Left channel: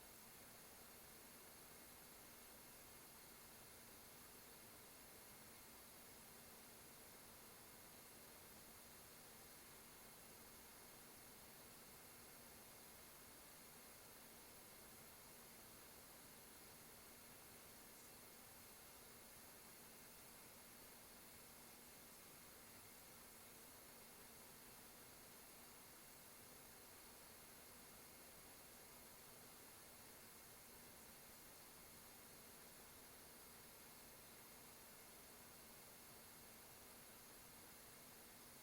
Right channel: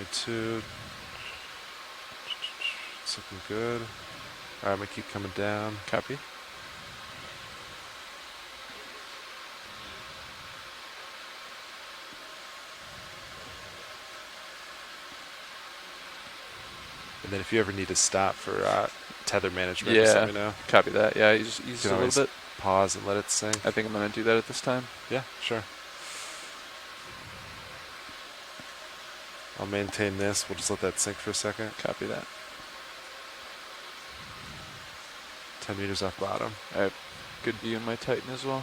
22. It's looking good. Alright, I'm gonna keep coming down. Copy. And then if you ever need to stop for tether management, just let me know. Copy that. Yeah, you just use a little bit. Pause and let it sink. I think I'm going to do that at this time. Yeah, sure. I'll maintain this. We'll just let that sink for a second. Copy that. 10 meters off bottom. I have good view in my Titan as well.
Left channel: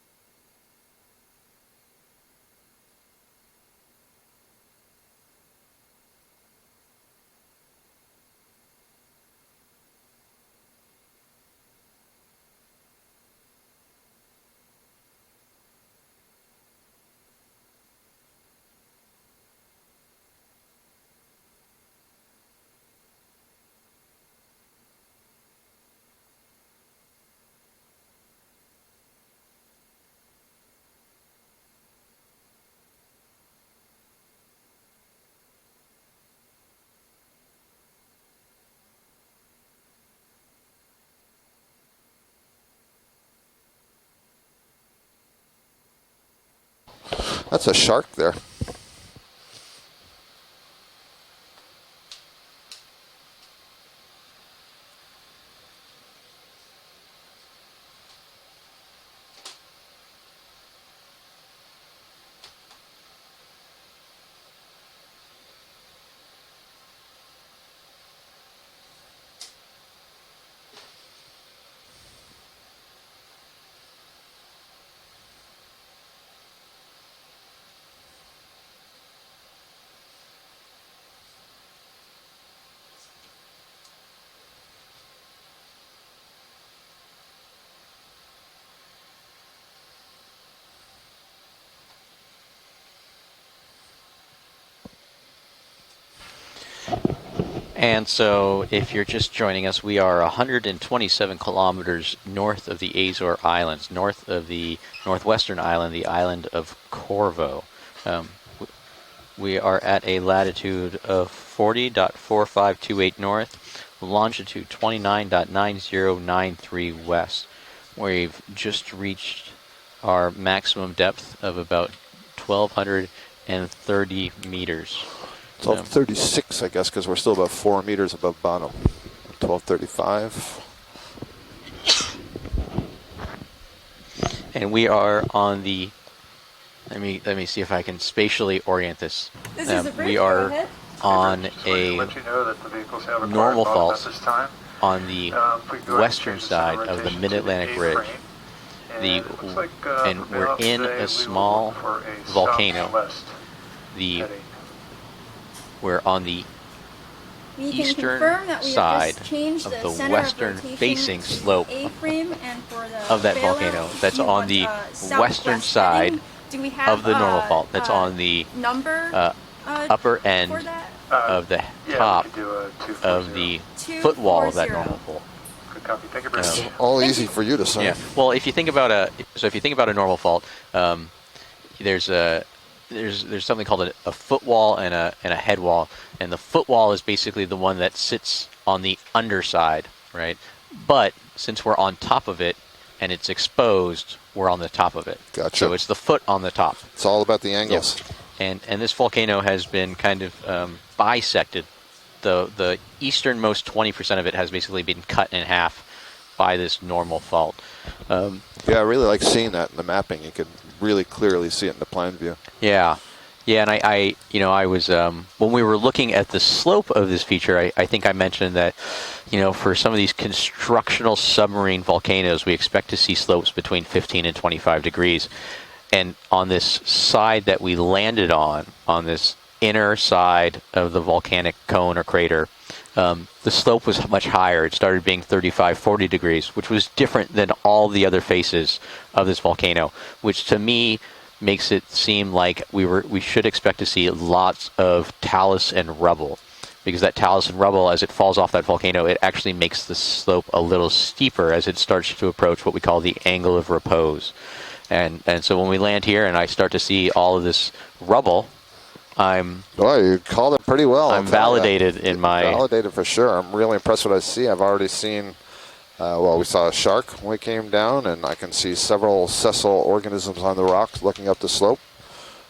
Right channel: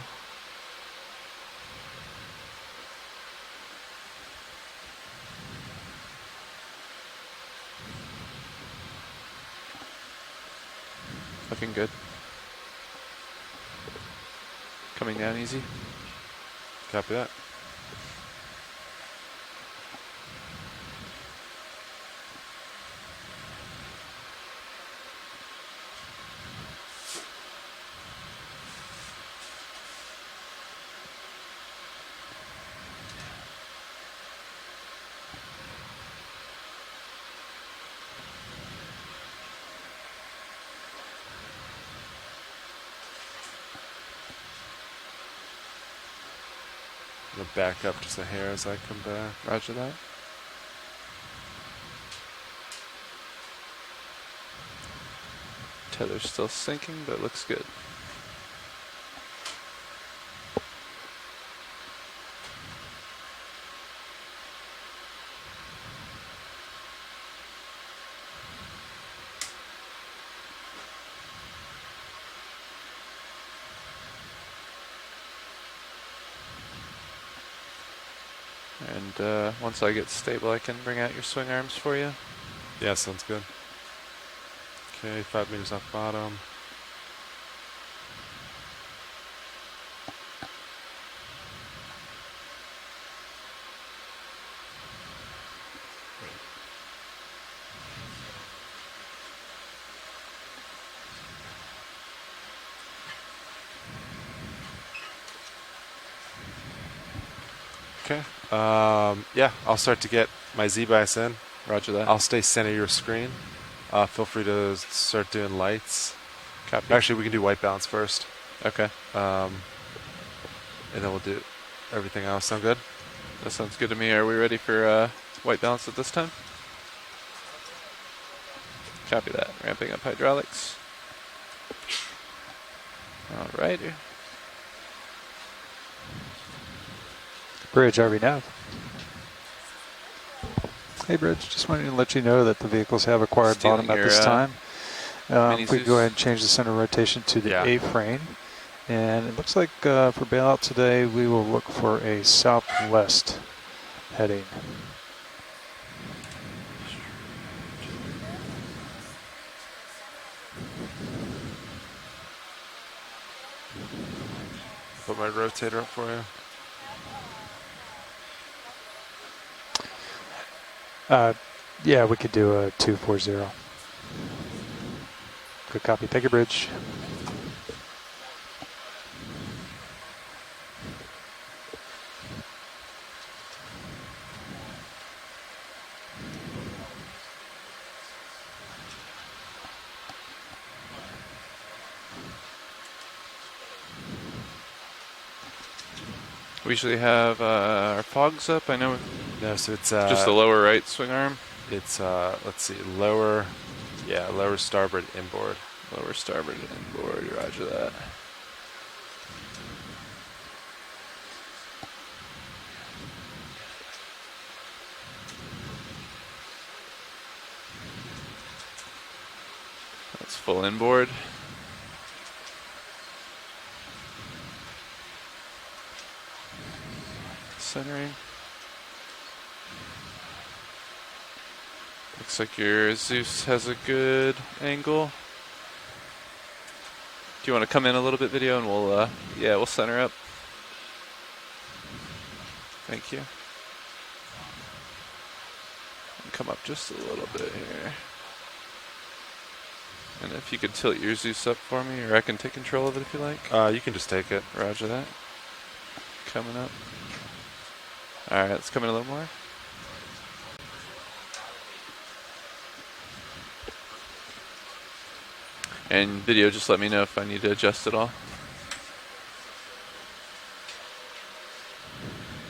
Looking good. Coming down easy. Copy that. That's a shark there. Here as I come back. Roger that. Tether's still sinking, but it looks good. And once I get stable, I can bring out your swing arms for you. Yeah, sounds good. Okay, 5 meters off bottom. And so if you're just joining us, we are 127 kilometers north of the Azore Islands, north of the northwestern island, the island of Corvo. Yeah, we are at a latitude of 40.4528 north, longitude 29.9093 Actually, we west. can do white balance first. We've just reached our maximum depth of about everything else 1,230 Are we ready meters. for white balance? 1236, I guess, because we're still about 4 meters above bottom. Copy that. 1235. All right. And we are on the. Let me see if Bridge, I can spatially orient this. This is the bridge. We are on Just wanted to a let you know that the vehicles have acquired normal bottom fault at this time. on the If we go ahead and western change the center side of the rotation to the Mid-Atlantic A Ridge. frame. And The- it looks like and for we're bailout in today, a we will small look for a volcano. southwest The heading. we're on the We can eastern confirm that we side have just changed of the the center western rotation facing slope A-frame, and for the of that bailout, volcano. That's we on want, the southwest western side heading. Do we have of the normal fault. That's on the number upper end for that? of the Yeah, we top could do a of 240. the footwall of that 240. normal fault. Good copy. Thank you, Bridge. All Thank easy you. for you to say. Yeah. Well, if you think about a normal fault, there's something called a footwall and a head wall, and the footwall is basically the one that sits on the underside, right? But since we're on top of it and it's exposed, we're on the top of it. Gotcha. So it's the foot on the top. We usually It's have all about the angles. our fogs And, up. I and this know volcano has so been it's, kind just of the lower right swing arm? bisected. It's The let's see, lower, easternmost 20% of it has lower basically been starboard cut in inboard. half lower starboard. by this normal fault. Yeah, I really like seeing that in the mapping. You can really clearly see it in the plan view. Yeah. Yeah, and I was, when we were looking at the slope of this feature, I think I mentioned that, for some of these constructional submarine volcanoes, we expect to see slopes between 15 and 25 degrees. And on this side that we landed on this inner side of the volcanic cone or crater, the slope was much higher. It started being 35, 40 degrees, which was different than all the other faces of this volcano, which to me makes it seem like we should expect to see lots of talus and rubble, because that talus and rubble, as it falls off that volcano, it actually makes the slope a little steeper as it starts to approach what we call the angle of repose. And so when we land here and I start to see all of this rubble, All right, let's come in a little more. I'm Boy, you called it pretty well. I'm I'll tell ya. validated in my. Validated for sure. I'm really impressed with what I see. I've already seen. And Well, video, we just saw a let me know shark if I when we need to came adjust down, at all. and I can see several sessile organisms on the rocks looking up the slope.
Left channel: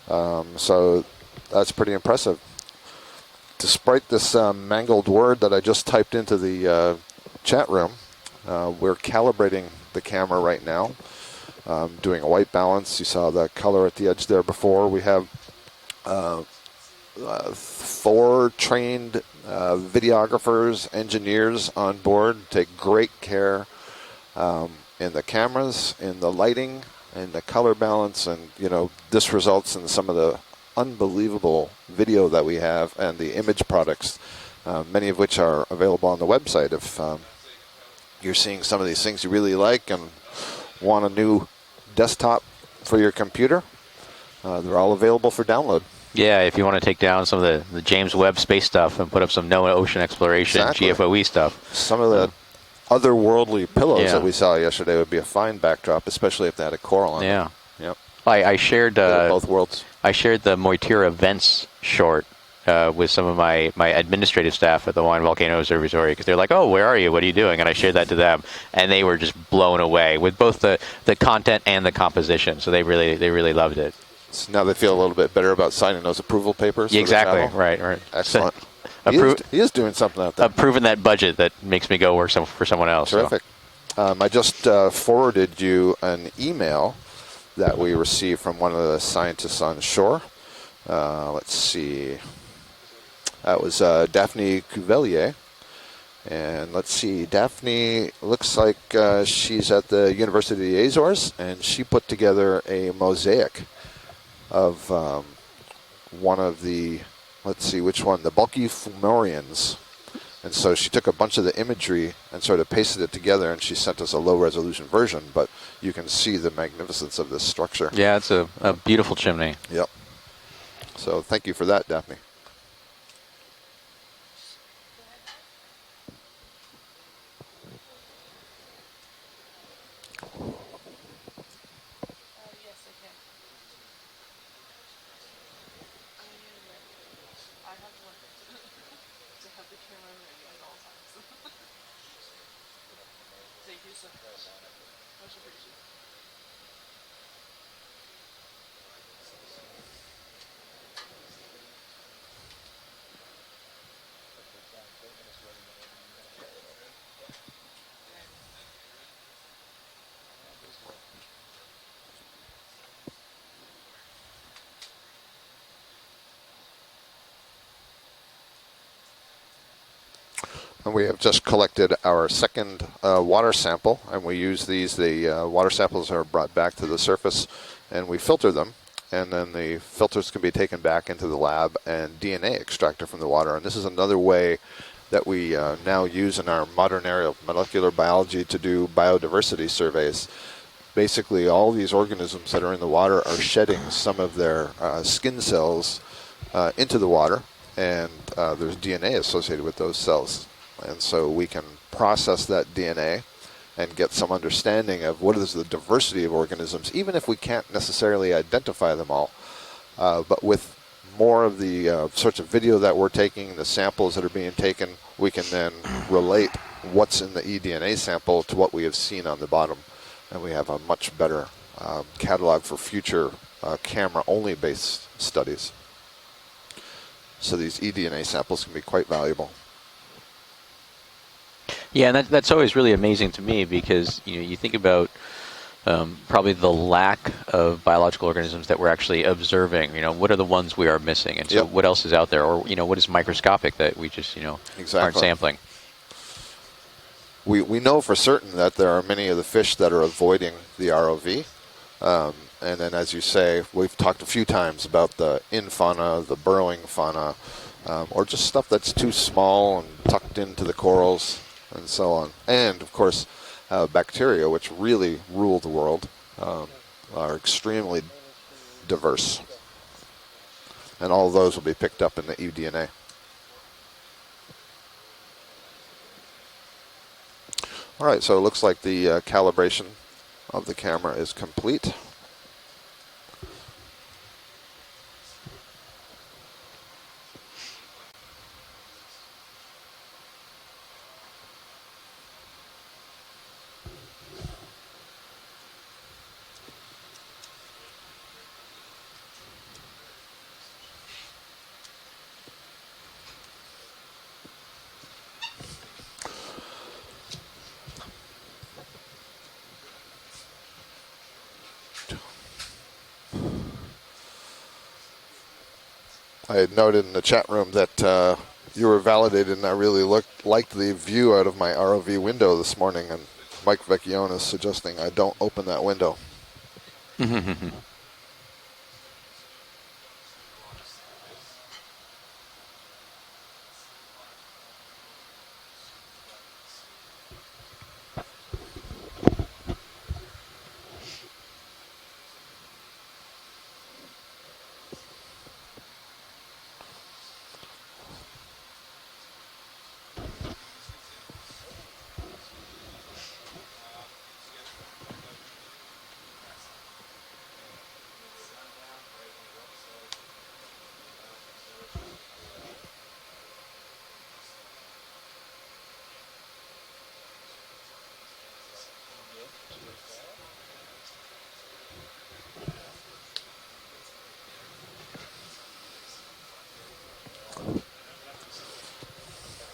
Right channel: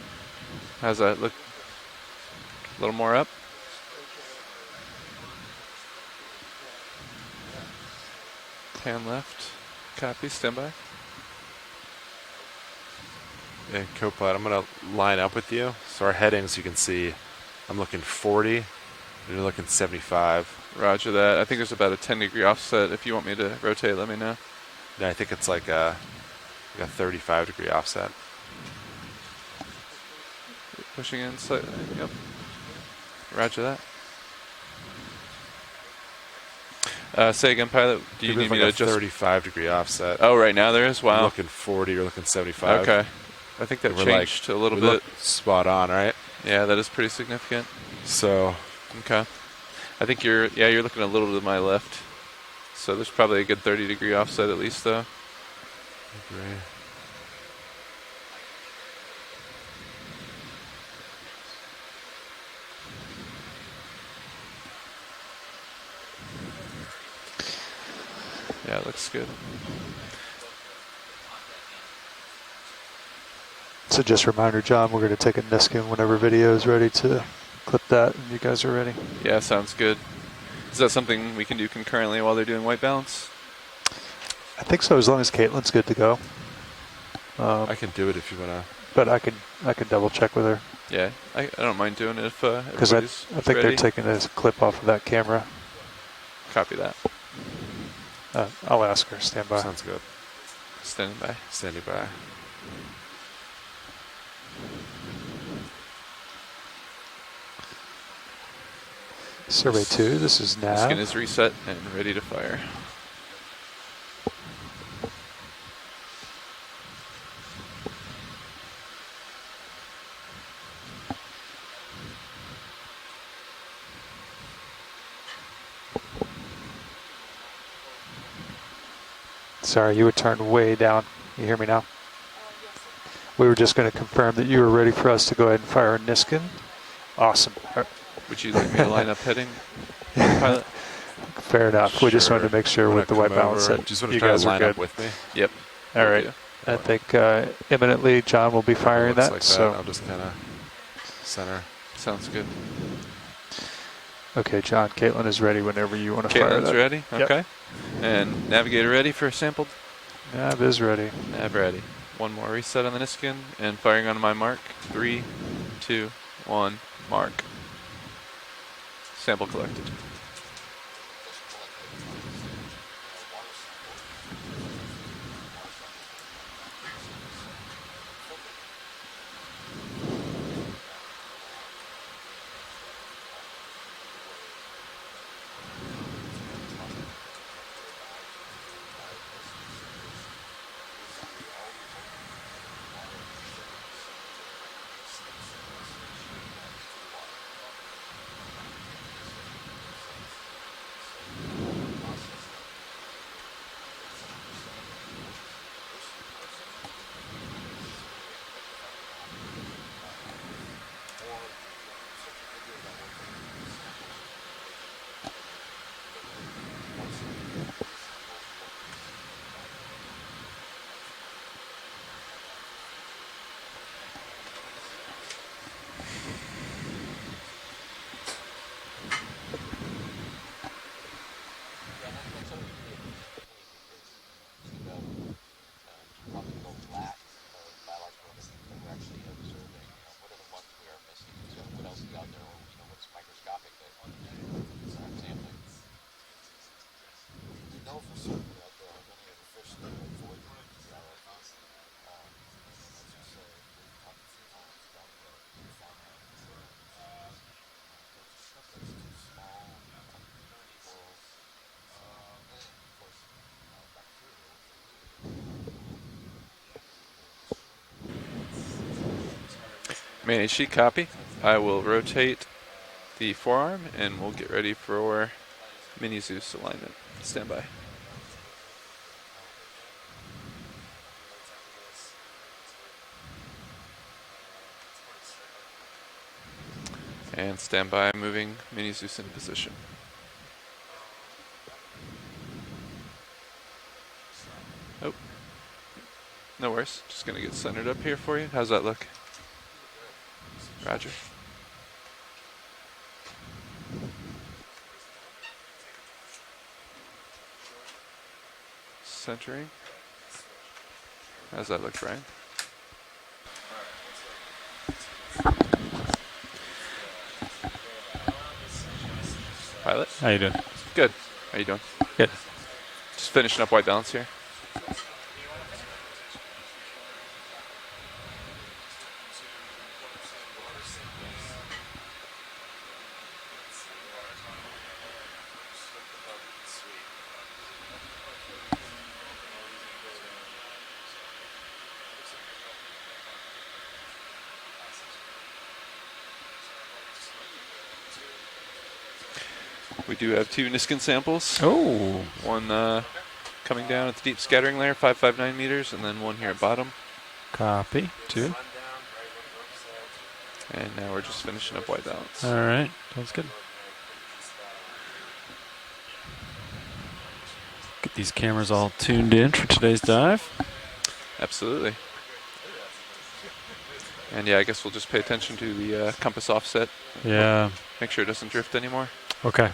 How's So that look? that's pretty impressive. A little more up? Despite this mangled word that I just typed into the chat room, we're Camera calibrating the Copy, camera stand right by. now. Doing a white balance. You saw the color at the Cool, edge bud. there I'm gonna before. We line have up with you. So our headings, you can see. I'm looking 4 40. trained You're looking 75. videographers, Roger that. I think engineers it's about on a 10 board. degree Take offset. If great you want me care to rotate, let me know. Yeah, I in the think it's like cameras, in the lighting, a in 35 the color degree offset. balance, and this results in some of the unbelievable inside. video that we have and the Roger image that. products, many of which are available on the website. If Say again, pilot. Do you You're need me seeing to some of just... these things you really 35 like, degree and offset. Oh, right now there is? want a Wow. new Looking 40, desktop 75. Okay. for your computer, I think that We're changed like, a we're little all bit. available for Spot download. on, right? Yeah, if Yeah, you want that to is take pretty down some of the significant. James So- Webb space stuff and put Okay. up some NOAA ocean I think yours, exploration, you're looking a GFOE little to my stuff. left. Some of the So there's probably a good otherworldly 30 pillows degree that we offset saw at least, yesterday though. would be a fine backdrop, especially if they had a coral on Yeah. them. Yep. I shared Both worlds. I shared the Moitira Vents short with some of my administrative staff at the Hawaiian Volcano Observatory because they're like, "Oh, where are you? What are you doing?" And I shared that to them, Yeah, and they that's were good. just blown away with both the content and the composition. So they really loved it. So just a reminder, Now they John, feel a we're little going to bit take a better about Niskin signing whenever those video approval is ready. papers. So Exactly, Channel. right, put right. that, Excellent. you guys are ready. He Approve- is, he is doing good. something out there. Approving Is that that budget something we that can do makes me go concurrently work while some, they're doing for white someone balance? else. Terrific. I just think so, as long as forwarded Caitlin's good you to go. an email I that can we do it if received you from want. one of the But I scientists on could shore. double check with her Yeah, I Let's don't mind see. doing it if because I everybody's think That they're was, taking a Daphne clip off of that Cuvelier. camera. And Copy let's that. see, Daphne looks I'll like ask her to stand she's by. at the University of the Azores, Stand by. and Stand she by. put together a mosaic of one of the, let's see, which one, the bulky fumarians. Survey 2, this is So she Matt. took a It's bunch of reset the and imagery ready to and fire. sort of pasted it together, and she sent us a low-resolution version, but you can see the magnificence of this structure. Yeah, it's a beautiful chimney. Yep. So thank you for that, Daphne. Sorry, you were turned way down. You hear me now? We were just going to confirm that you were ready for us to go ahead and fire a Niskin. Awesome. Would you like me to line up heading, pilot? Fair enough. We just wanted to make sure Wanna with the white come balance over? that Just want you to try guys to are line good. up with me. Yep. All right. I think imminently John will be firing Looks that. like So, I'll just kind of center. Sounds good. okay, John, Caitlin is ready whenever you want to fire Caitlin's that. ready? Yep. Okay. And navigator ready for sample? Nav is ready. Nav ready. One more reset on the Niskin and firing on my mark. 3, 2, 1, mark. Sample collected. And we have just collected our second water sample, and we use these. The water samples are brought back to the surface, and we filter them, and then the filters can be taken back into the lab and DNA extracted from the water. And this is another way that we now use in our modern area of molecular biology to do biodiversity surveys. Basically, all these organisms that are in the water are shedding some of their skin cells into the water, and there's DNA associated with those cells. And so we can process that DNA and get some understanding of what is the diversity of organisms, even if we can't necessarily identify them all. But with more of the sorts of video that we're taking, the samples that are being taken, we can then relate what's in the eDNA sample to what we have seen on the bottom. And we have a much better catalog for future camera-only based studies. So these eDNA samples can be quite valuable. Yeah, and that's always really amazing to me because you think about probably the lack of biological organisms that we're actually observing. What are the ones we are missing, and so Yep. what else is out there, or what is microscopic that we just aren't Exactly. sampling. We know for certain that there are many of the fish that are avoiding the ROV. And then, as you say, we've talked a few times about the in-fauna, the burrowing fauna, or just stuff that's too small and tucked into the corals and so on. And, of course, bacteria, which really rule the world, are extremely diverse. Manny, sheet copy. And all those I will will be picked up in rotate the eDNA. the forearm, and we'll get ready for Mini Zeus alignment. Stand by. All right, so it looks like the calibration of the camera is complete. And stand by, moving Mini Zeus into position. Oh, no worries. Just gonna get centered up here for you. How's that look? Roger. Centering. How's that look, Brian? I had noted in the chat room that you were validated, and I really liked the Good. view out of How you my doing? ROV window this morning. And Just finishing up Mike white balance here. Okeanos suggesting I don't open that window. We do have 2 Niskin samples. Oh. One coming down at the deep scattering layer, 559 meters, and then one here at bottom. Copy. 2. And now we're just finishing up white balance. All right. Sounds good. Get these cameras all tuned in for today's dive. Absolutely. And yeah, I guess we'll just pay attention to the compass offset. Yeah. Make sure it doesn't drift anymore. Okay.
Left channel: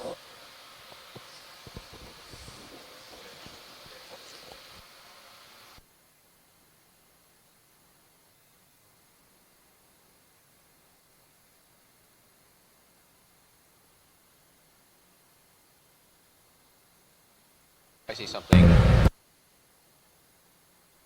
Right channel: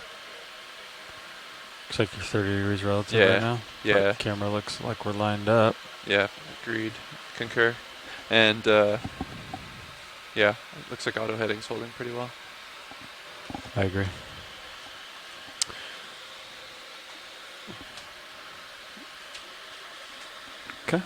Looks like you're 30 degrees relative Yeah. right now. Yeah. But camera looks like we're lined up. Yeah, agreed. Concur. And yeah, it looks like auto heading's holding pretty well. I agree. I see something. Okay.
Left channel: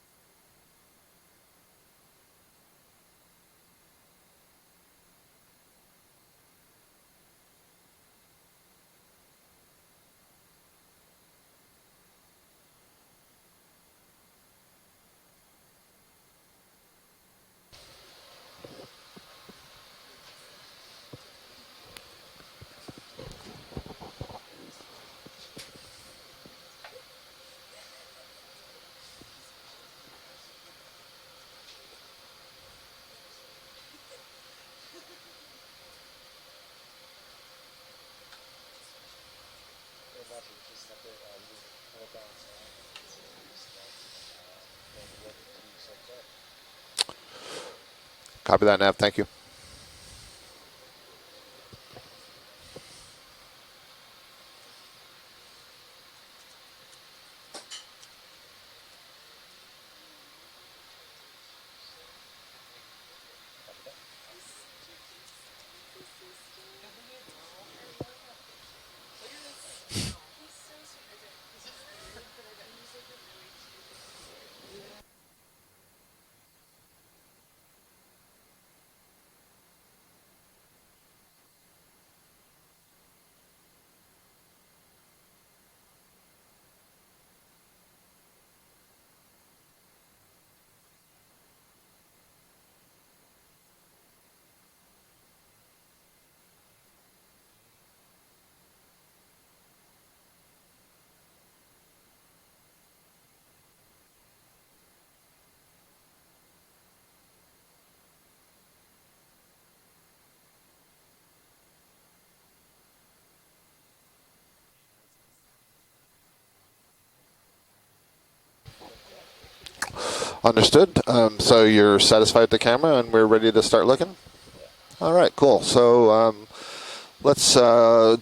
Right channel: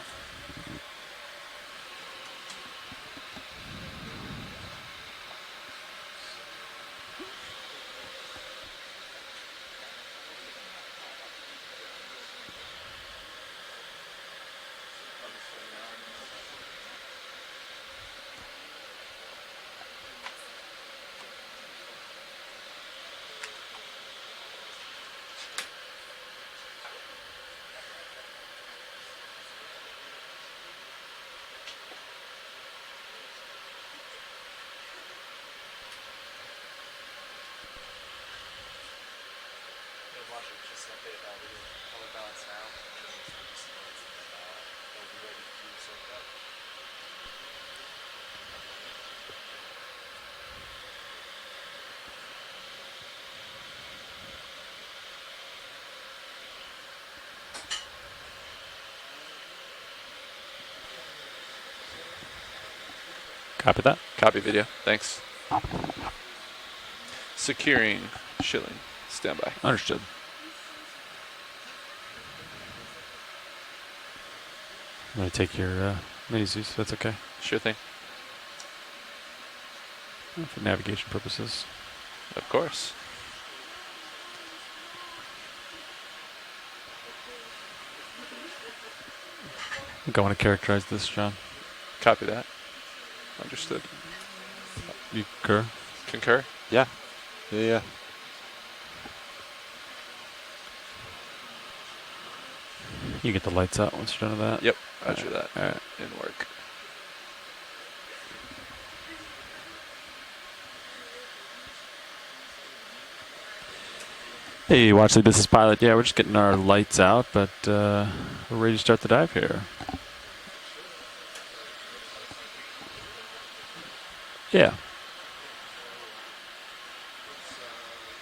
Copy that, Nav. Thank you. Copy that. Copy video. Thanks. Securing shilling. Stand by. Understood. I'm going to take your Mini Zeus. That's okay. Sure thing. For navigation purposes. Of course. I think I want to characterize this, John. Copy that. Understood. You concur? Concur? Yeah. Yeah. You get the lights out once you're done with that? Yep. Roger that. All right. In work. Hey, Watchley, this is Pilot. Yeah, we're just getting our lights out, but we're ready to start the dive here. Understood. So you're satisfied with the camera, and we're ready to start looking? Yeah. All right, cool. So let's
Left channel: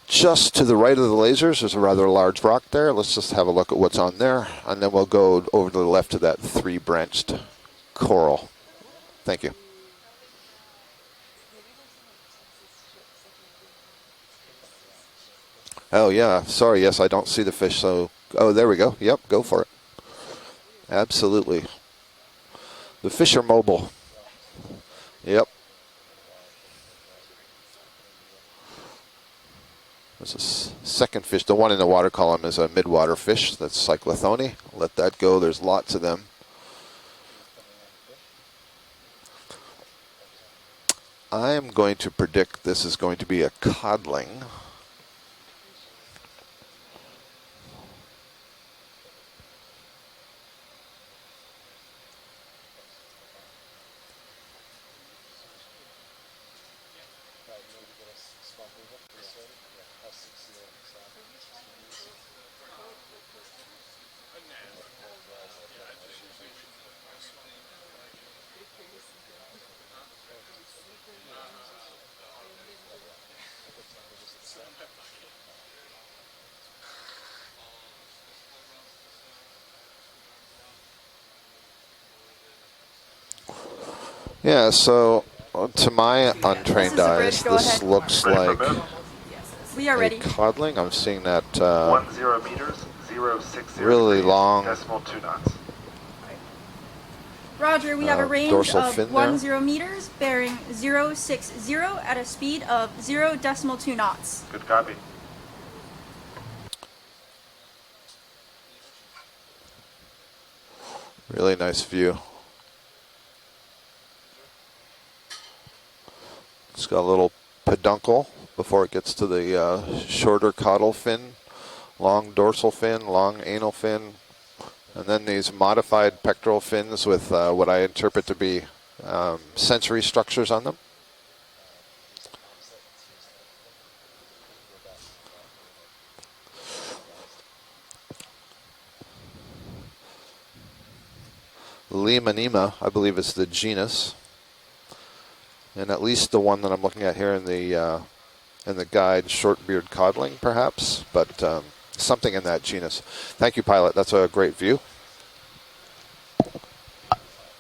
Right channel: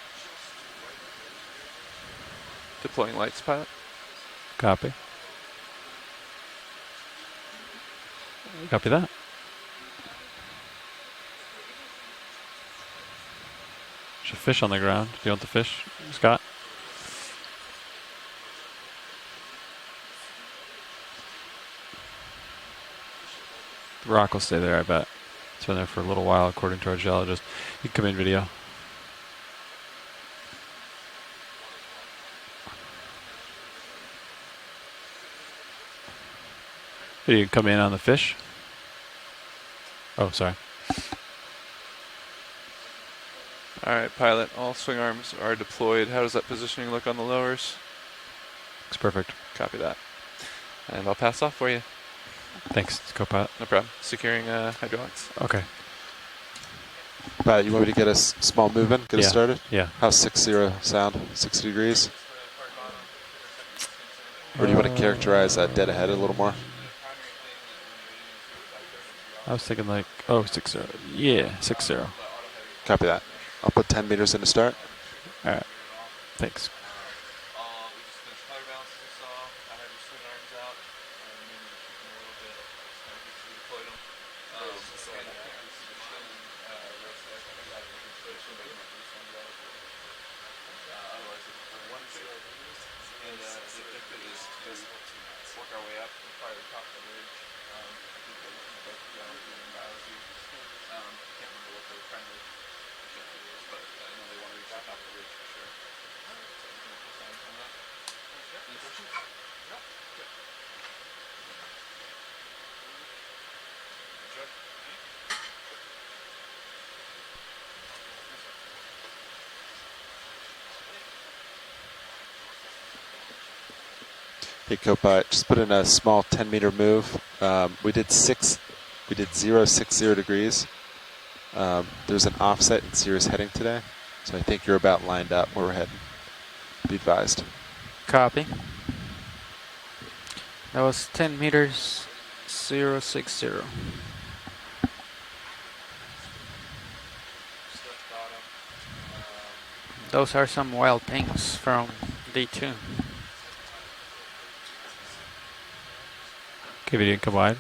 just to the right of the lasers, there's a rather large rock there. Let's just have a look at what's on there. Copy. And then we'll go over to the left of that 3-branched coral. Copy that. Thank you. There's a fish on the ground. Do you want the fish? Oh, yeah. Scott? Sorry, yes, I don't see the fish. So, oh, there we go. Yep, go for it. Absolutely. The fish are mobile. The rock will stay there, I bet. Yep. It's been there for a little while, according to our geologist. You can come in video. There's a second fish. The one in the water column is a midwater fish. That's cyclothone. Let that go. There's lots of them. Hey, you can come in on the fish. Oh, sorry. I'm going to predict this is going to be a All right, codling. pilot. All swing arms are deployed. How does that positioning look on the lowers? Looks perfect. Copy that. And I'll pass off for you. Thanks, co-pilot. No problem. Securing hydraulics. Okay. But you want me to get a small movement, get us started? Yeah. How's 60 sound? 60 degrees? Or do you want to characterize dead ahead a little more? I was thinking like, oh, 60. Yeah, 60. All Copy that. I'll put 10 meters in to start. right. Thanks. Yeah, so to my untrained This is the eyes, bridge, go this ahead. looks like We are a ready. codling. I'm seeing that 10 meters, 060 really degrees, long decimal 2 knots. Roger, we have a range dorsal of fin there. 10 meters bearing 060 at a speed of 0.2 knots. Good copy. really nice view. It's got a little peduncle before it gets to the shorter caudal fin, long dorsal fin, long anal fin, Hey, go and by. then Just these put in a modified small pectoral 10-meter fins move. with what I We did interpret to six- be we did 060 sensory structures degrees. on them. There's an offset in Sirius heading today, so I think you're about lined up where we're heading. Be advised. Copy. That was 10 meters. Limonema, I believe it's the 060. genus, and at least the one that I'm looking at here in the guide, short-beard codling, Those are some perhaps, wild but pinks from something in that Day 2. genus. Thank you, pilot. That's a great view. Okay, video come wide.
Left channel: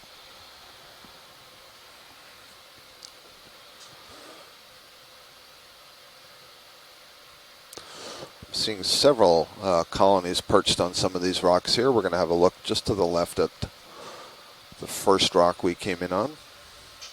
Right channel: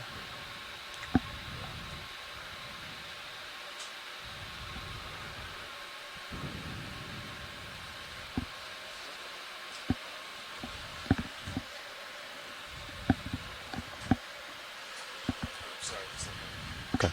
Seeing several colonies perched on some of these rocks here. We're going to have a look just to the left at the first rock we came in on. Okay.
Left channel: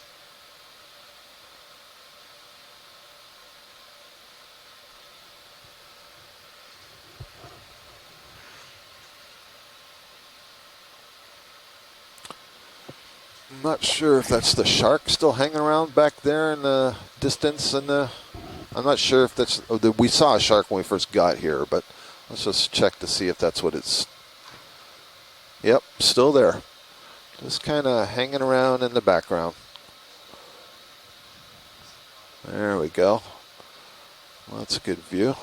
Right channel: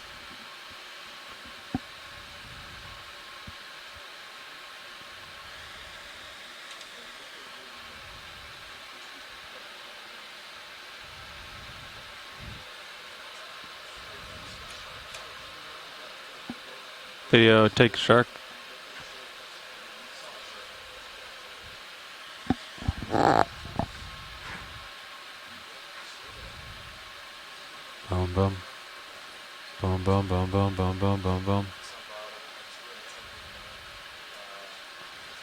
I'm not sure if that's the shark still hanging around back there in the Video distance. take shark. I'm not sure if that's, we saw a shark when we first got here, but let's just check to see if that's what it's, yep, still there. Just kind of hanging boom. around in the background. Boom, boom, boom, boom, boom, boom, boom, boom. There we go. Well, that's a good view.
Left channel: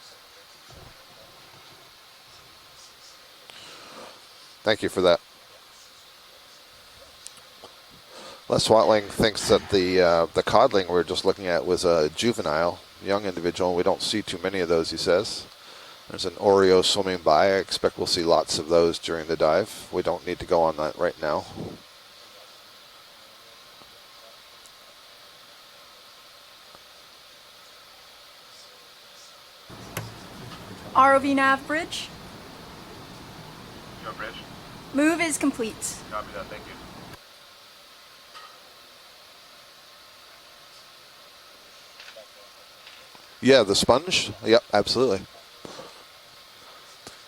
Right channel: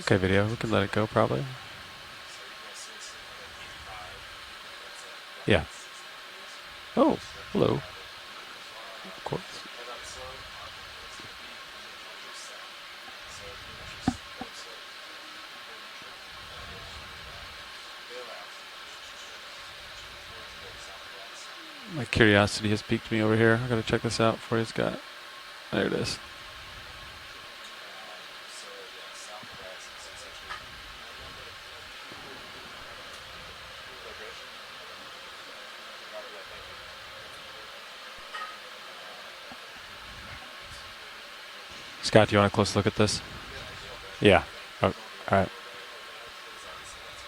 Okay, video, we can let it go probably. Thank you for that. Yeah. Oh, hello. Les Watling thinks that the codling we're just looking at was a juvenile, young individual. We don't see too many of those, he says. There's an Oreo swimming by. I expect we'll see lots of those during the dive. We don't need to go on that right now. My curiosity has piqued me over here. I gotta check this out before he's got. There it is. ROV nav bridge. No bridge. Move is complete. Copy that, thank you. Scott, do you want a close look at this? Yeah, the sponge? Yeah. Yep, absolutely. All right.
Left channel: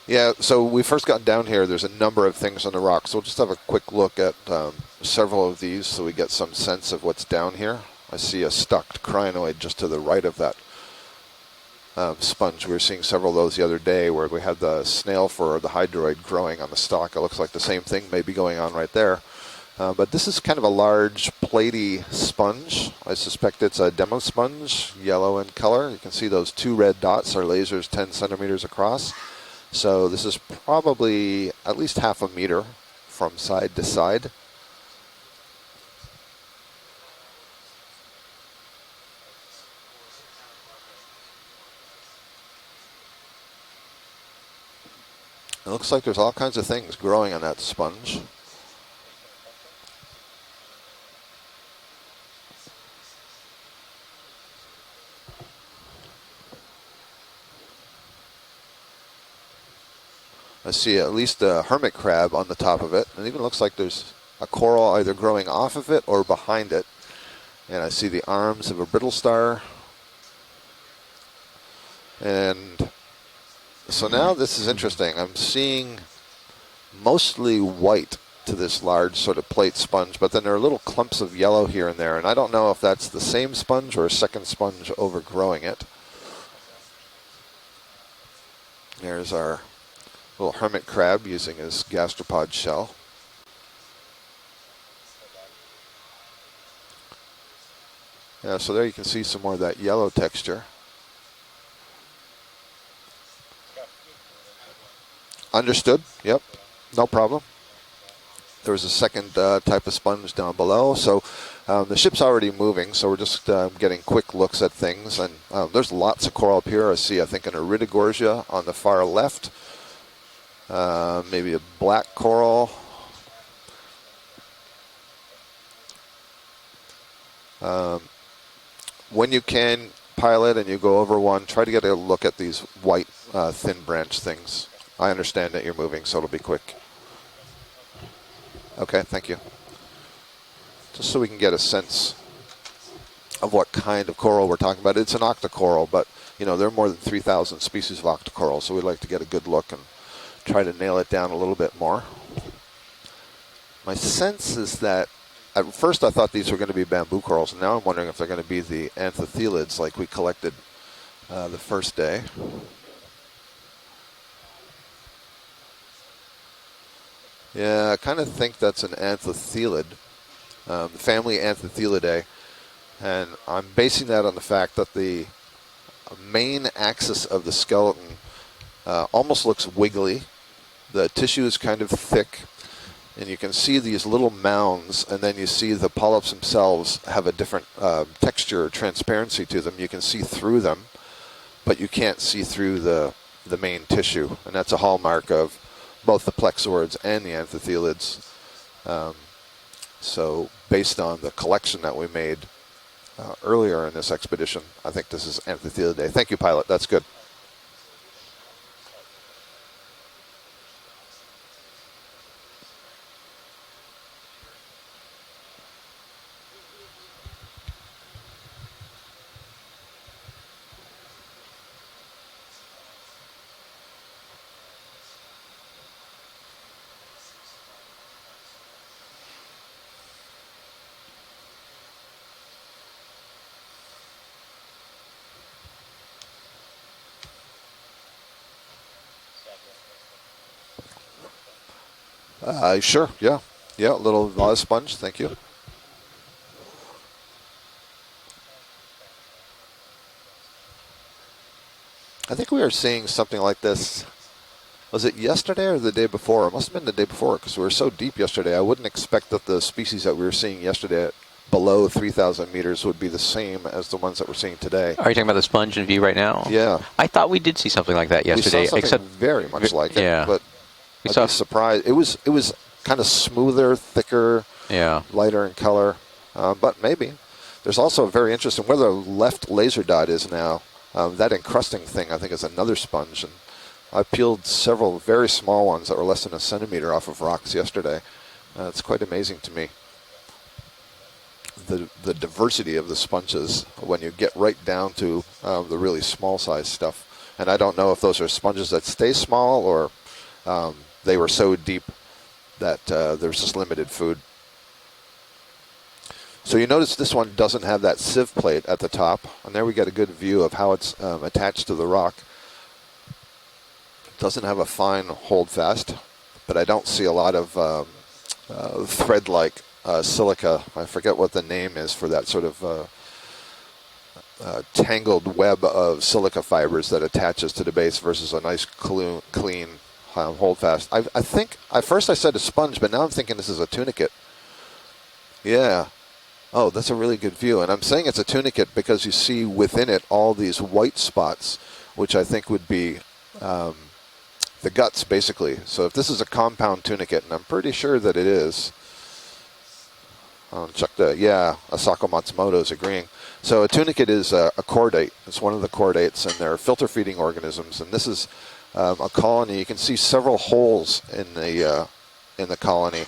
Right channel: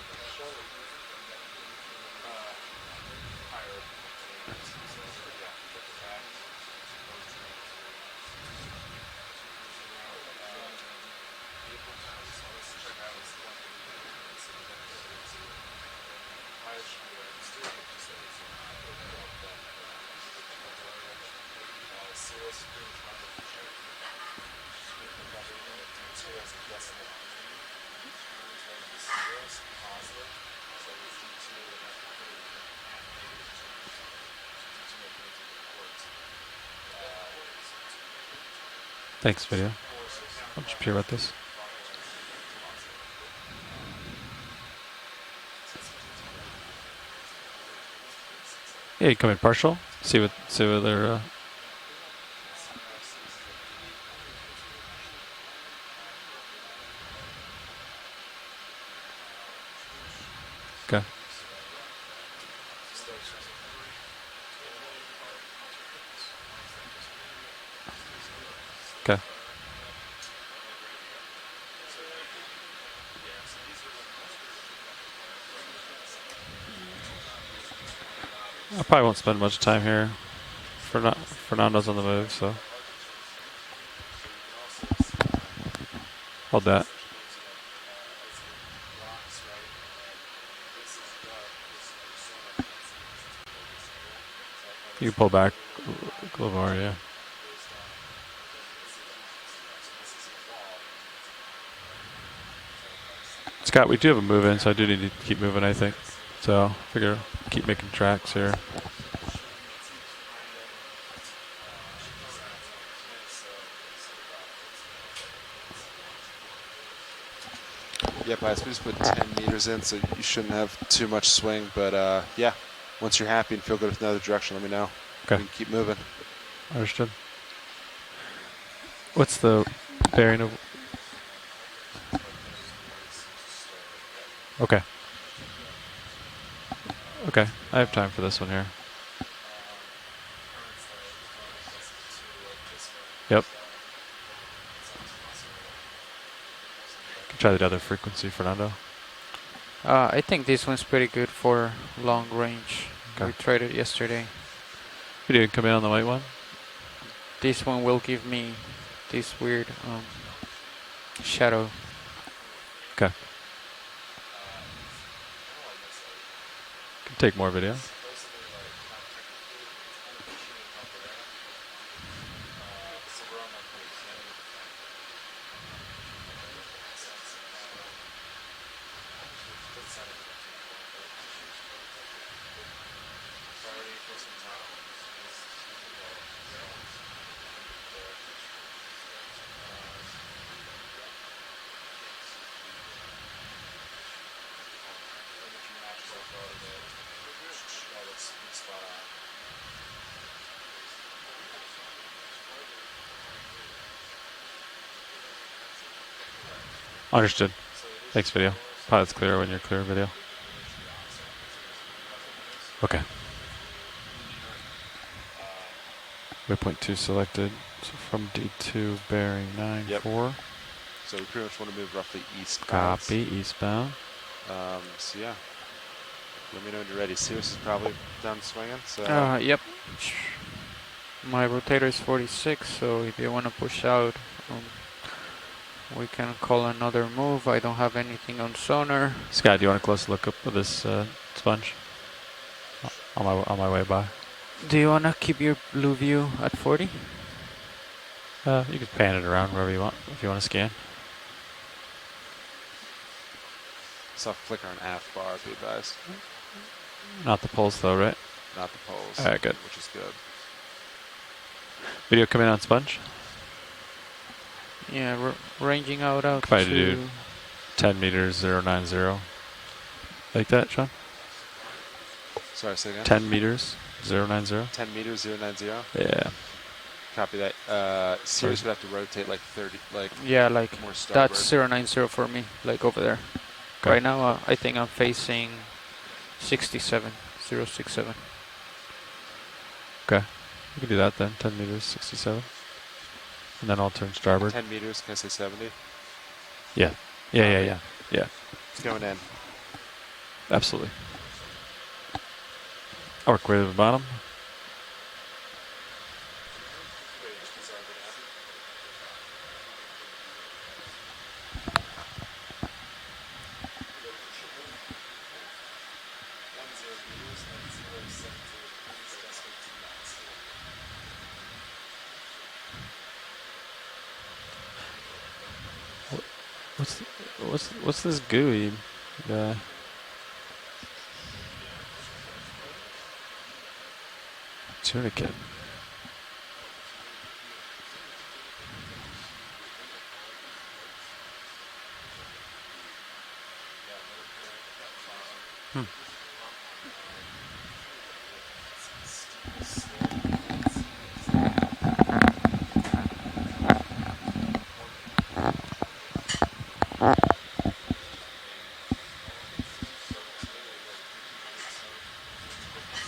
Yeah, so we first got down here. There's a number of things on the rocks. So we'll just have a quick look at several of these so we get some sense of what's down here. I see a stucked crinoid just to the right of that sponge. We were seeing several of those the other day where we had the snail for the hydroid growing on the stalk. It looks like the same thing may be going on right there. But this is kind of a large platy sponge. I suspect it's a demo sponge, yellow in color. You can see those two red dots. Our laser's 10 centimeters across. So this is probably at least half a meter from side to side. Thanks, video. I'm just curious about this. It looks like there's all kinds of things growing on that sponge. Yeah, you come in partial. See what they're. I see at least a hermit crab on the top of it. And it even looks like there's a coral either growing off of it or behind it. And I see the arms of a brittle star. And so now this is interesting. I'm seeing mostly white to this probably won't large sort spend of much plate time here. sponge, but then there are little clumps of yellow Fernando's here on and the there. right, And I don't so- know if that's the same sponge or a second sponge overgrowing it. Hold that. There's our little hermit crab using his gastropod shell. You can pull back a little more, yeah. Yeah, so there you can see some more of that yellow texture. Scott, we do have a move in, so I do need to keep moving. Understood. I think. Yep. So No figure problem. Keep making tracks here. There was a second type of sponge down below, so the ship's already moving, so we're just getting quick looks at things. And there's lots of coral up here. I see, I think, an iridogorgia on the far left. Meters in, so you shouldn't have too much Maybe swing. a black but, coral. yeah, once you're happy and feel good with another direction, let me know. Okay. We can keep moving. Understood. When you the can bearing? pilot and you go over one, try to get a look at these white thin branch things. Okay. I understand that you're moving, so it'll be quick. Okay. I have time for this one here. Okay, thank you. Just so we can get a sense Yep. of what kind of coral we're talking about. It's an octocoral, but you know there are more than 3,000 the other species of frequency for octocoral, that, so we'd like to get a good look. And I think try this to one's nail pretty it down good a little for bit more. long range. Okay. We tried it my yesterday. sense is that We did come in at on the first light I one. thought these were going to be bamboo corals. This Now one I'm will wondering if they're give going to be me the this weird, anthophylids like we collected the shadow. first day. Okay. Can take more videos. Yeah, I kind of think that's an anthothelid, family Anthothelidae. And I'm basing that on the fact that the main axis of the skeleton almost looks wiggly. The tissue is kind of thick, and you can see these little mounds, and then you see the polyps themselves have a different texture or transparency to them. You can see through them, but you can't see through the main tissue, and that's a hallmark of both the plexaurids and the anthotelids. So based on the collection that we made earlier in this expedition, I think this is Anthothelidae. Thank you, pilot. That's good. Understood. Thanks, video. Pilot's clear when you're clear, video. Okay. Waypoint 2 selected. So from D2, bearing 9-4. Yep. So we pretty much want to move roughly east. Copy, eastbound. So yeah, let me know when you're ready. Sirius is probably done swinging. So Yep. My rotator is 46, so if you want to push out, we can call another move. I don't have anything on sonar. Scott, do you want a close look up at this sponge? Sure. On Yeah. my, on my way Yeah, by. a little sponge. Do you want to thank you. keep your blue view at 40? You can pan it around wherever you want if you want to scan. I think we were seeing something like this. soft flicker on Was it yesterday or the day before? It must have been the day before Not because the we were so pulse, though, deep right? yesterday. I wouldn't expect that Okay. the species that we were seeing yesterday at below come in 3,000 on meters sponge? would be the same as the ones that we're seeing today. Yeah. Are you talking about the sponge in view right now? Yeah. I thought we did see something 10 like that meters, We saw yesterday, something except very much like it. yeah. But Like that, Sean? we I'd saw be surprised. It was Sorry, say kind of 10 smoother, meters, thicker, 090. yeah. lighter in color. Yeah. But maybe. Copy that. There's also very Sirius interesting where the rotate left laser dot is Yeah, now. like that that's encrusting 090 thing, I for think, is me. another Look over there. sponge. Right I now, peeled I think several I'm very facing small ones that were less than a centimeter off 67, of rocks yesterday. 067. It's quite amazing to me. Okay. We can do that then. 10 The, meters. the 67. diversity of the sponges And then all when you times get carbon. right 10 down meters, to 67. the really small size Yeah. stuff. Yeah, And yeah, I don't yeah. know if those Yeah. are sponges that Going stay down. small or Absolutely. they were so deep that there's Or just right at the limited bottom. food. So you notice this one doesn't have that sieve plate at the top, and there we get a good view of how it's attached to the rock. Doesn't have a fine hold fast, but I don't see a lot of thread-like silica. I forget what the name is for that sort of tangled web of silica fibers that attaches to the base what's this versus a nice gooey? clean hold fast. I think at first I said a sponge, but now I'm thinking this is a tunicate. Tunicate. Yeah. Oh, that's a really good view. And I'm saying it's a tunicate because you see within it all these white spots, which I think would be the guts, basically. So if this is a compound tunicate, and I'm pretty sure that it is. Check the, yeah, Asako Matsumoto is agreeing. So a tunicate is a chordate. It's one of the chordates, and they're filter-feeding organisms. And this is a colony. You can see several holes in the colony.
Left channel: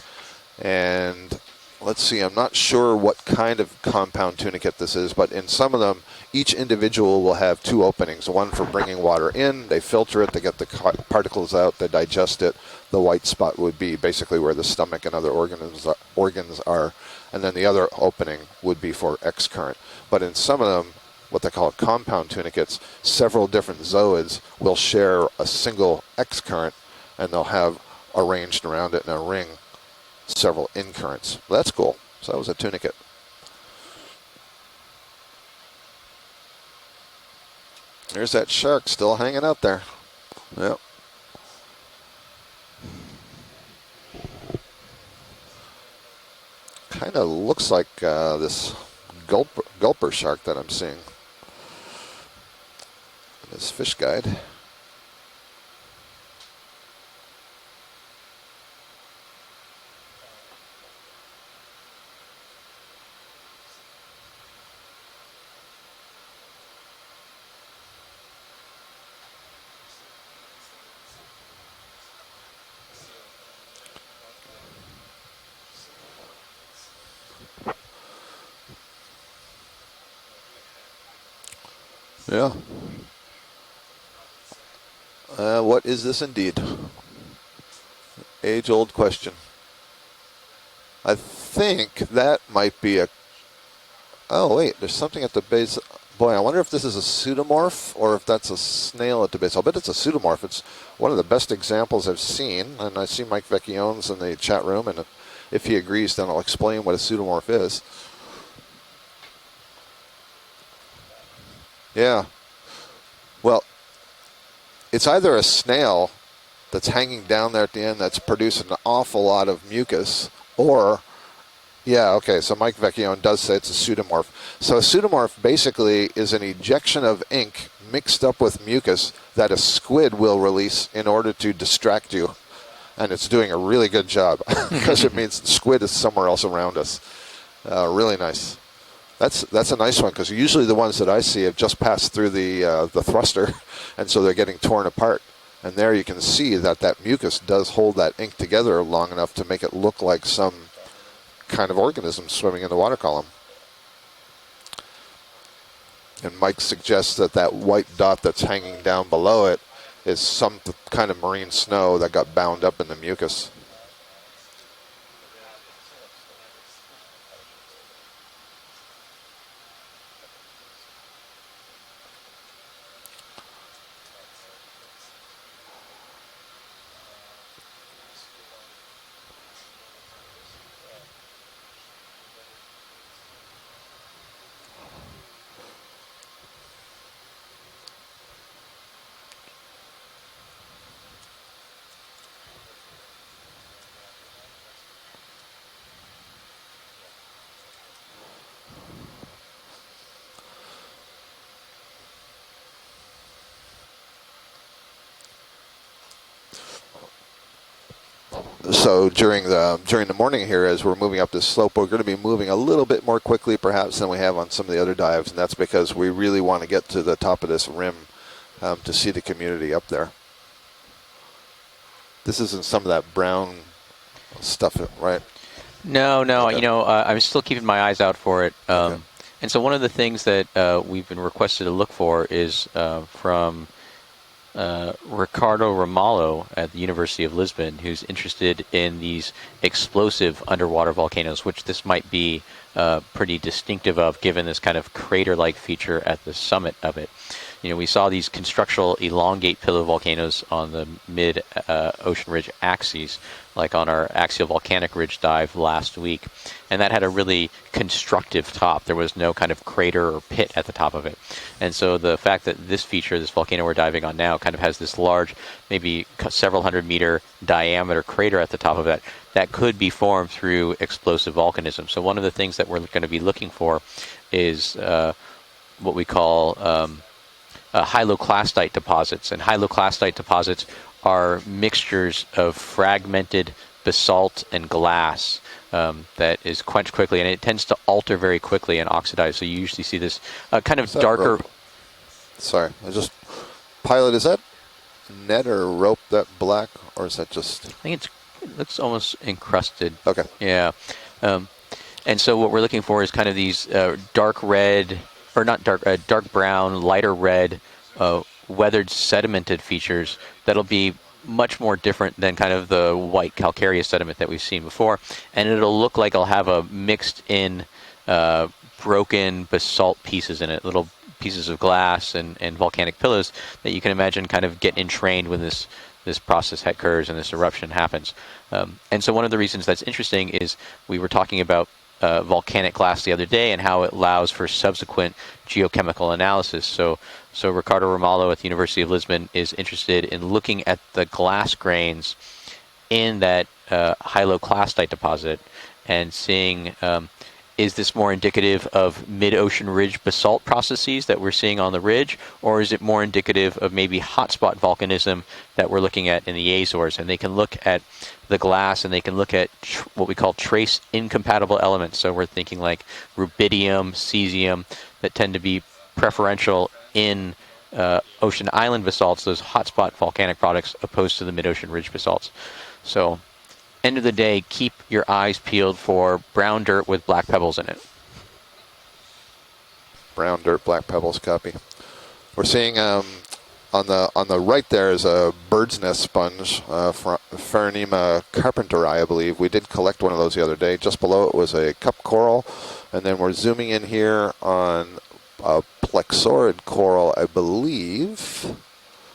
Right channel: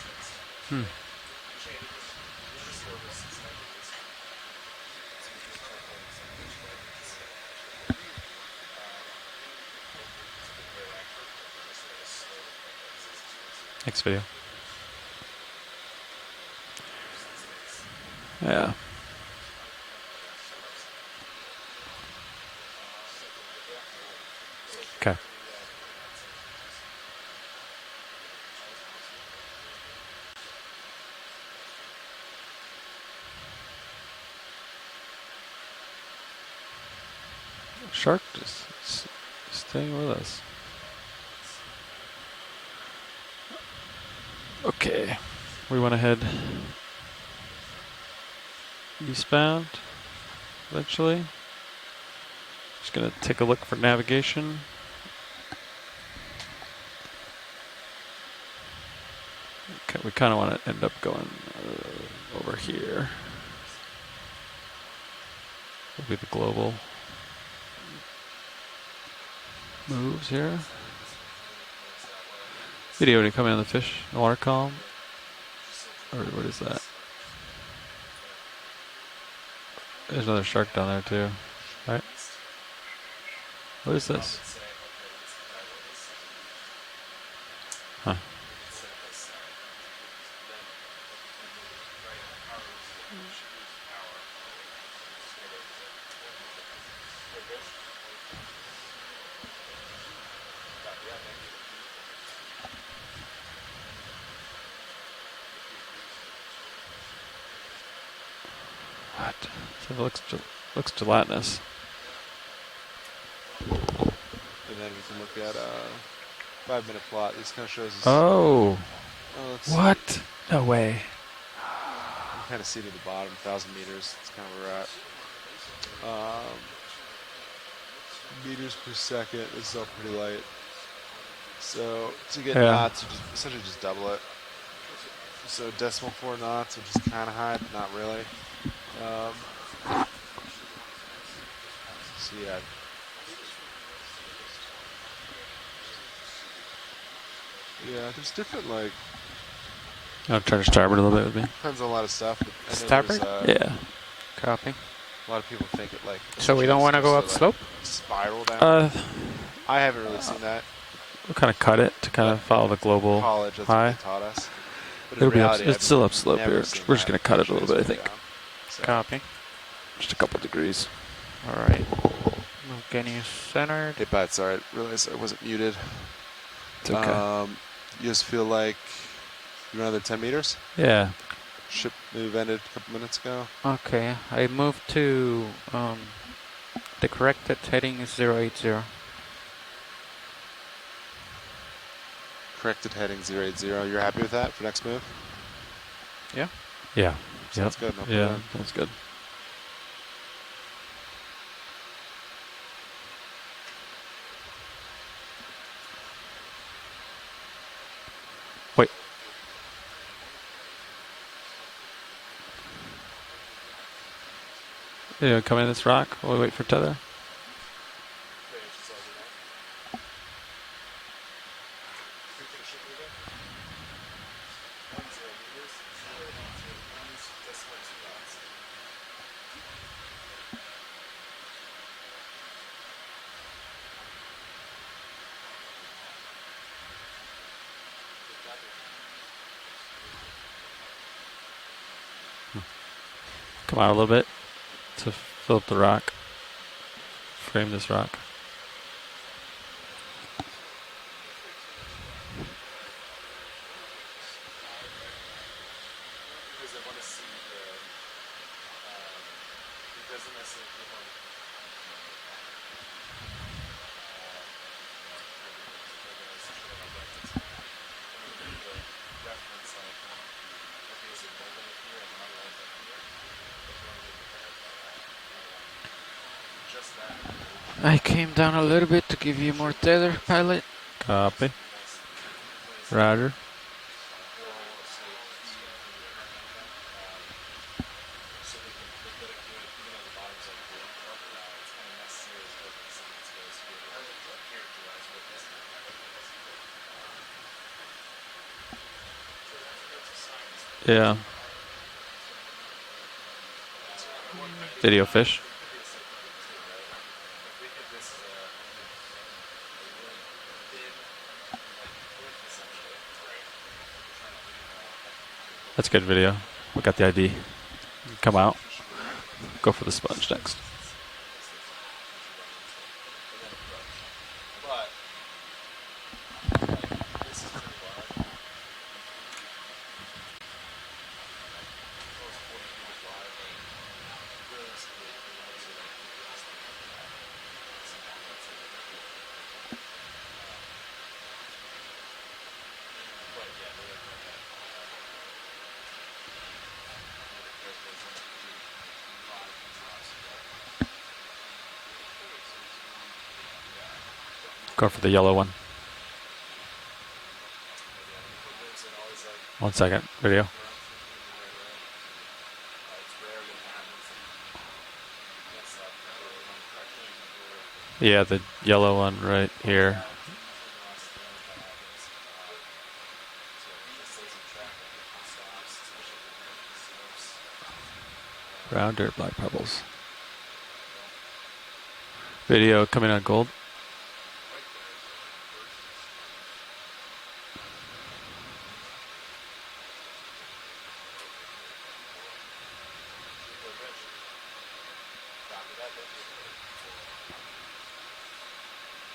And let's see, I'm not sure what kind of compound tunicate this is, but in some of them, each individual will have two openings, one for bringing water in, they filter it, they get the particles out, they digest it. The white spot would be basically where the stomach and other organs are, and then the other opening would be for X current. But in some of them, what they call compound tunicates, several different zooids will share a single X current, and they'll have arranged around it in a ring several in currents. That's cool. So that was a tunicate. Shark. There's that shark still hanging out there. Staying with us. Yep. Okay. We went ahead Kind of looks like this eastbound. gulper shark that I'm seeing. Actually, just gonna take a look This for fish guy. navigation. Okay, we kind of want to end up going over here. Will be the global moves here. Video, when you come in on the fish, the water column. Or what is that? There's another shark down there too, right? Yeah. What is this? What is this indeed? Huh. Age-old question. I think that might be a... Oh, wait, there's something at the base. Boy, I wonder if this is a pseudomorph or if that's a snail at the base. I'll bet it's a pseudomorph. It's one of the best examples I've seen, and I see Mike Vecchione's in the chat room, and if he agrees, then I'll explain what a pseudomorph is. What? So it looks gelatinous. Yeah. Well, it's either a snail that's hanging down there at the end that's producing an awful lot of mucus, or yeah, okay. So Mike Vecchione does say it's a pseudomorph. So a pseudomorph basically is an ejection of ink mixed up with mucus that a squid will release in order to distract you. Yeah. And it's doing a really good job because it means squid is somewhere else around us. Really nice. That's a nice one because usually the ones that I see have just passed through the thruster, and so they're getting torn apart. And there you can see that mucus does hold that ink together long enough to make it look like some Try to starboard a little bit with me. kind of organism swimming in the water column. Yeah. Copy. A lot of people think it like. And So Mike we don't wanna suggests go that up that white dot that's hanging down below it I haven't really is some kind of marine Kinda cut snow it that to got kinda bound follow up the in the global mucus. college, that's what Hi. they taught us. But in It'll be up, reality, it's still I've upslope never here. seen We're just that gonna cut it a little bit, I think. down. So, Copy. Just a couple degrees. All right. Getting you centered. Hey, Pat, sorry, I realized I wasn't muted. It's okay. You just feel like you're another 10 meters? Yeah. Ship move ended a couple minutes ago. Okay. I moved to the corrected heading is 080. Corrected heading 080. You're happy with that for next move? Yeah. Yeah. Sounds good. No Yeah. problem. That's good. So during the morning here, as we're moving up this slope, we're going to be moving a little bit more quickly, perhaps, than we have on some of the other dives. Yeah, And that's come in this because rock, we really wait want for to get Tyler. to the top of this rim to see the community up there. This isn't some of that brown stuff, right? No, Okay. you know, I'm still keeping my eyes out for it. Okay. And so one of the things that we've been requested to look for is from Ricardo Ramalho at the University of Lisbon, who's interested in these explosive underwater volcanoes, which this might be pretty distinctive little of, bit. given this kind of crater-like Fill up the feature rock. at the summit of it. Frame You know, we this saw rock. these constructional elongate pillow volcanoes on the mid-ocean ridge axes, like on our axial volcanic ridge dive last week. And that had a really constructive top. There was no kind of crater or pit at the top of it. And so the fact that this feature, this volcano we're diving on now, kind of has this large, maybe several 100-meter diameter crater at the top of it, that could be formed through explosive volcanism. So one of the things that we're going to be looking for is what we call hyloclastite deposits. And hyloclastite deposits are Copy. mixtures of fragmented basalt and glass that is quenched quickly, and it tends to alter very quickly and oxidize. So you usually see this kind of Is that darker. rope? Sorry, I just... Pilot, is that net or rope that black, or is that just... I think it looks almost encrusted. Okay. Yeah. Yeah. And so what we're looking for is kind of these dark red, Video fish. or not dark, dark brown, lighter red, weathered sedimented features that'll be much more different than kind of the white calcareous sediment that we've seen before, and it'll That's look good like it'll video. have a We got the mixed ID. in out. broken the basalt splash pieces in decks. it, little pieces of glass and volcanic pillows that you can imagine kind of get entrained when this this process occurs and this eruption happens. And so one of the reasons that's interesting is we were talking about volcanic glass the other day and how it allows for subsequent geochemical analysis. So Ricardo Ramalho at the University of Lisbon is interested in looking at the glass grains in that hyaloclastite deposit and seeing is this more indicative of mid-ocean ridge basalt processes that we're seeing on the ridge, or is it more indicative of maybe hotspot volcanism that we're looking at in the Azores? And they can look at the glass and they can look at what we call trace incompatible elements. So we're thinking like rubidium, cesium, that tend to be preferential in ocean island basalts, those hotspot volcanic products, opposed to the mid-ocean ridge basalts. So end of the day, keep your eyes peeled for brown dirt with black pebbles in it. Brown dirt, black pebbles. Brown dirt, black pebbles, copy. We're seeing coming on gold. On the right there is a bird's nest sponge, Pharonema carpenteri, I believe. We did collect one of those the other day. Just below it was a cup coral, and then we're zooming in here on a plexaurid coral, I believe.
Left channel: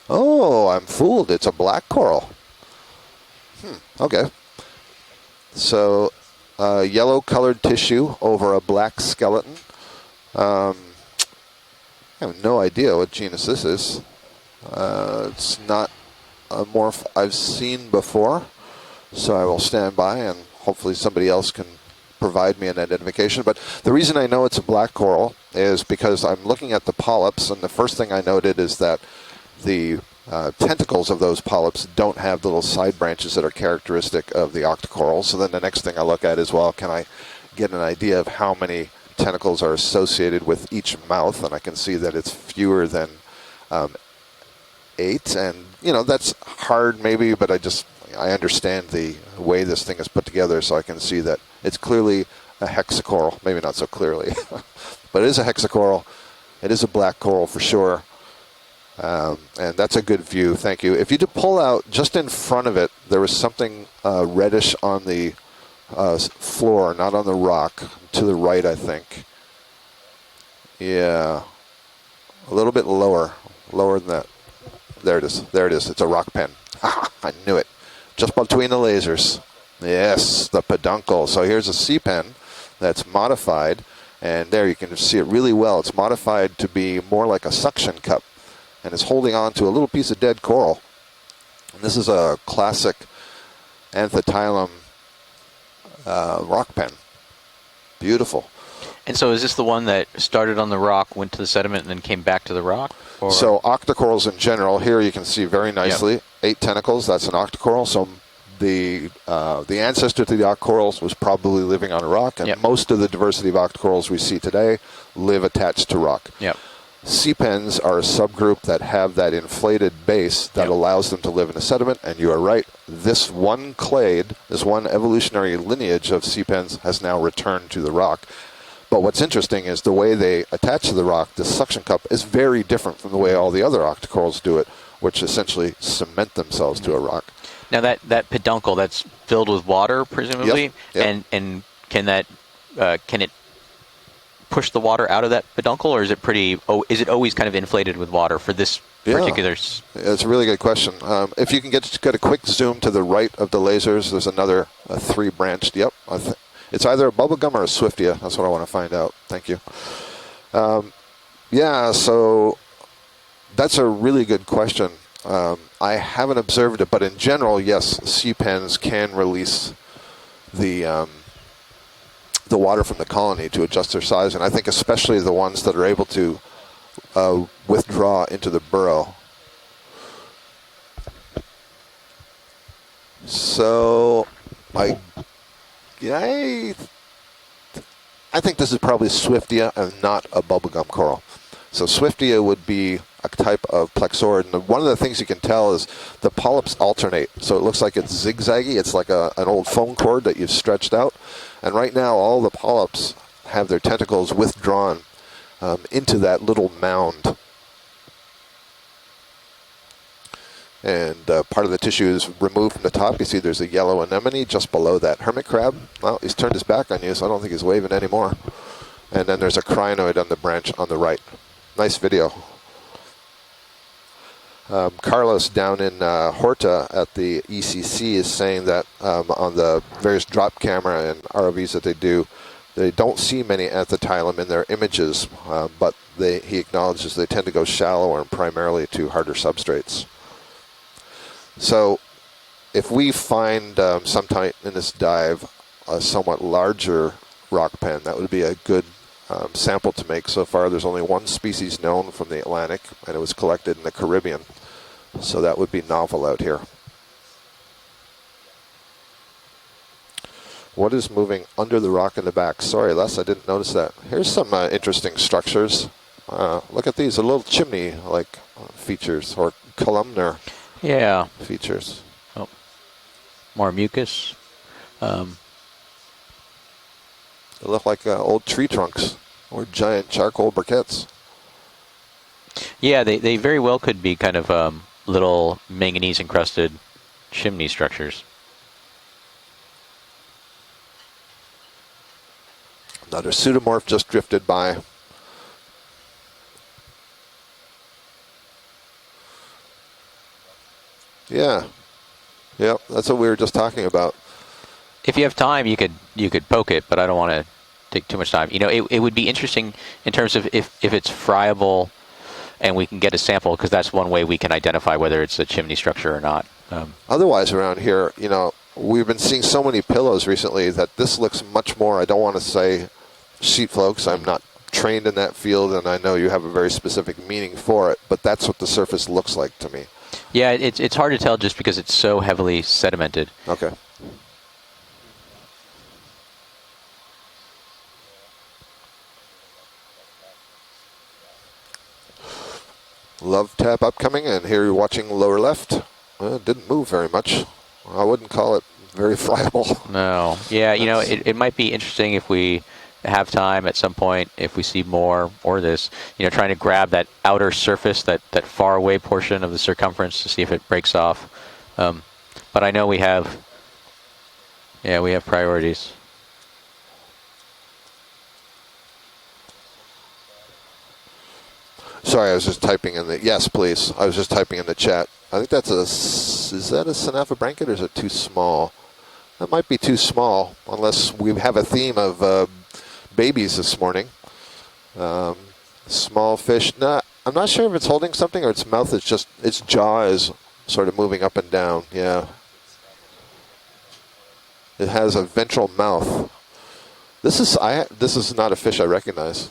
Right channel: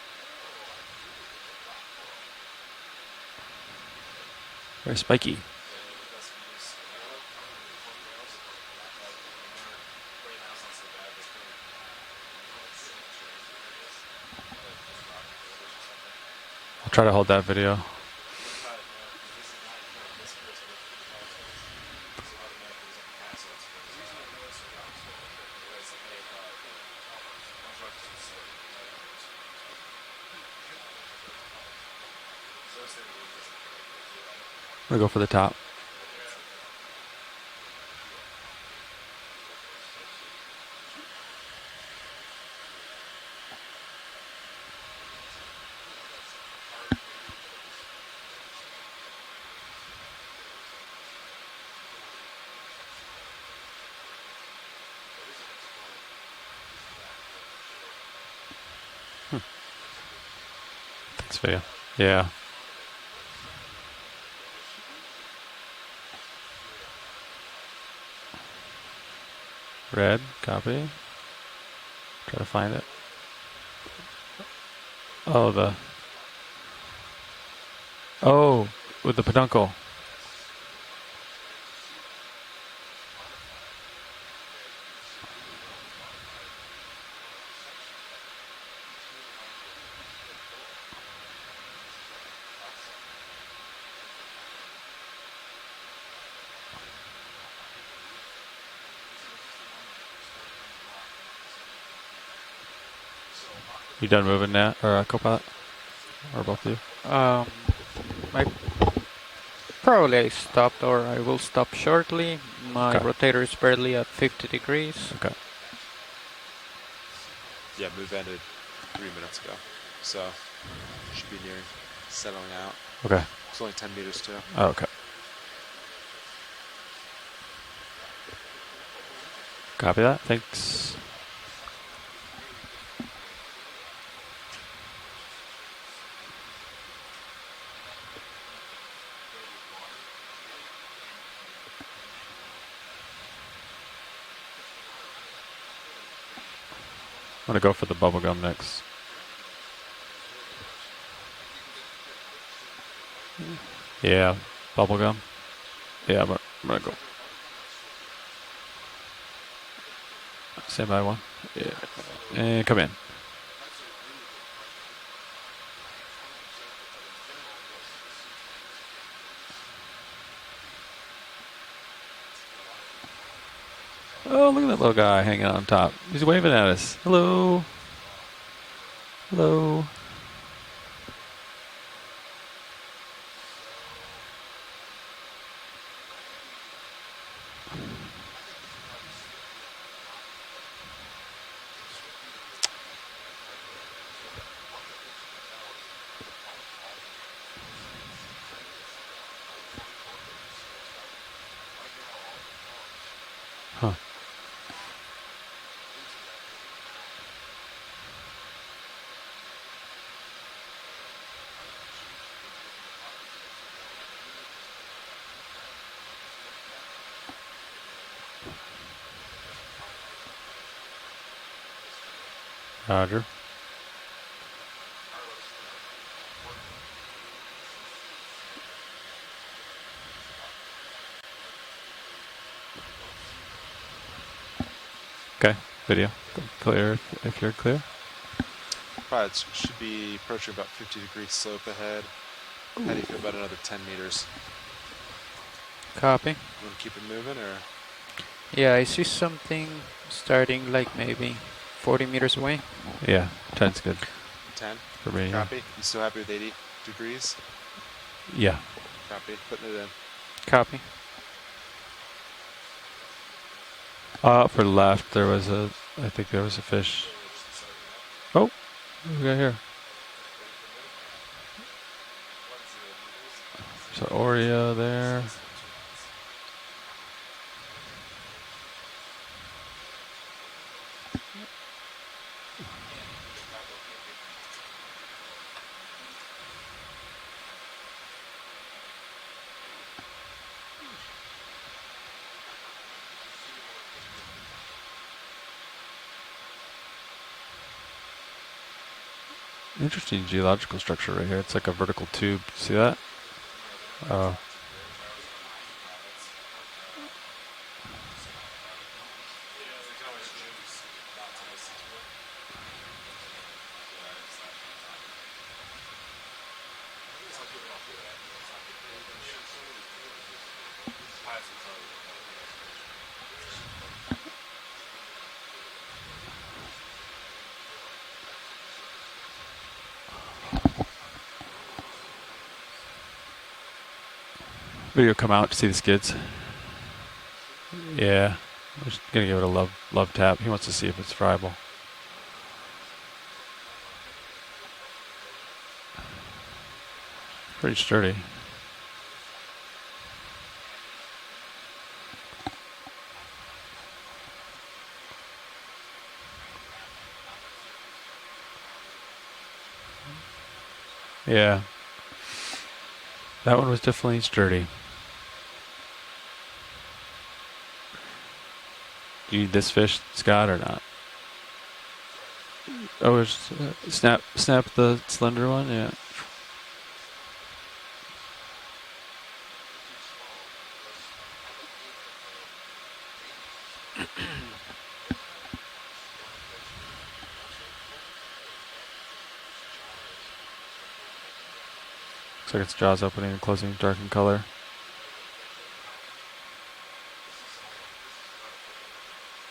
Oh, I'm fooled. It's a black coral. Okay. Very spiky. So, yellow colored tissue over a black skeleton. I have no idea what genus this is. It's not a morph I've seen before. So I will stand by and hopefully somebody else can provide me an identification. But the reason I know it's a black coral is because I'm looking at the polyps, and the first thing I noted is that the tentacles of those polyps don't have the little side branches that are characteristic of the octocoral. So then the next thing I look at is, well, can I get an idea of how many tentacles are associated with each mouth? And I can see that it's fewer than 8. And, you know, that's hard maybe, but I understand the way this thing is put together, so I can see that it's clearly a hexacoral. Maybe not so clearly, but it is a hexacoral. It is a black coral for sure. And that's a good view, thank you. If you could pull out, just in front of it, there was something reddish on the floor, not on the rock, to the right, I think. Red, copy. Yeah. A little bit lower than that. There it is, there it is. It's a rock pen. I knew it. Just between the lasers. The peduncle. Yes, the peduncle. So here's a sea pen that's modified, and there you can see it really well. It's modified to be more like a suction cup, and it's holding on to a little piece of dead coral. And this is a classic anthotyllum rock pen. Beautiful. And so is this the one that started on the rock, went to the sediment, and then came back to the rock? Or so octocorals in general, here you can see very nicely, 8 tentacles, that's an octocoral. So the ancestor to the octocorals was probably living on a rock, and most of the diversity of octocorals we see today live attached to rock. Sea pens are a subgroup that have that inflated base that allows them to live in a sediment, and you are right, this one clade, this one evolutionary lineage of sea pens has now returned to the rock. But what's interesting is the way they attach to the rock, the suction cup, is very different from the way all the other octocorals do it, which essentially cement themselves to a rock. Now that peduncle, that's filled with water, presumably, and can it push the water out of that peduncle, or is it is it always kind of inflated with water for this particular? It's a really good question. If you can get a quick zoom to the right of the lasers, there's another 3 branched. It's either a bubblegum or a Swiftia. That's what I want to find out. Thank you. One. Yeah, so come in. That's a really good question. I haven't observed it, but in general, yes, sea pens can release the water from the colony to adjust their size, and I think especially the ones that are able to waving at us. Hello. Withdraw into the burrow. Hello. So I think this is probably Swiftia and not a bubblegum coral. So Swiftia would be a type of plexaurid. And one of the things you can tell is the polyps alternate. So it looks like it's zigzaggy. It's like an old phone cord that you've stretched out. And right now, all the polyps have their tentacles withdrawn into that little mound. And part of the tissue is removed from the top. You see there's a yellow anemone just below that hermit crab. Well, he's turned his back on you, so I don't think he's waving anymore. And then there's a crinoid on the branch on the right. Nice video. Roger. Carlos down in Horta at the ECC is saying that on the various drop camera and ROVs that they do, they don't see many anthotylum in their images, Okay, but video. he acknowledges they tend to go shallower and primarily to harder substrates. Be approaching about 50 degrees slope So ahead. if we find sometime in this dive a somewhat larger rock pen, that would be a Yeah, I good see something sample to make. So starting far, there's like only one maybe species 40 known from meters the away. Atlantic Yeah, that is collected in 10's the good. Caribbean. 10. So that would be novel out here. Degrees. Yeah. Copy. Putting it in. Copy. What is moving under the rock in the back? Sorry, Les, I didn't notice that. Here's Off some to the left, interesting there was structures. I think there was a Look at fish. these, a little chimney-like Oh, features, right or here. columnar Yeah. features. More mucus. So Oreo there. They look like old tree trunks or giant charcoal briquettes. Yeah, they very well could be kind of little manganese encrusted chimney structures. Another pseudomorph just drifted by. Interesting geological structure right here. Yeah. It's like a vertical tube. See Yeah, that? that's what we were just talking about. If you have time, you could poke it, but I don't want to take too much time. You know, it would be interesting in terms of if it's friable, and we can get a sample, because that's one way we can identify whether it's a chimney structure or not. Otherwise, around here, you know, we've been seeing so many pillows recently that this looks much more, I don't want to say sheet flow, because I'm not trained in that field, and I know you have a very specific meaning for it, but that's what the surface looks like to me. Yeah, it's hard to tell just because it's so heavily sedimented. Okay. Video come out to see the skids. Yeah. I'm just going to give it a love tap. He wants to see if it's friable. Love tap upcoming, and here you're watching lower left. Well, it didn't move very much. Pretty sturdy. I wouldn't call it very friable. No. Yeah, you know, it might be interesting if we have time at some point, if we see more or this, you know, trying to grab that outer surface, that far away portion of the circumference to see if it breaks off. Yeah. But I know we have, That one was definitely sturdy. yeah, we have priorities. Do you need this fish, Scott, or not? Sorry, I was just typing in the, yes, please. I was just typing in the chat. I think that's is that a Synapha or is it too small? That might be too small, unless we have a theme of babies this morning. Small fish. I'm not sure if it's holding something or its mouth is just, its jaw is sort of moving up and down. Yeah. Looks like its jaw's opening and closing, dark in color. It has a ventral mouth. This is not a fish I recognize.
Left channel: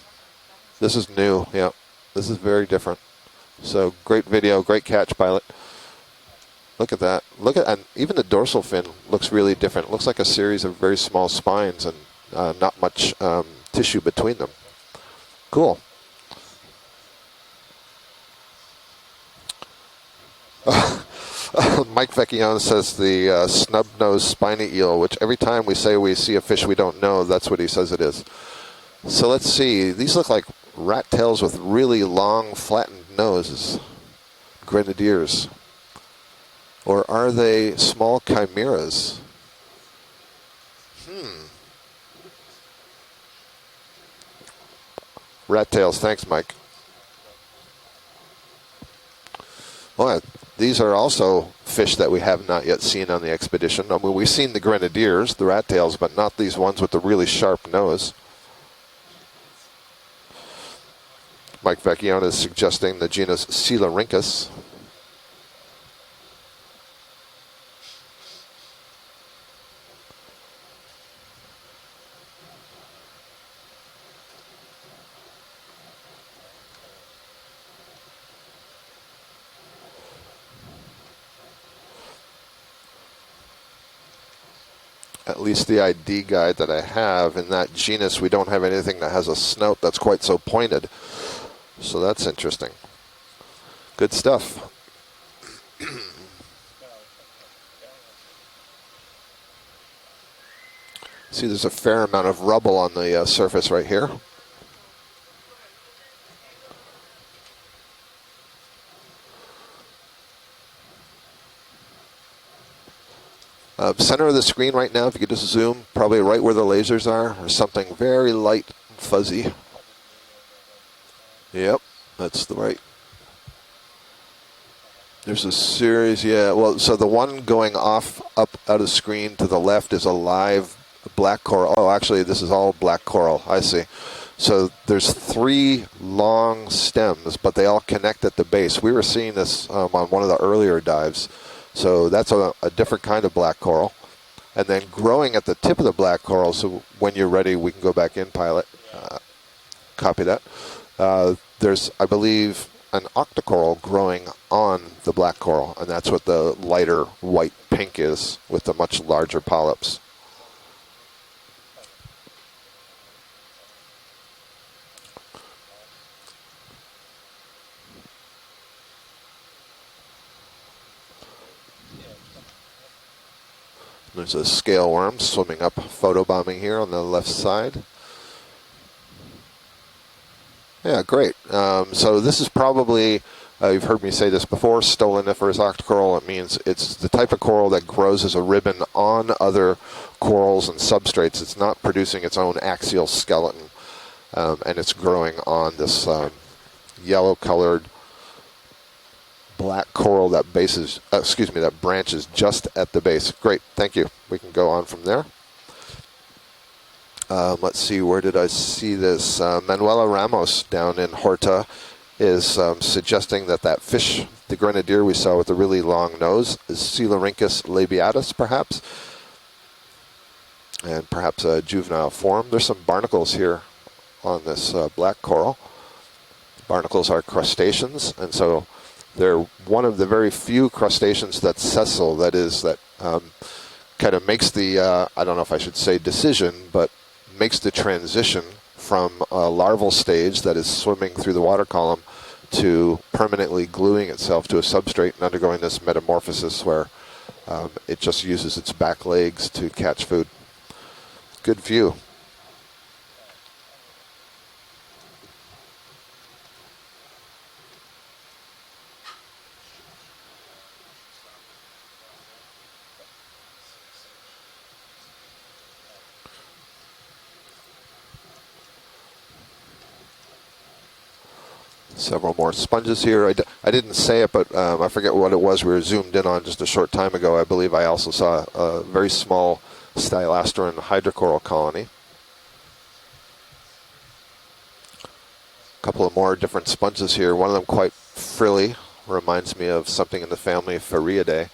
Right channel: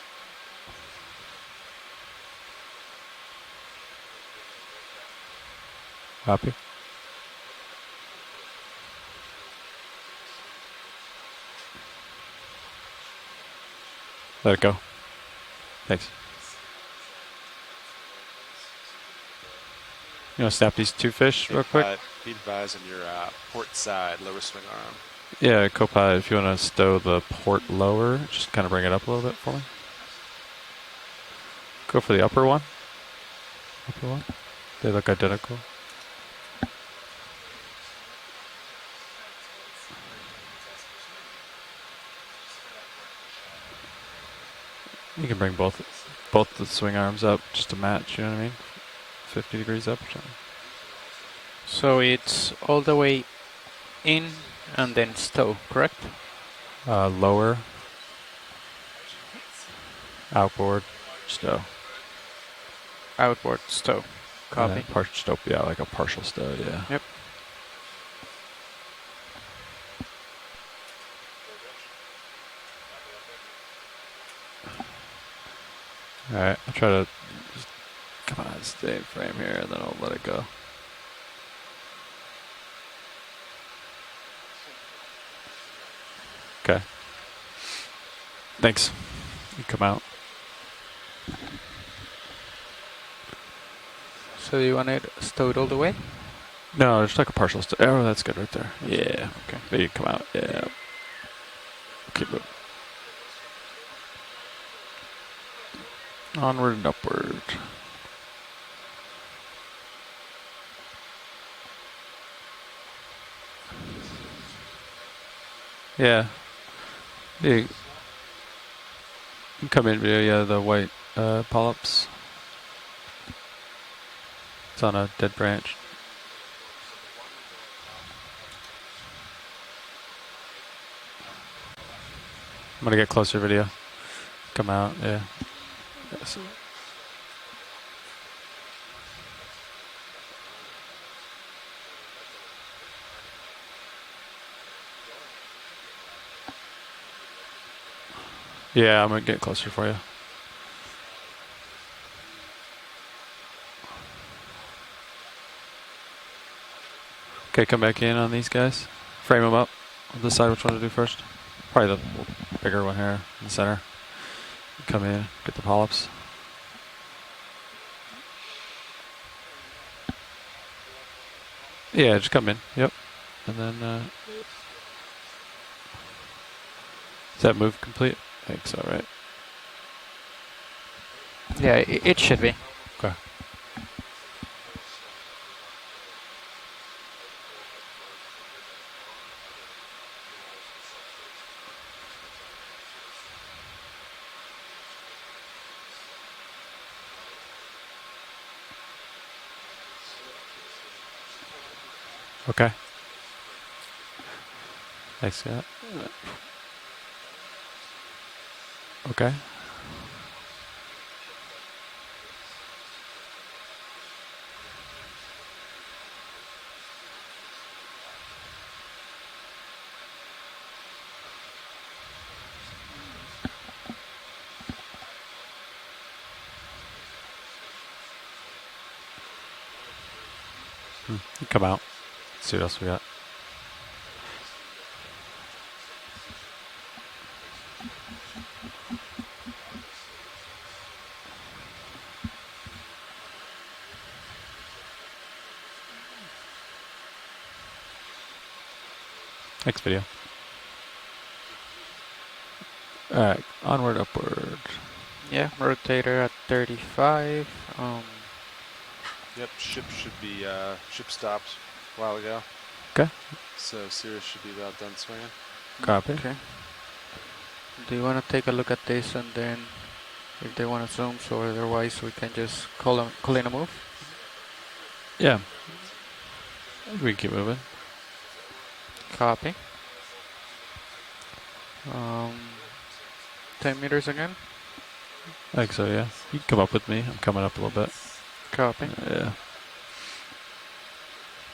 This is new. Yeah. This is very different. So great video, great catch, pilot. Copy. Look at that. And even the dorsal fin looks really different. It looks like a series of very small spines and not much tissue between them. Let it go. Cool. Thanks. You know, snap these two fish? Mike Vecchione says the snub-nosed spiny eel, which every time we say we see a fish we don't know, that's what he says it is. Just kind of bring it up a little So bit. let's see. These look like rat tails with really Go for the upper long, one. flattened noses. They look Grenadiers. identical. Or are they small chimeras? You can bring Rat both, tails. Thanks, Mike. both the swing arms up just to match, you know what I mean? 50 degrees up. Well, these are also fish So that we have it's not all yet the seen way on the expedition. I mean, in we've seen the and then grenadiers, the still rat tails, right. but not these ones with the really Lower. sharp nose. Outboard. Stow. Mike Vecchione is suggesting the genus Outboard, Coelurynchus. Copy. Stow, yeah, like a partial stow, yeah. Yep. Alright, I'll try to just, come on, stay in frame here, and then I'll let it go. At least the ID guide that I Okay. have in that genus, we don't have Thanks. anything that has a snout Come that's out. quite so pointed. So that's interesting. Good stuff. So you want it stowed all the way? No, just like a partial stow. Oh, that's good right there. Yeah, okay. There you come out, yeah. See, there's a fair amount of rubble on the surface right here. Onward and upward. Center of the screen right now, if you could just zoom, probably Yeah. right where the lasers are, is Yeah. something very light and fuzzy. You can come in via the white polyps. That's the right. It's on a dead There's a branch. series, yeah. Well, so the one going off up out of screen to the left is a live black coral. Oh, actually, this is all black get coral. closer I video. see. So Come out, there's yeah. 3 long stems, but they all connect at the base. We were seeing this on one of the earlier dives. So that's a different kind of black coral. And then growing at the tip of the black coral, so when you're ready, we can go back in, pilot. Yeah, I'm gonna get closer for you. Copy that. There's, I believe, an octocoral growing on the black coral, and that's what the lighter white Okay, come pink back in is on these with guys. the much larger Frame 'em up. polyps. I'll decide which one to do first. Probably the bigger one here in the center. Come in, get the polyps. Yeah, just come in. Yep. And then There's a scale worm swimming up, photobombing here on the left set side. move complete. I think so, right? Yeah, great. Yeah, So it this should is be. probably, you've heard me say this before, stoloniferous octocoral. It means it's the type of coral that grows as a ribbon on other corals and substrates. It's not producing its own axial skeleton, and it's growing on this yellow-colored black coral that that branches just Okay. at the base. Great, thank you. We can go on from there. Thanks, Scott. Let's see, where did I see this? Manuela Ramos down in Horta is suggesting that fish, the grenadier we saw with the really long nose, is Coelurhynchus labiatus, perhaps, and perhaps a juvenile form. There's some barnacles here on this black coral. Barnacles are crustaceans, and so they're one of the very few crustaceans that's Come out. sessile, that is, See what else we got. kind of makes the, I don't know if I should say decision, but makes the transition from a larval stage that is swimming through the water column to permanently gluing itself to a substrate and undergoing this metamorphosis where it just uses its back legs to Thank you, catch food. Good view. All right, onward, upward. Yeah, rotator at 35. Yep, ship should be, ship stopped a while ago. Okay. So Cirrus should be about done swinging. Copy. Okay. Do you want to take a look at this and then if they want to zoom, so otherwise we Several can more just sponges call here. them clean 'em up? I didn't say it, but I forget what Yeah. it was we were zoomed in on just a short time We can ago. I move it. believe I also saw a very small stylasteran hydrocoral colony. 10 meters again. I think so, A couple yeah. of more You can come different up with me, sponges here. come One of up them with quite frilly. Copy. Yeah. Reminds me of something in the family of Fariidae.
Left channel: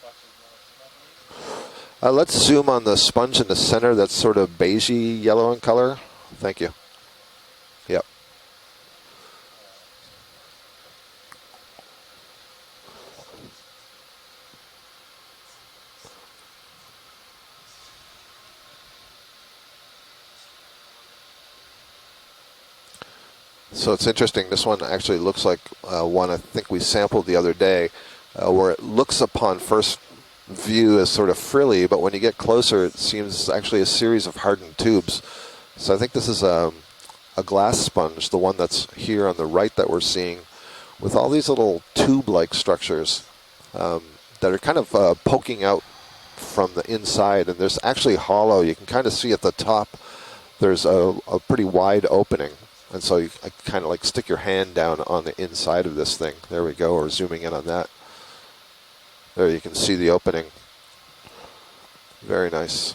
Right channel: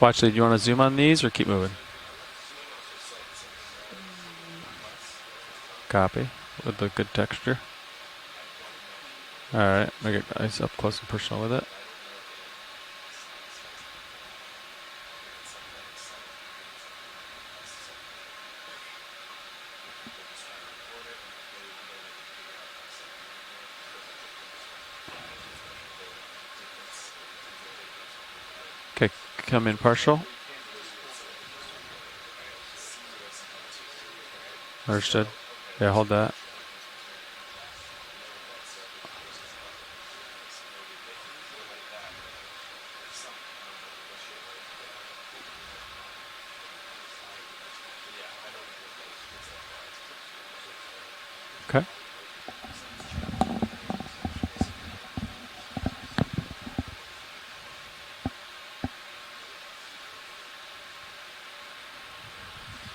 Well, actually, do you want to zoom on these or keep moving? Let's zoom on the sponge in the center that's sort of beigey yellow in color. Copy. Thank you. With the good texture. Yep. All right, make it nice up close and personal with it. So it's interesting. This one actually looks like one I think we sampled the other day, where it looks upon Come in first partial. view as sort of frilly, but when you get closer, it seems actually a series of hardened tubes. Understood. Yeah, So I hold think this that. is a glass sponge, the one that's here on the right that we're seeing, with all these little tube-like structures that are kind of poking out from the inside, and there's actually hollow. You can kind of see at the top there's a pretty wide opening, and so you can kind of like stick your hand down on the inside of this thing. There we go, or zooming in on that. There you can see the opening. Very nice.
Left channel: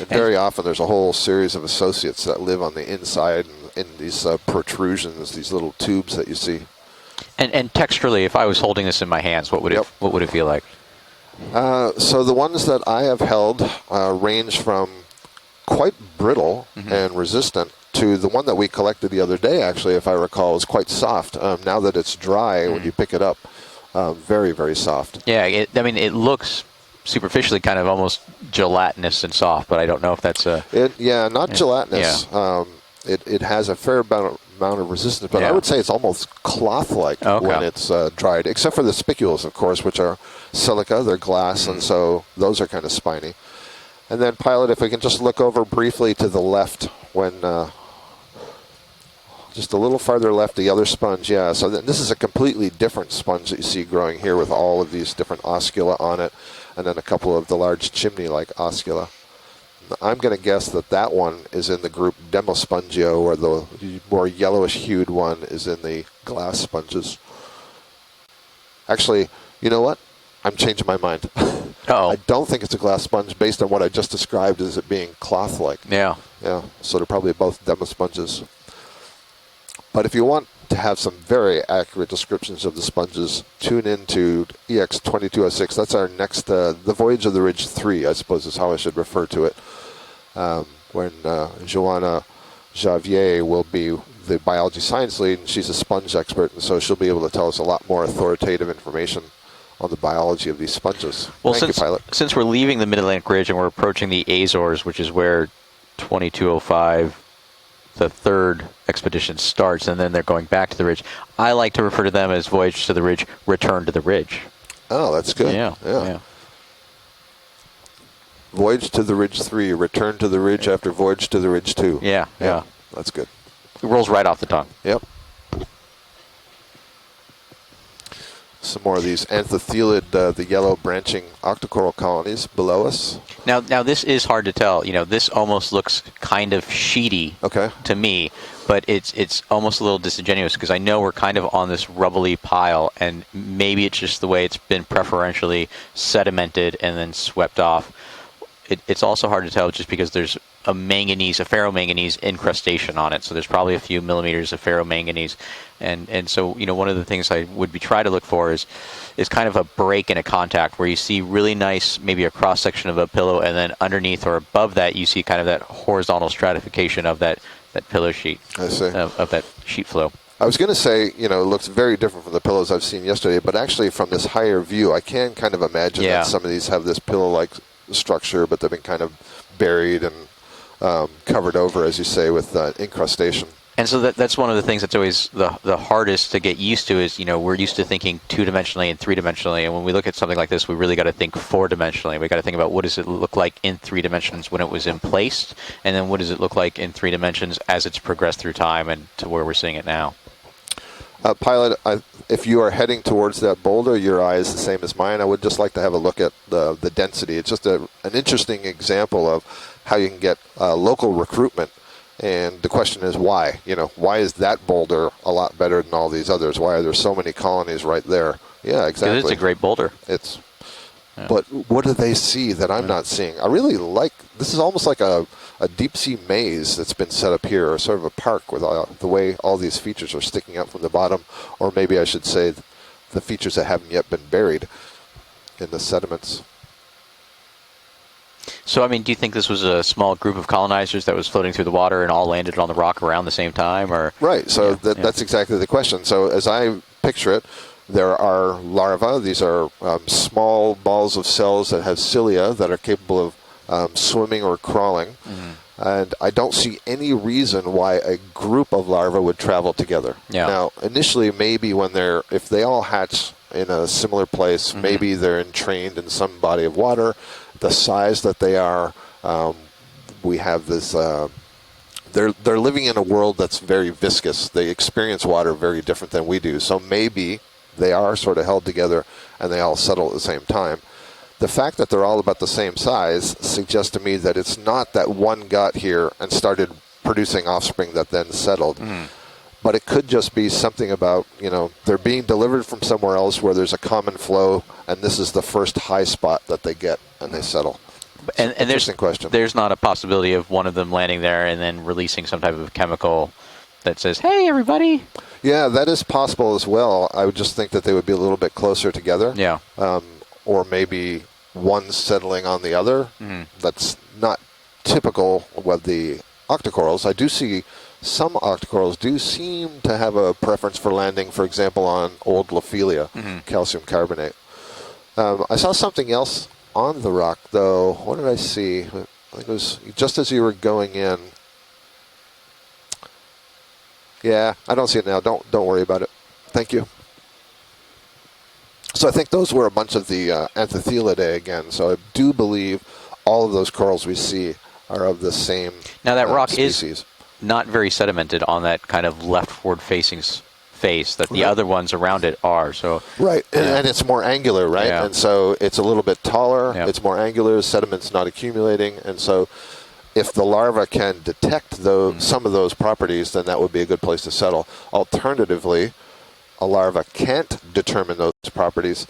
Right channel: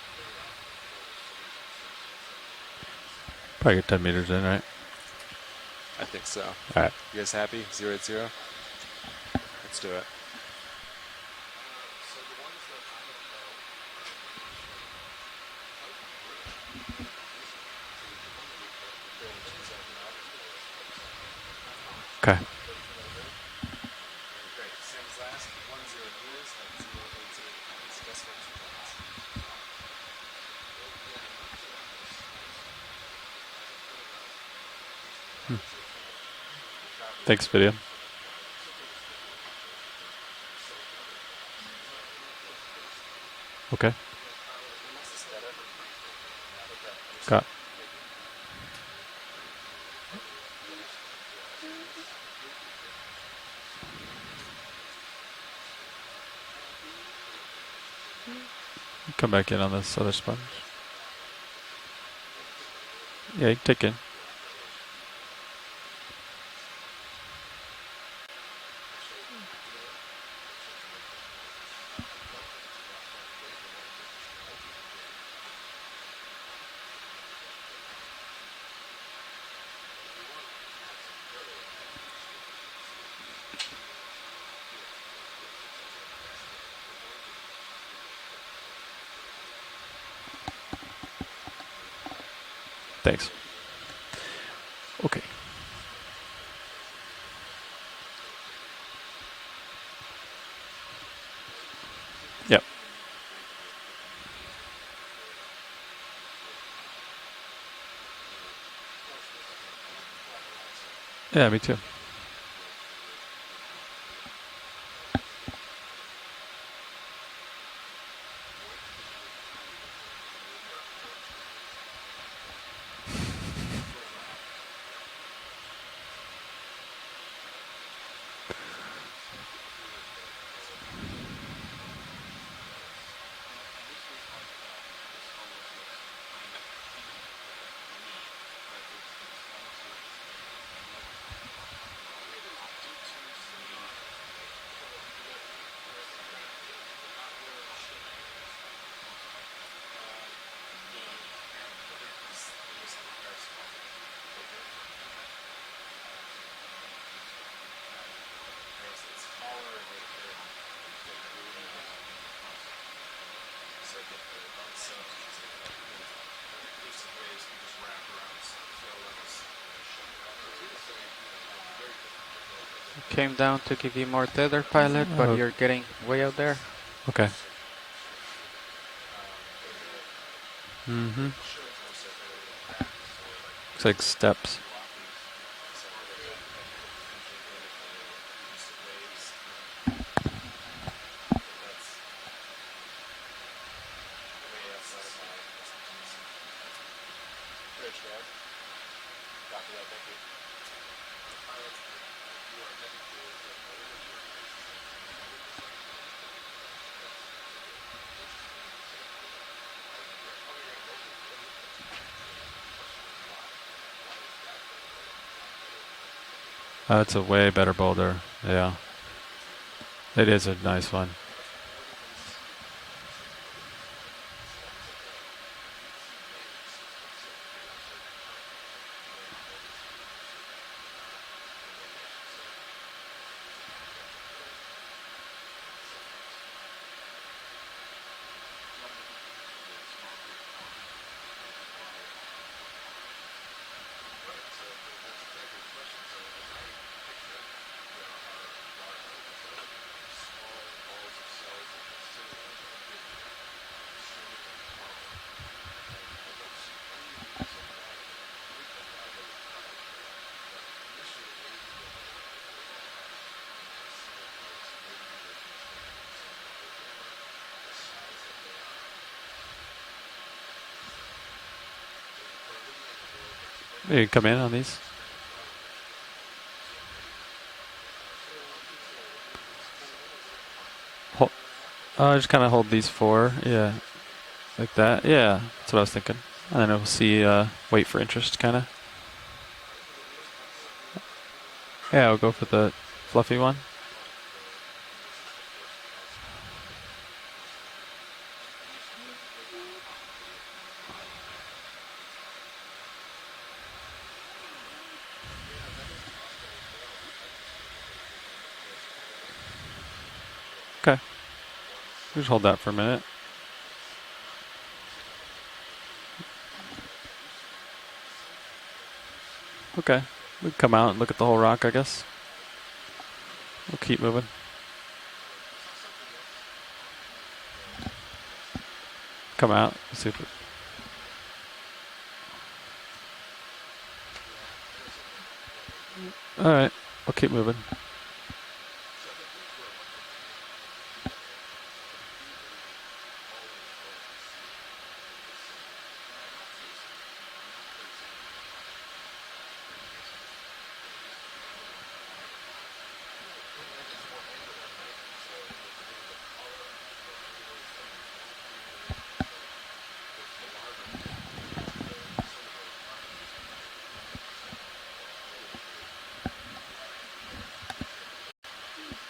And very often there's a whole series of associates that live on the inside Probably and 10 in these meters in, right? protrusions, these little tubes that you see. All right. You guys have And texturally, if I was holding this in my hands, what would Yep. it feel like? So the ones that I have held range from quite brittle and resistant to the one that we collected the other day, actually, if I recall, is quite soft. Now that it's dry, when you pick it up, very, very soft. Yeah, I mean, it looks superficially kind of almost gelatinous and soft, but I don't know if that's a... Not gelatinous. It has a fair amount of resistance, but I would say it's almost cloth-like when Okay. it's dried, except for the spicules, of course, which are silica. They're glass, and so those are kind of spiny. Okay. And then, pilot, if we can just look over briefly to the left when... just a little farther left, the other sponge, yeah. So this is a completely different sponge that you see growing here with all of these different oscula on it. and then a couple of the large chimney-like oscula. Come back in on this. I'm going to guess that that one is in the group Demospongio, or Yeah, the take in. more yellowish-hued one is in the glass sponges. Actually, you know what? I'm changing my mind. Uh-oh. I don't think it's a glass sponge based on what I just described as it being cloth-like. Yeah. Yeah, so they're probably both Demosponges. But if you want to have some very accurate descriptions of the sponges, tune into EX2206. That's our next, the Voyage of the Ridge 3, I suppose is how I should refer to it, when Joanna Javier will be the biology science lead, and she's a sponge expert, and so she'll be able to tell us a lot more authoritative information on the biology of these sponges. Well, Thank you, Pilot. since we're leaving the Mid-Atlantic Ridge and we're approaching the Azores, which is where 2205, the third expedition starts, and then they're going back to the ridge. Yeah, I me like too. to refer to them as Voyage to the Ridge, Return to the Ridge. Oh, that's good. Yeah. Voyage to the Ridge 3, Return to the Ridge after Voyage to the Ridge 2. Yeah. That's good. It rolls right off the tongue. Yep. Some more of these anthethelid, the yellow branching octocoral colonies below us. Now this is hard to tell. You know, this almost looks kind of sheety Okay. to me, but it's almost a little disingenuous because I know we're kind of on this rubbly pile, and maybe it's just the way it's been preferentially sedimented and then swept off. It's also hard to tell just because there's a ferromanganese incrustation on it, so there's probably a few millimeters of ferromanganese, and so, you know, one of the things I would try to look for is kind of a break in a contact where you see really nice, maybe a cross section of a pillow, and then underneath or above that you see kind of that horizontal stratification of that pillow sheet. I see. Of that sheet flow. I was going to say, you know, it looks very different from the pillows I've seen yesterday, but down actually to from the this more higher tender view, I pilot, can where kind of you're getting imagine Yeah. that some of these have this pillow-like structure, but they've been kind of buried and covered over, as you say, with incrustation. And so Six that's one of the steps. things that's always the hardest to get used to is, you know, we're used to thinking two-dimensionally and three-dimensionally, and when we look at something like this, we really got to think four-dimensionally. We got to think about what does it look like in 3 dimensions when it was in place, and then what does it look like in 3 dimensions as it's progressed through time and to where we're seeing it now. Pilot, if you are heading towards that boulder, your eye is the same as mine. I would just like to have a look at the density. It's just an interesting example of how you can get local recruitment. And the question is why? You know, why is that boulder a lot better than all these others? Why are there so That's a many way better colonies right boulder. there? Yeah. Exactly. It's a great boulder. It is a nice one. But what do they see that I'm not seeing? I really like, this is almost like a deep sea maze that's been set up here, or sort of a park with the way all these features are sticking up from the bottom, or maybe I should say the features that haven't yet been buried in the sediments. So, I mean, do you think this was a small group of colonizers that was floating through the water and all landed on the rock around the same time, or? Right, so that's exactly the question. So as I picture it, there are larvae. These are small balls of cells that have cilia that are capable of swimming or crawling. And I don't see any reason why a group of larvae would travel together. Yeah. Now, initially, maybe if they all hatch in a similar place, maybe they're entrained in some body of water. The size that they are, we have this. They're living in a world that's very Hey, come in viscous. on They these. experience water very different than we do. So maybe they are sort of held together and they all settle at the same time. The fact that they're I'll all just about the kinda hold same these size four, yeah. suggests to me that it's Like not that, that yeah. one got That's what I was here thinking. and started And see, producing offspring wait for that then interest to kinda- settled. But it could just be something about, you know, they're Yeah, I'll being go for delivered the from somewhere fluffy else where one. there's a common flow, and this is the first high spot that they get and they settle. And there's Interesting question. There's not a possibility of one of them landing there and then releasing some type of chemical that says, "Hey, everybody." Yeah, that is possible as well. I would just think that they would be a little bit closer together. Yeah. Or maybe one settling that on for the a other. minute. That's not typical with the octocorals. I do see some octocorals do seem to Okay. have a preference out for with the landing, whole for rock, I example, guess. on old Lophelia, calcium Keep moving. carbonate. I saw something else on the rock, though. What did I see? It Come was out. just as you were going in. Yeah, I don't see it now. Don't worry about it. All Thank right. you. I'll keep moving. So I think those were a bunch of the Anthethelidae again. So I do believe all of those corals we see are of the same Now that rock species. is not very sedimented on that kind of leftward facing face, that the other ones around it are. So Right, and it's more angular, right? Yeah. And so it's a little bit taller, Yeah. it's more angular, sediment's not accumulating, and so if the larva can detect some of those properties, then that would be a good place to settle. Alternatively, a larva can't determine those properties.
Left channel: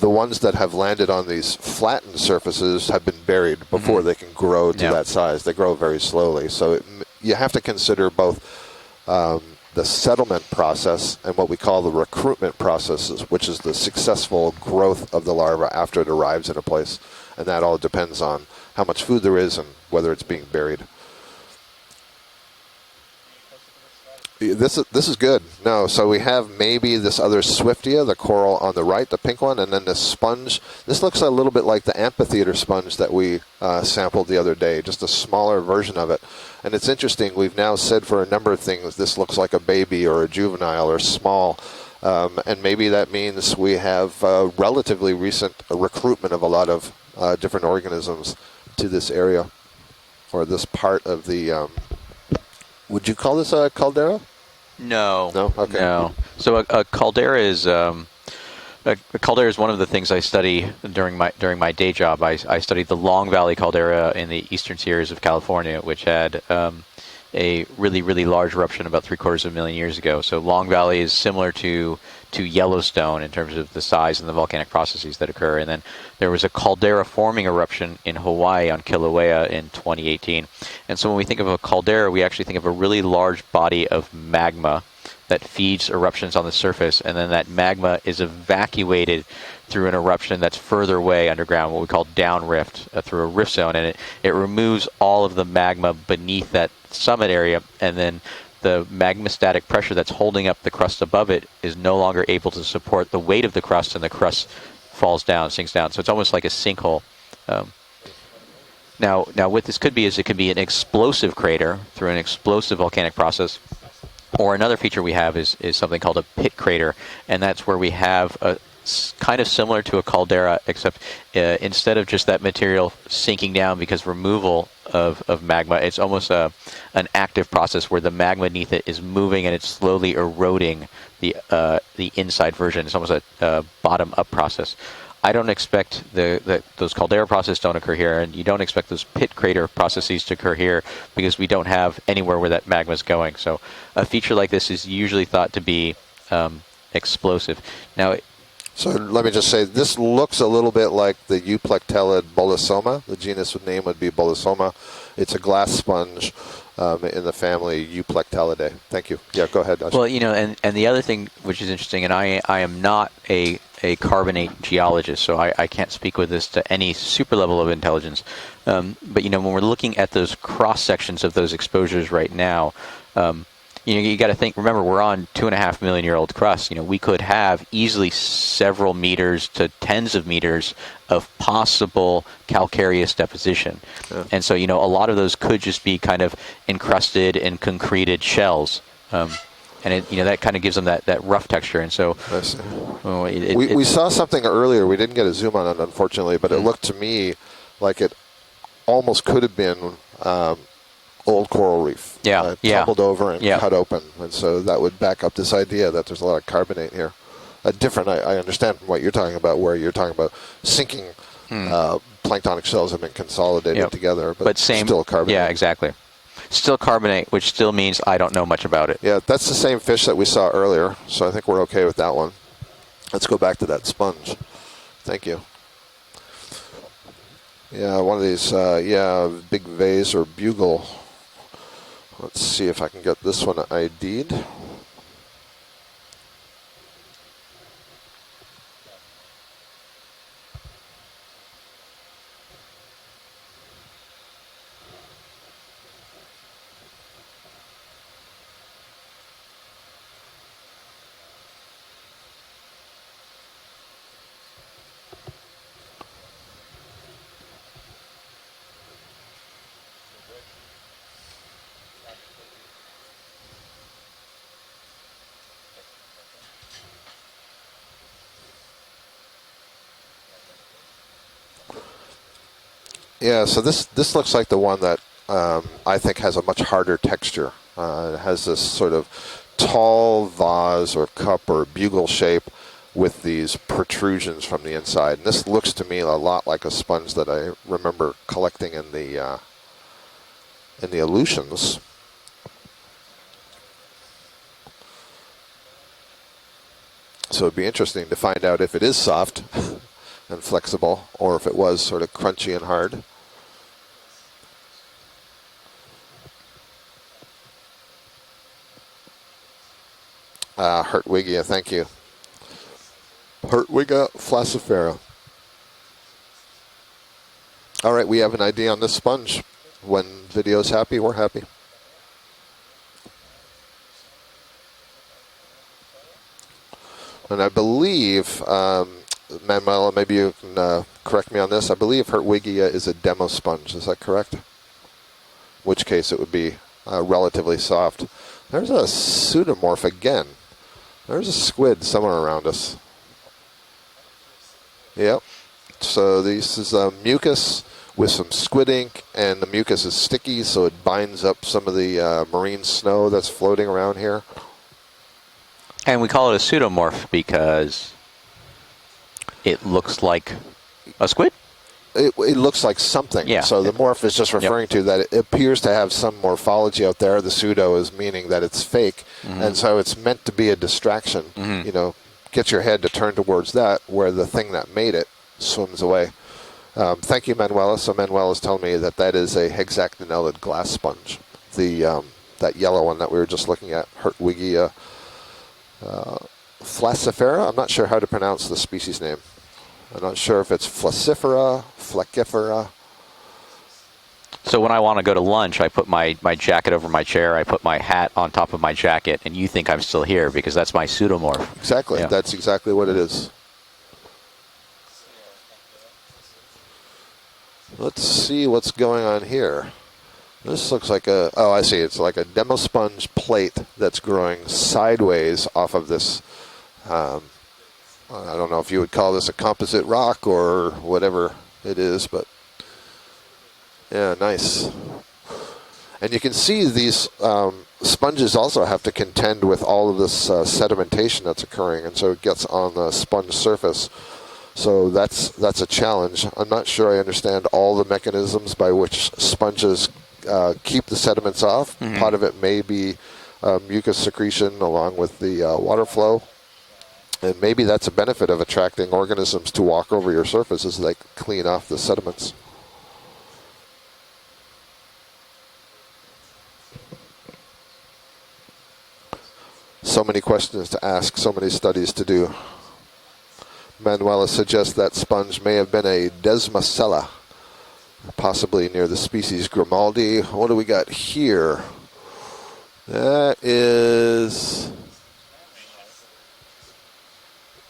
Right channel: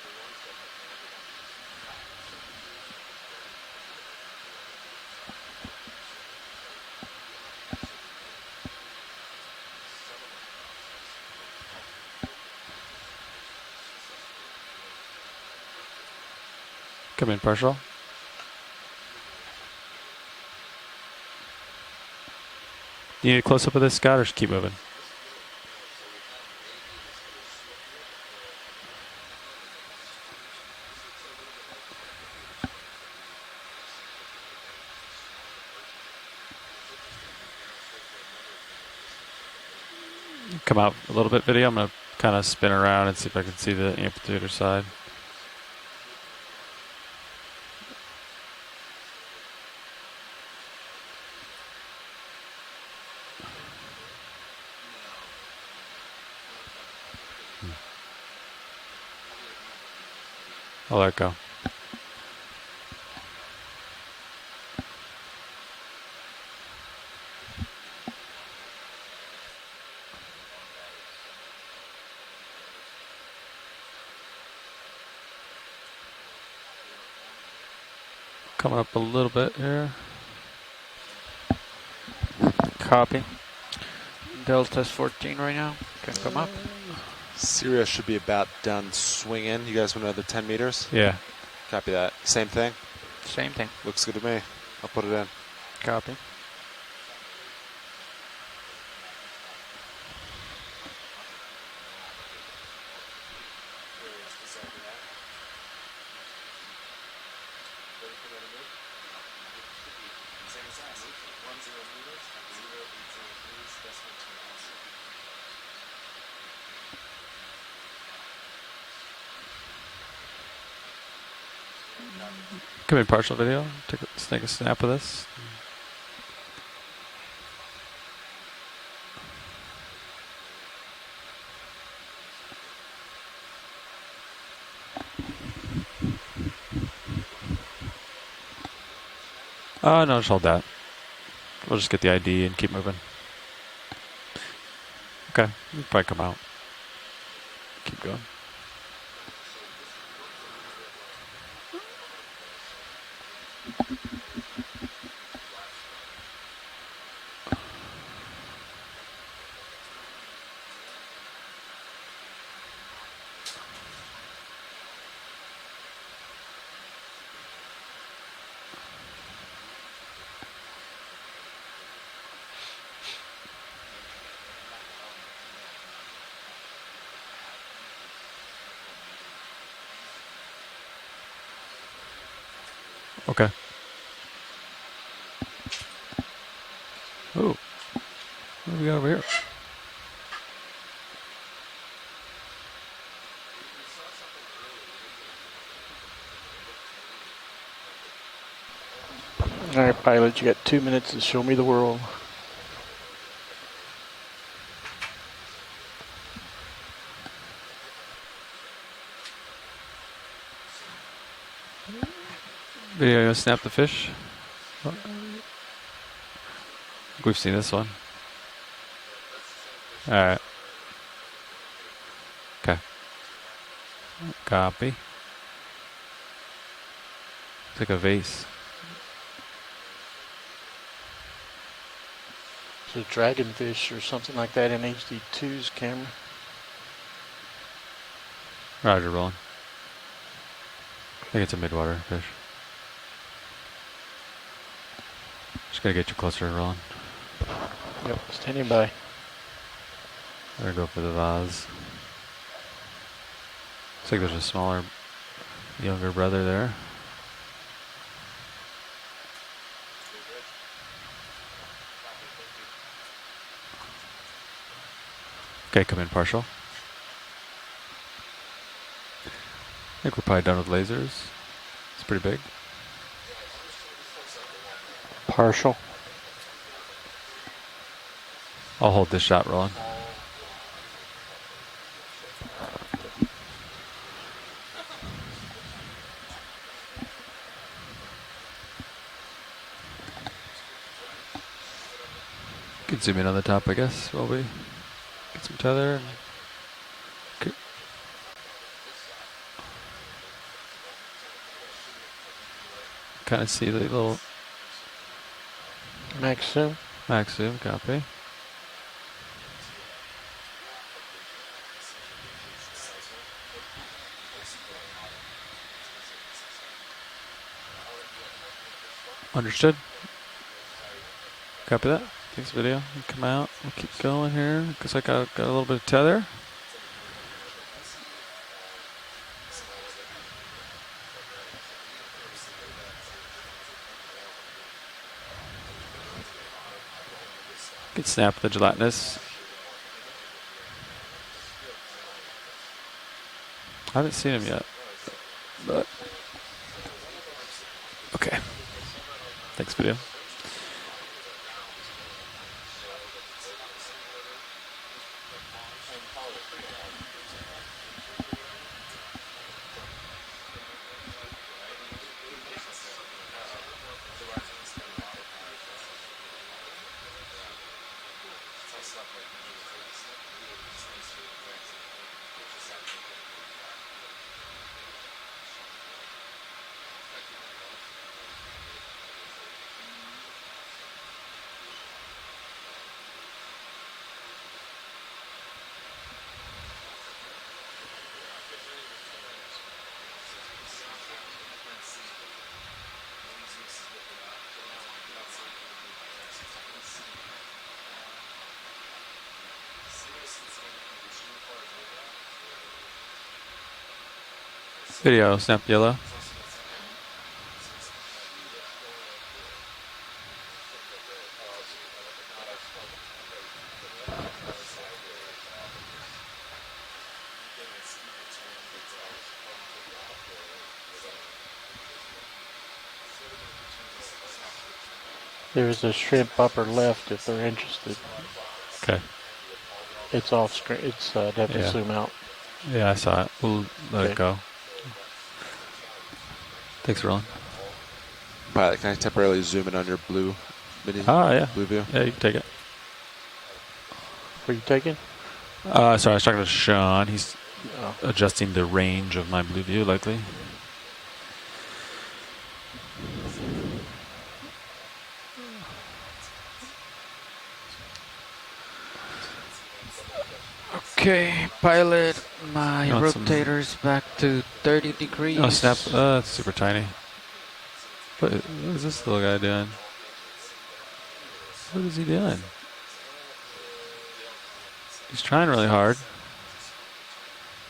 The ones that have landed on these flattened surfaces have been buried before they can grow to that size. They grow very slowly. So you have to consider both the settlement process and what we call the recruitment processes, which is the successful growth of the larva after it arrives in a place. And that all depends on how much food there is and whether it's being buried. Do you need a close-up of this, Scott, or just keep moving? This is good. No, so we have maybe this other Swiftia, the coral on the right, the pink one, and then this sponge. This looks a little bit like the amphitheater sponge that we sampled the other day, just a smaller version of it. And it's interesting, we've now said for a number of things, this looks like a baby or a juvenile or small. A little bit video. I'm gonna and maybe that means we have relatively recent recruitment of a lot of different organisms to this area, or this part of the... would you call this a caldera? No. No? Okay. No. So a caldera is a caldera is one of the things I study during my day job. I studied the Long Valley caldera in the eastern Sierras of California, which had a really large eruption about 750,000 years ago. So Long Valley is similar to Yellowstone in terms of the size and the volcanic processes that occur. And then there was a caldera forming eruption in Hawaii on Kilauea in 2018. And so when we think of a caldera, we actually think of a really large body of magma that feeds eruptions on the surface, and then that magma is evacuated through an eruption that's further away underground, what we call downrift, through a rift zone, and it removes all of the magma beneath that summit area, and then the magmastatic pressure that's holding up the crust above it is no longer able to support the weight of the crust, and the crust falls down, sinks down. So it's almost like a sinkhole. Now what this could be is it could be an explosive crater through an explosive volcanic process, or another feature we have is something called a pit crater, and that's where we have a kind of similar to a caldera, except instead of just that material sinking down because removal of magma, it's almost an active process where the magma beneath it is moving and it's slowly eroding the inside version. It's almost a bottom-up process. I don't expect those caldera processes don't occur here, and you don't expect those pit crater processes to occur here because we don't have anywhere where that magma is going. So a feature like this is usually thought to be explosive. Now, so let me just say, this looks a little bit like the Euplectellid bolosoma. The genus name would be bolosoma. It's a glass sponge in the family Euplectellidae. Thank you. Yeah, go ahead. Well, and the other thing which is interesting, and I am not a carbonate geologist, so I can't speak with this to any super level of intelligence. But when we're looking at those cross sections of those exposures right now, you got to think. Remember, we're on 2.5 million year old crust. We could have easily several meters to tens of meters of possible calcareous deposition. Okay. And so, a lot of those could just be kind of encrusted and concreted shells. And that kind of gives them that rough texture. And so we saw something earlier. We didn't get a zoom on it, unfortunately, but it looked to me like it almost could have been. All right, pilot, you got 2 minutes to show me the coral world. Tumbled over and cut open, and so that would back up this idea that there's a lot of carbonate here. Different, I understand what you're talking about, where you're talking about sinking planktonic shells have been consolidated together, but still carbonate. Yeah, exactly. Still carbonate, which still means I don't know much about it. Yeah, that's the same fish that we saw earlier, so I think we're okay with that one. Okay. Let's go back to that sponge. Copy. Thank you. Yeah, one of these, big vase or bugle. Let's see if I can get this one ID'd. Something like that in HD2's camera. Roger, rolling. I think it's a midwater fish. Just gotta get you closer, rolling. Yep, standing by. Better go for the vase. Looks like there's a smaller, younger brother there. Okay, come in partial. I think we're probably done with lasers. It's pretty big. Yeah, so this looks like the one that Partial. I think has a much harder texture. It has this I'll sort hold of this shot roll. tall vase or cup or bugle shape with these protrusions from the inside. This looks to me a lot like a sponge that I remember collecting in the Aleutians. You can zoom in on the top, I guess, while we get some tether. So it'd be interesting to find out if it is soft and flexible, or if it was sort of crunchy and hard. Kind of see the little Max zoom. max zoom copy. Hertwiggia, thank you. Hertwiggia flaccifera. All right, we have an idea on this sponge. Understood. When video's happy, we're happy. Copy that. Thanks, video. Come out. We'll keep going here because I got a little bit of tether. And I believe, Manuela, maybe you can correct me on this. I believe Hertwiggia is a demo sponge. Is that correct? In which case it would be relatively soft. Can snap the There's a gelatinous. pseudomorph again. There's a squid somewhere around us. I haven't seen him yet. Yep. So this is mucus with some squid ink, and the mucus is sticky, so it binds up some of the marine snow that's floating around here. And we call it a pseudomorph because it looks like a squid? It looks like something. Yeah. So the morph is just referring to that it appears to have some morphology out there. The pseudo is meaning that it's fake, and so it's meant to be a distraction. You know, get your head to turn towards that, where the thing that made it swims away. Thank you, Manuela. So Manuela's telling me that that is a hexactinellid glass sponge. The that yellow one that we were just looking at, Hertwiggia flaccifera. I'm not sure how to pronounce the species name. I'm not sure if it's flaccifera, flaccifera. So when I want to go to lunch, I put my jacket over my chair, I put my hat on top of my jacket, and you think I'm still here because that's my pseudomorph. Exactly. Yeah. That's exactly what it is. Video, snap yellow. Let's see what's going on here. This looks like a, oh, I see. It's like a demo sponge plate that's growing sideways off of this. I don't know if you would call this a composite rock or whatever it is, but yeah, nice. There's a And you shrimp can see upper these left if you're interested. sponges also have to contend with all of this It's all- sedimentation it's, that's that's occurring, zoom and out. so it gets on Yeah, the I saw sponge it. surface. Let it go. So that's a challenge. I'm not sure I Thanks, Ron. understand all the mechanisms by Probably which can temporarily zoom in on sponges your blue. keep the Blue sediments yeah. off. Blue. Part of Take it may be mucus secretion Will you take along it? with the water So I flow. was talking to Sean. He's And maybe that's a benefit of adjusting the attracting range of organisms my to walk view, over like your the- surface as they clean off the sediments. So many questions to ask, so many studies to do. My You want some- rotators back Manuela to suggests 30 that sponge degrees. may have been a That's super tiny. Desmacella, possibly near the This little guy species doing? Grimaldi. What do we got here? What is he doing? That is, He's trying really hard.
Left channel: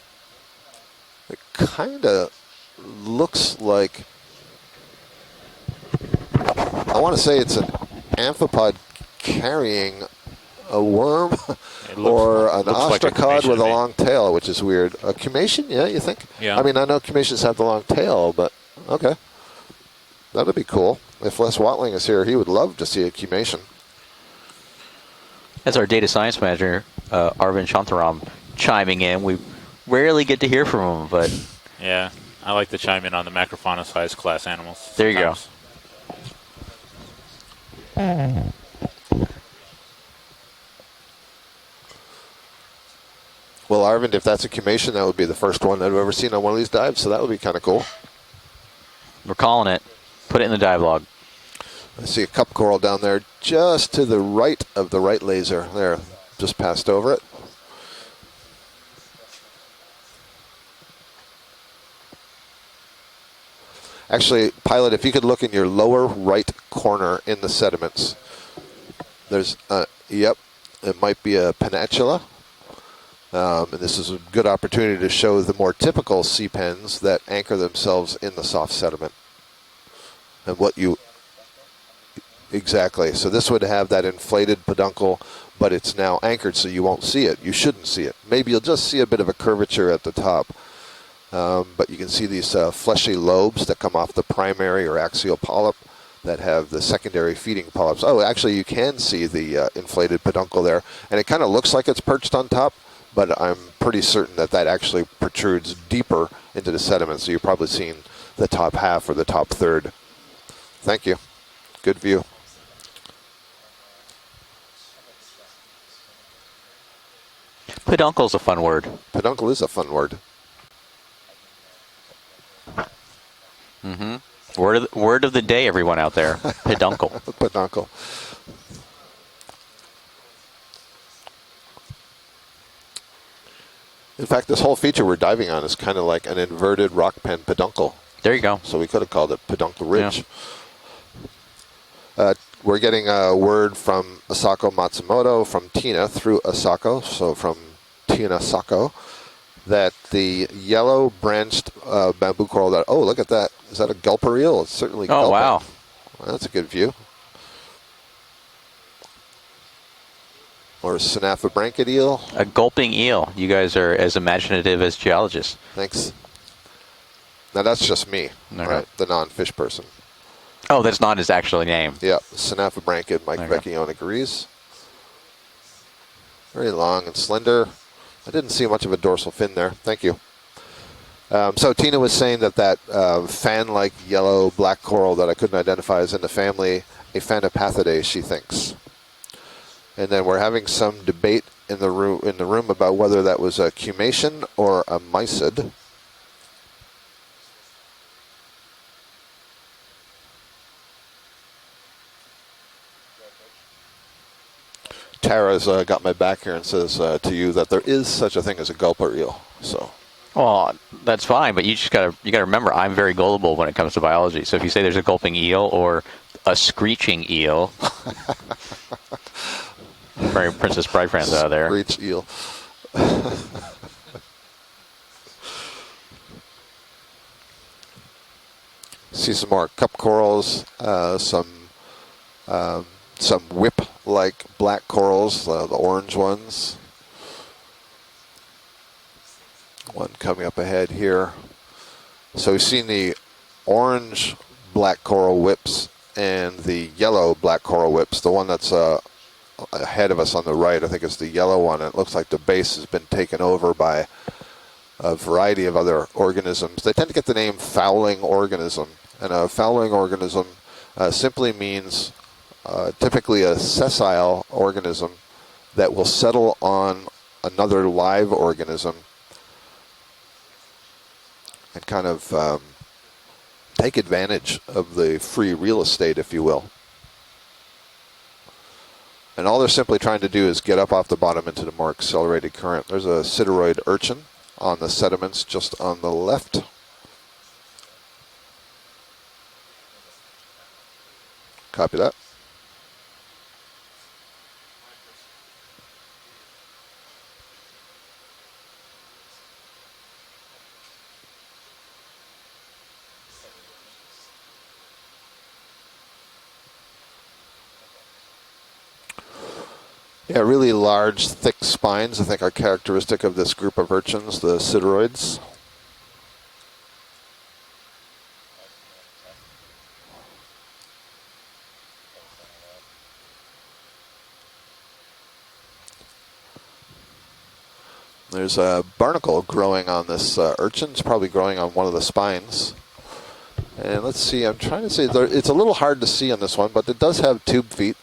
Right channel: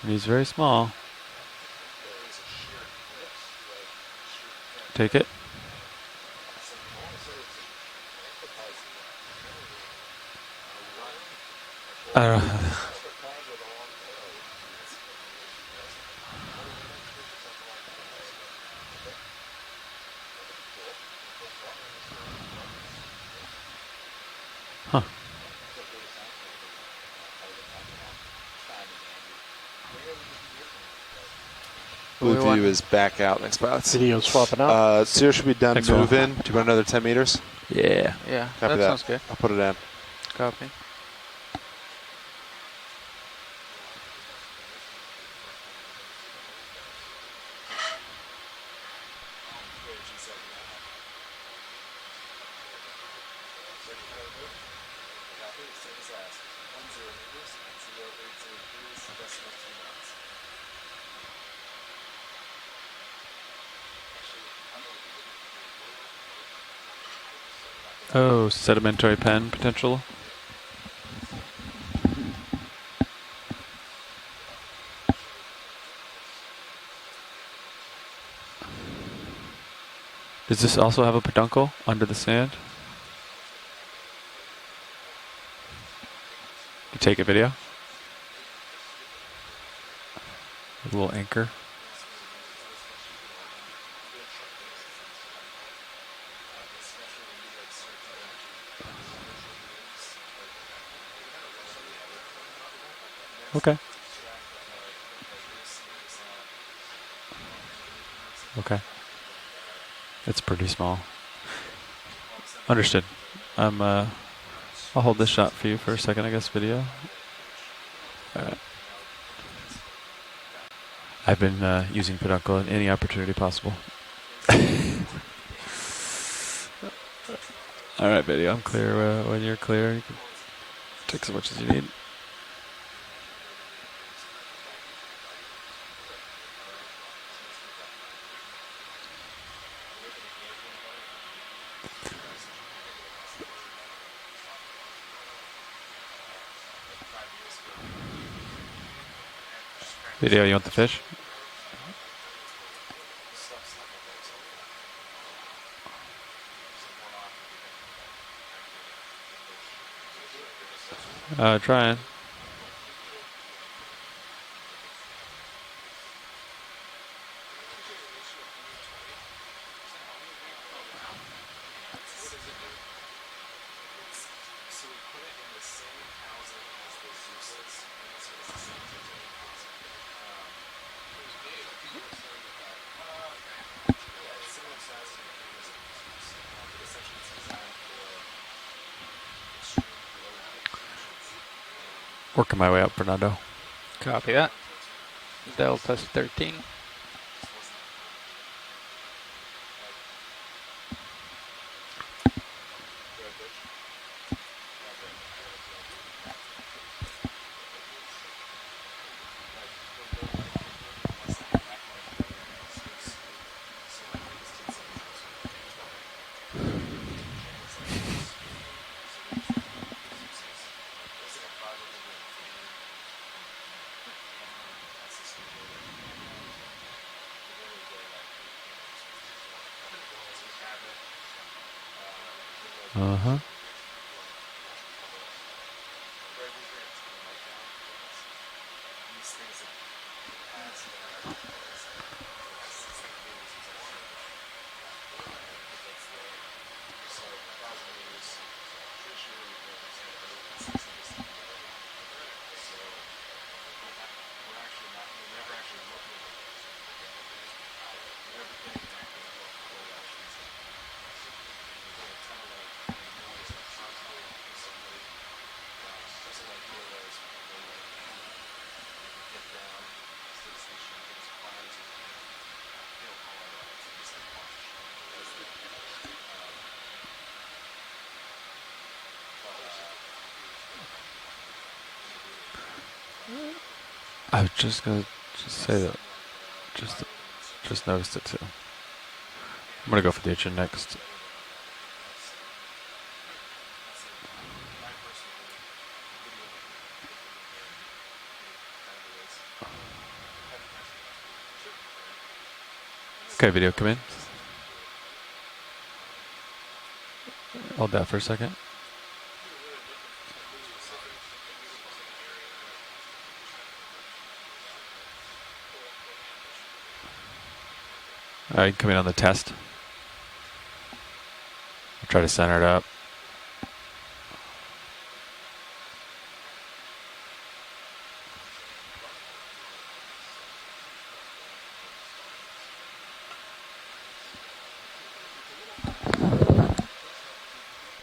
And he's very small. it kind of looks like, Take it. I want to say it's an amphipod carrying a worm or an looks like a ostracod with a cumation, long tail, which is weird. A cumation? Yeah, you think? Yeah. I mean, I know cumations have the long tail, but okay. That would be cool. If Les Watling is here, he would love to see a cumation. That's our data science manager, Arvind Shantaram, chiming in. We rarely get to hear from him, but Yeah, We'll I do like is to chime back in on the out Max about Fauna size videos flat swapping man. out. There you so go. should be done. Thanks, Move Will. in. Do you want another 10 meters? yeah. Yeah, Copy that sounds good. I'll put it in. Copy. Well, Arvind, if that's a cumation, that would be the first one I've ever seen on one of these dives, so that would be kind of cool. We're calling it. Put it in the dive log. I see a cup coral down there just to the right of the right laser. There, just passed over it. Actually, Pilot, if you could look in your lower right corner in the sediments. Oh, sedimentary pen There's, potential. Yep, it might be a peninsula. And this is a good opportunity to show the more typical sea pens that anchor themselves in the soft sediment. And Does this what you- also have a peduncle under the sand? Exactly. So this would have that inflated peduncle, but it's now anchored, so you won't Take a see it. video? You shouldn't see it. Maybe you'll just see a bit of a curvature at the top. A little anchor. But you can see these fleshy lobes that come off the primary or axial polyp that have the secondary feeding polyps. Oh, actually, you can see the inflated peduncle there, and it kind of looks like it's perched on top, but I'm pretty certain that that actually protrudes deeper into the sediment, so you're probably seeing the top half or the top third. It's pretty small. Thank you. Good view. Understood. I'll hold this shot for you for a second, I guess, video. Peduncle's a fun word. Peduncle is a fun word. I've been using peduncle at any opportunity possible. Word of the day, everyone out there. Peduncle. Peduncle. All right, video. I'm clear. When you're clear, you can take as much as you need. In fact, this whole feature we're diving on is kind of like an inverted rock pen peduncle. There you go. So we could have called it Peduncle Ridge. Yeah. We're getting a word from Asako Matsumoto, from Tina through Asako, so from Tina Sako, that the yellow branched bamboo coral that, oh, look at that. Is that a gulper eel? It's certainly gulping. Wow. Well, that's a good view. Or a Synapha eel. A gulping eel. You guys are as imaginative as geologists. Thanks. Now that's just me, right? The non-fish person. Oh, that's not his actual name. Yeah, Synapha branched, Mike Vecchione agrees. Very long and slender. I didn't see much of a dorsal fin there. Thank you. So Tina was saying that fan-like yellow black coral that I couldn't identify is in the family Aphanopathidae, she thinks. And then we're having some debate in the room about whether that was a cumation or a mysid. Delta 13. Tara's got my back here and says to you that there is such a thing as a gulper eel. So. Well, that's fine, but you gotta remember I'm very gullible when it comes to biology. So if you say there's a gulping eel or a screeching eel, very Princess Bride fans out there. Screech eel. See some more cup corals, some whip-like black corals, the orange ones. One coming up ahead here. So we've seen the orange black coral whips and the yellow black coral whips. The one that's ahead of us on the right, I think it's the yellow one. It looks like the base has been taken over by a variety of other organisms. They tend to get the name fouling organism. And a fouling organism simply means typically a sessile organism that will settle on another live organism and kind of take advantage of the free real estate, if you will. And all they're simply trying to do is get up off the bottom into the more accelerated current. There's a sideroid urchin on the sediments just on the left. Just noticed it too. I'm going to go for the urchin next. Copy that. Okay, video, come in. Hold that for a second. Yeah, really large, thick spines, I think, are characteristic of this group of urchins, the sideroids. All right, come in on the test. I'll try to center it up. There's a barnacle growing on this urchin. It's probably growing on one of the spines. And let's see, I'm trying to see, it's a little hard to see on this one, but it does have tube feet,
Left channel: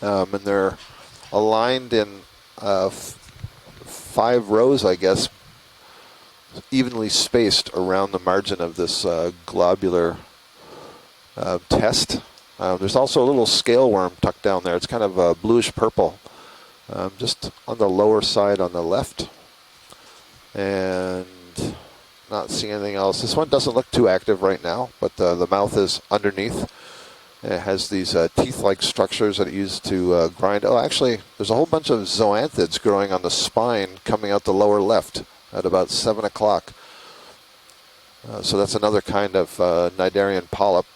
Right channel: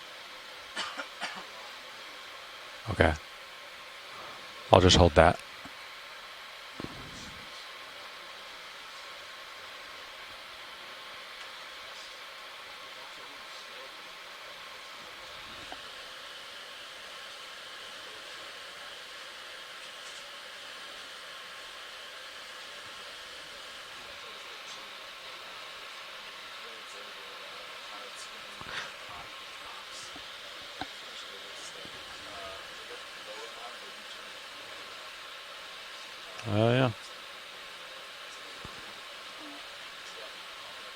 and they're aligned in 5 rows, I guess, evenly spaced around the margin of this globular test. There's also a little scale worm tucked down there. It's kind of bluish purple, just on the lower side on the left. And not seeing anything else. This one doesn't look too active right now, but the mouth is underneath. It has these teeth-like structures that it used to grind. Oh, actually, there's a whole bunch of zoanthids growing on the spine coming out the lower left at about 7 o'clock. Oh, yeah. So that's another kind of cnidarian polyp.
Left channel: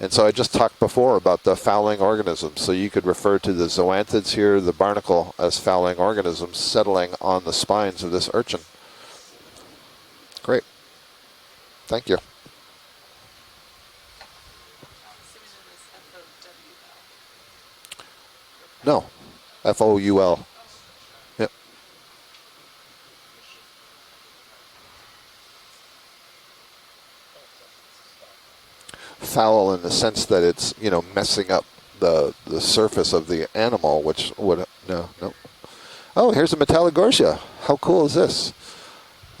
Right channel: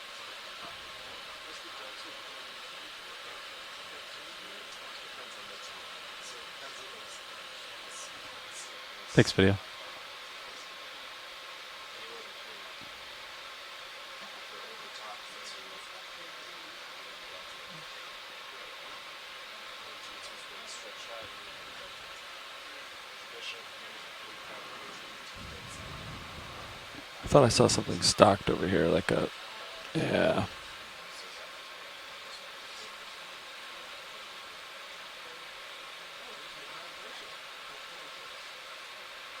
And so I just talked before about the fouling organisms. So you could refer to the zoanthids here, the barnacle, as fouling organisms settling on the spines of this urchin. Thanks, video. Great. Thank you. No, Foul. Yep. I thought I saw something stocked over here, like a. Foul in the sense Yeah. that it's, you know, messing up the surface of the animal, which would, no. Oh, here's a Metallogorgia. How cool is this?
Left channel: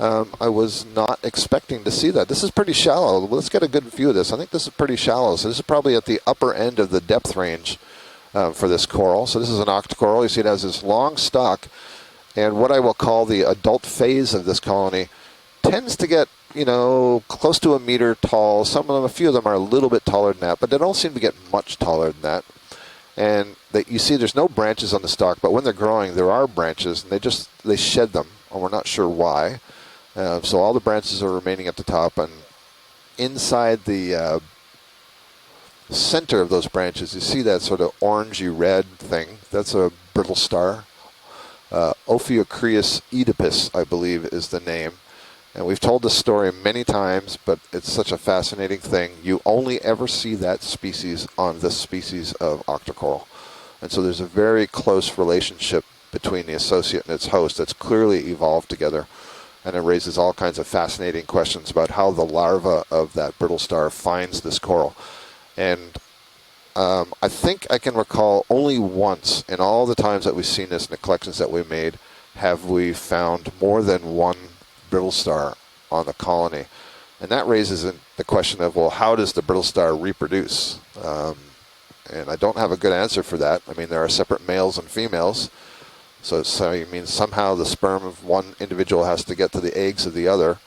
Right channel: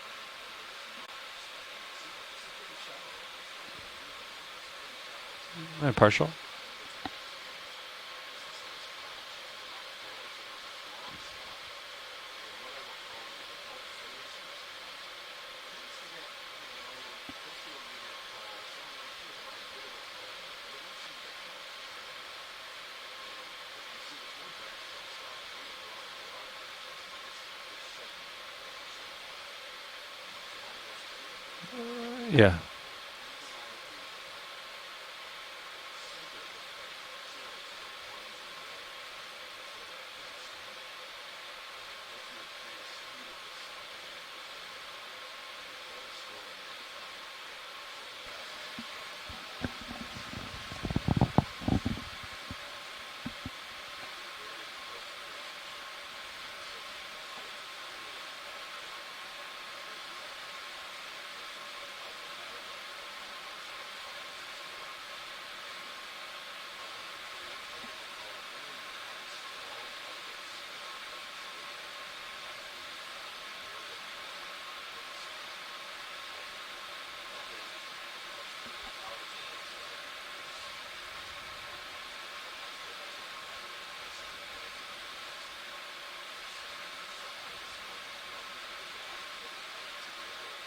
I was not expecting to see that. This is pretty shallow. Let's get a good view of this. I think this is pretty shallow. So this is probably at the upper end of the depth range for this coral. So this is an octocoral. You see it has this long stalk. And what I will call the adult phase of this colony tends to get, you know, close to 1 meter tall. Some of them, a few of them are a little bit taller than that, but they don't seem to get much taller than that. And you see there's no branches on the stalk, but when they're growing, there are branches, and they shed them, and we're not sure why. So all the branches are remaining at the top, and Yeah. inside the center of those branches, you see that sort of orangey red thing. That's a brittle star. Ophiocreus oedipus, I believe, is the name. And we've told this story many times, but it's such a fascinating thing. You only ever see that species on this species of octocoral. And so there's a very close relationship between the associate and its host that's clearly evolved together. And it raises all kinds of fascinating questions about how the larva of that brittle star finds this coral. And I think I can recall only once in all the times that we've seen this in the collections that we made have we found more than one brittle star on the colony. And that raises the question of, well, how does the brittle star reproduce? And I don't have a good answer for that. I mean, there are separate males and females. So you mean somehow the sperm of one individual has to get to the eggs of the other.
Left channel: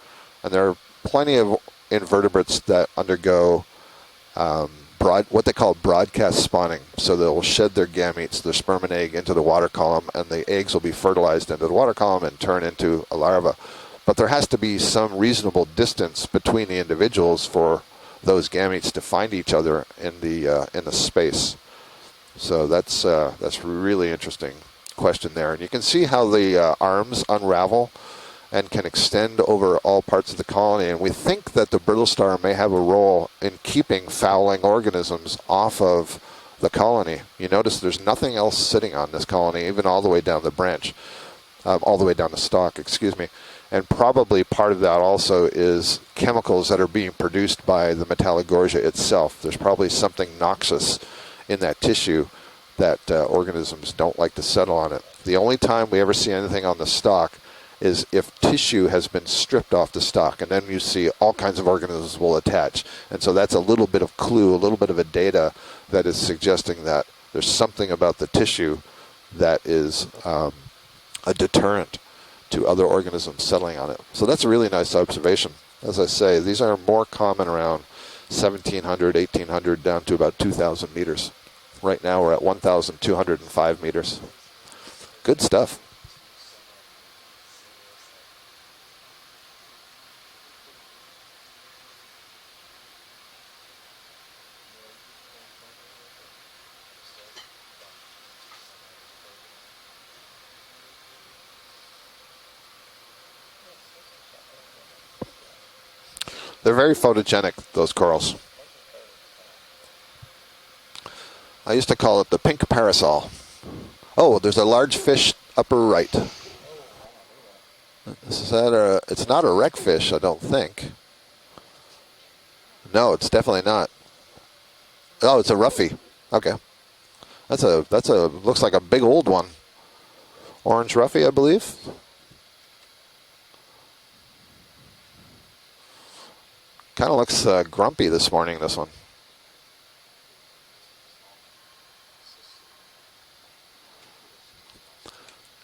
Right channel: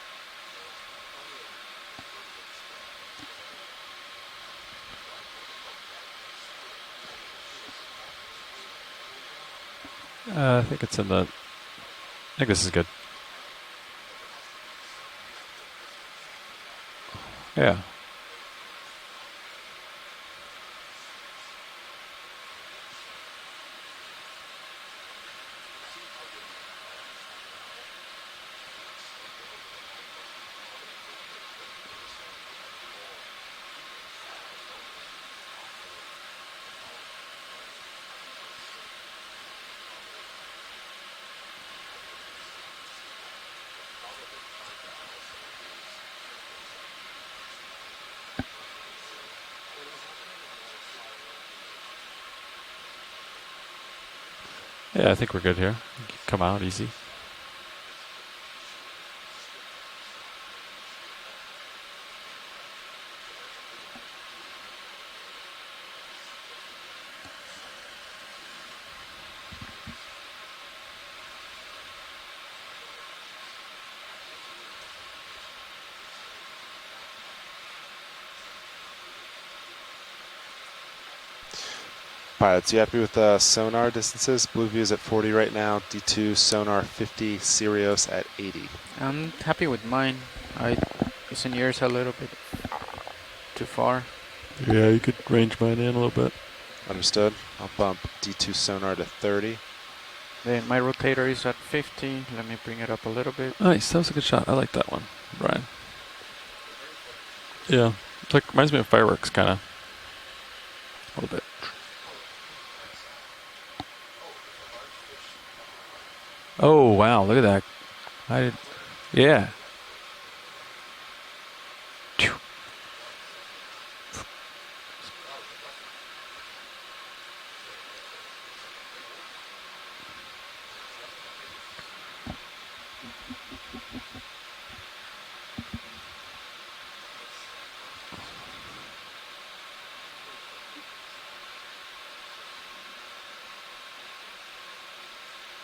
And there are plenty of invertebrates that undergo what they call broadcast spawning. So they'll shed their gametes, their sperm and egg, into the water column, and the eggs will be fertilized into the water column and turn into a larva. But there has to be some reasonable distance between the individuals for those gametes to find each other in the space. So that's really interesting question there. And you can see how the arms unravel and can extend over all parts of the colony. And we think that the brittle star may have a role in keeping fouling organisms off of the colony. You notice there's nothing else sitting on this colony, even all the way down the branch, all the way down the stalk, excuse me. And probably part of that also is chemicals that are being produced by the Metallogorgia itself. There's probably something noxious in that tissue that organisms don't like to settle on it. Yeah, I think the only good here. time we ever see Come on, anything on easy. the stalk is if tissue has been stripped off the stalk, and then you see all kinds of organisms will attach. And so that's a little bit of clue, a little bit of a data that is suggesting that there's something about the tissue that is a deterrent to other organisms settling on it. So that's a really nice observation. As I say, these are more common around 1,700, 1,800, down to about 2,000 meters. Right now we're at 1,205 sonar meters. distances. Blue view is at 40 Good right stuff. now. D2 sonar 50. Sirius at 80. I'm happy with mine. It's in yours a little bit too far. Yeah, you could range mine in a little bit. Understood. I'll bump D2 sonar to 30. Then my rotator is at 50. Let me bring it up a little bit. Nice, that was a good shot. I like that one, Brian. They're very photogenic, those corals. It's like, reminds me of fireworks, kind of. A little bit. I used to call it the pink parasol. Oh, there's a large fish upper right. Oh, wow, look at that. Is that it's not a wreckfish, I don't think. No, it's definitely not. Oh, it's a roughy. Okay. That's a looks like a big old one. Orange roughy, I believe. Kind of looks grumpy this morning, this one.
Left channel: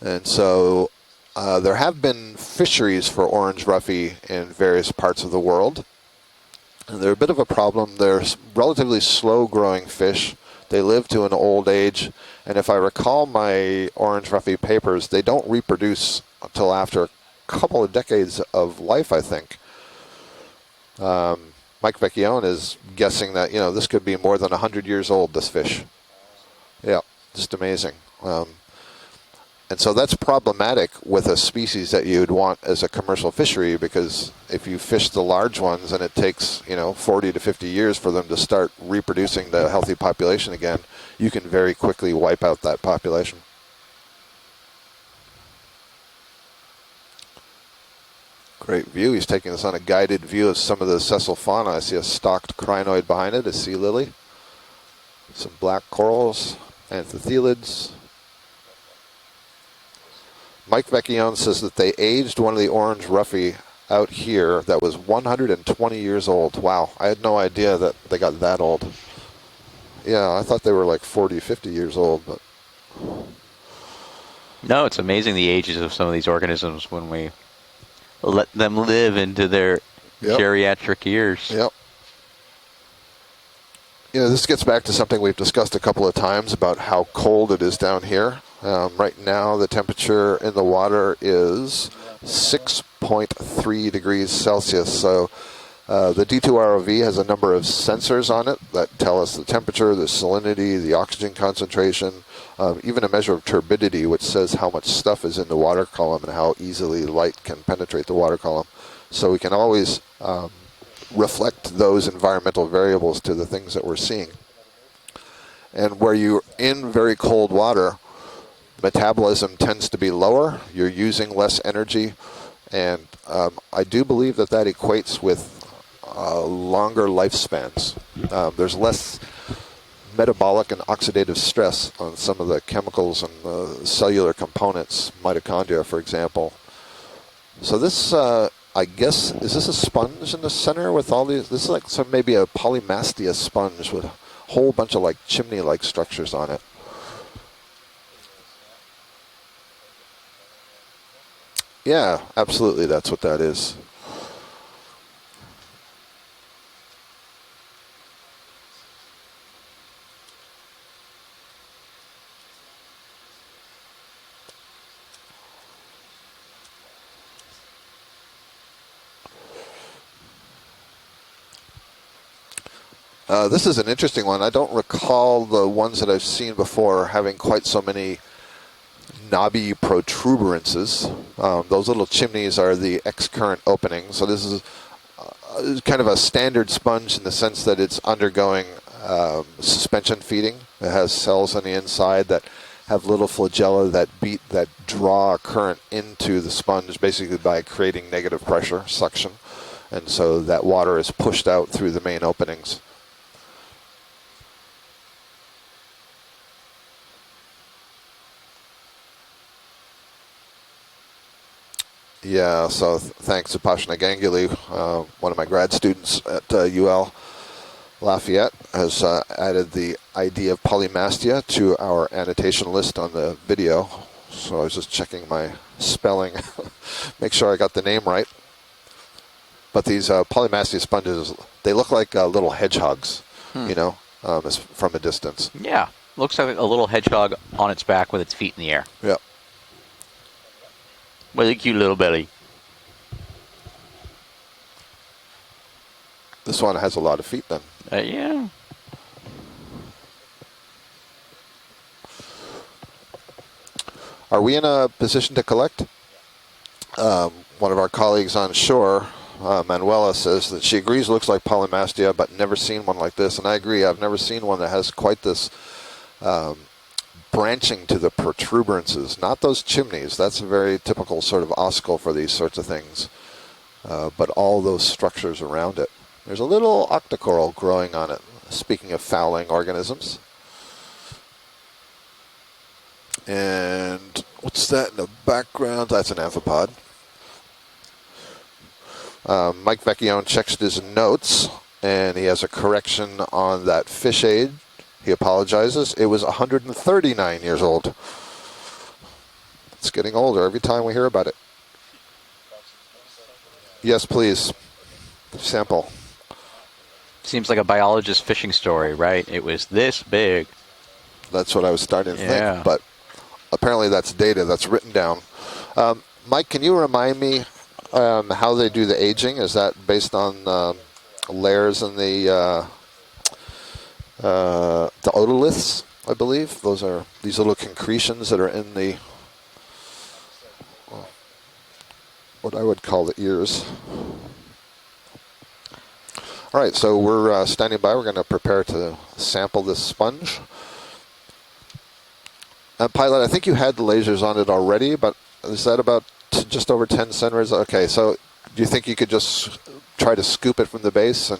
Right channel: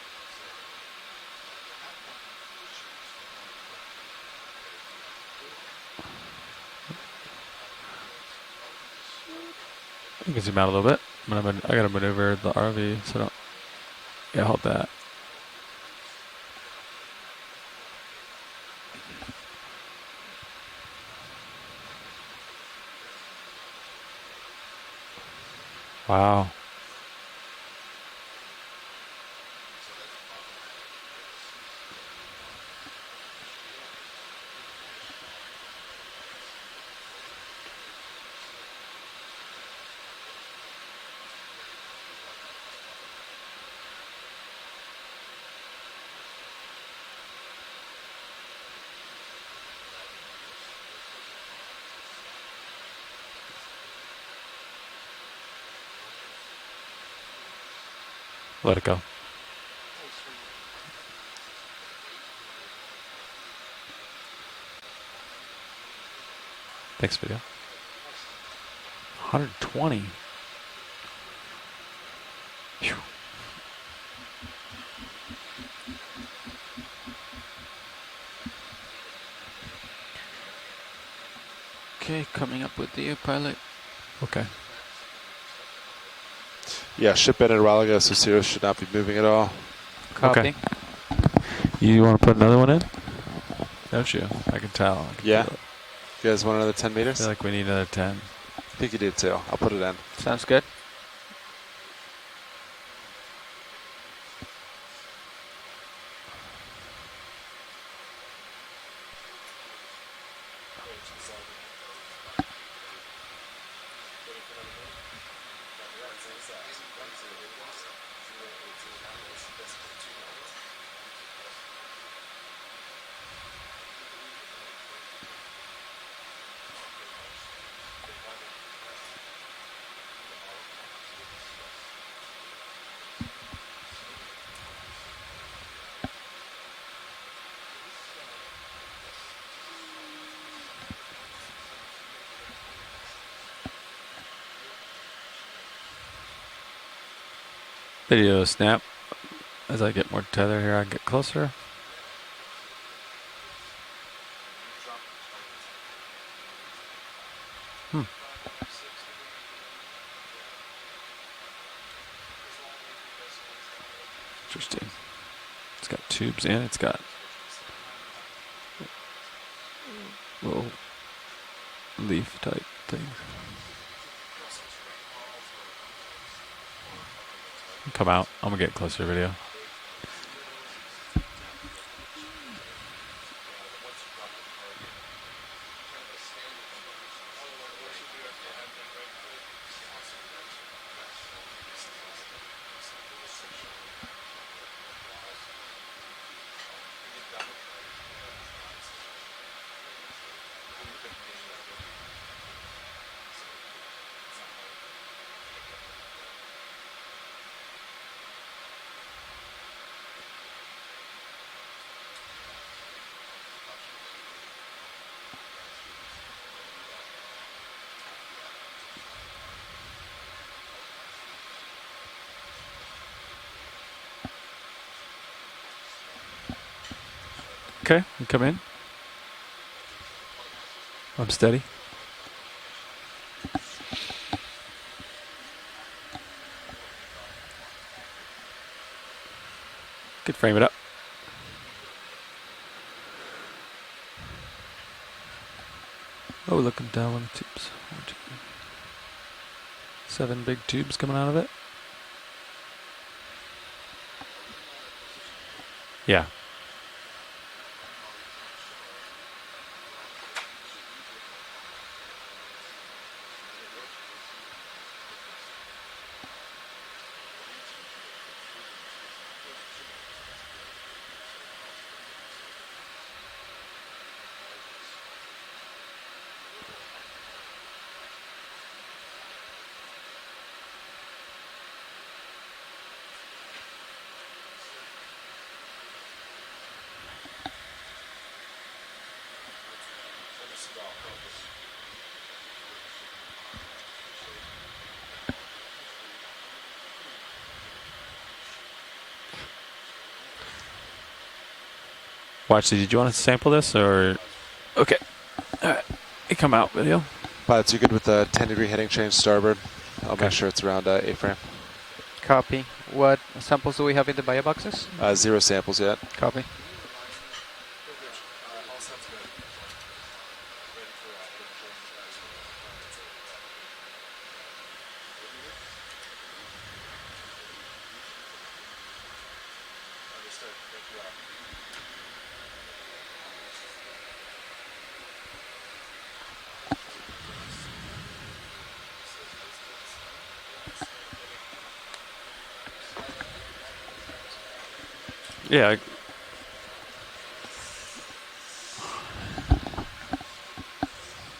And so there have been fisheries for orange roughy in various parts of the world. And they're a bit of a problem. They're relatively slow-growing fish. They live to an old age. And if I recall my orange roughy papers, they don't reproduce until after a couple of decades of life, I think. Mike Vecchione is guessing that, this could be more than 100 years old, this fish. Wow. Yeah, just amazing. And so that's problematic with a species that you'd want as a commercial fishery, because if you fish the large ones and it takes, 40 to 50 years for them to start reproducing the healthy population again, you can very quickly wipe out that population. Great view. He's taking us on a guided view of some of the sessile fauna. I see a stalked crinoid behind it, a sea lily, some black corals, anthothelids. Let it go. Mike Vecchione says that they aged one of the orange roughy out here that was 120 years old. Wow, I had no idea that they got that old. 120? Yeah, I thought they were like 40, 50 years old. But No, it's amazing the ages of some of these organisms when we let them live into their geriatric years. Yep. Okay, coming up with you, pilot. You know, this gets back to something we've discussed a couple of times about how Yeah, cold ship it is down mineralogy should not be here. Right moving at all. now, the temperature in the water is You want to put another one in? 6.3 Don't degrees you? Celsius. So Yeah. the You guys want D2ROV another has a 10 number of minutes? We need another 10. sensors on it that You tell did us too. the temperature, the Sounds good. salinity, the oxygen concentration, even a measure of turbidity, which says how much stuff is in the water column and how easily light can penetrate the water column. So we can always reflect those environmental variables to the things that we're seeing. And where you're in very cold water, metabolism tends to be lower. You're using less energy. And I do believe that that equates with longer lifespans. There's less metabolic and oxidative stress on some of the chemicals and cellular components, mitochondria, for example. So this, I guess, is this a sponge in the center with all these? This is like maybe a polymastia sponge with a whole bunch of like chimney-like structures on it. Video snap. As I get more tether here, I get closer. Yeah, absolutely. That's what that is. Interesting. It's got tubes in. It's got little leaf type thing. This is an interesting one. I don't recall the ones that I've seen before having quite so many Come out. I'm gonna get closer video. knobby protuberances. Those little chimneys are the X-current openings. So this is kind of a standard sponge in the sense that it's undergoing suspension feeding. It has cells on the inside that have little flagella that draw a current into the sponge basically by creating negative pressure, suction. And so that water is pushed out through the main openings. Yeah, so thanks to Pashna Ganguly, one of my grad students at UL Lafayette, has added the idea of polymastia to our annotation list on the video. So I was just checking my spelling, make sure I got the name right. Come in. But these polymastia sponges, Steady. they look like little hedgehogs, you know, from a distance. Yeah, looks like a little hedgehog on its back with its feet in the air. Yeah. Could frame it up. With a cute little belly. This one has a lot of feet then. Yeah. 7 big tubes coming out of it. Are we in a position to collect? Yeah. One of our colleagues on shore, Manuela, says that she agrees it looks like polymastia, but never seen one like this. And I agree, I've never seen one that has quite this branching to the protuberances. Not those chimneys. That's a very typical sort of oscal for these sorts of things. But all those structures around it. There's a little octocoral growing on it, speaking of fouling organisms. And what's that in the background? That's an amphipod. Mike Vecchione checks his notes, and he has a correction on that fish aid. He apologizes. It was 139 years old. It's getting older every time we hear about it. Watch, did you want to sample this? Or? Yes, please. Okay. Sample. It come out video. Seems like a biologist fishing story, right? It was this big. I'm sure it's around A-frame. That's what I was starting to Yeah. think, but What apparently that's data that's written down. Zero samples yet. Mike, can you remind me how they do the aging? Is that based on layers in the otoliths, I believe? Those are these little concretions that are in the, what I would call the ears. All right, so we're standing by. We're going to prepare to sample this sponge. Pilot, I think you had the lasers on it already, but is Yeah, that about just over 10 centimeters? Okay, so do you think you could just try to scoop it from the base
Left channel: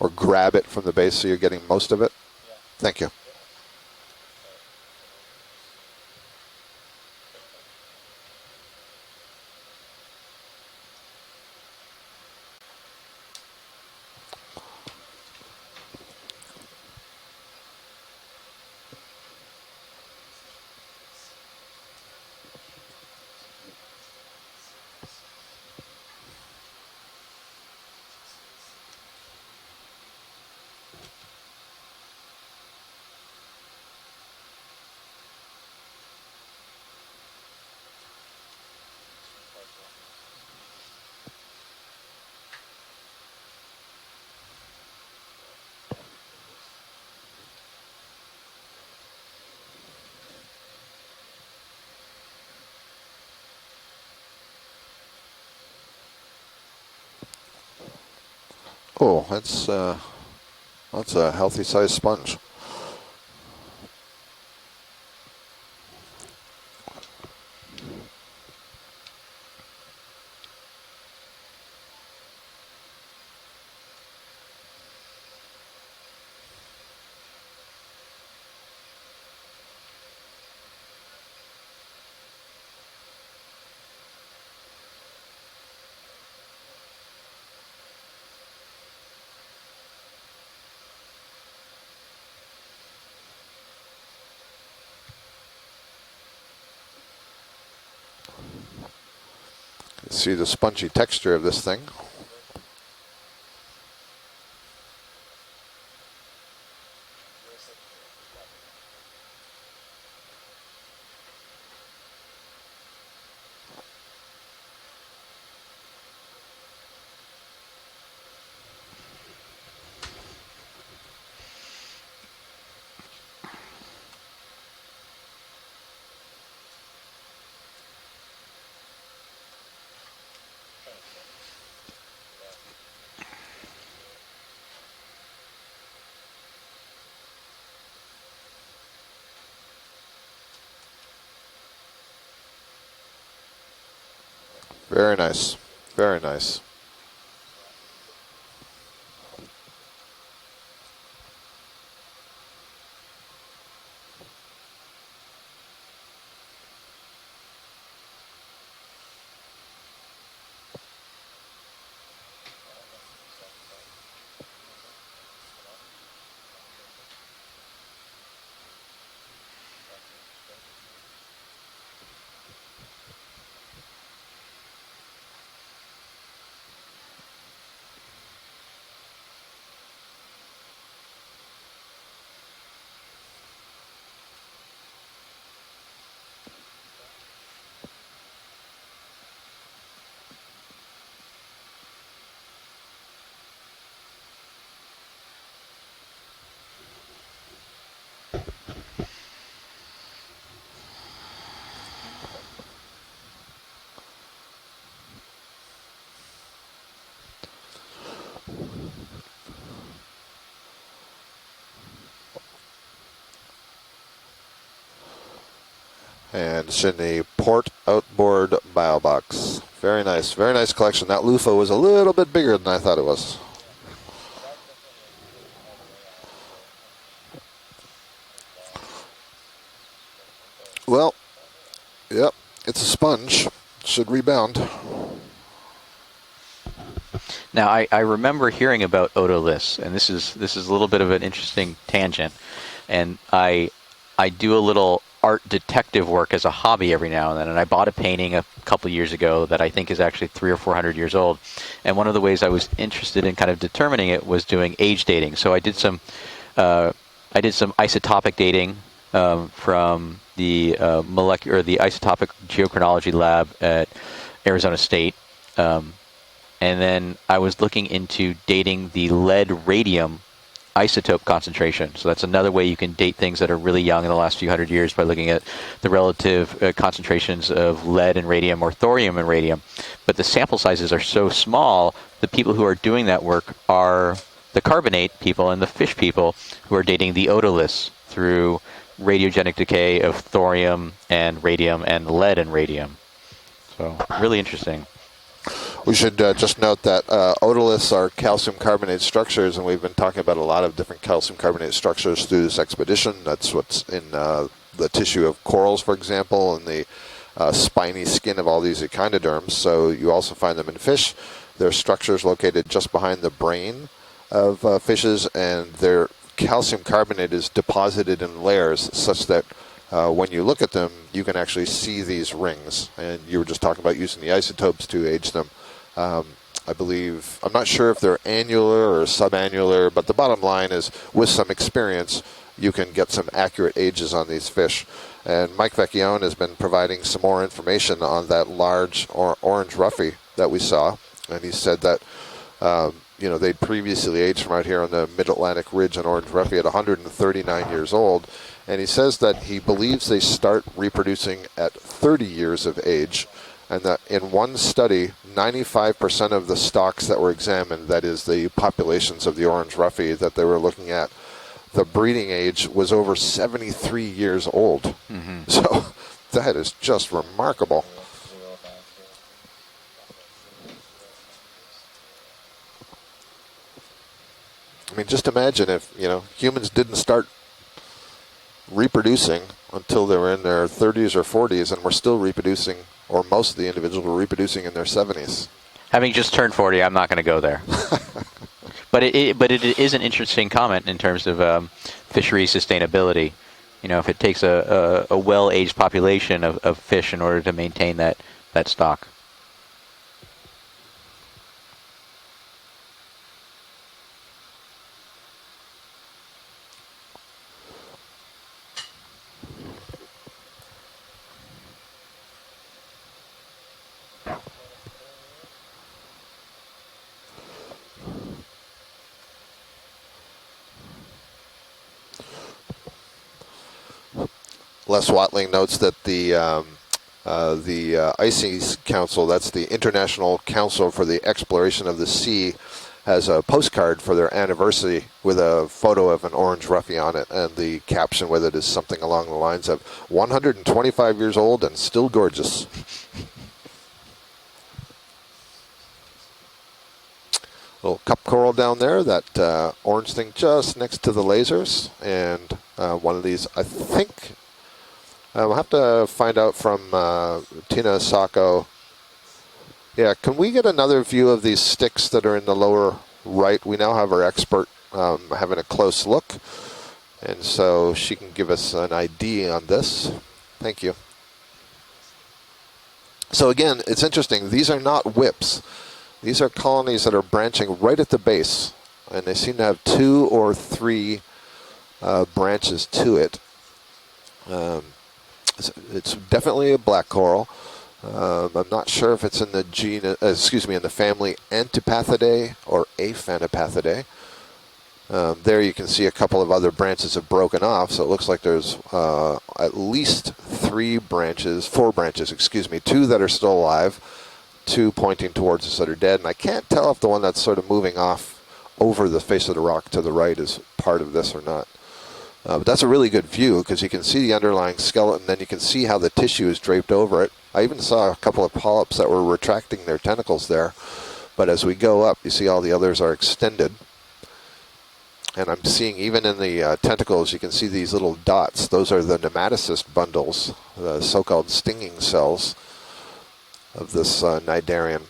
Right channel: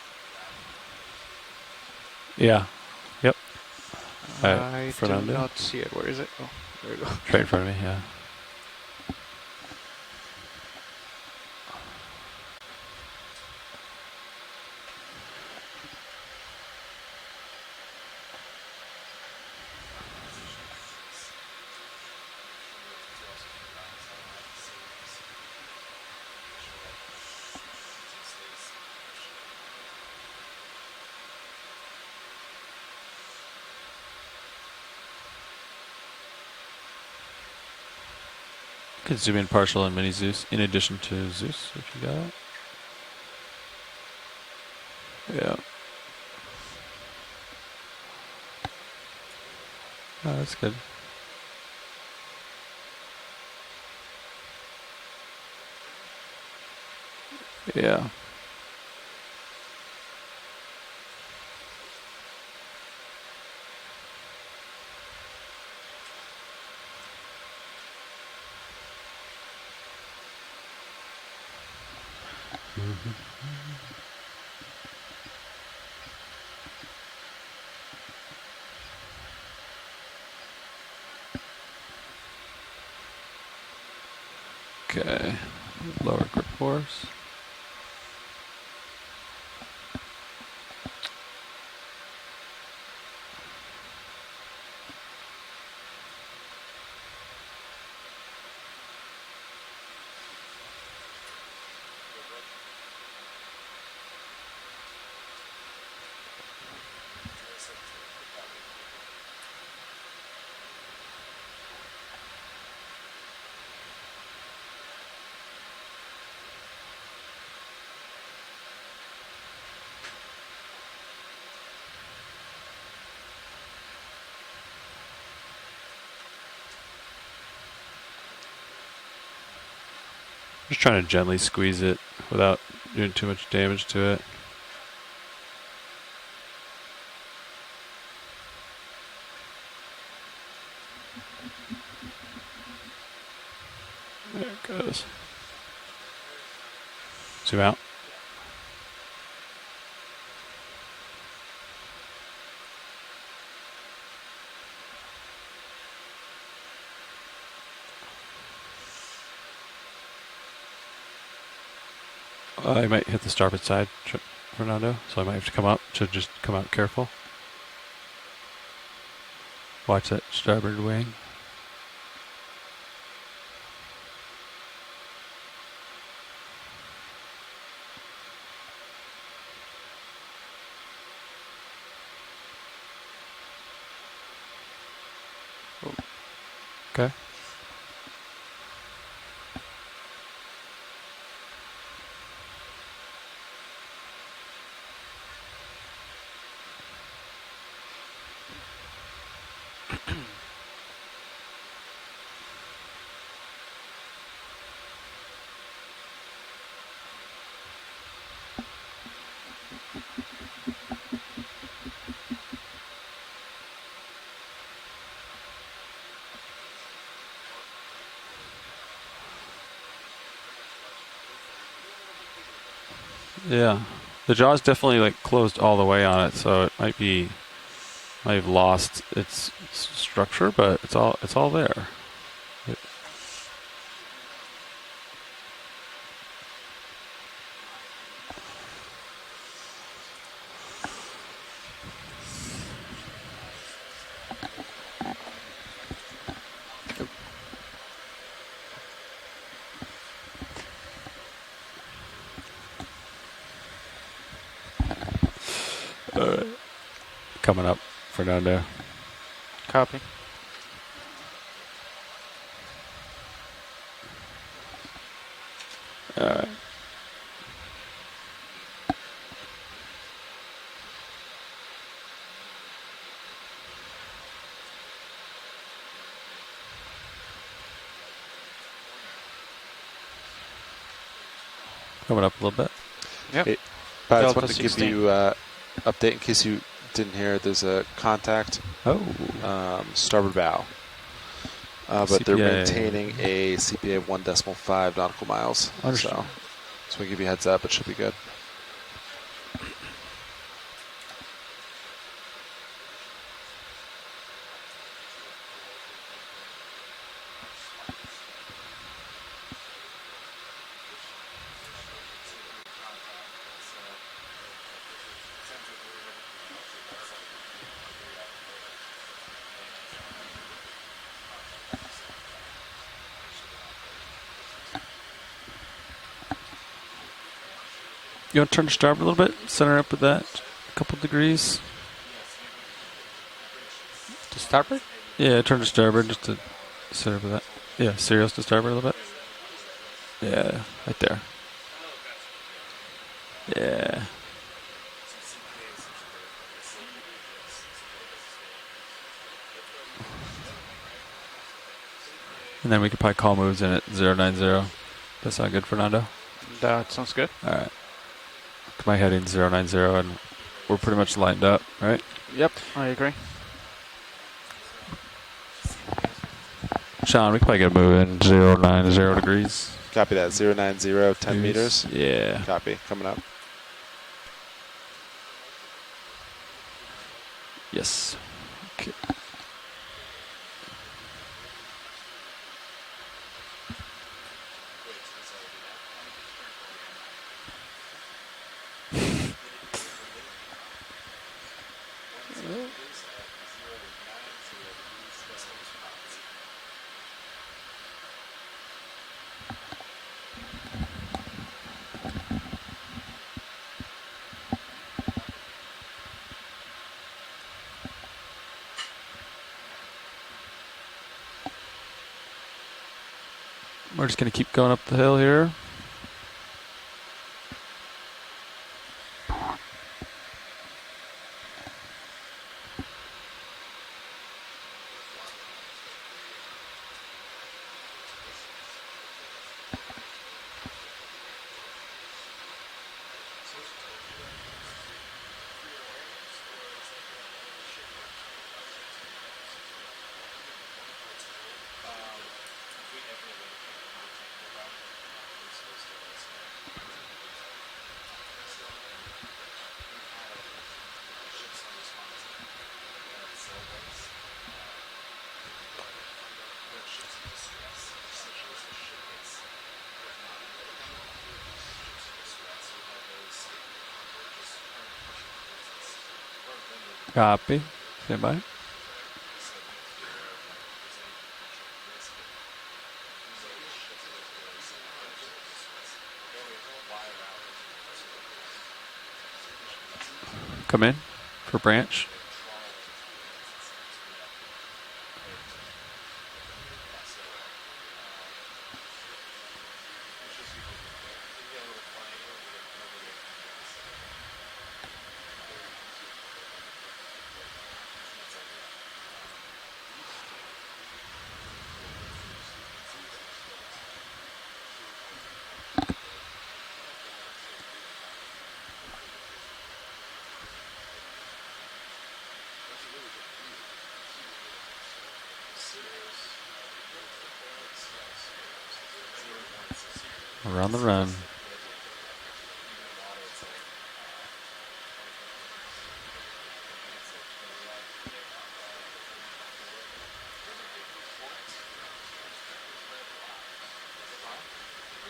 or grab it from the base so you're getting most of it? Yeah. Thank you. Yep. I do Fernando? not see it. Where is it? Oh, there you go. Right in front of me, yeah. Could zoom in partial and mini Zeus in addition to Zeus if you got it. Yeah. Oh, that's good. Yeah. Oh, that's a healthy sized sponge. Okay. Lower grip force. See the spongy texture of this thing. Just trying to gently squeeze it without doing too much damage to it. There it goes. Very nice. Very nice. Zoom out. I might hit the starboard side, Fernando, so I might have to come up to just come out careful. Watch that starboard wing. Okay. And it's in the port outboard bio box. Very nice collection. That loofah was a little bit bigger than I thought it was. Yeah. The jaw's definitely like closed all the way on it, so it might have lost its structure, but it's all there. Yep, it's a sponge. Should rebound. Now, I remember hearing about otoliths, and this is a little bit of an interesting tangent, and I do a little art detective work as a hobby every now and then, and I bought a painting a couple years ago that I think is actually 300 or 400 years old, and one of the ways I was interested in kind of determining it was doing age dating. So I did some isotopic dating from the the isotopic geochronology lab at Arizona State. And then I was looking into dating the lead radium isotope concentration. So that's another way you can date things that are really young in the last few hundred years by looking at the relative concentrations of lead and radium or thorium and radium. but the sample sizes are so small. Coming The up a people little who are bit. doing that work Yep. are That's one the thing carbonate to, people and the fish update in people case you who are dating the didn't hear, there's a odorless contact, through Oh. radiogenic decay of starboard thorium and radium and but lead they're and radium. maintaining a CPA of really interesting. 1.5 nautical miles. We should just note that So give you a heads up, it odorless should be are good. calcium carbonate structures, and we've been talking about a lot of different calcium carbonate structures through this expedition. That's what's in the tissue of corals, for example, and the spiny skin of all these echinoderms. So you also find them in fish. Their structures located just behind the brain of fishes, and their calcium carbonate is deposited in layers such that when you look at them, you can actually see these rings. And you were just talking about using the isotopes to age them. I believe, I'm not sure if they're You wanna turn annular starboard or a little bit? Sorry subannular, about but the that. bottom line is Couple with degrees. some experience, you can get some accurate ages on these Starboard? fish. Yeah, and turn Mike starboard Vecchione just has to been providing serve some more that. information Yeah, on serious to that starboard a little large orange roughy Yeah, that we saw. right there. And he said that you know, they previously aged from out here on the Mid-Atlantic Ridge on orange roughy at 139 years old. And he says that he believes they start reproducing at 30 years And then of we can age. probably call moves in And at that in 090. one study, That's not good for Redonda. 95% of the stocks sounds that were good. examined, that is the heading populations of the orange 090, roughy that they were We're looking pretty at, much lined up. the right? breeding age was I over agree. 73 years old. So that is just Sean, we can probably get a remarkable. move in 090 degrees. Copy that. 090, 10 meters. Yeah. Copy. Coming up. I mean, just imagine if, you know, humans didn't start Yes. reproducing until they were in their 30s or 40s, and we're still reproducing, or most of the individuals were reproducing in their 70s. Having just turned 40, I'm not going to go there. But it is an interesting comment in terms of fishery sustainability. You know, if it takes a well-aged population of fish in order to maintain that stock. We're just going to keep going up the hill here. Les Watling notes that the ICES Council, that's the International Council for the Exploration of the Sea, has a postcard for their anniversary with a photo of an orange roughy on it, and the caption with it is something along the lines of 125 years old and still gorgeous. Little cup coral down there, that orange thing just next to the lasers, and one of these, I think, we'll have to find out from Tina Sacco. Yeah, can we get another view of these sticks that are in the lower right? We now have our expert having a close look. And Copy. so she Stand by. can give us an ID on this. Thank you. So again, it's interesting. These are not whips. These are colonies that are branching right at the base. And they seem to have 2 or 3 For branch. branches to it. It's definitely a black coral. I'm not sure if it's in the in the family Antipathidae or Aphanopathidae. There you can see a couple of other branches have broken off, so it looks like there's at least 4 branches, 2 that are still alive, 2 pointing towards us that are dead, and I can't tell if the one that's sort of moving off over the face of the rock to the right is part of this or not. But that's a really good view because you can see the underlying skeleton, then you can see how the tissue is draped over it. I even saw a couple of polyps that were retracting their tentacles there. Run. But as we go up, you see all the others are extended. And I'm seeing even in the tentacles, you can see these little dots. Those are the nematocyst bundles, the so-called stinging cells of this cnidarian.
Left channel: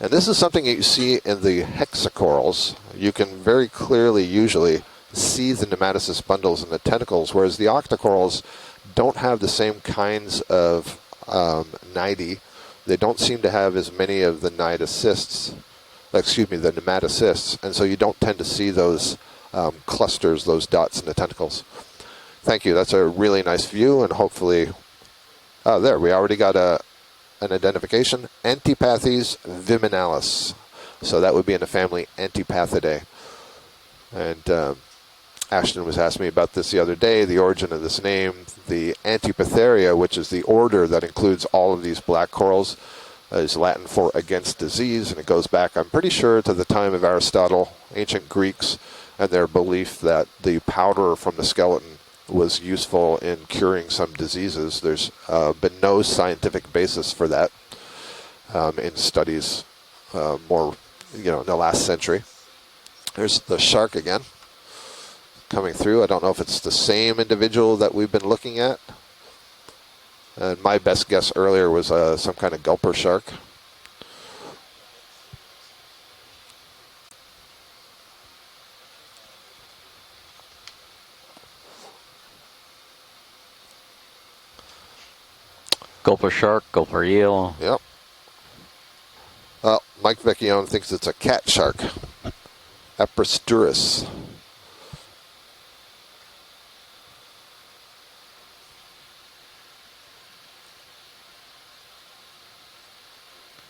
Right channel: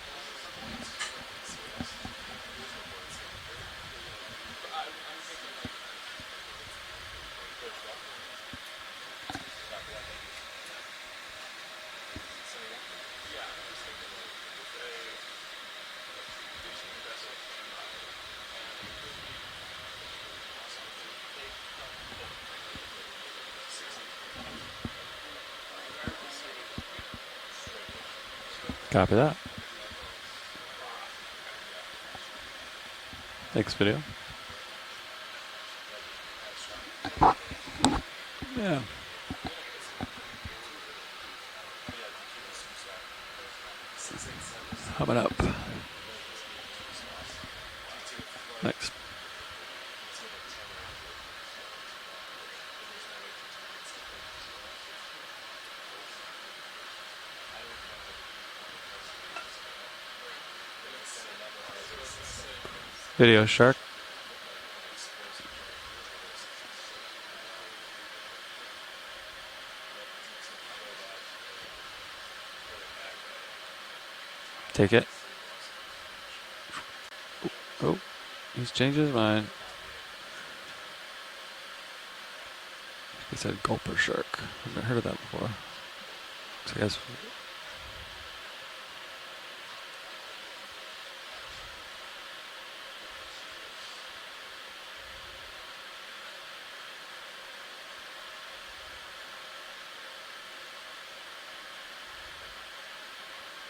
And this is something that you see in the hexacorals. You can very clearly usually see the nematocyst bundles in the tentacles, whereas the octocorals don't have the same kinds of cnidae. They don't seem to have as many of the nematocysts, and so you don't tend to see those clusters, those dots in the tentacles. Thank you. That's a really nice view, and hopefully, there, we already got an identification. Antipathes viminalis. So that would be in the family Antipathidae. Next video. And Ashton was asking me about this the other day, the origin of this name. The Antipatheria, which is the order that includes all of these black corals, is Latin for against disease. It goes back, I'm pretty sure, to the time of Aristotle, ancient Greeks, and their belief that the powder from the skeleton was useful in curing some diseases. There's been no scientific basis for that in studies more, in the last century. Here's Video the shark again coming through. I don't know if it's the same individual that we've been looking at. And my best guess earlier was some kind of gulper shark. Take it. Oh, he's changed his mind. He said gulper shark. I've never heard of that before. Gulper shark, gulper eel. Yep. Well, Mike Vecchione thinks it's a cat shark. Aprosturus.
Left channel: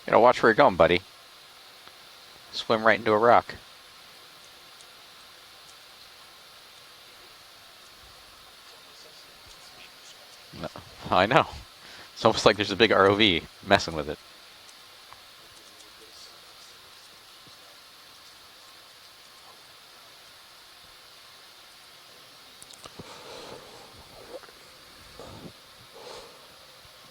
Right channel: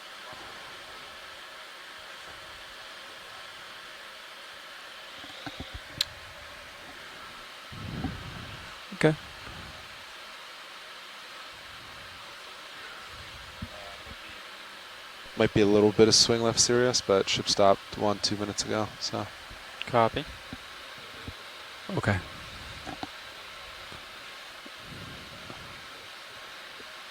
You know, watch where you're going, buddy. Swim right into a rock. Okay. No, I know. It's almost like there's a big ROV messing with it. Might be a little bit of swing left, Sirius, but ship stopped 1-2 minutes ago. So Copy. Okay.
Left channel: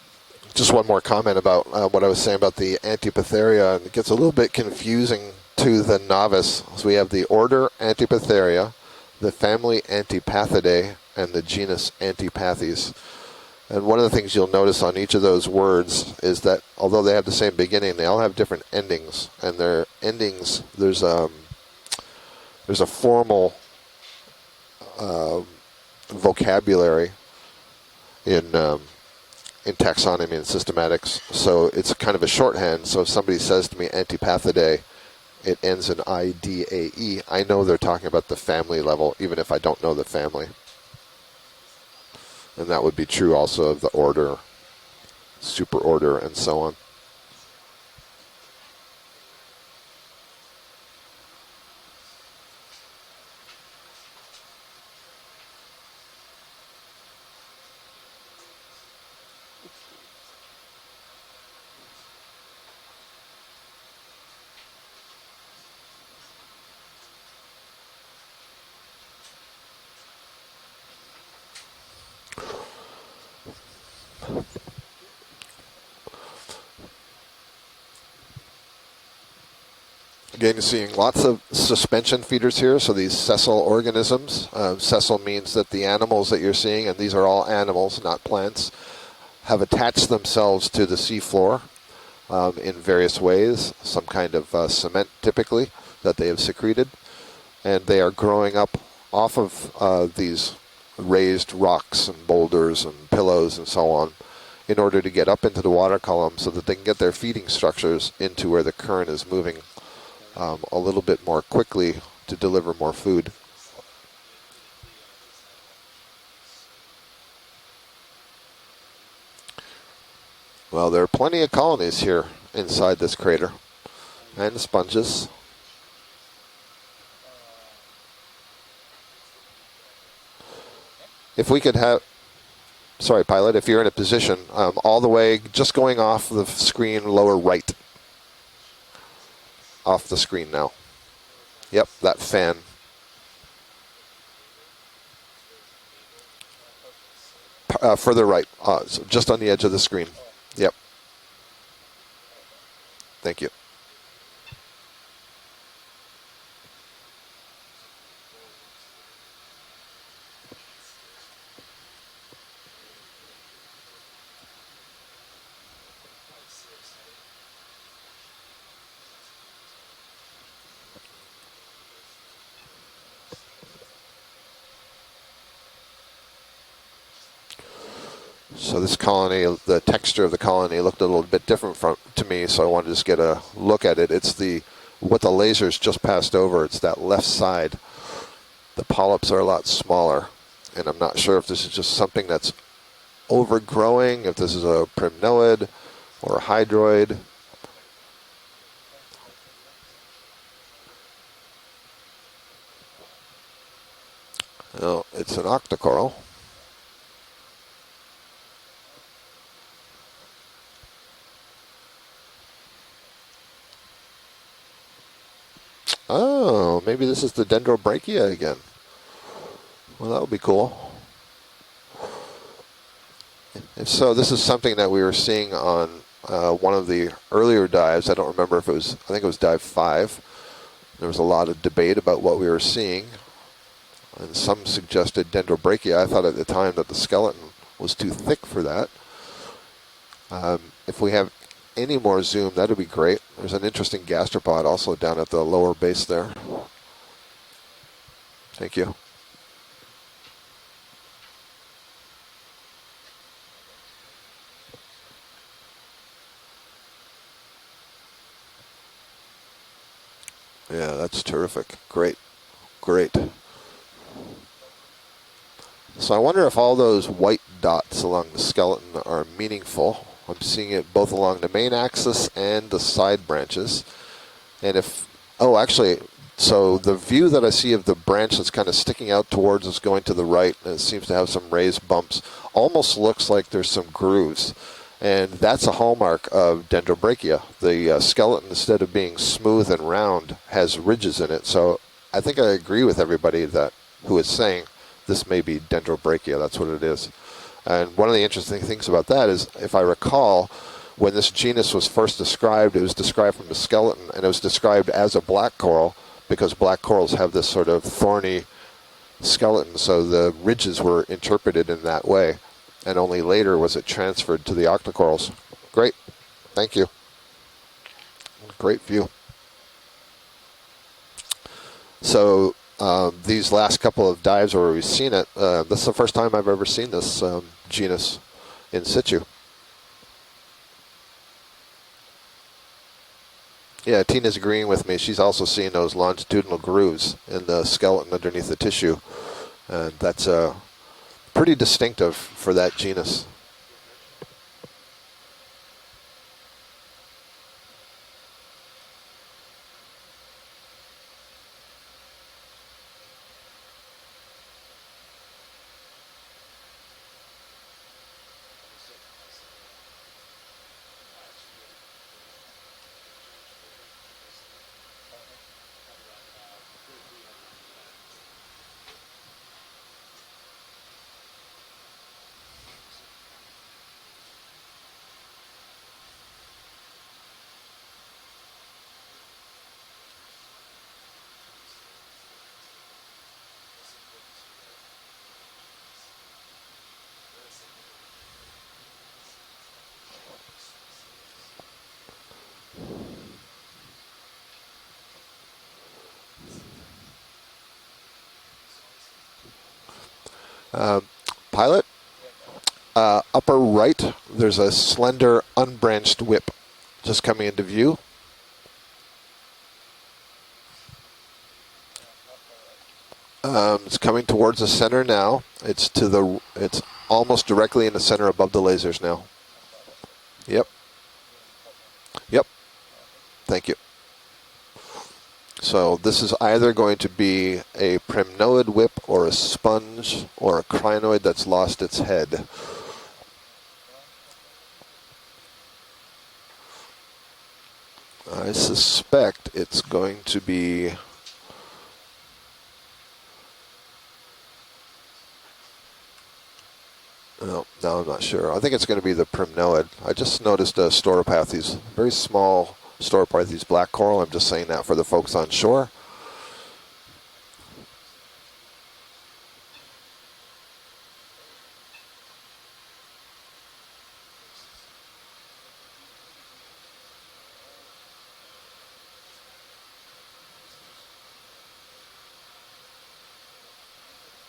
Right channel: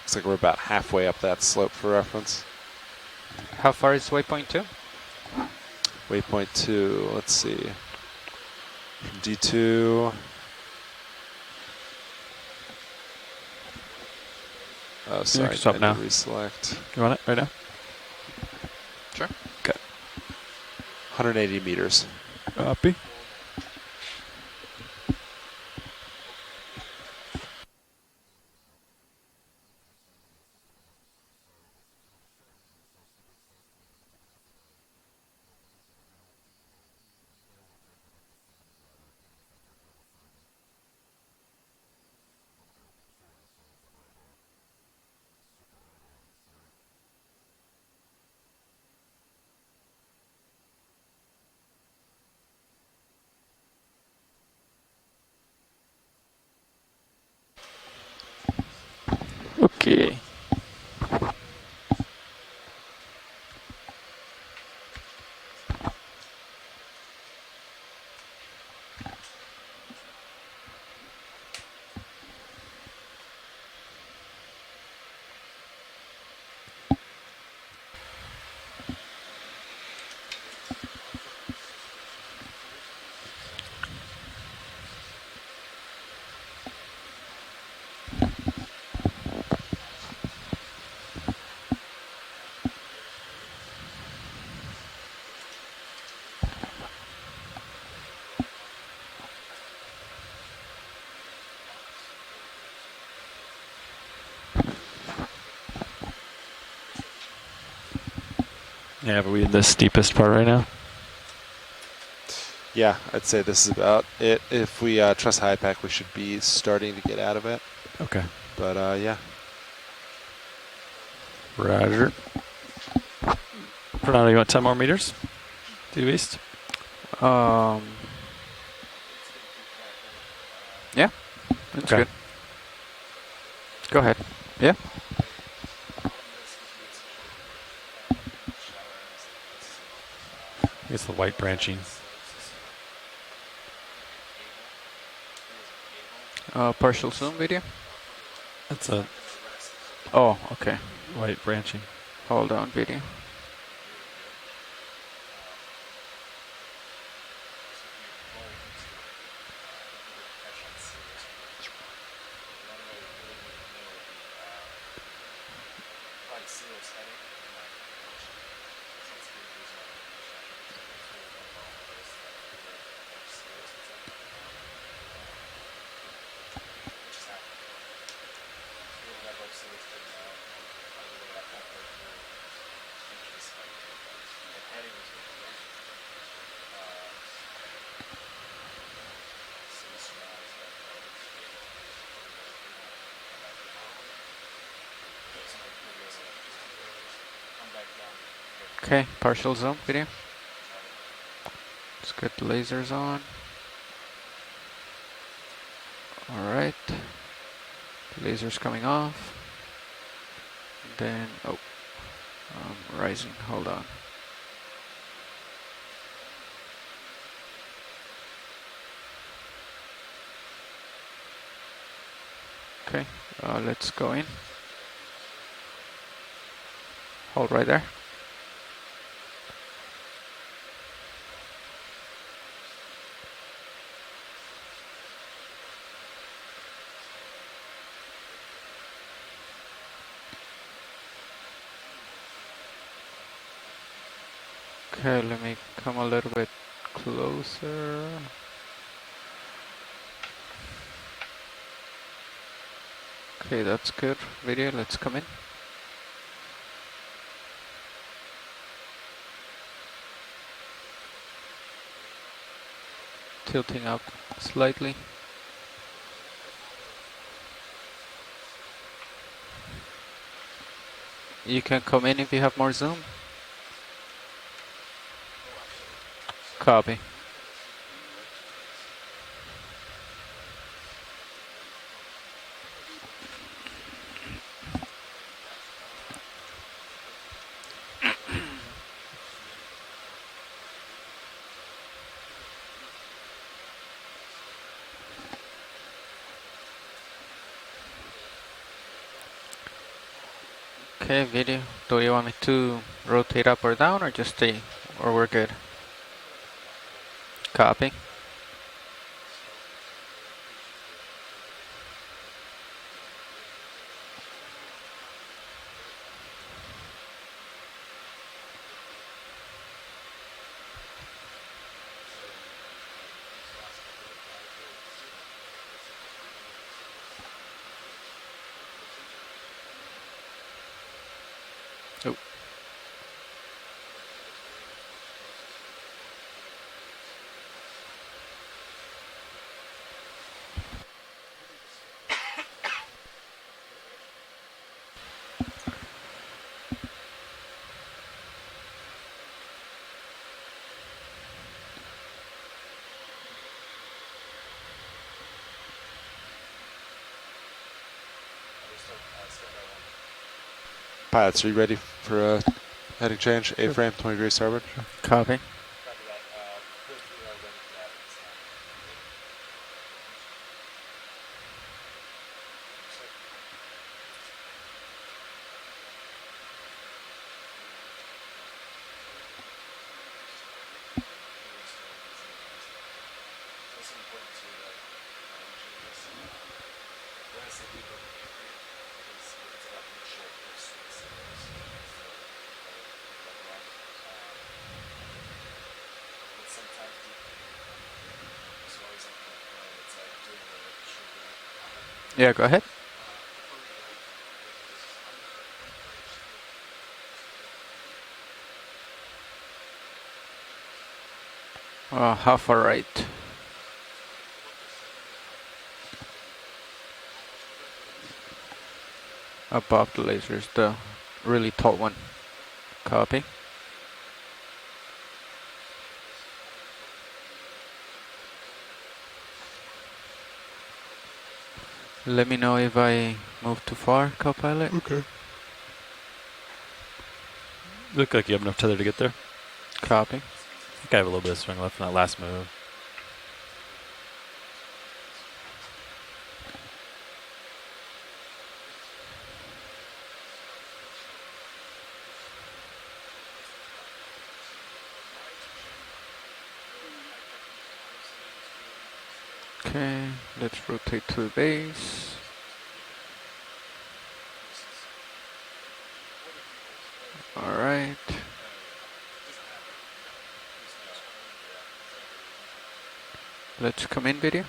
looks like we're about Just one more halfway up comment that about slope what I for was us. saying about the How Antipatheria. far It is gets a little bit 3.2? confusing to the novice. 3.2, So we have the let's order see. Antipatheria, the family D2. Antipathidae, and the genus Antipathes. And one of the things you'll notice on each of those sorry. Stop words now. is that Select. although they Right, have the right same beginning, they all have different endings. And their endings, there's a 180 meters. formal vocabulary in taxonomy and systematics. So it's kind of a shorthand. So if somebody says to me Antipathidae, it ends in IDAE. I know they're talking about the family level, even if I don't know the family. And that would be true also of the order, superorder, and so on. Okay. Again, you're seeing lots of suspension feeders here, so these sessile organisms. Sessile means that the animals that you're seeing, and these are all animals, not plants, have attached themselves to the seafloor in various ways, some kind of cement typically that they have secreted, and they are growing up off of these raised rocks and boulders and pillows and so on in order to get up into the water column so that they can get their feeding structures into where the current Yeah, is but we're moving the steepest part right now. a little bit more quickly to deliver more food. I'd say this is about it. If we trust high pack, we should be starting to get out of it. Okay. But yeah. Well, there are plenty of colonies Roger. here inside this crater. Fernando, you want And 10 more meters sponges. to the east? Yeah. If we could have, Good. sorry, pilot, if you're in a Go ahead. position, Yeah. all the way, just going off the screen, lower right. Off the screen now. It's the white branching. Yep, that fan. Partial zoom video. Further right, That's a- just on the edge of the screen. Oh, okay. Yep. White branching. Hold on, video. Thank you. So this colony, the texture of the colony looked a little bit different to me, so I wanted to just get a look at it. It's what the lasers just passed over. It's that left side. The polyps are a lot smaller, and I'm not sure if this is just something that's overgrowing, if this is a primnoid or a hydroid. Okay, partial zoom video. Let's get the lasers on. No, it's an octocoral. All right. The laser's coming off. Then, oh. Rising. Hold on. Oh, maybe this is the dendrobrachia again. Well, that would be cool. Okay. Let's. So go this in. is something that we were seeing on one of the earlier right there. dives. I don't remember if it was, I think it was dive 5. There was a lot of debate about what we were seeing. And some suggested dendrobrachia. I thought at the time that the skeleton was too thick for that. If we have any more zoom, that would be great. There's an interesting gastropod also down at the let me lower come base a there. little bit closer. Thank you. Okay, that's good. Video, let's come in. Yeah, that's terrific. Great. Great. Tilting up slightly. So I wonder if all those white dots along the skeleton are meaningful. I'm seeing it both along the You main can come in axis if you have and more the zoom. side branches. And if, oh, actually, so Copy. the view that I see of the branch that's kind of sticking out towards us going to the right, and it seems to have some raised bumps, almost looks like there's some grooves. And that's a hallmark of dendrobrachia. The skeleton, instead of being smooth and round, has ridges in it. So I think I agree with everybody that who is saying this may be dendrobrachia. That's what it is. And one of the interesting things about that is, if I recall, when Okay, this video. genus was Do you first want described, to it was described rotate from the up or down, skeleton, or and it was just stay? described as Or a we're black good? coral because black corals have this sort Copy. of thorny skeleton, so the ridges were interpreted in that way, and only later was it transferred to the octocorals. Great, thank you. Great view. So these last couple of dives where we've seen it, this is the first time I've ever seen this genus in situ. Oh. Yeah, Tina's agreeing with me. She's also seeing those longitudinal grooves in the skeleton underneath the tissue. That's pretty distinctive for that genus. Pilots, are you ready for a heading change? A-frame, 20 degrees starboard. Copy. Pilot, Yeah, go ahead. upper right, there's a slender unbranched whip just coming into view. How far right? It's coming towards the center now. It's almost directly in the center above the lasers now. Above the lasers, Yep. the really tall one. Yep. Copy. Thank you. So this is either going to be a primnoid whip or a sponge or a crinoid that's lost its head. Let me know if I move too far, co-pilot. Okay. Look like you have I enough to get there. suspect it's Copy. going to be... I have a little bit of swing left in that last move. No, I'm not sure. I think it's going to be the primnoid. I just noticed a stauropathes, very small stauropathes black coral. I'm just saying that for the folks on shore. Okay, let's rotate to the base. All right. Let's come in, video.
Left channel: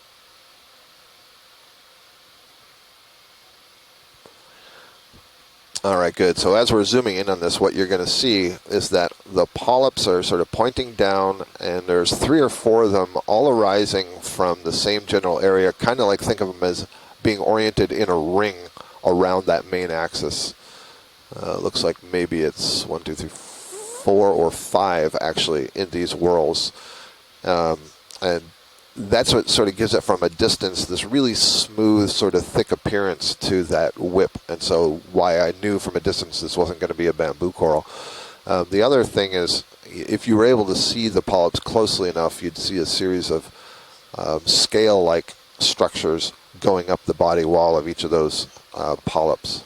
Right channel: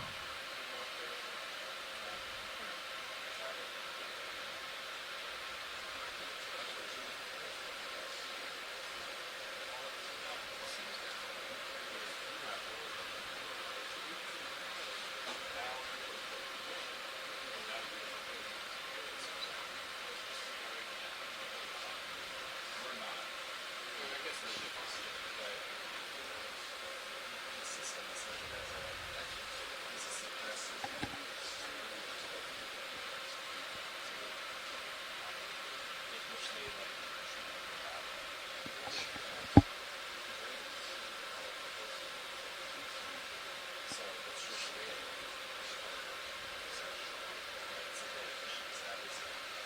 All right, good. So as we're zooming in on this, what you're going to see is that the polyps are sort of pointing down, and there's 3 or 4 of them all arising from the same general area, kind of like think of them as being oriented in a ring around that main axis. Looks like maybe it's 1, 2, 3, 4 or 5 actually in these whorls. And that's what sort of gives it from a distance this really smooth, sort of thick appearance to that whip. And so why I knew from a distance this wasn't going to be a bamboo coral. The other thing is, if you were able to see the polyps closely enough, you'd see a series of scale-like structures going up the body wall of each of those polyps.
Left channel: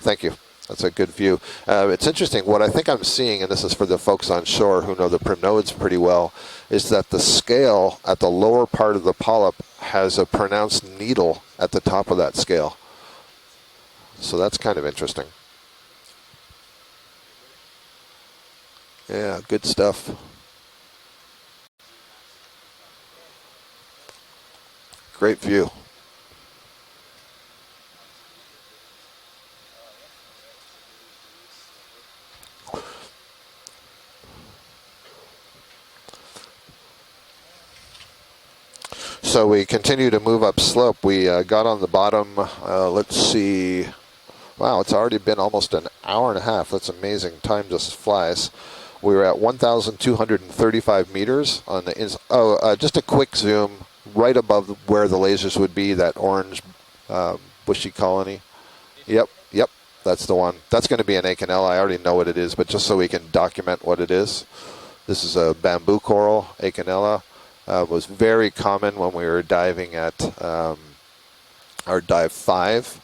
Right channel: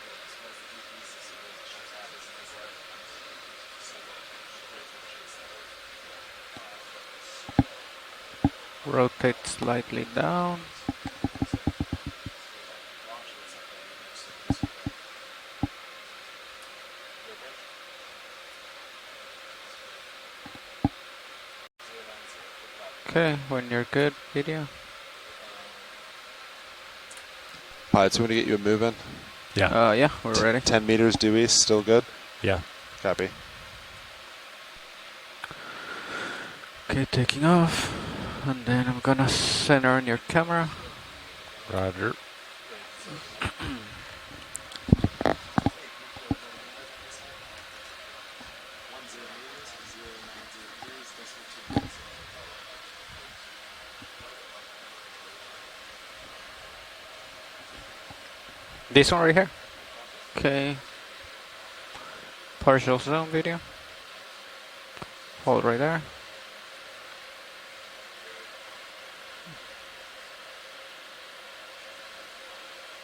Thank you. That's a good view. It's interesting. What I think I'm seeing, and this is for the folks on shore who know the prinodes pretty well, is that the scale at the lower part of the polyp has a pronounced needle at the top of that scale. So that's kind of interesting. Yeah, good stuff. Okay, when you're good, video. Great view. Pilots, we want to get you a move in. Yeah. Yeah, we're ready. 10 meters due east, still good? Yeah. Copy. Okay, taking off. And then I'm gonna So we center continue to your move camera. up slope. We got on the bottom. Let's see. Wow, it's already been almost an hour and a half. That's amazing. Time just flies. We were at 1,235 meters on the just a quick zoom right above where the lasers would be, that orange bushy colony. This one right here? Yep, that's the one. Okay. That's going to be an Acanella. I already know what it is, but just so Partial we can zoom video. document what it is. This is a Hold right bamboo there. coral, Acanella. Was very common when we were diving at our dive 5.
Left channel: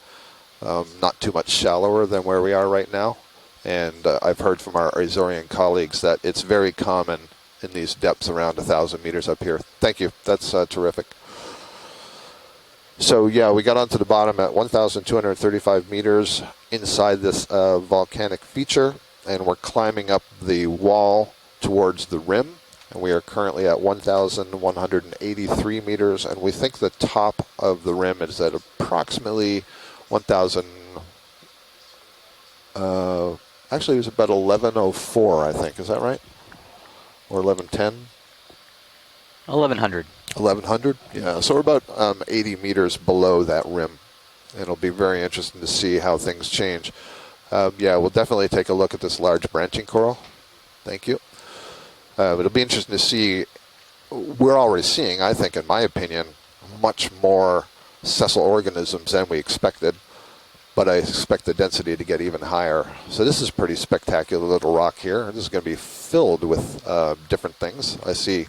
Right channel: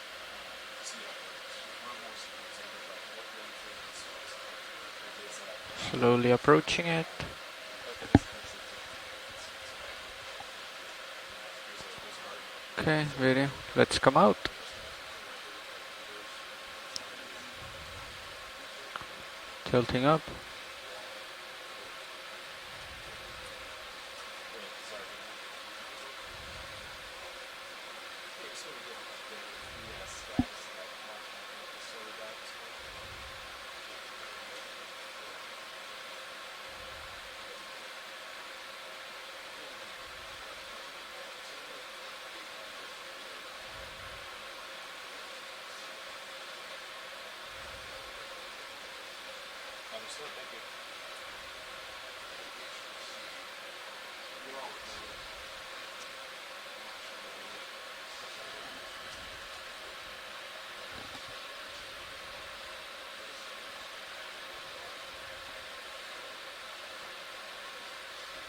Not too much shallower than where we are right now. And I've heard from our Azorian colleagues that Slowly it's very approaching it. common in these depths around 1,000 meters up here. Thank you. That's terrific. Okay, So ready? yeah, we got Let's onto the come bottom up. at 1,235 meters inside this volcanic feature, and we're climbing up. up the wall towards the rim. And we are currently at 1,183 meters, and we think the top of the rim is at approximately 1,000. Actually, it was about 1104, I think. Is that right? Or 1110? 1100. 1100? Yeah, so we're about 80 meters below that rim. And it'll be very interesting to see how things change. Yeah, we'll definitely take a look at this large branching coral. Thank you. It'll be interesting to see. We're already seeing, I think, in my opinion, much more sessile organisms than we expected. But I expect the density to get even higher. So this is a pretty spectacular little rock here. This is going to be filled with different things. I see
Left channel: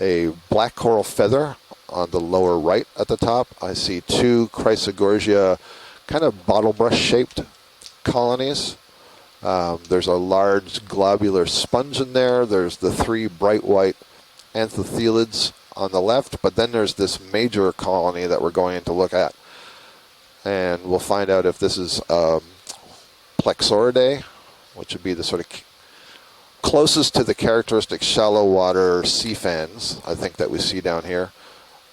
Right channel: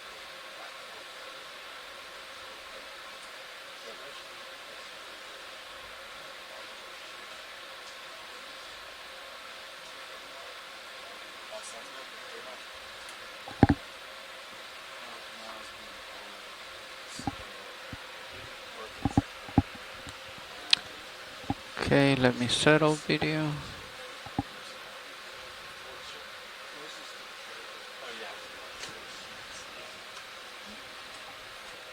a black coral feather on the lower right at the top. I see 2 Chrysogorgia kind of bottle brush shaped colonies. There's a large globular sponge in there. There's the 3 bright white anthothylids on the left, but then there's this major colony that we're going to look at. And we'll find out if this is let me settle video. Plexauridae, which would be the sort of closest to the characteristic shallow water sea fans, I think, that we see down here.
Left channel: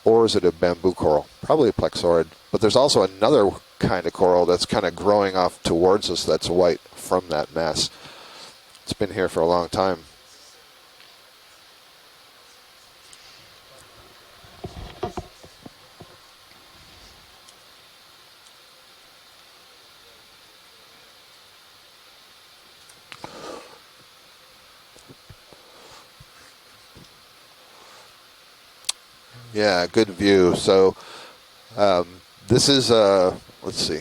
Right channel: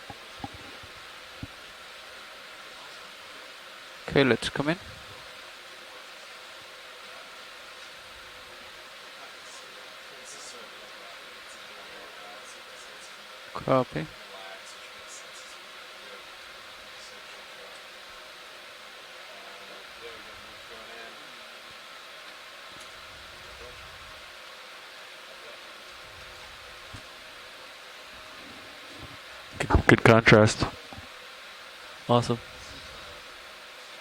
Or is it a bamboo coral? Probably a plexaurid. But there's also another kind of Okay, coral let's that's come in. kind of growing off towards us that's white from that mass. It's been here for a long time. Copy. Yeah, Good good view. contrast. So Awesome. this is, let's see.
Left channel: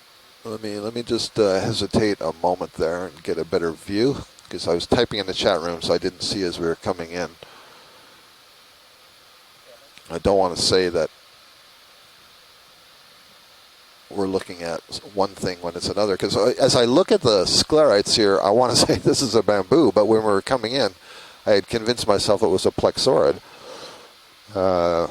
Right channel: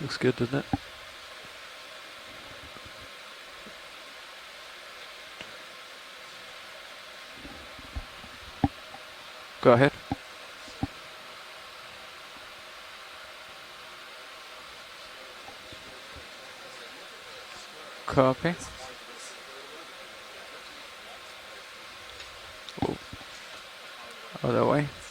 Looks good, doesn't it? Let me just hesitate a moment there and get a better view, because I was typing in the chat room, so I didn't see as we were coming in. Go ahead. I don't want to say that we're looking at one thing when it's another, because as I look at the sclerites here, I want to say this is a bamboo, but when we were coming in, I had convinced myself it was a plexaurid. Oh, that way.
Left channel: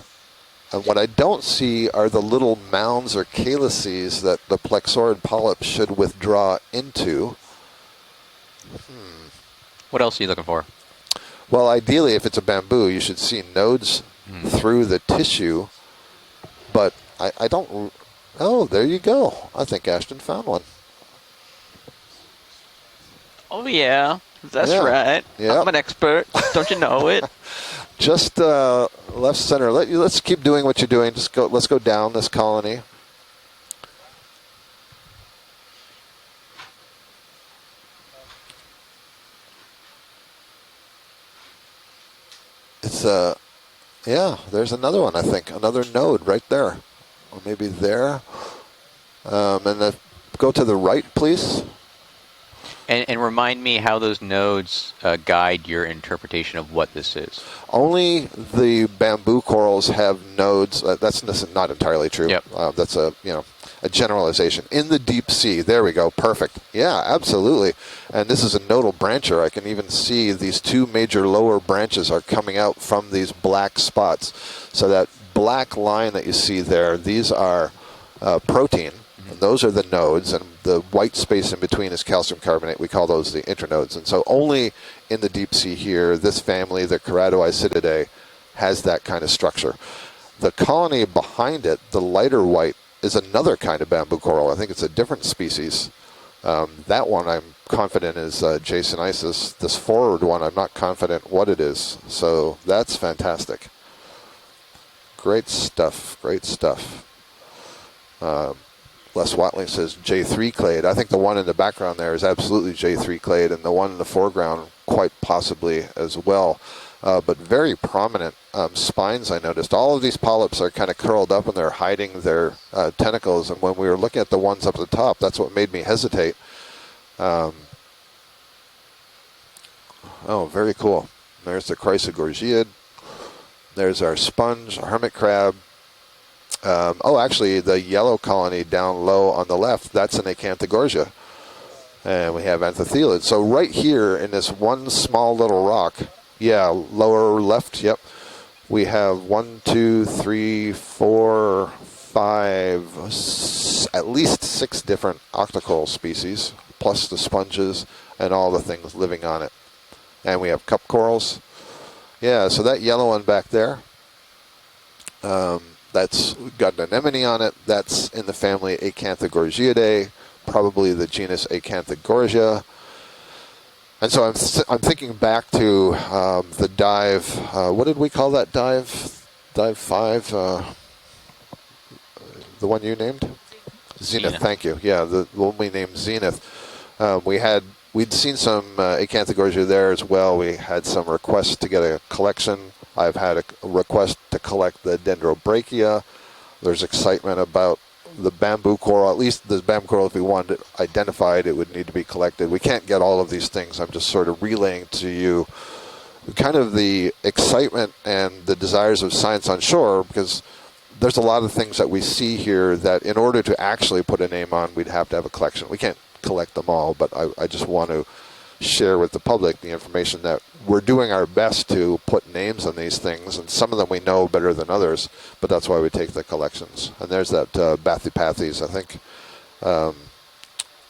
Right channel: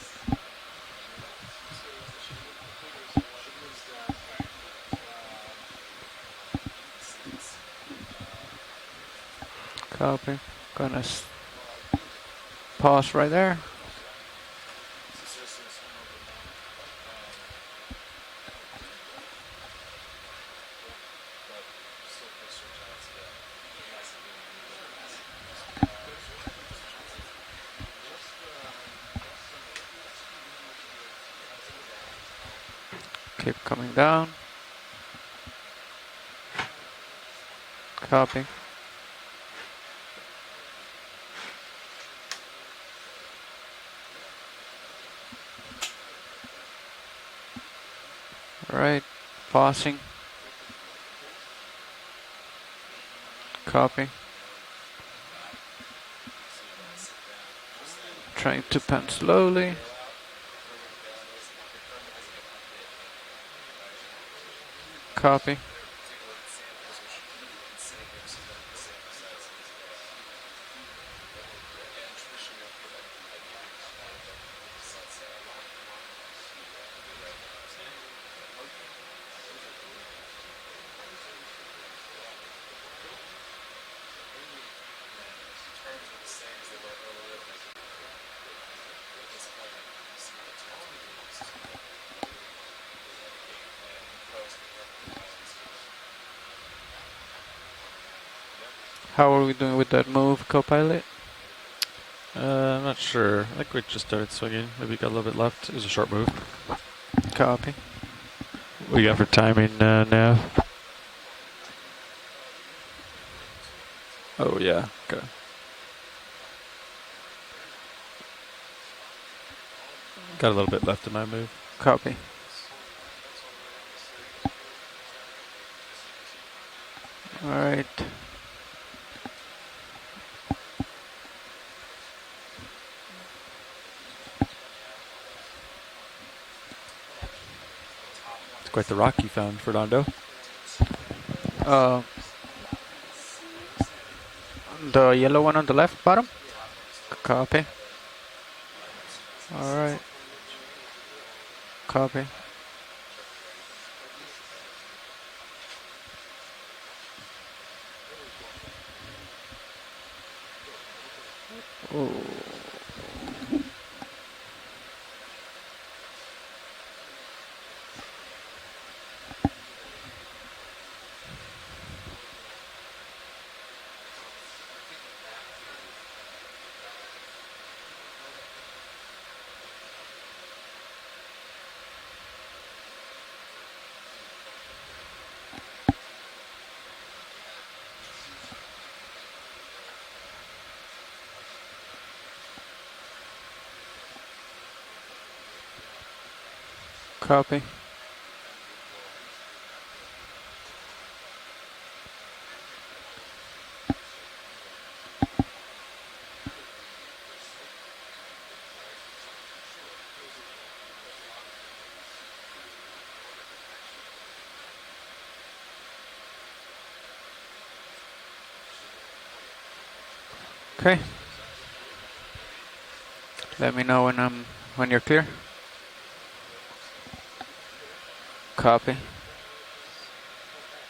And what I don't see are the little mounds or calyces that the plexaurid polyp should withdraw into. What else are you Okay. looking for? Gonna Well, ideally, if it's a bamboo, you Pause should right see there. nodes through the tissue, but I don't. Oh, there you go. I think Ashton found one. Oh yeah, that's Yeah. right. Yeah. I'm an expert. Don't you know it? Just left center. Let's keep doing what you're doing. Just go. Let's go down this colony. keep coming down. Copy. It's Yeah, there's another one, I think. Another node right there. Or maybe there. Right. And then go to the right, please. And remind me how Copy. those nodes guide your interpretation of what this is. Only Trying the to pan bamboo slowly. corals have nodes. That's not entirely true. Yep. That's a a generalization. In the deep Copy. sea, there we go, perfect. Yeah, absolutely. And this is a nodal brancher. I can even see these two major lower branches are coming out from these black spots. So that black line that you see there, these are protein. And those are the nodes, and the white space in between is calcium carbonate. We call those the internodes. And so only in the deep sea here, this family, the Keratoisididae, has that kind of structure. The colony behind it, the lighter white, is another kind of bamboo coral. I think it's a different species. That one I'm confident is Jason How are we Isis. doing This with that forward move, one, I'm not co-pilot? confident what it is. So that's I'm not sure. fantastic. I think we just started swinging. Maybe got a little bit Great left. It's a stuff. short move. Great stuff. Copy. We got for Wes Watson timing. says J3 clade. I think the one in the background there is absolutely J3 clade, and the one in the foreground quite possibly as well. But very prominent spines, I noticed. All of these polyps are kind of curled up and they're hiding their tentacles. And when we were looking at the ones up at the top, that's what made me hesitate. All right. Oh, very cool. There's the Chrysogorgiid. There's our sponge, our hermit crab. Oh, actually, the yellow colony down low on the left, that's an Acanthogorgia. And we have anthothelid. So right here in this one small yellow little one on rock. the left bottom? Yeah, lower Copy. left, yep. We have 1, 2, 3, 4, Copy. 5, at least 6 different octocoral species, plus the sponges and all the things living on it. And we have cup corals. Ooh. Yeah, so that yellow one back there, that's got an anemone on it. That's in the family Acanthogorgiidae, probably the genus Acanthogorgia. And so I'm thinking back to the dive. What did we call that dive? Dive 5? The one you named? Zenith. Thank you. Yeah, the one we named Zenith. We'd seen some Acanthogorgia there as well. We had some requests to get a collection. I've had a request to collect the Dendrobrachia. There's excitement about the bamboo coral. At least the bamboo coral, if we wanted it identified, it would need to be collected. We can't get all of these things. I'm just sort of relaying to you kind of the excitement and the desires of science on shore, because there's a lot of things that we see here that in order to actually put a name on, we'd have to have a collection. We can't collect them all, but I just want to share with the public the information that we're doing our best to put names on these things, and some of them we know better than others, but that's why we take the collections. And there's that Bathypathes, I think.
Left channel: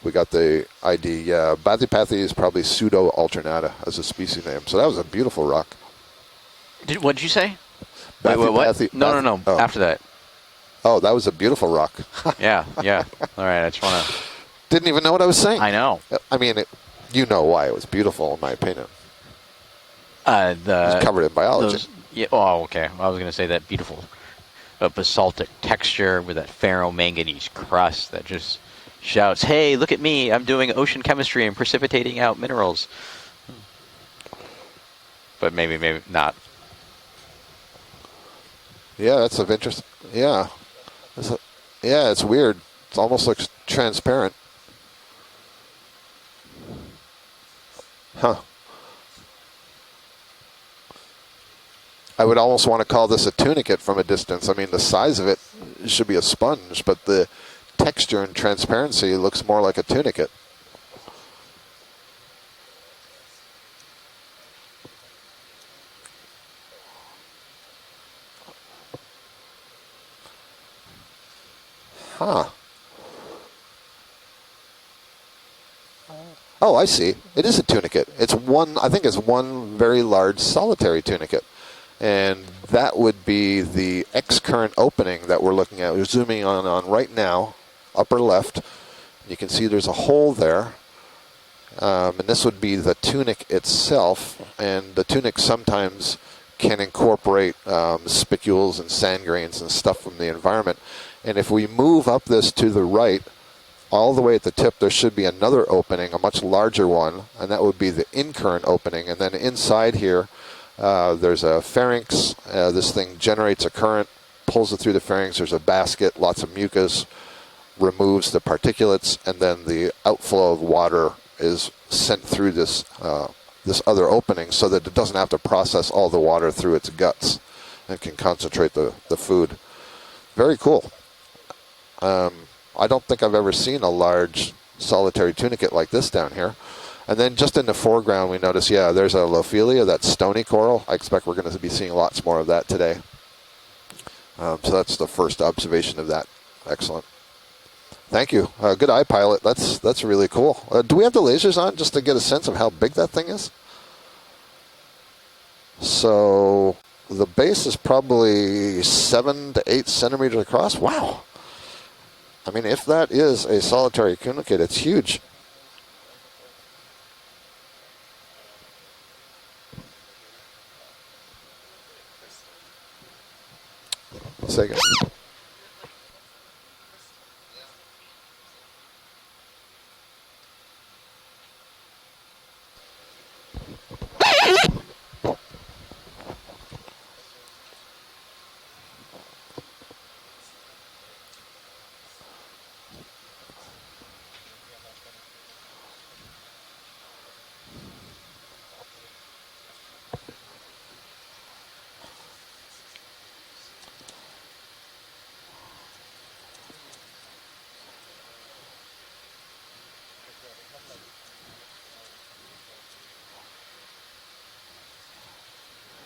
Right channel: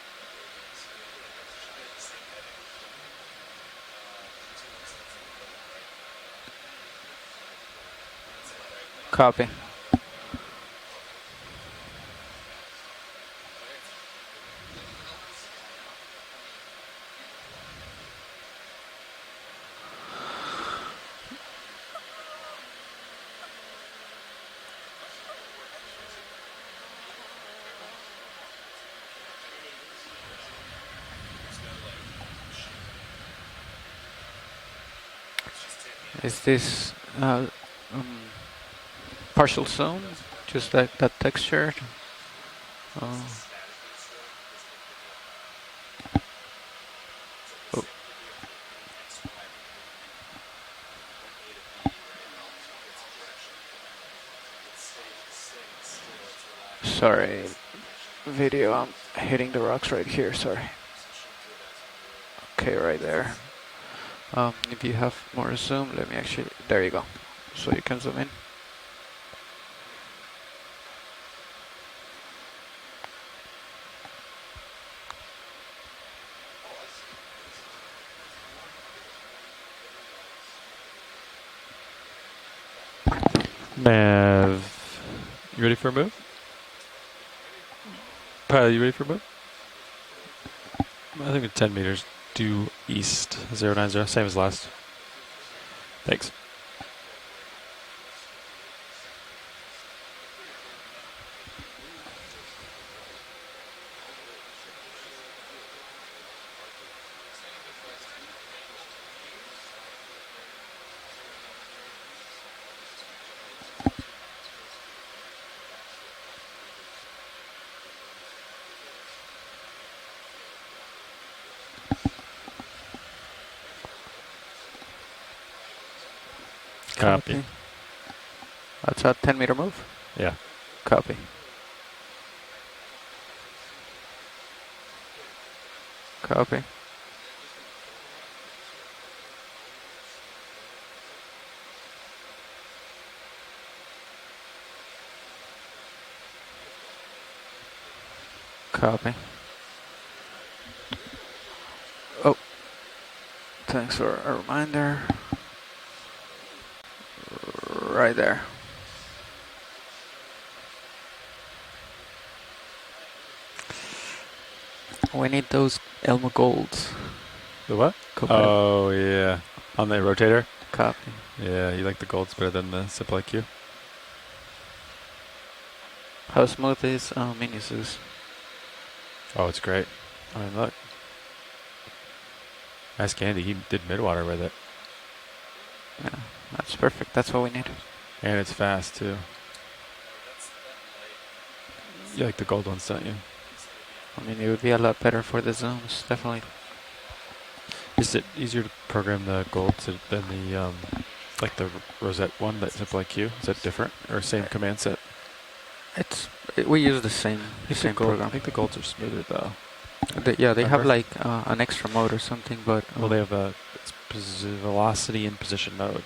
We got the ID. Yeah, Bathypathes is probably pseudo-alternata as a species name. So that was a beautiful rock. What did you say? What? No. Oh. After that. Oh, that was a beautiful rock. Yeah. All right, I just want to... Didn't even know what I was saying. I know. I mean, you know why it was beautiful, in my opinion. It was covered in biology. Oh, okay. I was going to say that beautiful basaltic texture with that ferromanganese crust that just shouts, "Hey, look at me! I'm doing ocean chemistry and precipitating out minerals." But maybe not. Is this yeah, that's partial interesting. zone? Yeah, just like that texture. Yeah, it's weird. It almost looks transparent. Huh. I would almost want to call this a tunicate from a distance. I mean, the size of it should be a sponge, but the texture and transparency looks more like a tunicate. Sorry. Okay, right there. If you have more zoom, let me actually... There you go. So you can zoom in. Huh. Oh, I see. It is a tunicate. It's one, I think it's one very large solitary tunicate. And that would be the X-current opening that we're looking at. We're zooming on right now, upper left. You ready for a You can see there's a hole there. I think it's 10 meters. And this would be the tunic itself. And the tunic sometimes can incorporate spicules and sand grains and stuff from the environment. And if we move up this to the right, all the way at the tip, there should be another opening, a much larger one, and that would be the in-current opening. And then inside here, There's a pharynx. This thing generates a current, pulls it through the pharynx. There's a basket, lots of mucus, removes the particulates, and then the outflow of water is sent through this this other opening so that it doesn't have to process all the water through its guts Copy. and can concentrate the That's a 10 food. meter move. Yeah. Very cool. Copy. I don't think I've ever seen a large solitary tunicate like this down Copy. here. And then just in the foreground, we notice, yeah, there's a Lophelia, that stony coral. I expect we're going to be seeing lots more of that today. So that's the first observation of that. Excellent. Thank you. Good eye pilot. That's really cool. Do we have the lasers on just to get a sense of how big that thing is? Thanks for a reminder. So the base is Right probably 7 to 8 centimeters across. Wow. I mean, if that is a solitary tunicate, it's huge. We need those Elmo golds. The what? Copy. Oh, yeah. On the rotator? Copy. Yeah, you like the golds better than the Zip like you? Second. How smooth is Minisus? Oh, it's great. I mean, look. Ask Andy. He did midwater. Yeah, that's perfect. That's what we need. And it's fast, too. You like the gold ones, don't you? I mean, it would be a lot better for the zones, definitely. Is it easier to program the gold than the, like the rosette one, that Zip like you? Is that different? Or same command set? We use the same I program. think the golds are smoother, though. Yeah, they have Remember? like an extra mode or something, but Well, they have a velocity and position mode.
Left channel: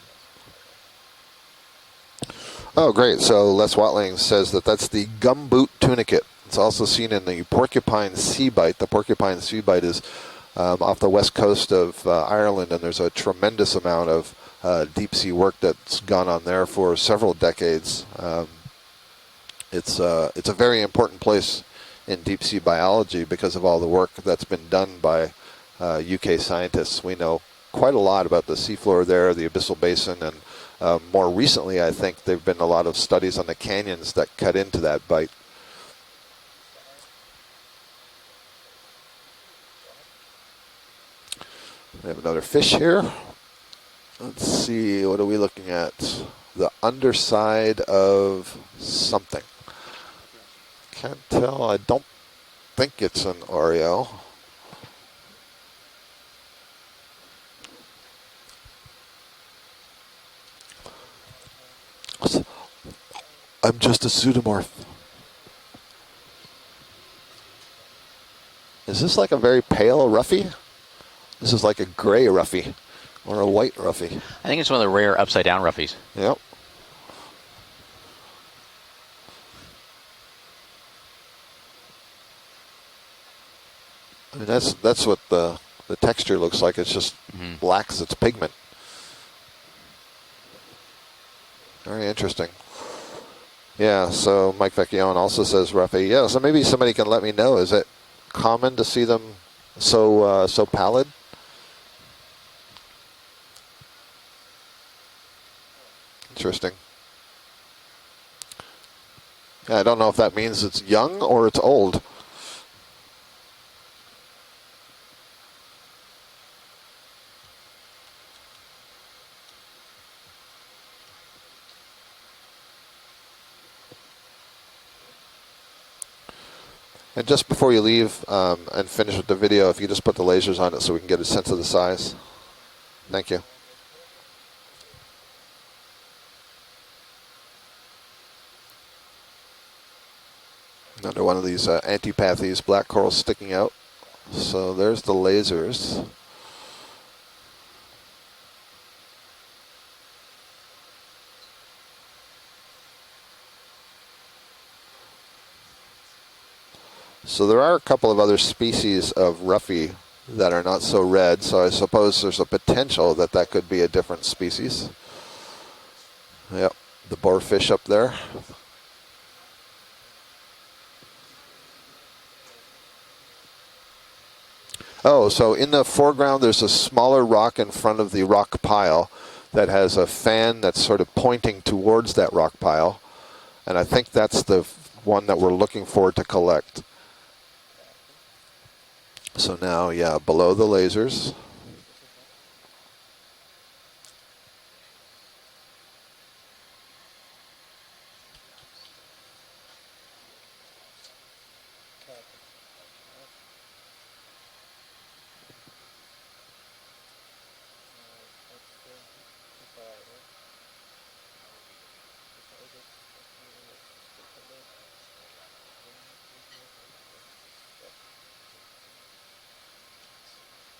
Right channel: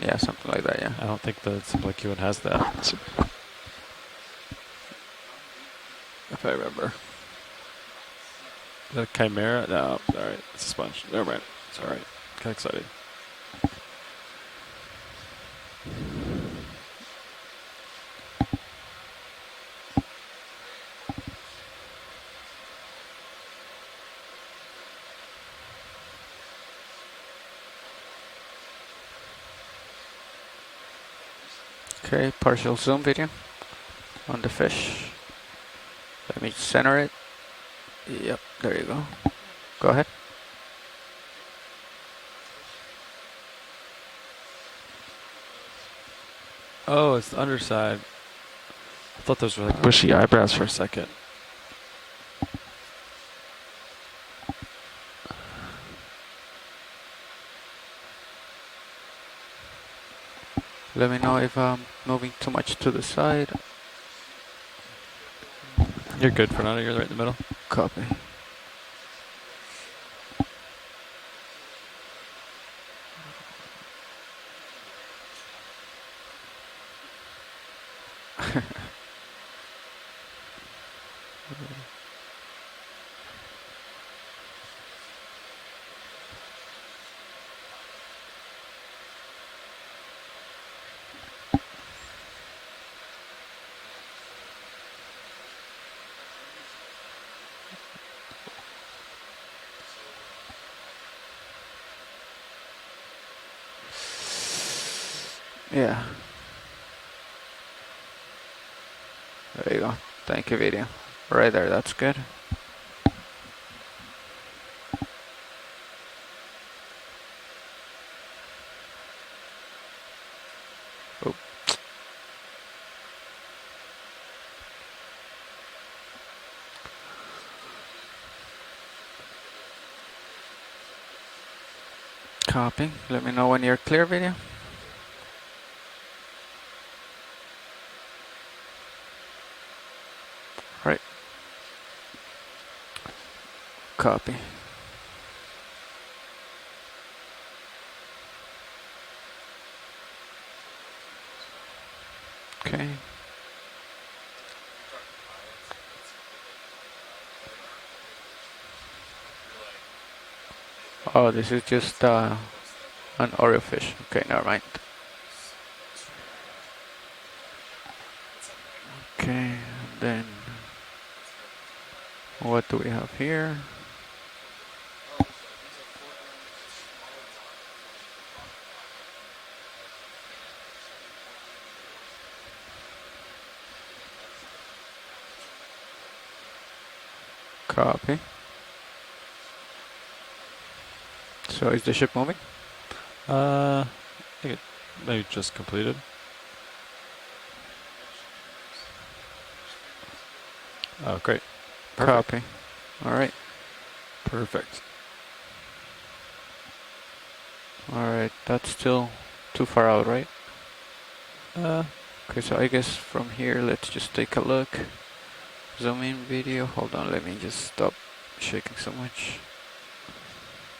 yeah, something like that. Yeah. I don't think the Zip like you one has that. Oh, great. So Les Watling says that that's the gumboot tunicate. If I It's also remember. seen in the porcupine sea bite. The porcupine sea Chimera? bite No, is sorry. off the west coast of Ireland, Right. and there's a tremendous amount of deep sea work that's gone on there for several decades. It's a very important place in deep sea biology because of all the work that's been done by UK scientists. We know quite a lot about the seafloor there, the abyssal basin, and more recently, I think Okay, there've been a partial lot of zoom studies on the canyons that on the cut into fish. that bite. Let me center it. Yep, there you go. Go ahead. We have another fish here. Let's see, what are we looking at? The Oh, it's underside underside. of I something. thought those were like bushy eyebrows for a second. Can't tell. I don't think it's an Oreo. Let me know if I'm moving too much to the side. I'm just a pseudomorph. You're good, Fernando. You're right in the middle. Copy. Is this like a very pale roughy? This is like a gray roughy or a white roughy. I think it's one of the rare upside down roughies. Yep. I mean, that's what the texture looks like. It's just black as its pigment. Very interesting. Yeah, so Mike Vecchione also says roughy. Yeah, so maybe somebody can let me know. Is it common to see them so so pallid? Yeah. Interesting. There Yeah, you I don't go. know if that Thank means you, it's Video. young or Right it's there, old. That's good. Oh. And just before you leave and finish with the video, if you just put the lasers on it so we can get a sense of the size. Copy. Let Thank me you. know when you're clear, Video. Right. Another one of these antipathies, black corals sticking out. Copy. So there's the lasers. Okay. So there are a couple of other species of roughy that are not so red, this so I is just, suppose there's a potential that an that could be a orefish. different Okay, never mind. species. Yep, the boarfish up there. Okay. Then what do we have here? Oh, so in the foreground there's a smaller rock in front of the rock pile that has a fan that's sort of pointing towards that rock pile. And I think that's the one that we're looking for to collect. Copy. So now, yeah, below the lasers. So is the ship moving? think it maybe just completed. Oh, great. Perfect. Copy. All right. Perfect. All right. That's still too far out, right? Uh, Okay, so I guess from here, let's just take a look. Zoom in video. Hold on, let me just stop shaking so much.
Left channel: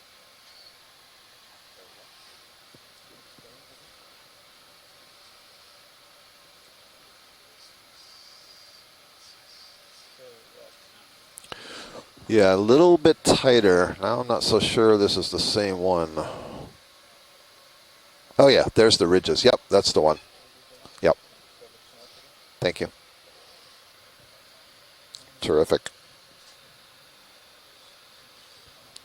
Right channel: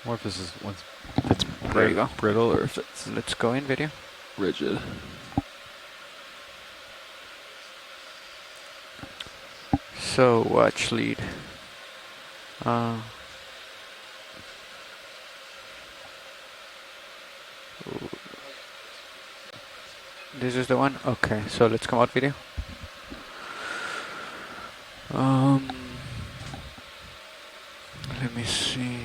Or if this is once if it's There you go. brittle or if it's Let's go in video. rigid. So watch lead. Yeah, a little bit tighter. Now I'm not so sure this is the same one. Oh yeah, there's the ridges. Yep, that's the one. This is the one? Yep. Okay, so let's come out video. Thank you. Terrific. Let me see.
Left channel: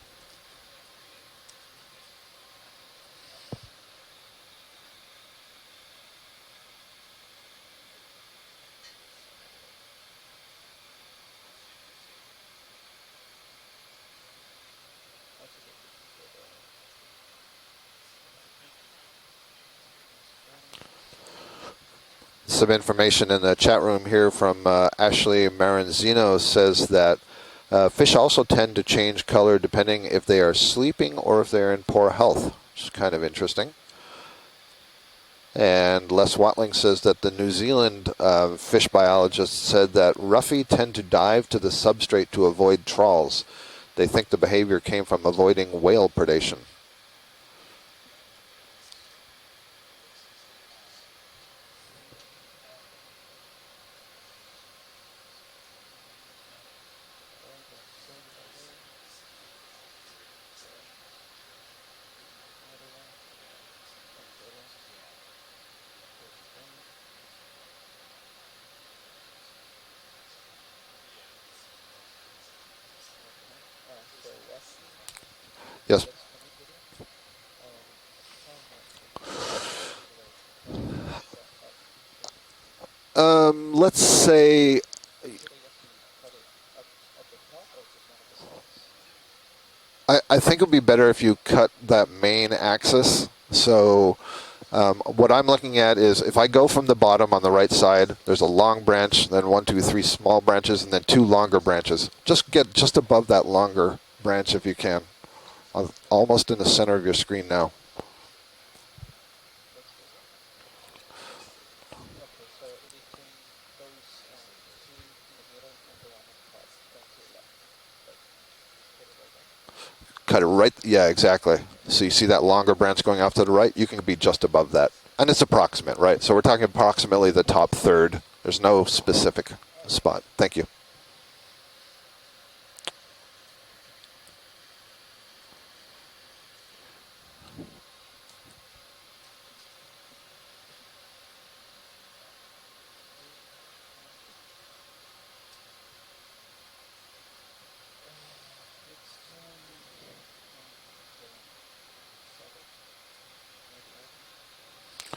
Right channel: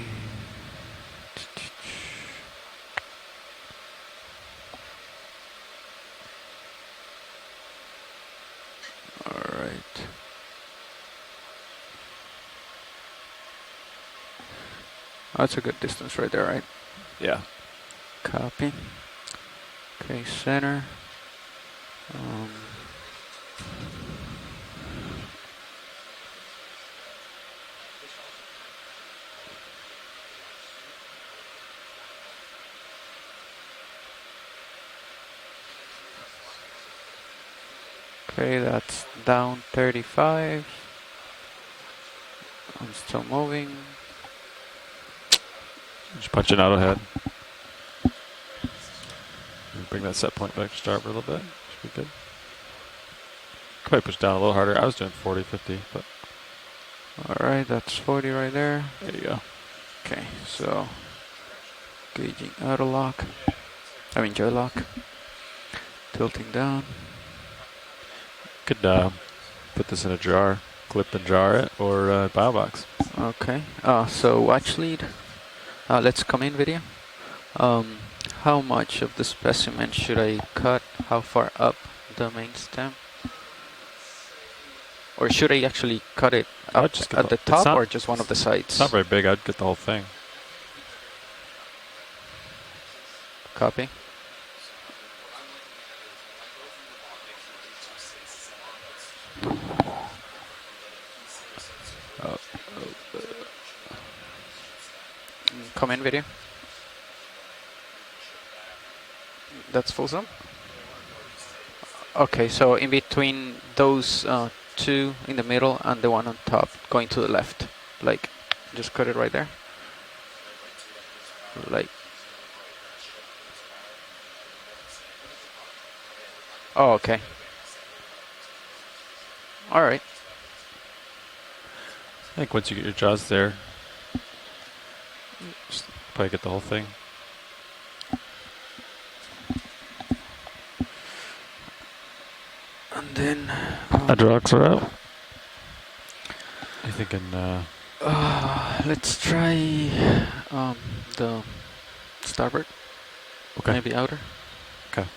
All right. That's a good distance right there, right? Yeah. Copy. Okay, center. Some information in the chat room here from Ashley Maranzino says that fish also tend to change color depending if they are sleeping or if they're in poor health, which is kind of interesting. And Les Watling says that the New Zealand fish biologist said that roughy tend to dive to the substrate to avoid trawls. They think the behavior came from avoiding whale predation. Question out ahead. Bring that set point back to starboard a little bit. Should be good. Probably push down a little harder. I was doing 40, 50, but. All right, that's 40 right there. There you go. Okay, so gauging auto lock. I mean joy lock. Tilting down. Could put this in a jar, clip and jar it, or bio box. Okay. So watch lead. Yes. Let's come in video. How much of the specimen should I cut? How far up the main stem? Let's say. Or should I actually cut it up just at the top or just one of the sides? It's not very big. I'd get the whole thing. I think it would be better if you cut that main axis. So what I'm looking at is if I go from the bottom on the right side, there's a long branch, then 1, 2, 3 small branches, and then 2 longer branches. Just get just above that longer branch if you can. Come in video. Almost in the center of your screen now. That's full zoom? Okay, so in between those two in the middle and the one on top, going to the left. Like, just cut it right there? Cut it right, yeah, exactly. Like, so you see that longer branch going off to the right? You can be just above that. And it's approximate, right? So we're talking approximately the top third. There's no specific spot. Thank you. I think once you get your jaws there, just probably get the whole thing. and then... Hydraulics are out. You thinking... let's try the starboard. Okay. Maybe outer. Okay.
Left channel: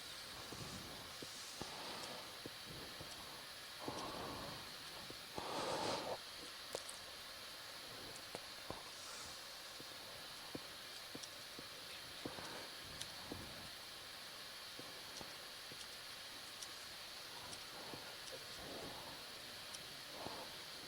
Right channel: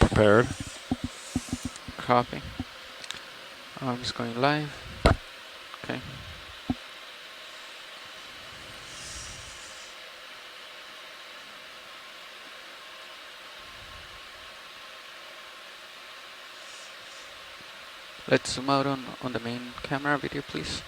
Prepared. Copy. I'm just going live. Okay. Let's zoom out on the main camera video, please.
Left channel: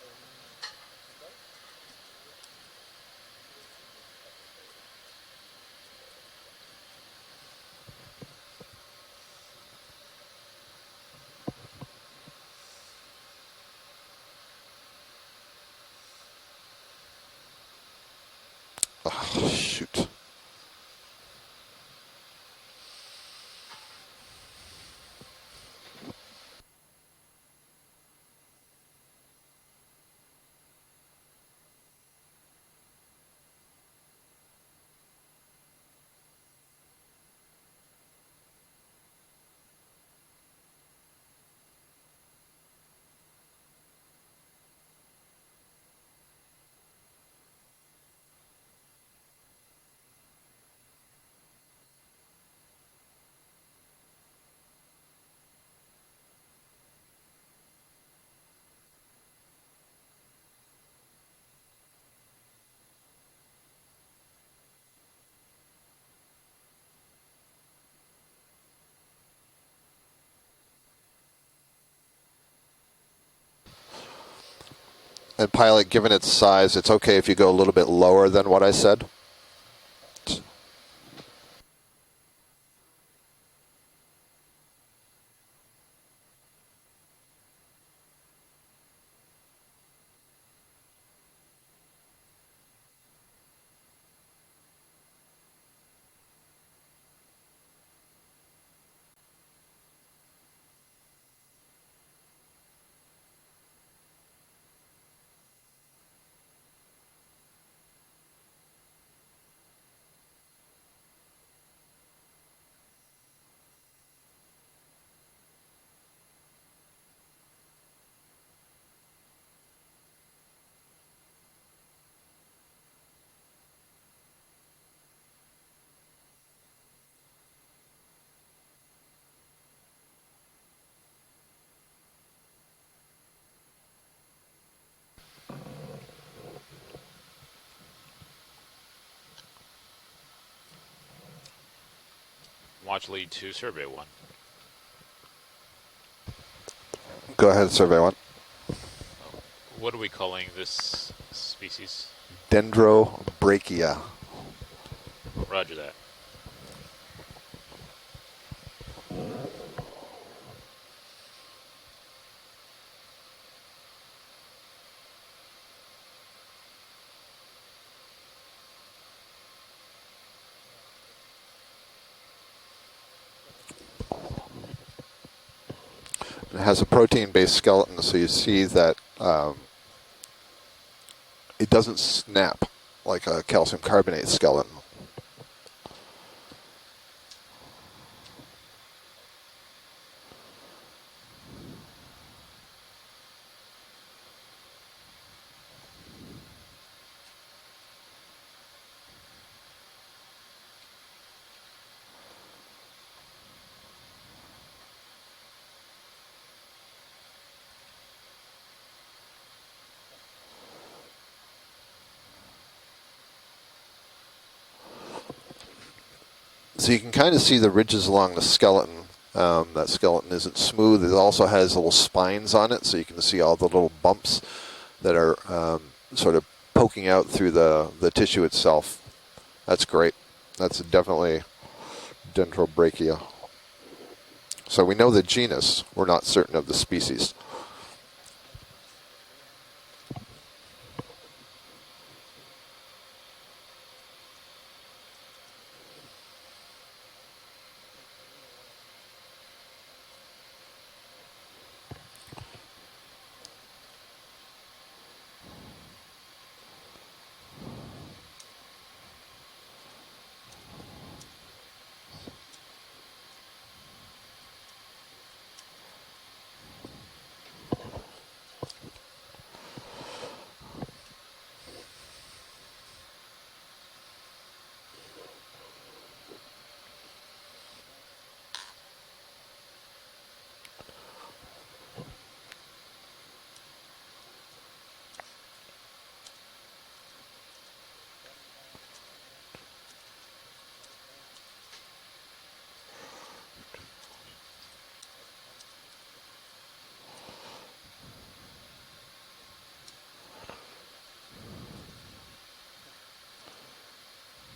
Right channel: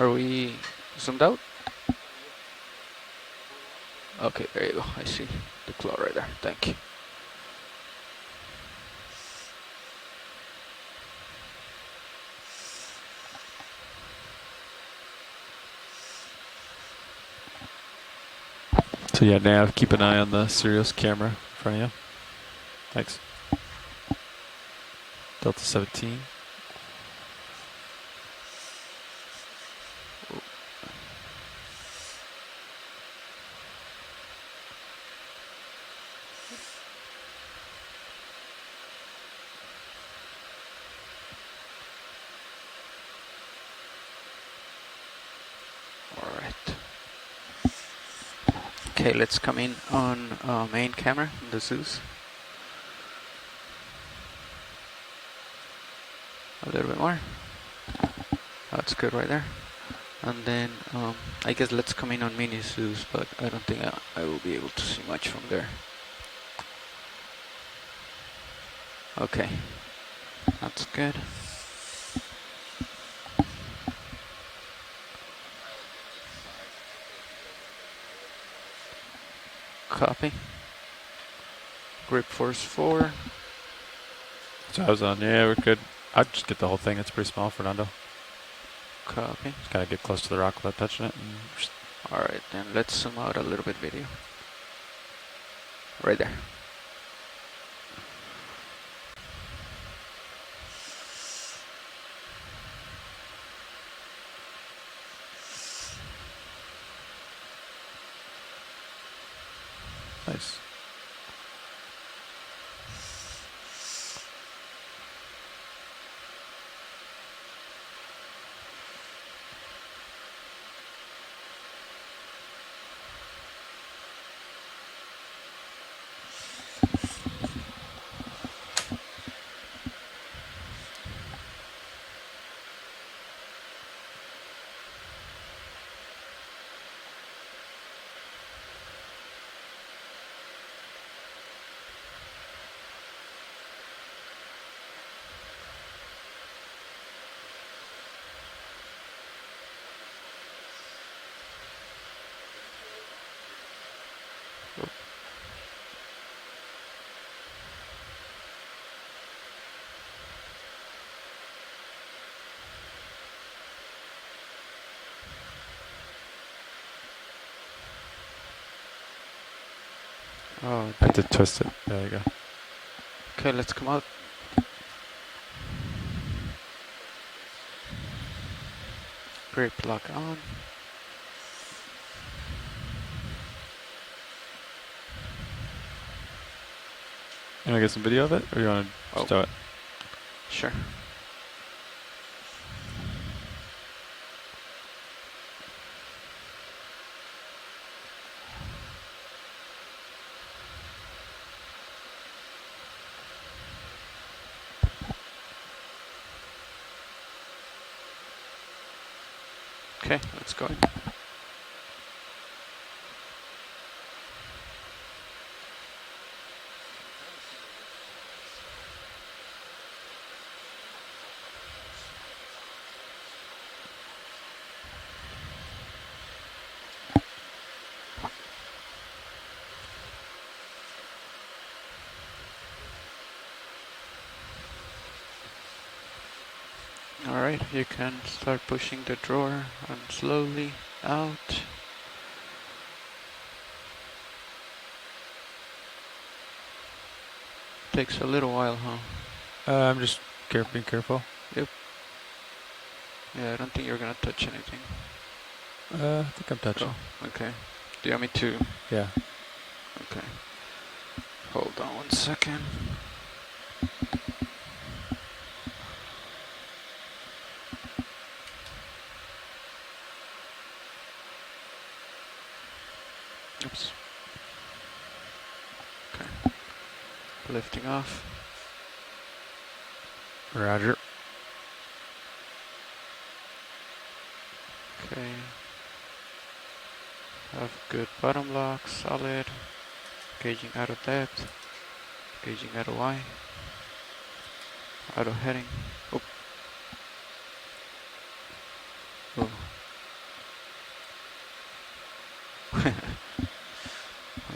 Are we zoomed out? Okay, there you go. I see the claw right there. Thank you. So yeah, Nav, keep an eye on the Sirius camera in front of you. Thanks. Delta 17. Okay, let's come in on main camera, the Zeus. A little bit more. That's good right there. And then I guess let's come in on mini Zeus, but I don't think I will be able to see much from there. Okay, that's good. And pilot, given its size, it's okay if you go a little bit lower than what I said. Copy. Grip force 4. So I was on. Yeah, we're good. I'd just get the whole thing. It's pretty small for Redonda. Copy. Just gotta get close to the rock without touching it. And just Alright, then let's zoom out a little bit video. Right there. nice. Watch lead 2, survey 1. Go ahead, survey 1. What are we calling this species? Dendrobrachia. Roger that. Oh, I had to twist it. There you go. okay, let's come out. It has a protein-based skeleton, so you see that Grip lock on. it doesn't snap like a calcium carbonate skeleton. You want to get some video of it, or you want to stow it? Sure. Okay, let's go. So you can kind of see the ridges along the skeleton. That skeleton isn't smooth. It also has little spines on it, so you can see all the little bumps that are sort of poking out through the tissue itself. That's great. That's definitely Dendrobrachia. So we know the genus. We're not certain of the species. Alright, you can start pushing the drawer and slowly out. Takes a little while, huh? I'm just being careful. Yep. Yeah, I don't think you're gonna touch anything. I think I'm touching. Oh, okay. Do you want me to? Yeah. Okay. Hold on 1 second. Oops. Okay. Lifting off. Roger. Okay. Have good bottom lock, solid. Gauging out of depth. Gauging out of Y. Out of heading. Oh. Oh.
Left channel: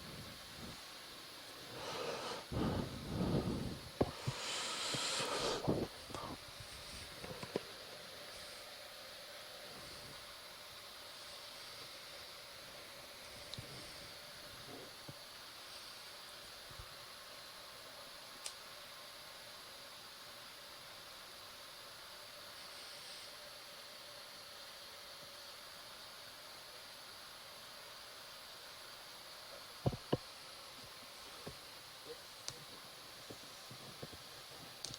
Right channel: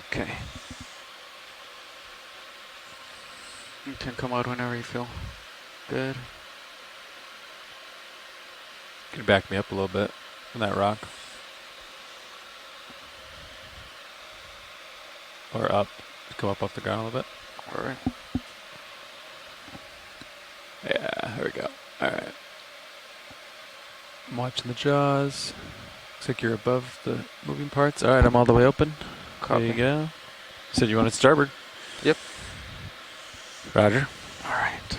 Okay. You can come out whenever you feel good. Can you back me up a little bit from that rock? Or up. Come up off the ground a little bit. Alright. Yeah, here we go. Alright. I'm watching the jaws. Looks like you're above the moving parts. Alright, I'm all the way open. Copy. There you go. You said you wanted starboard. Yep. Roger. Alright.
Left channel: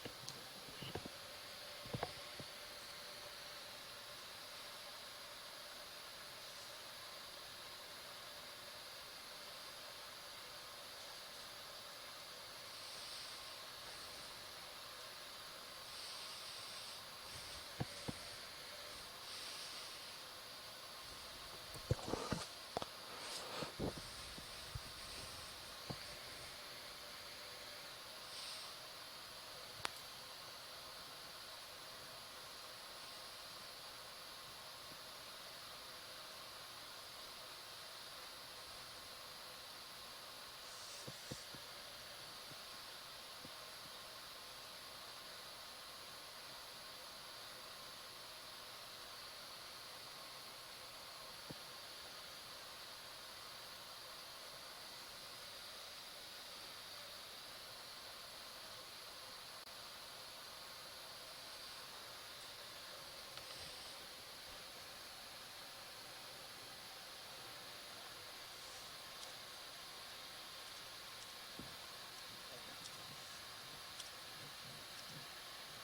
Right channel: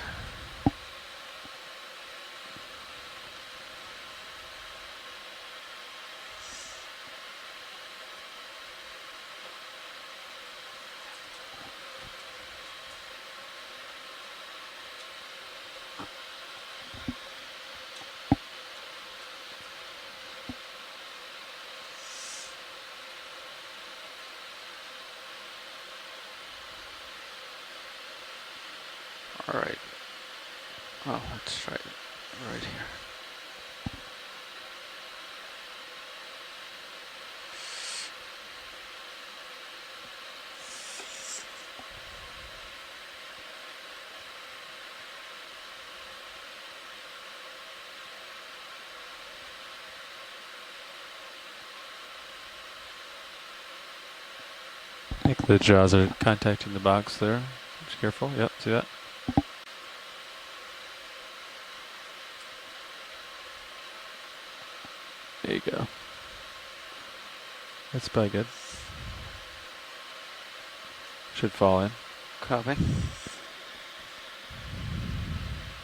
All right. Oh, let's try it right here. I think the jaws are contacting the box there. Just careful. Yep, see that? There you go. That's probably good. Should fall in. Copy.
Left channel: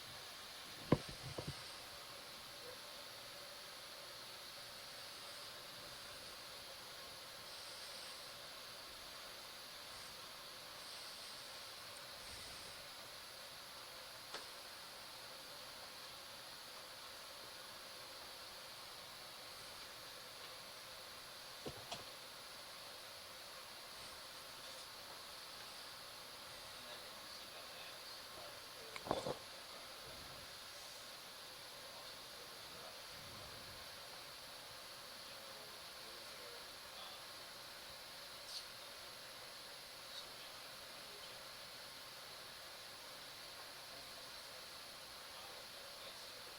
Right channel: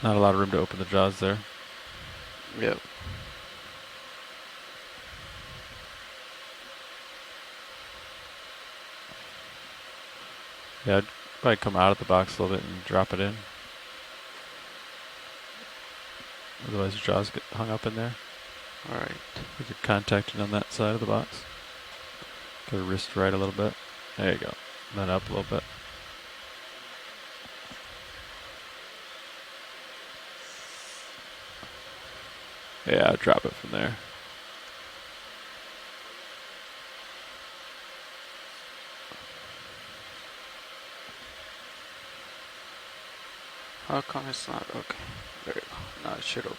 Not a lot of room to open the jaws there. Yep. Yeah, I'd probably come out of the box a little bit and drop it in. Otherwise the jaws get hung up in there. All right. You could contact it on that side of the box. Go wrist right a little bit. There you go. And then up a little bit. Yeah, drop it from there. How come it's not? Okay. There you go. Now it should open.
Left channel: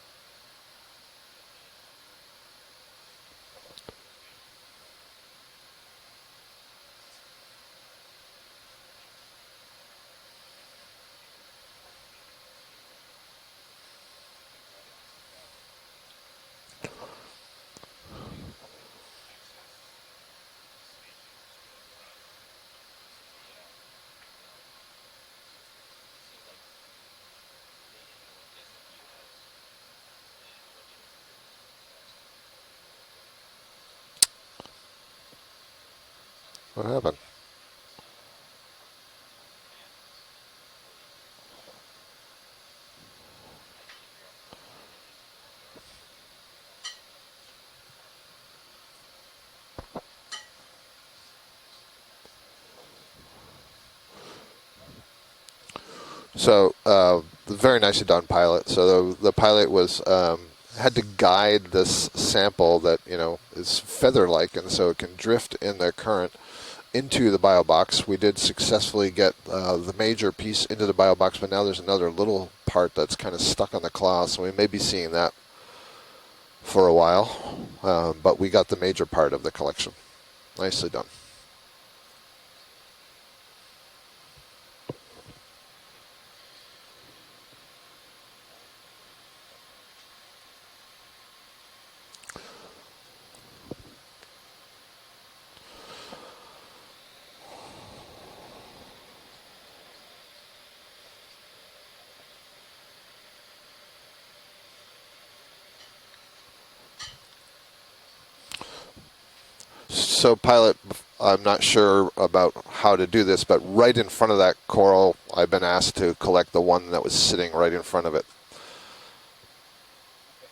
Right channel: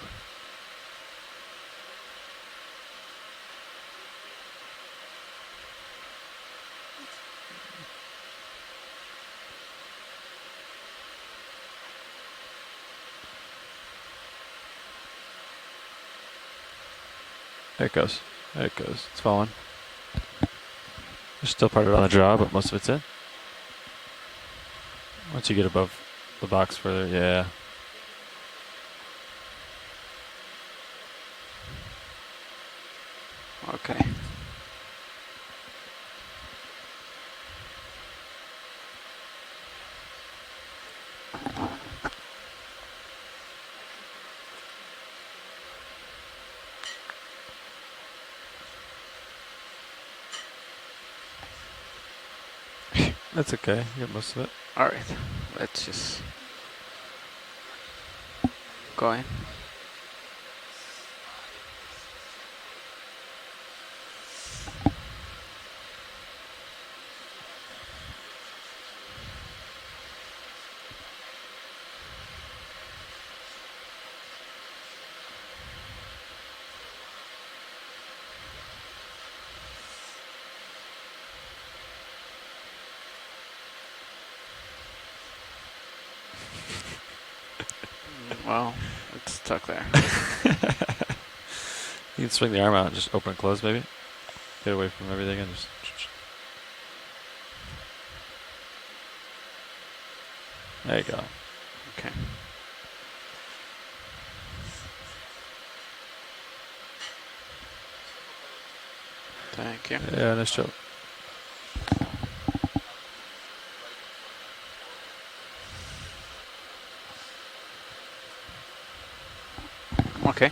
There it goes. There it goes. It's falling. There's still part of it on the jaw, but most of it's in. Once you get above the box further, yeah. Okay. What happened? That's okay. You get most of it. All right. Let's just. So very nicely done, pilot. So the pilot was had to guide this sample that is feather-like, and so it can drift in the current into the bio box. We did successfully get the major piece into the bio box, but now there's another little part that's kind of stuck on the claw, so we may be seeing that for a while. But we got the major part of the collection. Nicely done. Well, it's stuck there. You can swing the arm out and just open and close, maybe. Get away from everything and just. There you go. Okay. Thank you. So pilot, I'm not sure about how to do this, but right in front of that coral, I've been asked to collect the one that was sitting right in front of it. Okay.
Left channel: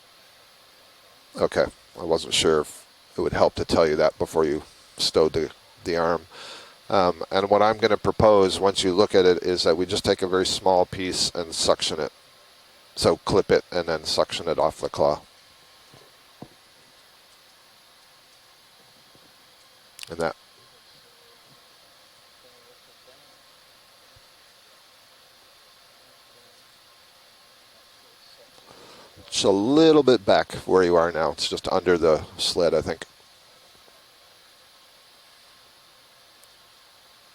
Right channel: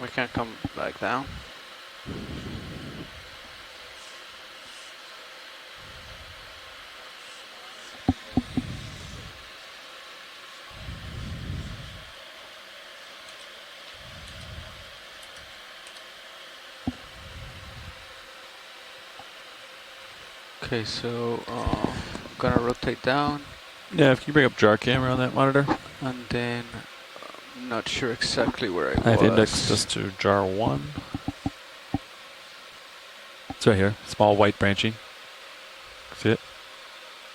We can come back down. Okay. I wasn't sure if it would help to tell you that before you stowed the arm. And what I'm going to propose, once you look at it, is that we just take a very small piece and suction it. So clip it and then suction it off the claw. And that. Okay, so I'm gonna rotate down. Yeah, if you bring up jar camera on that monitor. And then I'm not sure exactly where I I have was. It's a little bit jar back one. where you are now. It's just under the sled, I think. It's right here. Small white branching. See it?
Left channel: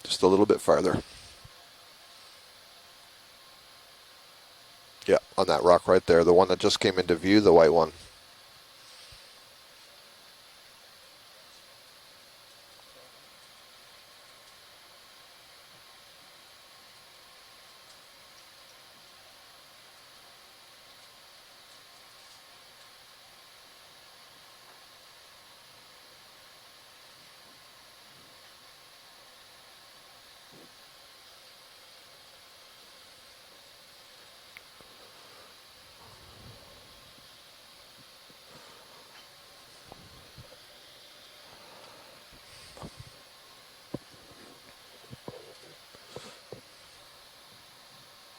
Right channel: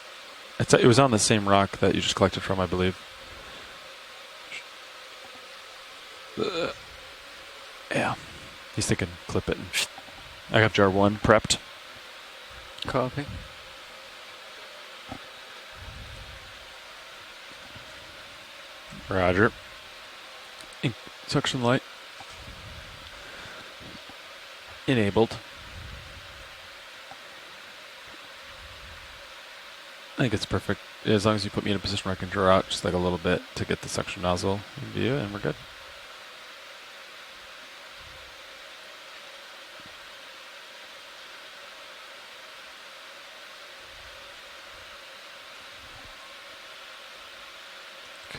Just a little bit It farther. was on the same rock that you just collected from, I believe. Yeah, on that rock right there. The one that just came into view, the white one. Yeah. He's thinking clip it. I got jar one prepped. Copy. Roger. Suction light. Enabled. I think it's perfect. As long as you put me in a position where I can draw out just like a little bit to get the suction nozzle in view, and we're good.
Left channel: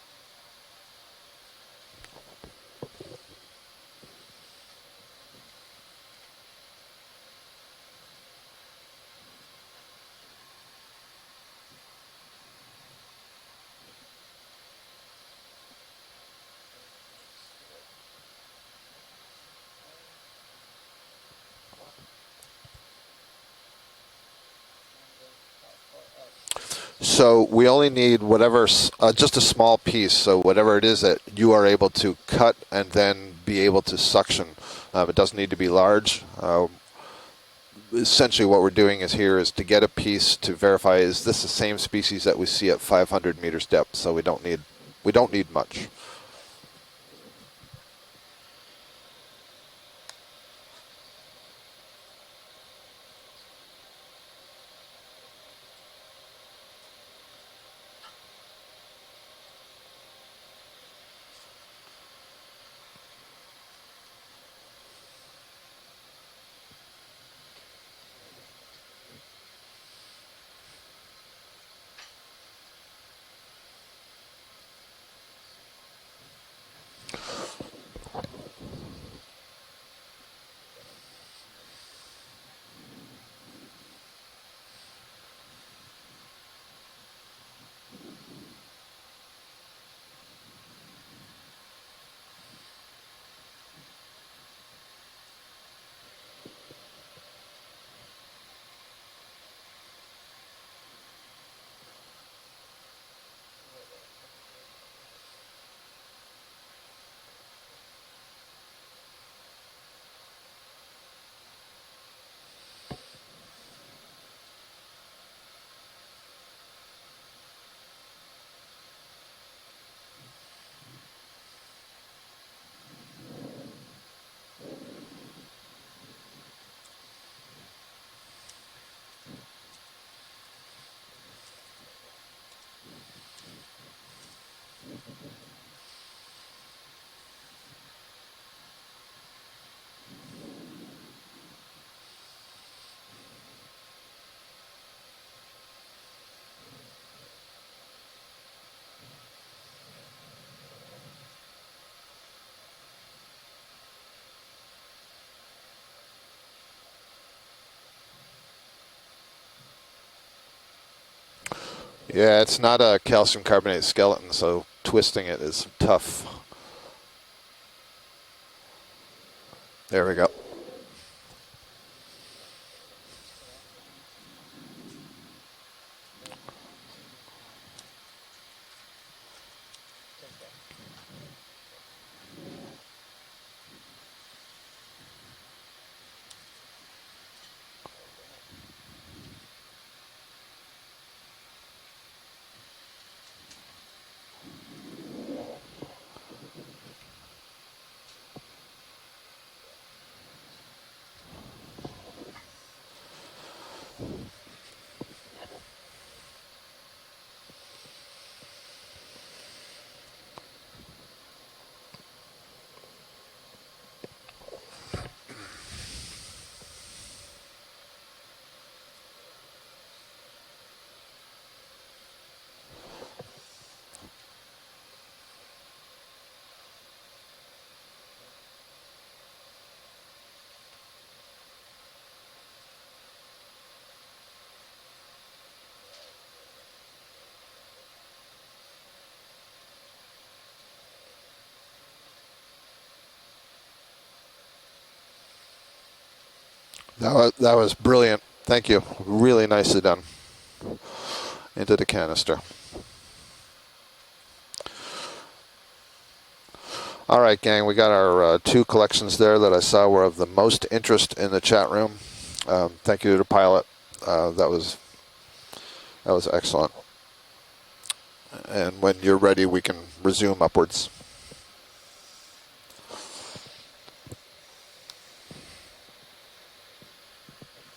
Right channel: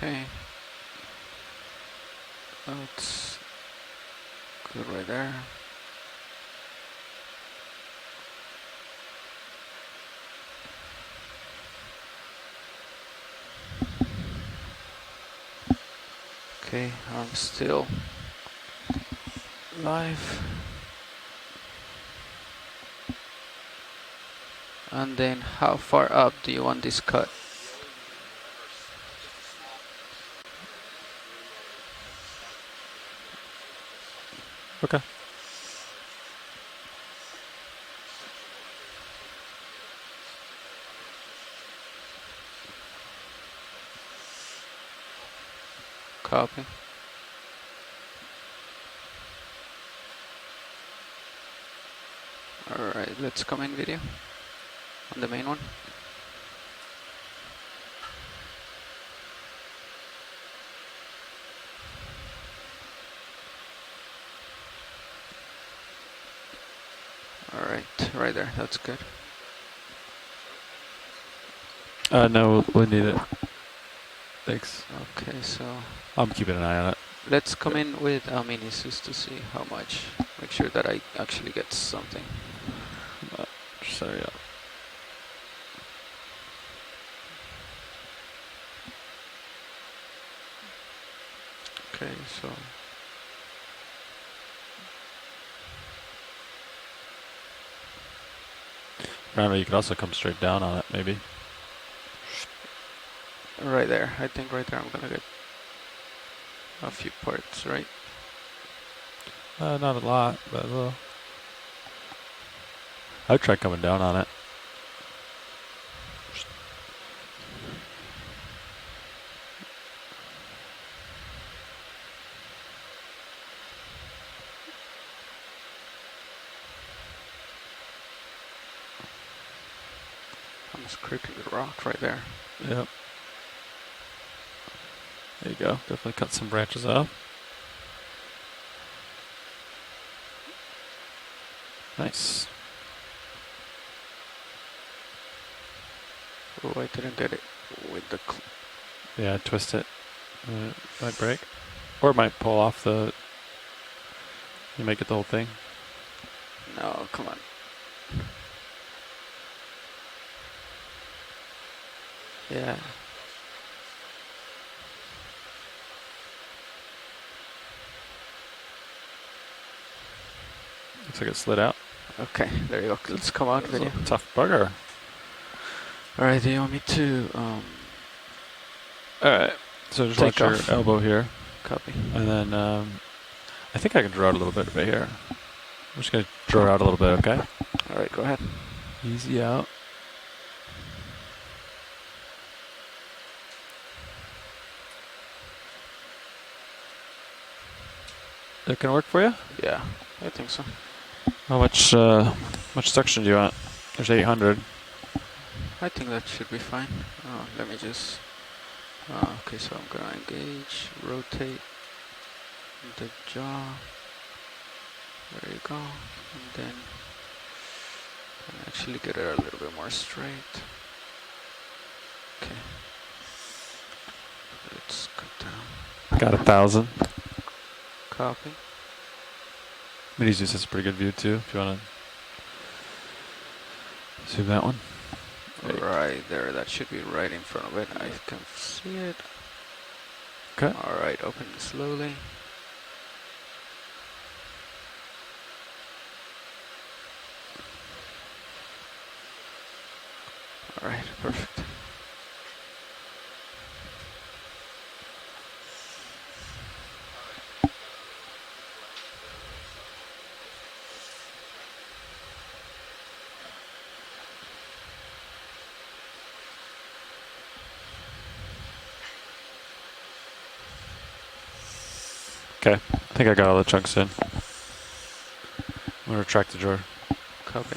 Okay. That's good right there. Okay, I'm still live. And then how far up do you want this cut? So we only need whatever, just a small piece. So whatever it is that you are able to cut and then be able to suction. Okay. It doesn't need to be large. Essentially what we're doing is to get a piece to verify, is this the same species that we see at 500 meters depth? So we don't need much. Copy. Alright, let's come in video on the main one. Alright, right there, that's good. No, we'll need it. Thanks. Okay, so I'm keeping an eye on it. let's come in with minisus to see how much. Make sure that I actually get something. Sorry. Yeah. Okay, so Remember, you could also come straight down on it, maybe. right there, I think right there I'm gonna get a few parts, right? Not a lot, but a little. I'd try coming down on it. I'm just creeping the rock right there. Yep. There you go. Definitely cut some branches off. Nice. Oh, I didn't get it with the. Yeah, twist it. It might break. Or it might pull off the. You might get the whole thing. No, come on. Yeah, it's not a calcium carbonate skeleton, so twisting it is tough. There we go. Looks like it slid out. Okay, there you go. Let's come out video. Tough bugger. Alright, do you want me to Alright, so just watch take your off? elbow here. Copy. And then I think I can draw it a little bit right here. I'm just going to draw it out a little bit, okay? Alright, go ahead. Easy out. That can work for you? Yeah, I think so. How much suction do you want? There's 800. I think that should be fine. Let me just. Okay, so I'm gonna engage, rotate the jaw. There you go. And then actually get it a little bit more straight. Okay. Let's cut down. Got 1,000. Copy. Minizus has a pretty good view too, if you want to zoom that one. Right there, that should be right in front of it. I can see it. Okay. Alright, open it slowly. That was brilliant. Thank you. Really nicely done. Alright, perfect. Into the canister. All right, gang, we got our two collections there that I saw were of the most interest in the chat room. Thank you to the pilot. That was excellent. And when you're ready, we can resume upwards. Okay, I think I got all the chunks in. I'm going to retract the drawer. Copy.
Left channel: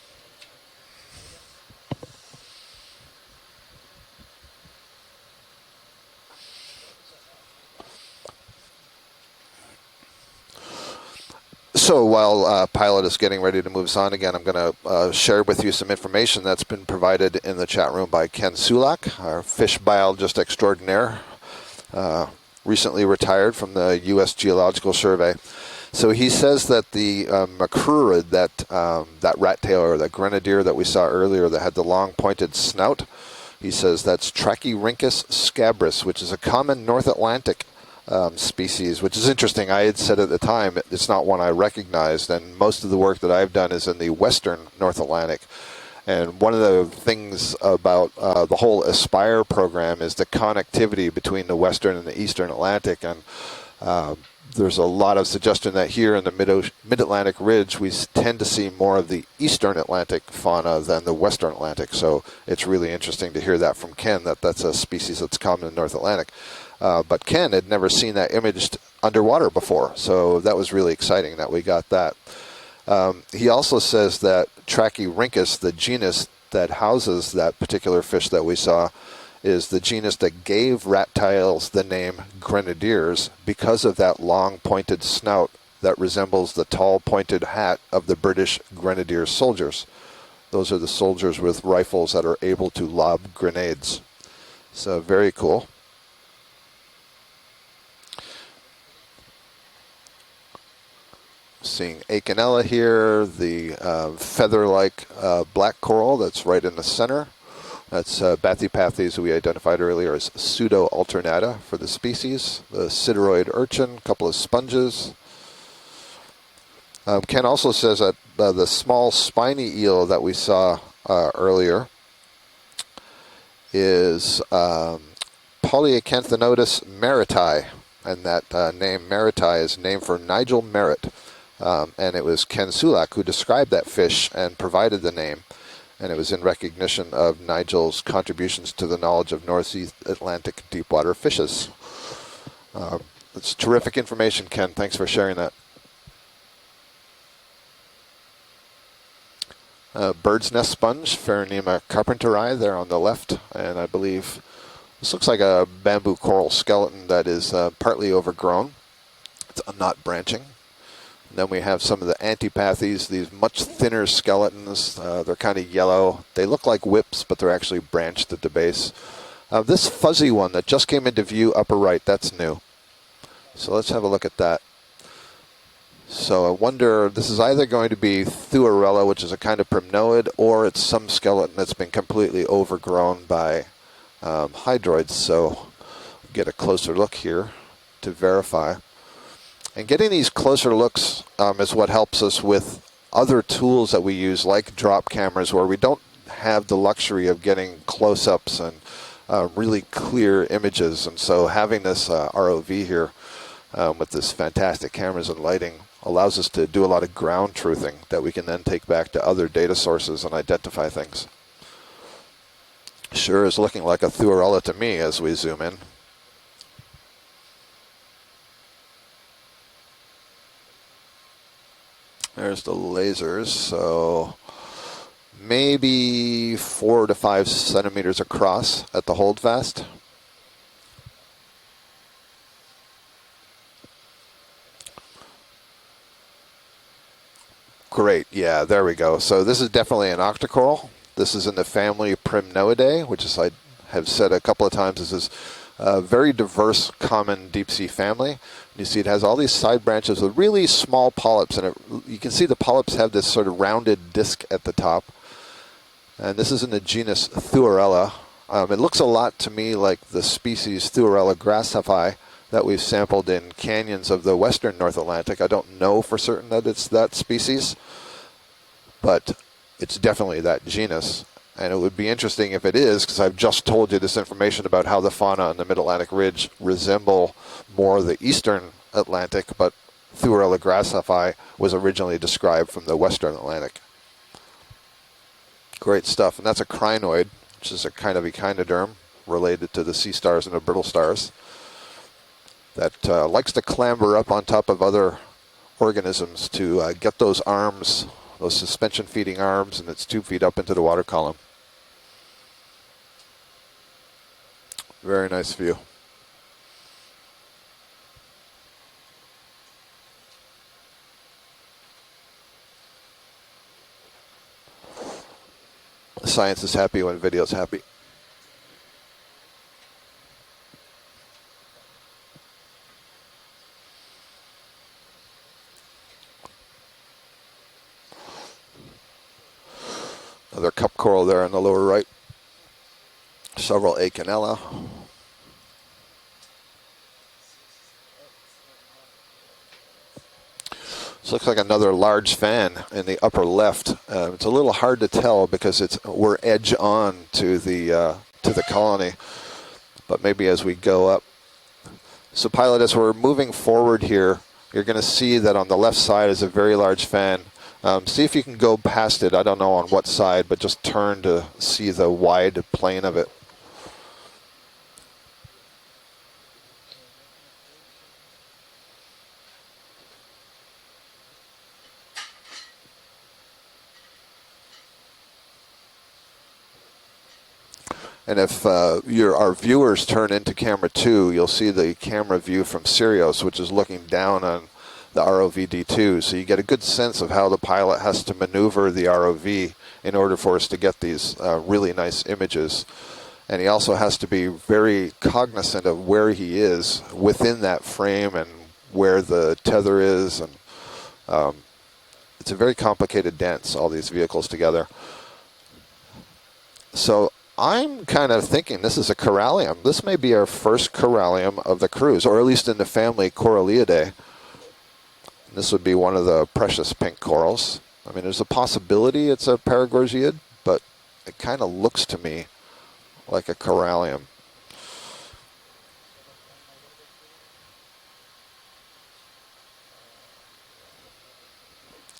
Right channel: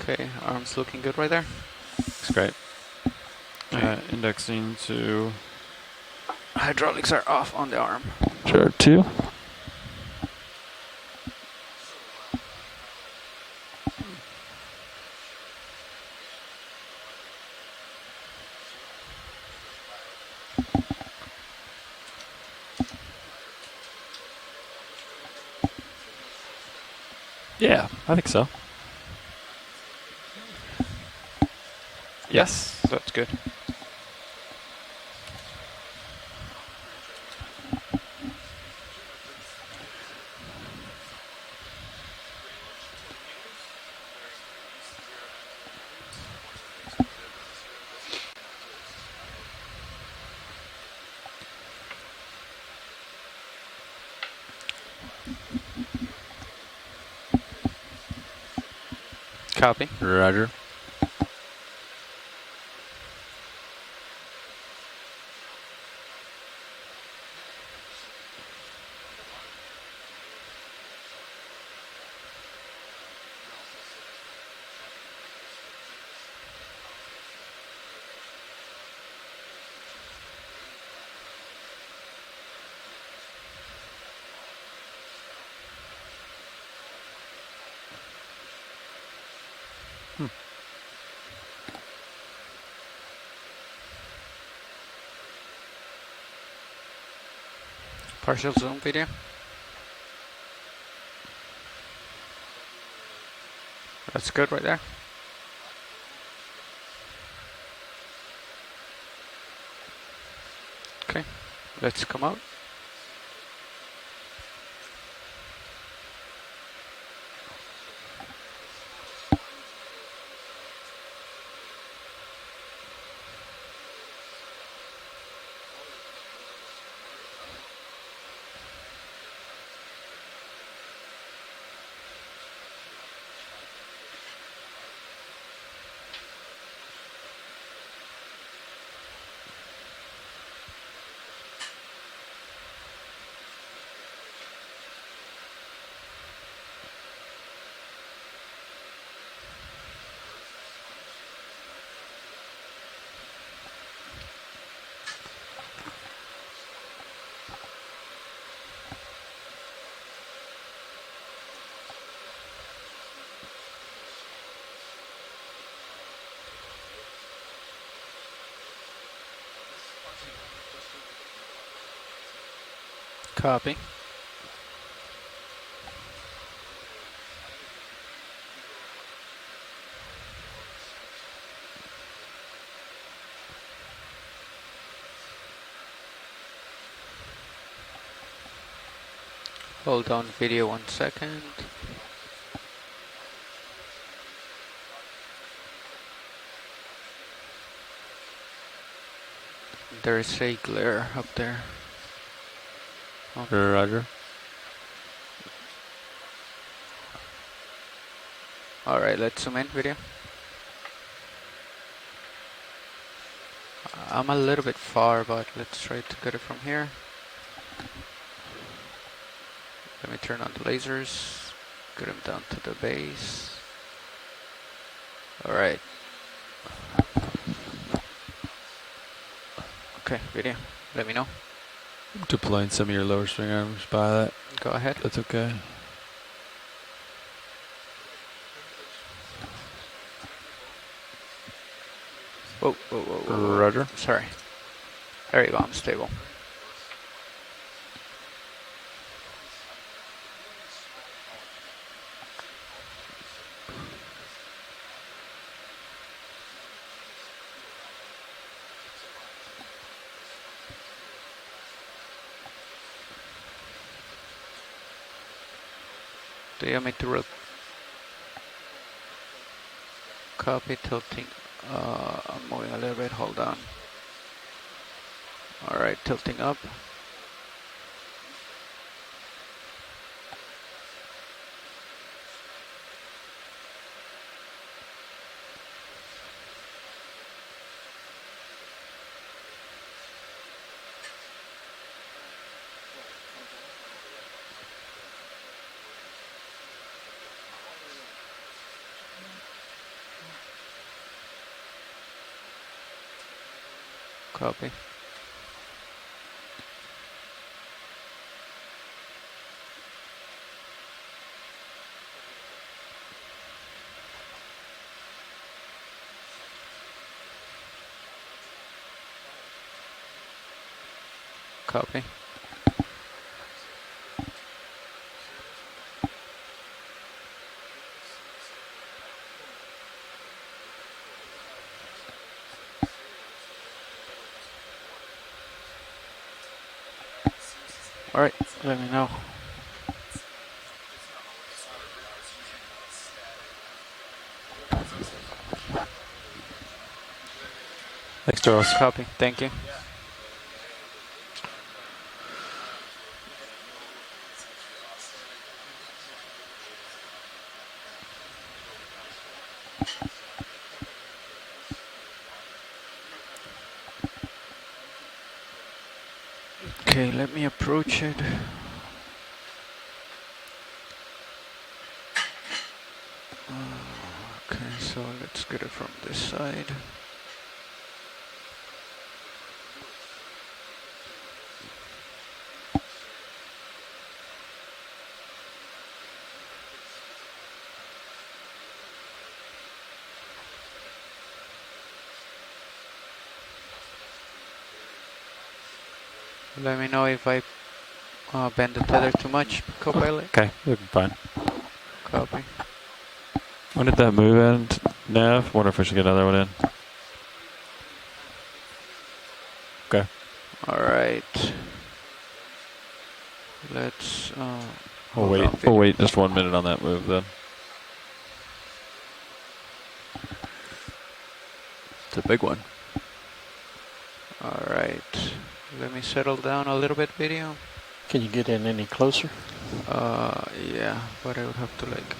Okay, arms looking good right there. Looks great. Indexing to Hydraulics are off on the arm. jar 2. So while Pilot is getting ready to move us on again, I'm going to share with you some information that's been provided in the chat room by Ken Sulak, our fish biologist extraordinaire, recently retired from the U.S. Geological Survey. So he says that the macrurid, that rat tail or that grenadier that we saw earlier that had the long pointed snout, That's good. he says that's Trachyrhynchus scabrous, which is a common North Atlantic species, which is interesting. I had said at the time it's not one I recognized, and most of the work that I've done is in the western North Atlantic. And one of the things about the whole ASPIRE program is the connectivity between the western and the eastern Atlantic. And there's a lot of suggestion that here in the mid-Atlantic ridge, we tend to see more of the eastern Atlantic fauna than the western Atlantic. So it's really interesting to hear that from Ken, that that's a species that's common in North Atlantic. But Ken had never seen that imaged underwater before. So that was really exciting that we got that. He also says that Trachyrhynchus, the genus that houses that particular fish that we saw, is the genus that gave rat tails the name grenadiers because of that long pointed snout that resembles the tall pointed hat of the British grenadier soldiers. Those are the soldiers with rifles that are able to lob grenades. So very cool. Partial zoom video. Seeing Okeanos here, the feather-like black coral that's right in the center. That's Bathypathes we identified earlier as pseudo-alternata for the species. The sideroid urchin, a couple of sponges. Ken also says that the small spiny eel that we saw earlier is Polyacanthonotus merritti, and that name merritti is named for Nigel Merritt. And it was Ken Sulak who described that fish and provided the name. And it was in recognition of Nigel's contributions to the knowledge of Northeast Atlantic deepwater fishes. It's terrific information, Ken. Thanks for sharing that. Bird's nest sponge, Pheronema carpenteri, there on the left. And I believe this looks like a bamboo coral skeleton that is partly overgrown. It's not branching. Then we have some of the antipathes, these much thinner skeletons. They're kind of yellow. They look like whips, but they're actually branched at the base. This fuzzy one that just came into view upper right, that's new. Copy. So let's have a look at that. So I wonder, this is either going to be Thuarella, which is a kind of primnoid, or it's some skeleton that's been completely overgrown by hydroids. So get a closer look here to verify. And getting these closer looks is what helps us with other tools that we use, like drop cameras, where we don't have the luxury of getting close-ups and really clear images. And so having this ROV here with this fantastic cameras and lighting allows us to do a lot of ground truthing that we can then take back to other data sources and identify things. Sure is looking like a Thuarella to me as we zoom in. Let's try to get it from here. Let me turn on the lasers. Get them down. There's the lasers. So maybe 4 to 5 centimeters across at the holdfast. Okay, video. Let me know. Deploying some of your lower string arms by that. Go ahead. That's okay. Great. Yeah, there we go. So this is definitely an octocoral. This is in the family Primnoidae, which is, I have said a couple of times, this is a very diverse common deep sea family. You see it has all these side branches with really small polyps, and you can see the polyps have this sort of rounded disc at the top. And this is in the genus Thuarella. It looks a lot to me like the species Thuarella grassify that we've sampled in canyons of the western North Atlantic. I don't know for certain that it's that species, but it's definitely that genus. And it would be interesting if it is, because I've just told you this information about how the fauna on the Mid-Atlantic Ridge resemble more the eastern Atlantic, but Thuarella grassify was originally described from the western Atlantic. Great stuff. And that's a crinoid, which is a kind of echinoderm related to the sea stars and the brittle stars that likes to clamber up on top of other organisms to get those arms, those suspension feeding arms, and its tube feed up into the water column. Copy. Very nice view. Science is happy when video's happy. Copy. Another cup coral there on the lower right. Several Okeanos. All right, let me know. This looks like another large fan in the upper left. It's a little hard to tell because we're edge on to the colony. Thank you. But maybe as we go up. So pilot, as we're moving forward here, you're going to see that on the left side is a very large fan. See if you can go past it. I don't know on what side, but just turn to see the wide plane of it. Okay, let me approach it. Okay, so let's get it from this side. And if our viewers turn into camera 2, you'll see the camera view from Sirius, which is looking down on the ROV-D2. So you get a good sense of how the pilot has to maneuver the ROV in order for us to get these really nice images. And he also has to be very cognizant of where he is within that frame and where the tether is. Okay, fine. It's a very complicated dance, all When did these that move vehicles in? together. No, I wonder if we should get another one in. So I'm kind of thinking this is a corallium. This Okay. may be our first All right. corallium of the cruise, or at least in the family Coralliidae. We'll wait. This we'll would wait be just one of the 1 minute on that precious move pink then. corals. I mean, there's a possibility it's a Paragorgiid, but it kind of looks to It's a me big one. like a corallium. All right, let me settle down a little bit, video. Can you get in any closer? Yeah, but I would have to like.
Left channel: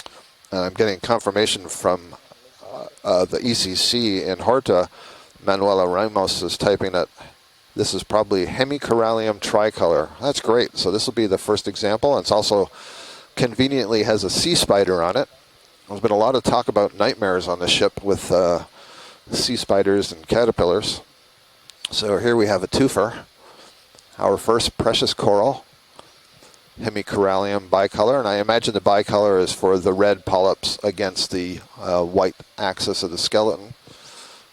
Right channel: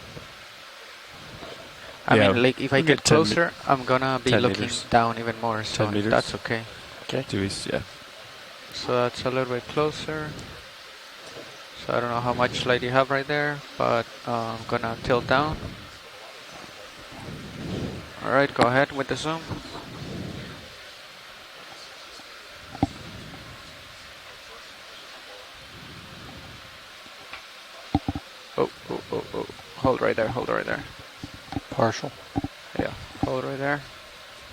I'm getting confirmation from I Yeah. mean, like if I get the closer, ECC I'm gonna be in looking Horta. down even more. Manuela so Ramos that's is okay. typing that Okay. Yeah. this is probably So hemicorallium that's a little bit tricolor. closer. That's great. So this will be the first I don't example. know It's how much also light you have right there, conveniently but, has a sea I'm spider gonna on tilt it. Down. There's been a lot of talk about nightmares on the ship with All right, go ahead with the zoom. sea spiders and caterpillars. So here we have a twofer, our first precious coral, hemicorallium bicolor, and I imagine the bicolor is for the Hold right red there, hold right polyps there. against the Partial. white axis of the Over skeleton. there.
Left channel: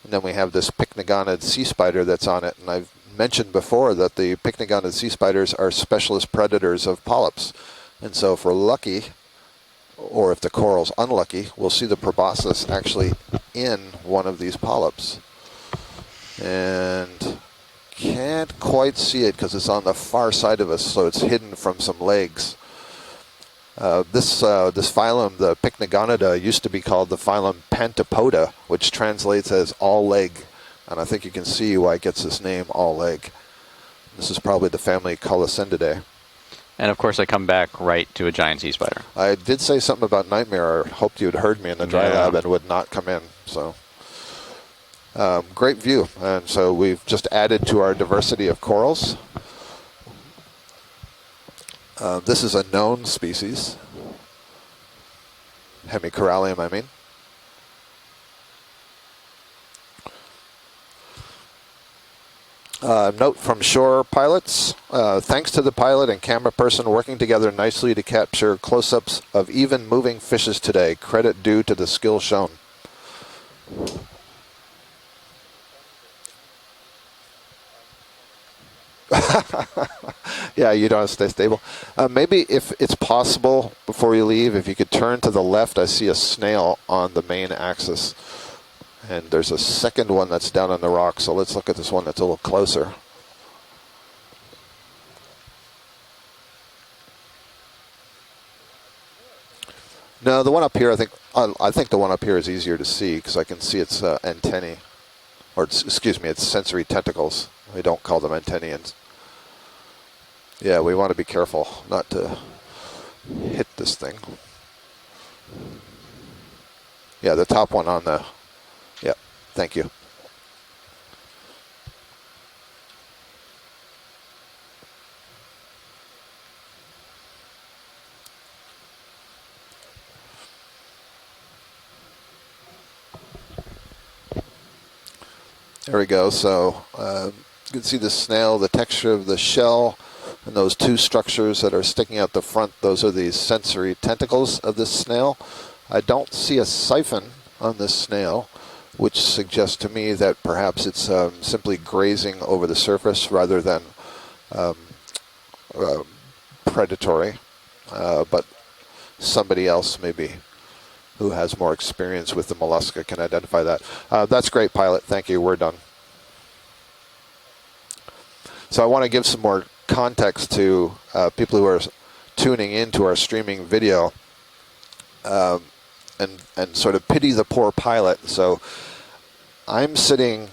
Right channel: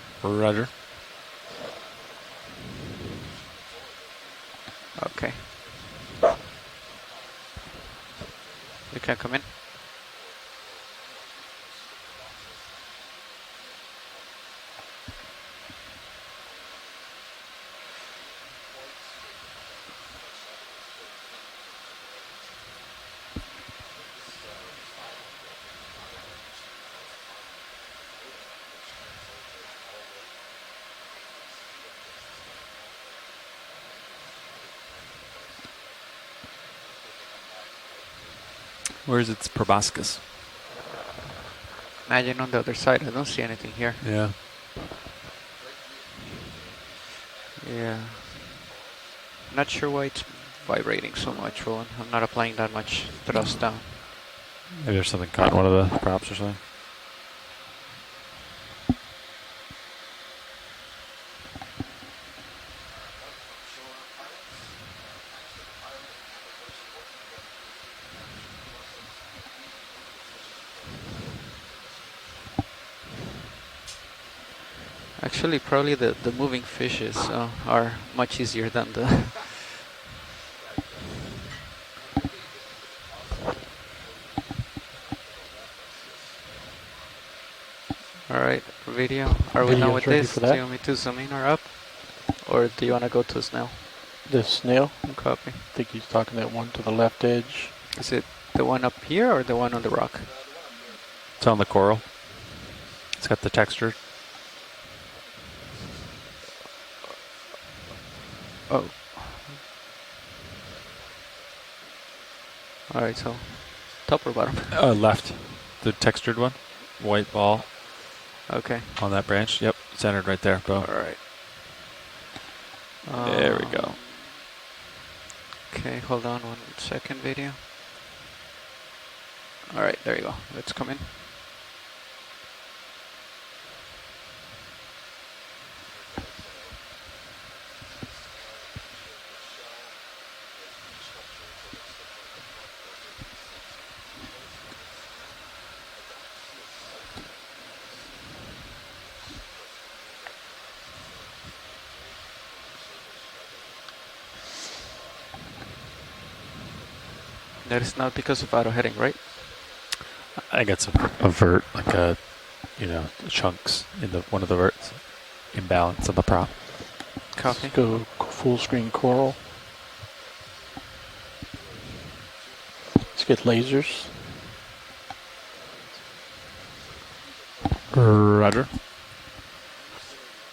And then we Over have under. this pycnogonid sea spider that's on it, and I've mentioned before that the pycnogonid sea spiders are specialist predators of polyps. And so if we're lucky, You can come in. or if the coral's unlucky, we'll see the proboscis actually in one of these polyps. And can't quite see it because it's on the far side of us, so it's hidden from some legs. This phylum, the Pycnogonida, used to be called the phylum Pantopoda, which translates as all leg. And I think you can see why it gets this name, all leg. This is probably the family Colossendidae. And of course, I come back right to a giant sea spider. Where's I its did say something proboscis? about nightmare. I hoped you'd heard me in the dry Yeah. lab Imagine and on would the not other side, come I in. don't see anything So. here. Yeah. Great view, and so we've just added to our diversity of corals. Not sure why it's vibrating so much, Roland. This is a known species, Maybe there's something caught in one of the hemicorallium, I mean. Note from shore pilots, thanks to the pilot and camera person working together nicely to capture close-ups of even moving fishes today. Credit due to the skill shown. Actually, probably the moving fishes are much easier than the... Yeah, you don't have to stay stable. Maybe if it's possible, before you leave, if you could turn to the left, I see a snail on the main axis. All right, video. And there's a Are we done with second one this? that's down on the Because rock, so zooming let's her look at this one that's a little up? Or closer. do you want to go to snail? The snail? Copy. I think he's talking that one to the left edge. Is it the one up here or the one on the rock? No, the one up here, I think on the I think the coral. one up here is easier to see because got I the can see texture. its antennae. Or, excuse me, its sensory tentacles. They don't call them antennae. Oh. Yeah, we want to be careful not to All right, so hit this thing. top or bottom? Left. The textured one. White Yeah, the ball top one on the... Okay. on Yep. that branch. Thank Yep, you. Centered right there. Boom. All right. There we go. Okay, hold on 1 second, video. All right, there you go. Let's come in. There we go. So you can see the snail, the texture of the shell, and those two structures that are sticking out the front. Those are the sensory tentacles of this snail. I don't see a siphon on this snail. which suggests to me that perhaps it's simply grazing over the surface rather than predatory. That is not because but of auto heading, right? somebody else maybe I think it's who has avert, more like experience with the mollusca can identify that. chunks in one That's of the great, pilot. Thank you. We're done. imbalance of the prop. Copy. Go full screen. So I want to give coral. some more context to people who are tuning into our streaming lasers. video, and sort of pity the poor pilot. So Roger. I'm sitting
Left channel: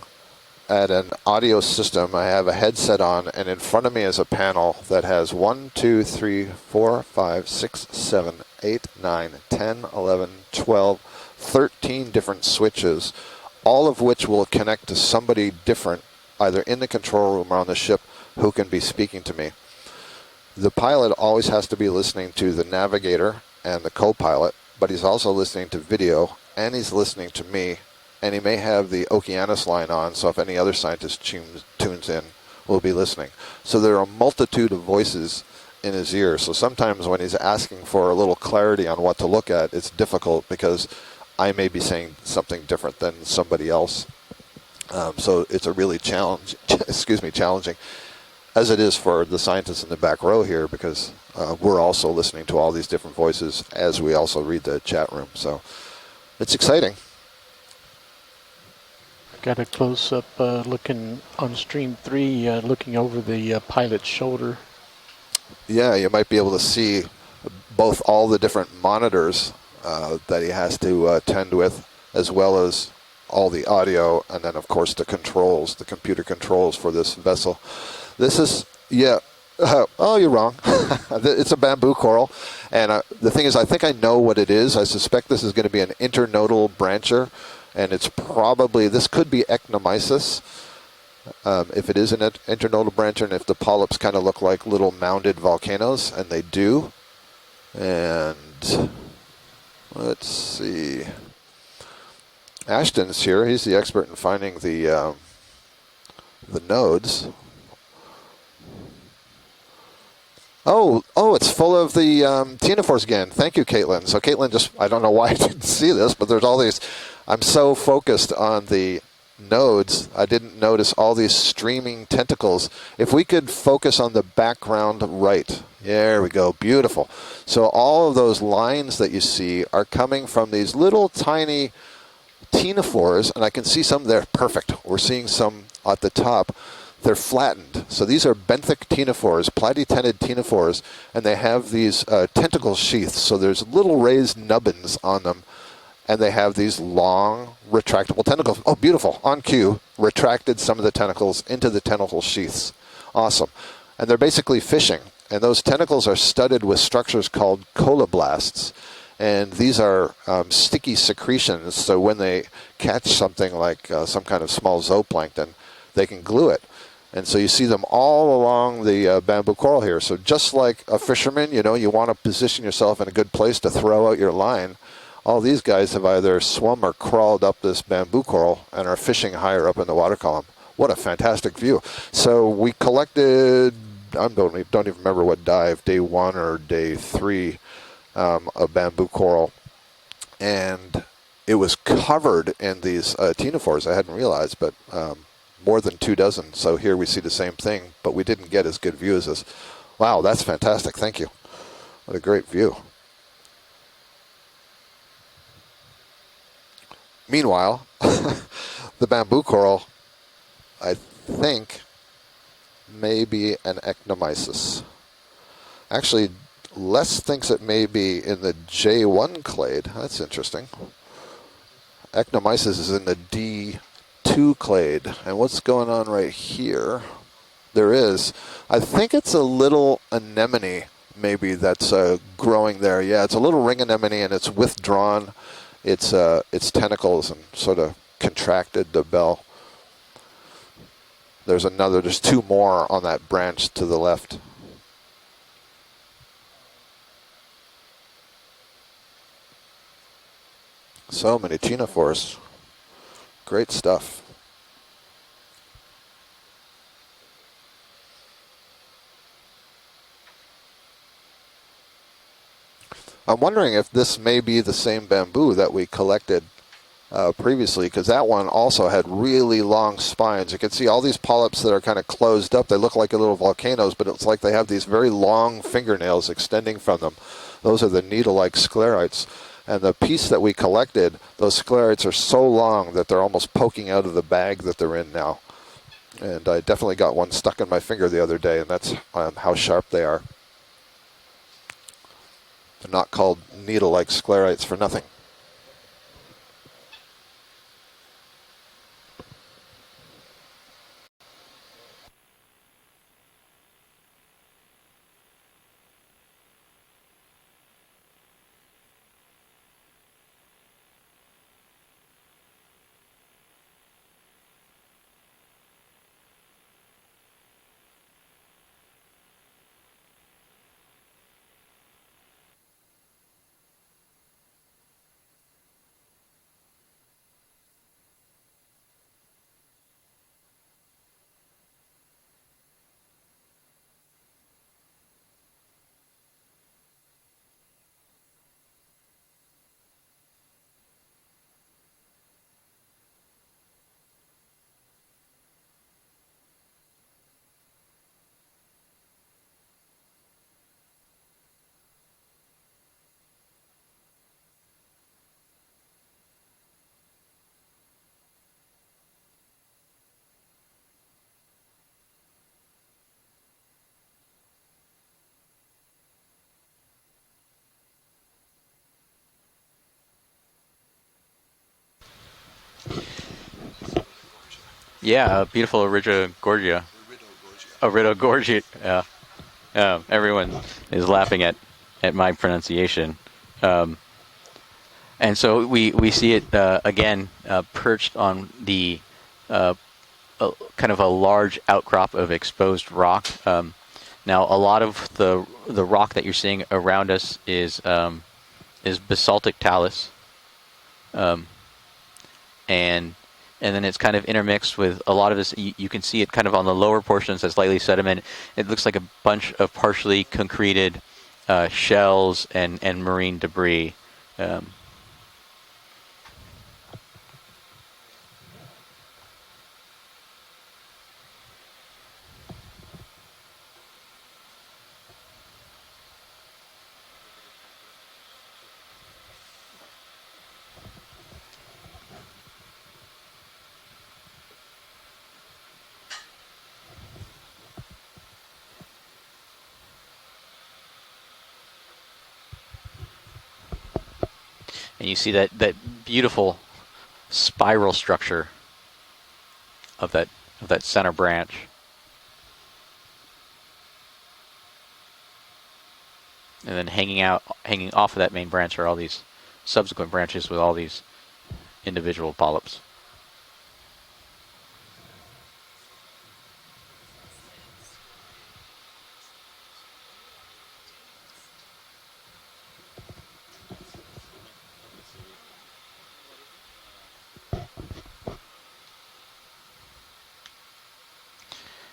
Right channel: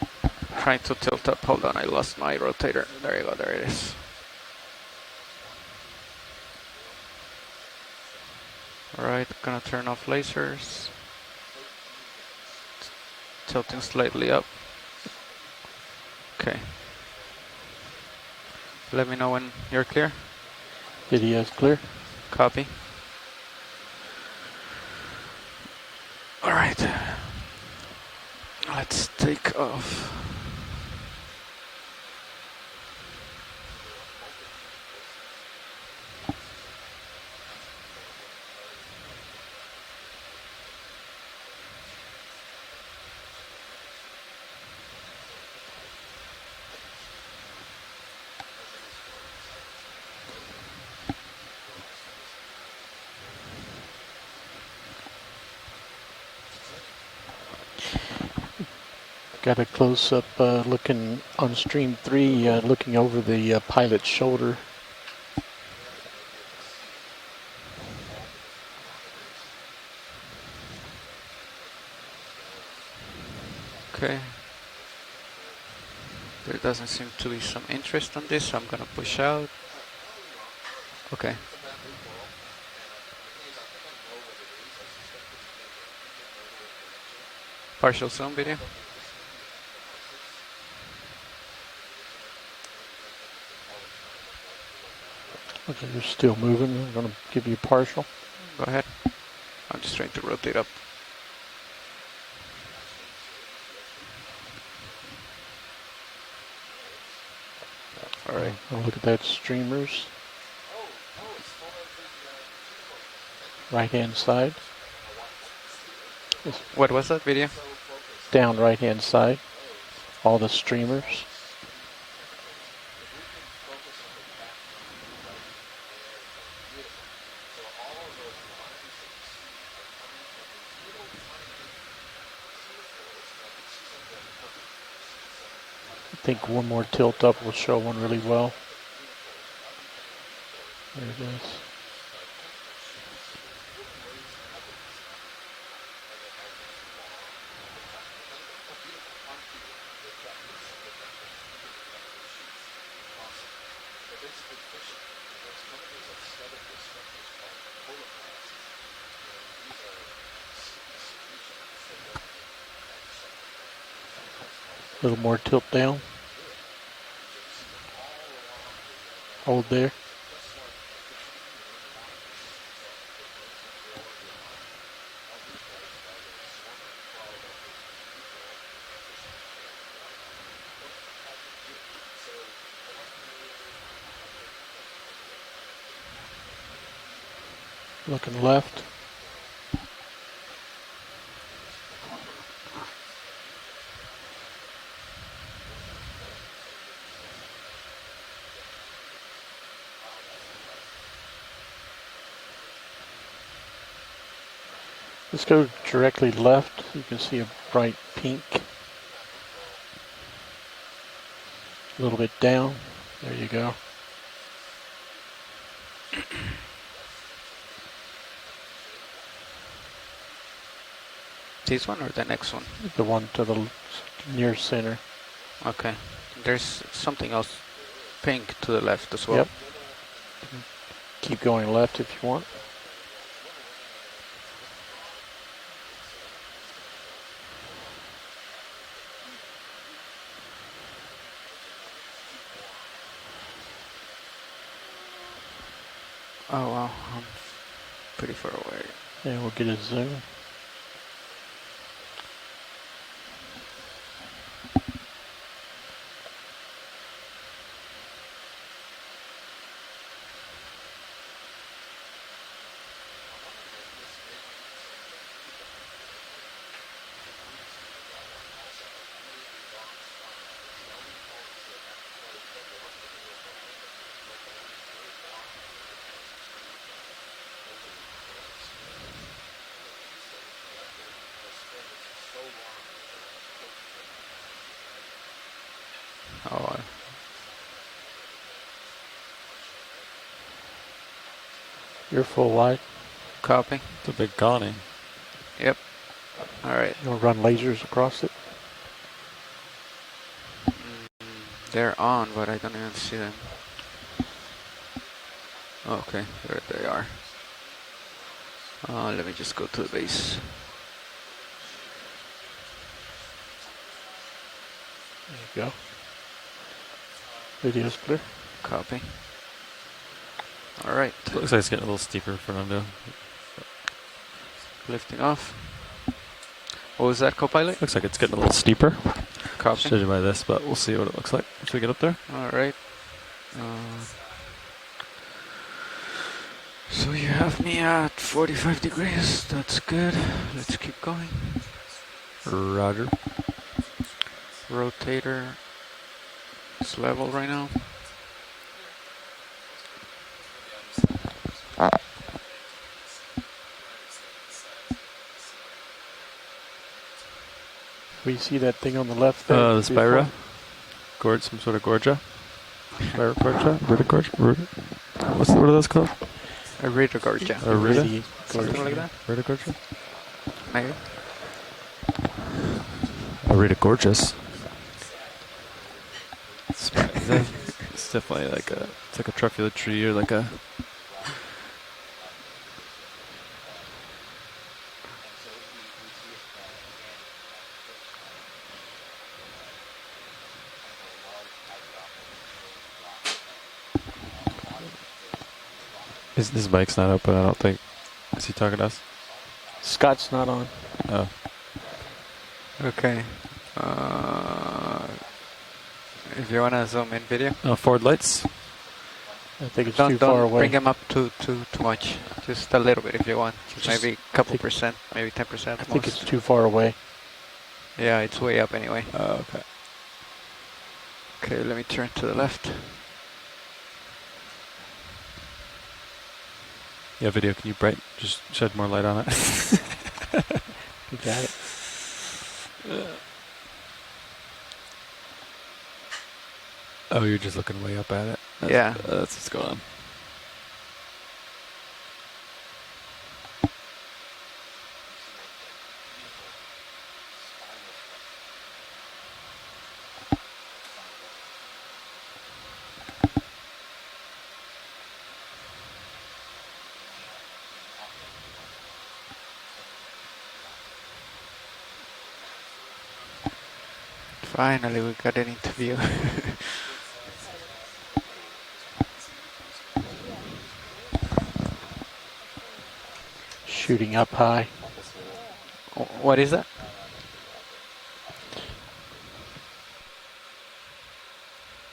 Right, at so an tilt up, audio hold on, system. lost I my have a rotator. headset There you on, go, and there in it is. front of me is a panel that has 1, 2, 3, 4, 5, 6, 7, 8, Alright, 9, gonna 10, turn off 11, lasers. 12, 13 different switches, Tilt all this of which slightly will up. connect to somebody different, either in the control room or on the ship, who can be Let me speaking know to when me. you're clear. The pilot Video always is has to clear? be listening to Copy. the navigator and the co-pilot, but he's also listening to video, Alright. and he's listening to me, and he may have Let's the take Okeanos off. line on, so if any other scientist tunes in, we'll be listening. So there are a multitude of voices in his ear, so sometimes when he's asking for a little clarity on what to look at, it's difficult because I may be saying something different than somebody else. So it's a really challenging, as it is for the scientists in the back row here, because we're also listening to all these different voices as we also read the chat room. So it's exciting. Got a close up looking on stream 3, looking over the pilot's shoulder. Yeah, you might be able to see both all the different monitors that he has to tend with, as well as all the audio, Okay. and then of course the controls, the computer controls for this vessel. Some interest on This this. is, I'm gonna push yeah. out. Oh, you're wrong. It's a bamboo coral, and the thing is, I think I know what it is. I suspect this is going to be an internodal brancher, and Partial it's sound probably, this could be ecnomysis. If it is an internodal brancher, and if the polyps kind of look like little mounded volcanoes, Still and they moving. do. I'm going to give you partial. And Okay. I'm just trying to let's rotate up. see. Ashton's here. He's the expert in finding the nodes. All right. Oh, look at that, streamers. Oh, it's full of the ctenophores again. Thank you, Caitlin. Right-hand So Caitlin side. I don't know why I didn't see this, but there's all these. What was that video? I'm so focused Down on right-hand the side. nodes, I All didn't the notice all streamers. these streaming tentacles. If we could focus on the background right. There we go. Beautiful. So all of those lines that you see are coming from these little tiny ctenophores, and I can see some there. Perfect. We're seeing some at the top. One more tilt They're up will flattened. show one So really these are well. benthic ctenophores, platytended ctenophores, and they have these tentacle sheaths. So there's little raised nubbins on them, and they have these long retractable tentacles. Oh, beautiful. On cue, retracted some of the tentacles into the tentacle sheaths. Awesome. And they're basically fishing. And those tentacles are studded with structures called coloblasts. And these are sticky secretions, so when they catch something like some kind of small A little more zooplankton, tilt down. they can glue it. And so you see them all along the bamboo Hold coral that. here. So just like a fisherman, you know, you want to position yourself in a good place to throw out your line. All these guys have either swum or crawled up this bamboo coral and are fishing higher up in the water column. What a fantastic view. So we collected, I don't even remember what dive, day 1 or day 3 Looking left. of bamboo coral. And it was covered in these ctenophores. I hadn't realized, but more than 2 dozen. So here we see the same thing, but we didn't get as good view as this. Wow, that's fantastic. Thank you. What a great view. Let's go directly left. You can see Meanwhile, right pink, the bamboo coral, I think, a little bit down. may There be you go. an ecnomysis. Actually, Les thinks it may be in the J1 clade. That's interesting. This one or the next one? Ecnomysis is in The the one to the D2 near clade. center. And what's going Okay. on right There's here? something else There is. pink to I the left think as it's well. a little anemone, maybe, going that's left if you want. growing there. Yeah, it's a little ring anemone, and it's withdrawn its tentacles and sort of contracted the bell. There's 2 more on that branch to the left. Oh wow, I'm pretty far away. Yeah, we'll get a zoom. So many ctenophores. Great stuff. I'm wondering if this may be the same bamboo that we collected previously, because that one also had really long spines. You can see all these polyps that are kind of closed up. They look like little volcanoes, but it's like they have these very long fingernails extending from them. Those are the needle-like sclerites. And the piece that we collected, those sclerites are so long that they're almost poking out of the bag that they're in now. And I definitely got one stuck in my finger the other day, and that's how sharp they are. You're full wide. They're not called needle-like It's a big sclerites colony. for nothing. Yep. All right. You'll run lasers across it. They're on, but I don't even see them. Okay, there they are. Let me just go to the base. There you go. Video's clear. Copy. All right. Looks like it's getting a little steeper, Fernando. Lifting off. What was that, co-pilot? Looks like it's getting a little steeper. Copy. Judging by this, but we'll see what it looks like once we get up there. All right. So you have me at 45 degrees. That's good. Let's keep going. Roger. Rotator. It's level right now. We see that thing on the left there. The Spira. Gorge, some sort of gorgia. Spira gorgia? What are those called? A Redonda. Rita? Something like that. Rita gorgia? Maybe. Rita gorgeous. Yeah, beautiful Orida Gorgia. Orida Gorgia. Yeah. It's like a truffula tree. Everyone is laughing at my pronunciation. And so we see it again perched on the kind of a large outcrop of exposed rock. Now a lot of the rock that you're seeing around us is basaltic talus. Scott's not on. And then it's kind of intermixed with a lot of this. You can see it kind of on the lower portions, it's slightly sediment. It looks like a bunch of partially concreted shells and marine debris. Maybe a couple percent, maybe 10%. I think it's too far away. Yeah, it's way up anyway. Okay. Okay, let me turn to the left. Yeah, video, can you just shed more light on it? You got it. Oh, you're just looking way up at it? Yeah. That's what's going on. And you see that beautiful spiral structure of that center branch. And then hanging off of that main branch are all these subsequent branches with all these individual polyps. Finally, we got an interview. Shooting up high. What is that?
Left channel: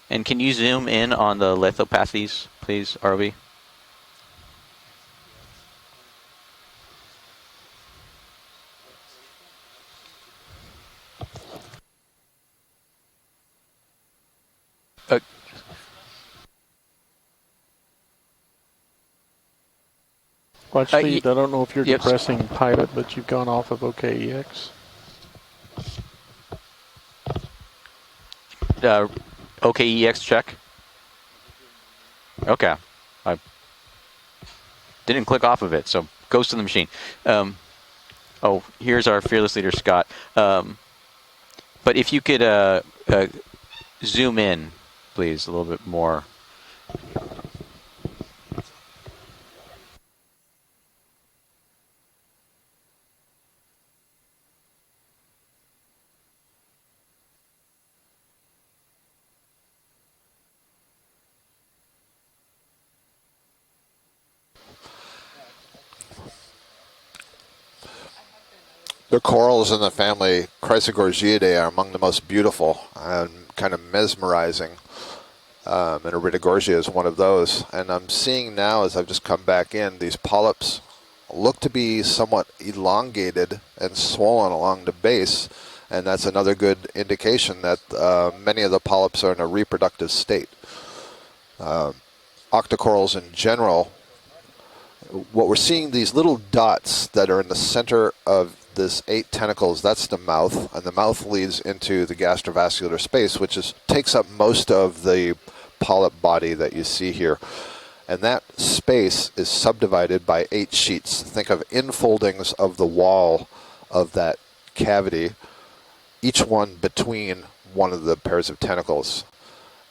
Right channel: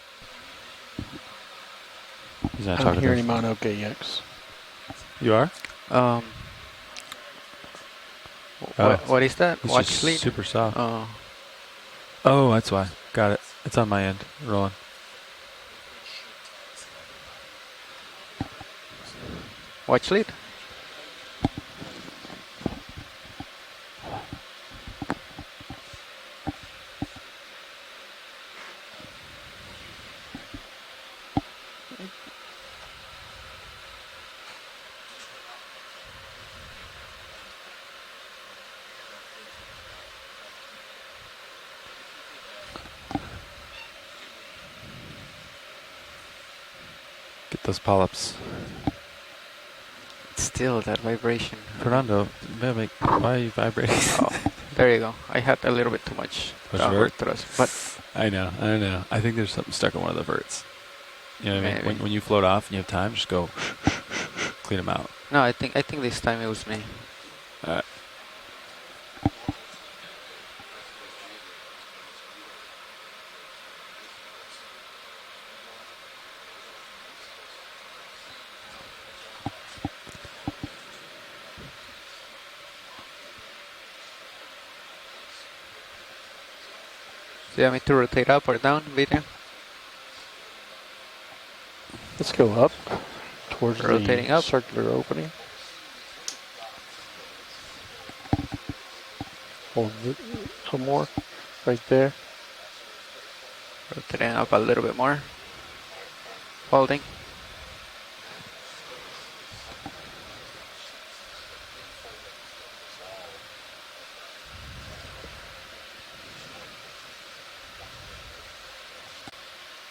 And can you zoom in on the lithopathies, please, I'm Barbie? on OKX. You are? What is that? It's Watch just lead? super soft. Oh. Oh, that's why. Got it. It's on my end. Rolling. Watch lead? Watch lead. I don't know if you're depressing pilot, but you've gone off of OKEX. OKEX check. Okay. I didn't click off of it, so goes to the machine. Oh, here's our fearless leader, Scott. But if you could zoom in, please, a little bit more. Get those polyps. Still that vibration. Fernando, why are you vibrating? Oh, there you go. I had a little bit too much downward thrust, but I know. I think there's something stuck on one of the verts. You know what I mean? When you float off and you have time, just go clean them out. No, I think this time it was me. The corals in the family Chrysogorgiidae are among the most beautiful and kind of mesmerizing. And Iridogorgia is one of those. And I'm seeing now, as I've just come back in, these polyps look to be somewhat elongated and swollen along the base, and that's another good indication Do you want me that to rotate up or many of the down, polyps Peter? are in a reproductive state. Let's go up. Octocorals in general, towards the Rotating up. circular opening. what we're seeing, these little dots that are in the center of this 8 tentacles, Hold that's it the mouth, some and the more. mouth leads Right into there. the gastrovascular space, which takes up Stand up a most little of bit more. the polyp body that you Holding. see here. And that space is subdivided by 8 sheets. Think of infoldings of the wall of that cavity, each one between one of the pairs of tentacles.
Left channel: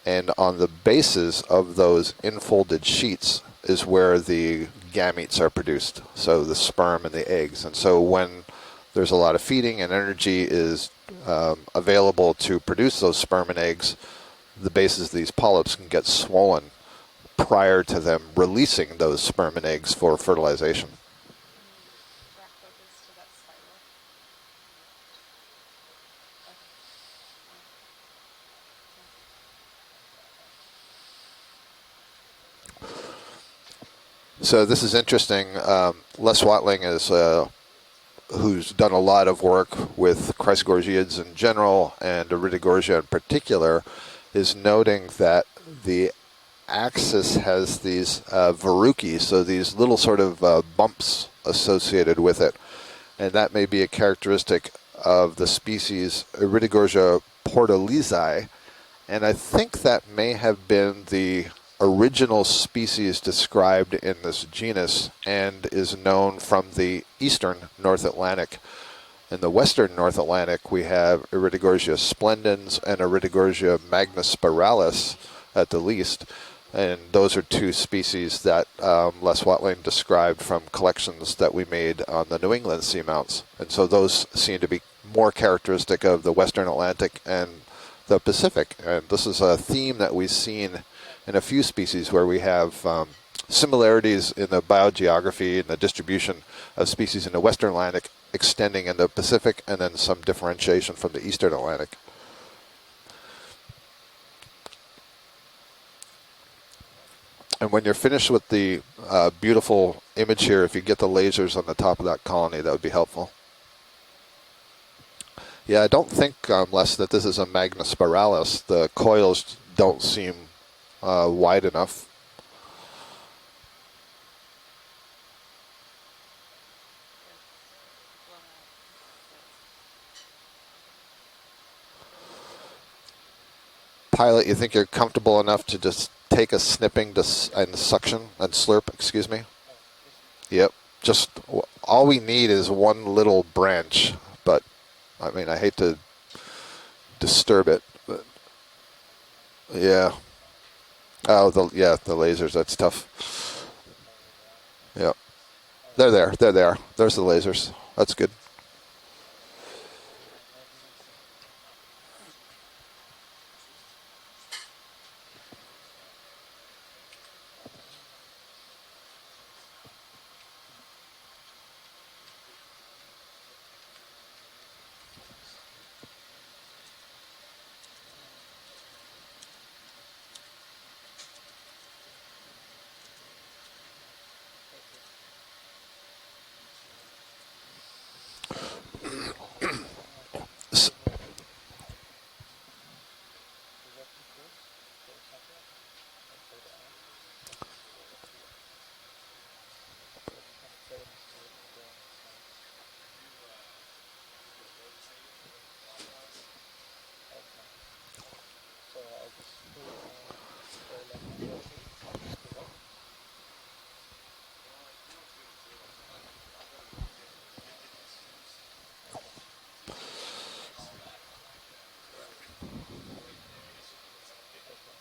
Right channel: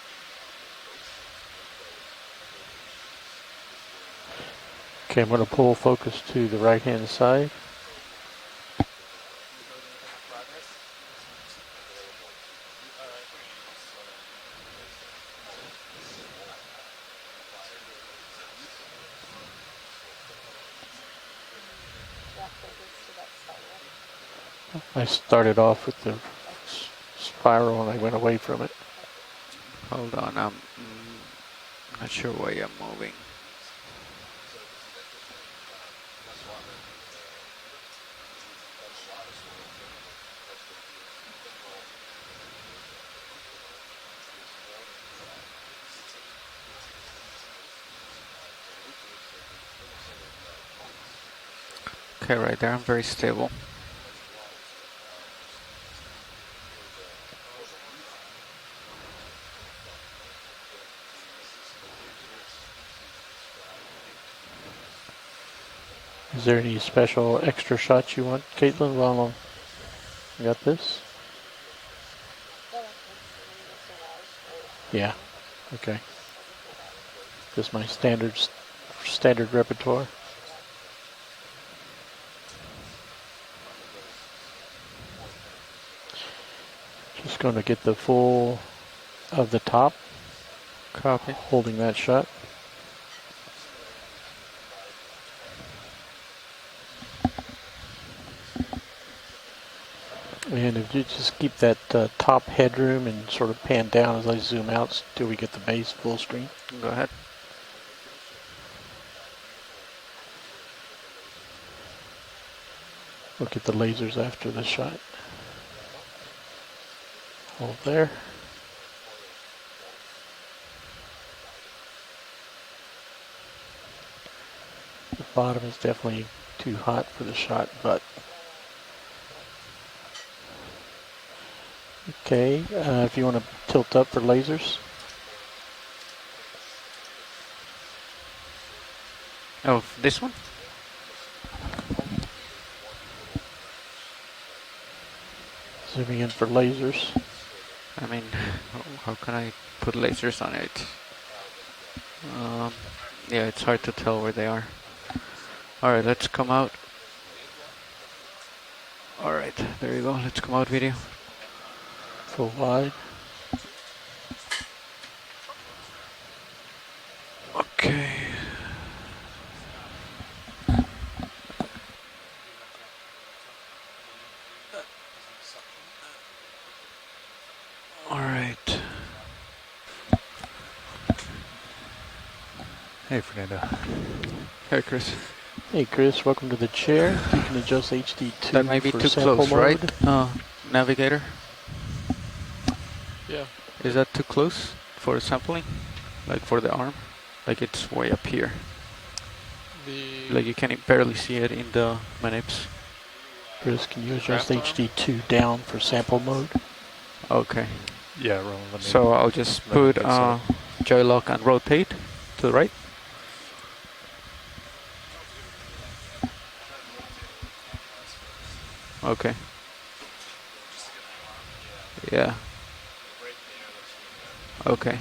And on the bases of those infolded sheets is where the Okay, I'm gametes gonna are pull produced. focus So to the the sperm right-hand and the side. eggs. And so when there's a lot of feeding and energy is available to produce those sperm and eggs, the bases of these polyps can get swollen prior to them releasing those sperm and eggs for fertilization. I started off with the spiral and I went away from it. Hold on, I'm not sure why I'm moving. So this is interesting. Les Watling is who's done a lot of work with chrysogorgiids in general and Iridogorgia in particular, is noting that the axis has these verrucae, so these little sort of bumps associated with Okay, it. right there, I'm very stable. And that may be a characteristic of the species Iridogorgia portolezi, and I think that may have been the original species described in this genus and is known Is there from any the special eastern extra North shots you want, Atlantic. Caitlin, while In the western North Atlantic, we this? have Iridogorgia splendens and Iridogorgia magnispiralis Yeah. at the Okay. least. And those are two That's my species that Les standard Watling repertoire. described from collections that we made on the New England seamounts. And so those seem to be more characteristic of the western Atlantic just and going to get the the full Pacific. And this is of a the top. theme that we've seen Copy. in a few Holding that species shut. where we have similarities in the biogeography and the distribution of species in the western Atlantic extending in the Pacific, and then some differentiation Yeah, from the just eastern keep Atlantic. that top headroom and sort of pan down as I zoom out till we get the base full screen. Go ahead. And when you're finished with the beautiful image here, if you get the lasers on the top of that colony, that would be helpful. Look at the lasers after the shot. Yeah, I don't think, Les, that this is a magnispiralis. The coils don't seem wide enough. The bottom is definitely too hot for the shot, but okay. If you want to tilt up the Pilot, you lasers. think you're comfortable enough to just take a snipping and suction and slurp, excuse me? Oh, this one? Yep. Just all we need is one little branch, but I mean, I hate to Zooming in for lasers. disturb it. I mean, how can I put Yeah. lasers on it? Oh, the lasers, that's tough. Yeah, it's hard to tell where they are. Yeah. All right, They're let's there, come they're out. there. There's the lasers. That's good. All right, there you go. Let's come out video. Full wide. Okay. All right. Hey, Fernando. Hey, Chris. Hey Chris, welcome to the chair. You can adjust HD2 That might be for too sample close, mode. right? Navigator. Yeah. Is that too close for sampling? Like for the arm? Like it's way up here. Like you can barely see it in the manips. Chris, can you adjust Craft arm? HD2 down for sample mode? Okay. Yeah, Roland, let me. So I'll just let me put fix that. joy lock and rotate to the right. Okay. Yeah. Okay.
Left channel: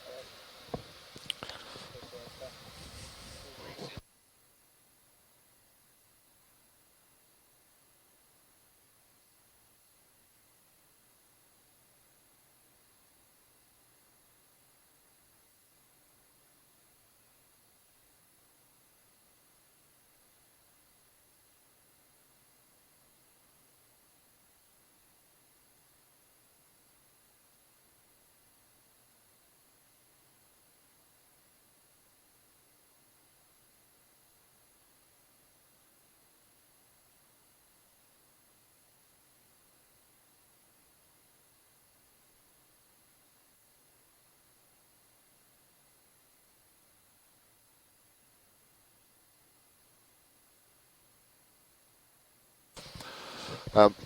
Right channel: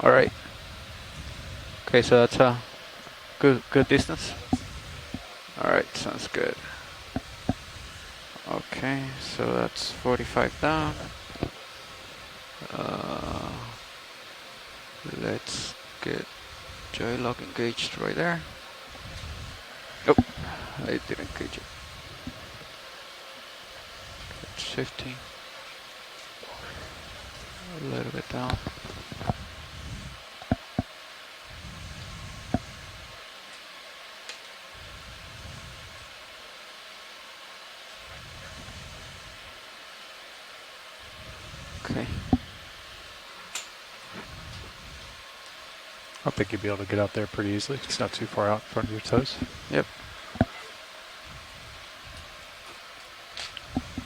All right. Okay, so that's a good distance. All right, sounds good. Okay, so that's 45 down. Let's get joy lock engaged right there. Oh, I didn't engage it. It's 15. A little bit down. Okay. I think you'd be able to get out there pretty easily. It's not too far out in front of your toes. Yep.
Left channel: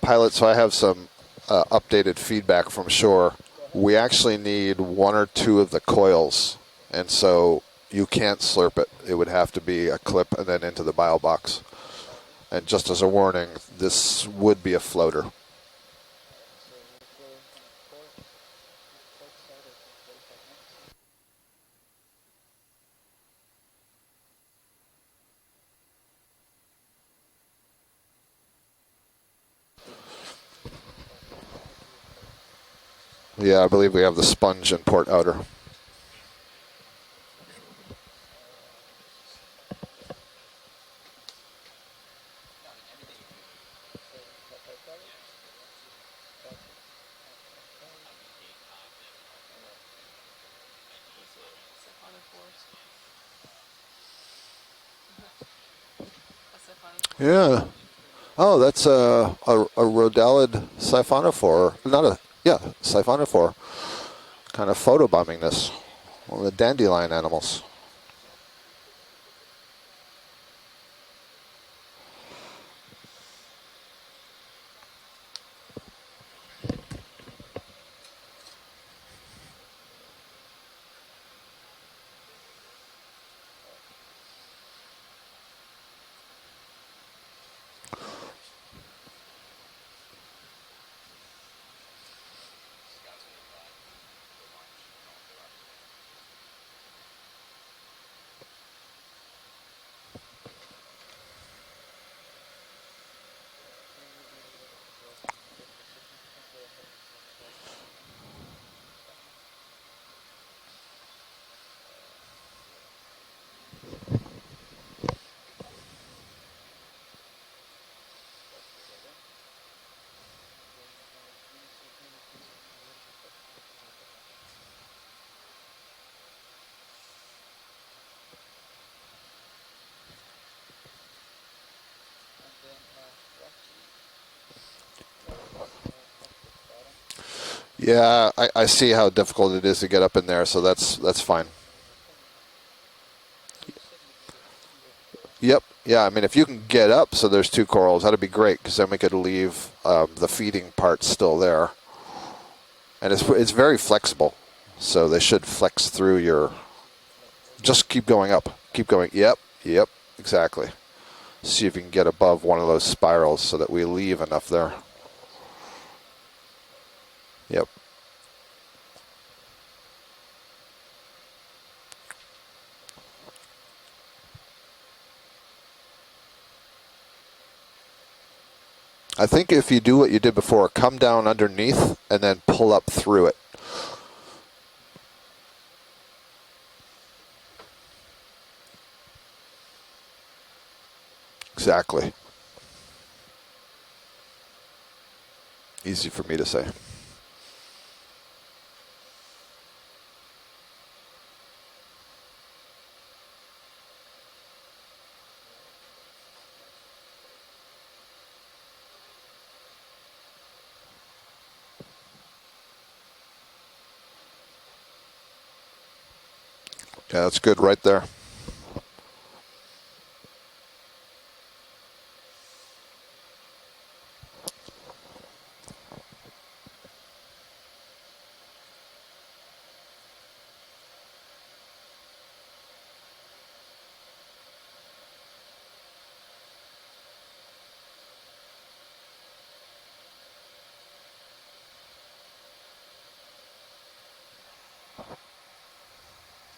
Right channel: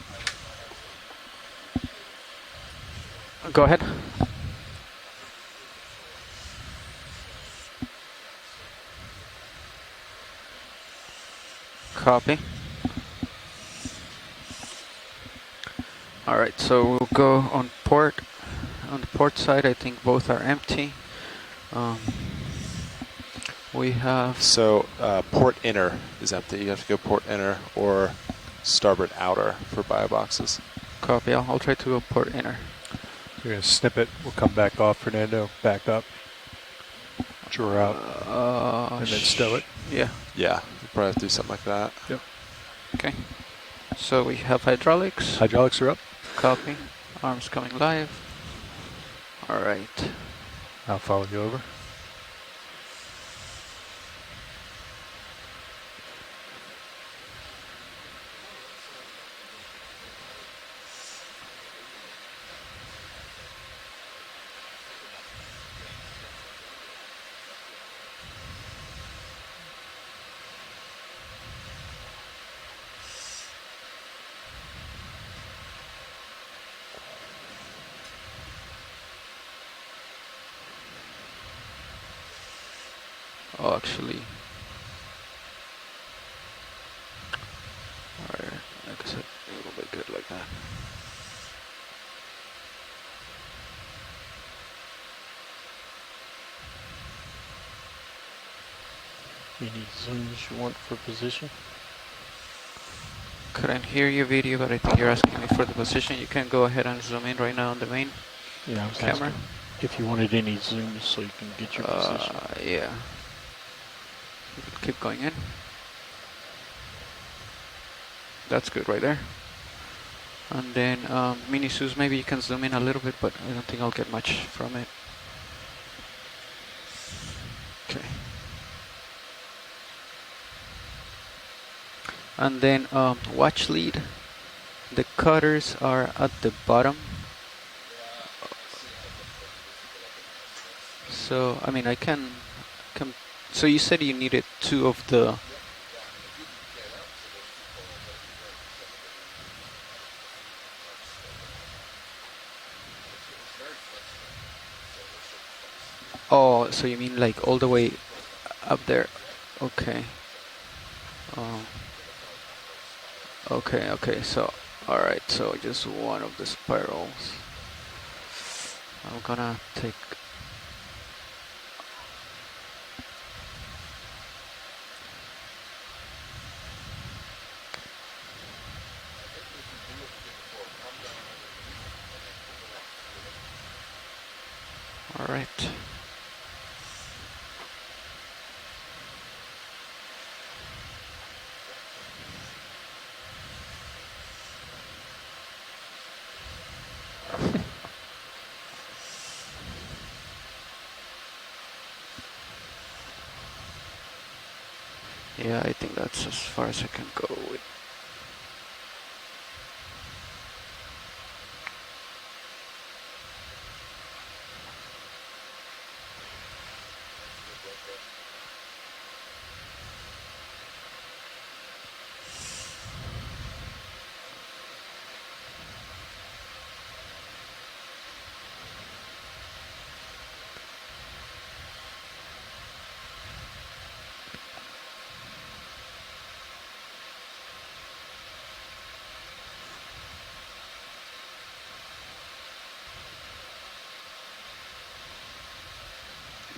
Pilot, so I have some updated feedback from shore. Go ahead. We actually need 1 or 2 of the coils, and so you can't slurp it. It would have to be a clip and then into the bio box. Copy. And just as a warning, this would be a floater. All right, so we'll go on port. On the port side, I think both are empty. We have... So port inner is empty. You have to go port inner or starboard outer for bio boxes. Copy. I'll try to go port inner. Yeah, I believe Snip we it, have the come sponge back and off, port outer. Fernando, back up, draw out, and then stow it. Yeah. Yeah, you probably have to do something like that. Yep. Okay. So we have hydraulics. Hydraulics are up. Copy. Arms coming live. All right. I'll follow you over. Yeah. Oh, that's a rhodallid siphonophore. Not a, yeah, siphonophore. Kind of photobombing this. One of the dandelion animals. Oh, actually. Alright, like I said, it will be good like that. Any zooms you want for position? Couldn't hear your video, but I think you're asking me for the position. You can go ahead and zoom in right now on the main Yeah, I was camera. asking if you wanted any zooms so you can get your position. Yeah. Keep going in. That's good right there. And then mini Suze, maybe you can zoom in a little bit, but I don't think I'll get much from it. Okay. And then watch lead. The cutters are at the bottom. Yeah, I see how difficult it is to get up in there, so that's fine. So I mean, I can. So you said you needed 2 of the. Yep. Yeah, I mean, if you can get up so there's 2 corals, that'd be great, because then we could leave the feeding part still there. And it's very flexible, so they should flex through your... Oh, so you mean like all the way... Just keep going up. Keep there. going. Yep. Okay. Yep. Exactly. See if you can get above one of those spirals so that we leave enough there. All right, so just one of the spirals. Yep. I'm gonna take... I think if you do what you did before, come down underneath and then pull up through it. All right. Exactly. Easy for me to say. Yeah, I think that's as far as I can go with. Yeah, that's good right there.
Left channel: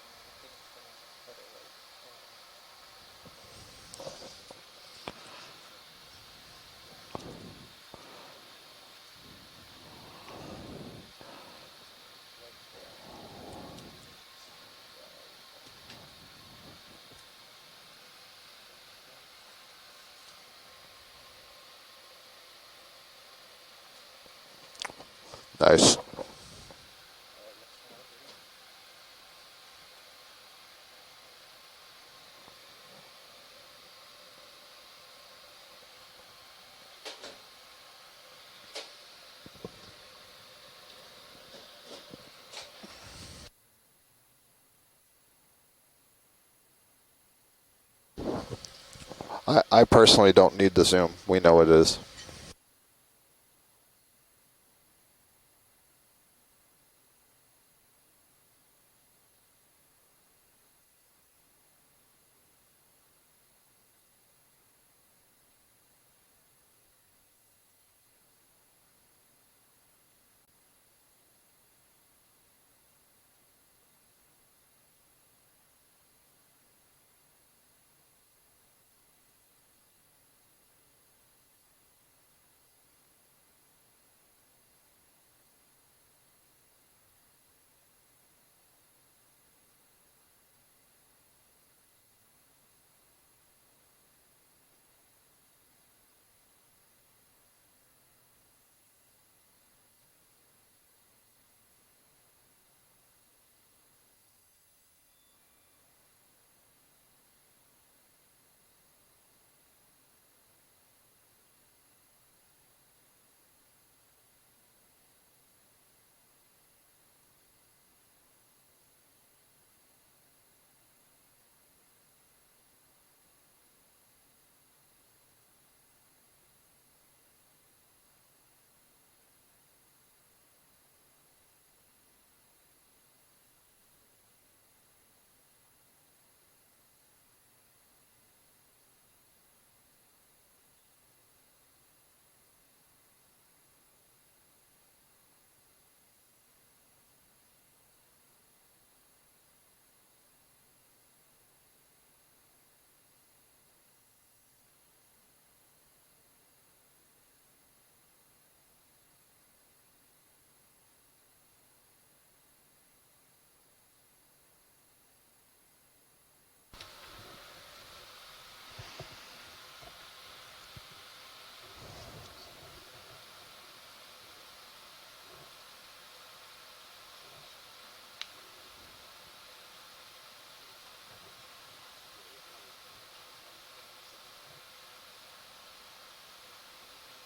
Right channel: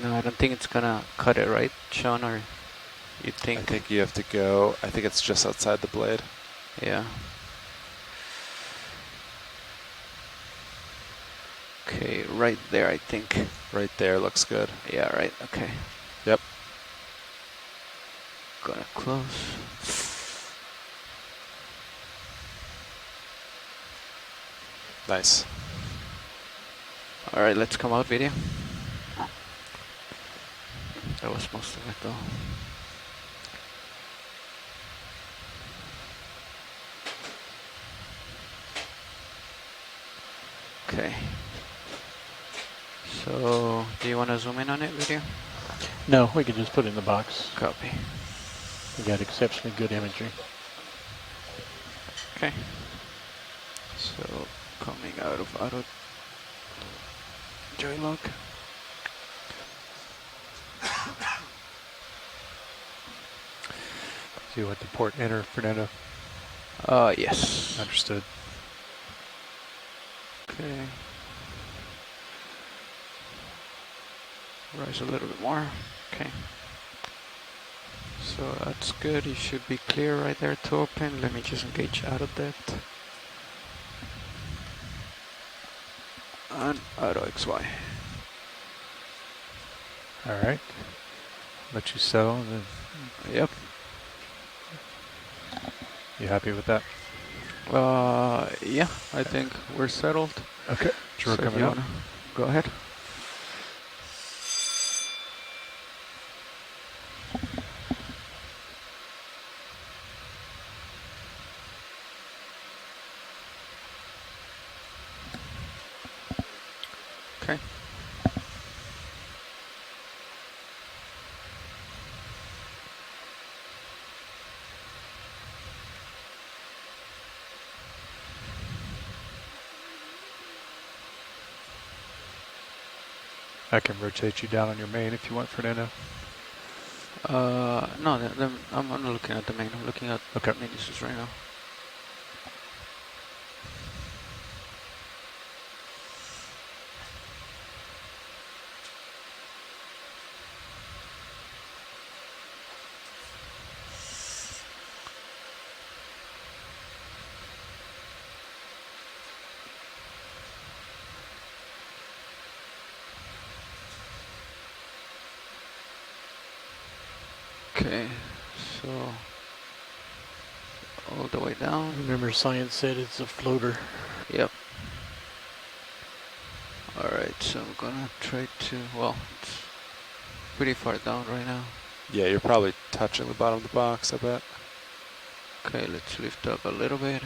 No, I don't think it's gonna cut it, right, Sean? Or you think? I think you have to go, I think it's just outside the blade. Yeah. Okay, right there, I think. Right there looks good. Yeah, right, okay. Yep. Gonna close. Nice. Nice. All right, let's come out video. That was most of it though. Okay. So, do you want to zoom in on it, video? No, we can just put it in the box. Copy. We got exception. I personally don't need the zoom. We know it is. Okay. So, coming out of auto joy lock. Do you want the port enter, Fernando? Yes. Understood. Okay. Rise a little bit more. Okay. So that's good. You should be clear right there to open. Let me just engage out of that. And auto XY. All right. Let you settle. And then Yep. you happy with that? Yeah, I think we're settled. Okay. Sure, So if coming you up. wanna go ahead. Okay. I can rotate you down on your main if you want, Fernando. No, I'm not looking at the main. I'm looking at minisus right now. Okay, so all the way down. Remember, science said it's a floater. Yep. Alright, so I'm gonna try to, well, it's pretty far down right now. Yeah, you're probably touching the bottom of the box, I bet. Okay, let's lift up a little bit.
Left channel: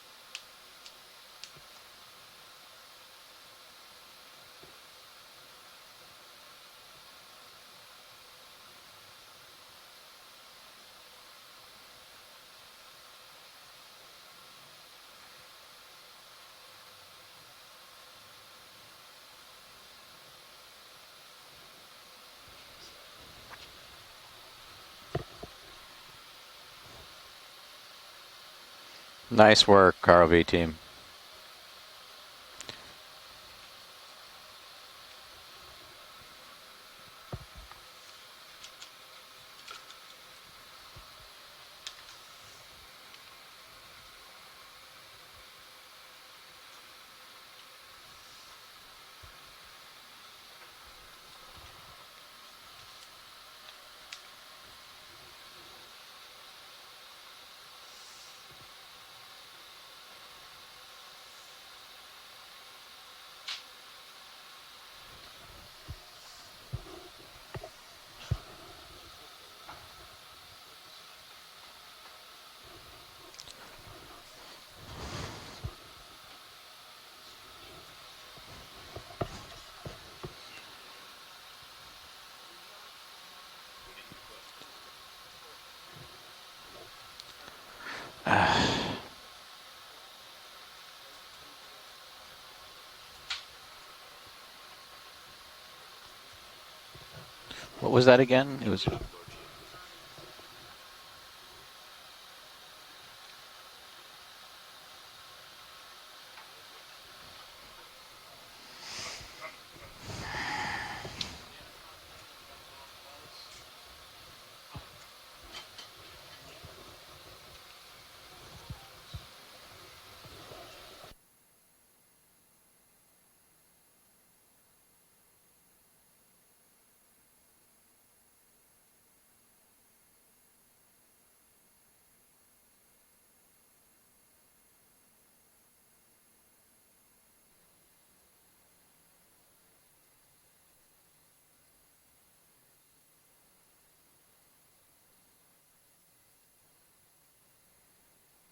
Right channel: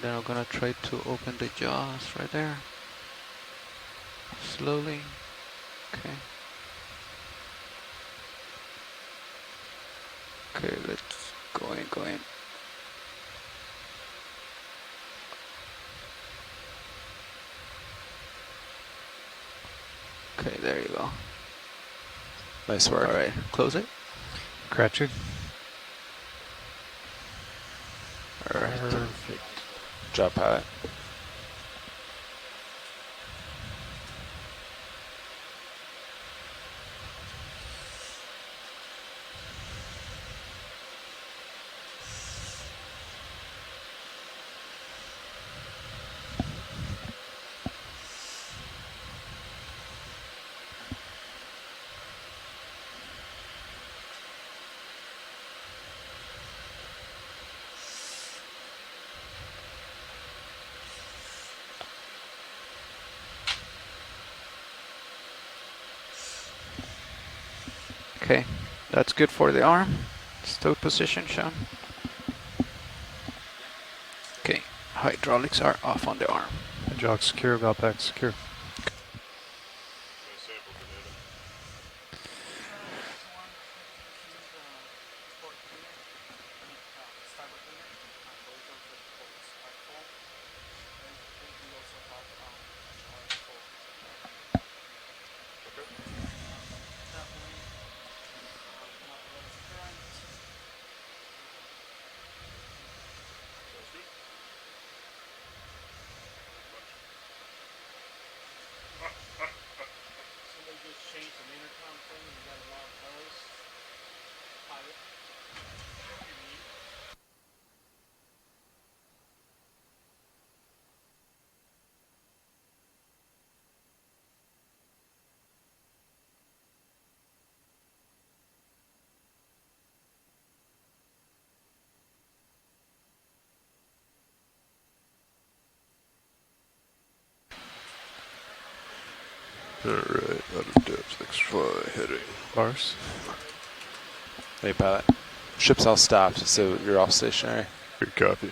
Then I'm gonna try to open the jaws right there. Slowly. Okay. Okay, let's go in. Okay, there you go. Nice work. Alright, close it. Cratchit. Alright. Nice work, Jump RV high. team. Okay, that's good for the arm. Stow position, Sean. Okay, hydraulics are off on the arm. Jog secure, valve pack secure. What was that again? It was. Alright, out of depth, XY heading. Bars. Hey, pilot. Ship's all stopped, so you're off stationary. Good copy.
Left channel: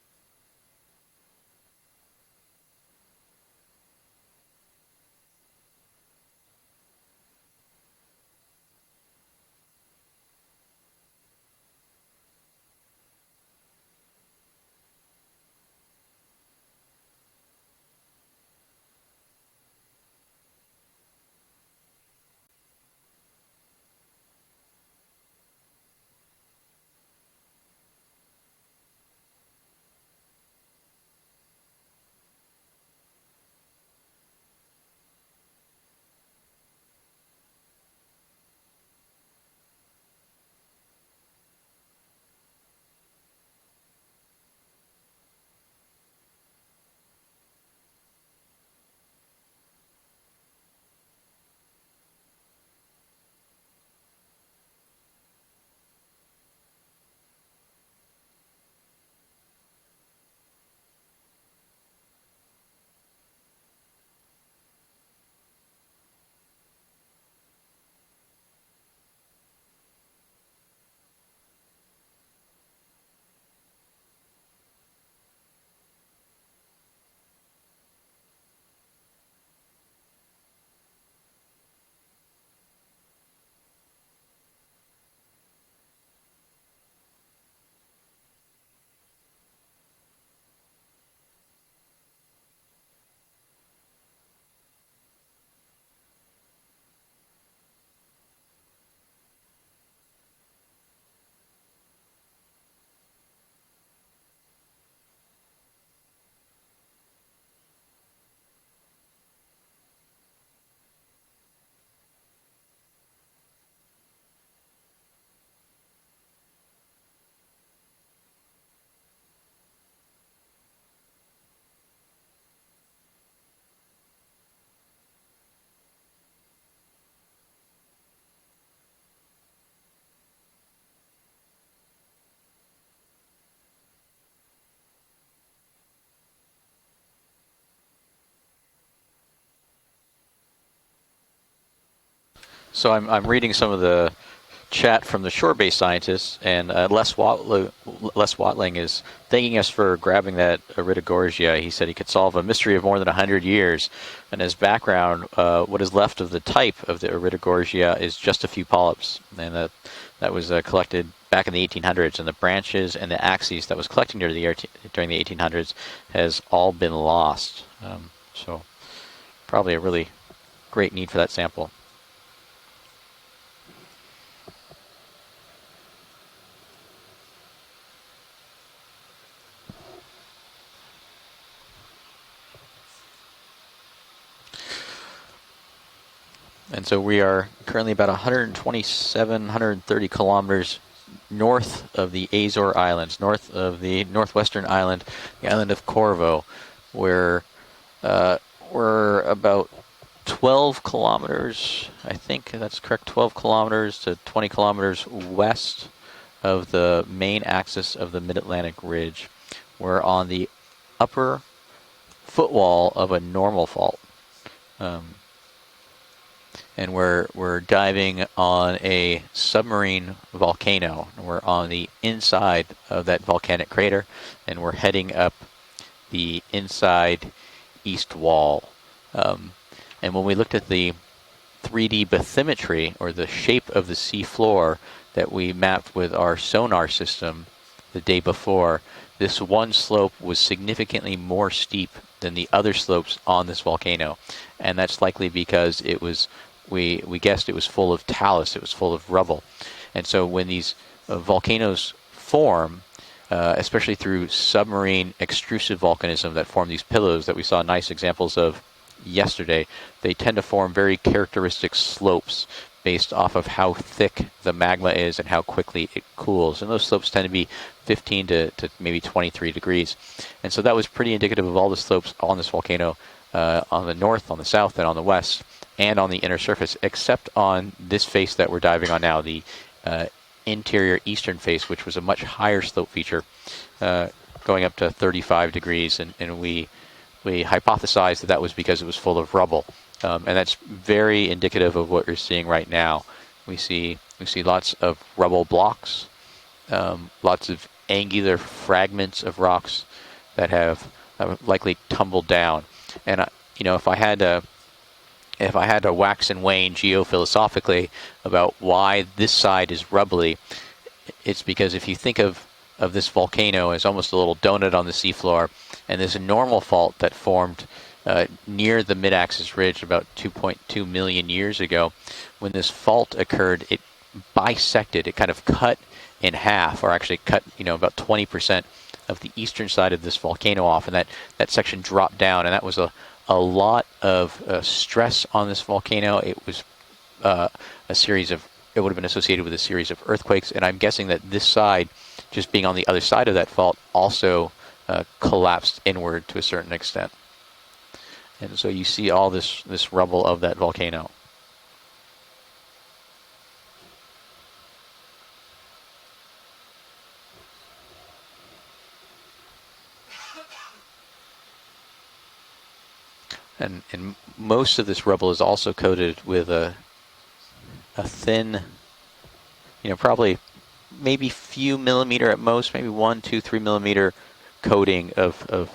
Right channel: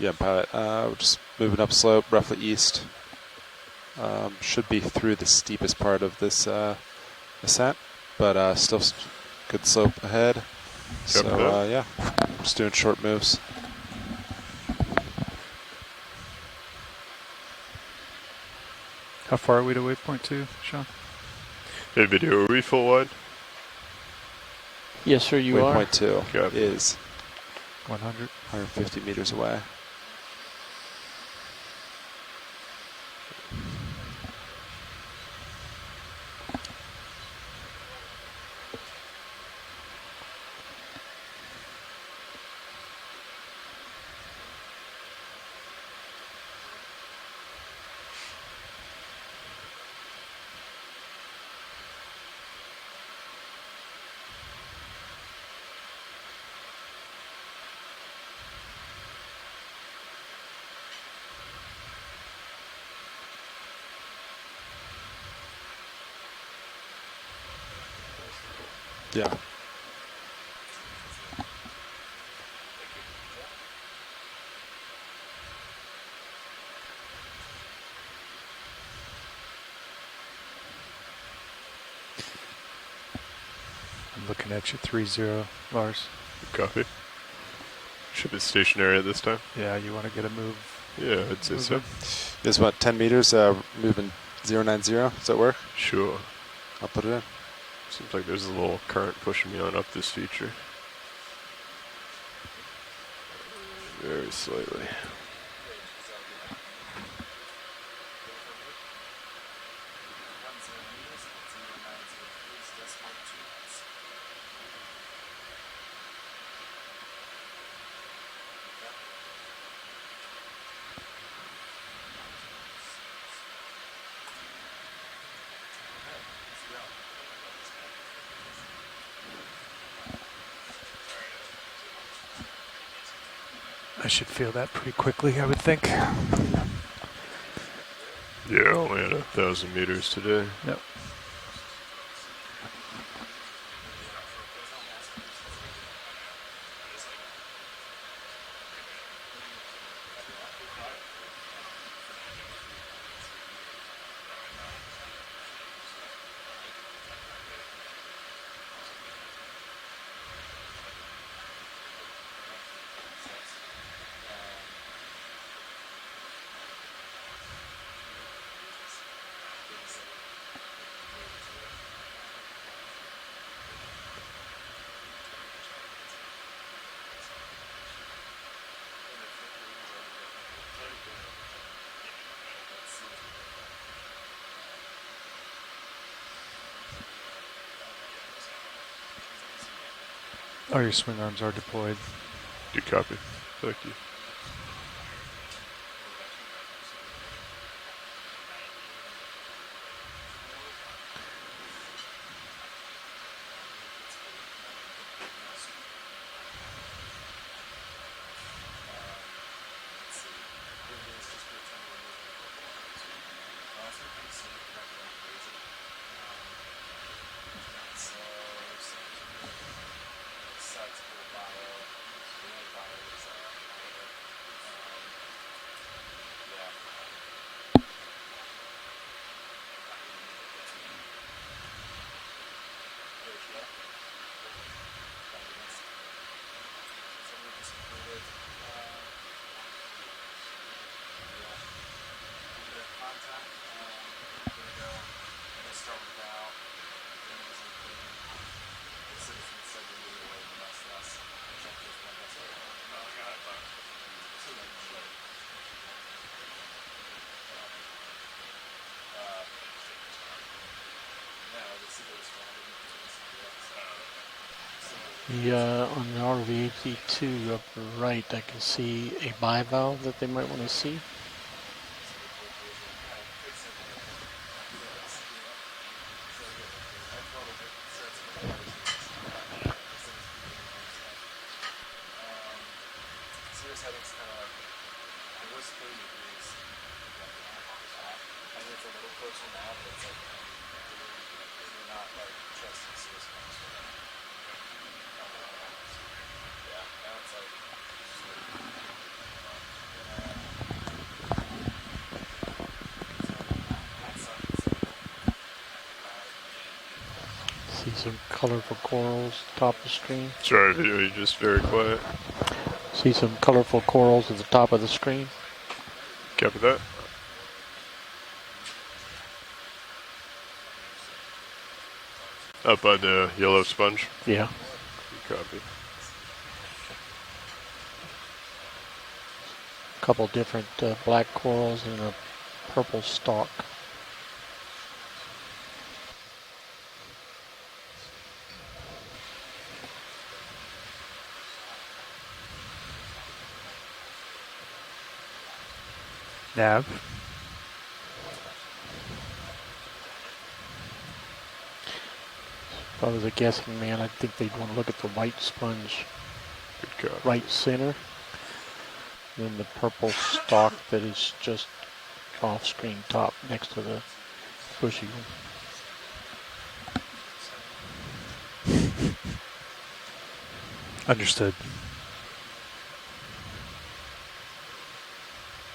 Yeah, pilot. We're just moving up slope, roughly east. Should be through the steepest part of this ascent, but still good slope ahead. So yeah, just doing short moves. How far are we to waypoint 2, Sean? Hey, video, are we full wide? Yes, sir, you are. Waypoint 2 Okay. is 100. 150 meters away. Yeah. I'm looking at you 3-0, Lars. Copy. Ship is stationary at this time. Yeah, you want to get a move? Yeah, I'd say so. There's about 10 meters moving 090. Does that work? Sure. I'll put it in. Seems like there's a little current pushing me on up this feature. Very slightly. I should feel that pretty quickly, I would think. Yeah, only at 1,000 meters today. Yep. So I'm reading some of the chat from the shore-based scientists, and Les Watling is thanking us for grabbing that Iridogorgia. He said he could solve a mystery of more than 100 years. And as background, what is left of the type of the Iridogorgia is just a few polyps, and that was collected back in the 1800s, and the branches and the axes that was collected during the 1800s has all been lost. So probably a really great need for that sample. And so we are currently about 127, 130 kilometers north of the Azore Islands, north of the northwestern island, the island of Corvo, where we're about 12 kilometers, I think that's correct, 12 kilometers to 20 kilometers west of the main axis of the Mid-Atlantic Ridge. We're on the upper footwall of a normal fault. And we're diving on a submarine volcano. We're on the inside of that volcanic crater, and we're heading up the inside east wall. And when we looked at the 3D bathymetry, or the shape of the sea floor that we mapped with our sonar system the day before, this one slope was significantly more steep than the other slopes on this volcano. And that's likely because it was we guessed it was full of talus, it was full of rubble. And so when these volcanoes form, especially through submarine extrusive volcanism that form these pillows that we saw nice examples of yesterday, they tend to form very characteristic slopes based off of how thick the magma is and how quickly it cools. And those slopes tend to be 15 to maybe 23 degrees. And so that was pretty indicative of all the slopes on this volcano, on the north, on the south, and on the west, and on the inner surface, except on this face that we're diving on now, the interior eastern face, which was a much higher slope feature, going up to 35 degrees. And we hypothesized that was because it was full of rubble. And that's very indicative of what we're seeing right now. We see lots of rubble blocks, lots of angular fragments of rocks, that have likely tumbled down. And you know, if I had to wax and wane geophilosophically about why this side is rubbly, it's because if you think of this volcano as almost a little donut on the seafloor, and there's a normal fault that formed near the mid-axis ridge about 2.2 million years ago. When this fault occurred, it bisected, it kind of cut in half, or actually cut, you know, about 20% of the eastern side of this volcano off, and that section dropped down, and that was a lot of stress on this volcano. It was it would have been associated with a series of earthquakes, and I'm guessing that this side, just being on the other side of that fault, also collapsed inward to a certain extent. And so you see all this rubble of that volcano. If I was a guessing man, I think they'd want to look at the white sponge right center, and then the purple stalk that is just off-screen top next to that. And most of this rubble is also coated with a thin, you know, probably maybe a few millimeter at most, maybe 1, 2, 3 millimeter coating of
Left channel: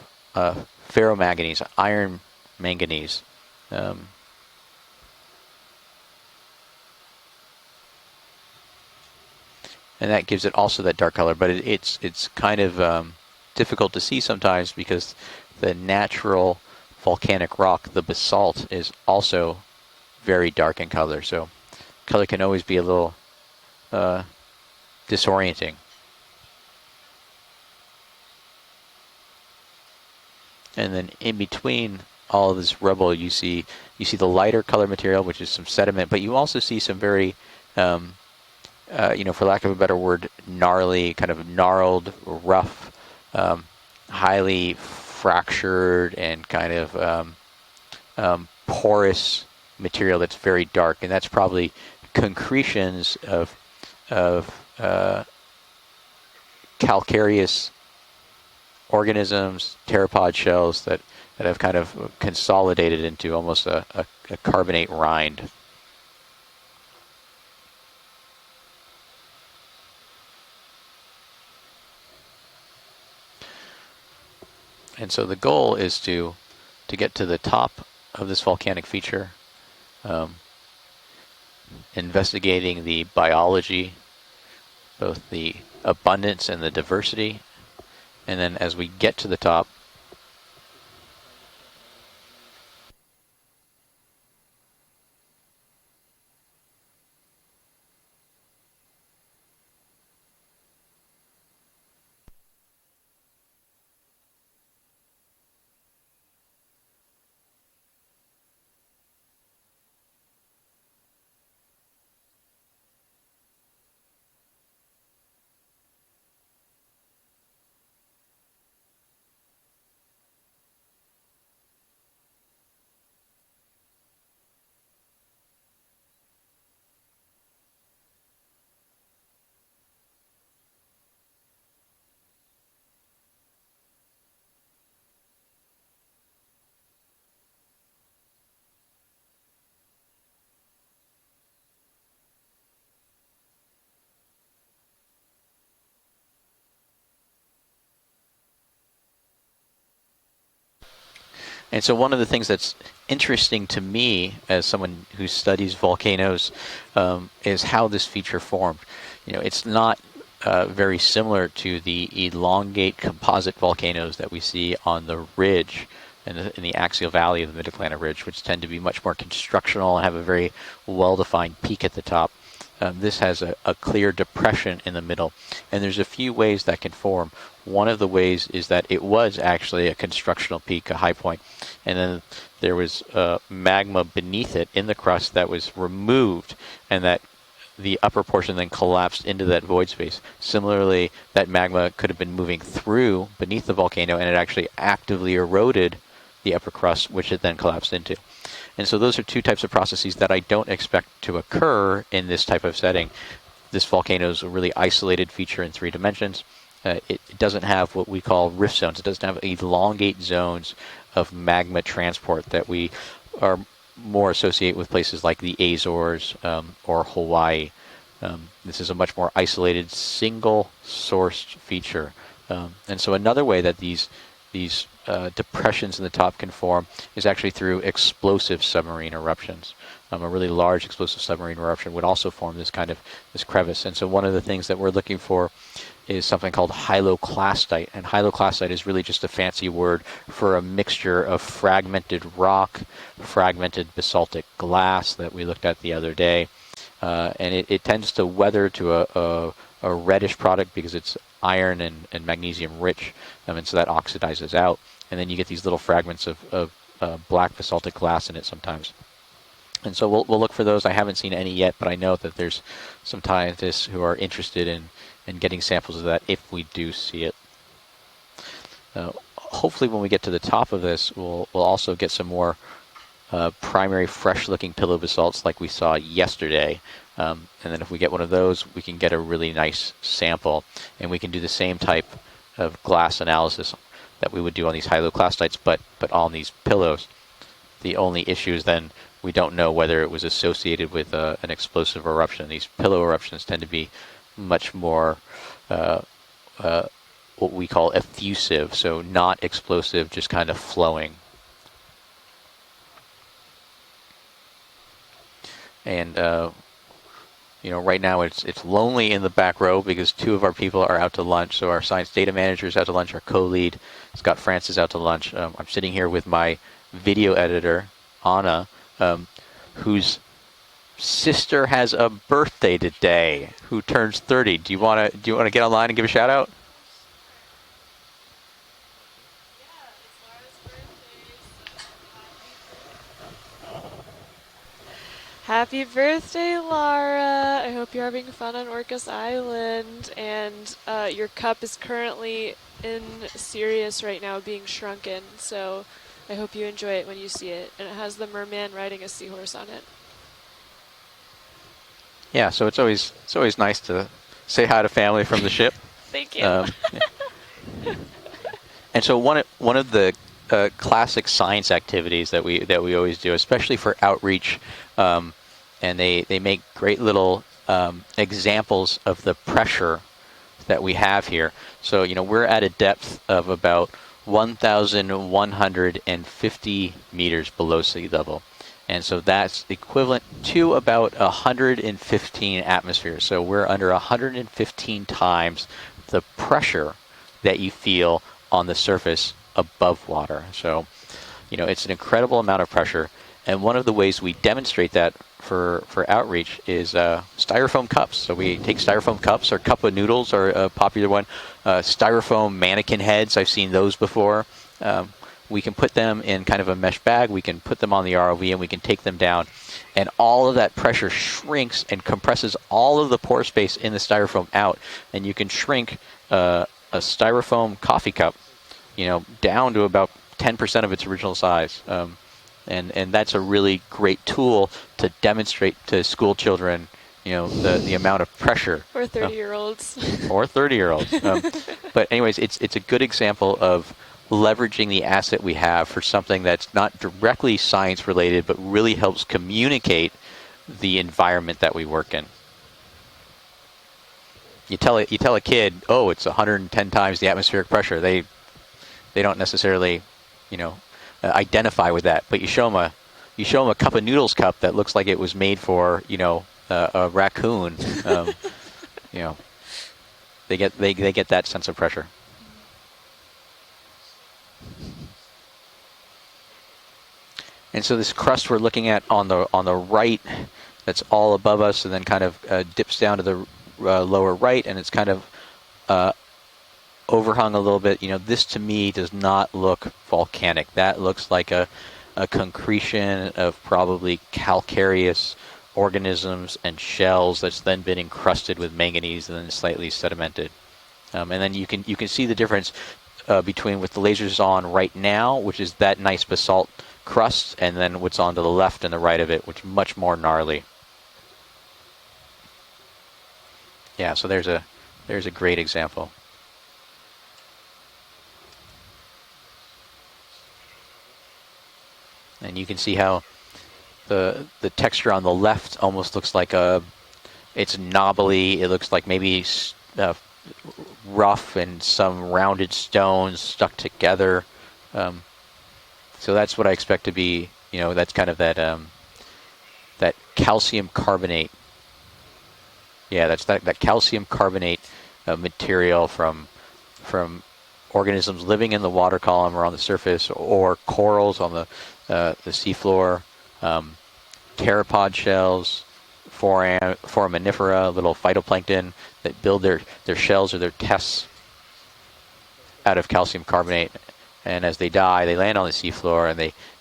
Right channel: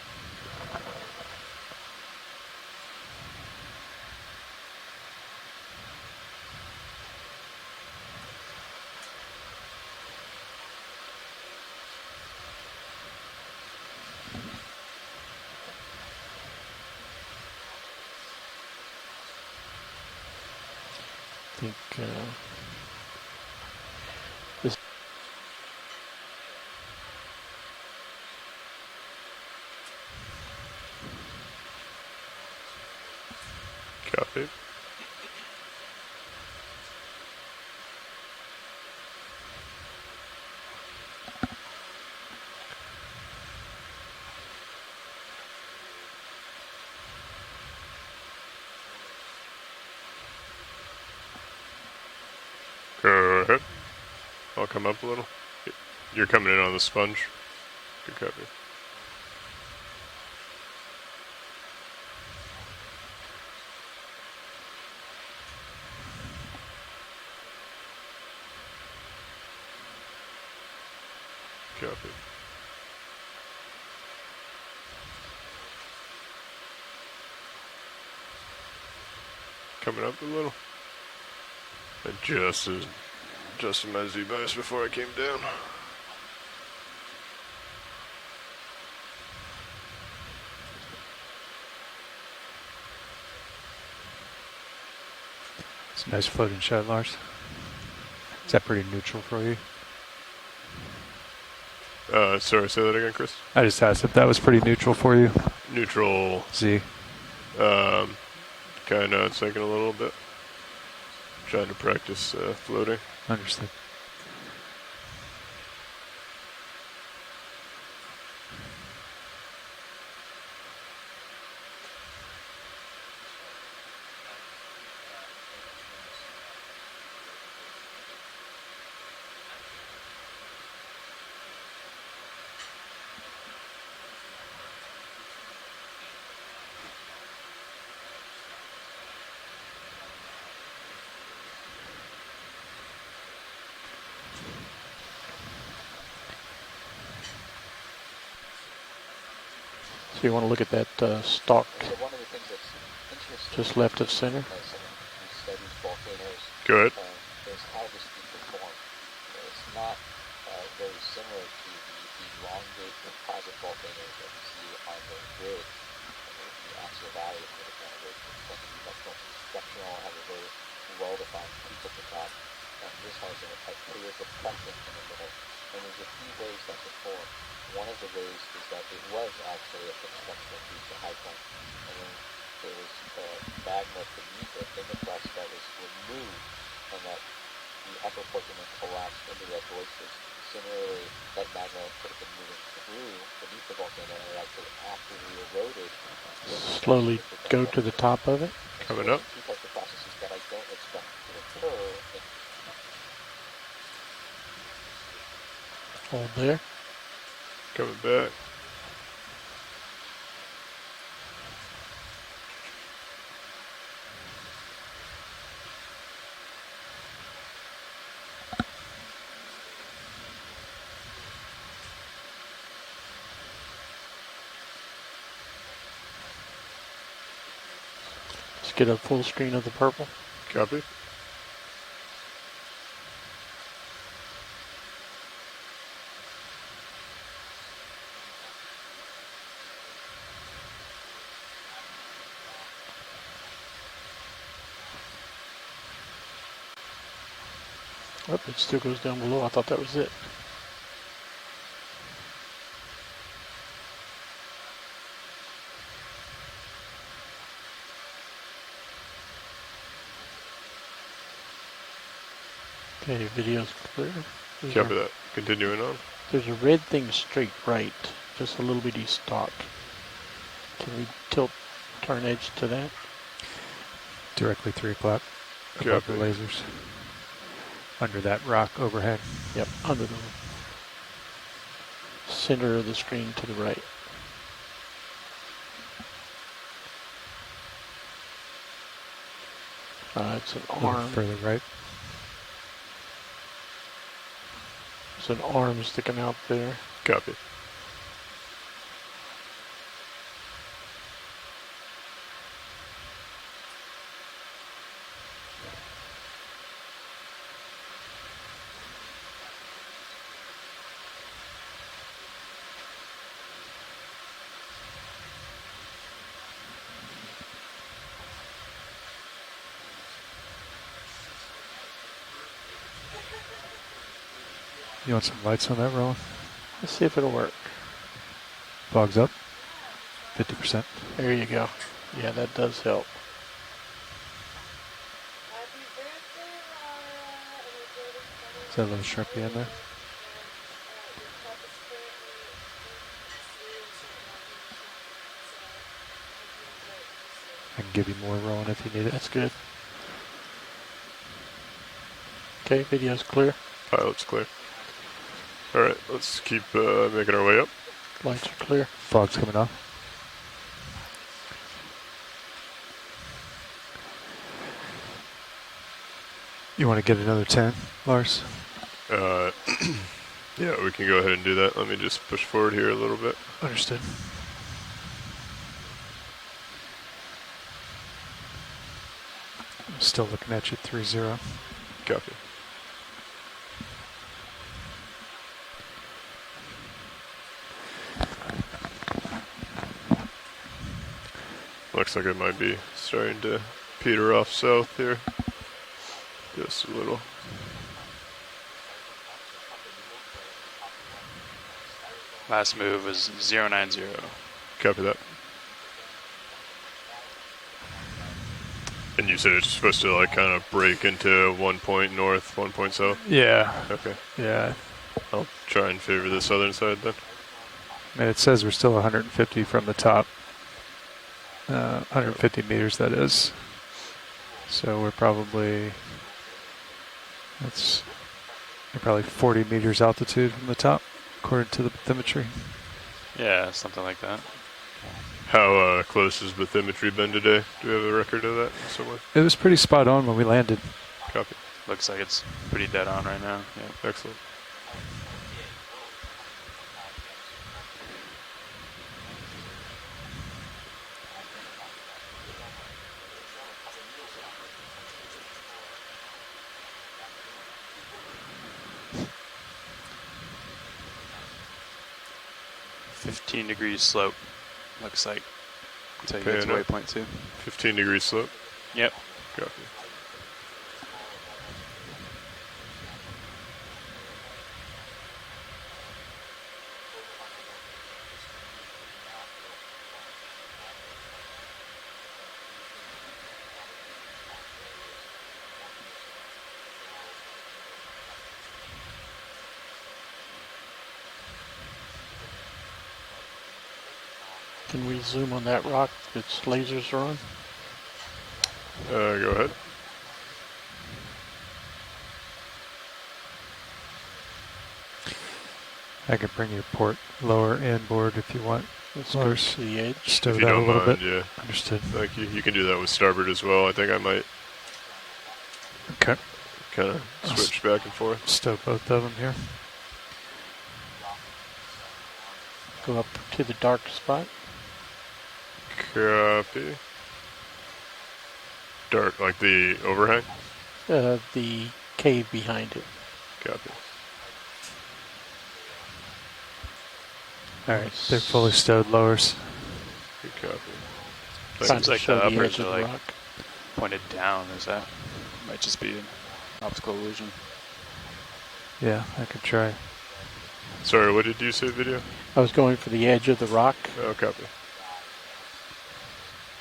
ferromanganese, iron manganese. And that gives it also that dark color, but it's kind of difficult to see sometimes because the natural volcanic rock, the basalt, is also very dark in color. So color can always be a little disorienting. And then in between all of this rubble, you see the lighter color material, which is some sediment, but you also see some very you know, for lack of a better word, gnarly, kind of gnarled, rough, highly fractured and kind of porous material that's very dark, and that's probably concretions of you're coming in on the calcareous organisms, pteropod shells that have kind of consolidated into almost a carbonate rind. And so the goal is to get to the top of this volcanic feature, coming up a little, investigating the biology, both the abundance and the diversity, and then as we get to the top, it's a nice floating shot, Lars. Is that pretty neutral for you? Sorry, say that again, Chris. I just asked if that was pretty neutral for you. Neutral. Z. Kind of taking a little bit. Trying to practice floating. Understood. So you want to look at that stalk. And so one of the things that's interesting to me as someone who studies volcanoes is how this feature formed. You know, it's not very similar to the elongate composite volcanoes that we see on the ridge in the axial valley of the Mid-Atlantic Ridge, which tend to be much more constructional and have a very well-defined peak at the top. This has a clear depression in the middle, and there's a few ways that can form. One of the ways is that it was actually a constructional peak, a high point, and then there was magma beneath it in the crust that was removed, and that the upper portion then collapsed into that void space. Similarly, that magma could have been moving through beneath the volcano, and it actually actively eroded the upper crust, which it then collapsed into. And so those are two types of processes that I don't expect to occur in this type of setting. This volcano is a really isolated feature in 3 dimensions. It doesn't have what we call rift zones. It doesn't have elongate zones of magma transport that we are more associate with places like the Azores or Hawaii. This is a much more isolated, single-sourced feature. And so another way that these these depressions in the top can form is actually through explosive submarine Get a full screen of eruptions. the purple. A really large explosive submarine eruption would also form this kind of this crevice. And so one of the things that we're looking for is something called hyloclastite. And hyloclastite is really just a fancy word for a mixture of fragmented rock, fragmented basaltic glass that we looked at the other day. And it tends to weather to a reddish product because it's iron and magnesium rich. And so that oxidizes out. And then you get these little fragments of black basaltic glass in it sometimes. And so we'll look for those. I haven't seen any yet, but I know that there's some scientists who are interested in getting samples of that if we do see it. Straight right, just a little bitty stalk. Hopefully when we get to the top of this, we'll also get some more primary fresh-looking pillow basalts like we saw yesterday. And then if we get one of those, we can get a really nice sample. And we can do the same type of glass analysis that we would do on these hyloclastites, but on these pillows. The only issue is then we don't know whether it was associated with an explosive eruption. These pillow eruptions tend to be much more sticking out there. What we call effusive, so not explosive, just kind of flowing. And you know, right now it's lonely in the back row because two of our people are out to lunch. So our science data manager is out to lunch, our co-lead, Scott France, is out to lunch. I'm sitting here with my video editor, Anna, whose sister has a birthday today, who turns 30. Do you want to get online and give a shout out? Let's see if it'll work. Fogs up, 50%. There you go. Yeah, that does help. Happy birthday, Lara! I hope you're having fun on Orcas Island, and your cup is currently in Sirius right now being shrunken, so I hope you enjoy it when you see it. And it has the merman riding a seahorse on it. Yeah, so it's always nice to say hi to family from the ship. All right, let's keep making our way up. Lights are clear. And so one of the classic science activities that we always do, especially for outreach, and they make great little examples of the pressure that we have here. So you know, we're at a depth of about 1,150 meters below sea level. And so that's equivalent to about 115 atmospheres. So we're under 115 times the pressure that you feel on the surface above water. So, you know, it's an incredible amount of pressure. And one of the ways we demonstrate that for outreach is styrofoam cups. So we take styrofoam cups, or cup of noodles, or a popular one, styrofoam mannequin heads. I've seen those before. We can put them in kind of a mesh bag, we can put them on the ROV, and we can take them down, and all of that pressure shrinks and compresses all of the pore space in the styrofoam out, and you can shrink a styrofoam coffee cup, it says we're still 150 down to from the about top. 10% of its original size. 150 meters, and that's a really great tool to demonstrate to school children, you know, the amount of pressure. Or probably 40 meters altitude. Or 30-year-olds. But anyways, temperature. it's a good example of leveraging the asset we have for something that's not directly science related, but really helps communicate spot on when we landed. the environment that we work in. It's pretty dead on right now. Yeah, excellent. You tell a kid, oh, it's 110 times the atmospheric pressure. They don't necessarily, you know, identify with that. But you show them a cup of noodles cup that looks like it was made for, you know, a raccoon. You know, they get that sense of pressure. 15 degrees slope, looks like. Until you get to waypoint 2. And so this crust we're looking at on the right, that's all above us, and then kind of dips down to the lower right, and it's kind of overhung a little bit. You know, this to me does not look volcanic. That looks like a concretion of probably calcareous organisms and shells that's then been encrusted with manganese and then slightly sedimented. And then you can see the difference between with the lasers on right now, which is that nice basalt crust, and then what's on to the left and the right of it, which is much more gnarly. Yeah, so there's a great example. I can bring you port lower end board if you want. Let's go to the edge. Stow that a little bit. Yeah. Understood. Like you can do see that how with starboard as well. I think I might. The texture on the left almost looks like it's knobbly. It looks like maybe rough and some rounded stones to stuck the dark together. So that's what I Copy. expect to be, that's kind of that Dark, like the that overhang? calcium carbonate. The cave behind it. Yeah, that's that calcium carbonate material from All right, organisms they're living in the fully water stowed lowers. column or on the surface, or corals on the Seems like the upper seafloor. Pointed down. Pteropod shells, Might just be in foraminifera, little phytoplankton Yeah, I that build could their shells or their tufts Sorry, what did you say, video? I was going out of for the calcium edge of the carbonate. rock. Okay. And as they die, they land on the seafloor, and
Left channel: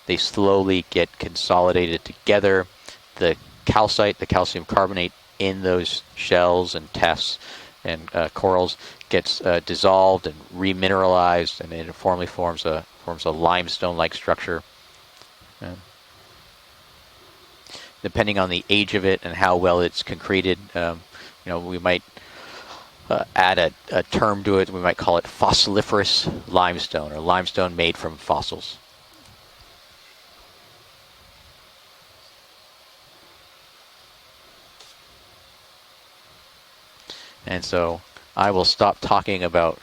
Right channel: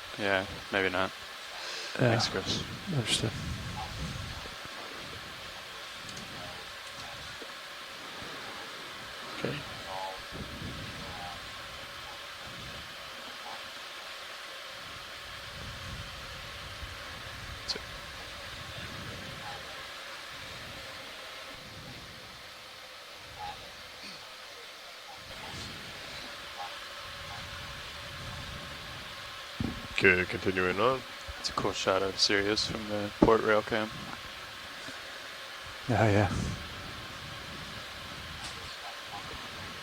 they slowly maybe get not. consolidated Yeah. together. Understood. The calcite, the calcium carbonate in those shells and tufts and corals gets dissolved and remineralized, and it formally forms a limestone-like structure. Depending on the age of it and how well it's concreted, we might add a term to it. We might call it fossiliferous limestone, or limestone made from fossils. Okay, continuing on. It's a cool shot of Sirius from the port rail cam. Oh, yeah. And so I will stop talking about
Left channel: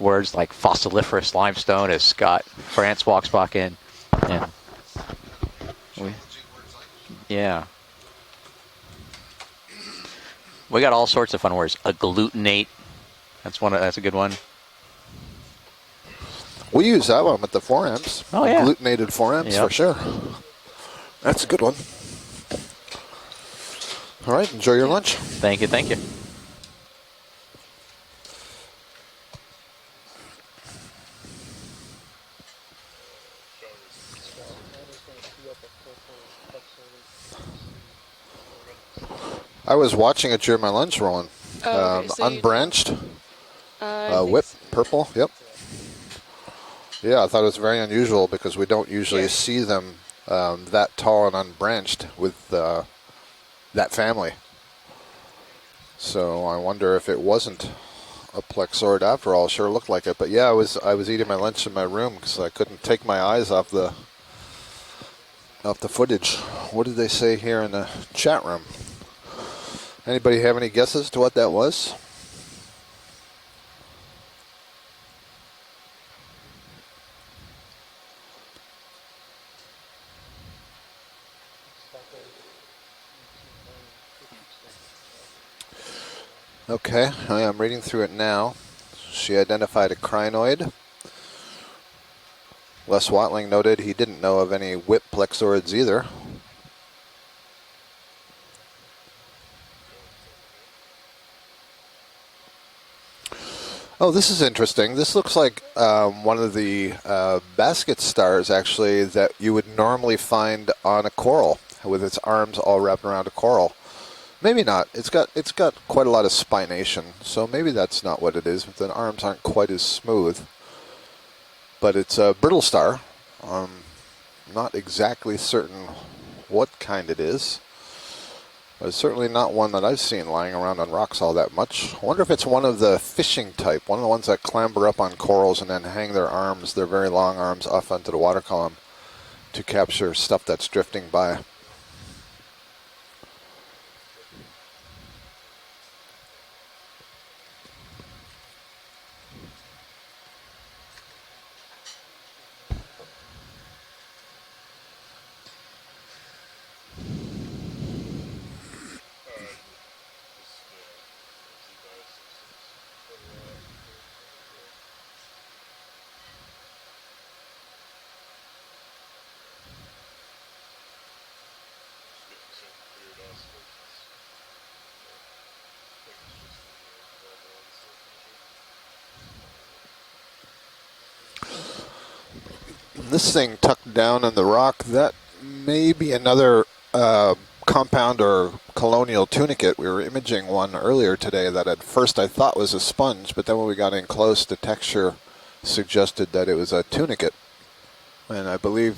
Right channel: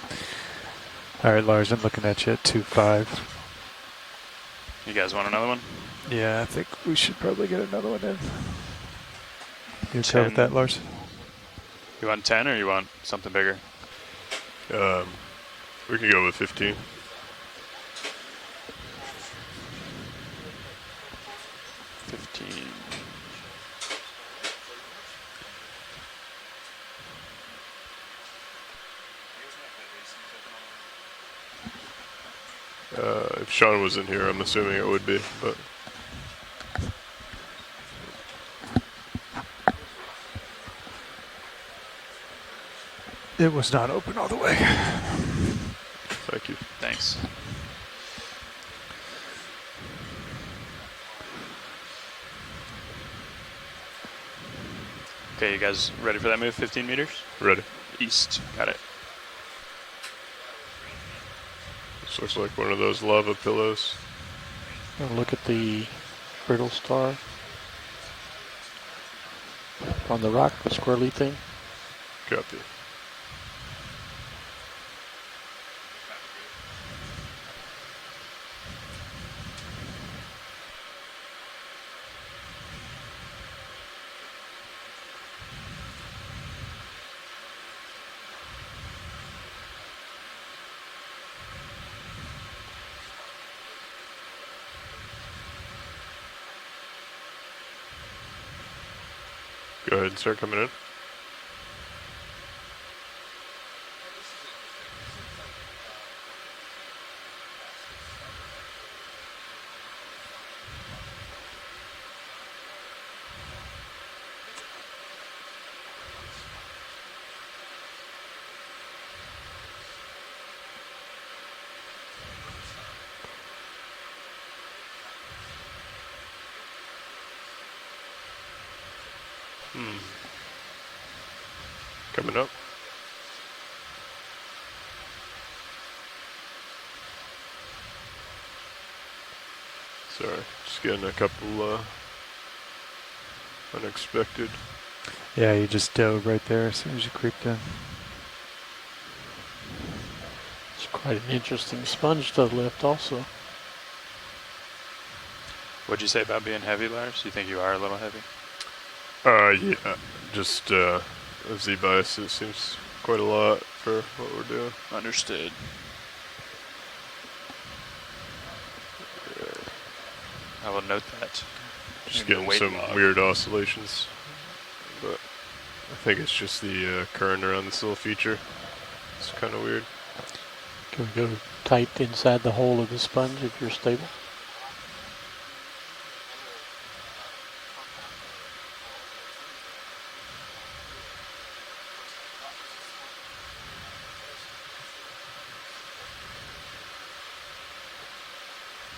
words like fossiliferous All right, Lars, limestone you're as looking at Scott your France 2.5. walks back in. And You guys want another one? Yeah, I think we should probably Yeah. get another one in. You okay with that, Lars? we got all sorts of fun words. You want 10 or you Agglutinate. want something bigger? That's a good one. We can go with 15. We use that one with the forearms. Oh, yeah. Agglutinated forearms Yep. for sure. That's a good one. All right, enjoy your lunch. Thank you. If Sean was in here, I'm assuming it would be, but I was watching it during my lunch, Roland. Oh, okay, so you- Unbranched, It was not open. whip, purple. Yep. thank you. Thanks. Yeah, I thought it was very unusual because we don't usually see them that tall and unbranched with that family. Okay, you guys ready So for that move? I 15 wonder meters? if it wasn't Ready. East. a Got it. plexoid after all. Sure looked like it, but yeah, I was eating my lunch in my room So because it's I like one of couldn't those take my lava eyes off pillows. Look at the the footage. brittle What did they spar. say here in the chat room? the Anybody rock, have any the guesses swirly to what thing? that was? Copy. Okay, I am reading through it now. She identified a crinoid. Les Watling noted he didn't know of any whip plexoids either. Go ahead and start coming in. Oh, this is interesting. This looks like one of the basket stars, actually, that you would normally find on a coral, with its arms all wrapped around a coral. Maybe not. It's got quite a lot of spination, so maybe that's not what it is. The arms aren't quite as smooth. But it's a brittle star. Not exactly certain what kind it is. It's certainly not one that I've seen lying around on rocks all that much. I wonder if it's one of the fishing type, one of the ones that clamber up on corals and then hang their arms, their very long arms, off onto the water column to capture stuff that's Just getting drifting a by. couple, unexpected. Yeah, you just dove right there as soon as you creeped in. It's quite an interesting sponge to lift also. What'd you say about being heavy, Lars? You think you are a little heavy? Yeah, just the Z-bias, it seems quite a lot for what we're doing. Understood. I will note that. Just Maybe getting weight some log. weird oscillations, but I think it's just the current around this little feature. It's kind of weird. Can we go typed inside the hole of the sponge? This thing and tucked stay- down in the rock, that may be another compound or colonial tunicate. We were imaging one earlier today that at first I thought was a sponge, but then when we got in close, the texture suggested that it was a tunicate. And I believe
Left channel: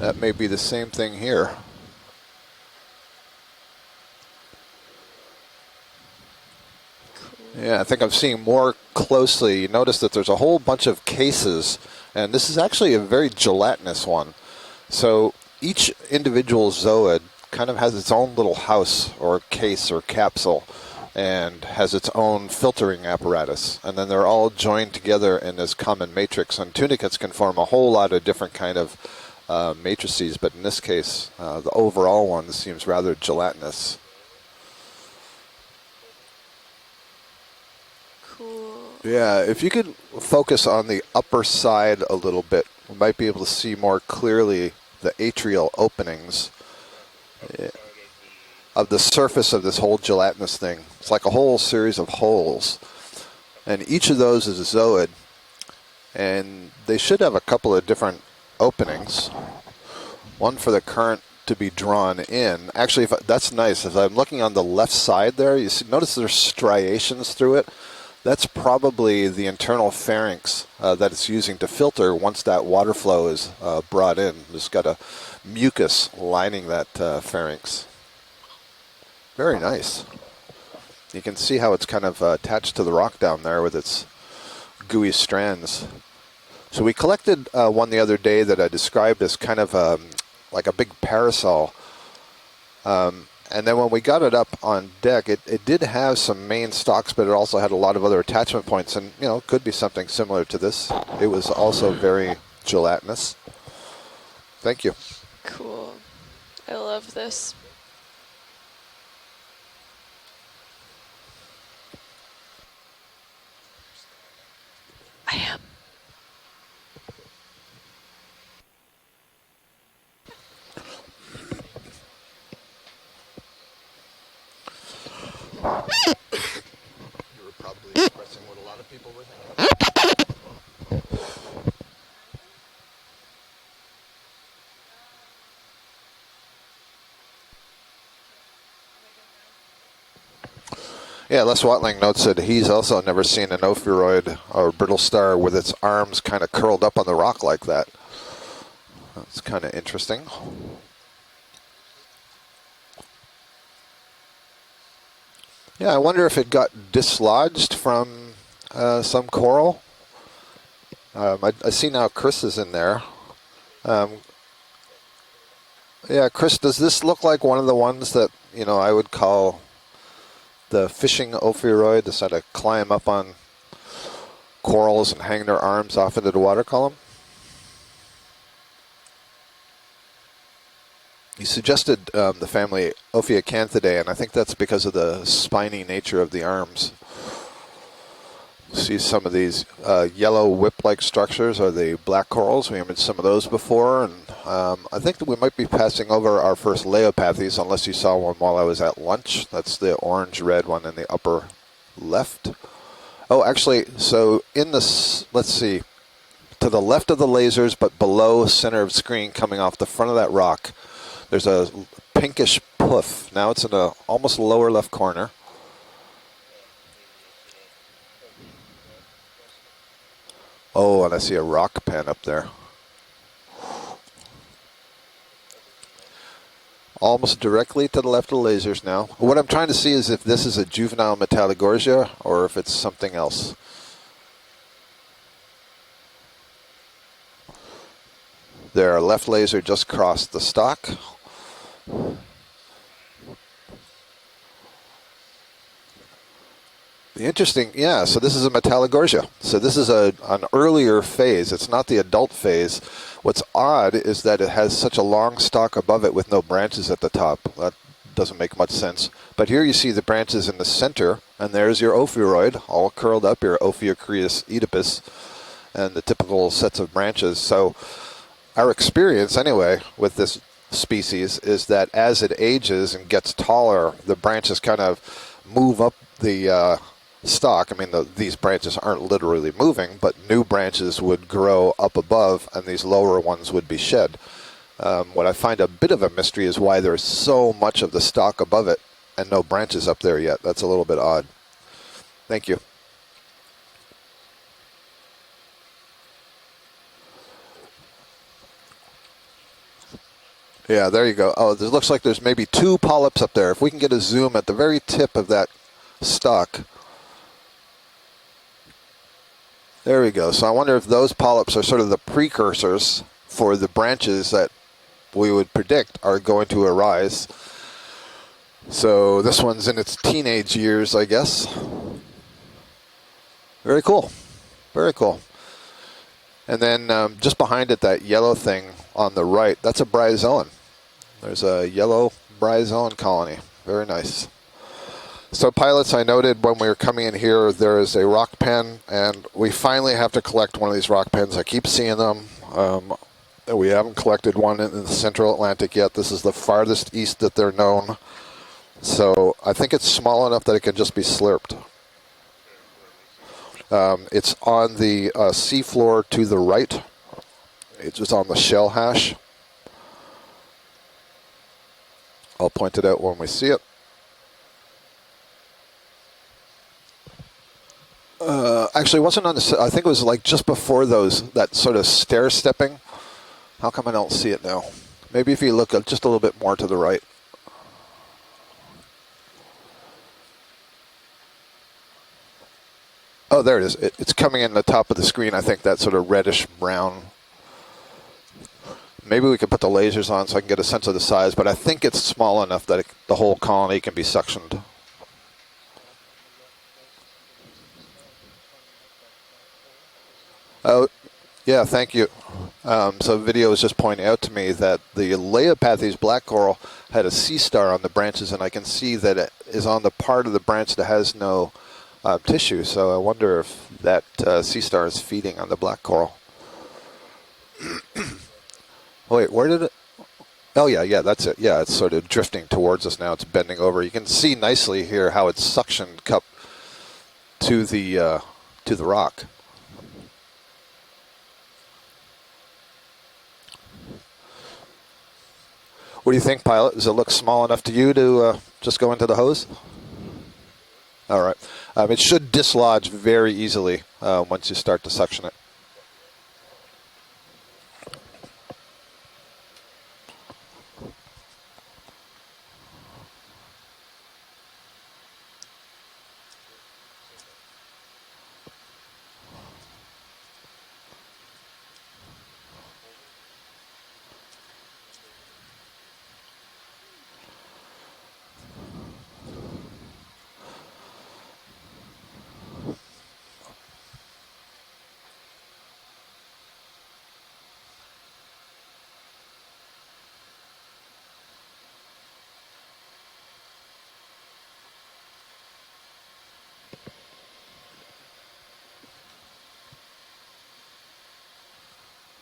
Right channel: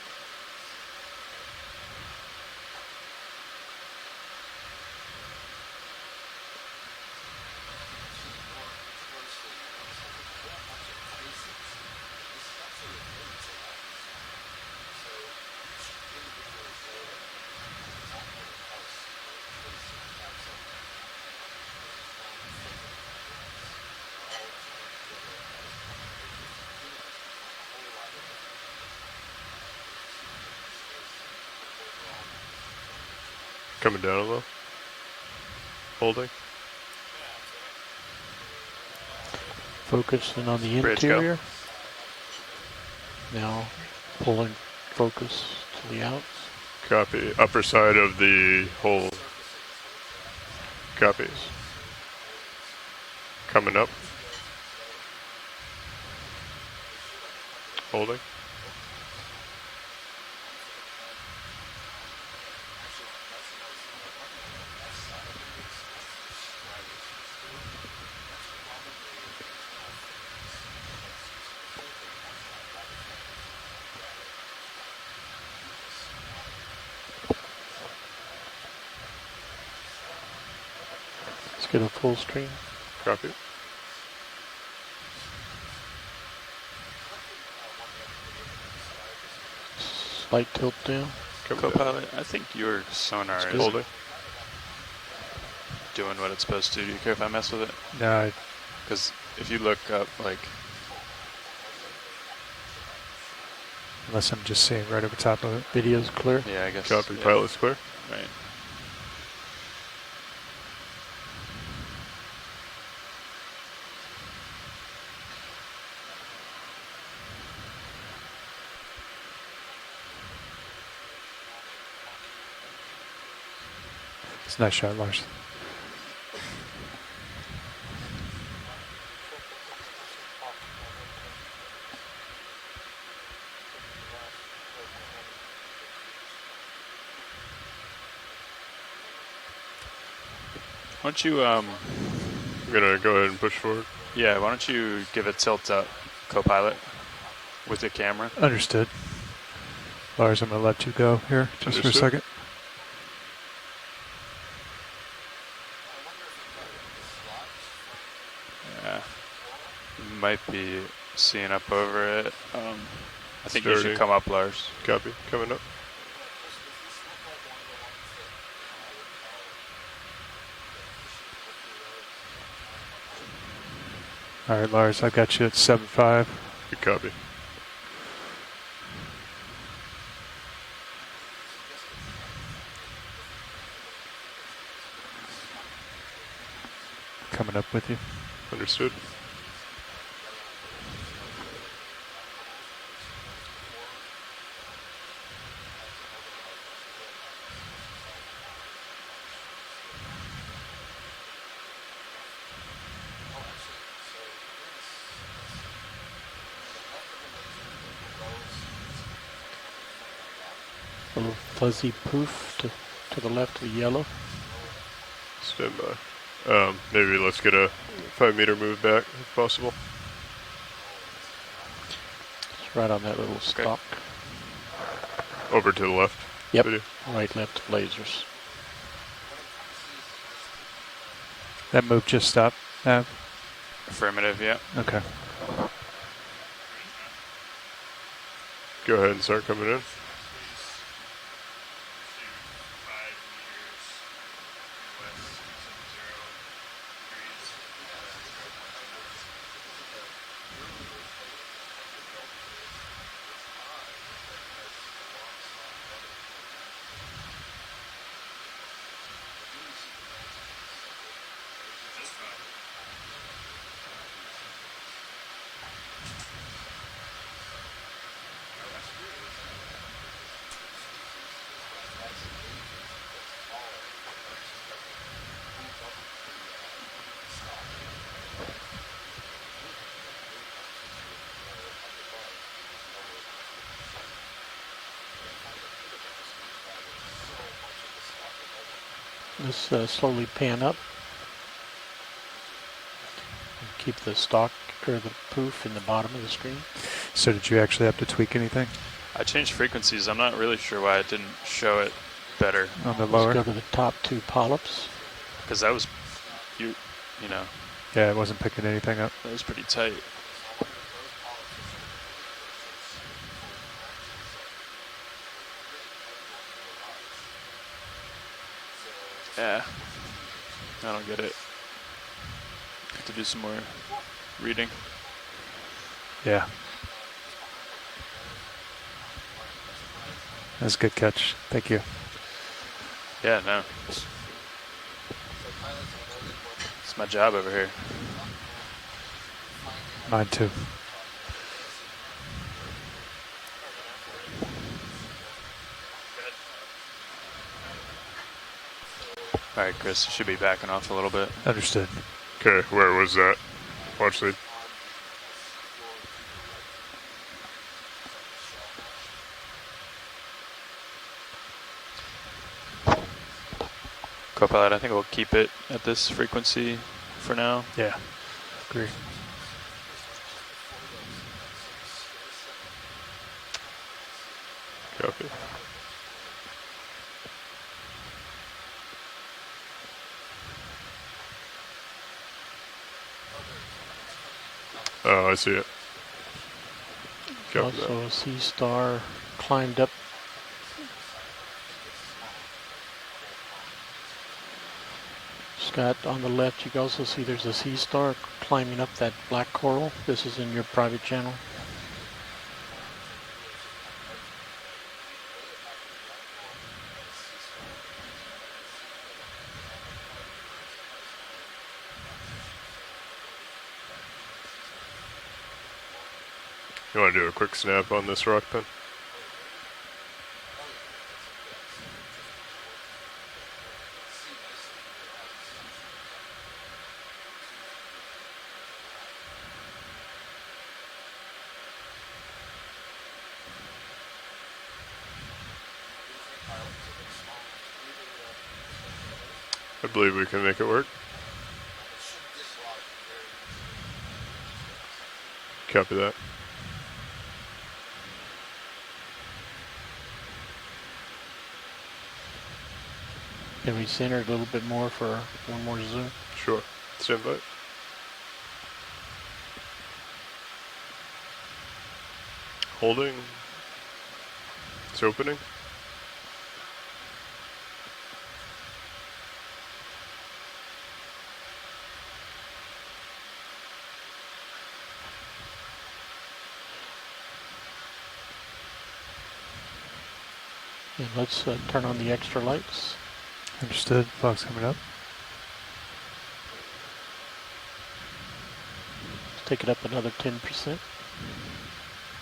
that may be the same thing here. Yeah, I think I'm seeing more closely. You notice that there's a whole bunch of cases, and this is actually a very gelatinous one. So each individual zooid kind of has its own little house or case or capsule. and has its own filtering apparatus. And then they're all joined together in this common matrix. And tunicates can form a whole lot of different kind of matrices, but in this case, the overall one seems rather gelatinous. Coming down a little. Holding. Cool. Yeah, if you could focus on the upper side a little bit, you might be able to see more clearly the atrial openings. Copy. Upper side of the surface of this whole gelatinous thing. Copy. It's like a whole series of holes. Coming up. Each of those is a zooid, and they should have a couple of different openings. One for the current to be drawn in. Actually, that's nice. If I'm looking on the left side there, you notice there's striations through it. That's probably the internal pharynx that it's using to filter once that water flow is brought in. It's got a mucus lining that pharynx. Very nice. You can see how it's kind of attached to the rock down there with its gooey strands. So we collected one the other day that I described as kind of like a big parasol. I think your sonar. And then when we got it up on deck, it did have some main stalks, but it also had a lot of other attachment points, and it could be something similar to this. It was also very gelatinous. Unless I'm just saying right over top of it. Video's clear. Yeah, I guess. Copy. Pilot's clear. Right. I am. It's a nice shot, Lars. Yeah, Les Watling notes that he's also never seen an ophiuroid or brittle star with its arms kind of curled up on the rock like that. The camera. Understood. It's kind of interesting. Lars, I'm going to let you go here just for a second. Yeah, I wonder if it got dislodged from some coral. Might be. I see now Chris is in there. I think you should come up, Lars. Copy. Coming up. Yeah, Chris, does this look like one of the ones that, I would call the fishing ophiuroid, to sort of climb up on corals and hang their arms off into the water column? Copy. You suggested the family Ophiacanthidae, and I think that's because of the spiny nature of the arms. Coming up with you. Understood. See some of these yellow whip-like structures are the black corals. We imaged some of those before, and I think that we might be passing over our first Leopathes, unless you saw one while I was at lunch. That's the orange-red one in the upper left. Oh, actually, so in this, let's see, to the left of the lasers, but below center of screen coming off the front of that rock, there's a pinkish poof. Now it's in the almost lower left corner. Stand by. Maybe let's get a 5-meter move back if possible. Oh, and I see a rock pen up there. It's right on that little stalk. Over to the left. Yep. Almost directly to the left of the lasers now. What I'm trying to see is if this is a juvenile Metallogorgia or if it's something else. Affirmative, yeah. Okay. Their left laser just crossed the stalk. Interesting, yeah, so this is a Metallogorgia. So this is an earlier phase. It's not the adult phase. What's odd is that it has such a long stalk above it with no branches at the top. That doesn't make much sense. But here you see the branches in the center, and there's your ophiuroid, all curled up, your Ophiocreus oedipus, and the typical sets of branches. So our experience, anyway, with this species is that as it ages and gets taller, the branches kind of move up the stalk. I mean, these branches aren't literally moving, but new branches would grow up above, and these lower ones would be shed. What I find a bit of a mystery is why there's so much of the stalk above it and no branches up there yet. That's a little bit odd. Thank you. Keep the stalk or the poof in the bottom of the screen. So did you actually have to tweak anything? I changed frequencies. I'm not really sure. Yeah, there you go. Oh, it looks like there's maybe two polyps up there. If we can get a zoom at the very tip of that stalk. You know. Yeah, it wasn't picking anything up. That was pretty tight. There we go. So I wonder if those polyps are sort of the precursors for the branches that we would predict are going to arise So this Yeah. one's in its teenage years, I guess. To do some more Very cool. reading. Very cool. Yeah. And then just behind it, that yellow thing on the right, that's a bryozoan. That's a good catch. There's Thank a you. yellow bryozoan colony. Yeah, no. Very nice. So pilots, I noted when we were coming in here, there is a rock pen, and we finally have to collect one of these rock pens. I keep seeing them. We haven't collected one in the Central Atlantic yet. This is the farthest east that they're known. So I think it's small enough that it could just be slurped. Understood. Okay, where was that? It's on the seafloor to the right. It's just on the shell hash. I'll point it out when we see it. Copilot, I think we'll keep it at this frequency for now. Yeah. Actually, it wasn't on the. I think it was like just before that sort of stair stepping. How come I don't see it now? Yep. Maybe if you look up just a little bit more to the right. Oh, there it is. It's coming in the top of the screen. I think that sort of reddish brown. Also a sea star. Maybe we could put the climbed up. lasers on so I can get a sense of the size, but I think it's small enough that the whole colony can be suctioned. Scott, on the left, you can also see there's a sea star climbing up that black coral. This is in your private channel. Yeah, thank you. So video is just pointing out to me that the Leiopathes black coral had a sea star on the branches, and I can see that it is on the part of the branch that has no tissue. So I wonder if that sea star is feeding on the black coral. You want to do a quick snap on this rock pen? Wait, where did it? Oh, yeah, that's it. Yeah, it's sort of drifting towards us now. It's bending over. You can see nicely here how it's suctioned cup to the rock. What do you think, pilot? Does it look small enough to you to just go into the hose? I believe we can make it work. All right. It should dislodge very easily once you start to suction it. Copy that. Can we center it a little bit more for one more zoom? Sure. Stand by. Holding. It's opening. And let's turn on the extra lights. Understood. Fog's coming up. Take it up another 10%.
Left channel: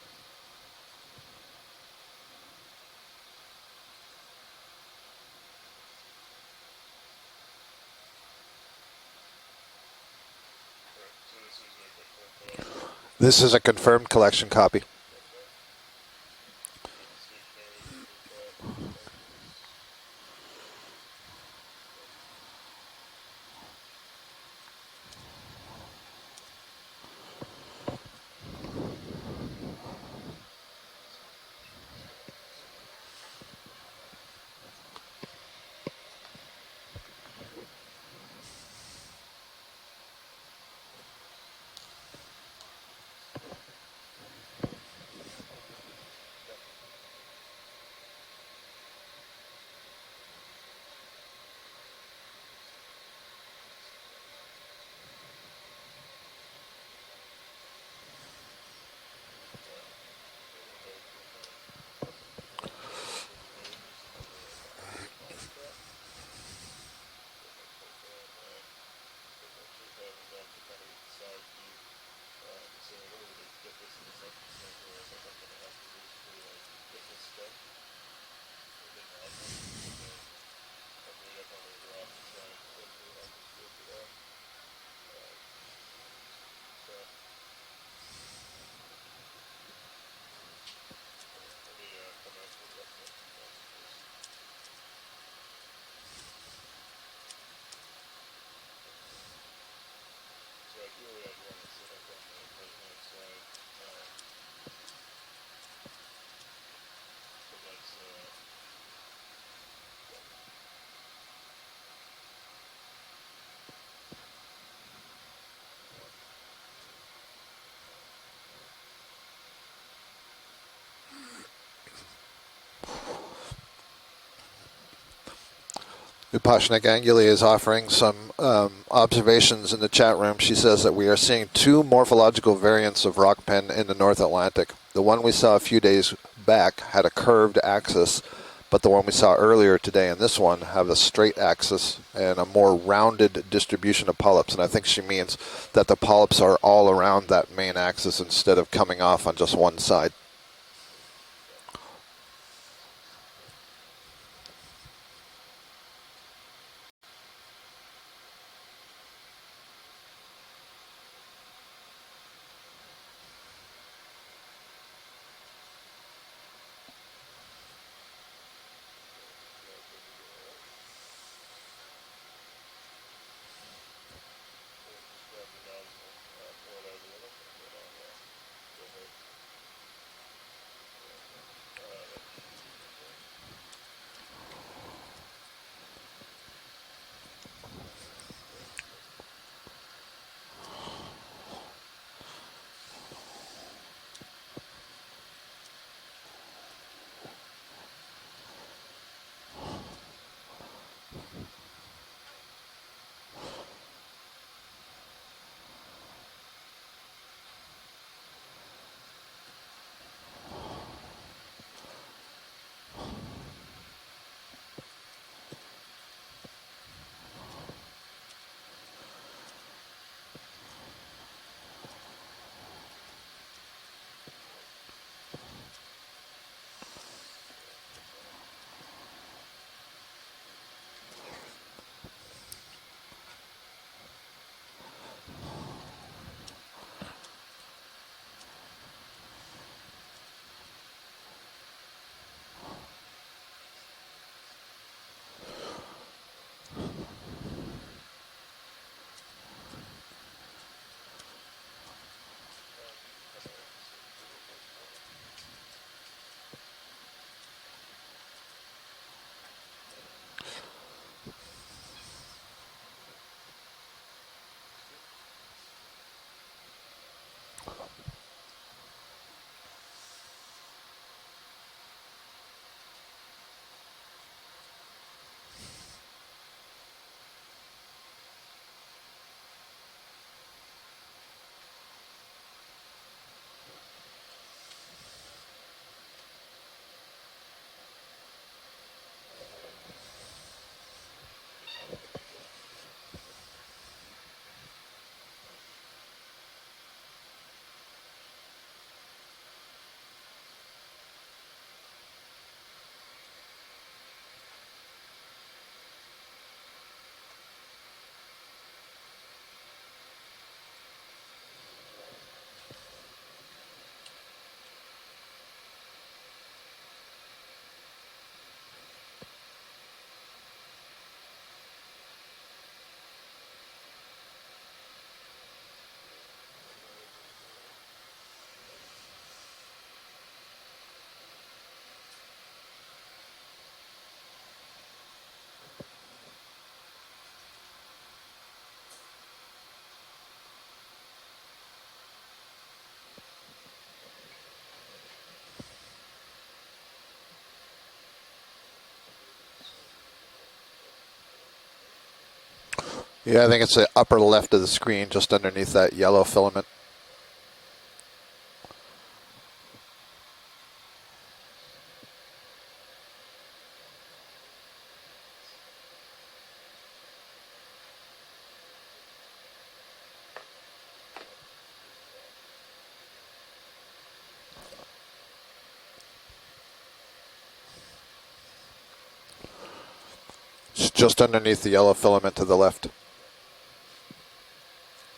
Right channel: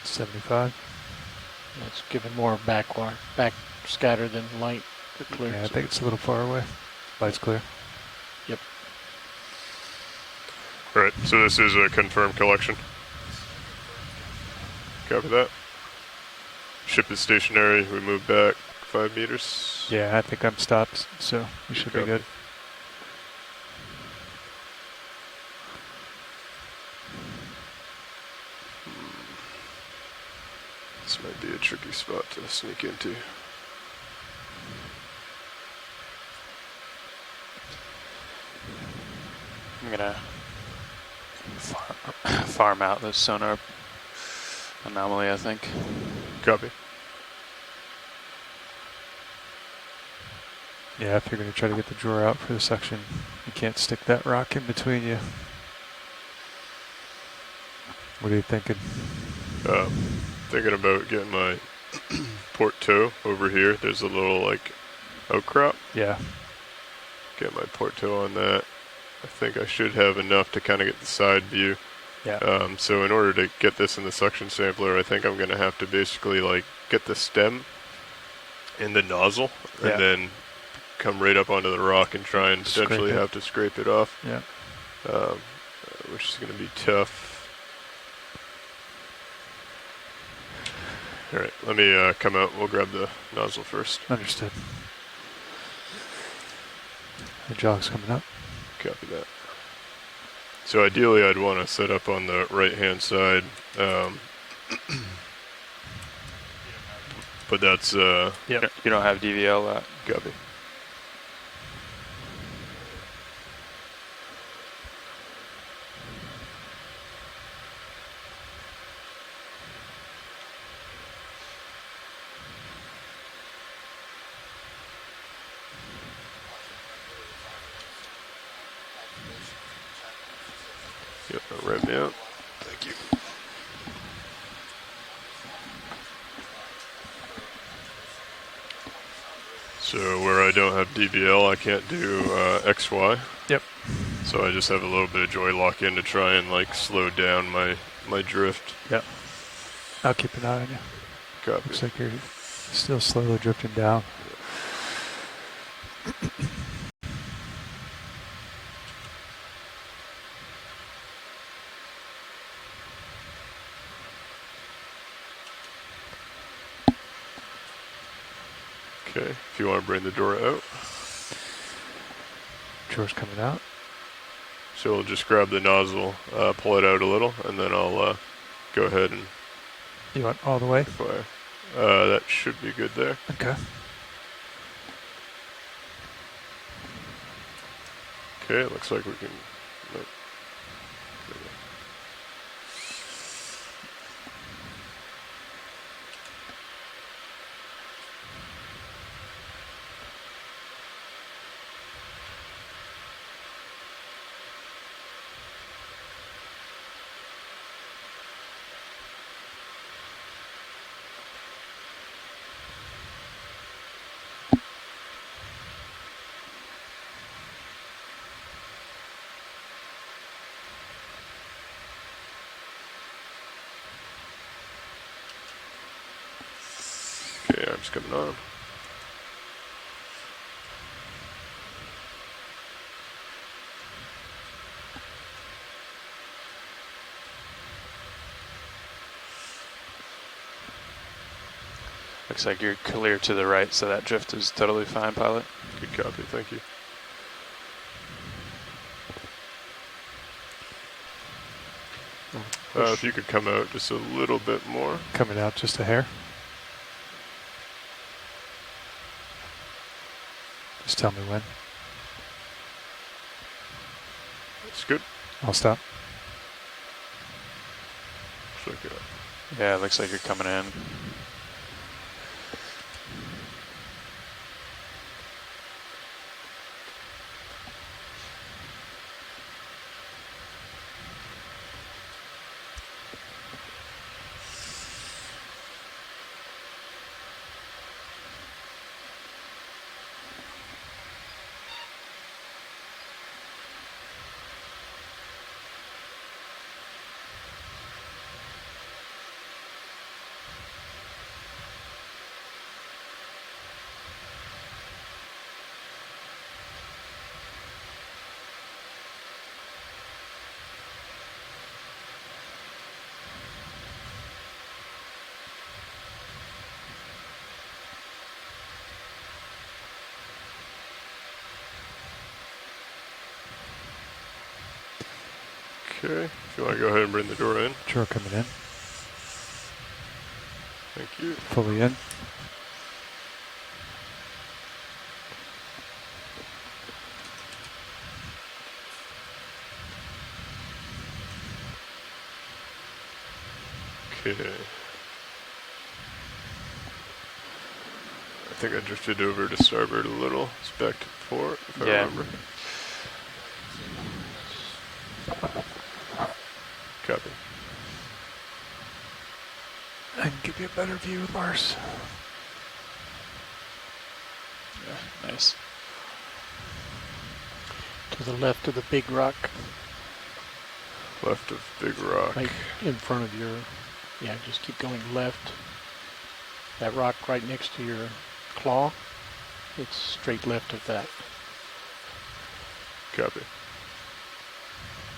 75. That's giving more back scatter than light for clear. Yeah, I think it's a little far away. Light's clear. Yep. All right, so this is a confirmed collection. This is a confirmed collection copy. Copy that. Ship is stationary. We move back 5 meters. Yeah, I think I'm stopped, so we should be good. This might be a tricky spot to sneak into. I'm gonna farm out this sonar anomaly, I think. Copy. Yeah, if you're going to try to get the drawer out for the suction, you can't stick that rock in between you. What are you thinking? Thinking about getting my port toe over here. There's a little like outcrop. Yeah. Get my port toe on that. I think I should have enough to kind of get the side view. Yeah. So in order to get this in the suction sampler, I think I'm going to have to basically like get the stem in the nozzle and then come right up onto the rock and try and potentially have to scrape it off. Yeah. Which is going to be tough. All right, let me come out. We'll grab the nozzle first. Understood. The jog's coming up. Copy that. So ideally, I'd want to set up on the right-hand side, but that's You don't have DVL. Copy. Upashnik Anguli is offering some observations in the chat room. She says that we are seeing two morphological variants of rock pen in the North Atlantic. The one we saw a few days back had a curved axis, but the one we saw earlier today in this one had a straight axis and a more rounded distribution of polyps. And I think she means that the polyps are all around that main axis instead of coming off on just one side. I'll keep an eye on you. Copy. Looks like you're still slowly drifting down. Okay, if you want to bring the door out. Door's coming out. So we'll just grab the nozzle, pull it out a little, and then I'll go ahead and... You want all the way? Fire. That should be good there. Okay. Okay, it looks like we can... Okay, arms coming on. Looks like you're clear to the right, so that drift is totally fine, pilot. Good copy, thank you. If you could come out just a little bit more. Coming out just a hair. Just tell me when. That's good. I'll stop. Yeah, it looks like you're coming in. Okay, if you want to go ahead and bring the door in. Sure, coming in. Thank you. Fully in. Okay. I think I drifted over to starboard a little. It's back to port, if I remember. Yeah, I think it's the upper left of the screen, just underneath that yellow filament. Copy. I can give you a better view of Mars. Yeah, nice. To the left of the big rock. Left of big rock. Right in front of your, yeah, just keep going left. That rock right next to your claw. It's straight left of It's that. just underneath the yellow filament to the left. Copy.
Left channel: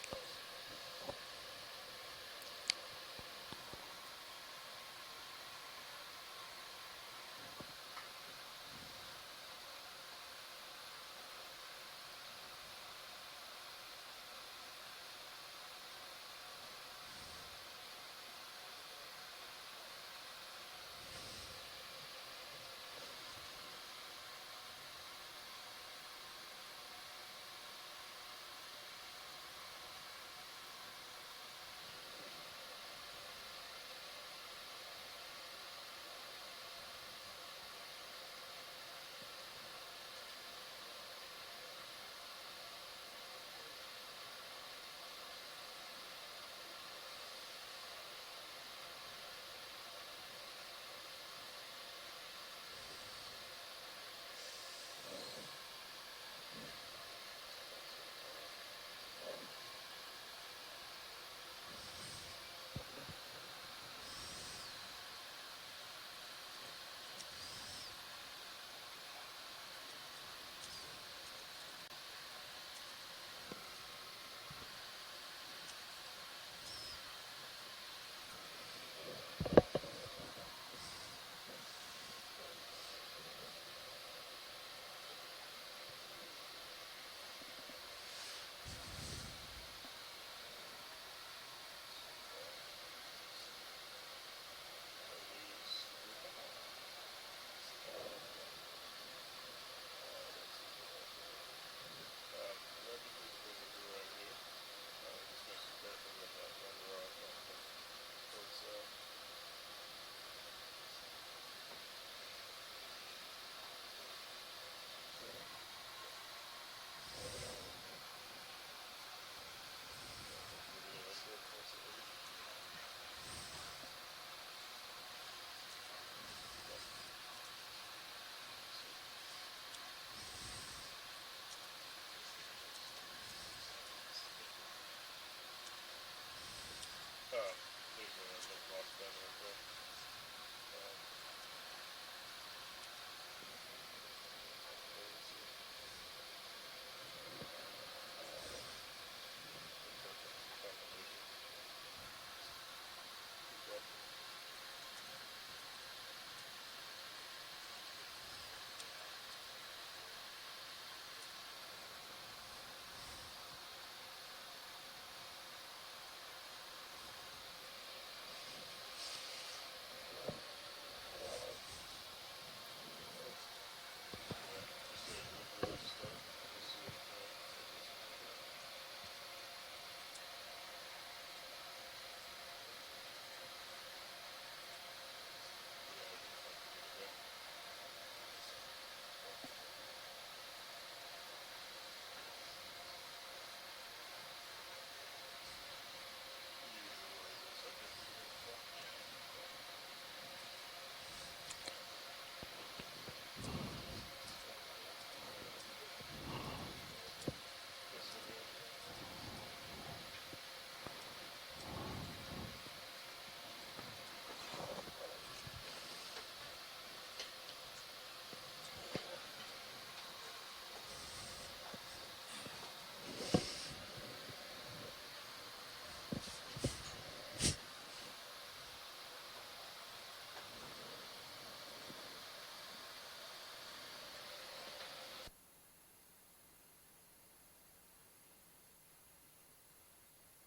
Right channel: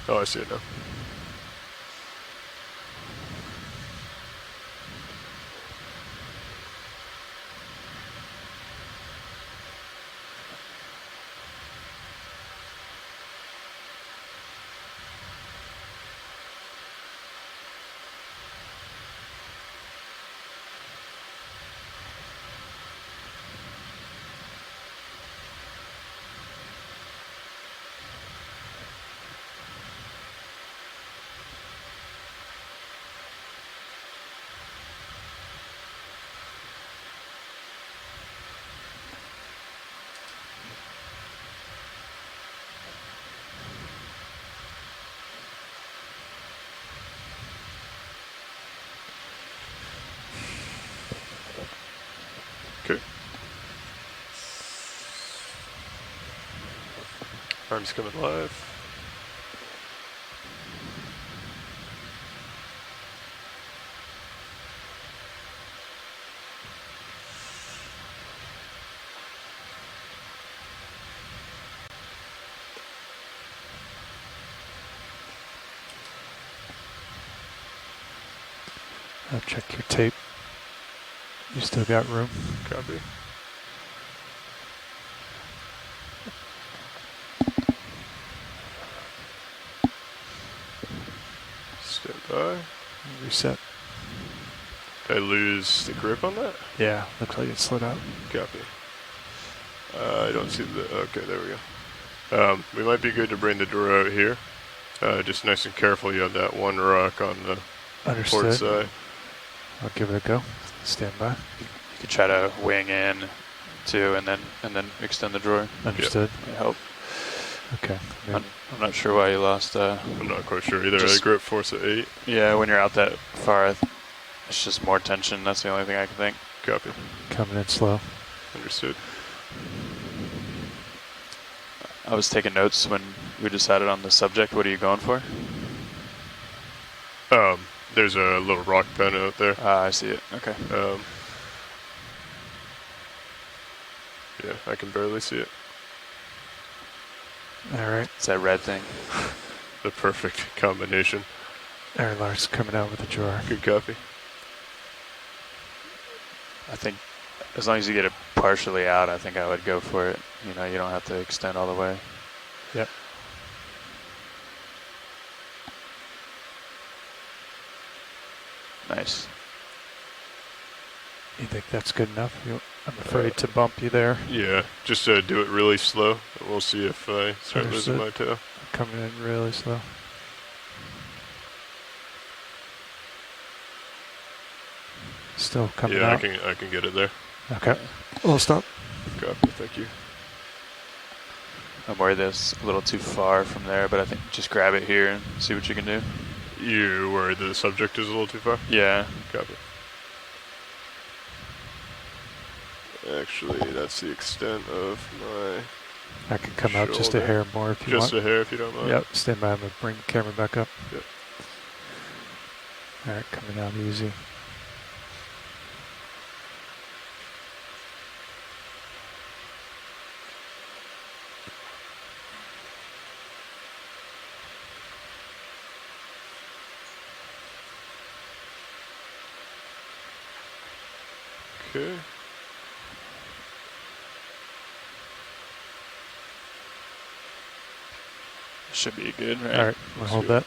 Oh, I see it now. Arms coming live. I'll check your tape. You still got room? Copy. Stand by. Reset. Did I lose the grip on that? Yeah, looks like it slid out. Copy. I don't see the, okay, there we go. We might be good to bring the door out here. Just nice and careful, you have that one rock on the port side. I'll give it a go. Stand by. You could try to wing in too, and then extend the drawer. Understood. Yep. Help. Okay. I'm not sure why you lost. I'm not quite sure either. I grip force at 8. Yeah, when you're out that far, it's just more tension. That's the only thing I can think. Copy. Coming in slow. Understood. I was taking notes when we decided on the subject. What are you going for? There's a little rock pen out there. I see it. Okay. Yeah, I can barely see it. All right. It's that red thing. The perfect combination. Air Lars coming out with the drawer. Good copy. I think as long as you get it partially out, I think I would go for it. You know, you don't have to extend all the way. Yep. Nice. You think that's good enough? I'm afraid to bump you there. Yeah, just do it really slow, and we'll see if I start losing my tail. Coming in really slow. Still coming out. Yeah, I can get it there. Okay. We'll stop. Copy, thank you. I'm worried that's a little too far from there, but I think just grab it here and see what you can do. You're worried the subject is a little too far? Yeah. Copy. Actually, that's the extent of my I can come out just a hair more if you want. Just a hair if you don't mind. Yep, stand by. I'm going to bring the camera back up. Yep. All right, coming down easy. Okay. Should be good, right? All right, we'll hold that.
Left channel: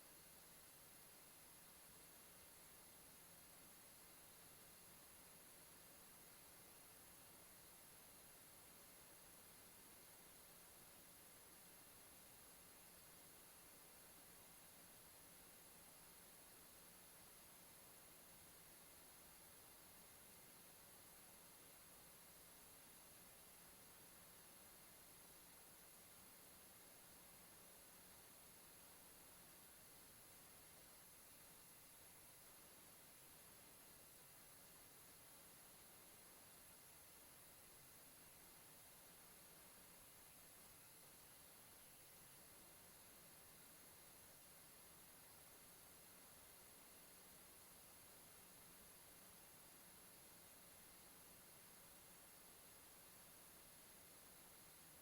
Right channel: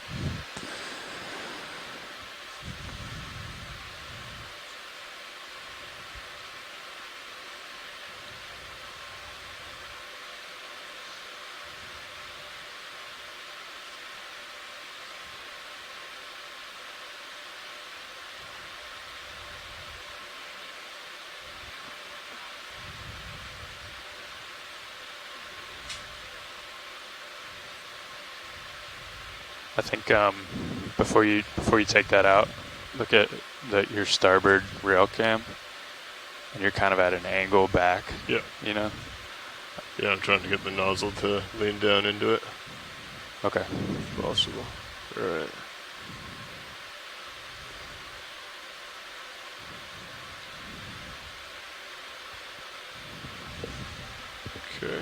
I think before you take that out, look at your starboard rail cam, and you're kind of at an angle back. Yeah. You know. Yeah, I'm trying to get the nozzle to lean down into it. Okay. If possible. All right. Okay.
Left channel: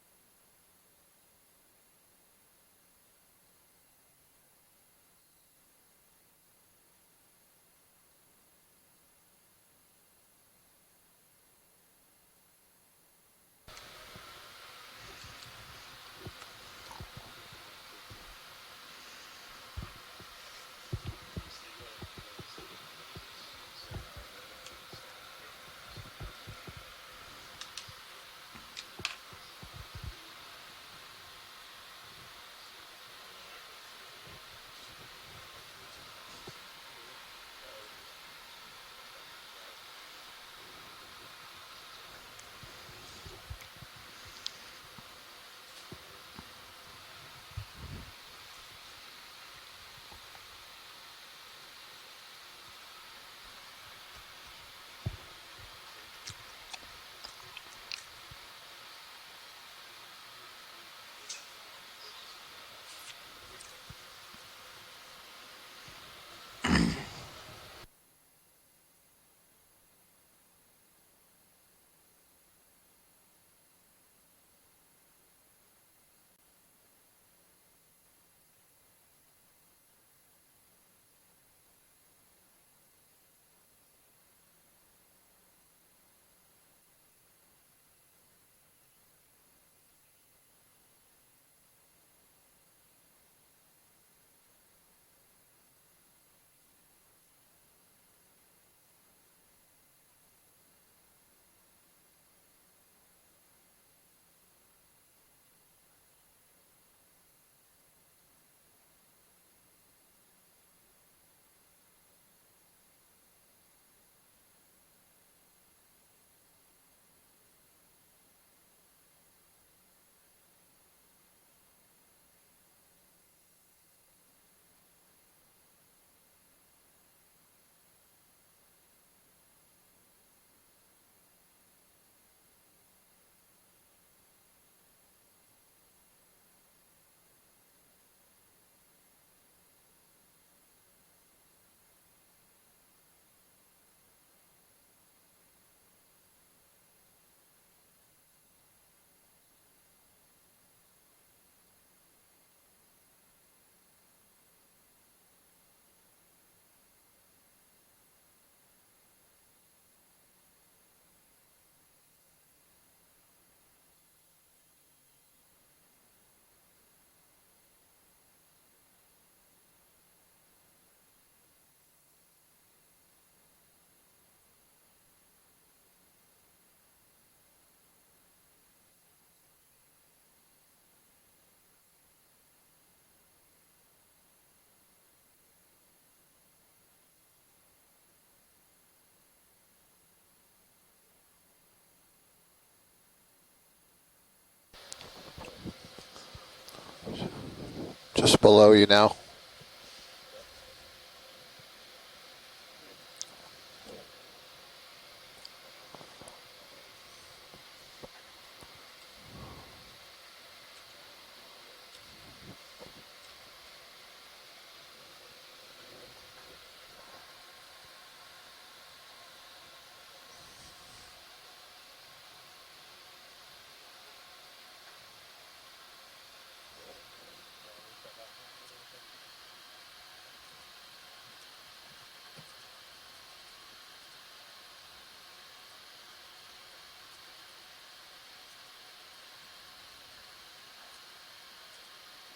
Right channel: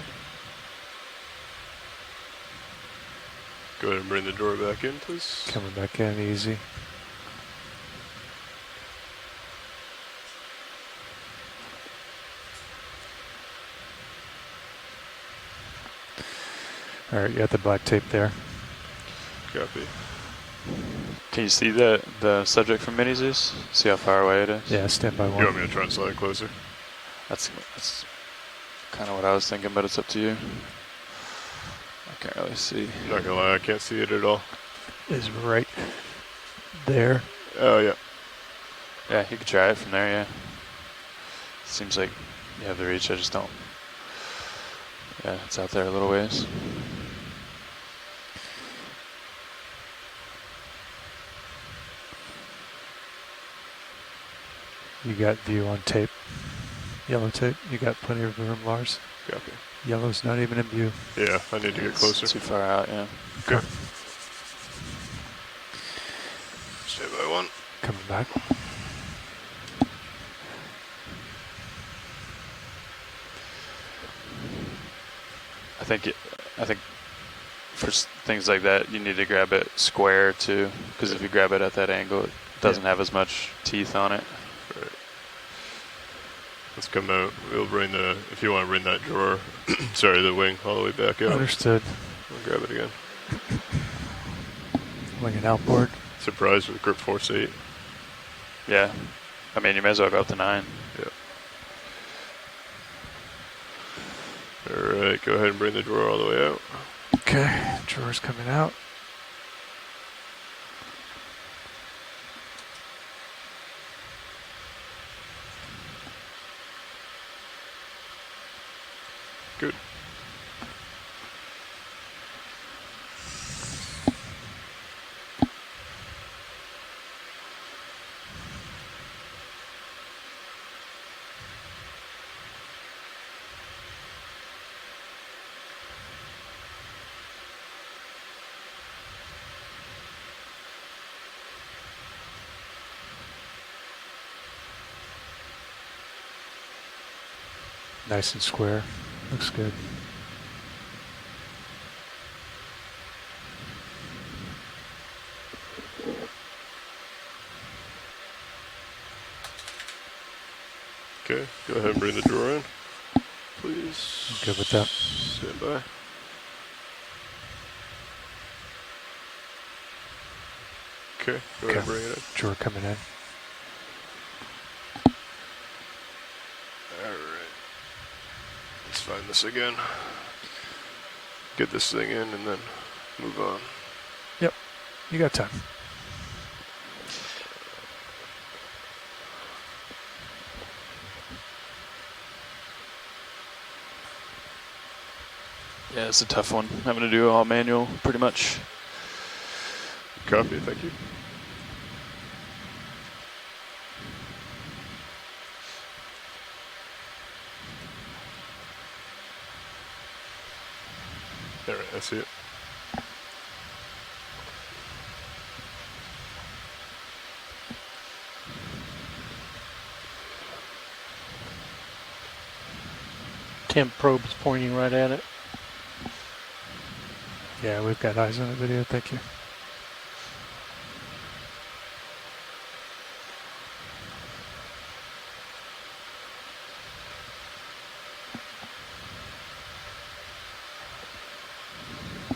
Go ahead and bring the door back in, please. Coming back in easy. All right, you got the black tape there. Copy. Can you see the subject from Mini Zeus? See how far away it is? Yeah, stand by one. You want me to try and slide closer? That's kind of what I was thinking, but it's up to you. I can't really see. Not gonna lie, I can't see it at all. Is right there. Oh, yeah. Yeah, you could try it from there, yeah. Seems like you have the reach, I just don't. Yeah, it's out there a little ways. You got view on tape. Yellow tape. You got plenty of room, Lars. Copy. Yellow's not even in view. Yeah, I need to get closer. Too far out, yeah. Good. Stand by one. Coming back. I think for things like that, you need to grab it square too, because if you grab it at that angle, it doesn't have as much teeth on it. Right. Let's come out. We'll bring the, if you want to bring that drawer, sorry, the wing all the way back out. Understood. We'll grab it again. Wing and outboard. Surprised with grip force 8. Yeah. I mean, you may as well go up to 9. Yeah. All right, go ahead and bring the drawer all the way out. Okay, drawer's coming out. Good. Nice and square. Looks good. Okay, go ahead and bring the drawer in, please. I'm good with that. Stand by. Okay, go ahead and bring it in. Drawer coming in. Alright. Let's find this again. Get this thing in and then move on. Yep, you got time. Yeah, it's a tough one. Having to do all manual pretty much. Just below you now. Copy, thank you. All right, I see it. Temp probe's pointing right at it. Yeah, we've got eyes on the video. Thank you.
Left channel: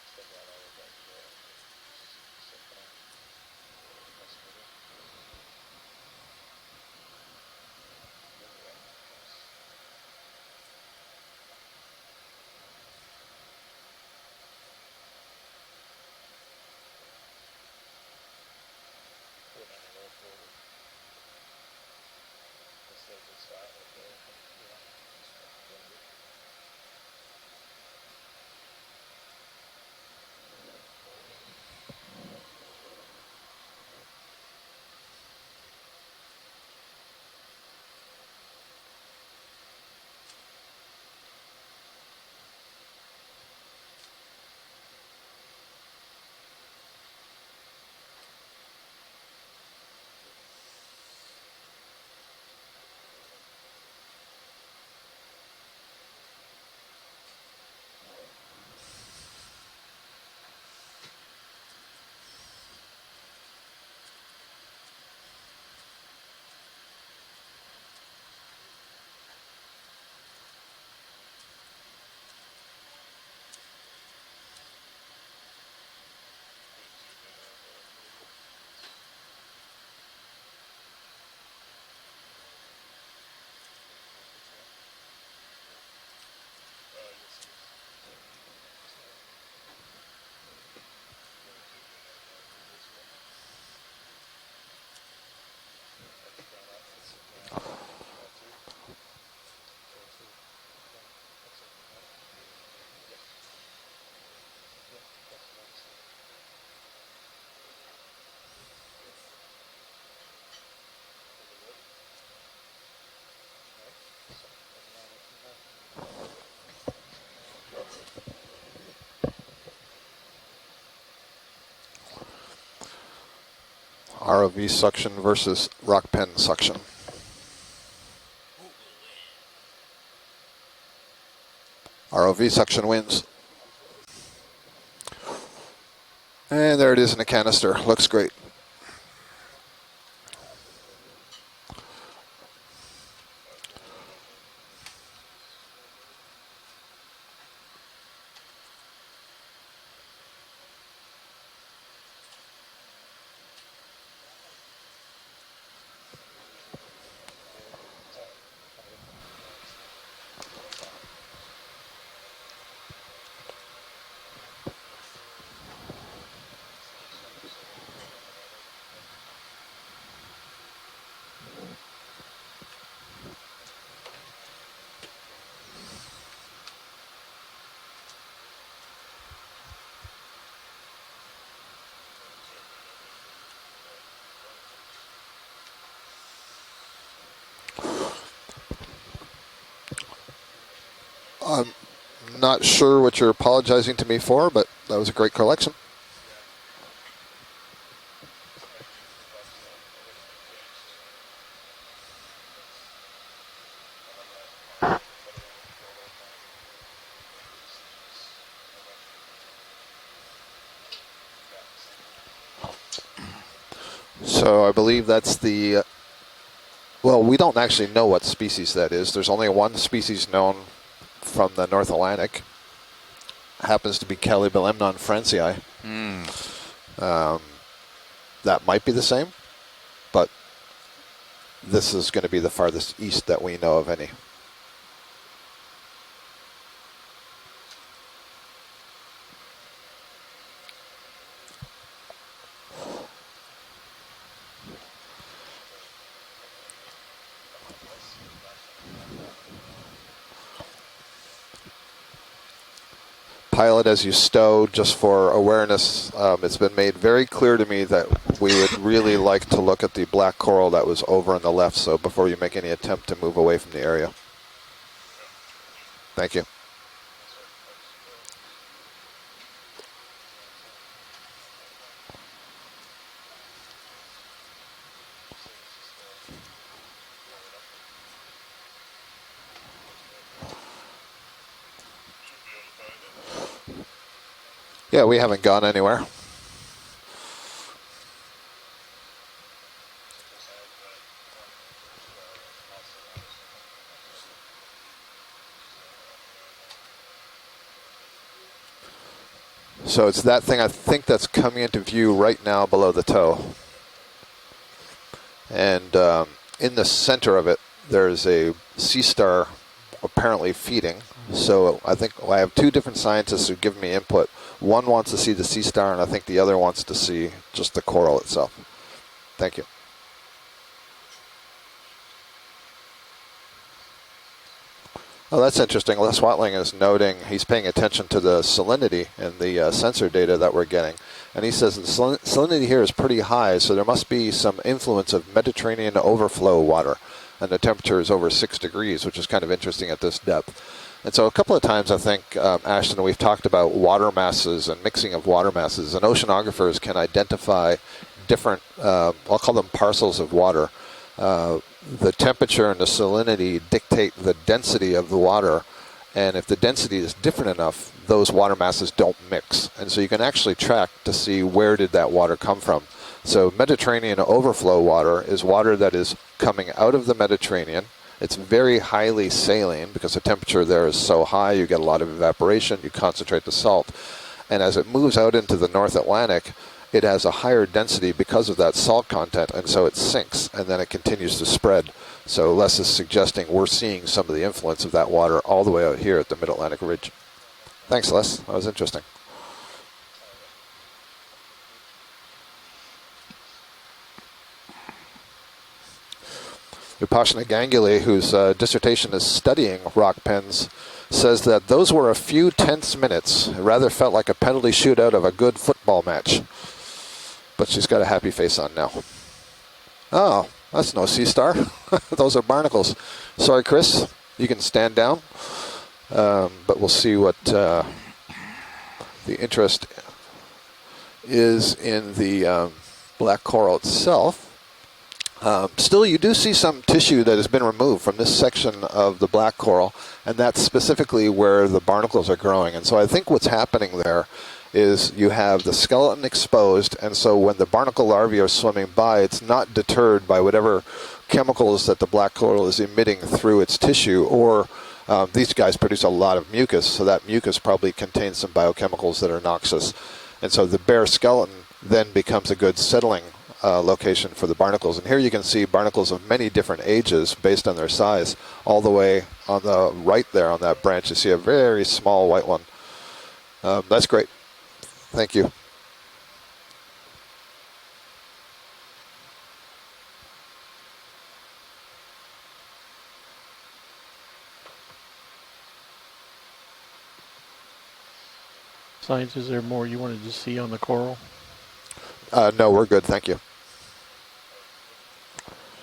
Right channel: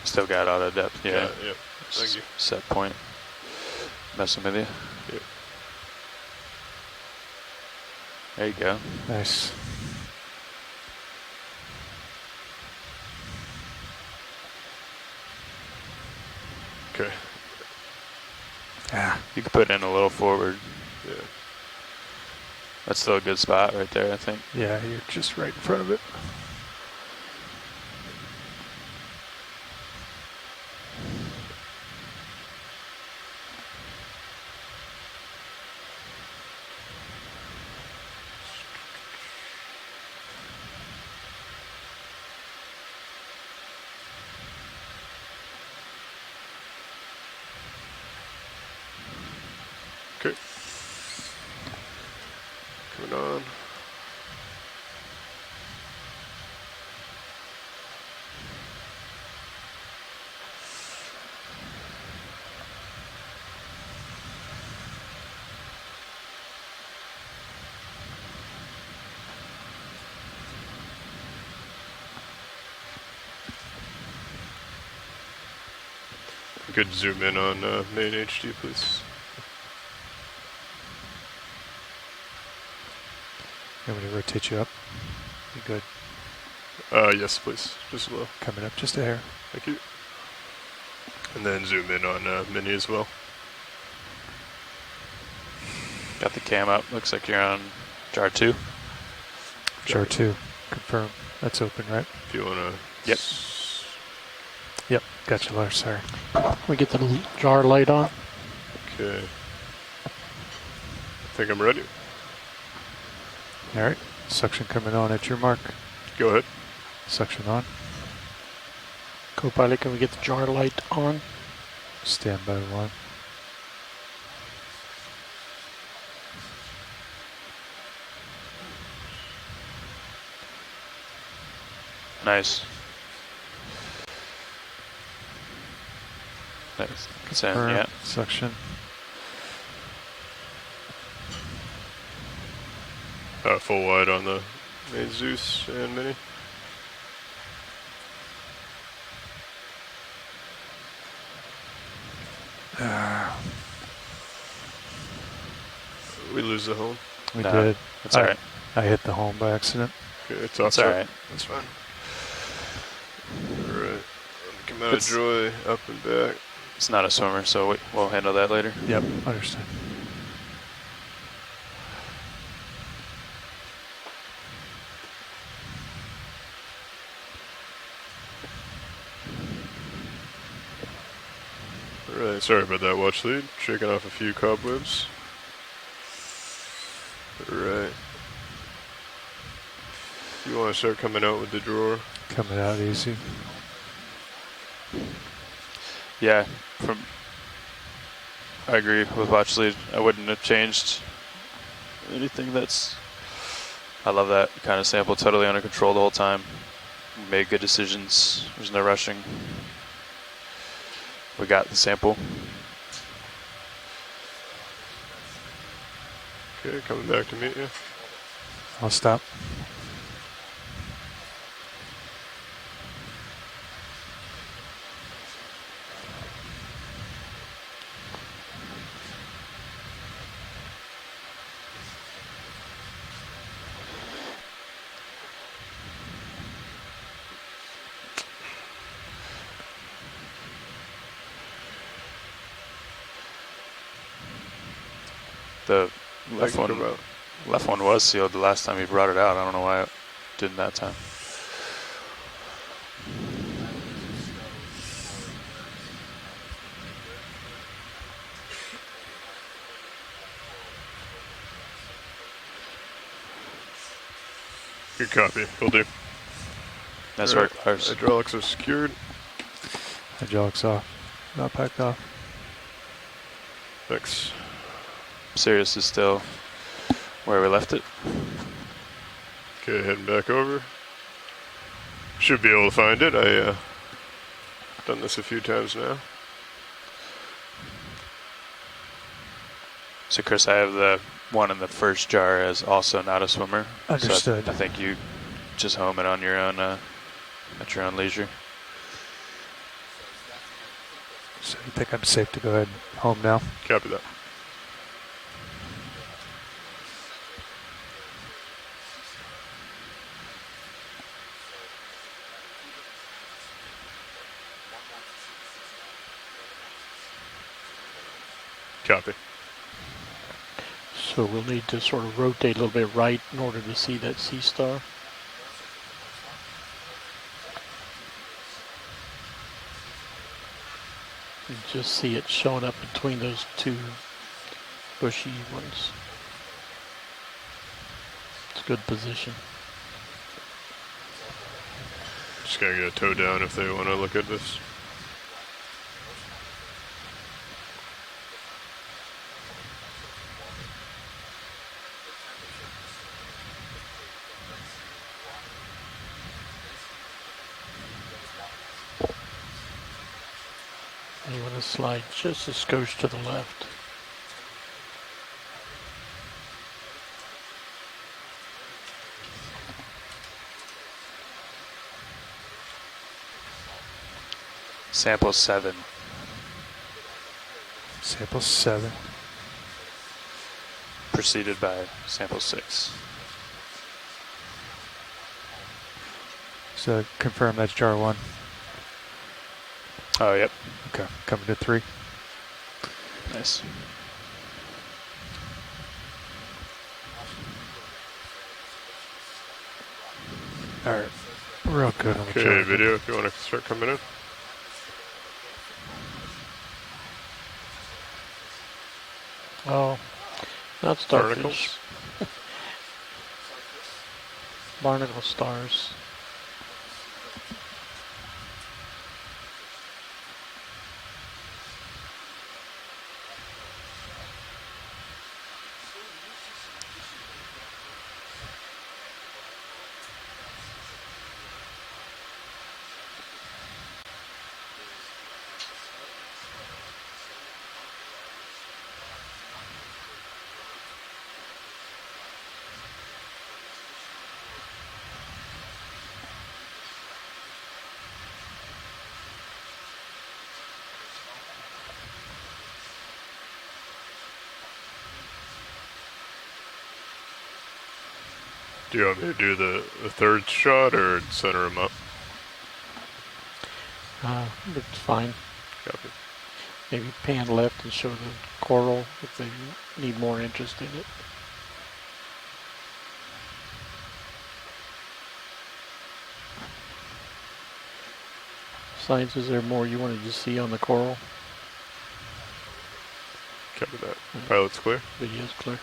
Still got auto depth, yeah. Yep. Thank you. Set point. Messing with you. Yep. There you go. Nice. Okay. Yeah. You could put in a little forward. Yeah. That's still a good spot right there, I think. Yeah, you're just right in front of it. Okay. Coming on. You could zoom in on main HD, please. I'm going to rotate you up. You good? Yes, please. Just a little. Coming up just a hair. Thank you. And then zoom in on mini as well. Got the cam up. Looks like you're on jar 2. Jar 2. Confirm. That's open, right? If you want to. Yep. Yep. Gotcha, Lars. Sorry. We get the jar light on. Okay. I think I'm ready. All right. Suction coming on at your mark. Go ahead. Suction on. Co-pilot, can we get the jar light on? Standby 1. ROV suction versus rock pen suction. ROV suction wins. And there it is in the canister. Yeah, Looks great. suction. Full wide on the main Zeus and Mini. We lose the home. We did. That's all right. I hit the home by accident. Okay, it's That's all right. That's fine. All right. Come out of joy, up and back. It's not a swimmer, so we'll handle that later. Yep, understood. All right, sorry about that watch lead. Shaking off a few cobwebs. All right. You want to start coming out with the drawer? Not sure what you're apologizing to me for, but that was a great collection. Yeah, I agree with watch lead. I wouldn't have changed anything. I love that kind of sample, totally under control the whole time. Made good decisions. There's no rushing. We got the sample. So I believe that's the. Well, we don't actually know what species that is. There's only one species known from the North Atlantic. Happens to be Calibelemnon francii. That might be the same, but this is going to be the farthest east that we know of any. The left one was sealed the last time he brought it out. I don't know why it didn't that time. Pilot, as you stow, just for awareness, it's been made very clear to me that we would really like to look at the black coral that was over on the left, so before you make any attempt to move away from the area. Good copy. Will do. Thank you. That's right. Hydraulics are secured. Hydraulics off. Not packed off. Thanks. Sirius is still where we left it. Okay, heading back over. Should be able to find it. Yeah, we haven't gone anywhere. Now. So Chris, I have the one in the first jar as also not a swimmer. Understood. So I think you just home it on your own at your own leisure. So it's that thing, I think, that's coming into view right now below the toe. Copy that. And in the center of it, there's a sea star apparently feeding. So I think I have two different scientists who give me input. One wants to see the sea star, and I think the other wants to see just the coral itself. Copy. Thank you. So we'll need to sort of rotate a little bit right in order to see that sea star. Oh, that's interesting. Les Watling is noting, he's paying attention to the salinity and the sensor data that we're getting. And he says salinity here is pretty high, so there must be some influence of Mediterranean overflow water. And the temperature is over 6 degrees, which is kind of interesting at this depth. And so a couple of times, I think, Ashton, we've talked about water masses and mixing of water masses. And oceanographers can identify different, I'll call them parcels of water. The temperature and the salinity dictate the density of the water. And if the density is different enough, those water masses don't mix. And so you can actually track to see where did that water come from. So Mediterranean overflow water is water that is coming out of the Mediterranean. It's very highly saline because the temperature there is so high, you get a lot of evaporation, you concentrate the salt. And as it moves out into the North Atlantic, it has a higher density because of that salt content, and so it sinks, and then it continues to spread. So Les is suggesting we're seeing some of the influence of that water all the way out here at the Mid-Atlantic Ridge. Confirm that's jar Thanks, one. Les. That was interesting. Oh, yep. Okay, coming to 3. Nice. Vipassana Ganguly, whose dissertation is studying rock pens, says that those were a few tense minutes. It rather felt like a penalty shootout of a good football match. But she's got a happy face on now. Oh, that's no sea star. Those are barnacles. Sorry, Chris. You can stand down. but we'll see what the interest is in the black coral itself. Still, you do see some tissue that has been removed from this section of the black coral, and that's specifically where the barnacles are growing. And so I think what's happening there is you have the skeleton exposed, and so when the barnacle larvae are swimming by, it's not deterred by whatever chemicals that the black coral is emitting through its tissue, or these guys produce a lot of mucus, so that mucus probably contains some biochemicals that are noxious. And so the bare skeleton then becomes a good settling location for the barnacles. And here you can see barnacles of many different ages based on their size. All the way on the right there on that branch, you see a very small white one. That's great. Thank you. Maybe pan left and show the coral if they need more interest in it. Science, is there more you wanted to see on the coral? No, we're good. Thank you. Copy that. Pilot's clear. Video's clear.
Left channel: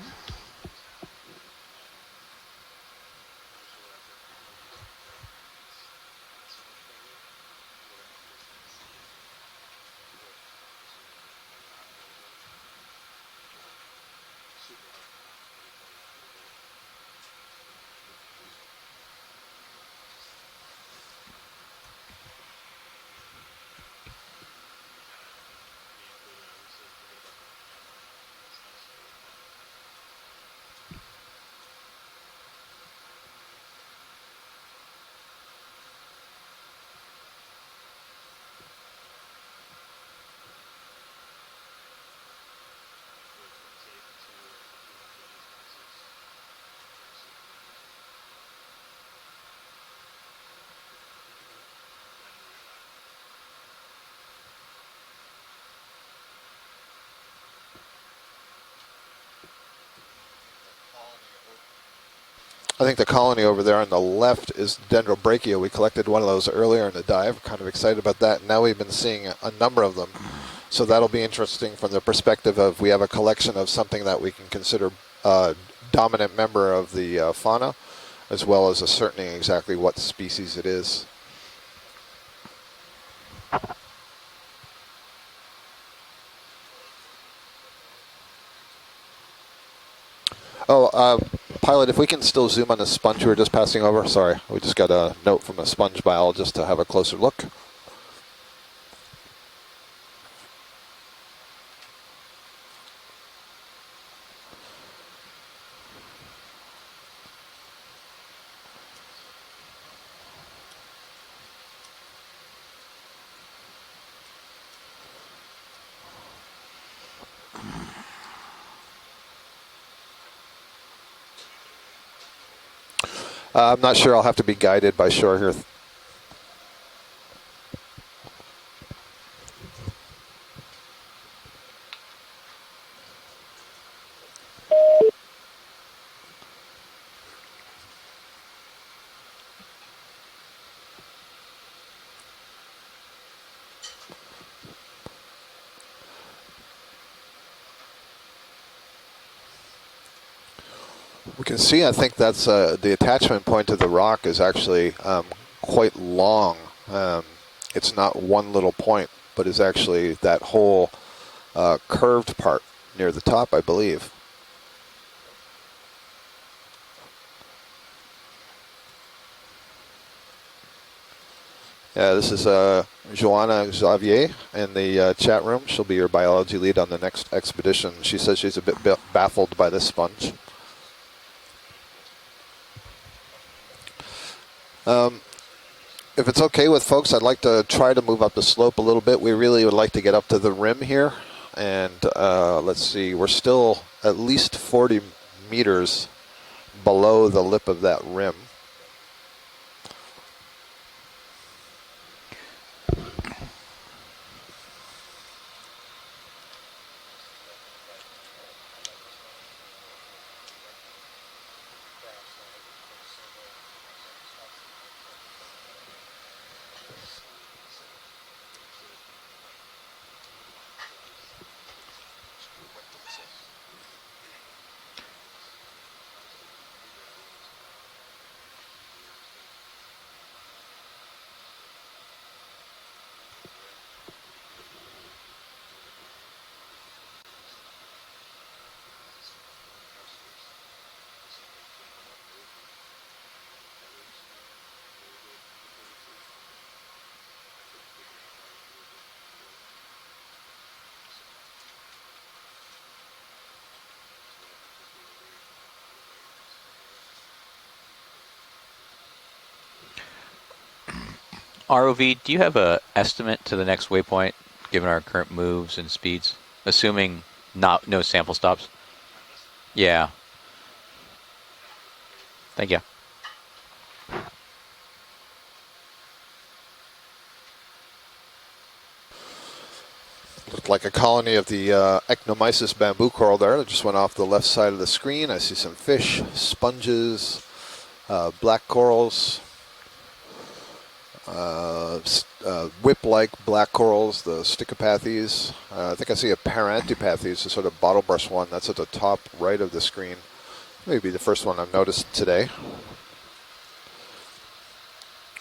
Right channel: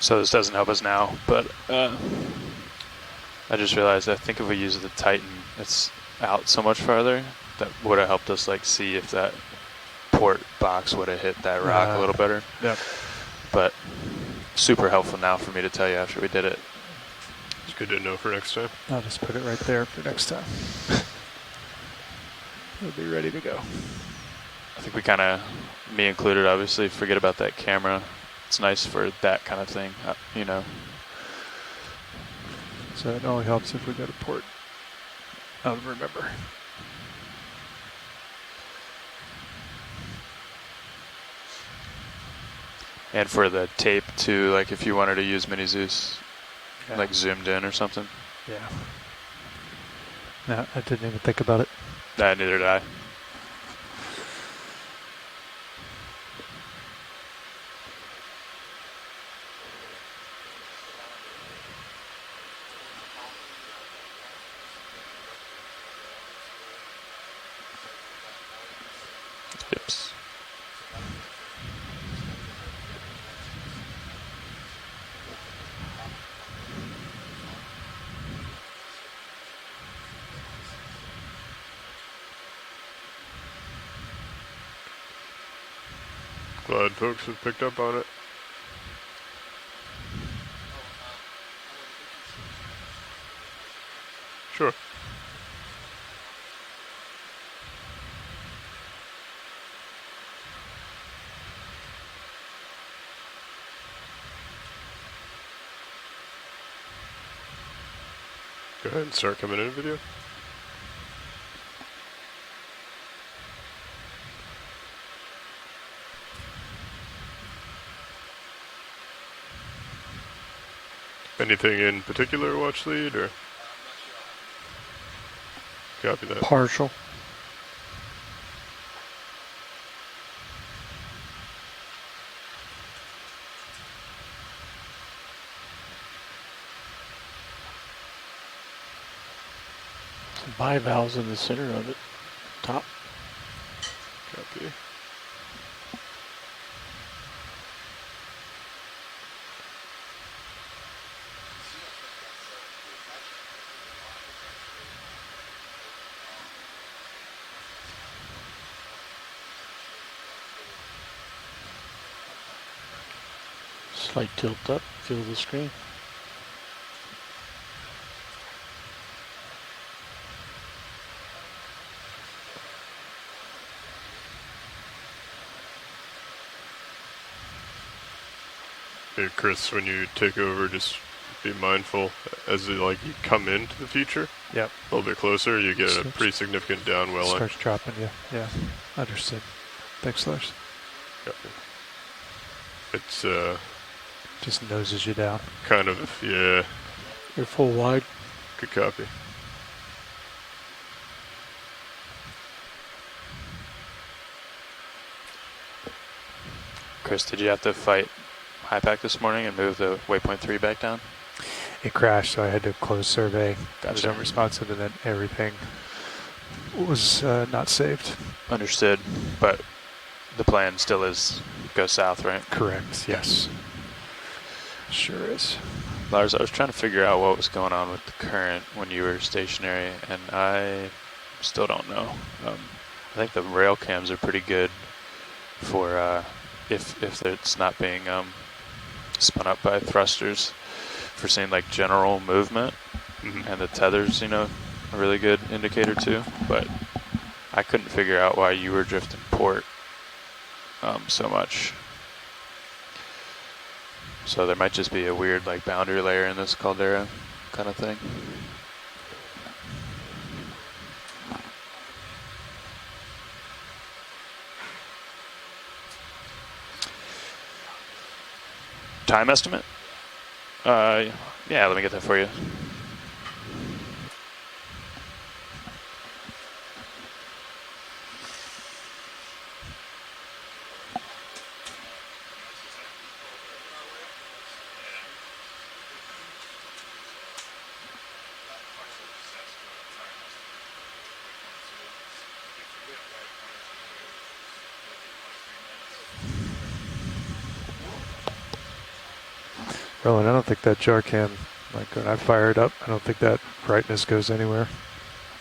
So this doesn't help us now, but I just realized I think if we use the Titan, it's out so much farther that would have helped us like see if that port box would have hit that rock a little better. Yep. But super helpful now for me to tell you after we did it. It's good to know for next time. I'll just put it right there for next time. We'll be ready to go. I think we kind of, me included, obviously, forget about that camera. It's nice for that kind of thing, you know. So it only helps if we go to port. I'll remember. And for the tape too, like if you wanted to use Mini Zeus, like zoomed in or something. Yeah. No, I didn't even think about it. Neither did I. I think the colony over there on the left is Dendrobrachia. We collected one of those earlier in the dive. Kind of excited about that. Now we've been seeing a number of them. So that'll be interesting from the perspective of we have a collection of something that we can consider a dominant member of the fauna, as well as ascertaining exactly what species it is. Glad folks have picked up on it. Oh, pilot, if we can still zoom on the sponge we were just passing over. Sorry, we just got a note from a sponge biologist to have a closer look. Go ahead and start coming in video. Anything in particular, watch lead, or? I'm not sure. I'll have to be guided by shore here. Copy that. Partial. Some bivalves in the center of it. Top. Copy. We can see, I think that's the attachment point to the rock is actually quite long. It's not one little point, but is actually that whole curved part near the top, I believe. Slight tilt up, feel the screen. Yeah, this is Joanna Xavier in the chat room. She'll be your biology lead on the next expedition. She says she's a bit baffled Chris, by the when sponge. you take over, just be mindful as you come into the feature. Yep. A little bit closer, you get a If pretty it's okay with significant folks, I'd like to try to move up Yeah. the slope a little bit. We really would like to get up to the rim here. Yep. And let's see, we're still at least Just 40 noses you down. meters yeah, below the lip Full of that wide. rim. good copy. Chris, did you have to fight high pack this morning and move the waypoint 3 back down? It crashed, so I had to close survey. I was Gotcha. unresponsive, and then everything was not saved. Understood, but the plan still is go south, right? Correct, yes. Sure is. Lars, I was trying to figure out what was going on with the current when you were stationary, and I still don't know. I think the rail cams are pretty good for if it's not being spun up by thrusters, for seeing like general movement, and the tethers, you know, a really good indicator too. But I couldn't figure out why you were drifting port so much. So there might just be a weird like boundary layer in this caldera kind of thing. ROV, do you have a estimate to the next waypoint, given our current moves and speeds, assuming no sample stops? Time estimate? Yeah. Yeah, let me get that for you. Thank you. Looked like a colony of the Ecnomysis bamboo coral there that just went off the left side of the screen. I see some fish, sponges, black corals, whip-like black corals, the Stichopathes. I think I see a Parantipathes, a sort of bottle brush one. That's at the top right of the screen. Oh, and I don't think that jar Maybe can. the first one I've noticed when I today. fire it up, I don't think that brightness goes anywhere.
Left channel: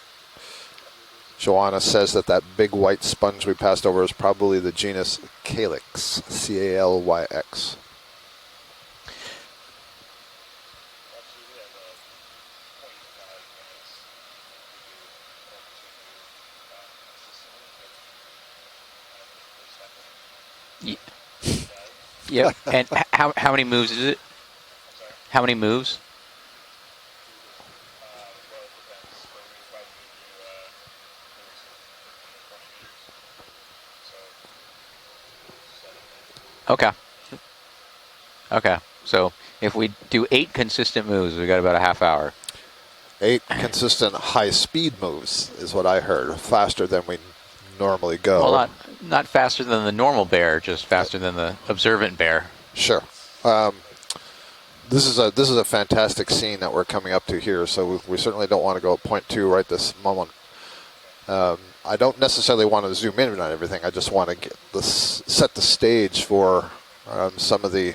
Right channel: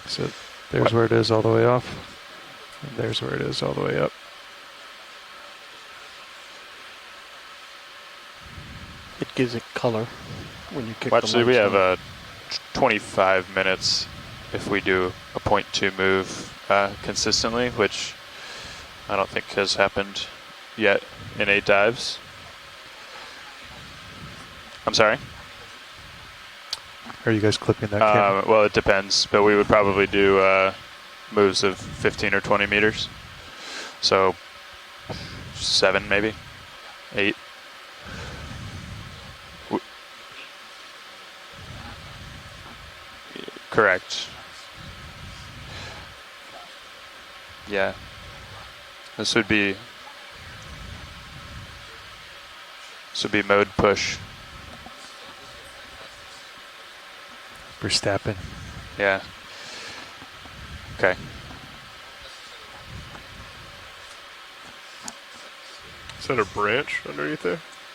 So there's where it is all the way Joanna up. says that big white There's sponge where it we is all the passed way over up. is probably the genus Calyx, C-A-L-Y-X. It gives it color when you kick Well, the actually, we lights have on. 25 minutes if we do a 0.2 move consistently, which I don't think has happened yet in 8 dives. Yep. And how many moves is it? I'm sorry? How many moves? Are you guys clipping that camera? Well, it depends, but we would probably do moves of 15 or 20 meters. So 7 maybe. Okay. 8. Okay. So if we do 8 consistent moves, we got about a half hour. 8 consistent Correct. high-speed moves is what I heard, faster than we Yeah. normally go. Well, not This would faster be- than the normal bear, just faster than the observant bear. Sure. This would be mode push. This is a fantastic scene that we're coming up to here, so we certainly don't want to go at Yeah. 0.2 right this moment. Okay. I don't necessarily want to zoom in on everything. I just want to get set the stage Is that a for branch or anything? some of the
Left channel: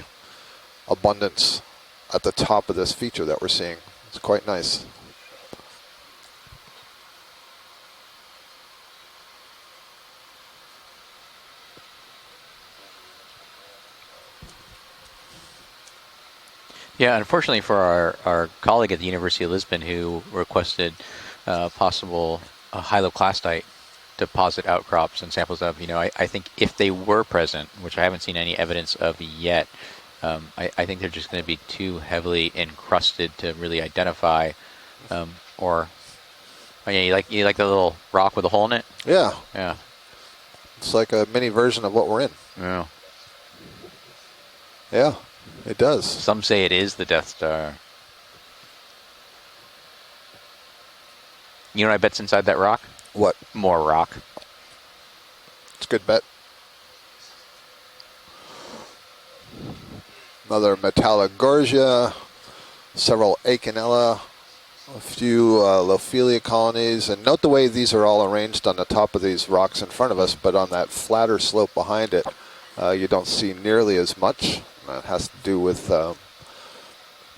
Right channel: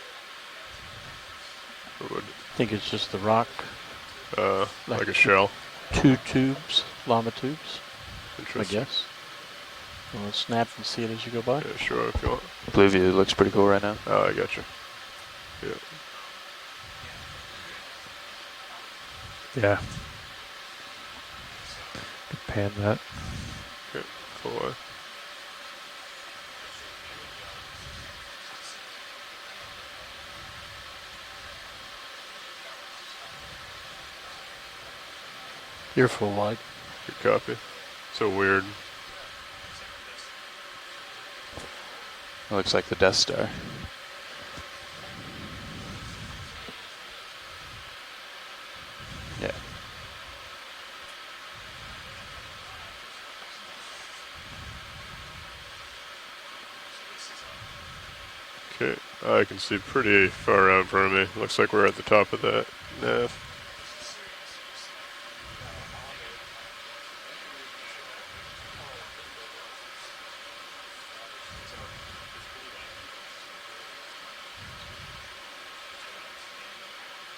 abundance at the top think of it's this just the feature that we're rock. seeing. It's quite nice. Like a shell. 2 tubes, llama tubes, I Interesting. guess. We'll snap and see it as you go by. Yeah, sure, if you want. Blue view looks pretty cool right now. Oh, I got you. Yeah. Yeah, unfortunately for our colleague at the University of Lisbon Yeah. who requested possible Pan lab. hyaloclastite Okay. deposit Oh, wow. outcrops and samples of, I think if they were present, which I haven't seen any evidence of yet, I think they're just going to be too heavily encrusted to really identify, or You're full wide. oh, yeah, you like the little rock with a hole in it? Yeah, Yeah. it's like a mini version of what we're in. Looks Yeah. like the Death Star. Yeah, it does. Some say it is the Death Star. Yeah. You know what I bet's inside that rock? What? More rock. It's a good bet. Okay. I can see pretty far Other out from me. Looks like we're at Metallogorgia. the top of that. Several Acanella, a few Lophelia colonies, and note the way these are all arranged on the top of these rocks in front of us, but on that flatter slope behind it, you don't see nearly as much. That has to do with the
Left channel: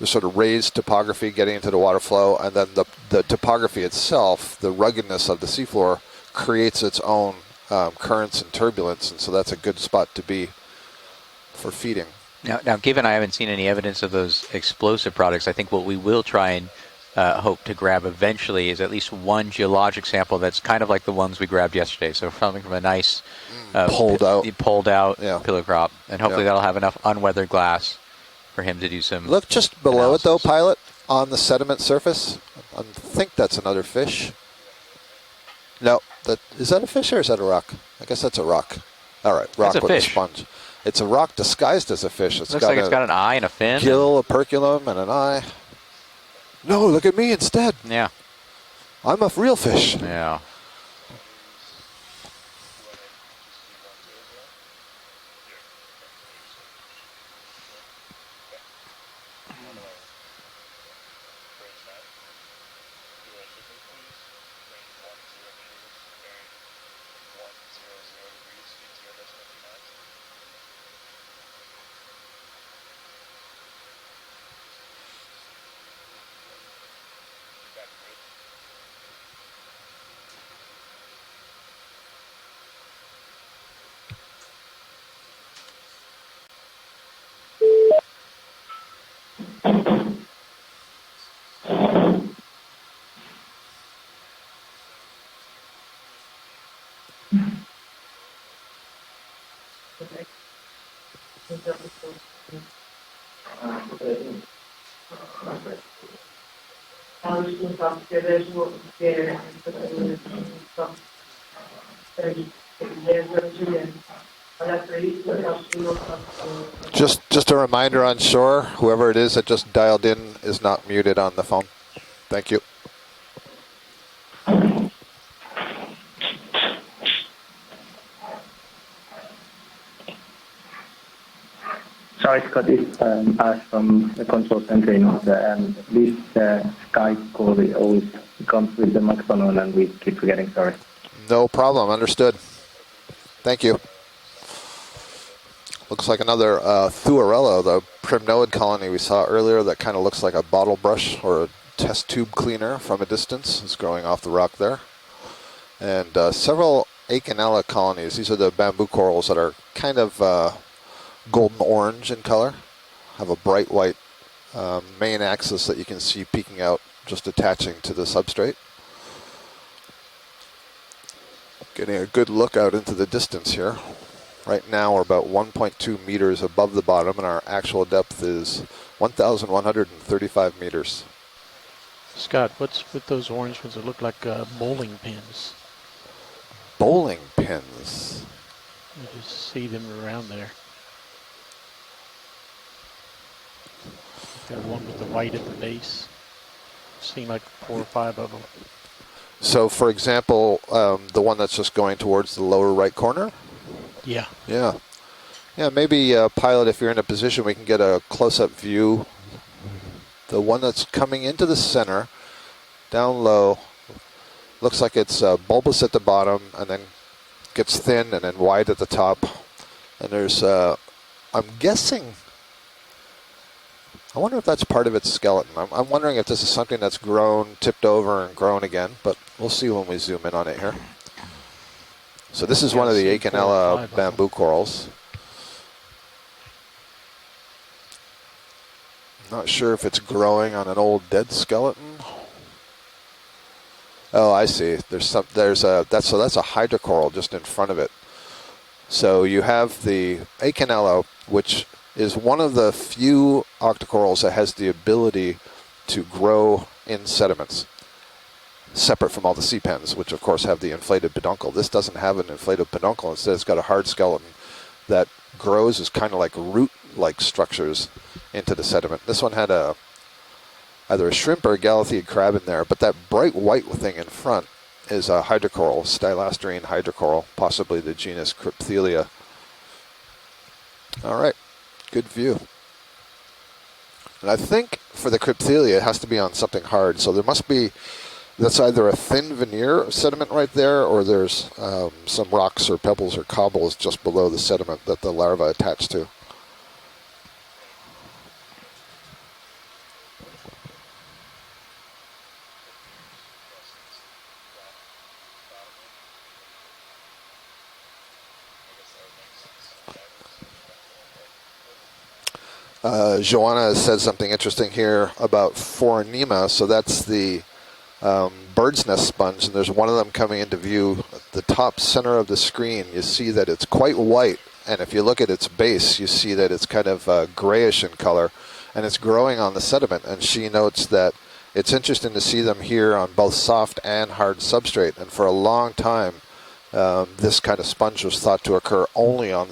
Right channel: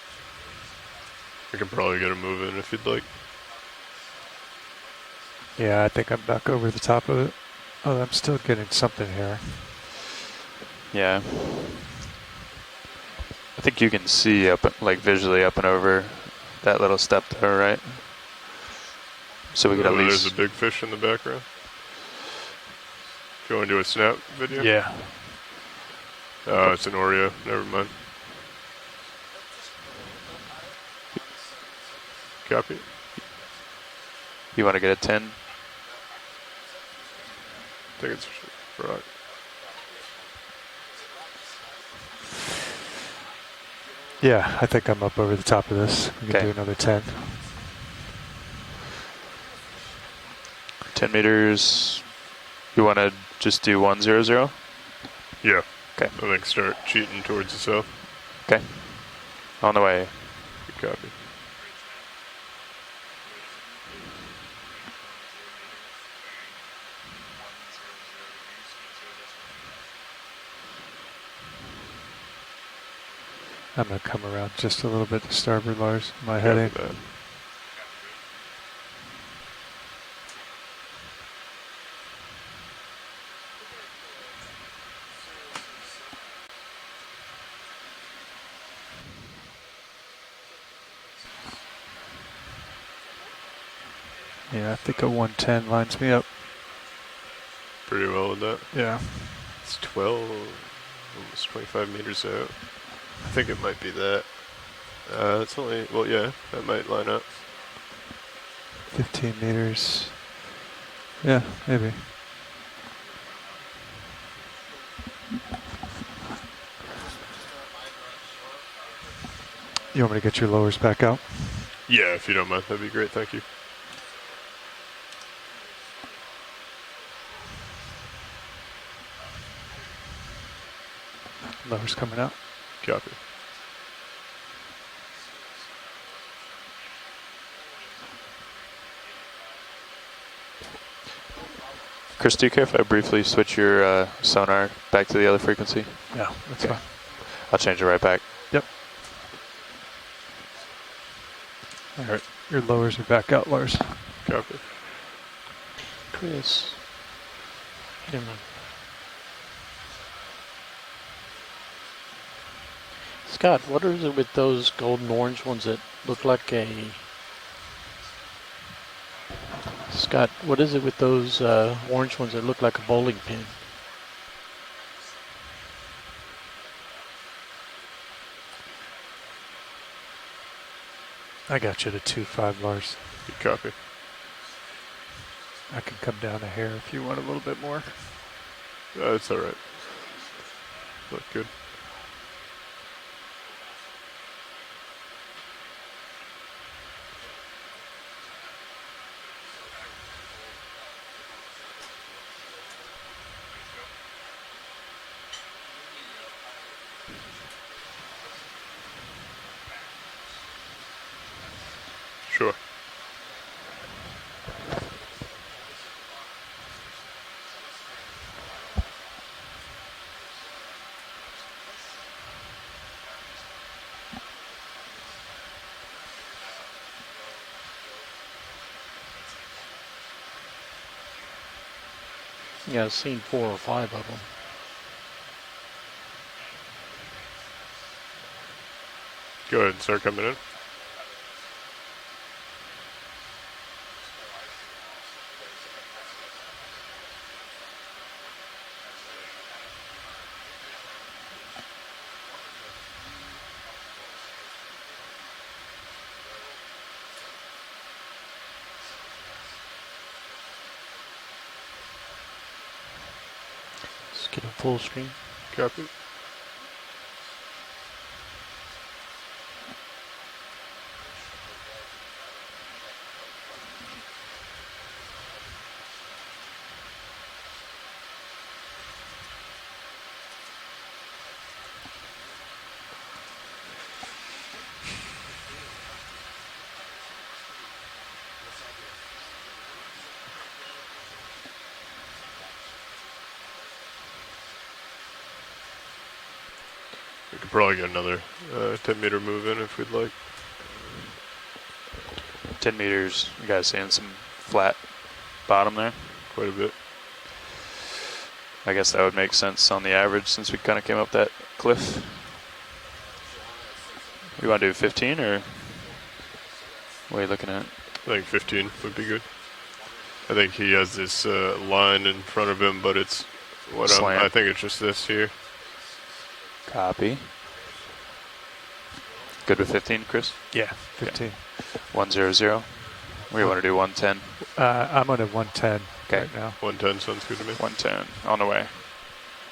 sort of raised topography getting into the water probably get flow, moving and then if you'd like. the topography itself, the ruggedness of the Yeah, I seafloor, think I'm back over creates the its top of it. own Oh, I'm currents still and getting turbulence, something so here. that's a good spot to be Yeah. for feeding. Now, given I haven't seen any I think you evidence can of those see up, like, explosive visually products, I up think and what we over will try and that little stuff, hope to right? grab eventually is at least one So we geologic have a sample big that's fish kind of in the like the ones background. we grabbed yesterday. So something from a nice Going to a hold snap. out. Yeah. pulled out Yeah. pillar crop, and hopefully Yeah. that'll Oh, have it's enough an Oreo. unweathered Never glass mind. for him to do some. Look just below it, though, analysis. pilot, on the sediment surface. Copy. I think that's another fish. You want to get a 10? No, is that a fish or is that a rock? I guess that's a rock. Rock. All right, rock a with a fish. sponge. It's a rock disguised as a fish. It's Looks like it's got an eye and a fin. gill, a Yeah, I perculum, think I'm and an up over eye. the top of this. We can Okay. do another No, 10. look at me instead. Yeah, I'm a real fish. yeah. 10 meters. You want to just do 100? Yeah. Okay. I think start cheating towards the south. Okay. On the way. Good copy. I'm going to come around just a little bit to starboard, Lars. My heading. Yeah, I think a 110 lines me up. Pretty well with that. Yeah. It's 12, almost 25 meters out. I think it might be that. It's only, well, yeah, that might line up. 15 meters. Yeah, maybe. Just a reminder on shore, whoever it is that just dialed You in wanna get your is lowers not back muted out? on the phone. Yeah, if you Thank don't mind, that'd be great. Thank you. Lars coming Sorry, out. Scott, it's us from the control center in Oslo, and this sky score we always comes with the microphone on, and we keep forgetting, sorry. No problem, understood. Chris, do you care if I briefly switch Thank your sonar back to the other frequency? Looks like another Thuarello, I'll change it the right back. primnoid colony we saw earlier that kind of looks like a bottle brush or a test tube cleaner from a distance. It's going off the rock there. And several Okeanos colonies. These are the bamboo corals that are kind of golden orange in color. Have a Scott, bright what white is it with those golden main orange axis ones that you can see look like peeking out, just attaching to the substrate. Scott, what is it with those Getting a orange good ones that look look out like into the bowling distance pins? here. Right now we're about 1.2 meters above the bottom, and our actual depth is 1,135 meters. I got you to 2.5 Scott, Lars. what's with those orange ones that look like bowling pins? I can come down a hair. Bowling a little bit more. pins. That's all right. See them around there. Look good. The one with the white at the base. Seem like 4 or 5 of them. So, for example, the one that's just going towards the lower right corner? Yeah. Yeah. Yeah, maybe, pilot, if you're in a position, we can get a close-up view. The one that's coming into the center, Sure. down low, looks like it's bulbous at the bottom and then gets thin and then wide at the top. And there's, I'm guessing, I wonder if that's part of its skeleton. I'm wondering if this is something that's grown, tipped over, and grown again, but we'll see when we zoom in on it here. So this is one of the Okeanos bamboo corals. Not sure if it's growing on an old dead skeleton. Oh, I see. That's a hydrocoral just in front of it. So you have the Okeanos, which is one of the few octocorals that has the ability to grow in sediments, separate from all the sea pens, which of course have the inflated peduncle. This doesn't have an inflated peduncle. Instead, it's got a hard skeleton that grows as kind of like root-like structures into the sediment. This one had either a shrimp or a galatheid crab in there, but that bright white thing in front is a hydrocoral, stylasterine hydrocoral, possibly the genus Crypthelia. All right, good view. And I think for the Crypthelia, it has to be on something hard. So there must be, that's either a thin veneer of sediment right there, or there's some rocks or pebbles or cobbles just below the sediment that the larvae attach to. We could probably get another 10-meter move in if we'd like. 10 meters, you guys seeing some flat bottom there? Quite a bit. I guess that would make sense on the average since we kind of came up that cliff. Joanna has said something interesting here about Foraminima. So that's the bird's nest sponge, and there's one of them coming into view. The top center of the screen, you see that it's quite white, and if you look at its base, you see that it's kind of grayish in color, and it's growing on the sediment. And she notes that it's interesting to see them here on both soft and hard substrate. For a long time, this kind of sponge was thought to occur only on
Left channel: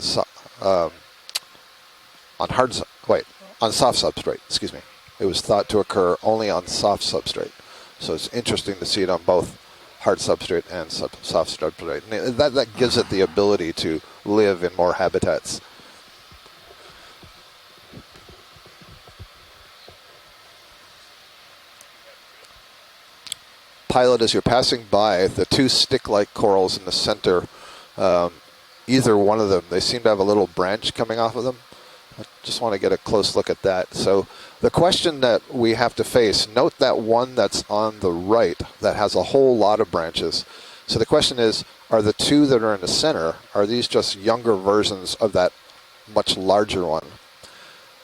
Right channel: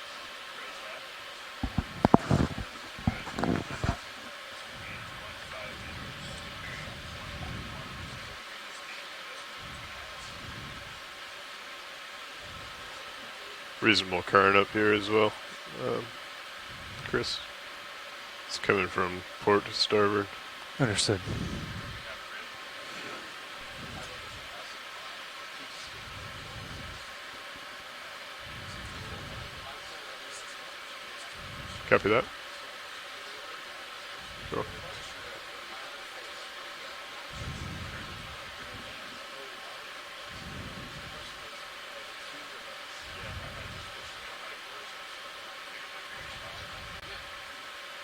on soft substrate. Excuse me. It was thought to occur only on soft substrate. So it's interesting to see it on both hard substrate and soft substrate. And that gives it the ability to live in more habitats. Well. Chris, it's coming from port to starboard. Understood. Pilot, as you're passing by, the two stick-like corals in the center, either one of them. They seem to have a little branch coming off of them. Copy that. Just want to get a close look at that. So the question that we have to face, note that one that's on the right that has a whole lot of branches. So the question is, are the two that are in the center, are these just younger versions of that much larger one?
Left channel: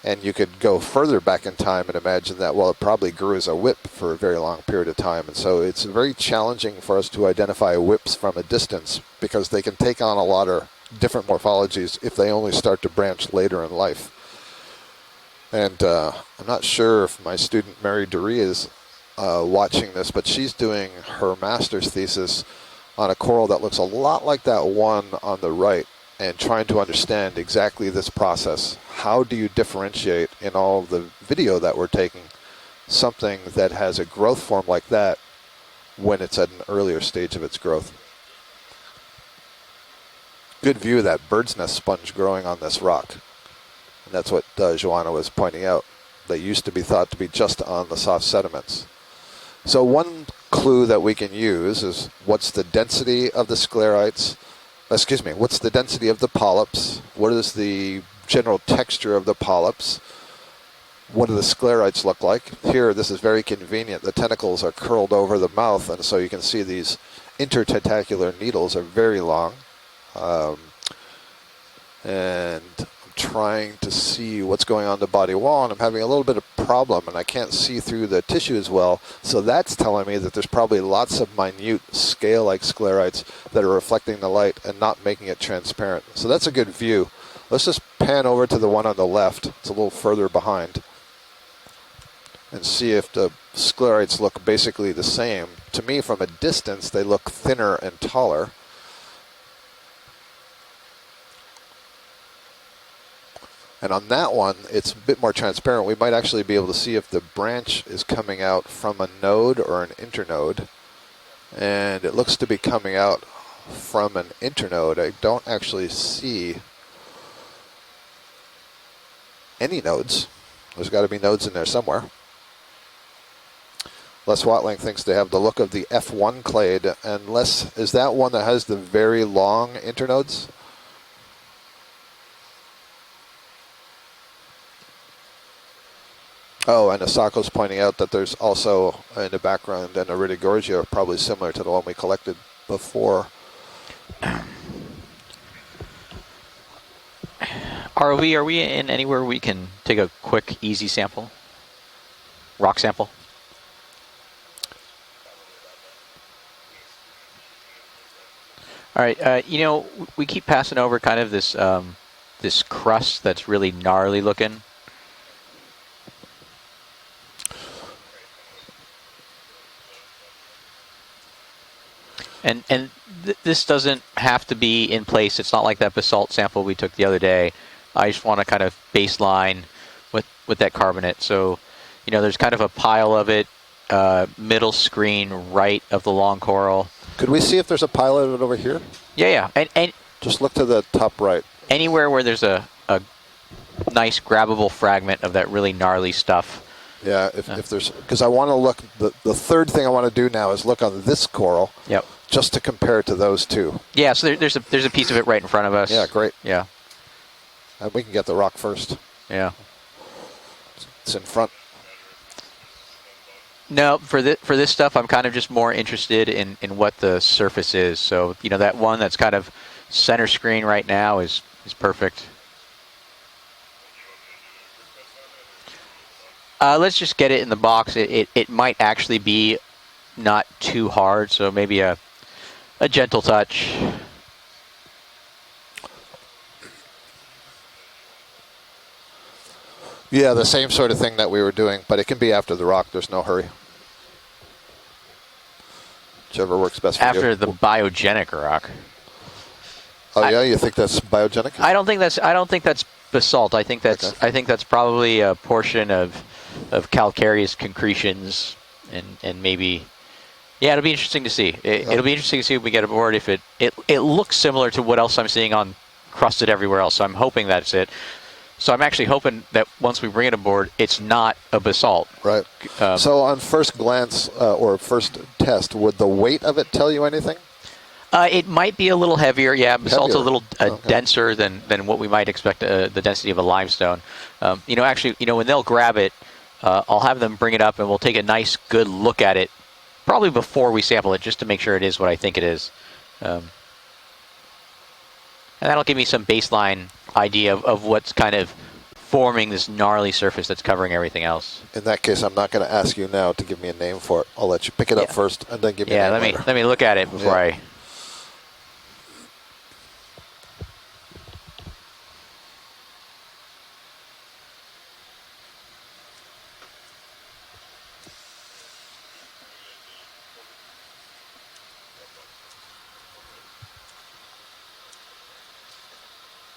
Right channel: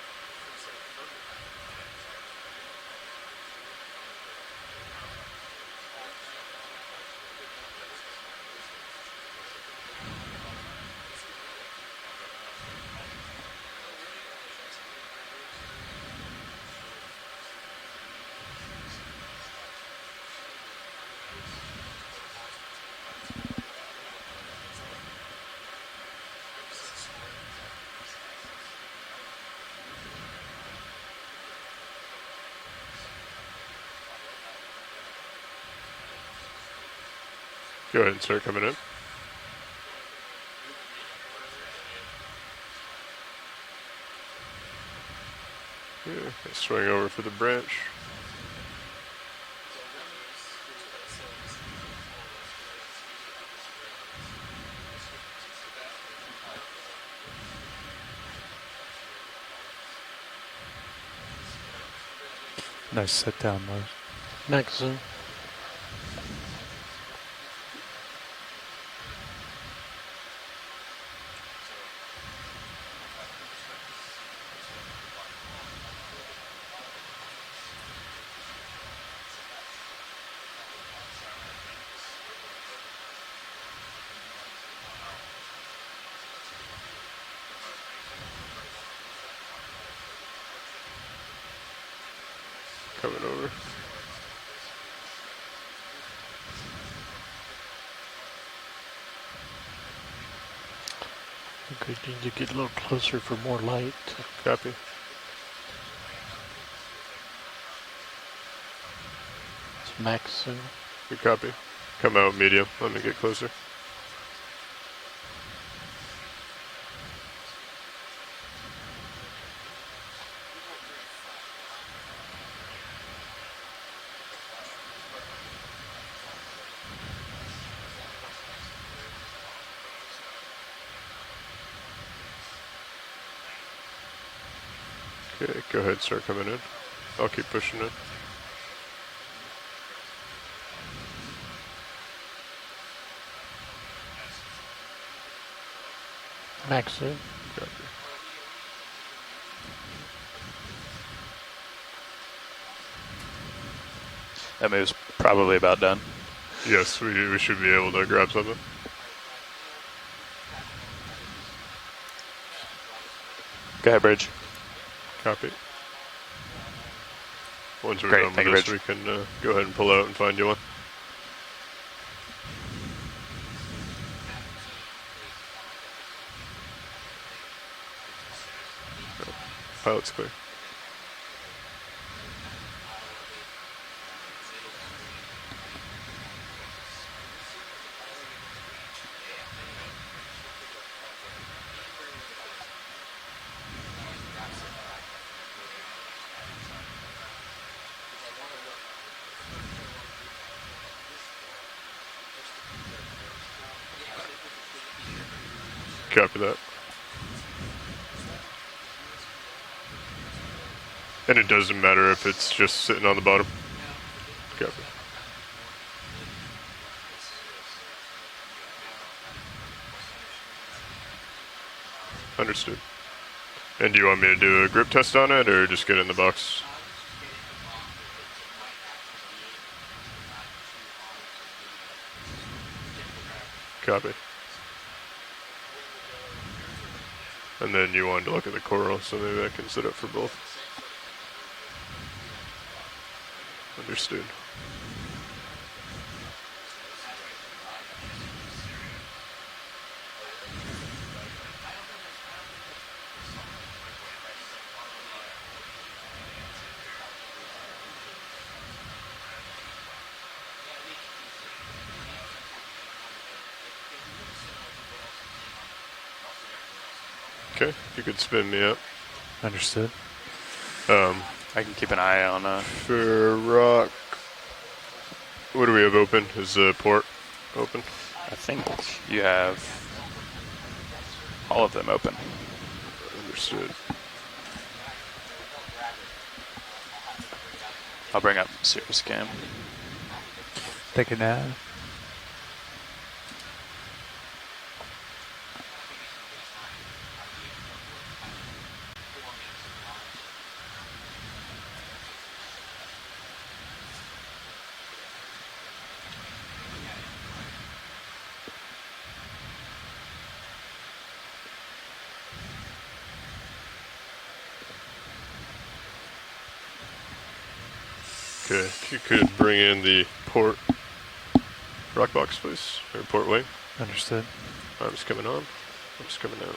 And you could go further back in time and imagine that, well, it probably grew as a whip for a very long period of time. And so it's very challenging for us to identify whips from a distance because they can take on a lot of different morphologies if they only start to branch later in life. And I'm not sure if my student Mary Durie is watching this, but she's doing her master's thesis on a coral that looks a lot like that one on the right and trying to understand exactly this process. How do you differentiate in all of the video that we're taking something that has a growth form like that when it's at an earlier stage of its growth? Go ahead and start coming in. Good view of that bird's nest sponge growing on this rock. And that's what Joanna was pointing out. They used to be thought to be just on the soft sediments. So one clue that we can use is what's the density of the sclerites, what's the density of the polyps, what is the general texture of the polyps, what do the sclerites look like? Here, this is very convenient. The tentacles are curled over the mouth, and so you can see these intertentacular needles are very long. And I'm trying to see what's going on the body wall, and I'm having a little bit of problem, and I can't see through the tissue as well. So that's telling me that there's probably lots of minute scale-like sclerites that are reflecting the light and not making it transparent. So that's a good view. Let's just pan over to the one on the left. It's a little further behind. And see if the sclerites look basically the same. To me, from a distance, they look thinner and taller. Okay, you need to get a little closer for more light. And on that one, it's a bit more transparent. We might actually be able to see if the branch is coming out from a node or an internode. Good copy. And it looks to be coming out from an internode. I don't actually see any nodes. There's got to be nodes in there somewhere. Les Watling thinks they have the look of the F1 clade. And Les, is that one that has the very long internodes? Okay, go ahead, start coming in. Oh, and Asako's pointing out that there's also in the background an Iridogorgia, probably similar to the one we collected before. Max, Are we in anywhere we can take a quick, easy sample? Rock sample? That move's probably about done. Yes, we should be able to grab something. All right, you know, we keep passing over kind of this this crust that's really gnarly looking. Copy. Once we're done with this, we can go ahead and pull out and find you one. And this doesn't have to be in place. It's not like that basalt sample we took the other day. I just want to kind of baseline with that carbonate. So, you know, there's kind of a pile of it, middle screen right of the long coral. Could we see if there's a pile of it over here? Yeah. And just look to the top right. Anywhere where there's a nice grabbable fragment of that really gnarly stuff. Yeah, if there's, because I want to look, the third thing I want to do now is look on this coral. Yep. Just to compare it to those two. Yeah, so there's a piece of it right in front of us. Yeah, great. Yeah. And we can get the rock first. Yeah. And it doesn't matter if it's just sitting on the bottom? No, for this stuff, I'm kind of just more interested in what the surface is. So, you know, that one that's kind of center screen right now is perfect. Understood. And do you want me to do a grip test on it, or just get it in the box? Let's just get it in the box. It might actually be not too hard, so maybe a gentle touch. Copy. And then you wanted to look at the coral, so maybe I can set up for both. Yeah, the same sort of thing that we were doing, but it can be after the rock. There's no hurry. Understood. Whichever works best for you. After the biogenic rock. Oh yeah, you think that's biogenic? I don't think that's basalt. I think that's probably a portion of calcareous concretions, and maybe. Yeah, it'll be interesting to see. It'll be interesting to see if we get aboard. If it looks similar to what else I'm seeing on crusted everywhere else. So I'm hoping that's it. You could spin me so up. I'm actually hoping that once we bring it aboard, it's not a basalt. So on first glance or first test, would the weight of it tell you anything? Open. It might be a little heavier, yeah. Basalt's a Heavier. little denser than what we might expect, the density of a limestone. Actually, when they'll grab it, I'll have them bring it up and we'll take a nice, good look at it, probably before we sample it, just to make sure it is what I think it is. And that'll give me some baseline idea of what's kind of forming this gnarly surface that's covering everything else. In that case, I'm not going to ask you now to give me a name for it. I'll let you pick it up first and then give me a name later. Let me look at it before I... Okay, if you could bring in the port rock box, please, or port wing. Understood. Arms coming on, arms coming out.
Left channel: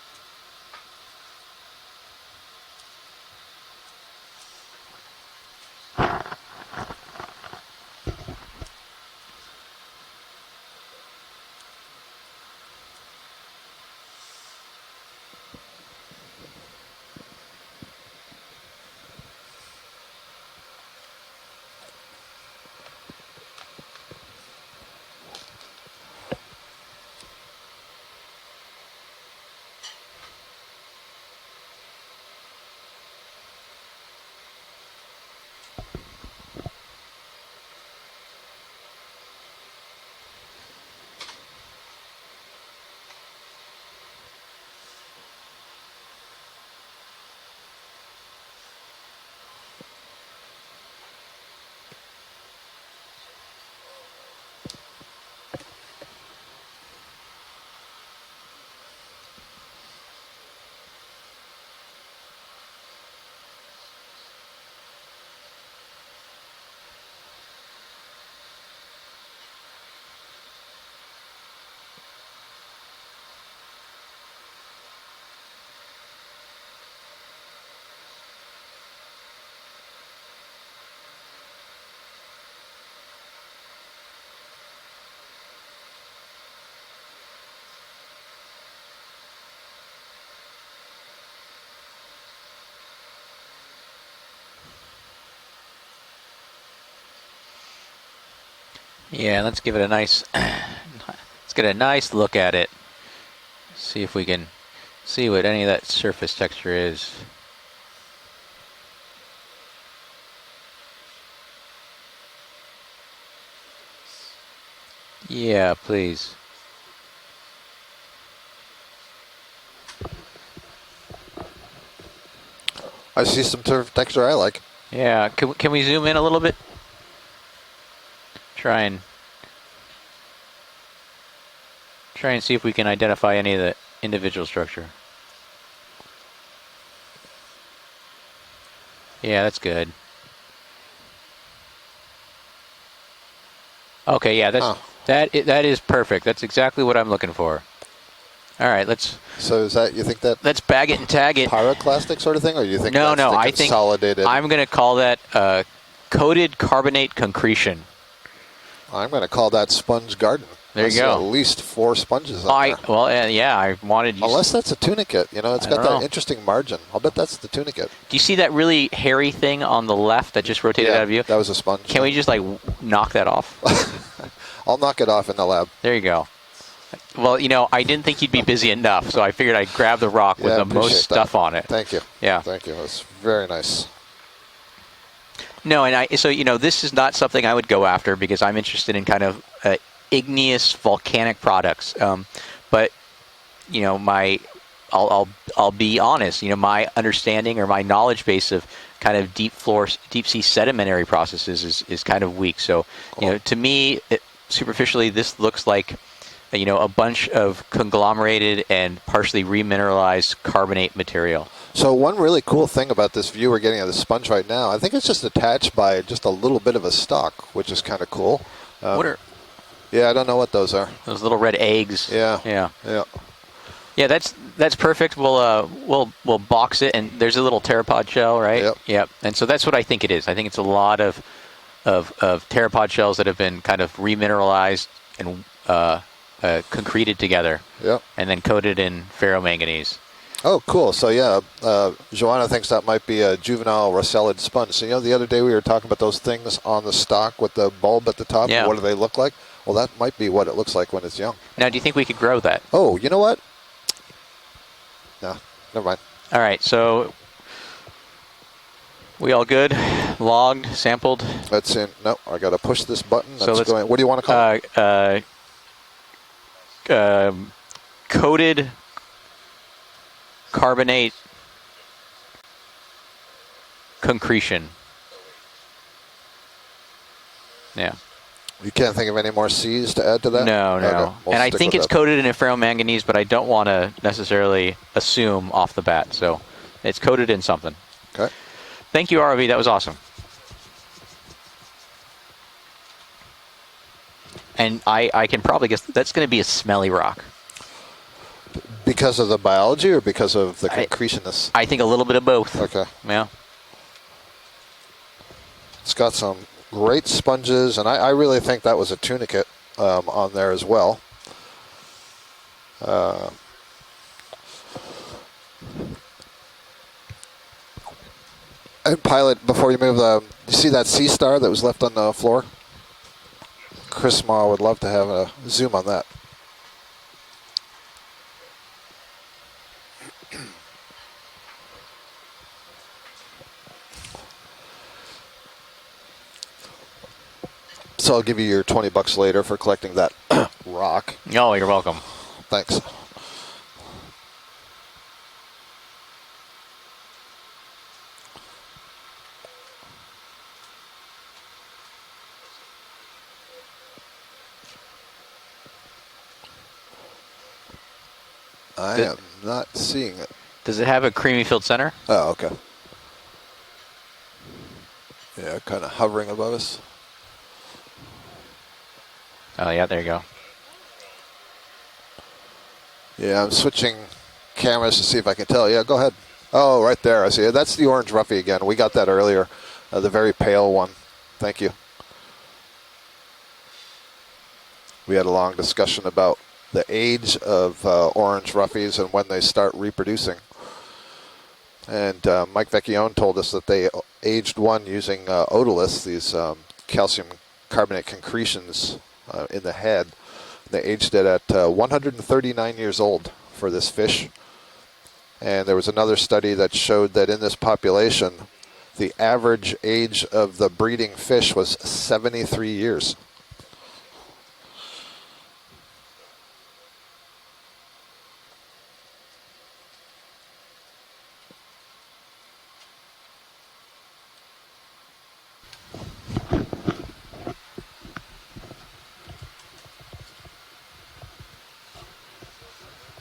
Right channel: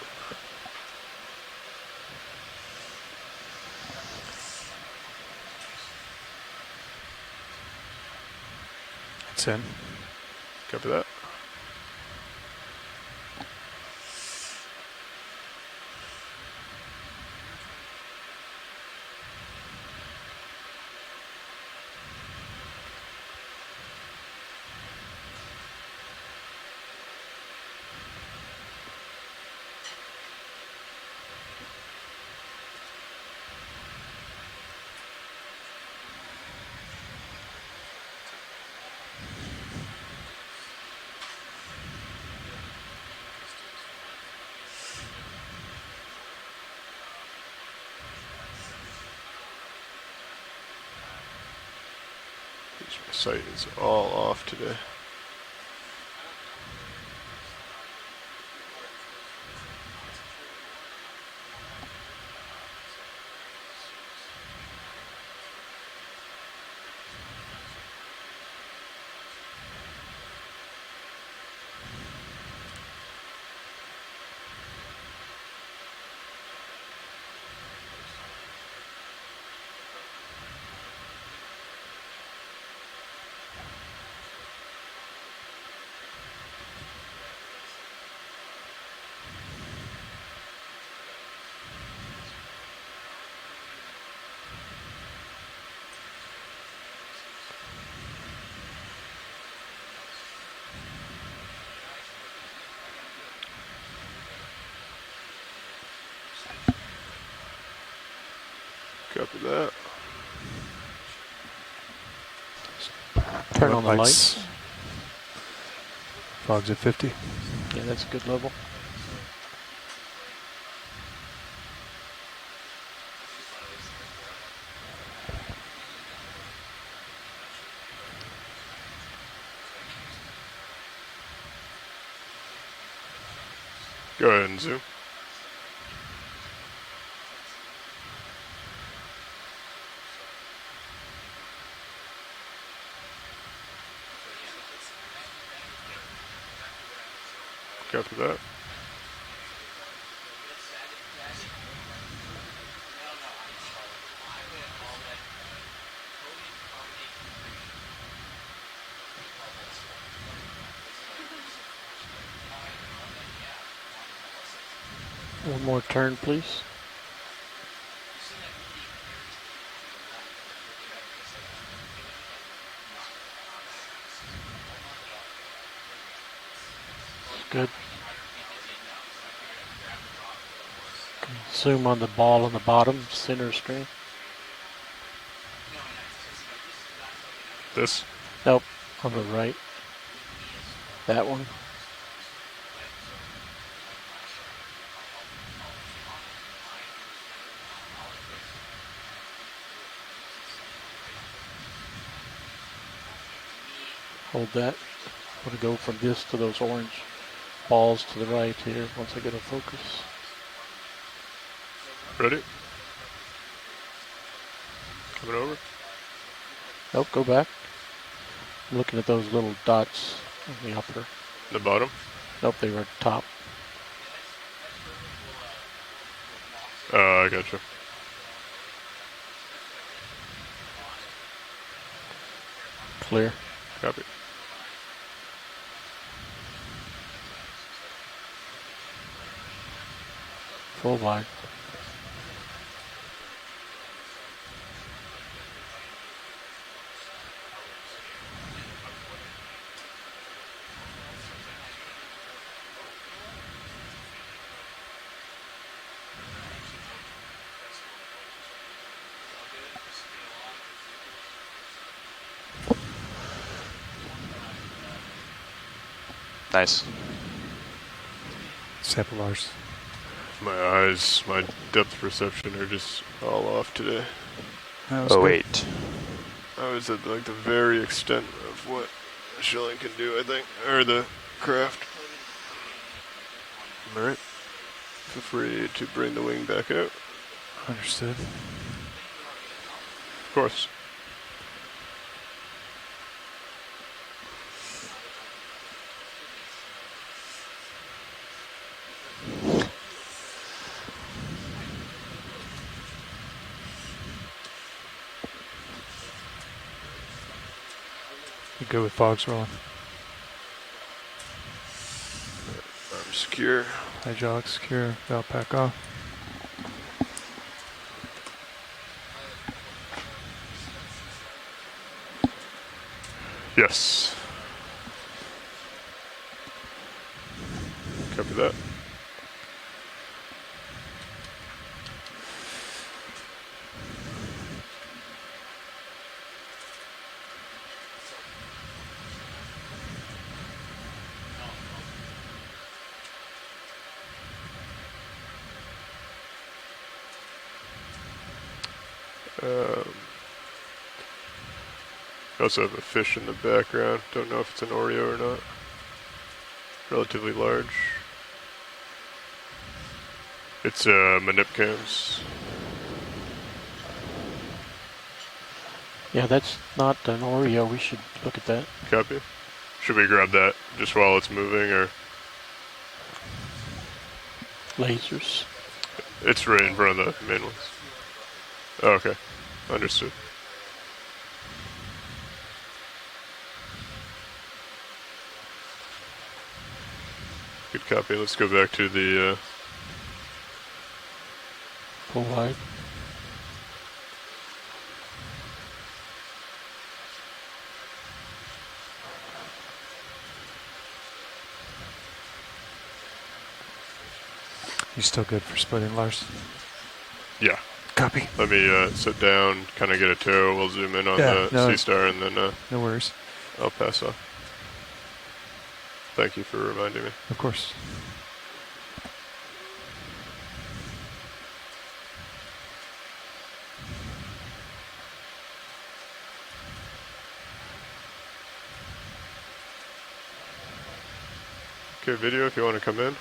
It's in. Copy that. Site is all off today. Yeah, let's give it a nice, let's get a nice look at it. See if we can see what any of that surface texture is. Copy that. Turn on the lights. Yeah, please. Fog's at 50. Yeah, that's a good level. I see some texture I like. Yeah, can we zoom in a little bit? Try and see if we can identify any of the individual structure. Zoom. Yeah, that's good. Okay, yeah, that is perfect. That's exactly what I'm looking for. Copy that. All right, let's. So is that, you think that? Let's bag it and tag it. Pyroclastic sort of thing, or do you think No, that's the I think consolidated? I'm going to call that coated carbonate concretion. I'm going to call that sponge garden. There you go. At least 4 sponges on there. Well, yeah, I wanted you. Unless that's a tunicate, it's got that interesting margin. I'll bet that's the tunicate. Do you see that really hairy thing on the left that just rotated out of view? That was a sponge. Can we just knock that off? I'll knock it off in the lab. There you go. Well, I didn't think you'd be busy enough, so I figured I'd grab the rock with the most stuff on it. Zoom on the ball on the bottom. Very nice. No, and this is not something I would go after because I'm interested in kind of igneous volcanic products. But I'll be honest. My understanding or my knowledge base of kind of deep sea sedimentary processes is kind of weak. So to me, superficially, this looks like a bunch of conglomerated and partially remineralized carbonate material. So one really cool thing about this view we're getting of the sponge right now, I think it's just attached by just a little bit of a stalk, which is kind of cool. Look at those little dots. Yeah, I don't know what those are. Those little red eggs. Yeah. Yeah, that's perfect. We'll box it, and there's a little pteropod shell, right? Yep. And so that's what I think it is. I think it's a lot of pteropod shells that have been kind of remineralized and concreted together. Yep. And then coated in ferromanganese. Oh, cool. So, Joanna thinks that might be a juvenile rosellid sponge. So, the other day we were talking about those things on the stalk with the bulb at the top. Yeah. What do they look like? Well, that might be what it looks like when it's young. Now, do you think we could grow that? Oh, you know what? No, never mind. All right, so we all good? Logged, sampled? Let's see. No, I got to push this button. So That's let's, going. What do you want to call it? Nice. Coated Sample Mars. My carbonate. eyes, my depth perception are just all off today. Concretion. Oh, wait. I was at like the very extent. You can't think of any more C's to add to that? No, no. We'll And I see think about it's that. coated in a ferromanganese, but I don't want to necessarily assume off the bat. So it's coated in something. Understood. Okay. Thank you, ROV. That was awesome. Of course. And I can probably guess that's going to be a smelly rock. Because of the biology or because of the concretiousness? I think a little bit of both. Okay. Yeah. It's got some great sponges, and I really think that was a tunicate on there as well. Secure. Hydraulic secure. Now back off. And pilot, before you move, you see that sea star that was left on the floor? Yes. Chris Ma would love to have a zoom on that. Copy that. So I'll give you your $20 later for collecting that rock. Oh, you're welcome. Thanks. I also have a fish in the background. Don't know if it's an Oreo or not. Relatively large. I am not seeing it. Does it have a creamy filled center? Oh, okay. Yeah, kind of hovering Yeah, above that's us. not an Oreo. We should look at that. Copy. Oh, yeah, Should there we you go. grab that just while it's moving, or? Yeah, I'm switching cameras to see if I can tell. Yeah, go ahead. It's right in Oh, front right of there. I them. see it. That's the orange roughy again. We got that Okay. earlier. Understood. The very pale one. Thank you. We had a long discussion about the age of Good copy. Let's orange go back to roughies and when the, they start reproducing. And Alright. Mike Vecchione told us that they aged one using otoliths, these calcium carbonate concretions in the head. They aged it at 139 years old for this fish. You still good? And there was another study that showed that in this population, Let me the sit down, average kinda get a age tow. of We'll the zoom in breeding on fish the was sea star and then, 73 years. I'll pass off. Thank you for reminding me. Of course. Okay, video if you want to come in.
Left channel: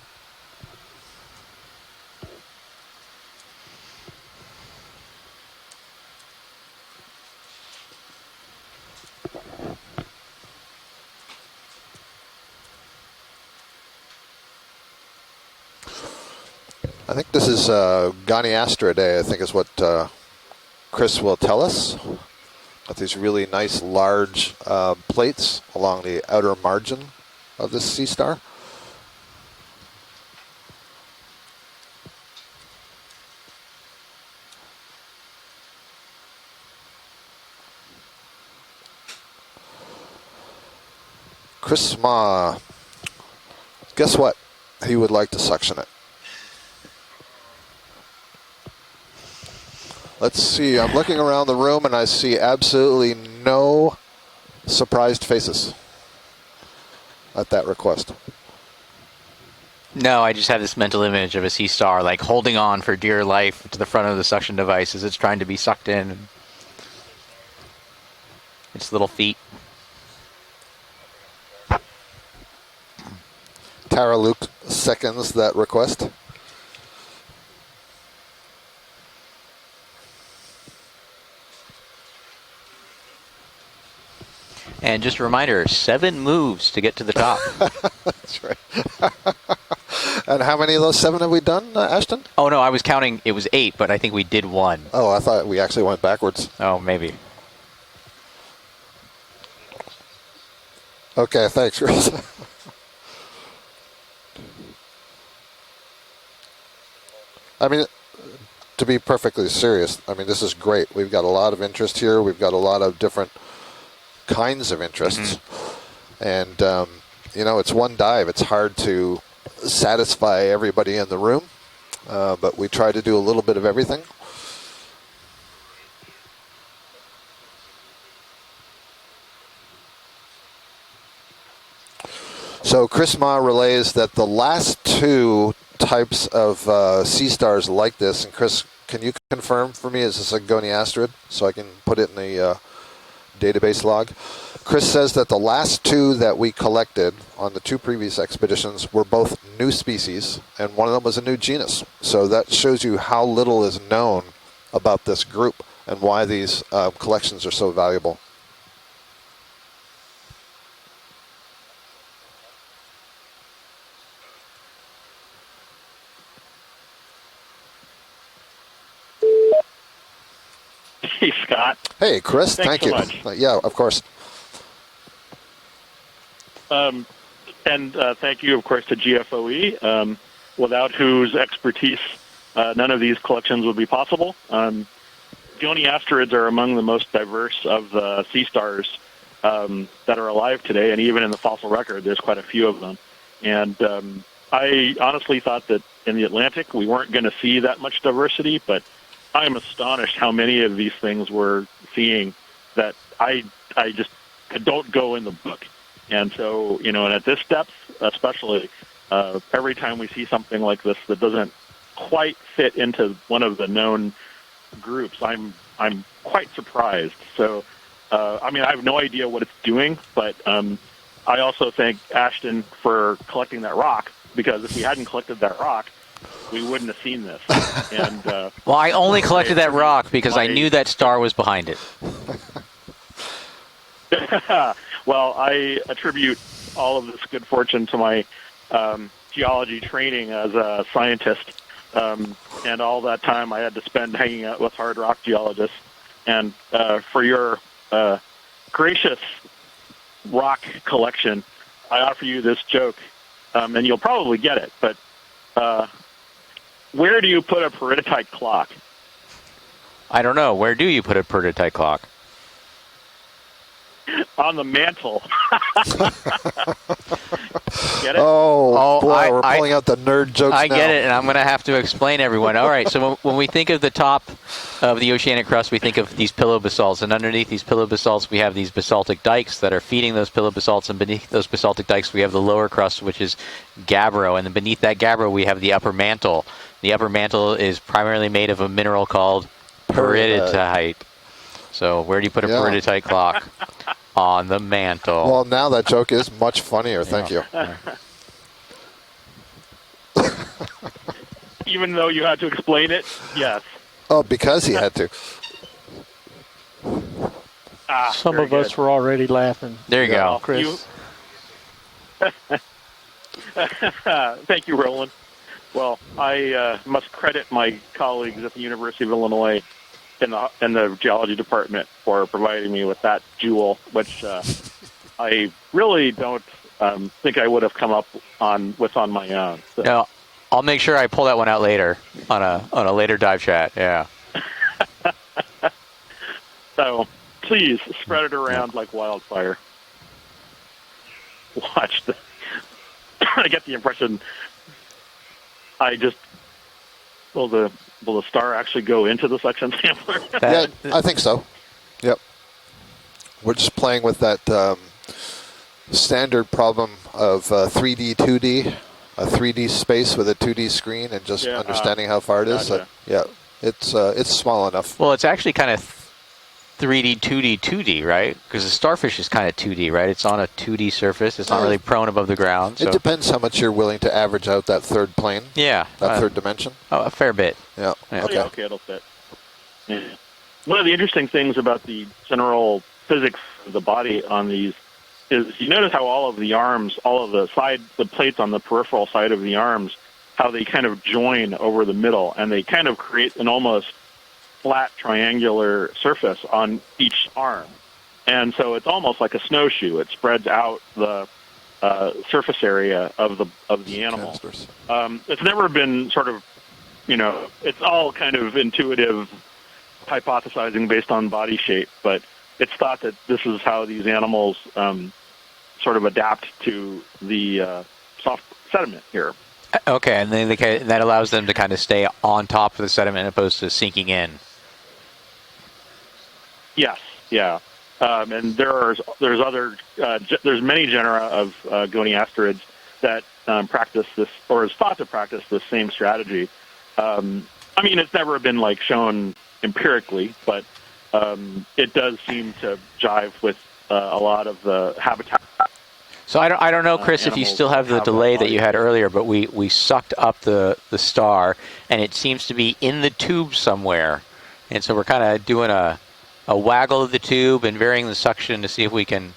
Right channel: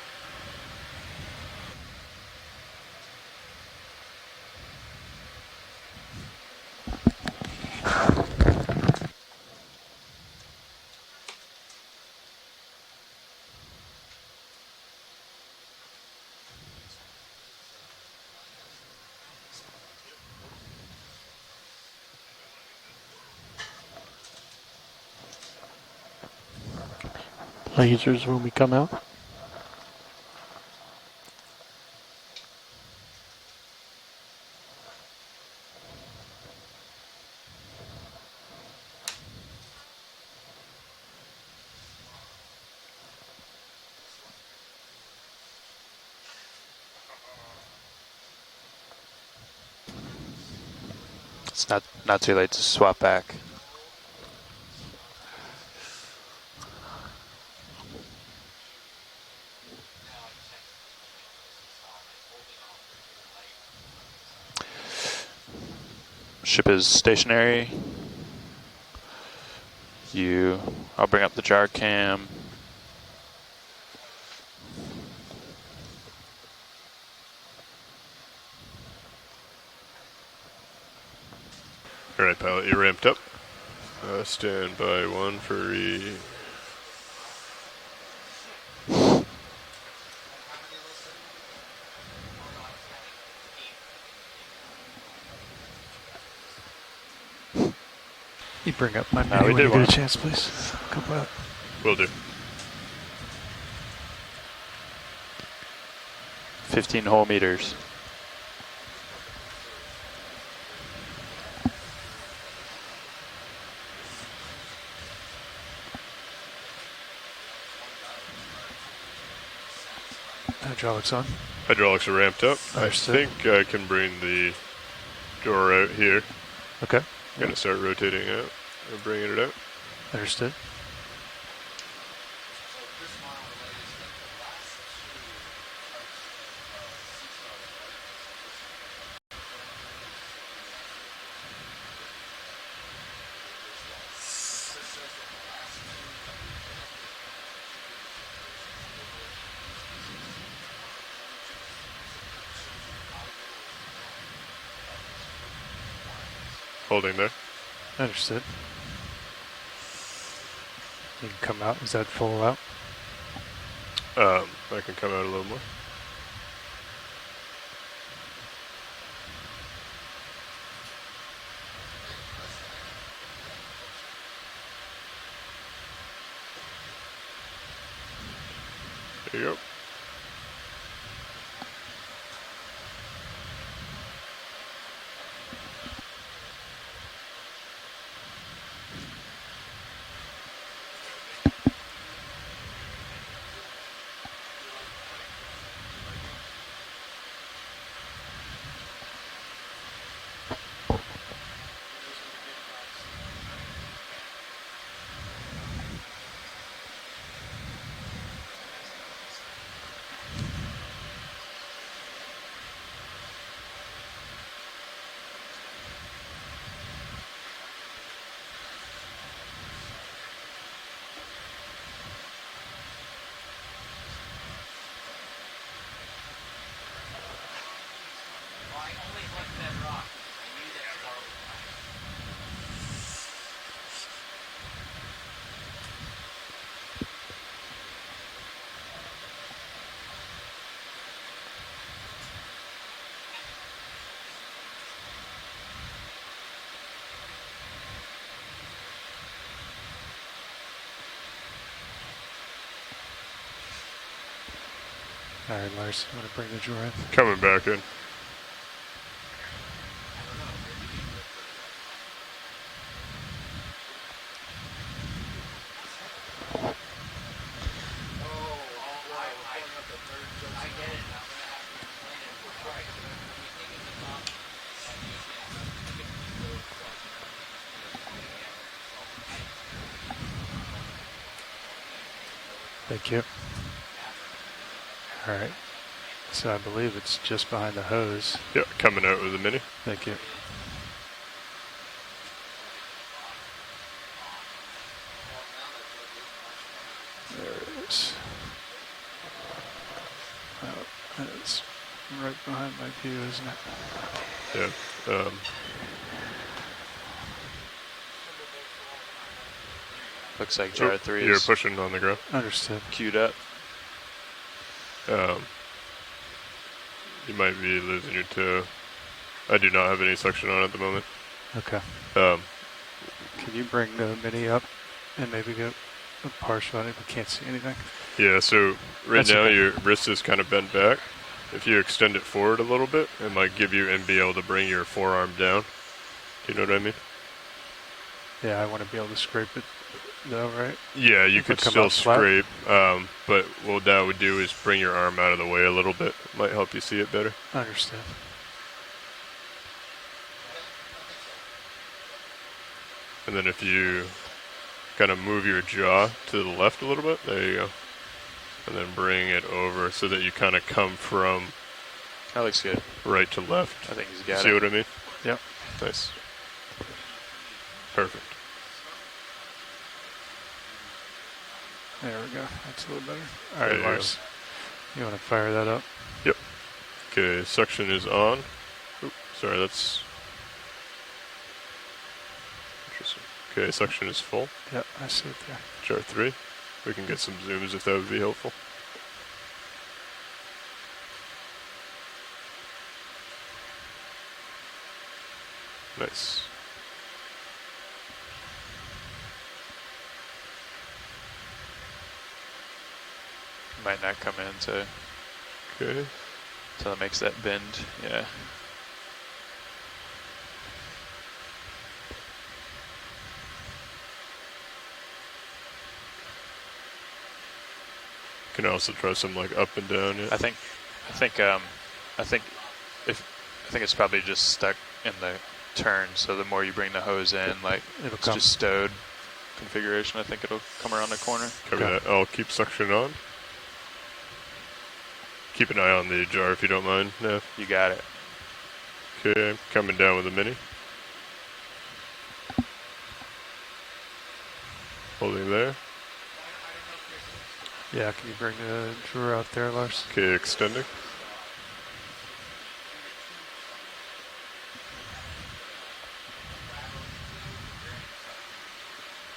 I think this is Goniastra Day, I think is what Chris will tell us. Got these really nice large plates along the outer margin of the sea Lasers star. when we come out. Chris Ma, guess what? He would like to suction it. Let's see, I'm looking around the room and I see absolutely no surprised faces at that request. No, I just have this mental image of a sea star like holding on for dear life to the front of the suction device as it's trying to be sucked in. Ship is stationary. Its little feet. I'll bring up the jar cam. Tara Luke seconds that request. All right, pilot, you ramped up. Stand by. And just a reminder, 7 moves to get to the top. That's right. And how many of those 7 have we done, Ashton? Oh, no, I was counting. It was 8, but I think we did 1. Oh, I thought we actually went backwards. Oh, maybe. You bring up my No, menu we when did you one. get a chance, please. Come back. Okay, thanks, Chris. 15 whole meters. I mean, to be perfectly serious, I mean, this is great. We've got a lot of interest here. We've got a lot of different kinds of interests. And, you know, it's one dive. It's hard to satisfy everybody in the room. Hydraulics are ramped but up. we try to do a little bit of everything. Bring the door out here. Okay. Going to start rotating out and bringing it out. Understood. So Chris Ma relays that the last two types of sea stars like this, and Chris, can you confirm for me, is this a goniasterid, so I can put it in the database log? Chris says that the last two that we collected on the two previous expeditions were both new species, and one of them was a new genus. So that shows you how little is known about this group and why these collections are so valuable. Understood. You can come out. Is that full out? I can come out a little more. Hey, Scott. Hey, Chris. Thanks Thank you. so much. Yeah, of course. And thank you, of course, to GFOE, without whose expertise none of these collections would be possible. Goniasterids are among the most diverse of the sea stars that are alive today, and even in the fossil record, there's quite a few of them. And I honestly thought that in the Atlantic we weren't going to see that much diversity, but I am astonished how many of these things we're seeing that I just don't go in the book. And so, you know, and at this depth, especially, every time we see something like this that doesn't quite fit into one of the known groups, I'm quite surprised. So, I mean, I have no idea what it's doing, but I also thank Ashton for collecting that rock, because if he hadn't collected that rock, we wouldn't have seen this. And well, I only collected that rock because I knew that star was behind it. Well, I attribute all of this good fortune to my geology training as a scientist, and all that time I had to spend hanging out with hard rock geologists. And for your gracious rock collection, I offer you this joke, and you'll probably get it, but where do you put a peridotite clock? I don't know. Where do you put a peridotite clock? On the mantle. Get it? Oh, boy, we're pulling out the nerd jokes I now. get it, and I'm going to have to explain everyone. All right, so when we think of the top of the oceanic crust, we think of these pillow basalts, and underneath these pillow basalts, we have these basaltic dikes that are feeding those pillow basalts, and beneath those basaltic dikes, we have the lower crust, which is gabbro, and then beneath that gabbro, we have the upper mantle. So the upper mantle is primarily made of a mineral called peridotite. So where do you put a peridotite clock? On the mantle. Well, now that joke is much funnier. Thank you. Even though you had to explain it, yes. Oh, because he had to. Some of us were already laughing. There you go. Chris. You're pushing on the ground. Understood. Queued up. Thank you, Roland. Well, I must credit my colleagues at the University of Illinois I do not have any section on in the geology department for providing me with that jewel, which I really don't think I would have come up with on right now your wrist is kind of bent I'll make sure I pull that one out later on a later dive chat. Yeah. Be able to bring your forearm down. Do you know what I mean? Please spread it around like wildfire. No, right? Yeah, you could still scrape, but what that would do is bring your arm out of the way a little bit. Might help you see it better. Will the star actually go into the suction sampler? Yeah, I think so. Yep. And then we're just playing with that kind of move your jaw standard problem of 3D, 2D, a 3D space with a 2D screen, and just understanding how far it is. Right to left. It's small enough. Well, it's actually kind of 3D, 2D, 2D, right? Because the starfish is kind of 2D, right? It's on a 2D surface. It's not really prone above the ground. So. It depends how much you're willing to average out that third plane. Yeah. That third dimension. Oh, a fair bit. Suction is on. Okay, it'll fit. Sorry, that's... One of the interesting things about the general physics of the body on these is you notice how all of the arms, all of the sides, the plates on the peripheral side of the arms, how they kind of join over the middle, and they kind of create an almost flat triangular surface on each arm. And so it's almost like a snowshoe. It spreads out the surface area of the animal. It's never been sort of, it's all kind of intuitive hypothesizing based on body shape, but it's thought that this is how these animals sort of adapt to the soft You can also sediment try here. some like up and down. Okay, and then that allows them to kind of stay on think- top of the sediment opposed to I think it's sinking probably in. just stuck in the turn, so the more you bring the hose in, like and there's other there's many genera of goniastrids that practice this, or is thought to practice this Keep an same eye on the strategy. jar if you don't mind. I mean, it's never been like shown coming down empirically, with a mini. but it does seem to jive with a lot of the habitat. So I don't know, Chris, if you animals still have the have delay that bodies you had that earlier, but we very much. sucked Yeah, up the star, and it seems to be in the tube somewhere. And so we're kind of doing a waggle of the tube and varying the suction to see if we can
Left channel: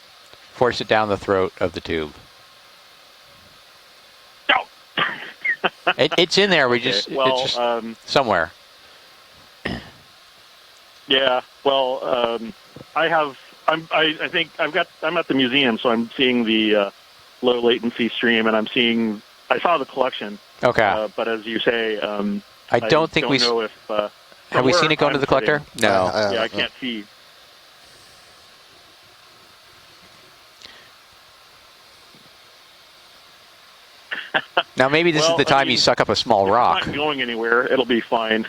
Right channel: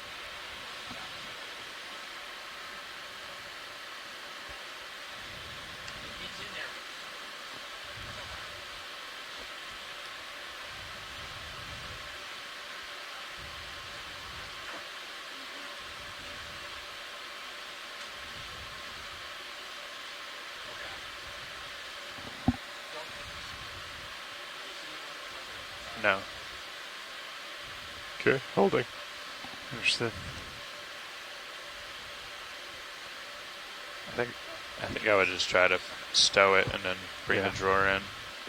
force it down the throat of the tube. It's in there. We just it's just somewhere. Yeah. Well, I think I'm at the museum, so I'm seeing the low latency stream, and I saw the collection. Okay. But as you say, I don't think we know if have we seen it go into the collector? No. Yeah, I can't see. Okay, holding. Understood. Now maybe this is the time you suck up a small rock. It's not going anywhere. It'll be fine.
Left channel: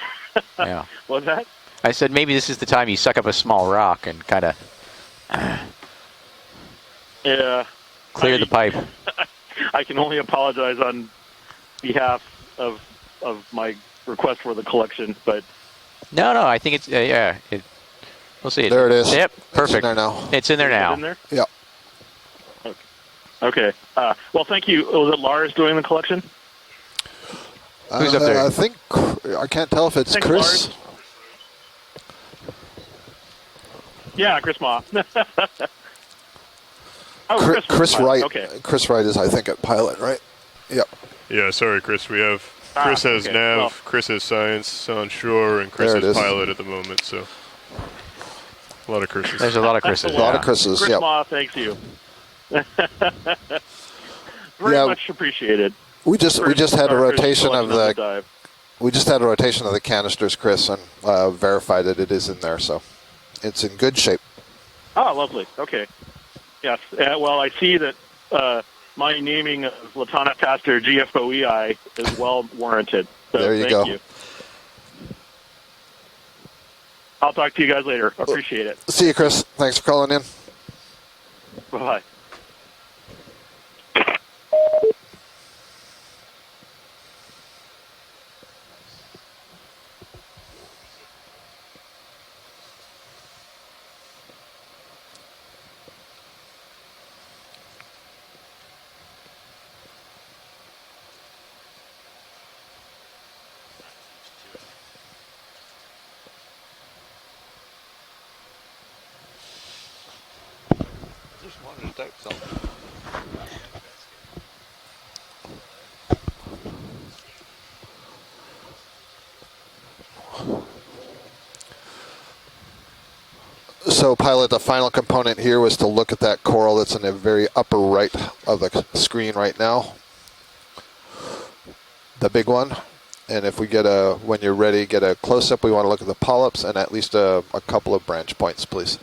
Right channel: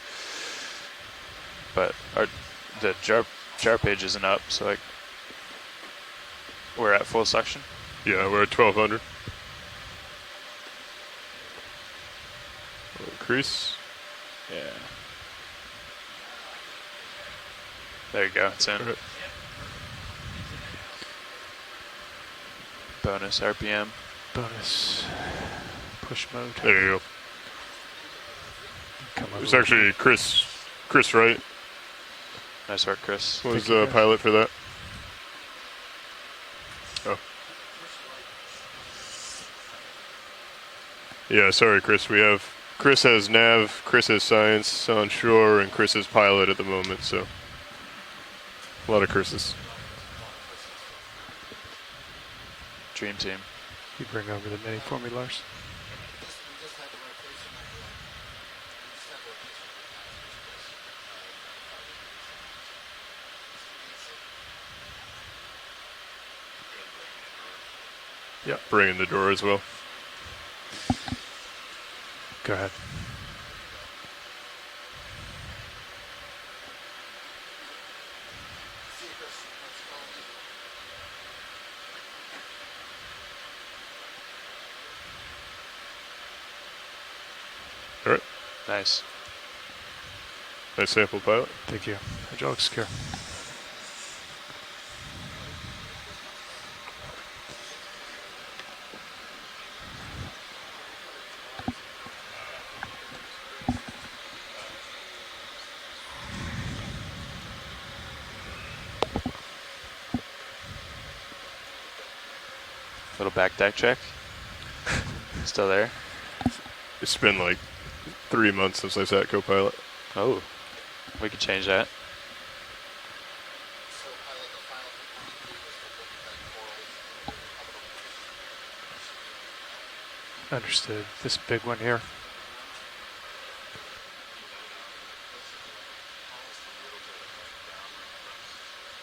Yeah. What's that? I said maybe this is the time you suck up a small rock and kind of we're at full Yeah. suction. Clear the pipe. I can only apologize on behalf of my request for the collection, but No, I think it's yeah. There you go. We'll see There it is. Yep, perfect. It's in there now. It's in there Is it now. in there? Yep. Bonus. Okay. RPM. Well, thank you. Was it Lars doing the collection? There you go. Who's up there? I think I can't tell if it's Chris. Chris Wright Nice work, Chris. was pilot Yeah, for Chris Ma. Chris Wright. Okay. Chris Wright is, I think, at pilot, right? Yep. that. Yeah, sorry, Chris. We have Chris has okay. nav, Chris has science on shore, and Chris There it is is. pilot at the moment. So a lot of Chris's. There's a lot of Chris's. A lot of Chris's. Chris Yep. Ma, thanks you. Dream team. Very Yeah, much appreciated. We just had a for rotation of collecting the dive. canisters, Chris, and verified that it is in there, so it's in good shape. Oh, lovely. Okay. Yes. Well, I see that Bring in the my door as naming well. of Latana Caster GFOEI is well warranted. So There you thank go. you. I'll talk to you guys later. Appreciate it. See you, Chris. Thanks for calling in. Bye. All right. Nice. Nice sample, pilot. Thank you. Hydraulic secure. Little back deck check. Still there? It's been like 3 months since I sat co-pilot. Oh, we could change that. So, pilot, the final component here was to look at that coral that's in the very upper right of the screen right now. Understood. This big one here. The big one. And if we get when you're ready, get a close-up, we want to look at the polyps and at least a couple of branch points, please.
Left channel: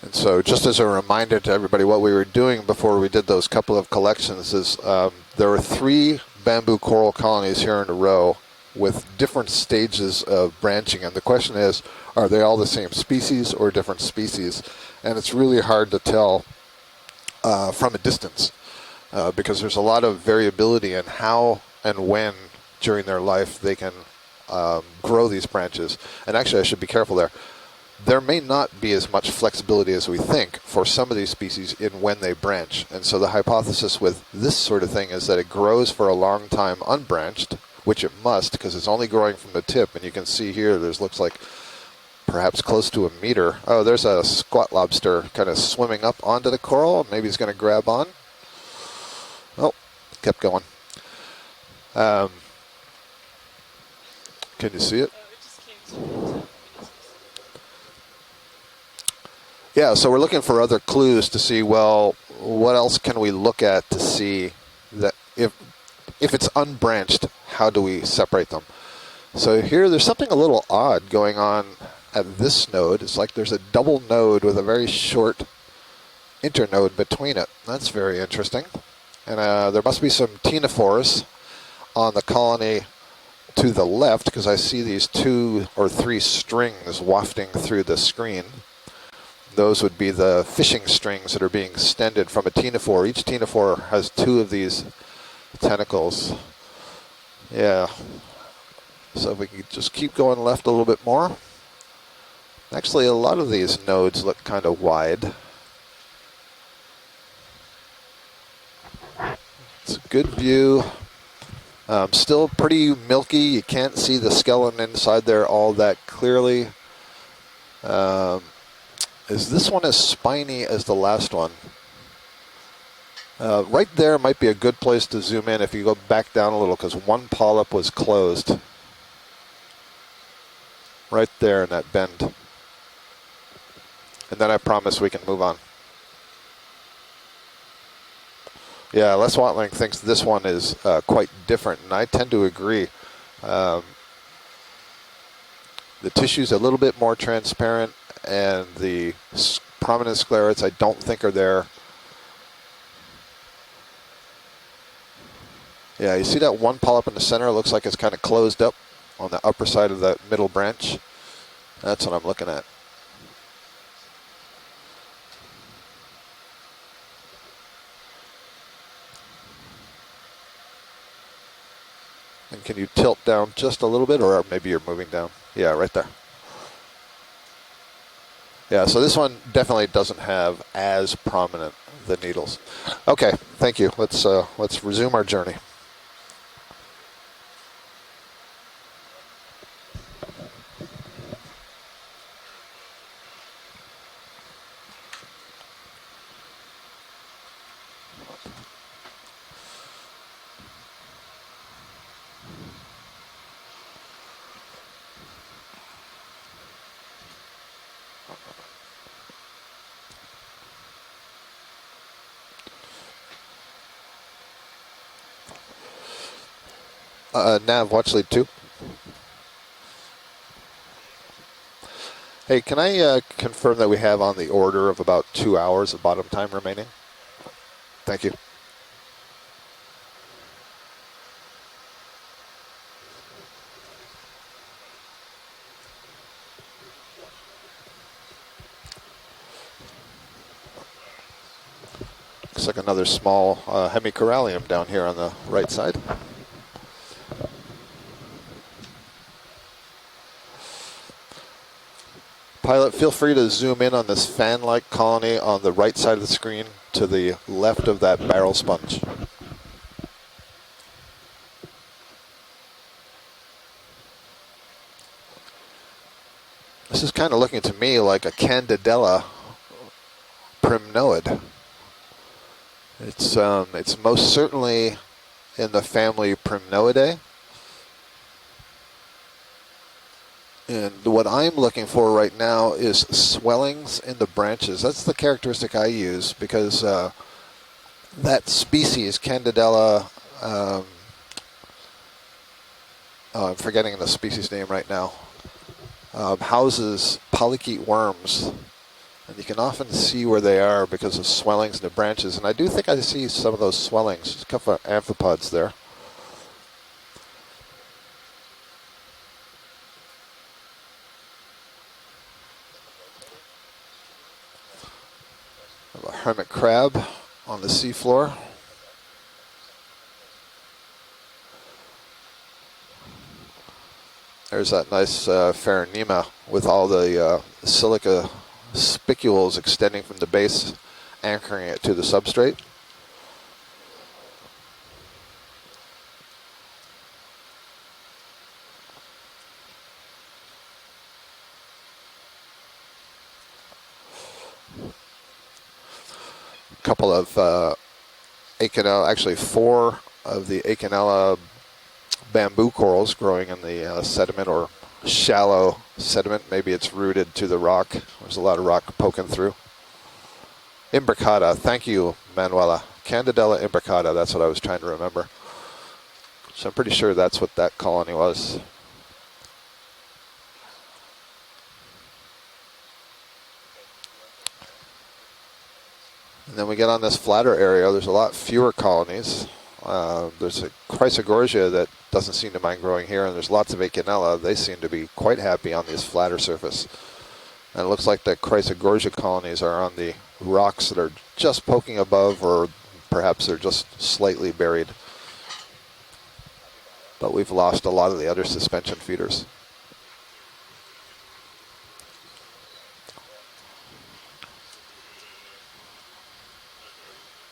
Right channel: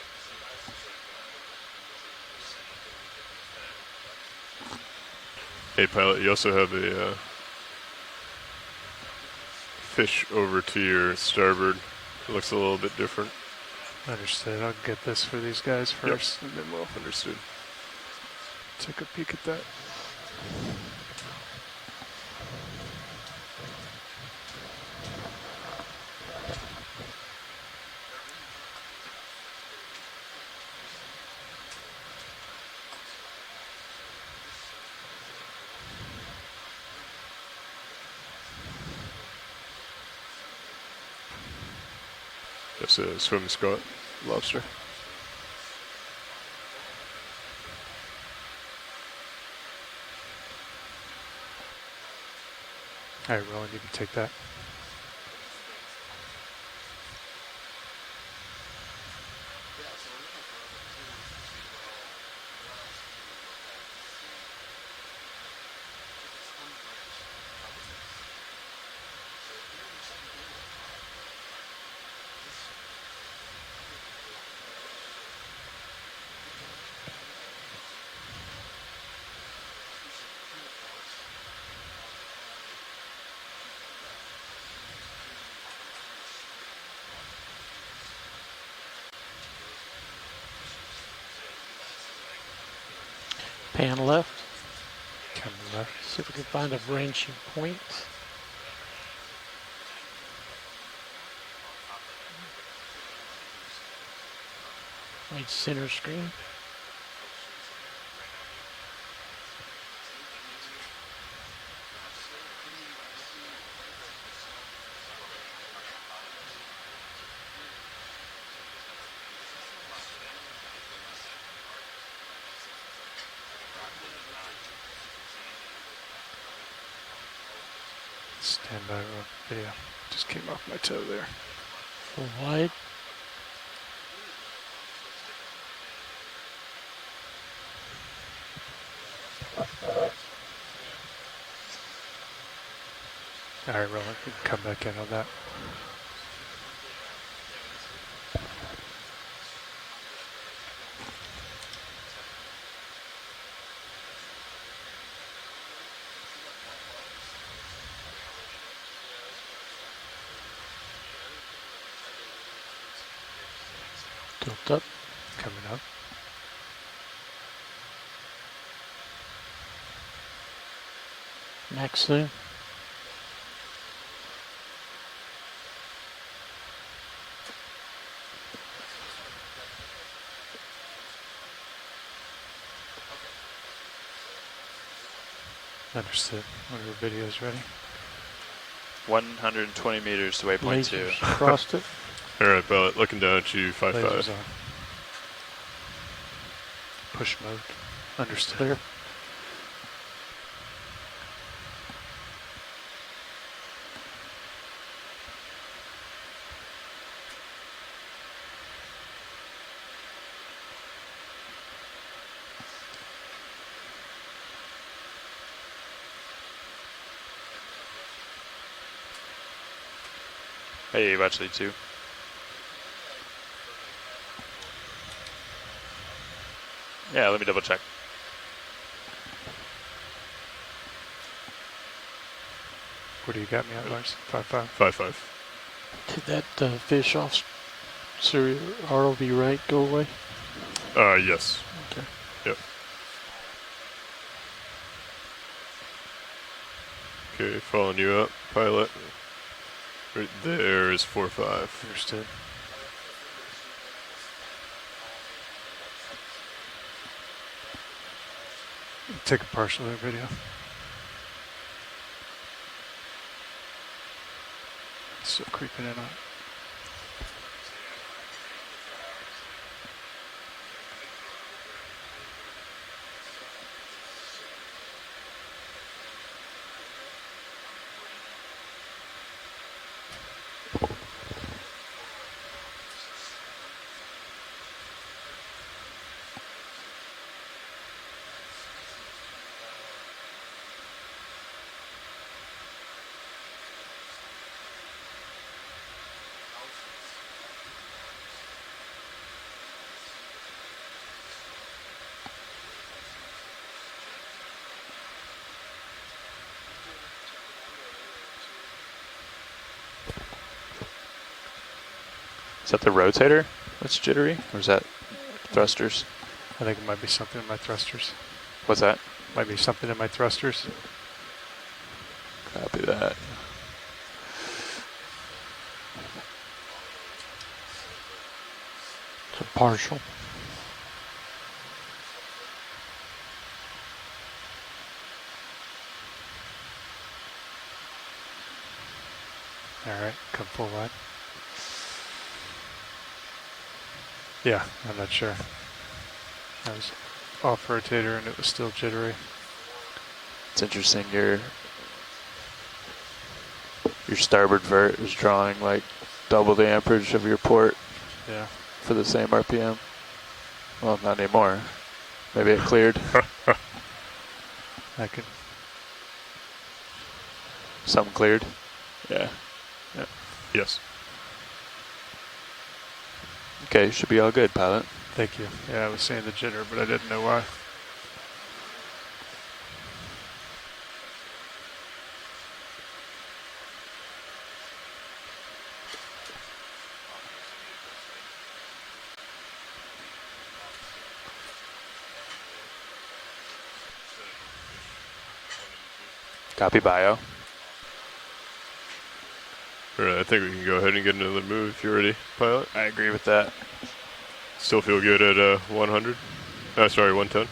And so just as a reminder to everybody, what we were doing before we did those couple of collections is there were 3 pilot, you also have bamboo the, coral colonies here in a row with different stages of branching. And the question is, are they all the same species or different species? And it's really hard to tell from a distance because there's a lot of variability in how and when during their life they can grow these branches. And actually, I should be careful there. There may not be as much flexibility as we think for some of these species in when they branch. And so the hypothesis with this sort of thing is that it grows for a long time unbranched, which it must because it's only growing from the tip. And you can see here looks like perhaps close to a meter. Oh, there's a squat lobster kind of swimming up onto the coral. Maybe he's going to grab on. Oh, kept going. All right, Roland, you can take that. Can you see it? Yeah, so we're looking for other clues to see, well, what else can we look at to see that if it's unbranched, how do we separate them? So here, there's something a little odd going on at this node. It's like there's a double node with a very short internode between it. That's very interesting. And there must be some ctenophores on the colony to the left, because I see these 2 or 3 strings wafting through the screen. Those would be the fishing strings that are being extended from a ctenophore. Each ctenophore has 2 of these tentacles. Find a branching. Yeah. So if we could just keep going left a little bit more. Actually, a lot of these nodes look kind of wide. Center screen. It's a good view. Still pretty milky. You can't see the skeleton inside there all that clearly. Is this one as spiny as the last one? Right there might be a good place to zoom in if you go back down a little, because one polyp was closed. And video just came off my toe there. Right there in that bend. Wide. And then I promise we can move on. Yeah, Les Watling thinks this one is quite different, and I tend to agree. All right, well, I could come back in on that. The tissue's a little bit more transparent, and the prominent sclerates I don't think are there. Yeah, you see that one polyp in the center? It looks like it's kind of closed up on the upper side of that middle branch. That's what I'm looking at. Tilt up. Coming up. Max zoom. And can you tilt down just a little bit, or maybe you're moving down? Yeah, right there. Yeah, so this one definitely doesn't have as prominent the needles. Okay, thank you. Let's resume our journey. Understood. Are the videos ready? 120 meters to waypoint 2. Crossed it. All right, Bellet, looking down at you, 5-5. Lasers on. Push mode. Understood. Clear. Nav, watch lead 2. Hey, watch lead 2. Hey, can I confirm that we have on the order of about 2 hours of bottom time remaining? Yeah, let me double check. Thank you. What do you got me at, Lars? 5-5. 5-5. Did that fish off ROV right go away? Yes. Okay. Yep. Looks like another small hemicorallium down here on the right side. Okay, following you up, pilot. Right there is 4-5. Understood. Pilot, feel free to zoom in on this fan-like colony on the right side of the screen to the left of that barrel sponge. Take a partial of the video. Still creeping in on. This is kind of looking to me like a Candidella primnoid. It's most certainly in the family Primnoidae. And what I'm looking for right now is swellings in the branches. That's the characteristic I use, because that species, Candidella, I'm forgetting the species name right now, houses polychaete worms. And you can often see where they are because of swellings in the branches. And I do think I see some of those swellings. There's a couple of amphipods there. Is that the rotator that's jittery? Or is that thrusters? A hermit crab Might be something in my on the thrusters. seafloor. What's that? Might be something in my thrusters. Copy that. There's that nice Pharonema with all the silica spicules Partial. extending from the base, anchoring it to the substrate. All right, come full wide. Yeah, I'm not sure. A couple of rotator, and it was still Acanella, jittery. actually 4 of the It's interesting Acanella here. bamboo corals growing in the Your sediment, starboard or vert is shallow drawing, like, sediment. double the Maybe it's amperage of rooted your to the port rock. There's a lot of rock for the poking same through. RPM. Well, imbricata, thank you, Manuela. Candidella imbricata, that's what I was trying to remember. Okay. So I'm pretty sure that's what that colony was. Yeah. Yeah. Yes. Okay, should be all good, pilot. Thank you. Yeah, I was saying the gender. Then we get on this flatter area, there's a lot fewer colonies. There's a Chrysogorgia that doesn't seem to mind growing here, and there's lots of Acanella. They seem to be quite happy on this flatter surface. And it looks like the Chrysogorgia colonies are on the rocks that are just poking above, or perhaps they're just slightly buried. Copy bio. But we've lost a lot of the other suspension feeders. All right, I think we can go ahead and get another move if you're ready, pilot. I agree with that. Still feel good at 100? Sorry, 110?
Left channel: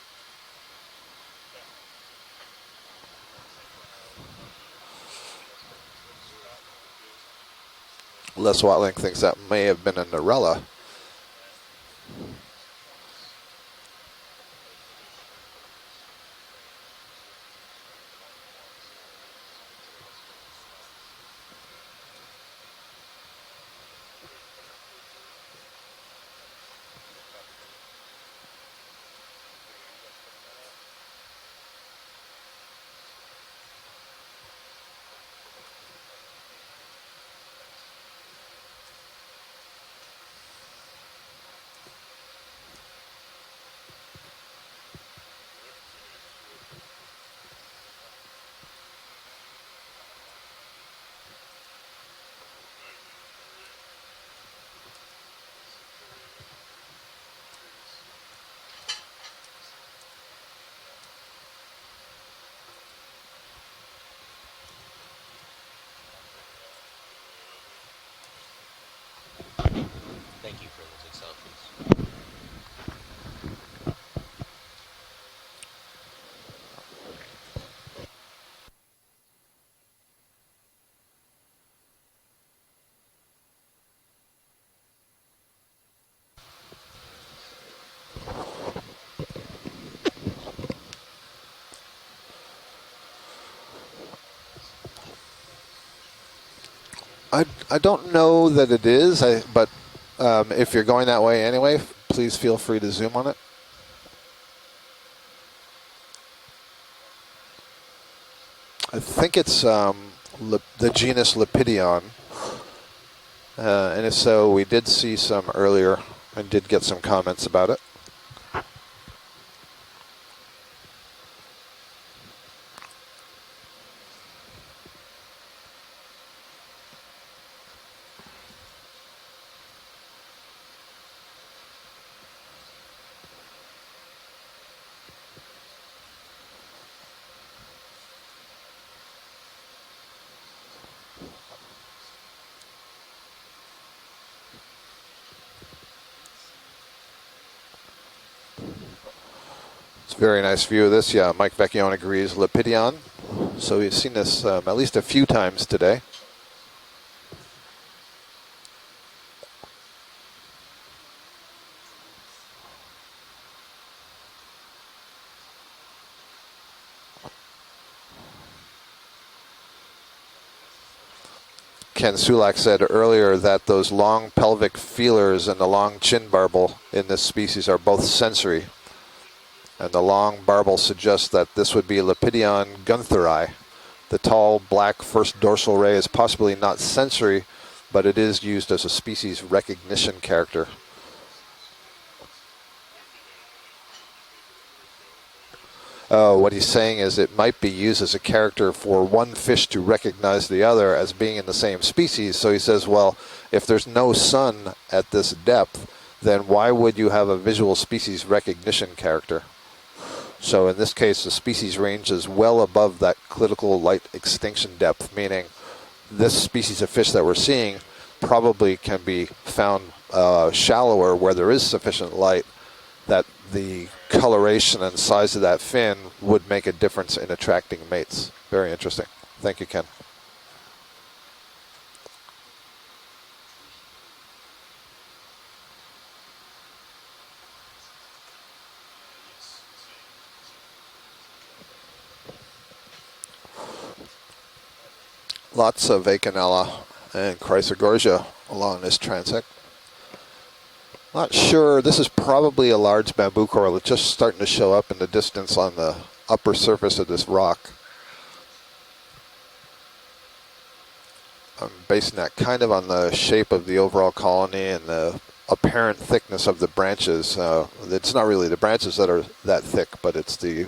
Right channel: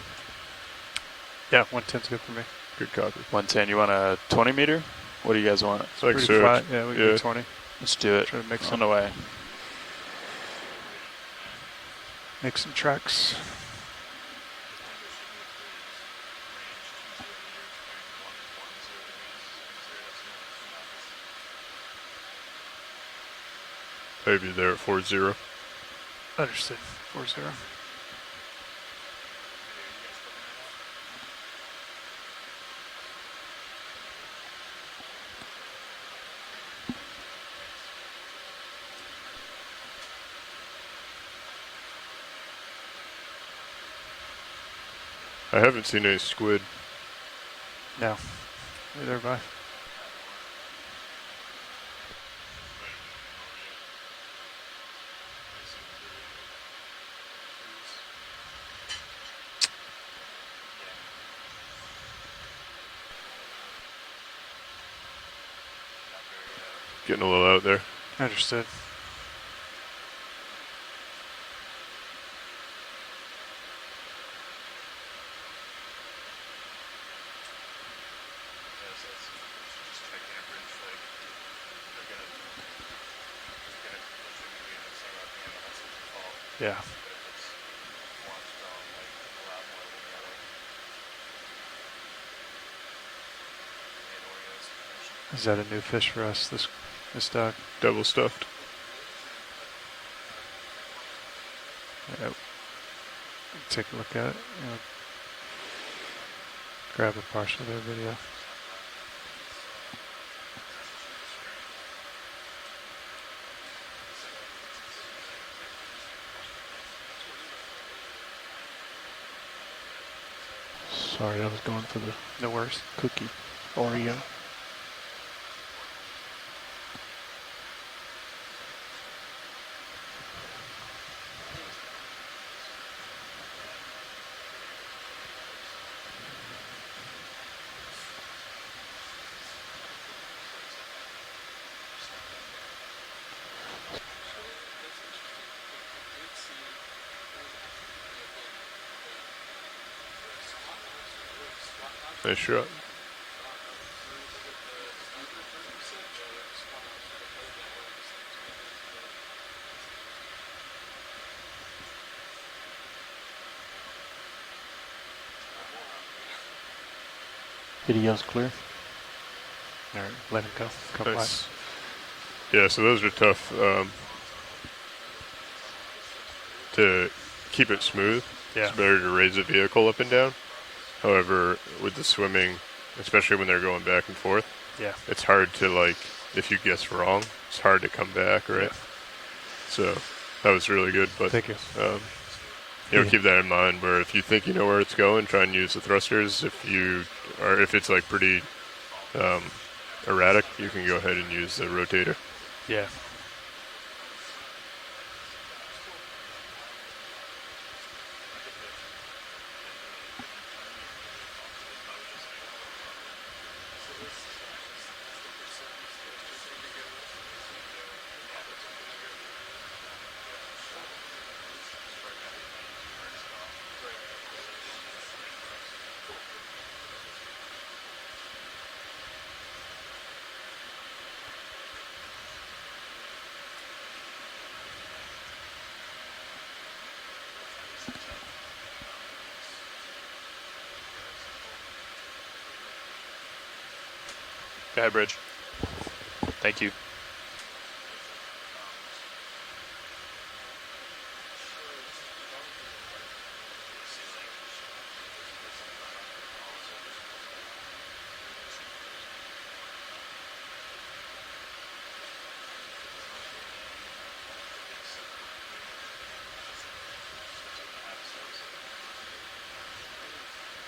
Yeah, 110's good for me. Good copy. 110, you want a 20 meter? What do you guys want? It's like pretty flat. Yeah, we can do 20. Let's do it. Les Watling thinks that may have been a Narella. Make some tracks. Maybe there at 4-0. Understood. 4-0. I haven't seen any squid. No. Neither have I. Getting a little out there. Understood. Yeah. Is that a new fish for us? This I don't know that it is, but if you're going that way anyway, please feel free to zoom on it. Take a look at it. Grab a partial of their video. I think it's the genus Lepidion. And if so, we did see some earlier and did get some comments about it. Sorry, I was going for the worst cookie Oreo. Very nice view of this. Yeah, Mike Vecchione agrees. Yeah, Lepidion. So we've seen this at least a few times today. Video's clear. All right, let him go. Come Nice. Ken Sulak said earlier that those long pelvic feelers and the long chin barbel in this species are both sensory. It's better to raise a vehicle and up the long barbel suggests that this would be Lepidion guntheri. The tall black first dorsal ray is possibly not sensory, but it is used as a species recognition character. That was really good. But thank you. Keep that in mind, where if you think you know where it's going, try and use the thrusters. Oh, what he's saying is it might be used as a character for one fish to recognize the other as being in the same species. So he says, well, if there's no sun at this depth, then why would you have a visual species recognition character? So in this case, the species range is well above that critical light extinction depth, meaning this species of fish that we're seeing probably can be found shallower where there is sufficient light, that the coloration and size of that fin would make a difference in attracting mates. Very interesting. Thank you, Ken. Go ahead, Bridge. Lots of Acanella and Chrysogorgia along this transect. Not sure. This is probably a large bamboo coral. It's just starting to show up in the distance on the upper surface of this rock. I'm basing that kind of on the shape of the overall colony and the apparent thickness of the branches. It's not really the branches that are that thick, but it's the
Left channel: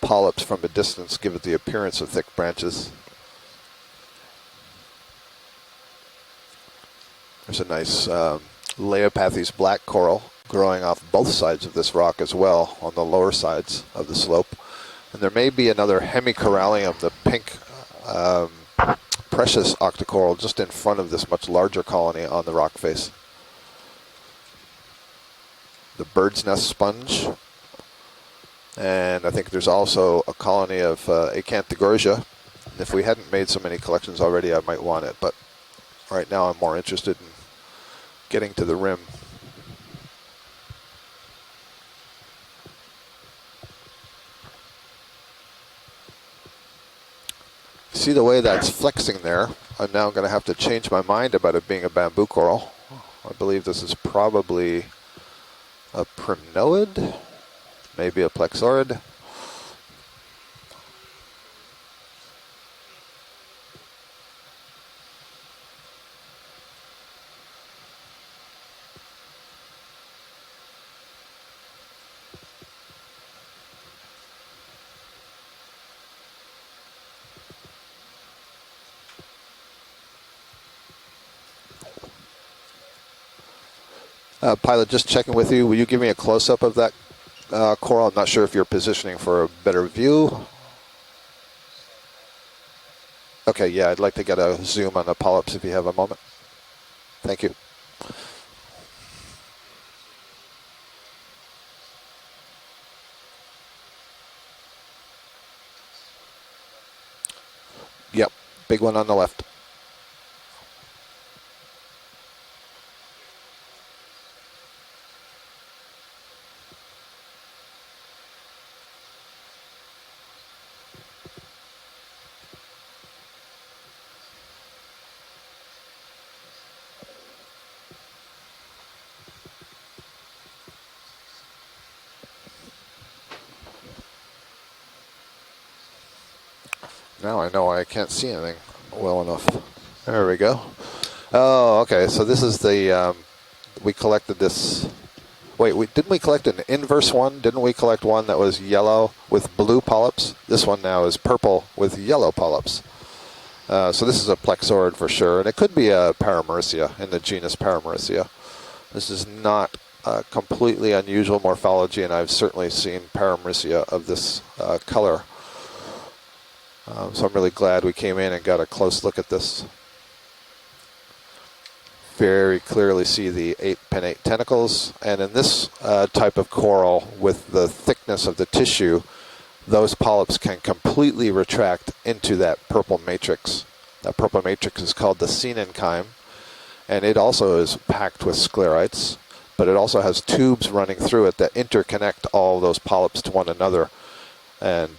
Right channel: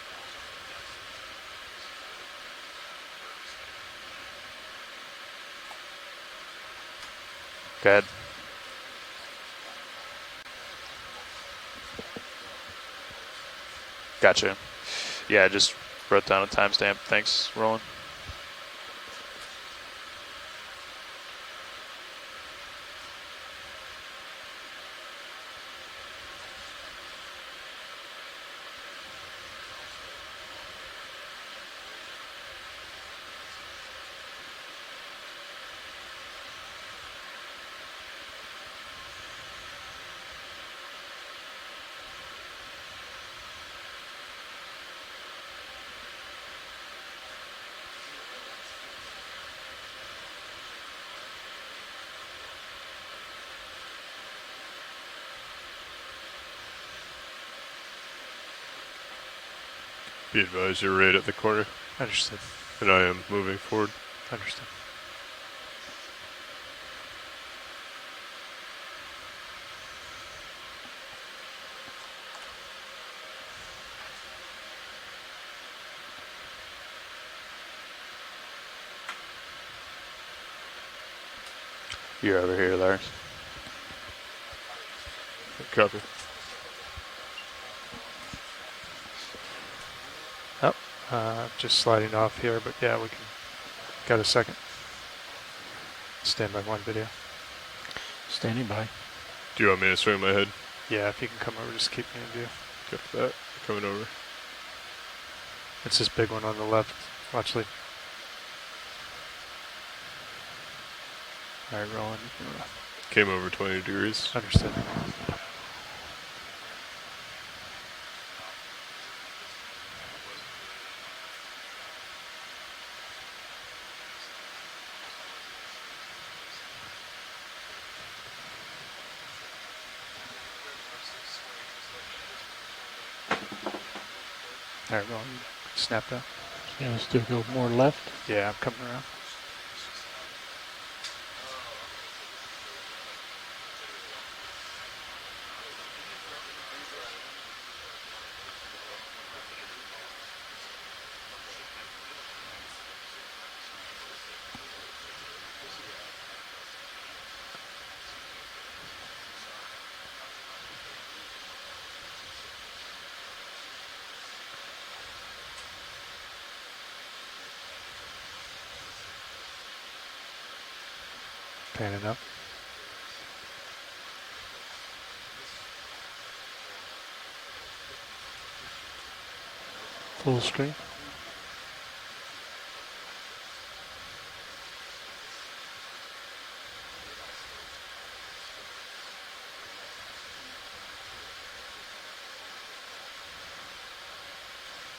polyps from a distance give it the appearance of thick branches. There's a nice Leopathes black coral growing off both sides of this rock as well on the lower sides of the slope. And there may be another hemicorallium, the pink precious octocoral just in front of this much larger colony on the rock face. The bird's nest sponge. And I think there's also a colony of Acanthogorgia. If we hadn't made so many collections already, I might want it, but right now I'm more interested in getting to the rim. See the way that's flexing there? I'm now going to have to change my mind about it being a bamboo coral. I believe this is probably a prinoid, maybe a plexaurid. Be advised, you're right at the corner. Understood. And I am moving forward. Understood. You're over here, Lars. Pilot, just checking with you. Will you give me a close-up of that coral? I'm not sure if you're positioning for a better view. Oh, just sliding off here, but yeah, we can. Okay, yeah, I'd like to get a zoom on the polyps if you have a moment. Stand by one video. Thank you. Standing by. Do you want me to swing my head? Yeah, if you can come over, just keep me in view. Get that. Coming over. It's this big one on the left. Watch leaf. Yep, big one on the left. All right, rolling. Came over 20 degrees. Understood. All right, rolling. Snap down. Yeah, now I know why I can't see anything well enough. There we go. Oh, okay. So this is the, we collected this. Wait, didn't we collect an inverse one? Didn't we collect one that was yellow with blue polyps? This one now is purple with yellow polyps. So this is a plexaurid for sure. And it could be a Paramerissia in the genus Paramerissia. This is not completely unusual morphology, and I've certainly seen Paramerissia of this color. So I'm really glad we came in and got a close look at this. Very clearly see the 8 pinnate tentacles, and in this type of coral with the thickness of the tissue, those polyps can completely retract into that purple matrix. That purple matrix is called the senenchyme, and it also is packed with sclerites, but it also has tubes running through it that interconnect all those polyps to one another, and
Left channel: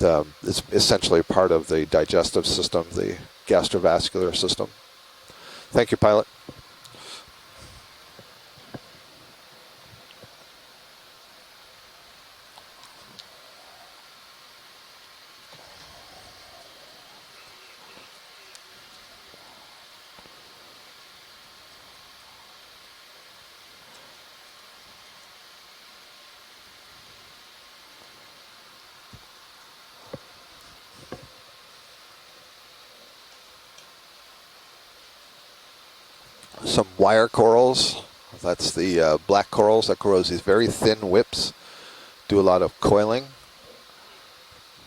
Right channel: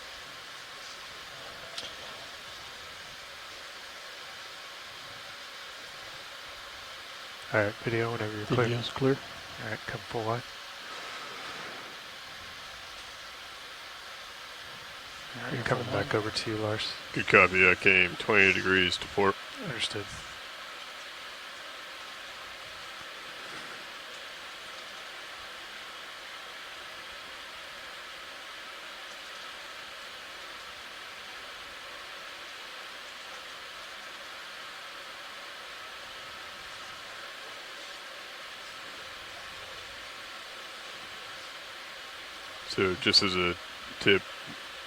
it's essentially part of the digestive system, the gastrovascular system. Thank you, pilot. All right, video whenever you're clear. Video's clear. All right, come full line. All right, coming back over to you, Lars. Good copy. I came 20 degrees to port. Understood. Some wire corals. That's the black corals that grows these very thin whips. Do a lot of coiling. Just as a tip,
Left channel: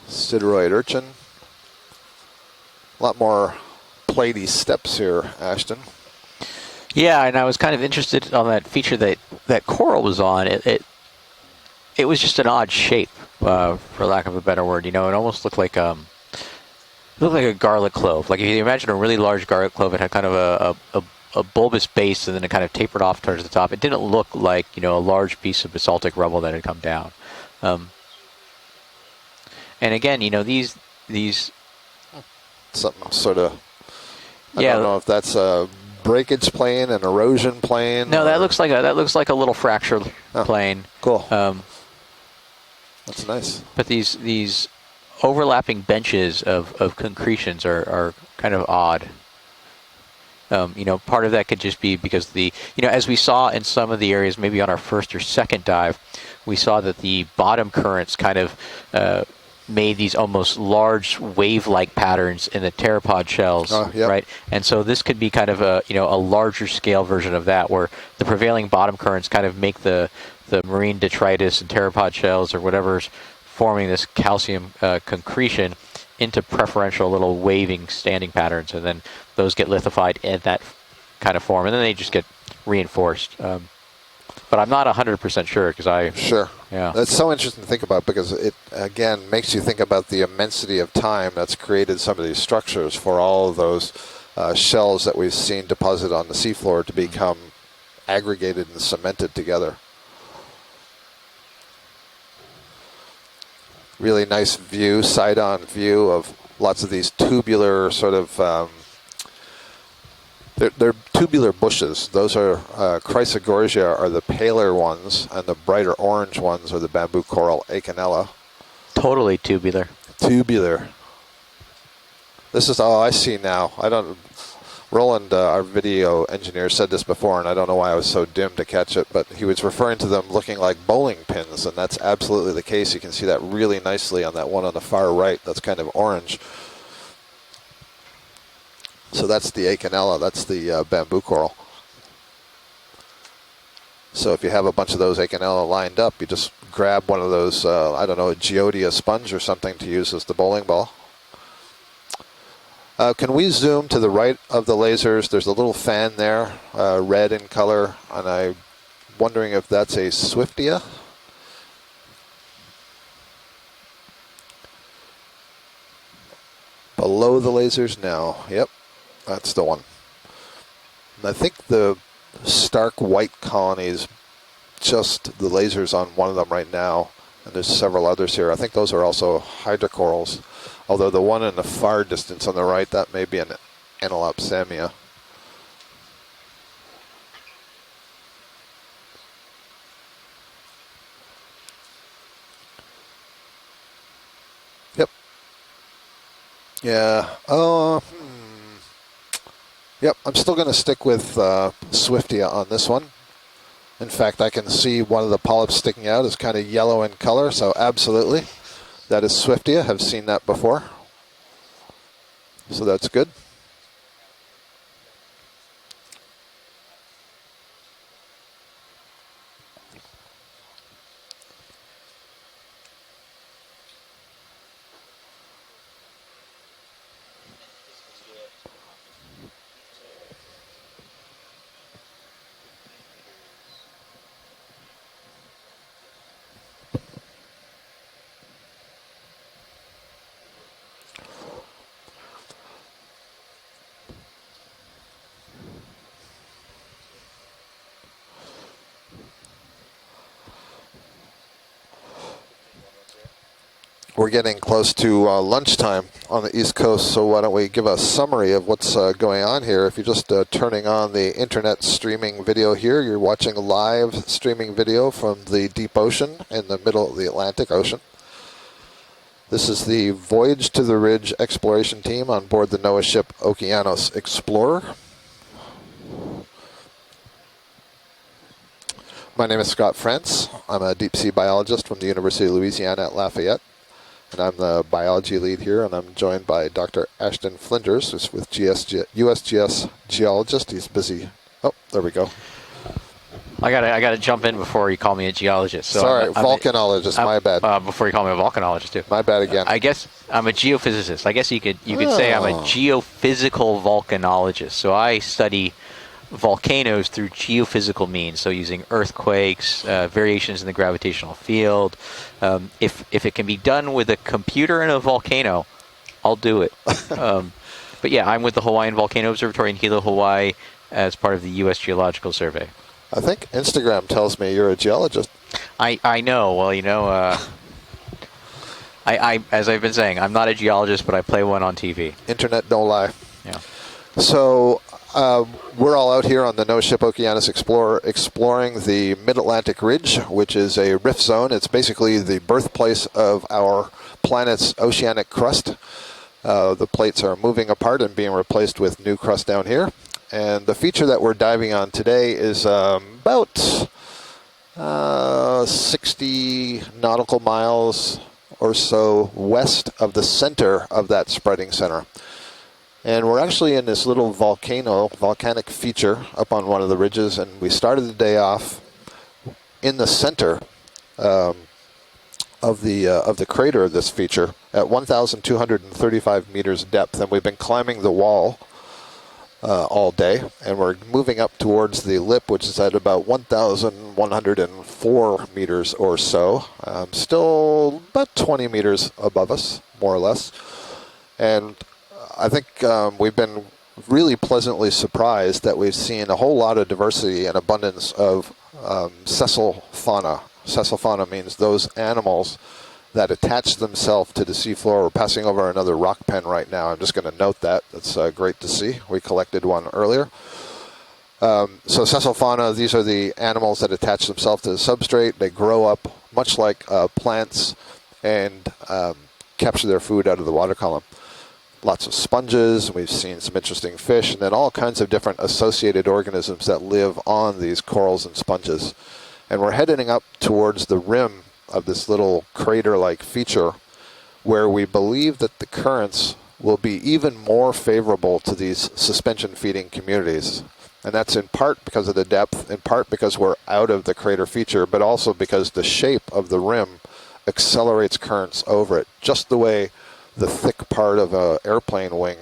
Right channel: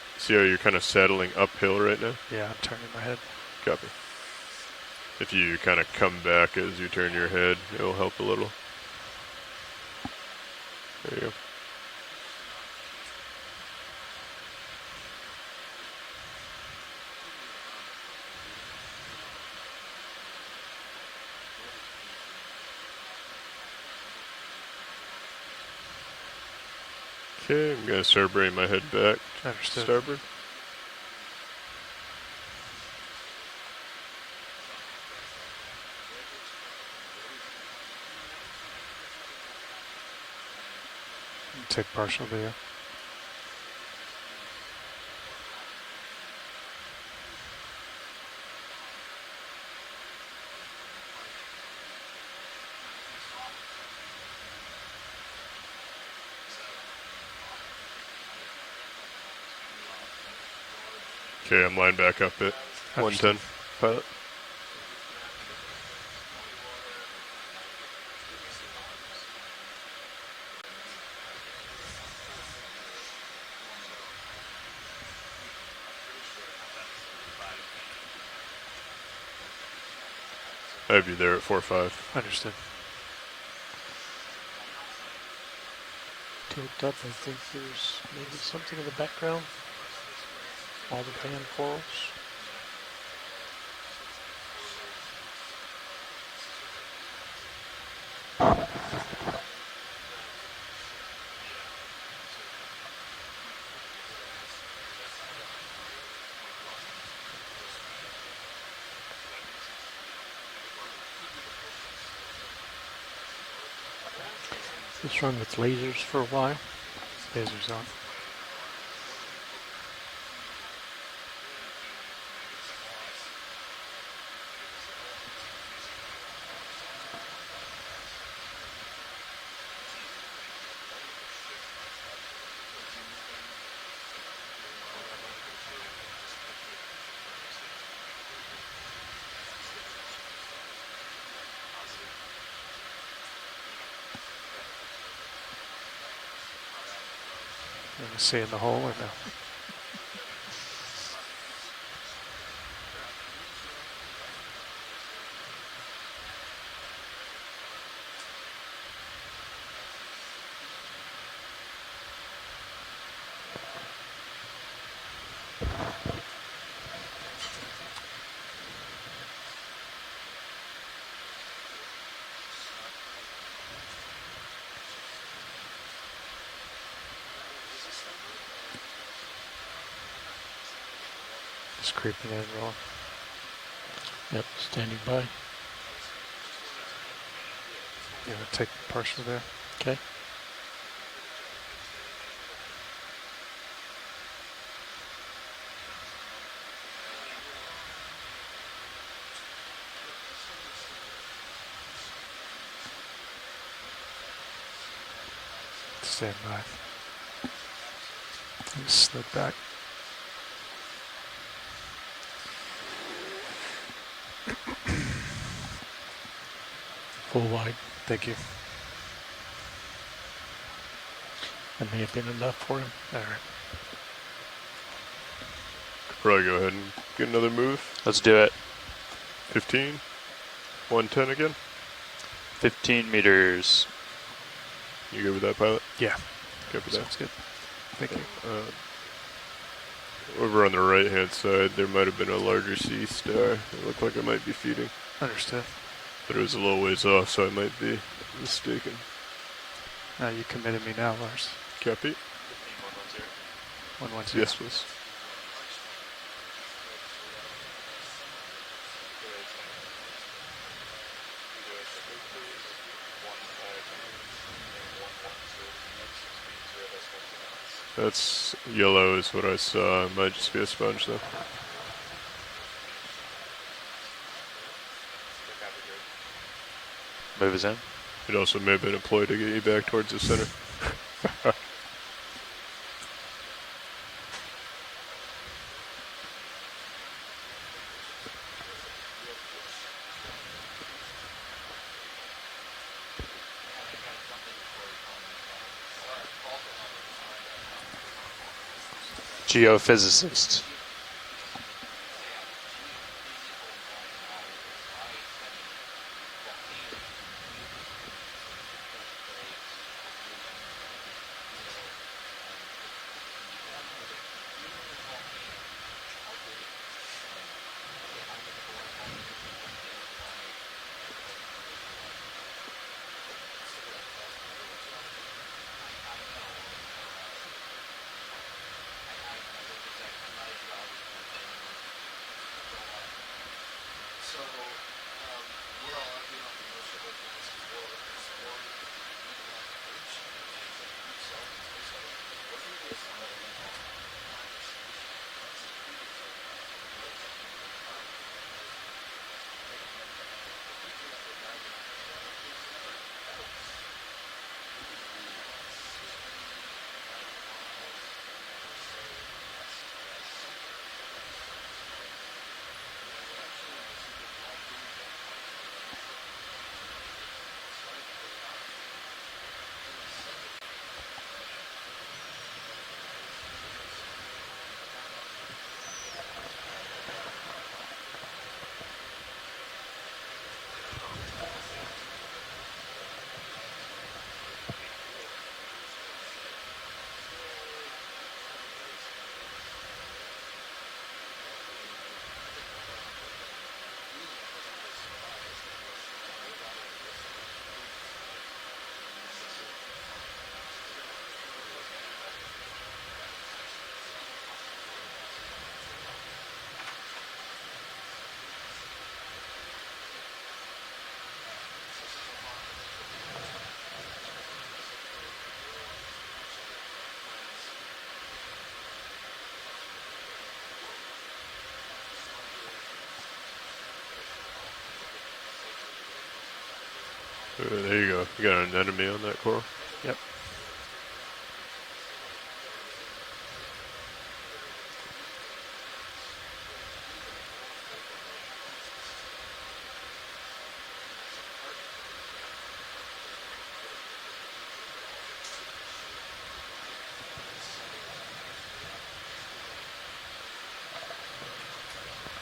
Silurate kind of urchin. saddling uphill right now. Yeah, I'm turning my A lot head. more Copy. platey steps here. If you Ashton. kind of come back as you turn Yeah, your and I was head, kind of it'll help interested a little. on that feature that coral was on. It was just an odd shape, for lack of a better word. You know, it almost looked like a garlic clove. Like if you imagine a really large garlic clove, it had kind of a bulbous base, and then it kind of tapered off towards the top. It didn't look like, you know, a large piece of basaltic rubble that had come down. Okay, I'm gonna start bringing my head back. And again, you know, these something sort of. I Yeah. don't know if that's a breakage plane, an erosion plane? No, that looks like a little fracture plane. Cool. Take partial there. That's nice. But these overlapping benches of concretions are kind of odd. Part of that could just be because as we saw in some of the areas, maybe on our first or second dive, we saw that the bottom currents kind of made these almost large wave-like patterns in the pteropod shells, right? And so this could be kind of a larger scale version of that, where the prevailing bottom currents kind of make the marine detritus and pteropod shells or whatever's forming this calcium concretion into preferential little waving standing patterns, and then those get lithified in that kind of form, and then they just get reinforced. But I'm not 100% sure because Sure. Yeah. That's so interesting to think about, because it, again, makes you think about the immensity of time that's created some of these structures for all of those shells that we've seen deposited on the seafloor to become aggregated and cemented together. Really nice view, side-on view of lots of these tubular sort of they're tubular bushes. Those are Chrysogorgia are the paler ones, and the brighter orange ones are the bamboo coral Okeanos. Totally tubular. Tubular. This is all I see now. Roland, our video engineer, said this before, and I don't know why I was so dim to catch it, but he was referring to them looking like bowling pins, and that's absolutely the case. You can see that really nicely on that one on the far right. That's kind of orange. So that's the Okeanos, that's the bamboo coral. So if you have a bunch of those Okeanos lined up, you just grab one of those, I don't know, a geodia sponge or something to use as the bowling ball. Can we zoom to the right of the lasers? There's a little fan there, red in color, and I'm wondering if that's a Swiftia. Below the lasers now, yep. That's the one. And I think the stark white colonies, just the lasers on one of them right now, and there's several others here. I think those are also hydrocorals, although the one in the far distance on the right, that may be an Analopsamia. Yeah, take partial there. Okay. Yep. Yeah. Yep, I'm still going to stick with Swiftia on this one. In fact, I can see one of the polyps sticking out is kind of yellow in color, so absolutely. That is Swiftia. Have seen that before. So that's good. Full wide. Thank you. That may have been enough for him. All right. Probably go ahead and get another move. Let's do it. 15, 110 again. 15 meters. You good with that, pilot? Yeah. Good with that. Sounds good. Thank you. Over on the right-hand side, there might have been a larger sea star. It looked like it might be feeding. Understood. But it was a little ways off, so I might be mistaken. You committed me now, Lars. Copy. We're getting close to lunchtime on the East Coast, so why don't we give a summary of what's going on here. If you're just turning on the internet streaming video here, you're watching live streaming video from the deep ocean in the middle of the Atlantic Ocean. That's yellow is what I saw. This is the Voyage to the Ridge exploration team on board the NOAA ship Okeanos Explorer. Move us in. It also may have been employed to My name is Scott France. I'm a deep sea biologist from the University of Louisiana at Lafayette. And I'm the biology lead here, and I'm joined by Dr. Ashton Flinders, who's with USGS geologist. He's busy. Oh, there we go. I gotta jump in before you call me a geologist. So sorry, volcanologist. My bad. Before you call me a volcanologist too. My bad again. I guess I'm a geophysicist. I guess you could say I'm a geophysical volcanologist. So I study volcanoes through geophysical means. So using earthquakes, variations in the gravitational field. If it can be done with a computer and a volcano, I'll do it. But yeah, I'm with the Hawaiian Volcano Observatory in Hilo, Hawaii, as part of the U.S. Geological Survey. I think Instagram tells me you're a geologist. I know. Well, I as I've been saying, I'm not a geologist, but I play one on TV. Internet don't lie. Yeah. So we're all out here on the No Ship Okeanos Explorer exploring the Mid-Atlantic Ridge, which is a rift zone. It's basically the birthplace of our planet's oceanic crust. The plates are moving apart and being replaced with new crust down here. And the feature that we're diving on today is about 60 nautical miles or so west of the center of that spreading center. And we're actually in this little volcanic feature up on one of the ridges, and we started the day off in the center of the crater of this feature at 1,235 meters depth, and we've been climbing the wall all day, and we're moving up towards the lip, which is at about 1,104 meters or so, still about 20 meters above us, more or less. And I think we've been really pleasantly surprised that we've seen a whole lot of diversity and abundance of sessile fauna. Sessile fauna means those animals that attach themselves to the seafloor. We're passing over another rock pen right now. I'm just going to note that. It's great to see. We collected one earlier. So sessile fauna, these are the animals that attach themselves to the substrate. They grow up much like plants and capture their food out of the water column. Lots of sponges, we've seen some interesting fish, and then all kinds of different associated organisms that live on these corals and sponges. And we're heading up towards the rim of this little crater-like feature where we believe that the currents will be even more favorable to these suspension feeding communities. And that's in part because of the depth, in part because we're out of the crater feature, but also because the shape of the rim accelerates currents over it, just the way the thick part of an airplane wing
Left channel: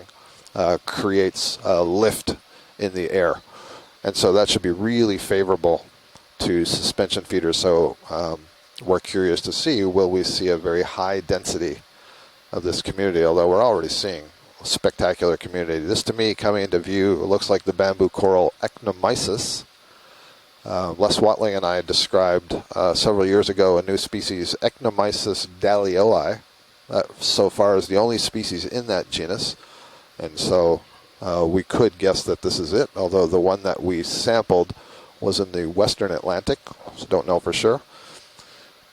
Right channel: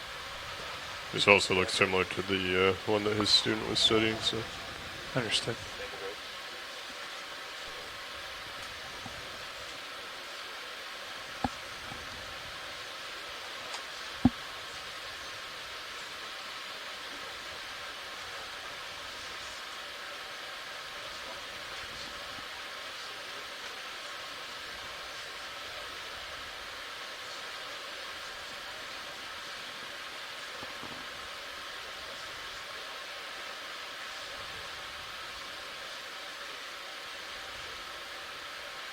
creates a lift in the air. And so that should be really favorable to suspension feeders. So we're curious to see, will we see a very high density of this community, although we're already seeing a spectacular community. This, to me, coming into view, it looks like the bamboo coral Ecnomysis. Les Watling and I described several years ago a new species, Ecnomysis dalioi. So far is the only species in that genus, and so we could guess that this is it, although the one that we sampled was in the western Atlantic, so don't know for sure.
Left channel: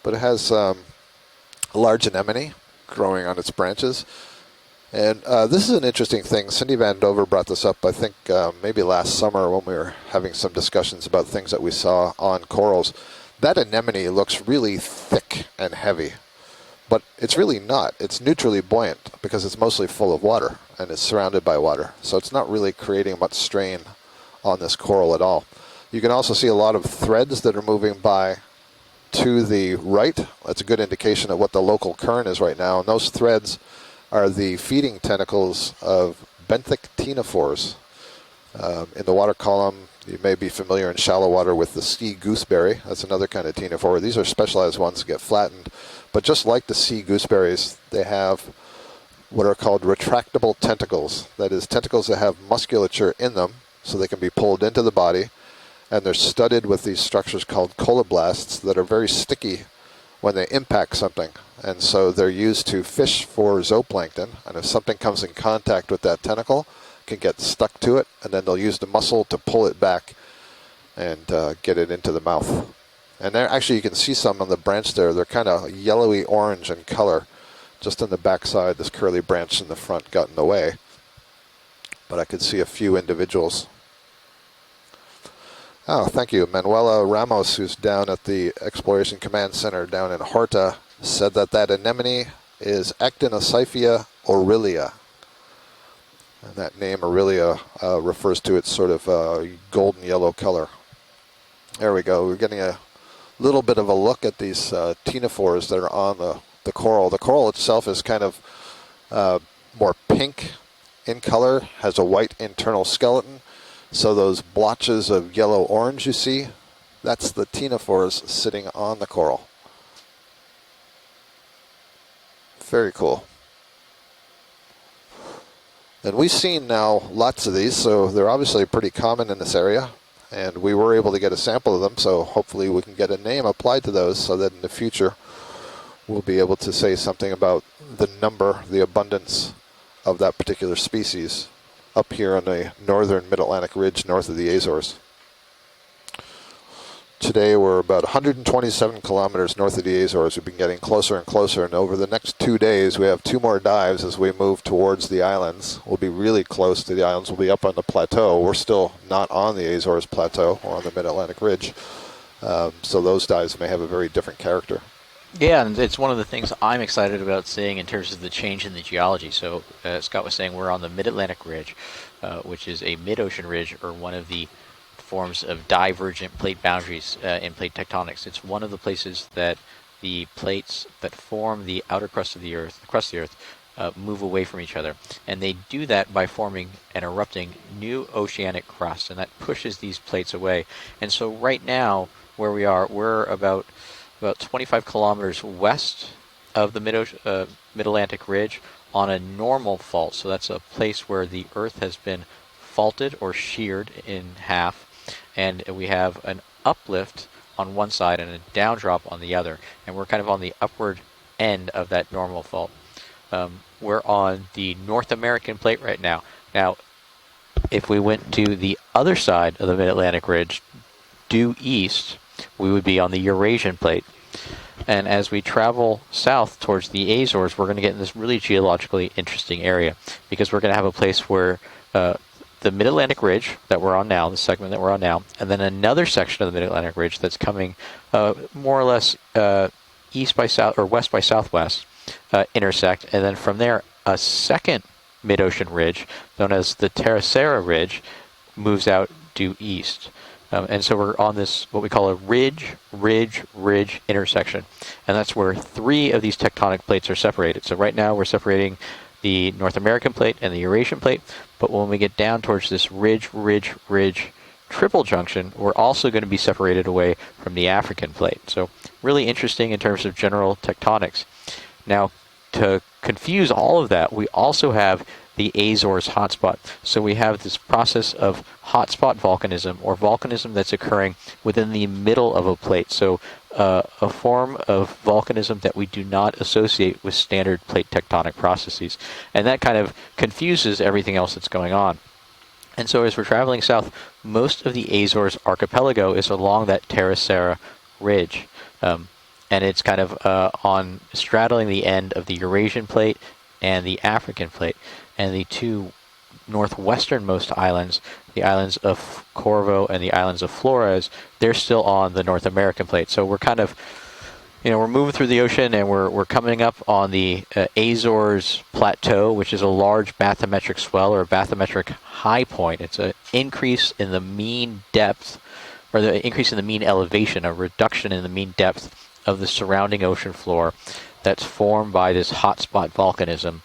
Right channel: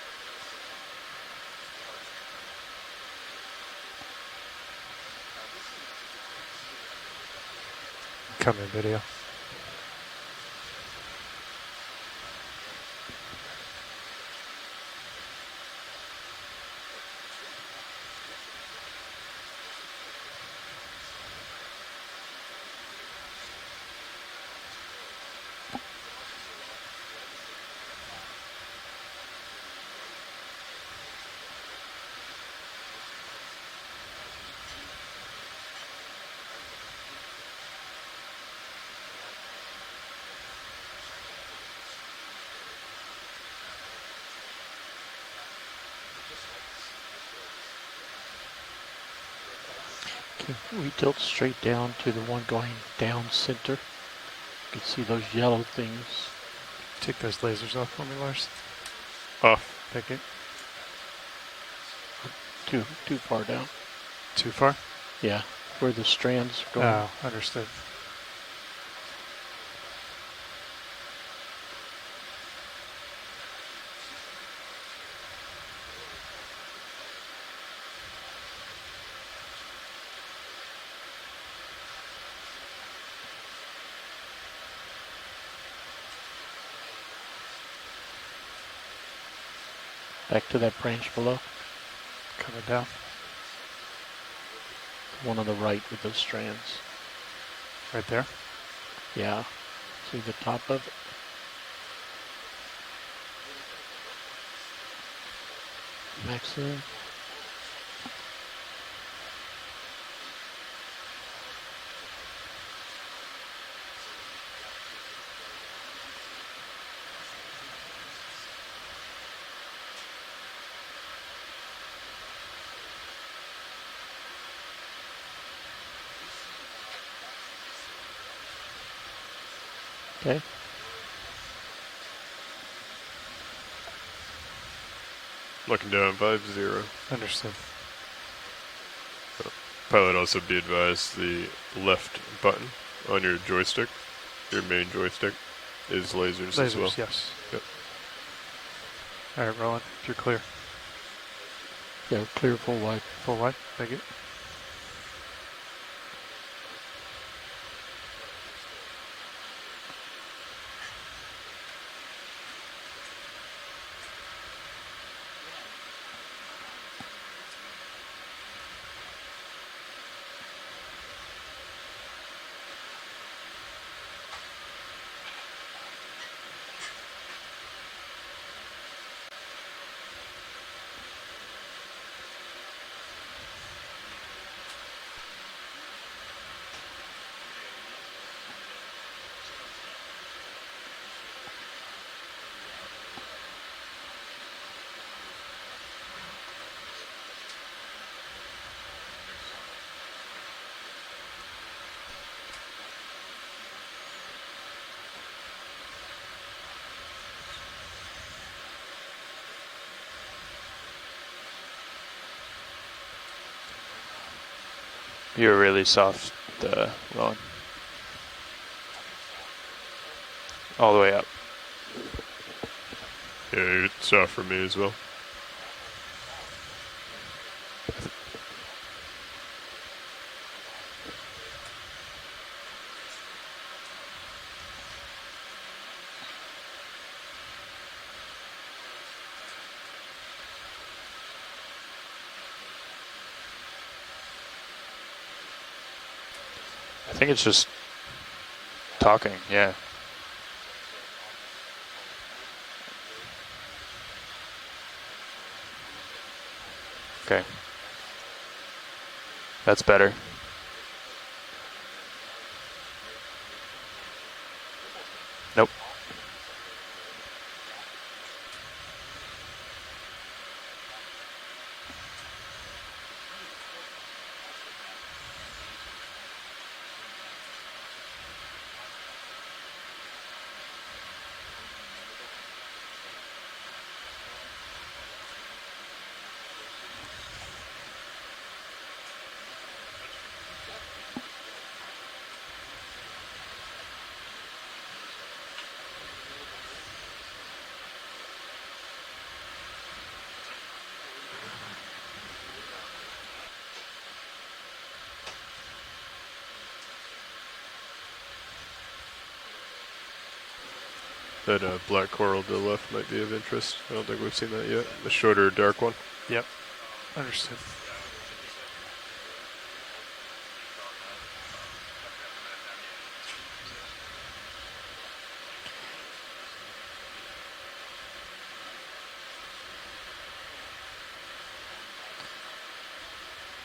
But it has a large anemone growing on its branches, and this is an interesting thing. Cindy Van Dover brought this up, I think, maybe last summer when we were having some discussions about things that we saw on corals. That anemone looks really thick and heavy. But it's really not. It's neutrally buoyant because it's mostly full of water and it's surrounded by water. So it's not really creating much strain on this coral at all. You can also see a lot of threads that are moving by to the right. That's a good indication of what the local current is right now. And those threads are the feeding tentacles of benthic ctenophores. In the water column, you may be familiar in shallow water with the sea gooseberry. That's another kind of ctenophore. These are specialized ones that get flattened. But just like the sea gooseberries, they have what are called retractable tentacles. That is, tentacles that have musculature in them, so they can be pulled into the body. And they're studded with these structures called coloblasts that are very sticky when they impact something. And so they're used to fish for zooplankton. And if something comes in contact with that tentacle, it can get stuck to it, and then they'll use the muscle to pull it back and get it into the mouth. And there, actually, you can see some on the branch there. They're kind of yellowy orange in color. Just on the back side, this curly branch in the front got in the way. But I could see a few individuals. Oh, thank you. Manuela Ramos, who's down at the Exploration Command Center down in Horta, said that that anemone is Actinocyphia aurelia. One on the right with those strands. And that name aurelia refers to its sort of golden yellow color. There we go. We're getting a little bit of a look at these ctenophores that are on the coral. The coral itself is kind of more pink in color, has a white internal skeleton. So those blotches of yellow-orange you see, that's the ctenophores sitting on the coral. Very cool. And we've seen now lots of these, so they're obviously pretty common in this area. Okay. And we were able to get a sample of them, so hopefully we can get a name applied to those so that in the future we'll be able to say something about the number, the abundance of that particular species. left up here on the button northern on your Mid-Atlantic joystick, Ridge north of the your main Azores. joystick is lasers as well. Yes. Today we're about 127 kilometers Alright, north of the Ron, Azores. clear. We've been getting closer and closer, and over the next 2 careful, days we have careful, 2 more right. dives as we move towards the islands. We'll be really close to the islands. We'll be up on the plateau. We're still not on the Azores plateau or on the Mid-Atlantic Ridge. So those dives may have a very different character. Yeah, and it's one of the things I'm excited about seeing in terms of the change in the geology. So Scott was saying we're on the Mid-Atlantic Ridge, which is a mid-ocean ridge, or one of the forms of divergent plate boundaries in plate tectonics. It's one of the places that the plates that form the outer crust of the Earth, move away from each other. And they do that by forming and erupting new oceanic crust, and that pushes these plates away. And so right now, where we are, we're about 25 kilometers west of the Mid-Atlantic Ridge on a normal fault. So that's a place where the Earth has been faulted or sheared in half, and we have an uplift on one side and a downdrop on the other, and we're kind of on the upward end of that normal fault. We're on the North American You're plate really right soft, now. Ron. If we went to the other side of the Mid-Atlantic Ridge, all the way up, due east, we would be on the Eurasian plate. South for me as well. And as we travel south towards the Azores, we're going to get in this really geologically interesting area, because we're going to have a place where the Mid-Atlantic Ridge that we're on now, the segment that we're on now, and then another section of the Mid-Atlantic Ridge that's coming more or less east by south or west by southwest intersect, and then from there a second mid-ocean ridge known as the Terracera Ridge moves out due east. And so we're on this, what we call a ridge intersection. And that's where 3 of these tectonic plates are separated. So right now we're separating the North American plate and the Eurasian plate. But when we get down towards this ridge triple junction, we're also going to be separated away from the African plate. So really interesting in terms of general tectonics. Now, to confuse all of that, we also have the Azores hotspot. So we have this process of hotspot volcanism, or volcanism that's occurring within the middle of a plate. So a form of volcanism that we do not associate with standard plate tectonic processes. And that kind of confuses everything else that's going on. And so as we're traveling south, most of the Azores archipelago is along that Terracera Ridge. And it's kind of on straddling the end of the Eurasian plate and the African plate. And the 2 northwesternmost islands, the islands of Corvo and the islands of Flores, they're still on the North American plate. So we're kind of, we're moving through the ocean, and we're coming up on the Azores Plateau, which is a large bathymetric swell, or a bathymetric high point. It's an increase in the mean depth, or the increase in the mean elevation, a reduction in the mean depth of the surrounding ocean floor that's formed by this hotspot volcanism.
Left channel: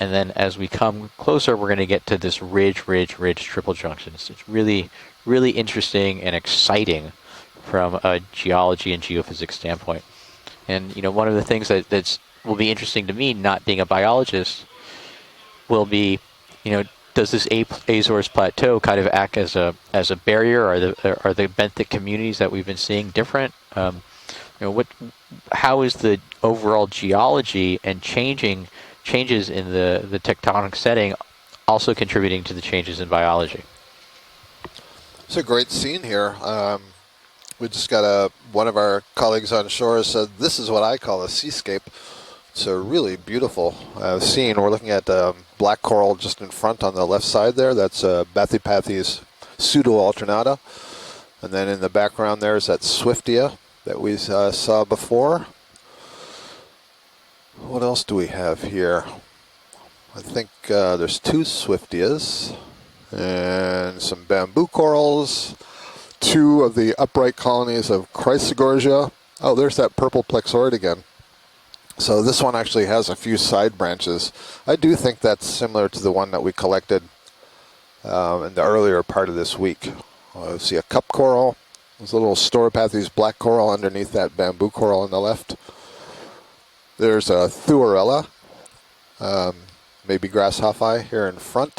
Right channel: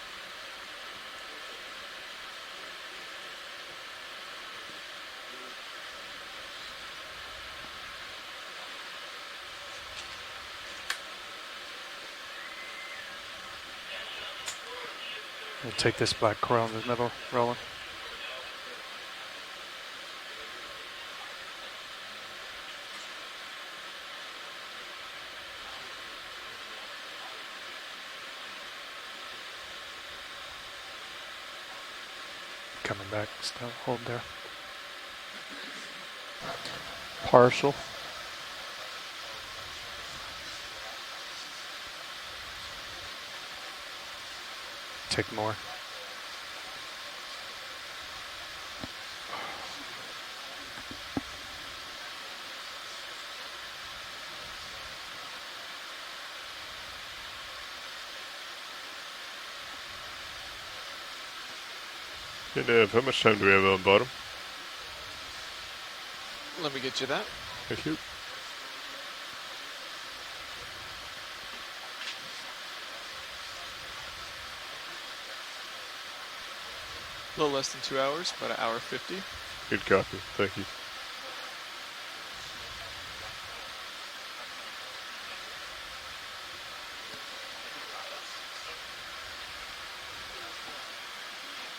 And then as we come closer, we're going to get to this ridge triple junction. So it's really, really interesting and exciting from a geology and geophysics standpoint. And one of the things that will be interesting to me, not being a biologist, will be, does this Azores Plateau kind of act as a barrier? Are the benthic communities that we've been seeing different? How is the overall geology and changes in the tectonic setting also contributing to the changes in biology? It's a great scene here. Partial. We just got one of our colleagues on shore said, this is what I call a seascape. It's a really beautiful scene. We're looking at black coral just in front on the left side there. That's Bathypathes pseudo-alternata. And then in the background there is that Swiftia that we saw before. What else do we have here? I think there's 2 Swiftias. And some bamboo corals. 2 of the upright colonies of Chrysogorgia. Oh, there's that purple plexaurid again. So this one actually has a few side branches. I do think that's similar to the one that we collected a little less than 2 hours. in the earlier part of this week. See a cup coral. There's a little Storopathes black coral underneath that bamboo coral on the left. There's a Thuarella, maybe grasshoppi here in front.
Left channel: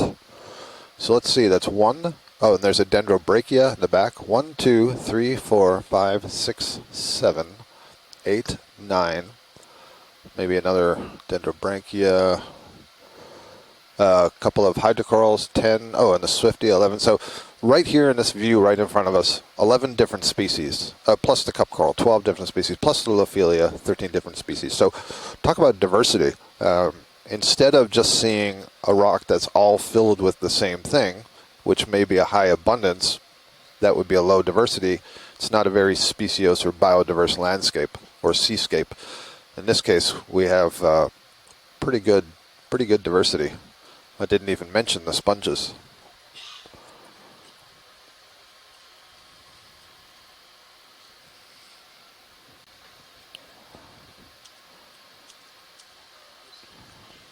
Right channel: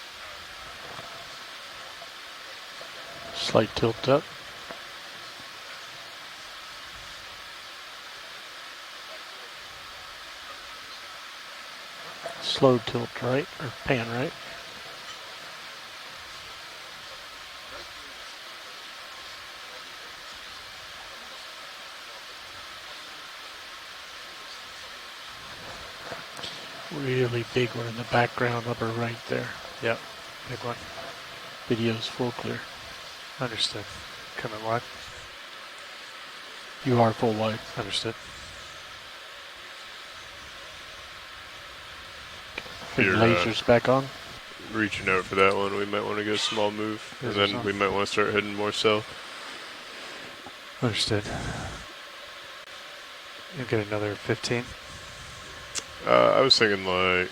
So let's see, that's 1. Oh, and there's a Dendrobrachia at the back. 1, 2, 3, 4, 5, 6, 7, 8, 9, maybe another dendrobranchia. Slow tilt, right? Or pan, A right? couple of hydrocorals, 10. Oh, and the Swifty, 11. So right here in this view, right in front of us, 11 different species, plus the cup coral, 12 different species, plus the Lophelia, 13 different species. So talk about diversity. Really Instead deep of in just the seeing background upper a rock right that's there. all Yep. filled with the same thing, which Video's may be a still high clear. abundance, Understood. that would be a low Come on, diversity. It's not a very speciose or Mark biodiverse will landscape Understood. or seascape. In this case, we have pretty good Peter, diversity. Lasers back on. I didn't even mention reaching the out for that sponges. one, we might want to get a small move, and Lasers then on. we might want to start heading more south. Understood. You'll get another 15. I was thinking like,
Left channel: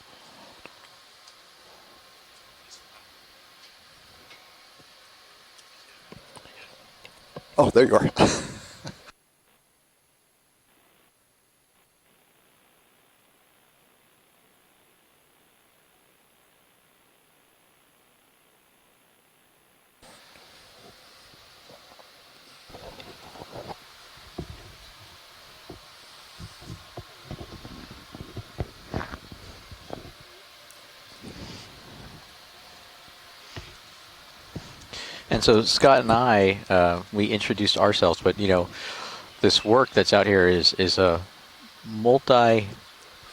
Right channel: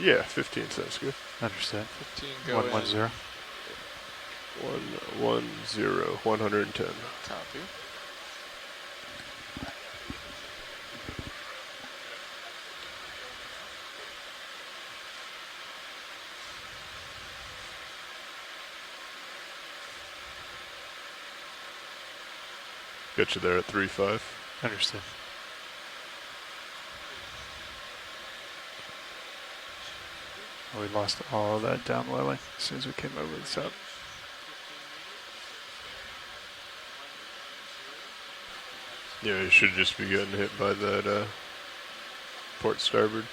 yeah, 15 sounds good. Understood. 15 go 110. 110, 110. Oh, there you are. Get you there at 3.5. Understood. We lost all of that downwelling as soon as we came over the top. And so Scott and I, we introduced ourselves, but you know, Yeah, this work that's out here is a multi port starboard.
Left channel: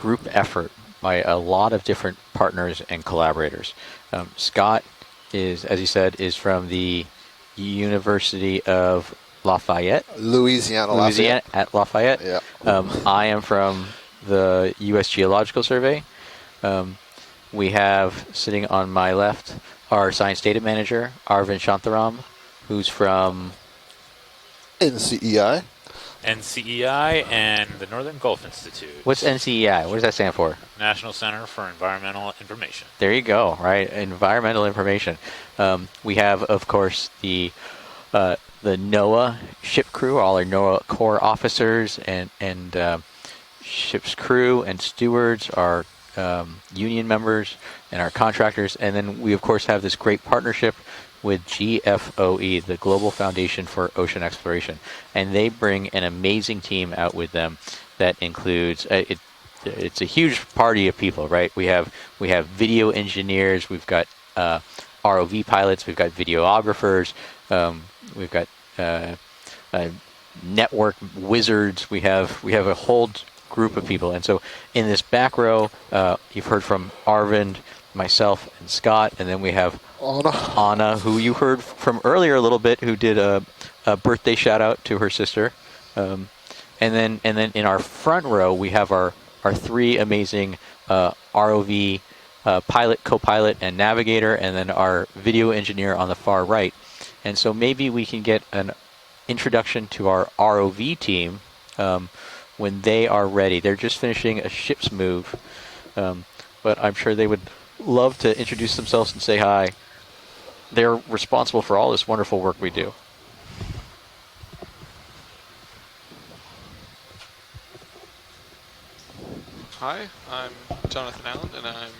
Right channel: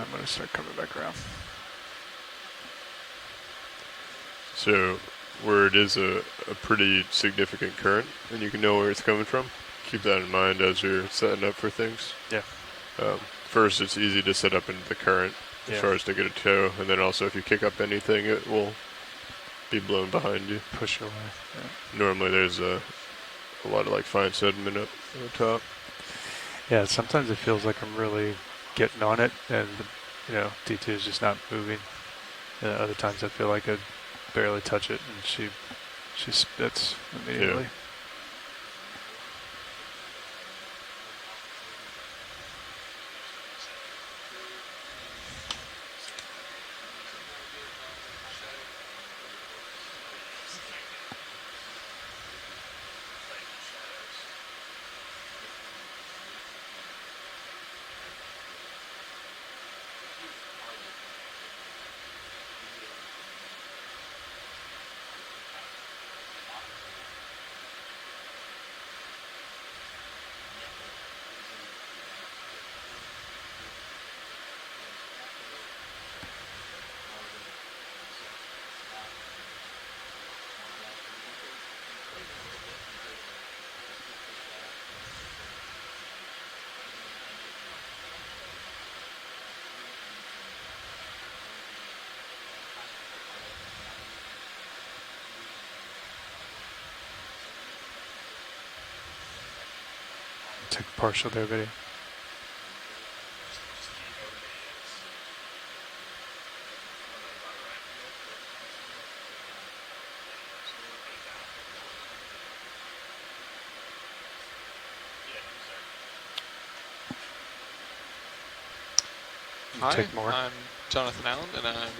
group effort by a lot of different partners and collaborators. Scott So is, where it as you is said, a is from pretty the significant current. University You know where it's of coming from? Lafayette. Keep that in mind as Louisiana, you're Lafayette. setting up at for Lafayette. things. Yeah. I am from First, it's easy to set up the in U.S. current Geological as far Survey. as to get a tow, and then also if you kick We up have anything, it sitting will on my left be blown our behind science data you. manager, Arvind Shantaram, Normally there's who's from a lot of like fine sediment. NCEI. NCEI Yeah, sometimes it feels and like the I'm Northern really Gulf Institute. getting on what's it. NCEI? What does that stand for? Details National just Center not for moving. Environmental Information. Other There you times I feel go, like right? I Environmental barely touch it. information. She We have, just of spits course, immediately. the NOAA ship crew, all our NOAA Corps officers and ship's crew and stewards, our union members and our contractors. And then we, of course, have this great partnership with GFOE, the Global Foundation for Ocean Exploration. And they bring an amazing team out with them that includes, it's a huge party of people, right? We have video engineers, we've got ROV pilots, we've got videographers, we've got network wizards. We have a whole group of people. And so in this back row, you've heard from Arvind, myself, and Scott, and then we have Anna, who you heard from earlier a little bit, who did a birthday shout out to her sister. And then in our front row, we have our three amazing ROV pilot, co-pilot, and navigator, and then our video engineer on the far right. And so maybe we can get an introduction to our ROV team when they are ready. They're just finishing a ship's move, but I'm sure they would love to introduce themselves and say hi. They're responsible for all this wonderful work we do. Hi, I'm Jonathan Allen, and I'm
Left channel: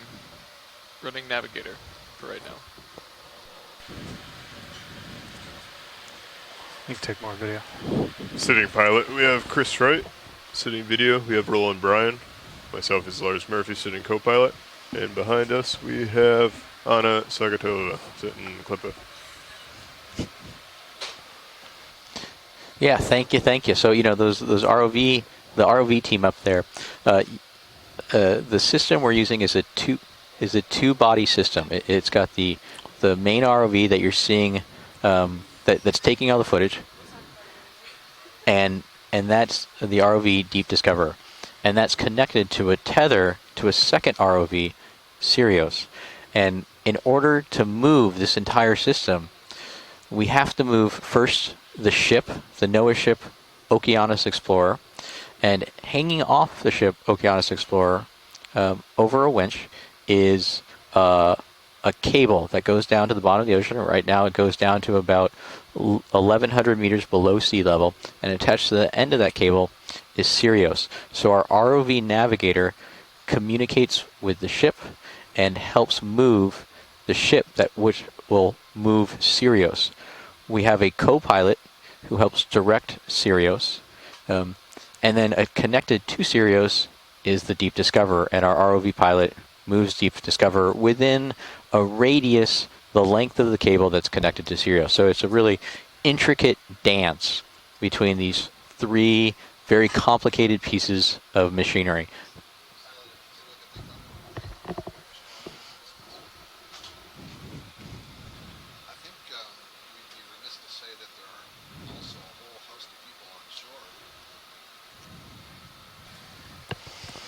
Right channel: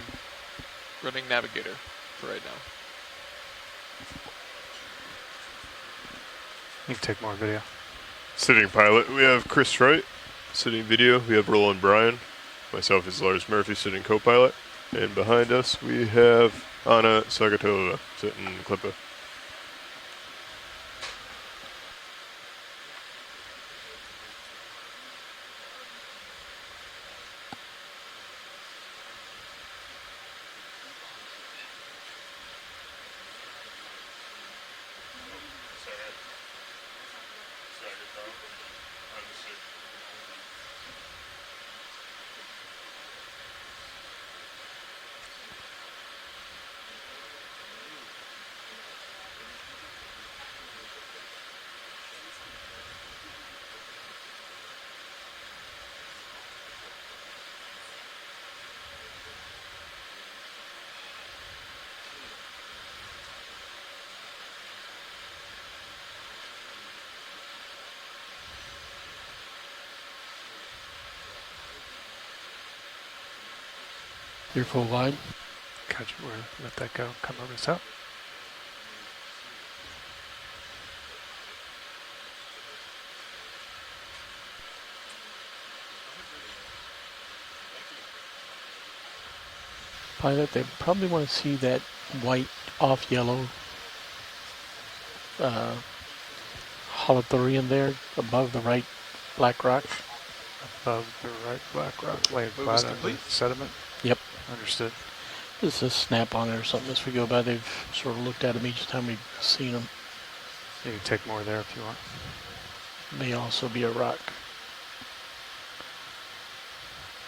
running Navigator for right now. You can take more video. Sitting pilot, we have Chris Wright. Sitting video, we have Roland Bryan. Myself is Lars Murphy, sitting co-pilot. And behind us, we have Anna Sagatova, sitting clipper. Yeah, thank you. So those ROV, the ROV team up there, the system we're using is a two body system. It's got the main ROV that you're seeing that's taking all the footage, and that's the ROV Deep Discoverer, and that's connected to a tether to a second ROV, Sirius. And in order to move this entire system, we have to move first the ship, the NOAA ship, Okeanos Explorer, and hanging off the ship, Okeanos Explorer, over a winch is a cable that goes down to the bottom of the ocean. Right now it goes down to about 1,100 meters below sea level, and attached to the end of that cable is Sirius. So our ROV navigator communicates with the ship and helps move the ship which will move Sirius. We have a co-pilot who helps direct Sirius, And then connected to Sirius is the Deep Discover, and our ROV pilot moves Deep Discover within a radius, the length of the cable that's connected to Sirius. So it's a really intricate dance between these three very complicated pieces of machinery. Sediment? Yep. Understood. This is snap on it or something as we go by. They've sort of looked at them each time we've seen them. You can take more there if you want. May also be a rock.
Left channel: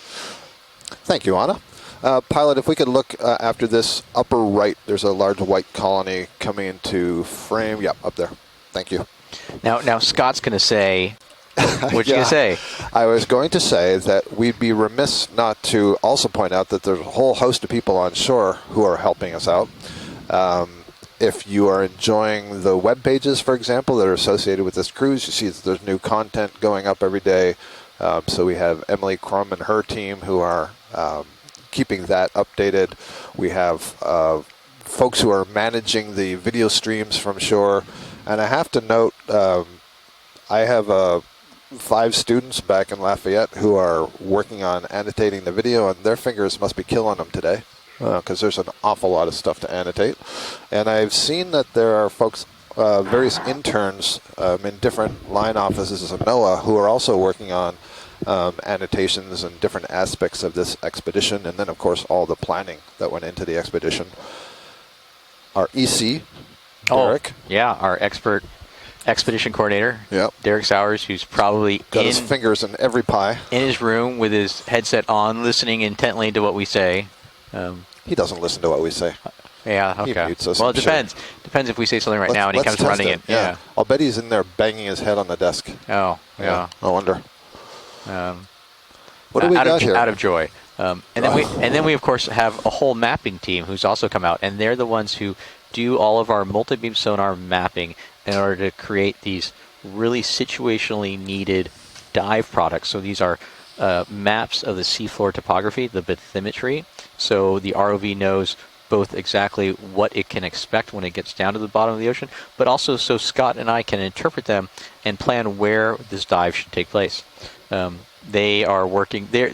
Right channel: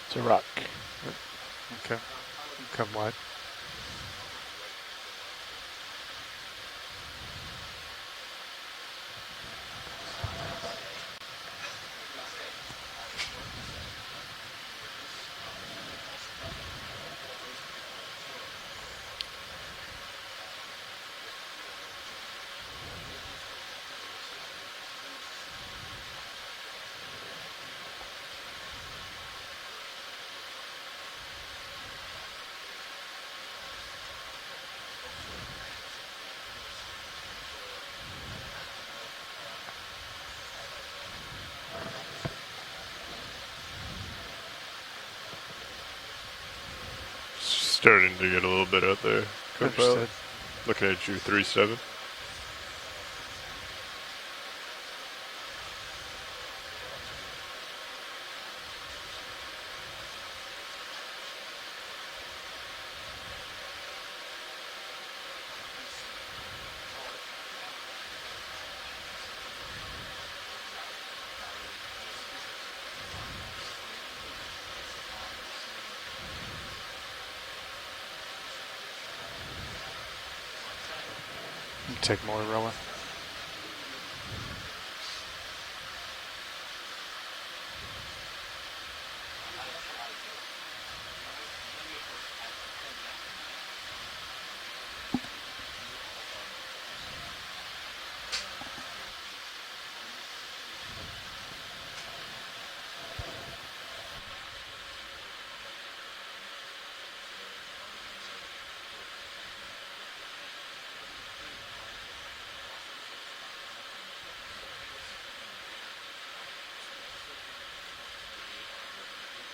It's a rock. Thank you, Anna. Okay. Pilot, if we could look after this upper right, there's a large white colony coming into frame. Yeah, up there. Thank you. Now Scott's going to say, what you going to say? I was going to say that we'd be remiss not to also point out that there's a whole host of people on shore who are helping us out. If you are enjoying the web pages, for example, that are associated with this cruise, you see that there's new content going up every day. So we have Emily Crum and her team who are keeping that updated. We have folks who are managing the video streams from shore. And I have to note, I have 5 students back in Lafayette who are working on annotating the video, and their fingers must be killing them today because there's an awful lot of stuff to annotate. And I've seen that there are folks, various interns in different line offices of NOAA who are also working on annotations and different aspects of this expedition, and then of course all the planning that went into the expedition. Our EC, Derek. Yeah, our expert expedition coordinator, Derek Sowers, who's probably got his fingers in every pie. In his room with his headset on, listening intently to what we say. He doesn't listen to what we say. Yeah, okay. He mutes us, well, I'm it depends. Depends if we say something right now and he comes running in. Yeah. I'll bet he's in there banging his head on the desk. Oh, yeah. I wonder. What do we got here? Out of joy. And then we of course have a whole mapping team who's also come out, and they're the ones who do all of our multi-beam sonar mapping in order to create these really situationally needed dive products. So these are maps of the seafloor topography, the bathymetry. So the ROV knows both exactly what it can expect when it gets down to the bottom of the ocean, but also so Scott and I can interpret them and plan where this dive should take place. They are working there.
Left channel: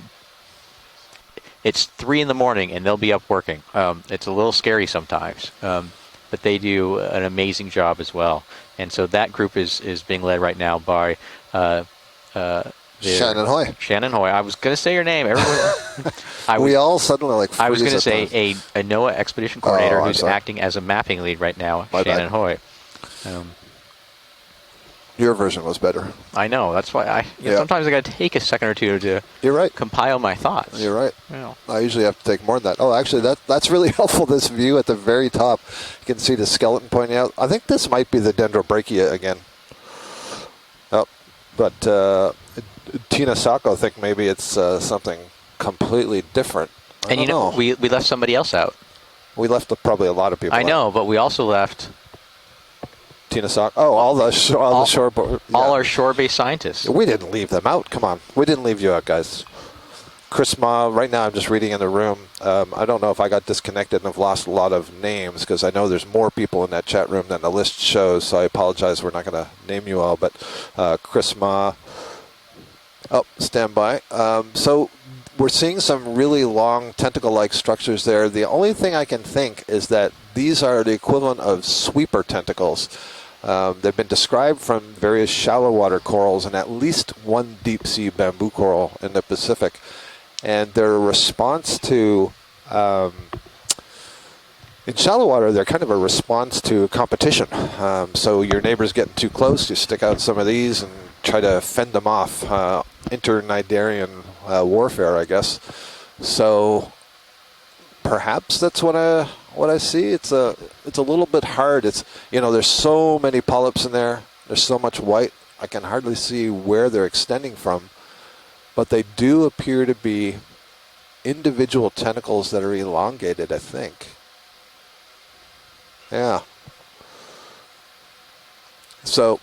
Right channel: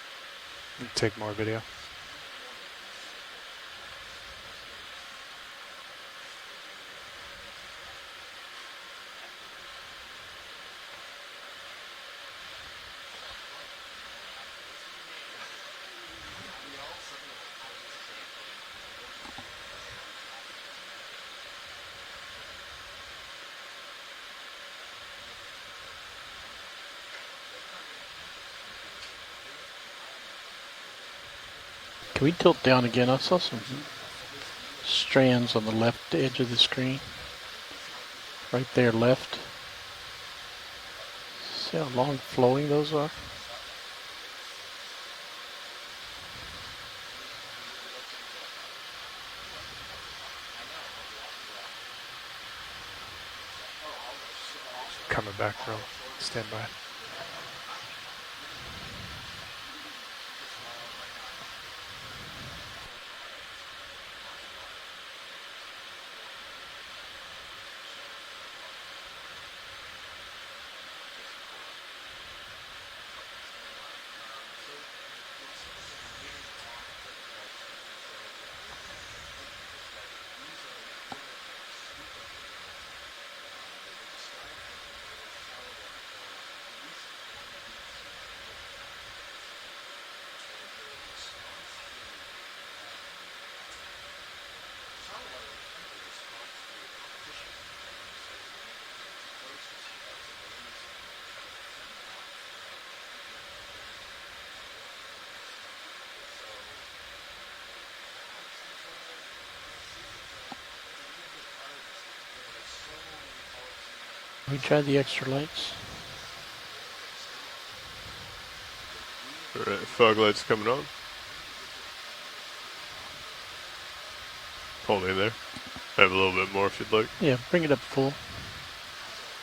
Take more video. It's 3 in the morning and they'll be up working. It's a little scary sometimes, but they do an amazing job as well. And so that group is being led right now by Shannon Hoy. Shannon Hoy. I was going to say your name. Everyone. We all suddenly like. I was going to say a NOAA expedition coordinator who's acting as a mapping lead right now, Shannon Hoy. Your version was better. I know. That's why sometimes I got to take a second or two to compile my thoughts. You're right. Yeah. I usually have to take more than that. Oh, actually, that's really helpful. This view at the very top, you can see the skeleton pointing out. I think this might be the dendrobrachia again. Oh, but Tina Sacco think maybe it's something completely different. And you know, we left somebody else out. We left probably a lot of people. I know, but we also left Tina Sock. Oh, all our shore-based scientists. We didn't leave them out. Come on, we didn't leave you out, guys. Chris Ma. Right now, I'm just reading in the room. I don't know if I got disconnected and have lost a lot of names because I know there's more people in that chat room than the list shows. So I apologize. We're not going to name you all, but Chris Ma. Oh, stand by. So we're seeing some really long tentacle-like structures there. The only thing I can think is that these are the equivalent of sweeper tentacles. They've been described from various shallow water corals and at least one deep sea bamboo coral in the Pacific. And their response to, in shallow water, they're kind of a response to competition. So your neighbor's getting too close, you stick out some of these and try to fend them off. Internidarian warfare, I guess. So perhaps that's what I see. It's a little bit hard. It's, you know, there's so many polyps in there. There's so much white. I can hardly see where they're extending from. But they do appear to be individual tentacles that are elongated, I think. Hold in there. I have a little bit more if you'd like. Yeah, bring it up full. So,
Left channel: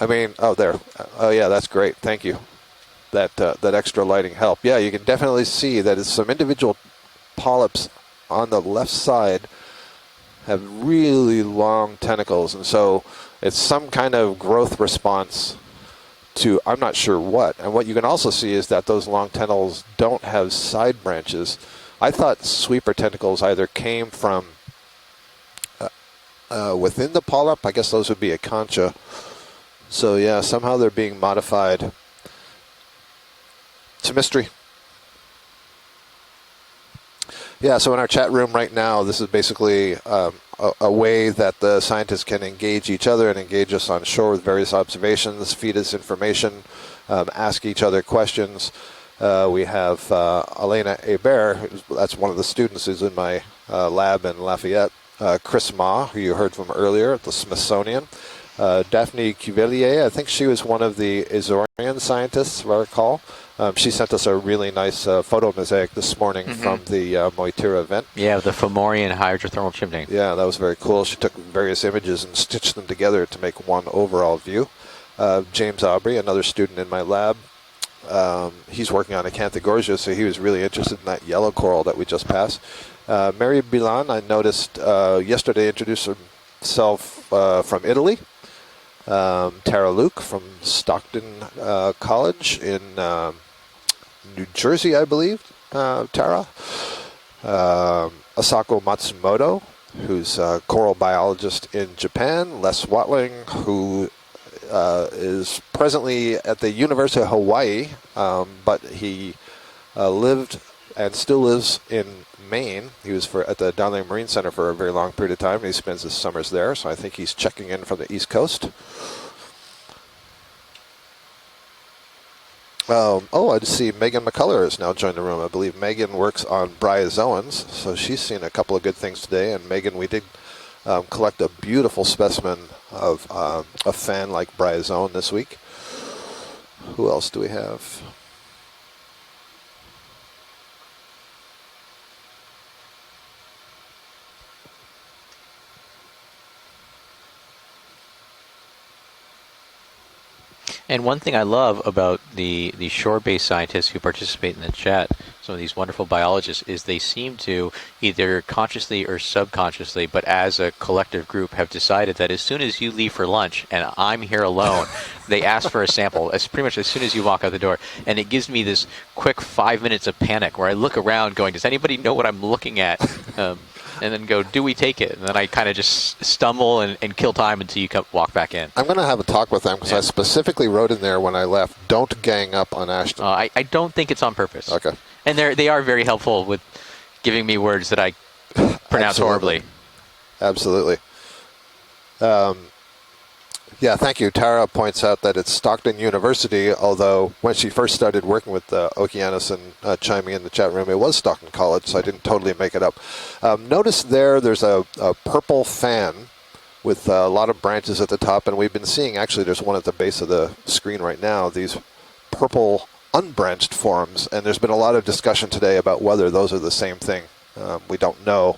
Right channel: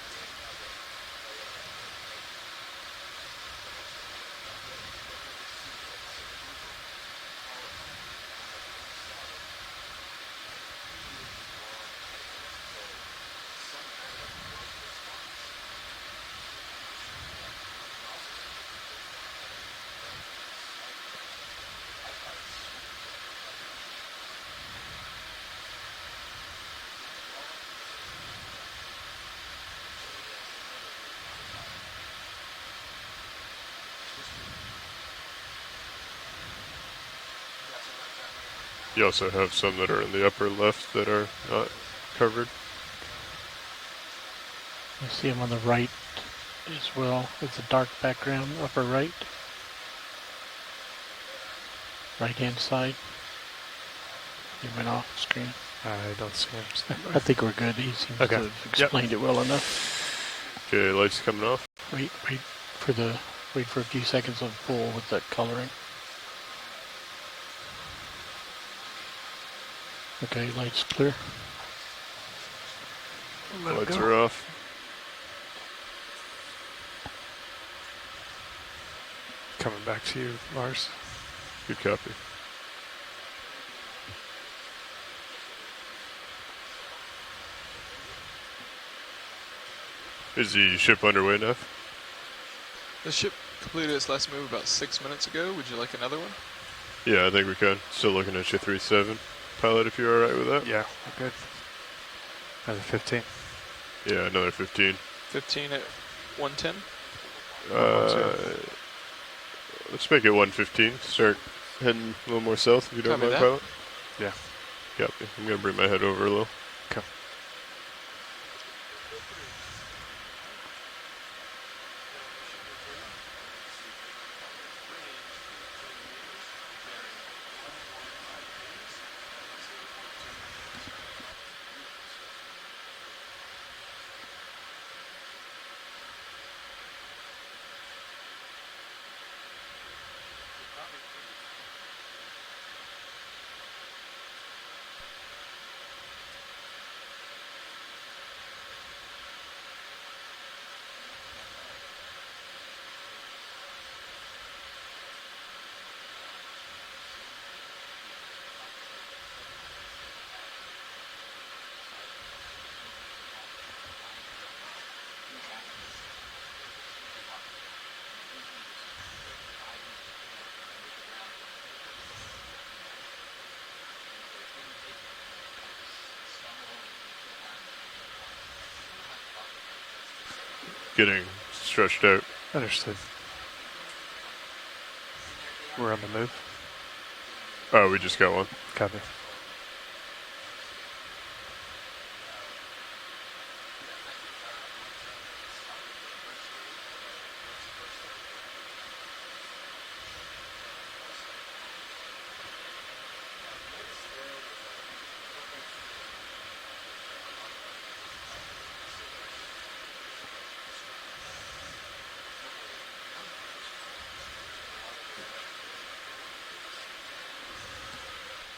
I mean, oh, there. Oh, yeah, that's great. Thank you. That extra lighting helped. Yeah, you can definitely see that it's some individual polyps on the left side have really long tentacles, and so it's some kind of growth response to I'm not sure what. And what you can also see is that those long tentacles don't have side branches. I thought sweeper tentacles either came from within the polyp. I guess those would be a concha. So yeah, somehow they're being modified. It's a mystery. Yeah, so in our chat room right now, this is basically a way that the scientists can engage each other and engage us on shore with various observations, feed us information, ask each other questions. We have Elena Hebert, that's one of the students who's in my lab in Lafayette. Chris Ma, who you heard from earlier, the Smithsonian. Daphne Cuvelier, I think she was one of the Azorian scientists, if I recall. She sent us a really nice photo mosaic this morning from the Moitira event. Yeah, the Fomorian hydrothermal chimney. Yeah, that was very cool. She took various images and stitched them together to make one overall view. James Aubry, another student in my lab, he's working on Acanthogorgia, so he was really interested in that yellow coral that we just passed. Mary Bilan, I noticed yesterday, introduced herself from Italy. Tara Luke from Stockton College in New Jersey, I believe. Tara. Yeah, I think we've got still looking at Asako Matsumoto, who's a coral biologist in Japan. Les Watling, who is presently at the University of Hawaii, but he lived and still lives in Maine. He was at the Darling Marine Center for a very long period of time. He spends his summers there, so I think he's checking in from the East Coast. I just see Megan McCullough has now joined the room. I believe Megan works on bryozoans, so she's seen a couple of good things today. And Megan, we did collect a beautiful specimen of a fan-like bryozoan this week. Who else do we have? And one thing I love about the shore-based scientists who participate in the chat, some of these wonderful biologists, is they seem to either consciously or subconsciously, but as a collective group, have decided that as soon as you leave for lunch and I'm here alone, they ask for a sample. It's pretty much as soon as you walk out the door. And it gives me this quick 5 minutes of panic where I look around going, does anybody know what I'm looking at? And then go, do we take it? And then I kind of just stumble and kill time until you walk back in. I'm going to have a talk with them because I specifically wrote in there when I left, don't gang up on Ashton. I don't think it's on purpose. Okay. And they are very helpful with giving me words that I pronounce horribly. Absolutely. Yeah, thank you. Tara points out that it's Stockton University, although when she first started working with Okeanos and chiming in the chat room, it was Stockton College, so I didn't totally make it up. Notice there's a purple fan with a lot of branches at the top, and we've been seeing, actually there's one at the base of the screen right now, these purple unbranched forms, and there's been a lot of discussion today about whether those are the same thing. We don't know.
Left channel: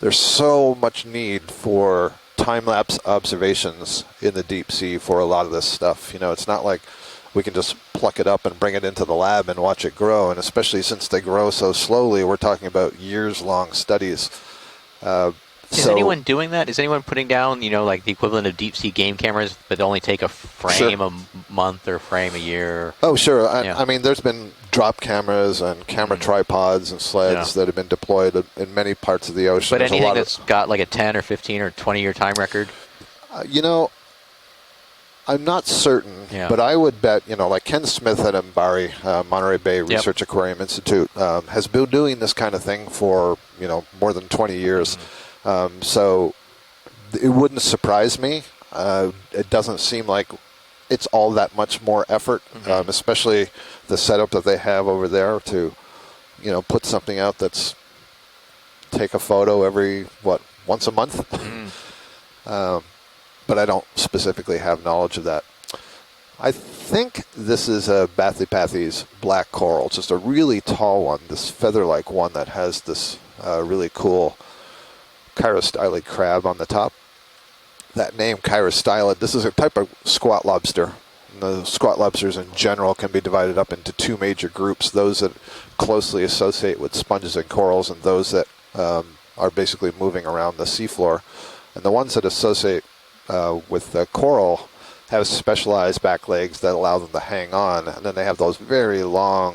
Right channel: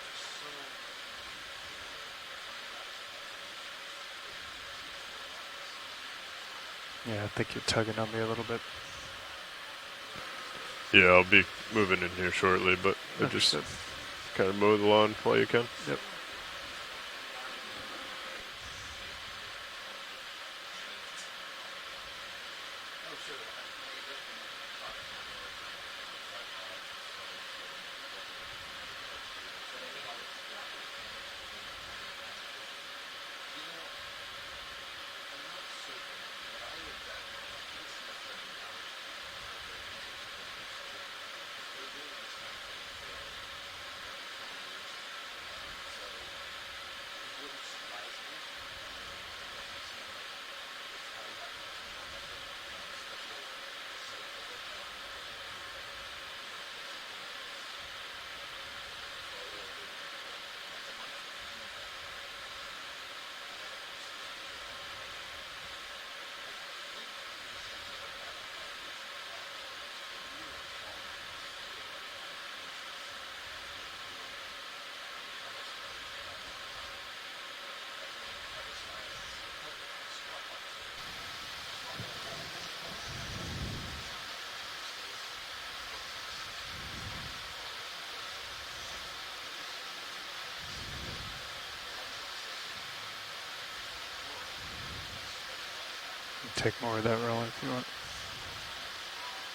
There's so much need for time-lapse observations in the deep sea for a lot of this stuff. You know, it's not like we can just pluck it up and bring it into the lab and watch it grow, and especially since they grow so slowly, we're talking about years-long studies. Kind of mow the lawn while you can. Is anyone doing that? Is anyone putting down, you know, like the equivalent of deep sea game cameras that only take a frame a month or frame a year? Oh, sure. I mean, there's been drop cameras and camera tripods and sleds that have been deployed in many parts of the ocean. But anything that's got like a 10 or 15 or 20-year time record? You know, I'm not certain, but I would bet, you know, like Ken Smith at MBARI, Monterey Bay Research Aquarium Institute, has been doing this kind of thing for, you know, more than 20 years. So it wouldn't surprise me. It doesn't seem like it's all that much more effort, especially the setup that they have over there to, you know, put something out that's take a photo every, once a month? But I don't specifically have knowledge of that. I think this is a Bathypathes black coral, just a really tall one, this feather-like one that has this really cool chirostylid crab on the top. That name, chirostylid, this is a type of squat lobster. The squat lobsters in general can be divided up into two major groups, those that closely associate with sponges and corals and those that are basically moving around the seafloor. And the ones that associate with the coral have specialized back legs that allow them to hang on, and then they have those very long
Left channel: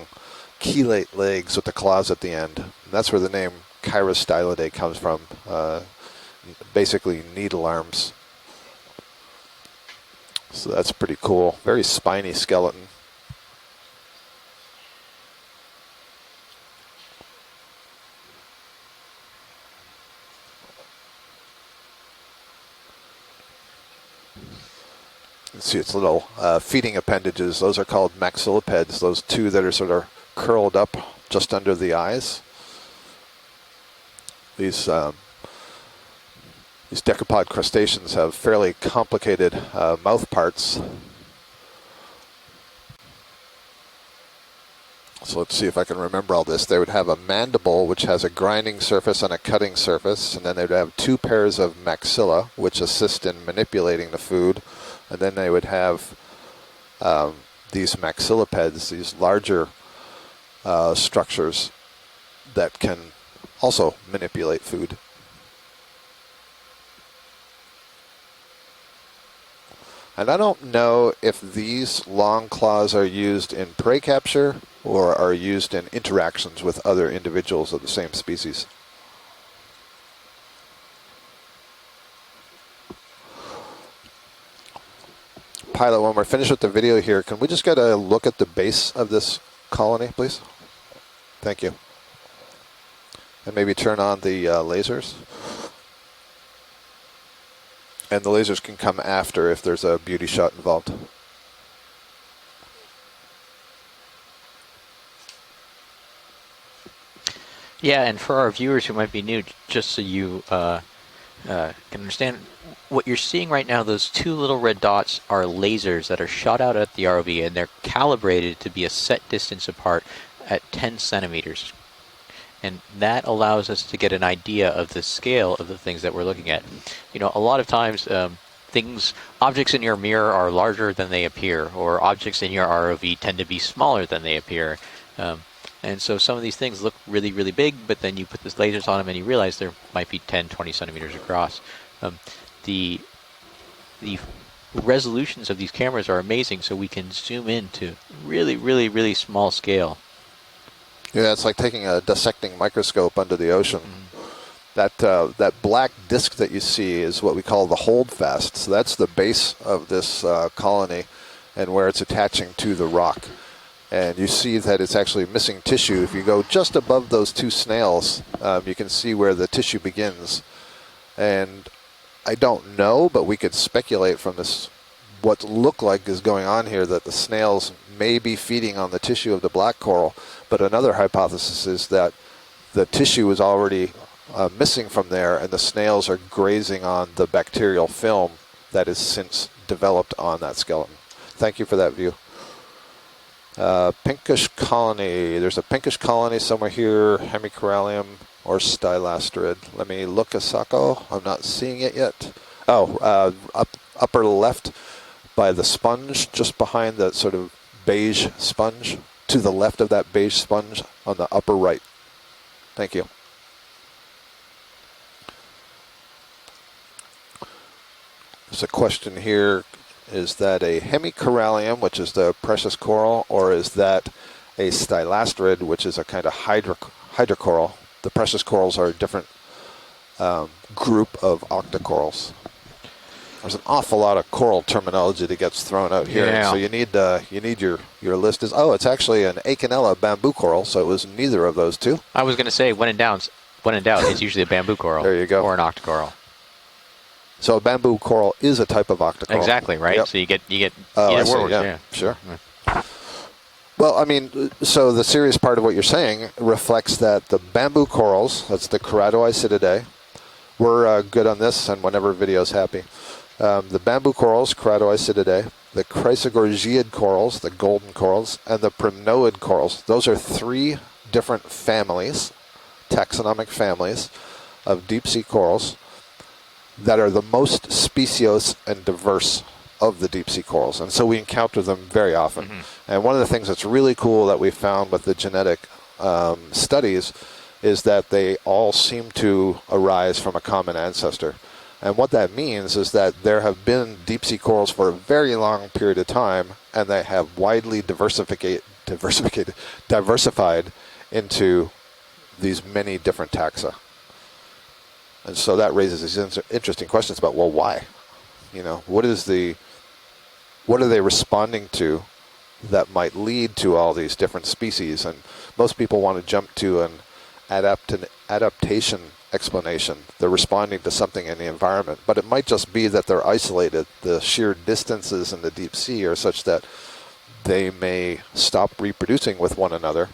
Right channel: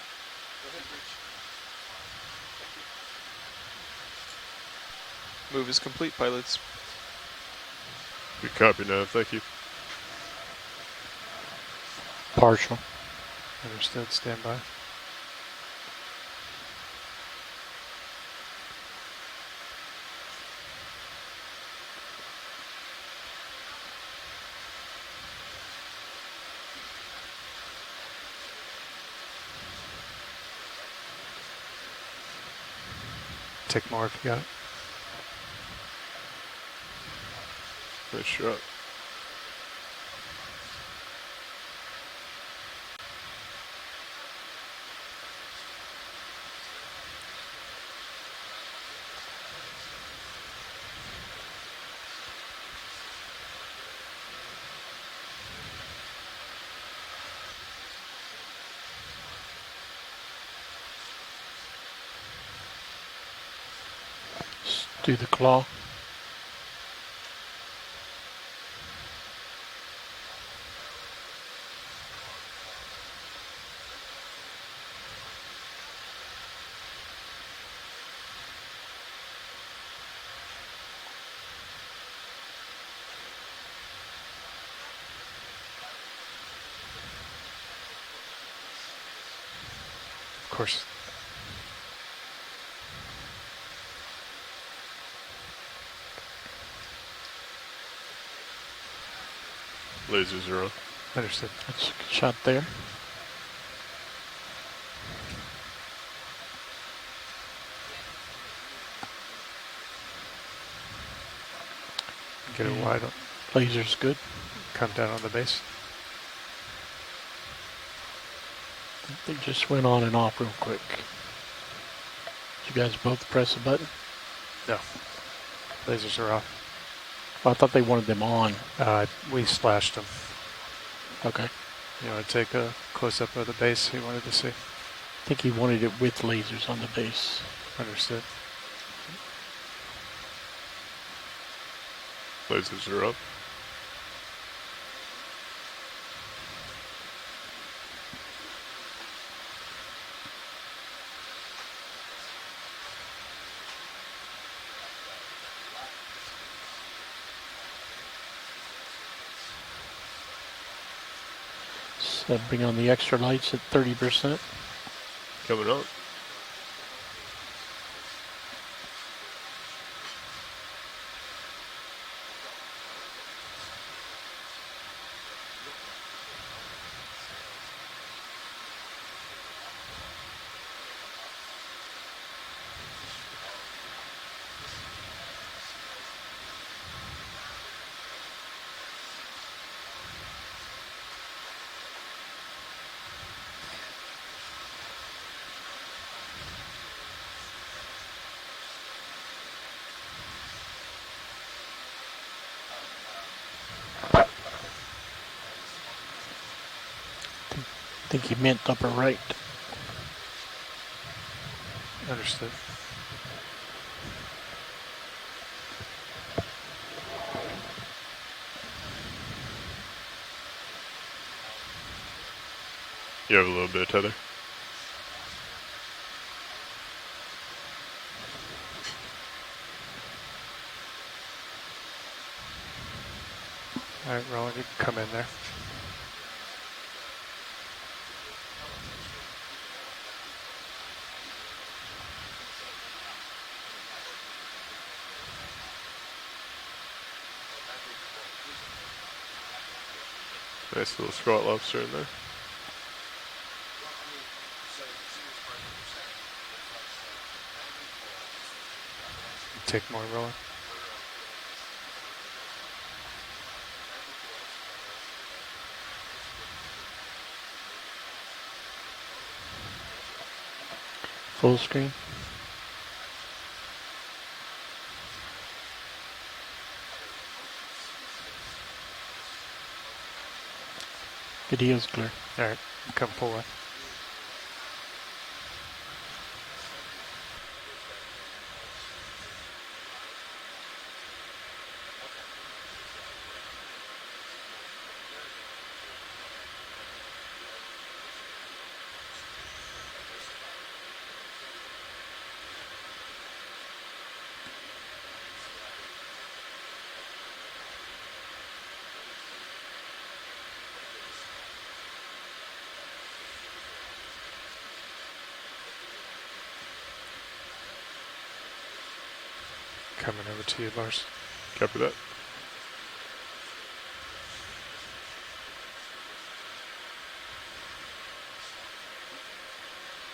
chelate legs with the claws at the end. And that's where the name Chirostylidae comes from. Move is complete, pilots. Basically needle arms. Good copy now, thank you. So that's pretty cool. Very spiny Partial. skeleton. Understood, stand by. See its little feeding appendages. Those are called maxillipeds, those two that are sort of curled up just under the eyes. Take more if you got it. These decapod crustaceans have fairly complicated mouth parts. So let's see if I can remember all this. They would have a mandible, which has a grinding surface and a cutting surface, and then they would have two pairs of maxilla, which assist in manipulating the food. And then they would have these maxillipeds, these larger structures that can also manipulate food. Do the claw. And I don't know if these long claws are used in prey capture or are used in interactions with other individuals of the same species. Pilot, when we're finished with the video here, can we just get a look at the base of this colony, please? Of course. Thank you. And maybe turn on the lasers. And the lasers can come after if there's a beauty shot involved. Understood. That's a good shot there. Yeah, and for our viewers who might be new, just so you can understand, what you're seeing right now, those two little red dots are lasers that are shot out at the ROV, and they're calibrated to be a set distance apart at 10 centimeters. And that allows us to get an idea of the scale of the things that we're looking at. You know, a lot of times objects in your mirror are larger than they appear, or objects in your ROV tend to be smaller than they appear. And so some of these things look really, really big, but then you put these lasers on them and you realize there might be 10, 20 centimeters across. The resolutions of these cameras are amazing, so we can zoom in to really, really, really small scale. Yeah, it's like taking a dissecting microscope under the ocean. That black disc that you see is what we call the holdfast. So that's the base of this colony and where it's attaching to the rock. And you see that it's actually missing tissue. If you go just above those two snails, you can see where the tissue begins. And I don't know, but we could speculate from this what look like is going on here that the snails may be feeding on the tissue of the black coral. But another hypothesis is that the tissue is already missing from there, and the snails are grazing on the bacterial film that is since developed on that skeleton. Thank you for that view. Pinkish colony. There's a pinkish colony somewhere here, hemicorallium or stylastrid. Let me look, Asako. I'm not seeing it yet. Oh, upper left by the sponge, just behind that sort of beige sponge. Right. To the left of that beige sponge on the upper right. Understood. Thank you. There's a question here. Is that a hemicorallium, which is the precious coral, or is that a stylastrid, which is a kind of hydrocoral? The precious corals are a different group of octocorals. There's an awful lot of coral terminology that gets thrown out here, so you need your list. It's actually an Acanella bamboo coral, so it was neither of those two. I was going to say, when in doubt, it's usually a bamboo coral. There you go. Or an octocoral. So a bamboo coral is a type of octocoral. Exactly, right? Yep. So you get Sure. Well, I mean, so the serious part of what you're saying reflects that the bamboo corals, that's the Keratoisididae, we're good on this and whenever video's happy. The bamboo corals, Keratoisididae, the Chrysogorgiid corals, the golden corals, and the Primnoid corals. Those are three different families, taxonomic families, of deep sea corals that are the most speciose and diverse of the deep sea corals. And so we encounter them very often. And one of the things that's really cool that we found with the genetic studies is that they all seem to arise from a common ancestor. And what that means is that there have been deep sea corals for a very long period of time, and they have widely diversified into these many different taxa. And so that raises these interesting questions about, well, why? You know, what are they responding to that might lead to all these different species? And most people want to jump to an adaptation explanation. They're responding to something in the environment, but it might just be that they're isolated. The sheer distances in the deep sea are such that they may stop reproducing with one another.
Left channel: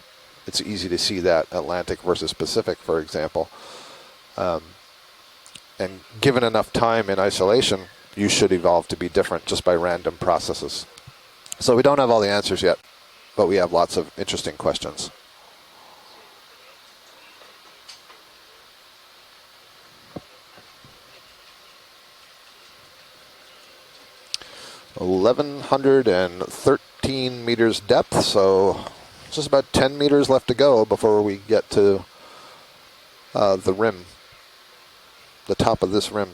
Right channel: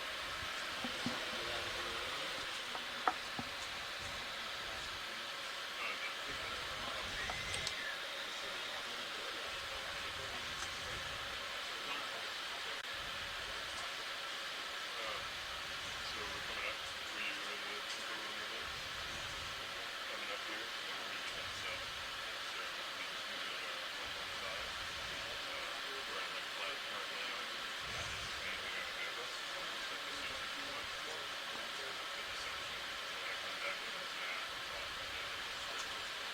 It's easy to see that Atlantic versus Pacific, for example. And given enough time in isolation, you should evolve to be different just by random processes. So we don't have all the answers yet, but we have lots of interesting questions. $1,113 meters depth, so just about 10 meters left to go before we get to the rim, the top of this rim.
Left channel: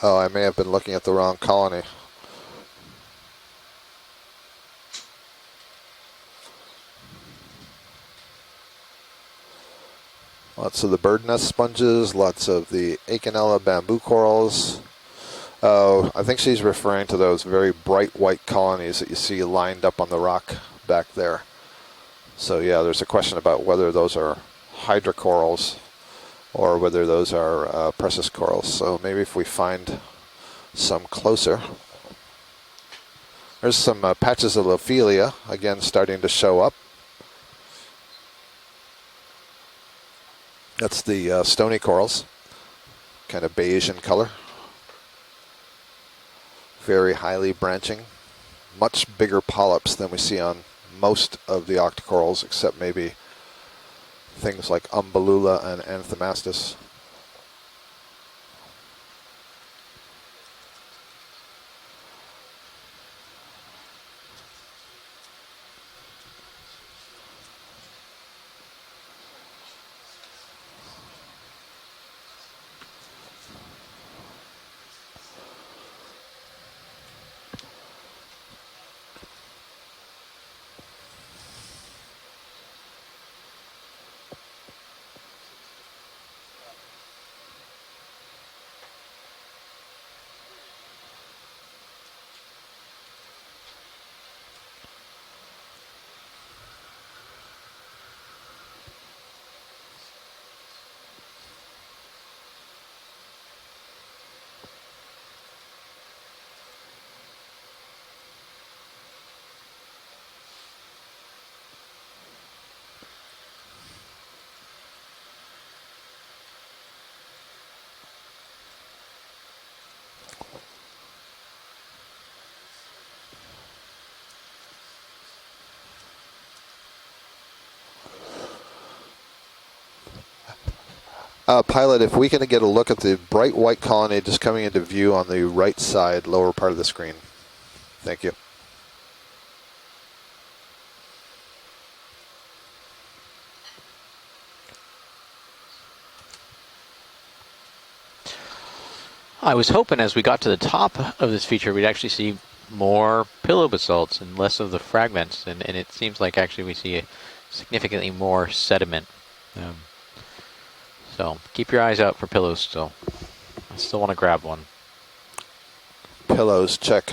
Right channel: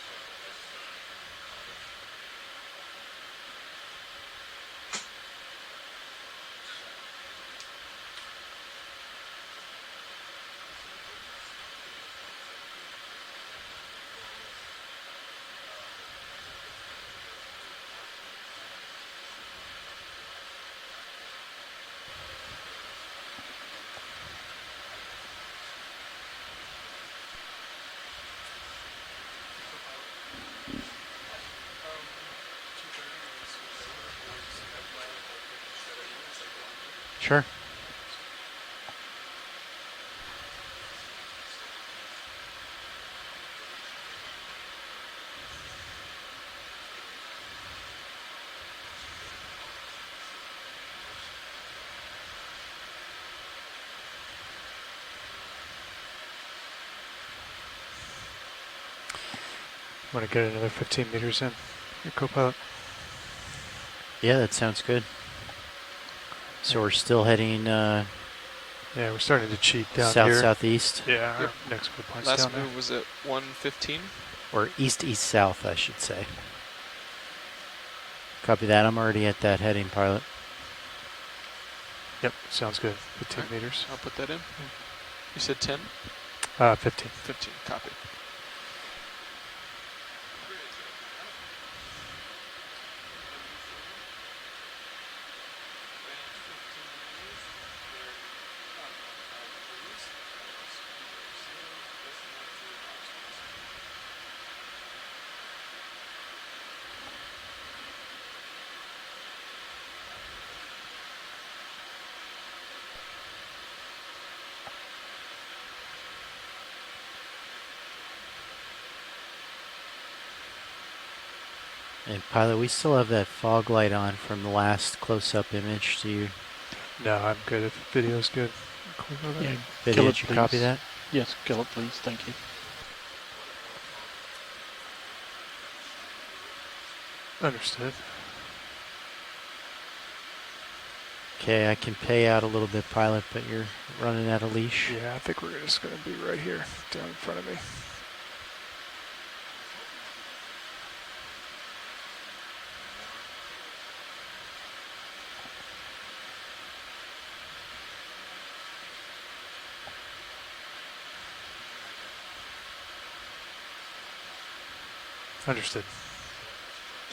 Oh, I may have been looking at the wrong colony. Lots of the bird nest sponges, lots of the Okeanos bamboo corals. Oh, I think she's referring to those very bright white colonies that you see lined up on the rock back there. So yeah, there's a question about whether those are hydrocorals or whether those are precious corals. So maybe if we find some closer. There's some patches of Lophelia, again, starting to show up. Sure. That's the stony corals, kind of beige in color. Very highly branching. Much bigger polyps than we see on most of the octocorals, except maybe things like Umbellula and Anthomastus. Want to get another 15 meters in, your co-pilot? Yeah, that sounds good. So we're still heading yeah, we're starting to cheat down south here. southeast. Yeah, Yep. next good point's Last down there. move was at 115. Or east east south, I should say. Copy that. I'm already at that heading, pilot. Yep, sounds good. 15 meters. I'll put that in. You said 10? 15. 15, copy. And pilot, we still have that fog light on from the last close-up image. Do you? No, I'm good. If the video's good. Yeah, Video, kill it, did you copy please. that? Yes. Pilot, if we can get a look at the bright white colony just coming into view on the right side, lower part of the screen. Understood. Thank you. Okay, I can pay out a little bit, pilot, but you're running out of leash. Yeah, I think we're just going to be right here, down in front of me. I was hoping as we got to the top of this feature, we'd actually see more pillow basalts and less of the fragments. And it seems like actually we see significantly more sediment. So keep your eyes out for pillows still. I still want to grab one. Understood. Pillows, check.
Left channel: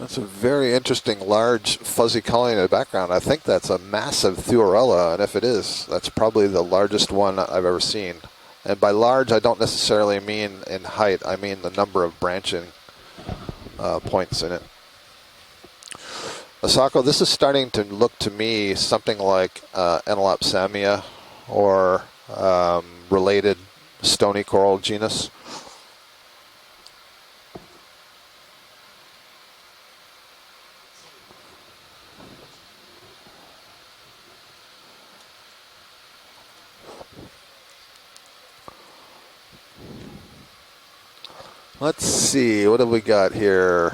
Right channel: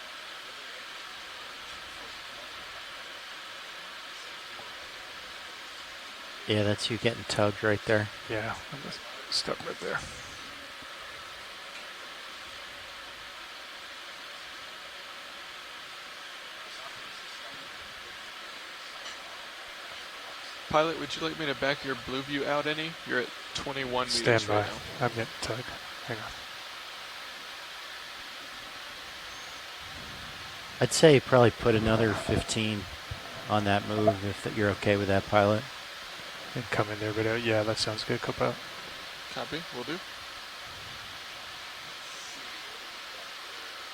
That's a very interesting, large, fuzzy colony in the background. I think that's a massive Thuorella, and if it is, that's probably the largest one I've ever seen. Yeah. And by large, I don't necessarily mean in height. I mean the number of branching points in it. Asako, this is starting to look to me something like Enelopsamia or related stony coral genus. I'd say probably put another 15 on that move if you're okay with that, pilot. and come in there. But yeah, that sounds good, co-pilot. Copy. Will do. Let's see, what have we got here?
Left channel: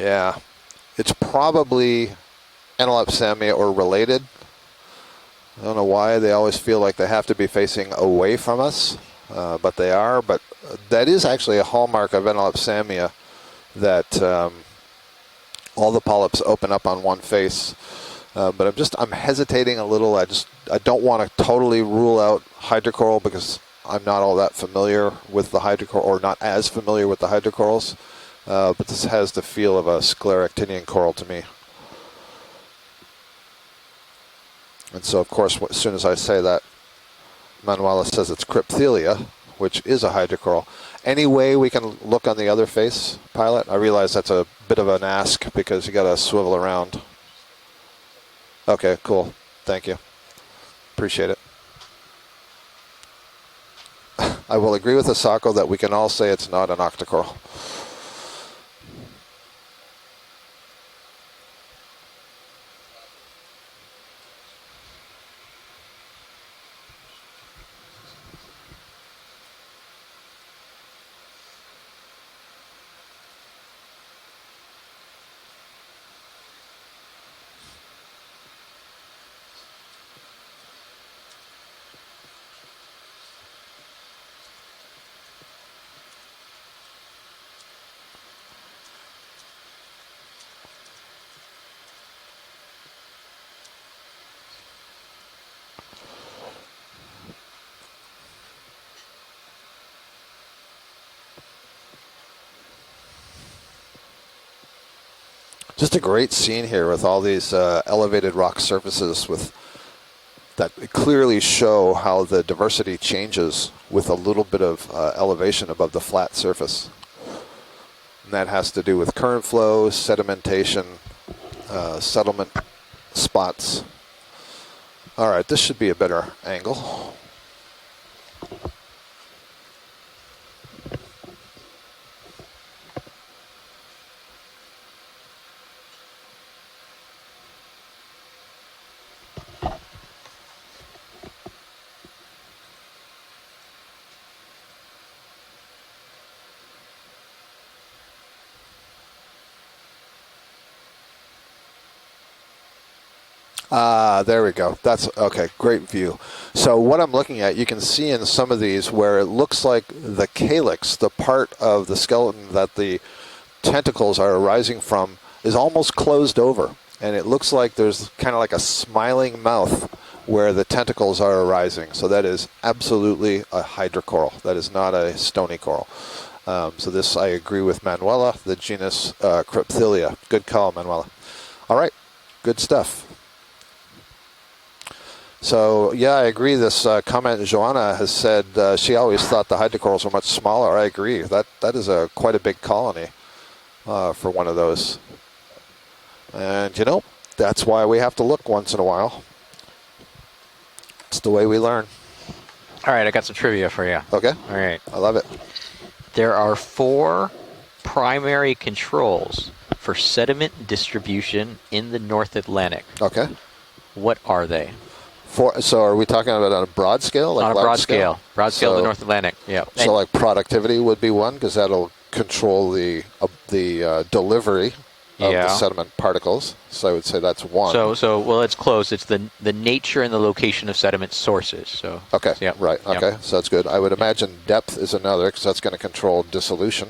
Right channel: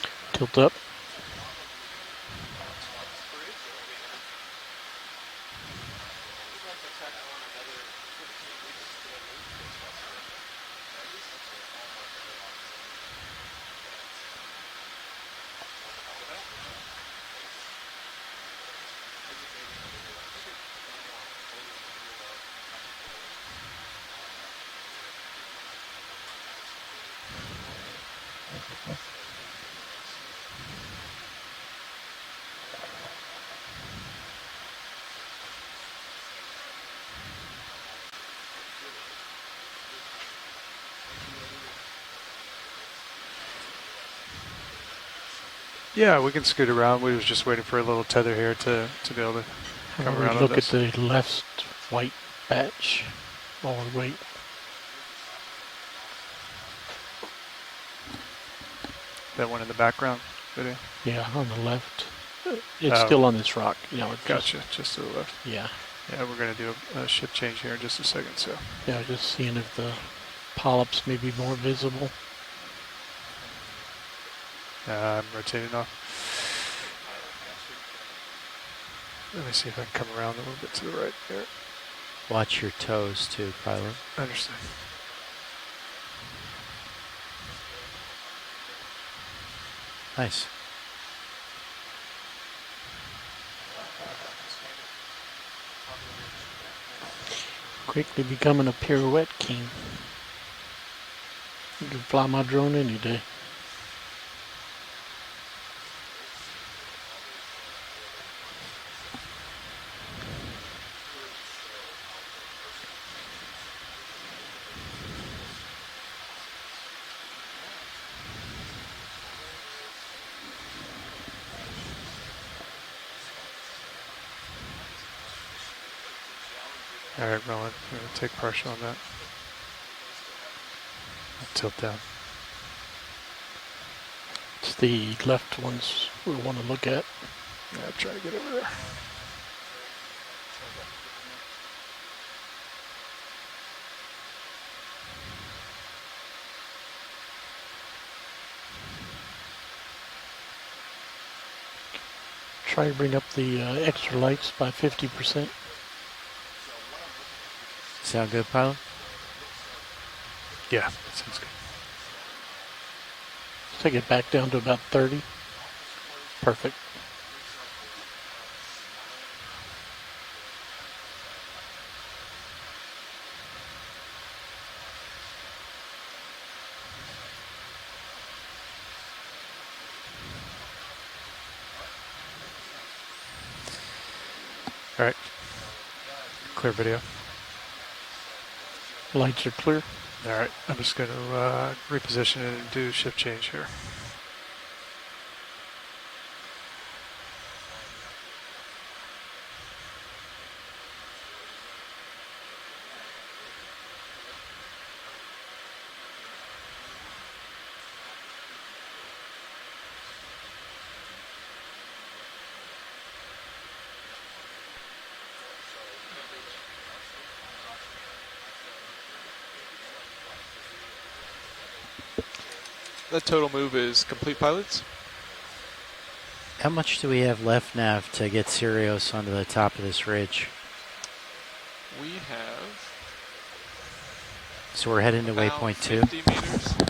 Yeah. Tilt up. It's probably Antelope or related. I don't know why they always feel like they have to be facing away from us, but they are. But that is actually a hallmark of Antelope that all the polyps open up on one face. But I'm hesitating a little. I don't want to totally rule out hydrocoral because I'm not all that familiar with the hydrocoral, or not as familiar with the hydrocorals. But this has the feel of a scleractinian coral to me. And so, of course, as soon as I say that, Manuela says it's crypthelia, which is a hydrocoral. Any way we can look on the other face, pilot? I realize that's a bit of an ask because you got to swivel we can scoot around. We was just waiting for a little tether here to. Okay, cool. To be able to Thank you. Come around Look at the Appreciate last white patch while we wait. I will agree with Asako that we can all say it's not an octocoral. That one in the background video. Yeah, on the left. It's still on this rock. You know, gotcha. Just to the left. Yeah. Yeah, we're going to do a shift change here in just a second. So. Yeah, just seeing if the polyps may be more visible. I'm rotating off. Let me see if I can come around a little bit to the right there. Watch your toes too, pilot. I understand. Nice. Quickly becoming a pirouette king. You can fly my drone any day. Just a great scene here with all these elevated rock surfaces that clearly show how the diversity changes with a little bit of elevation above the flat surface. And that has to do with current flows, sedimentation, settlement spots. All right, this should be a better angle. All right, Rowan, I'm going to take partial on that. Tilt down. It's the left ones we want to look at. Yeah, try to get over there. Try to bring up the there we go. That's okay. Great view. So what I'm looking at, you can see in some of these where it looks like the calyx, the part of the skeleton that the tentacles are arising from, is almost closed over. And it looks like there's kind of like a smiling mouth where the tentacles are arising. So that is absolutely a hydrocoral. That is not a stony coral. So this, I agree with Manuela, the genus Crypthelia. Good call, Manuela. All right. Good stuff. All right. So, yeah, I agree. This comment Joanna has said she always thought the hydrocorals were much smaller. I agree. That is quite a big colony for one of those. And, you know, that's why we have to look once in a while. It's the way we learn. All right, I got some trivia for you. Okay. All right. I love it. There are 4 primary controls for sediment distribution in the North Atlantic. Okay. What are they? So are we talking about on a broad scale? Like on a broad scale. Broad scale of the North Atlantic, yeah. So like productivity would be one, because that'll control the delivery of the sediment particles. How much do we have left? Well, it's close. It's the nature and the location of sediment sources. So. Okay, right, okay, so that's good. I would imagine depth is another, because that's going to control dissolution.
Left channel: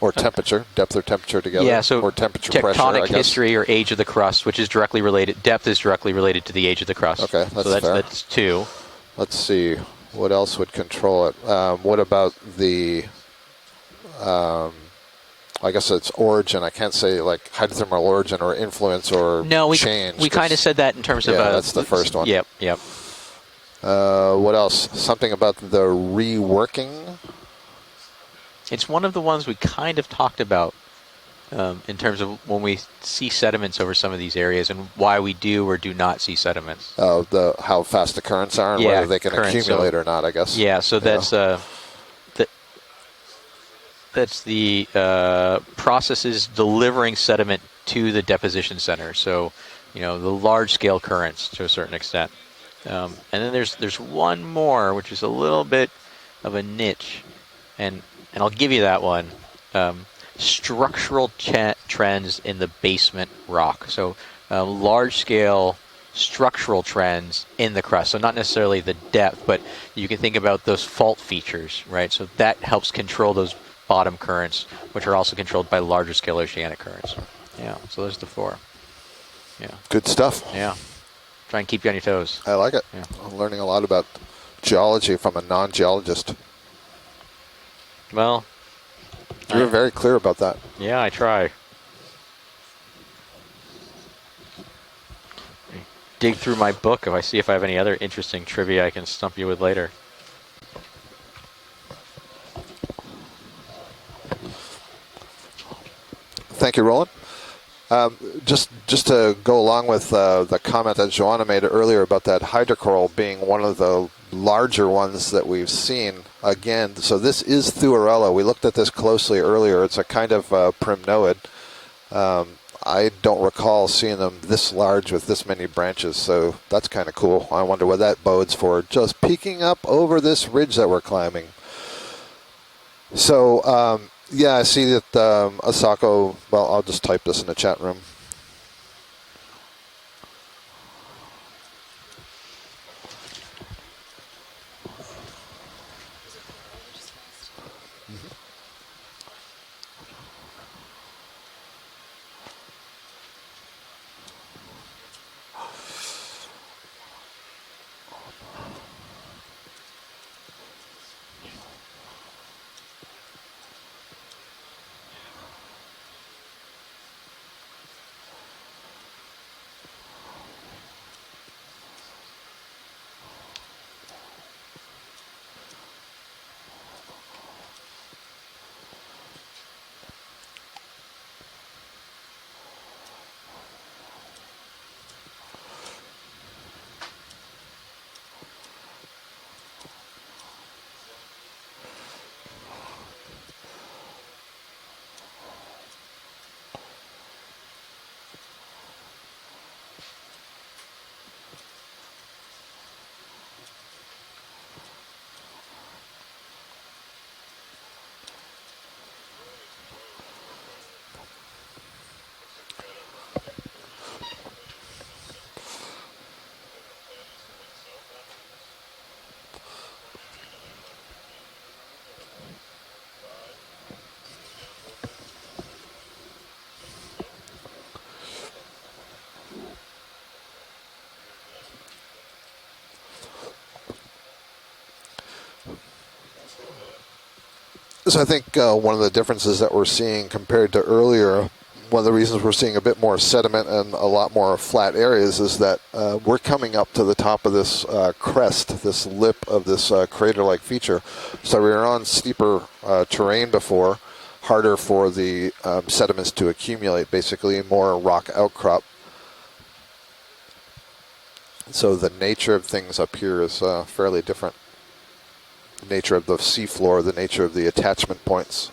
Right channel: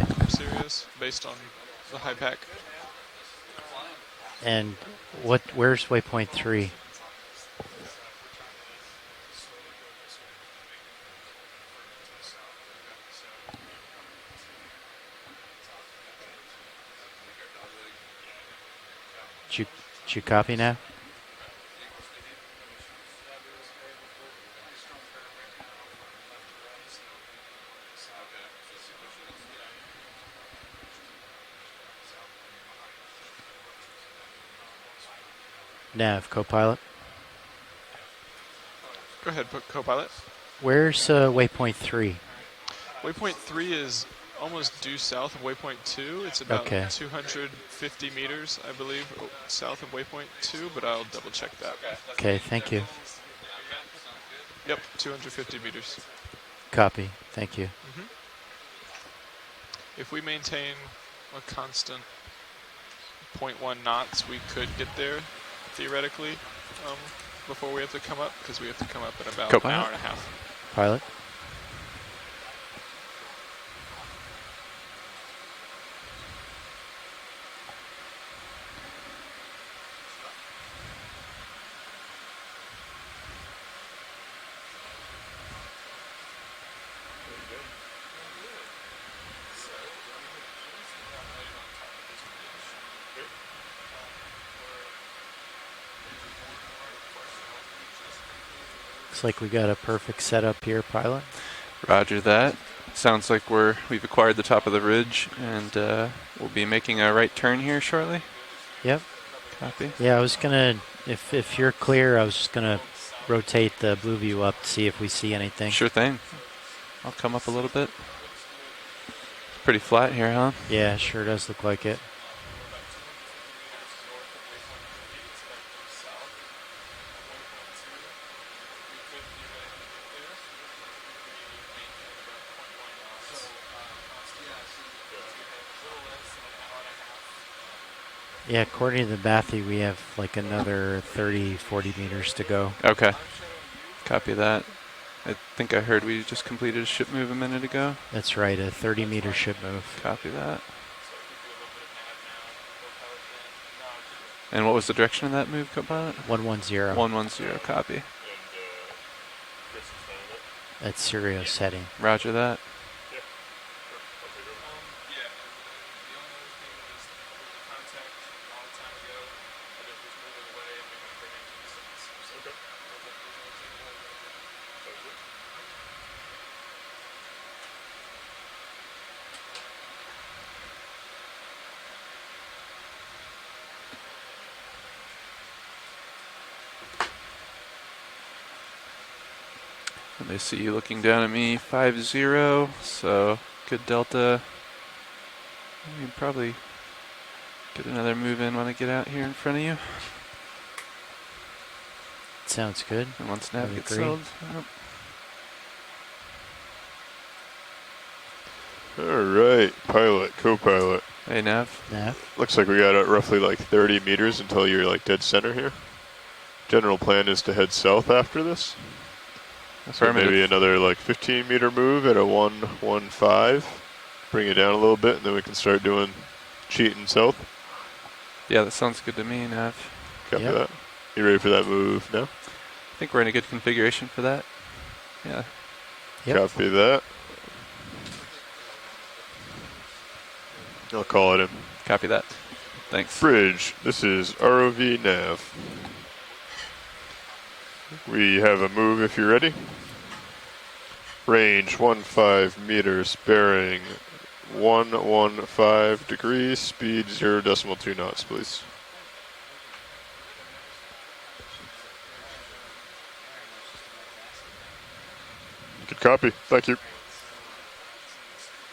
Or temperature, depth or temperature together. Yeah, so or temperature tectonic pressure, I guess. history or age of the crust, which is directly related. Depth is directly related to the age of the crust. Okay, that's so fair. That's 2. Let's see, what else would control it? What about the, I guess it's origin. I can't say like hydrothermal origin or influence or change. We kind of said that in terms of... Yeah, that's the first one. Yep. What else? Something about the reworking? It's one of the ones we kind of talked about in terms of when we see sediments over some of these areas and why we do or do not see sediments. Oh, how fast the currents are and whether they can accumulate or not, I guess. Yeah, Where's so that's waypoint 3. Waypoint 3 is That's almost the due south of waypoint 2. processes It's about delivering 250 sediment to the meters, deposition I believe, center. So, south of you know, waypoint the 2, large but scale I'll currents check to a that certain back. extent. Okay, thank you. And then there's one more, which is a 250 little bit meters. of a Copy. niche. Thank you. And I'll give you that one. If we maintain Structural trends in the basement 0.1 rock. So knots, we could get large there, scale theoretically, structural trends before in we the have crust. So come not up, necessarily the come up depth, about but an hour and a you can half. think about those Pilot? fault features, right? So that helps control those bottom currents, which are also controlled by larger scale oceanic currents. Yeah, so there's the 4. Yeah. Good stuff. Yeah. Try and keep you on your toes. I like it. Yeah. I'm learning a lot about geology from a non-geologist. Well, You were very clear about that. yeah, I try. Dig through my book if I see if I have any other interesting trivia I can Looks stump like you we with got later. a perfect setup here, pilot. Roger that. Sounds like we've acquired the top of the ridge, and we'll be Thank you, making Roland. a right turn here shortly. Just to go along with Yeah, I was the gonna- comment that if Joanna made you're earlier clear, about I that was gonna hydrocoral being one of rotate the move you up, larger see if we ones see that we've anything. Sure seen thing. again. So Come this up a little is bit. Thuarella. We looked at this closely earlier. Pretty It's a flat kind here, of huh? Yeah, it sure primnoid. does look like it. I don't recall seeing them this large with this many branches, so that's kind of cool. I wonder what that bodes for. Just peeking up over this ridge that we're climbing. So, yeah, I see that Asako, well, I'll just type this in the chat room. Yeah, according to the Bathy, we have like another 30, 40 meters to go. Okay. Copy that. I think I heard we just completed a ship move a minute ago. That's right, a 30-meter ship move. Copy that. And what was the direction of that move, co-pilot? 110. 110, copy. That's Sirius setting. Roger that. And I see you looking down at me, 5-0, so good delta. You can probably get another move in when I get out here in front of you. Sounds good. And once nav I gets agree. settled. Yep. All right, pilot, co-pilot. Hey, Nav. Nav. Looks like we got roughly like 30 meters until you're like dead center here. General plan is to head south after this. So Affirmative. maybe another like 15-meter move at a 115. Bring it down a little bit, and then we can start doing cheating south. Yeah, that sounds good to me, Nav. Copy Yep. that. You ready for that move now? I think we're in a good configuration for that. Yeah. Yep. Copy that. So I think one of the differences that we're seeing compared to call earlier, it. one of the that. reasons we're seeing a bit Thanks. more Bridge. sediment and This a lot is more ROV flat areas nav. is that we're coming up to the top of this We have crest, a move this if you're lip ready. of this crater-like feature. Range So we were on 15 steeper meters, terrain bearing before, harder for the 115 sediments to degrees, accumulate, speed basically 0.2 more knots, rock please. outcrop. So the nature of things up here is fairly different. Nature Copy. of the Thank you. seafloor, the nature of the attachment points.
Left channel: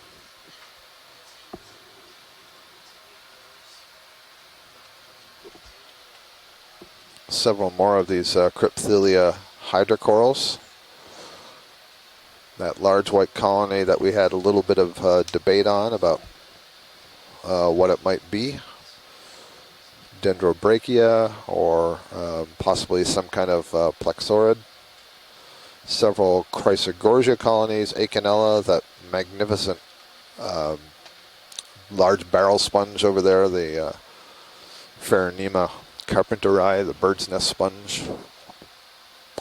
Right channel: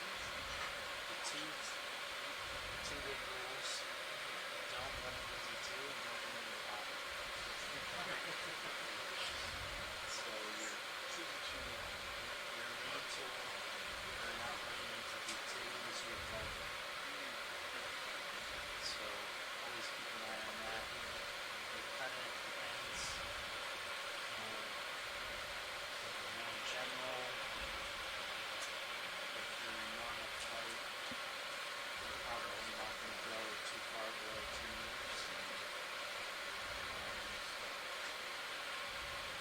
Several more of these Crypthelia hydrocorals. That large white colony that we had a little bit of debate on about what it might be. Dendrobrachia or possibly some kind of plexaurid. Several Chrysogorgia colonies, Acanella, that magnificent large barrel sponge over there, the Pheronema carpenteri, the bird's nest sponge.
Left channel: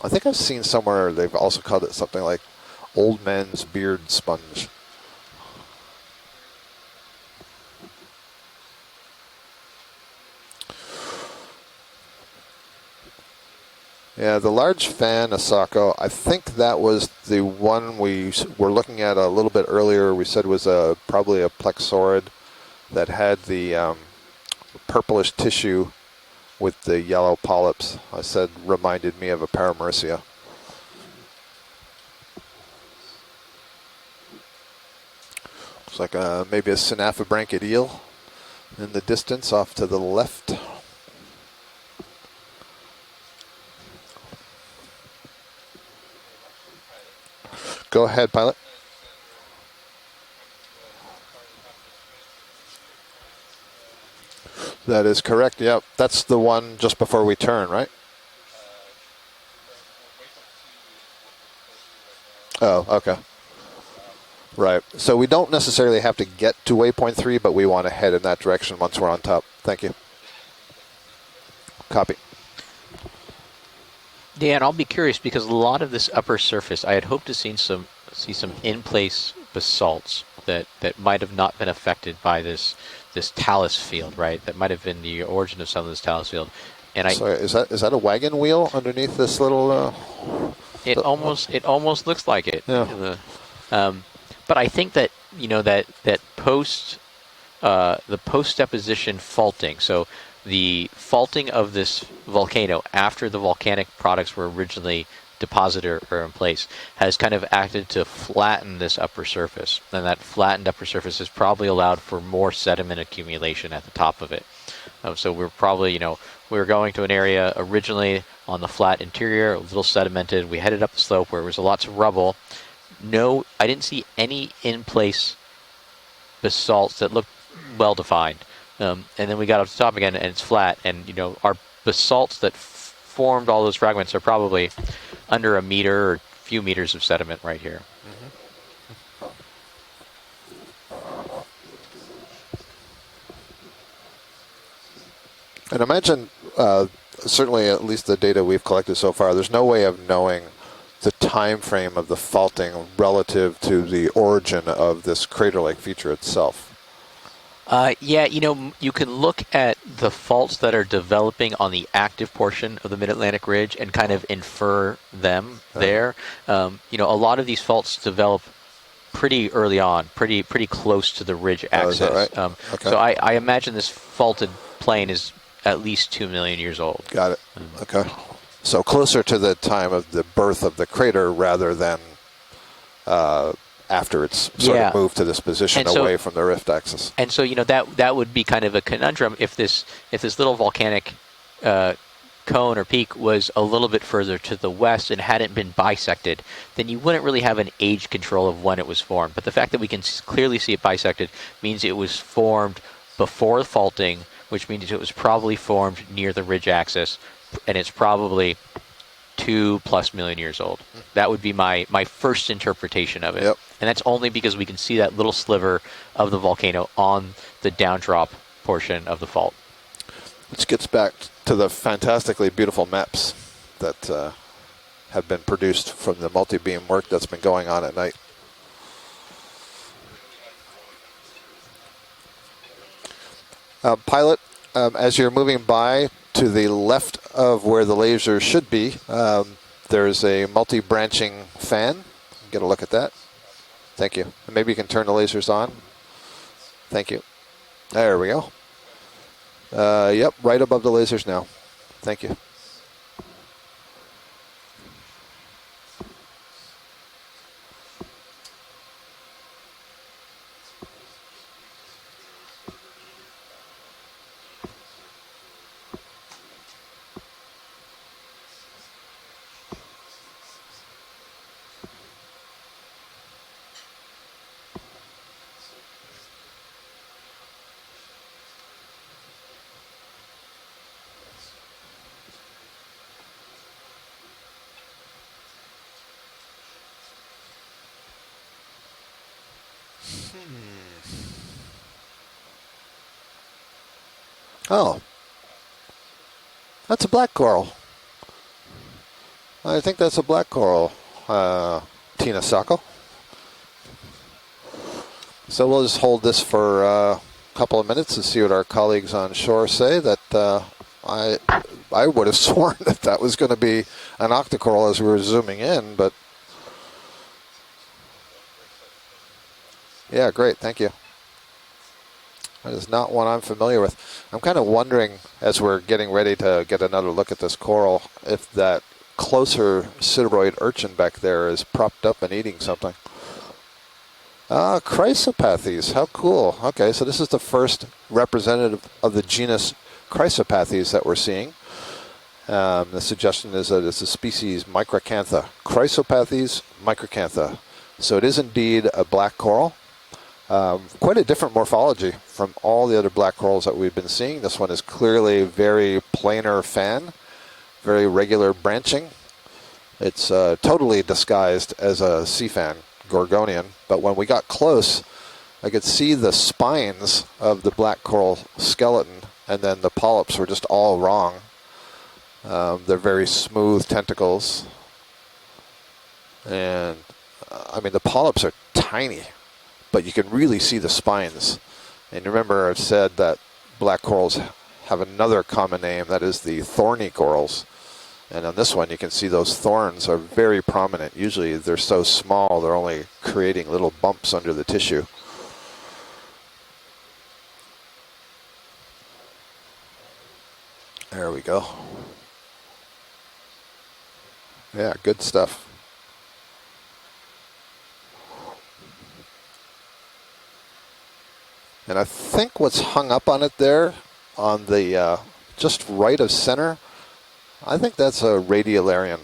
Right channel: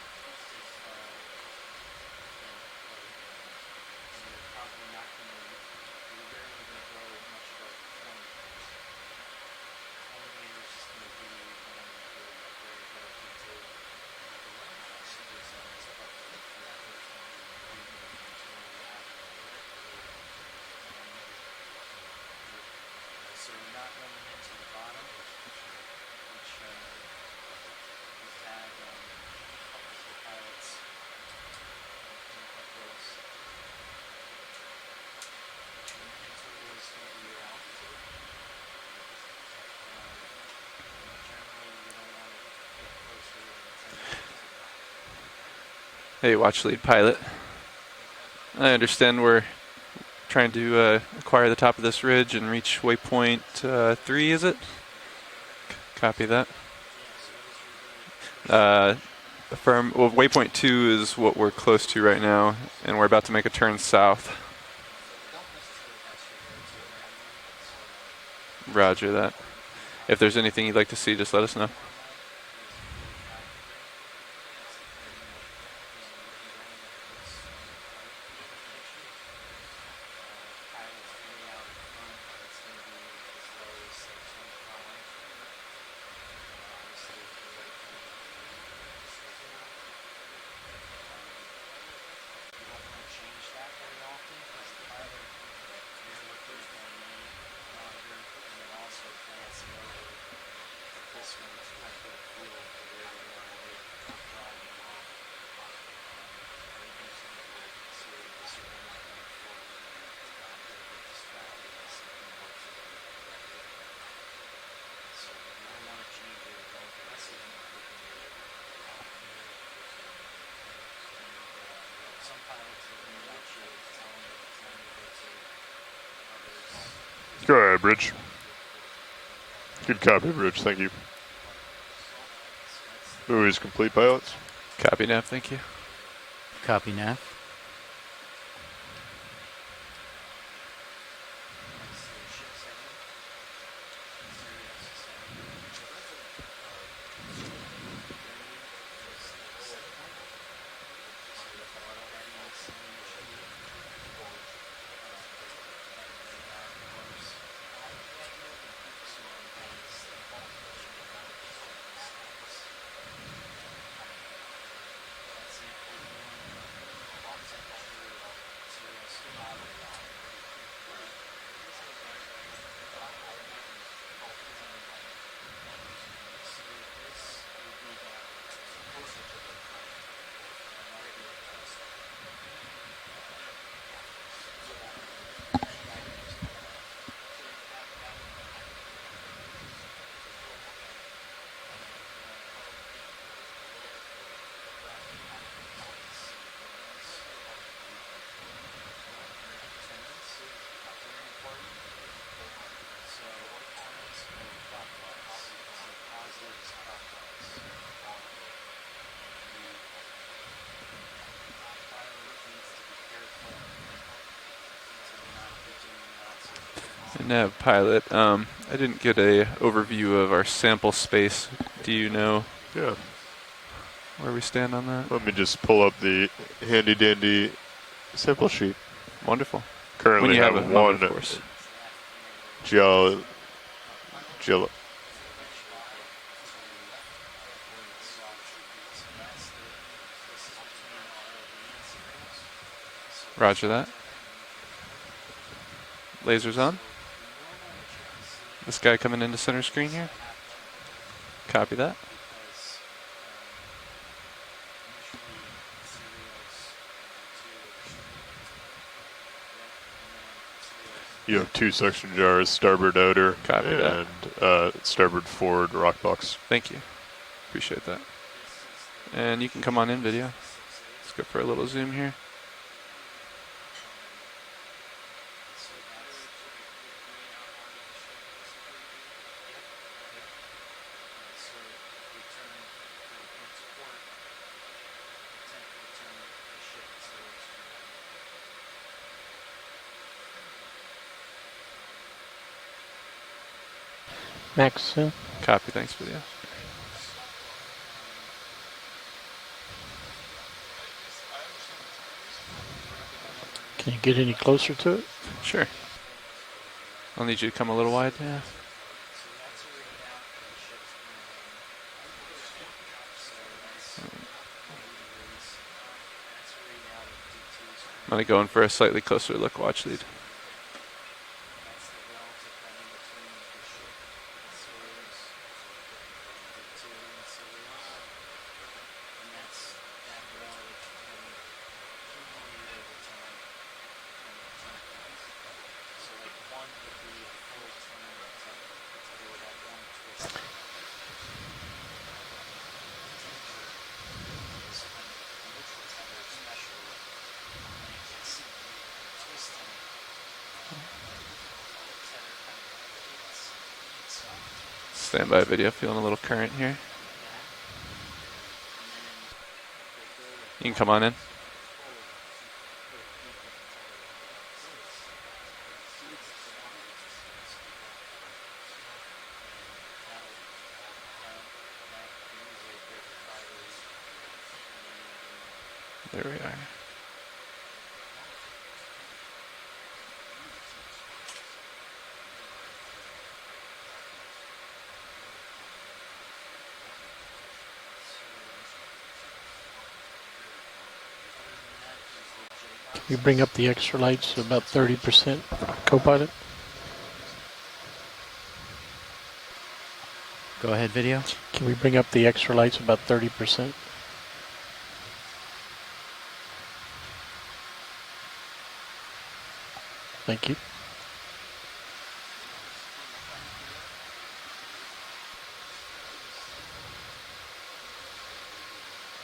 I think I've seen somewhere they've also called it something like old man's beard sponge. Yeah, the large fan, Asako, I think that was the one we were looking at a little bit earlier. We said was probably a plexaurid that had the purplish tissue with the yellow polyps. I said reminded me of a Paramerissia. Looks like maybe a synaphobranchid eel in the distance off to the left. Hey, watch lead pilot. Go ahead, pilot. I understand we're trying to acquire the top of this ridge and reach waypoint 3, is it? That is correct, yep. That's Copy the that. one just before we turn, right? Affirm. Well, waypoint 2 is what we're close to right now. Oh, and we're okay. about to make a turn south. Right. So we don't necessarily have to get to waypoint 3, but we want to head in that direction once Roger we're on that. top. Thank you. If there's anything you'd like to see, just let us know. Copy. Yeah, and I'll be curious because a lot of this upper surface, I had hoped to see some in-place basalts that might have not been affected by this talus field, right? That might have been the origin of some of this talus field. And Sorry, is that a wagon wheel underneath this little? It almost looks like it. Yeah. But I think that that post the post deposition faulting. So the faulting of this volcano after the volcanic products were originally deposited or in place has kind of acted to flatten this upper surface, and that flattened upper surface has probably allowed for more sediment accumulation at the top of it. So we're probably, we were going to an area originally on the flat interior, a little sedimented. We headed up the slope where there was lots of rubble. No, I didn't see any in-place basalts that looked well defined. And then we got up to the top again, and it's flat. And our basalts that formed all those fragments are probably under a meter or a few meters of sediment right here. And imagine, certainly at least the data we've collected so far, there's no way of knowing the time frame of the faulting relative to the origin of this crater-like feature itself. Yeah, you can look at the faults that are developing on the active portion of the Mid-Atlantic Ridge and kind of infer them there. A lot of these faults develop pretty early on, pretty close to the ridge axis. Is that right? Okay. So I imagine this faulted plain is at least 2 million years old. Got it. Okay. So closer to the time of the birth of the crater rather than after it's sort of moved to this position away from the rift axis. And so that would be kind of a conundrum if this little volcanic cone or peak was a little bit further to the west and hadn't been bisected, then you wouldn't really have an age control of when it was formed. But the fact that we can clearly see it bisected means it was formed before faulting, which means it was probably formed near the ridge axis, and it's probably 2+ million years old. That would be my first interpretation of it. Yep. And that's only because we can see that little sliver of the volcano on the downdrop portion of the fault. I didn't get an overview of our sample space. To the fantastically beautiful maps that where we stand on that. have been produced from the multi-beam work that's been going on at night. Sample sheet. Wonderful. Currently when you have one pilot, as you're moving by to the left of where the laser should be, there's a multi-branching fan. Get a look at that. Roger that. Thank you. And maybe you can turn the lasers on. Lasers on. Thank you. There we go. This guy coming into center screen? Yep, right above the lasers now. Copy that. Thank you. You have 2 suction jars, starboard outer, Copy and starboard forward rock box. Thank you. Appreciate that. And you can come on in, video. Let's go for a little zoom here. Oh. Copy, thanks, video. That's a black coral. I think that's a black coral, Tina Sacco. Can you get any closer to it? Sure. So we'll just hold this for a couple of minutes wide, and see what our colleagues on shore say. That I would have sworn that was going to be an octocoral as we were zooming in, but I'm going to go in for a slightly closer look. Watch lead. Yeah, great. Thank you. That is not one I'm familiar with. I'm kind of wondering, as we're getting ready to get another look at this coral, if that closer sideroid urchin back there is propped up and eating something. Chrysopathes, how cool. Okay, so this is the first representative of the genus Chrysopathes that we're seeing. The suggestion is that it's a species Microcantha. Chrysopathes microcantha. So it is indeed a black coral. Quite a different morphology from all the other black corals that we've been seeing. This one is clearly a very planar fan, very regular branching. It's totally disguised as a sea fan, Gorgonian. But when we got close, I could see the spines of the black coral skeleton, and then the polyps were just all wrong. They're very smooth tentacles. There we are. And, I mean, the polyps are tiny, but you can really see the spines. And remember, I've said that black corals have another common name, that is the thorny corals. And on this one, you can see those thorns are very prominent. Usually, they're so small, they're only creating little bumps under the tissue. 30%, co-pilot. Go ahead, video. There we go. Can we bring up the extra lights about 30%? Yeah, good stuff. Thank you. And I think what's hung up on it there, on the just right of center, I think that's a radiolarian.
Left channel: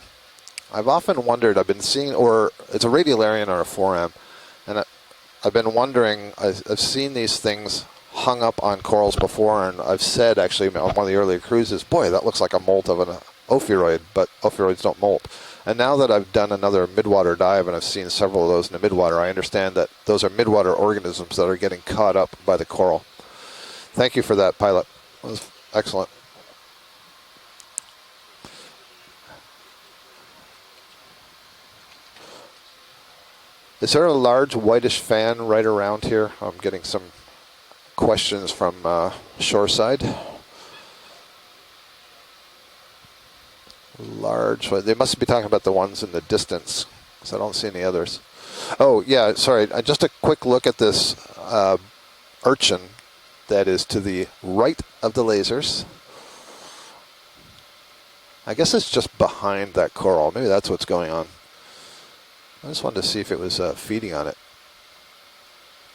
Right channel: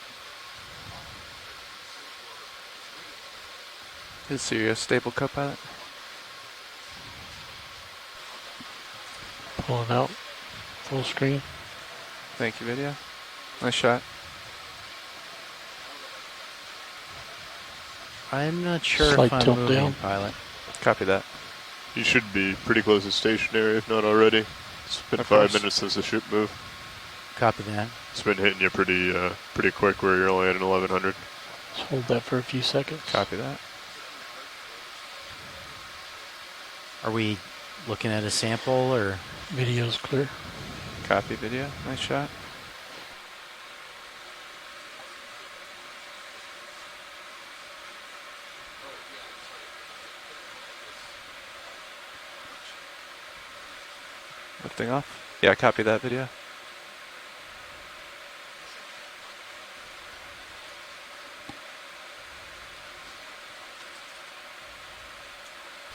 I've often wondered, I've been seeing, or it's a radiolarian or a foram. Is your staple co-pilot? I've been wondering, I've seen these things hung up on corals before, and I've said actually on one of the early cruises, boy, that looks like a molt of an ophiuroid, but ophiuroids don't molt. And now that I've done another midwater dive and I've seen several of those in the midwater, I understand that those are midwater organisms that are getting caught up by the pretty coral. close to stationary, if not Thank you for that, pilot. It's been 5 minutes since the ship moved. Copy that. It's been hitting you pretty quick where you're only at an 1100. Let's hold that for a few seconds. Copy that. Is there a large whitish fan right around here? I'm getting some questions from shoreside. Copy video. Nice shot. Large. They must be talking about the ones in the distance, because I don't see any others. Oh, yeah, sorry. Just a quick look at this urchin that is to the right of the lasers. Yeah, copy that video. I guess it's just behind that coral. Maybe that's what's going on. I just wanted to see if it was feeding on it.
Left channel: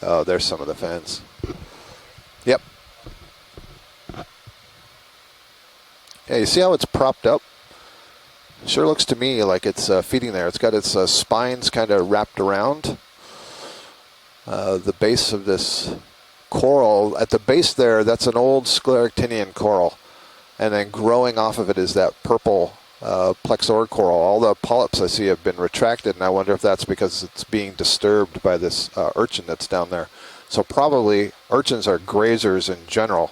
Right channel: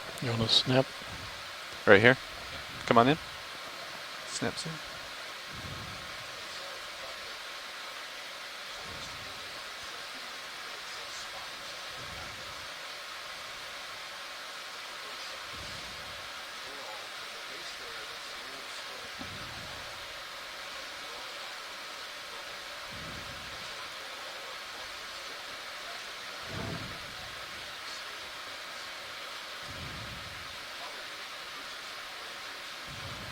Oh, there's some of the fans. Right here? Yep. Come on in. Snaps in. Yeah, you see how it's propped up? It sure looks to me like it's feeding there. It's got its spines kind of wrapped around the base of this coral. At the base there, that's an old scleractinian coral. And then growing off of it is that purple plexor coral. All the polyps I see have been retracted, and I wonder if that's because it's being disturbed by this urchin that's down there. So probably urchins are grazers in general.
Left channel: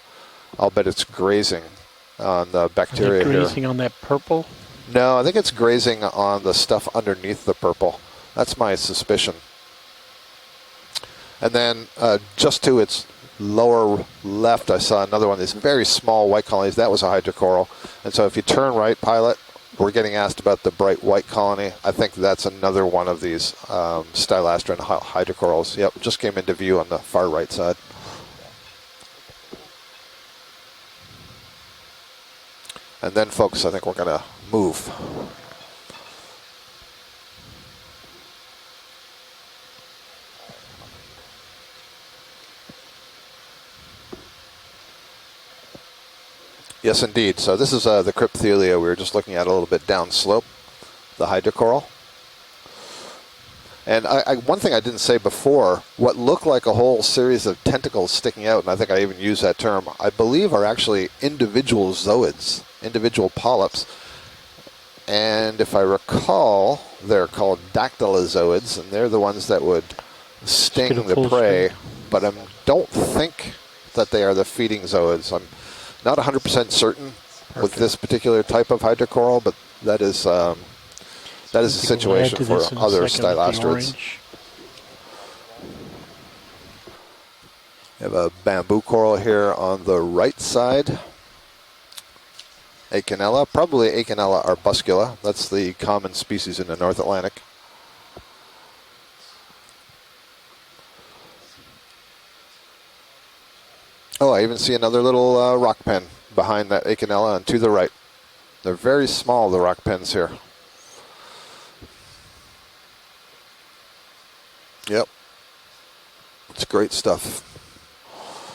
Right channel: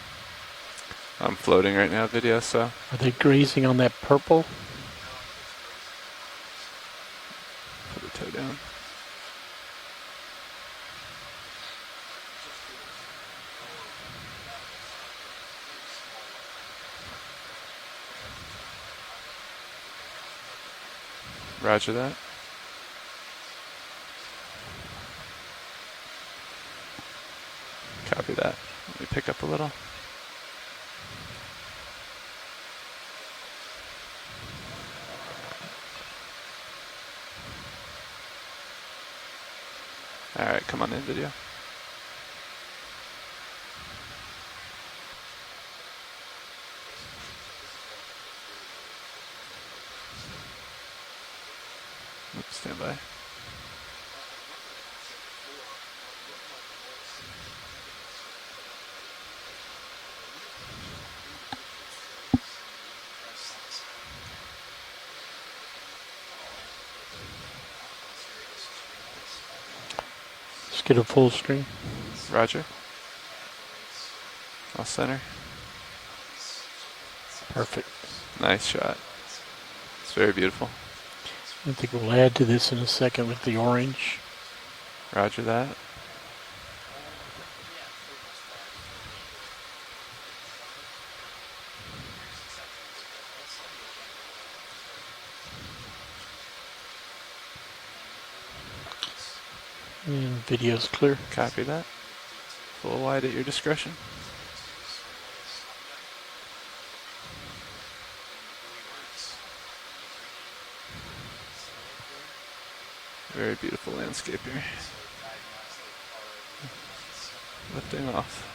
I'll bet it's grazing floating right now, video, on bacteria. Are they grazing on that purple? No, I think it's grazing on the stuff underneath the purple. That's my suspicion. And then just to its lower left, I saw another one of these very small white colonies. That was a hydrocoral. And so if you turn right, pilot, we're getting asked about the bright white colony. Roger I think that's another one of these stylastron hydrocorals. Yep, just came into view on the far right side. Copy that. Let me pick up a little. And then, folks, I think we're going to move. All right, come on in, video. Yes, indeed. So this is the Crypthelia we were just looking at a little bit downslope, the hydrocoral. Stand by. And one thing I didn't say before, what looked like a whole series of tentacles sticking out, and I think I even used that term, I believe are actually individual zooids, individual polyps. And if I recall, they're called dactylozoids, and they're the ones that would sting the prey. But I don't think that they are the feeding zooids. I'm not 100% certain with this particular type of hydrocoral, but that is that is the situation for other stylastroids. Roger that. We have a bamboo coral here on the right side. Acanella, probably Acanella arbuscula. That's the common species in the North Atlantic. Video's clear. Copy that. Full wide at your discretion. Oh, I even see another little rock pen behind that Acanella and to the right. They're very small, the rock pens here. Very beautiful landscape here. Yep. It's great stuff. Lifting off.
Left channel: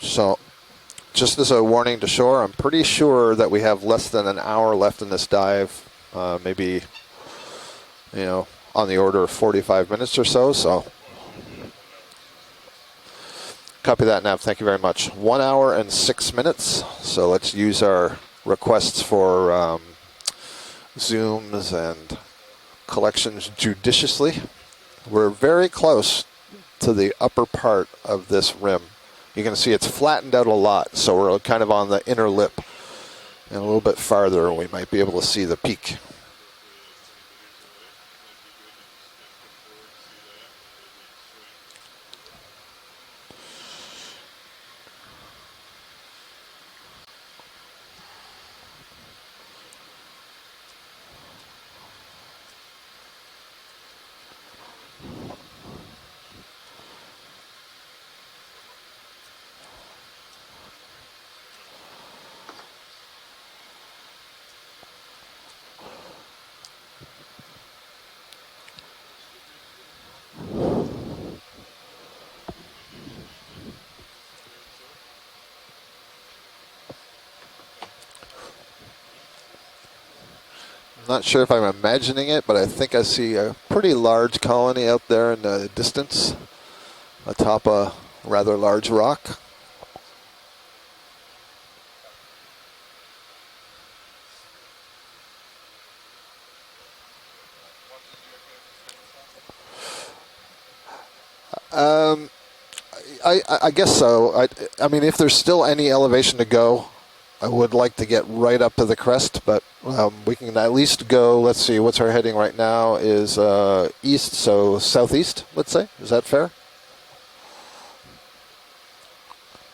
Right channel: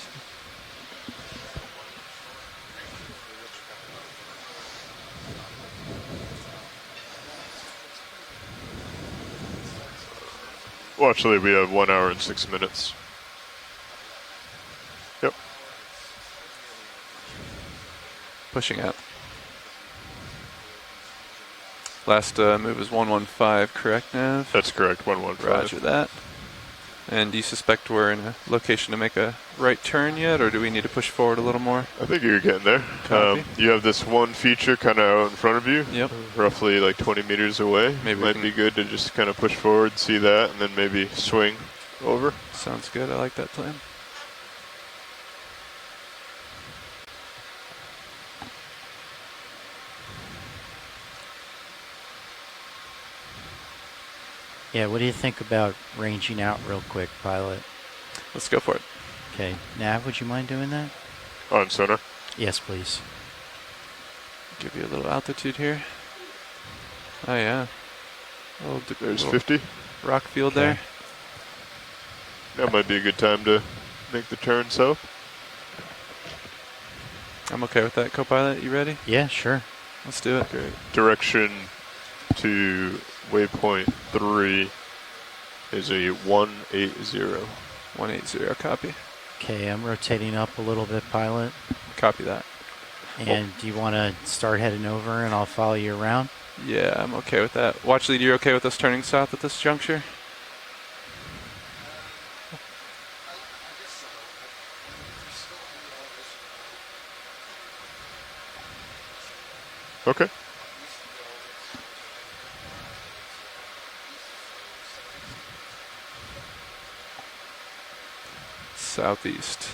So, just as a warning to shore, I'm pretty sure that we have less than an hour left in this dive. Maybe, you know, on the order of 45 minutes or so. So, well, actually, we have 1 hour and 6 minutes. Copy that, Nav. Thank you very much. Yep. 1 hour and 6 minutes. So let's use our requests for zooms and last move is collections 115, judiciously. correct, That's correct. We're very close to the and upper part we're of in this location rim. to make a You can see right it's turn flattened yet, out or a do we need lot, to push so forward we're a little kind of more? on the I think inner you're lip. getting there. And a You little have bit this one farther, we feature might kind be able of to in see front the of you, Yep. roughly like 20 meters away. Maybe Might be good to just kind of push forward, see that, and then maybe swing over. Sounds good. I like that plan. Yeah, what do you think about ranging out real quick, pilot? Let's go for it. Okay, Nav, would you mind doing that? On sonar. Yes, please. Give you a little altitude here. Oh yeah. There's little 50. rock field there. That might be a good time to make the turn south. I'm okay with that, co-pilot. You ready? Yeah, sure. Let's do it. Okay. Not sure if Direction I'm imagining it, but I think I see a waypoint pretty large 3 colony out there in the is distance. a 180. Atop a 180, rather large copy. rock. Okay, I'm rotating up a little bit, pilot. Copy that. And do you want to start heading over and I'll follow you around? Yeah, I'm okay with that. Watch lead, you're okay with us turning south at this juncture? I guess so. I mean, if there's still any elevation to go, I would like to get right up to the crest, but Okay. we can at least go, let's see, what's our heading right now is east, so southeast, let's say. Is that fair? Southeast.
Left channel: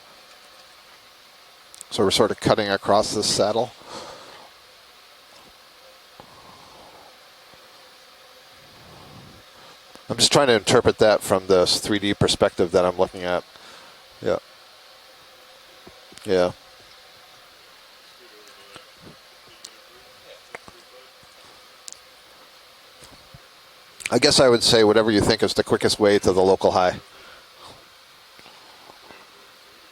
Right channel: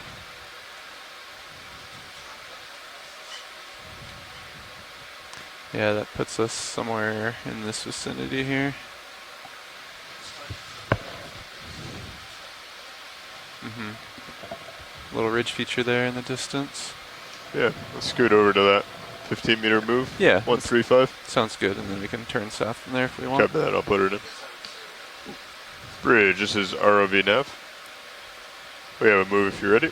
So we're sort of cutting across this saddle. Yeah, that puts us somewhere in this vicinity here. I'm just trying to interpret that from this 3D perspective that I'm looking at. Mm-hmm. Yeah. Little ridge feature there in the distance. Yeah, let's scoot over to that 15-meter move. Yeah. 135. Sounds good, and then we can turn south from there if we want. Copy that, I'll put it in. I guess I would say whatever you think is the quickest way to the This local is high. ROV nav. We have a move if you're ready.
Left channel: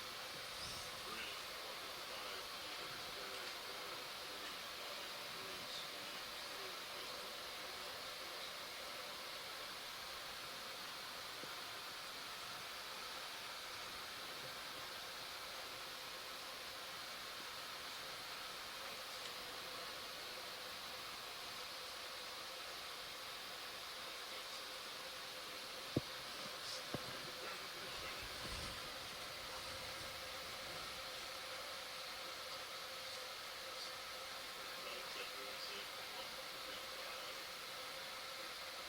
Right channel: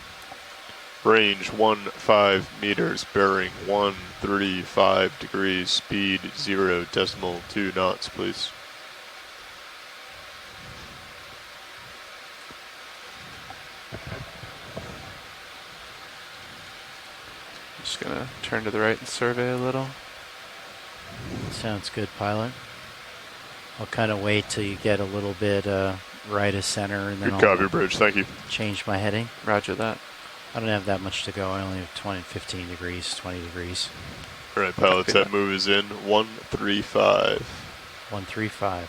Range 15 meters, bearing 135 degrees, speed 0.2 knots, please. Just gonna turn to the right and survey a little. Sounds good, pilot. I'll kind of wait till you get a little bit right of center and then Good copy, Bridge, thank you. change my heading. Roger that. I don't have that much to go. I only have 15 degrees, 20 degrees. All right, pilots, that move is in 135. 135.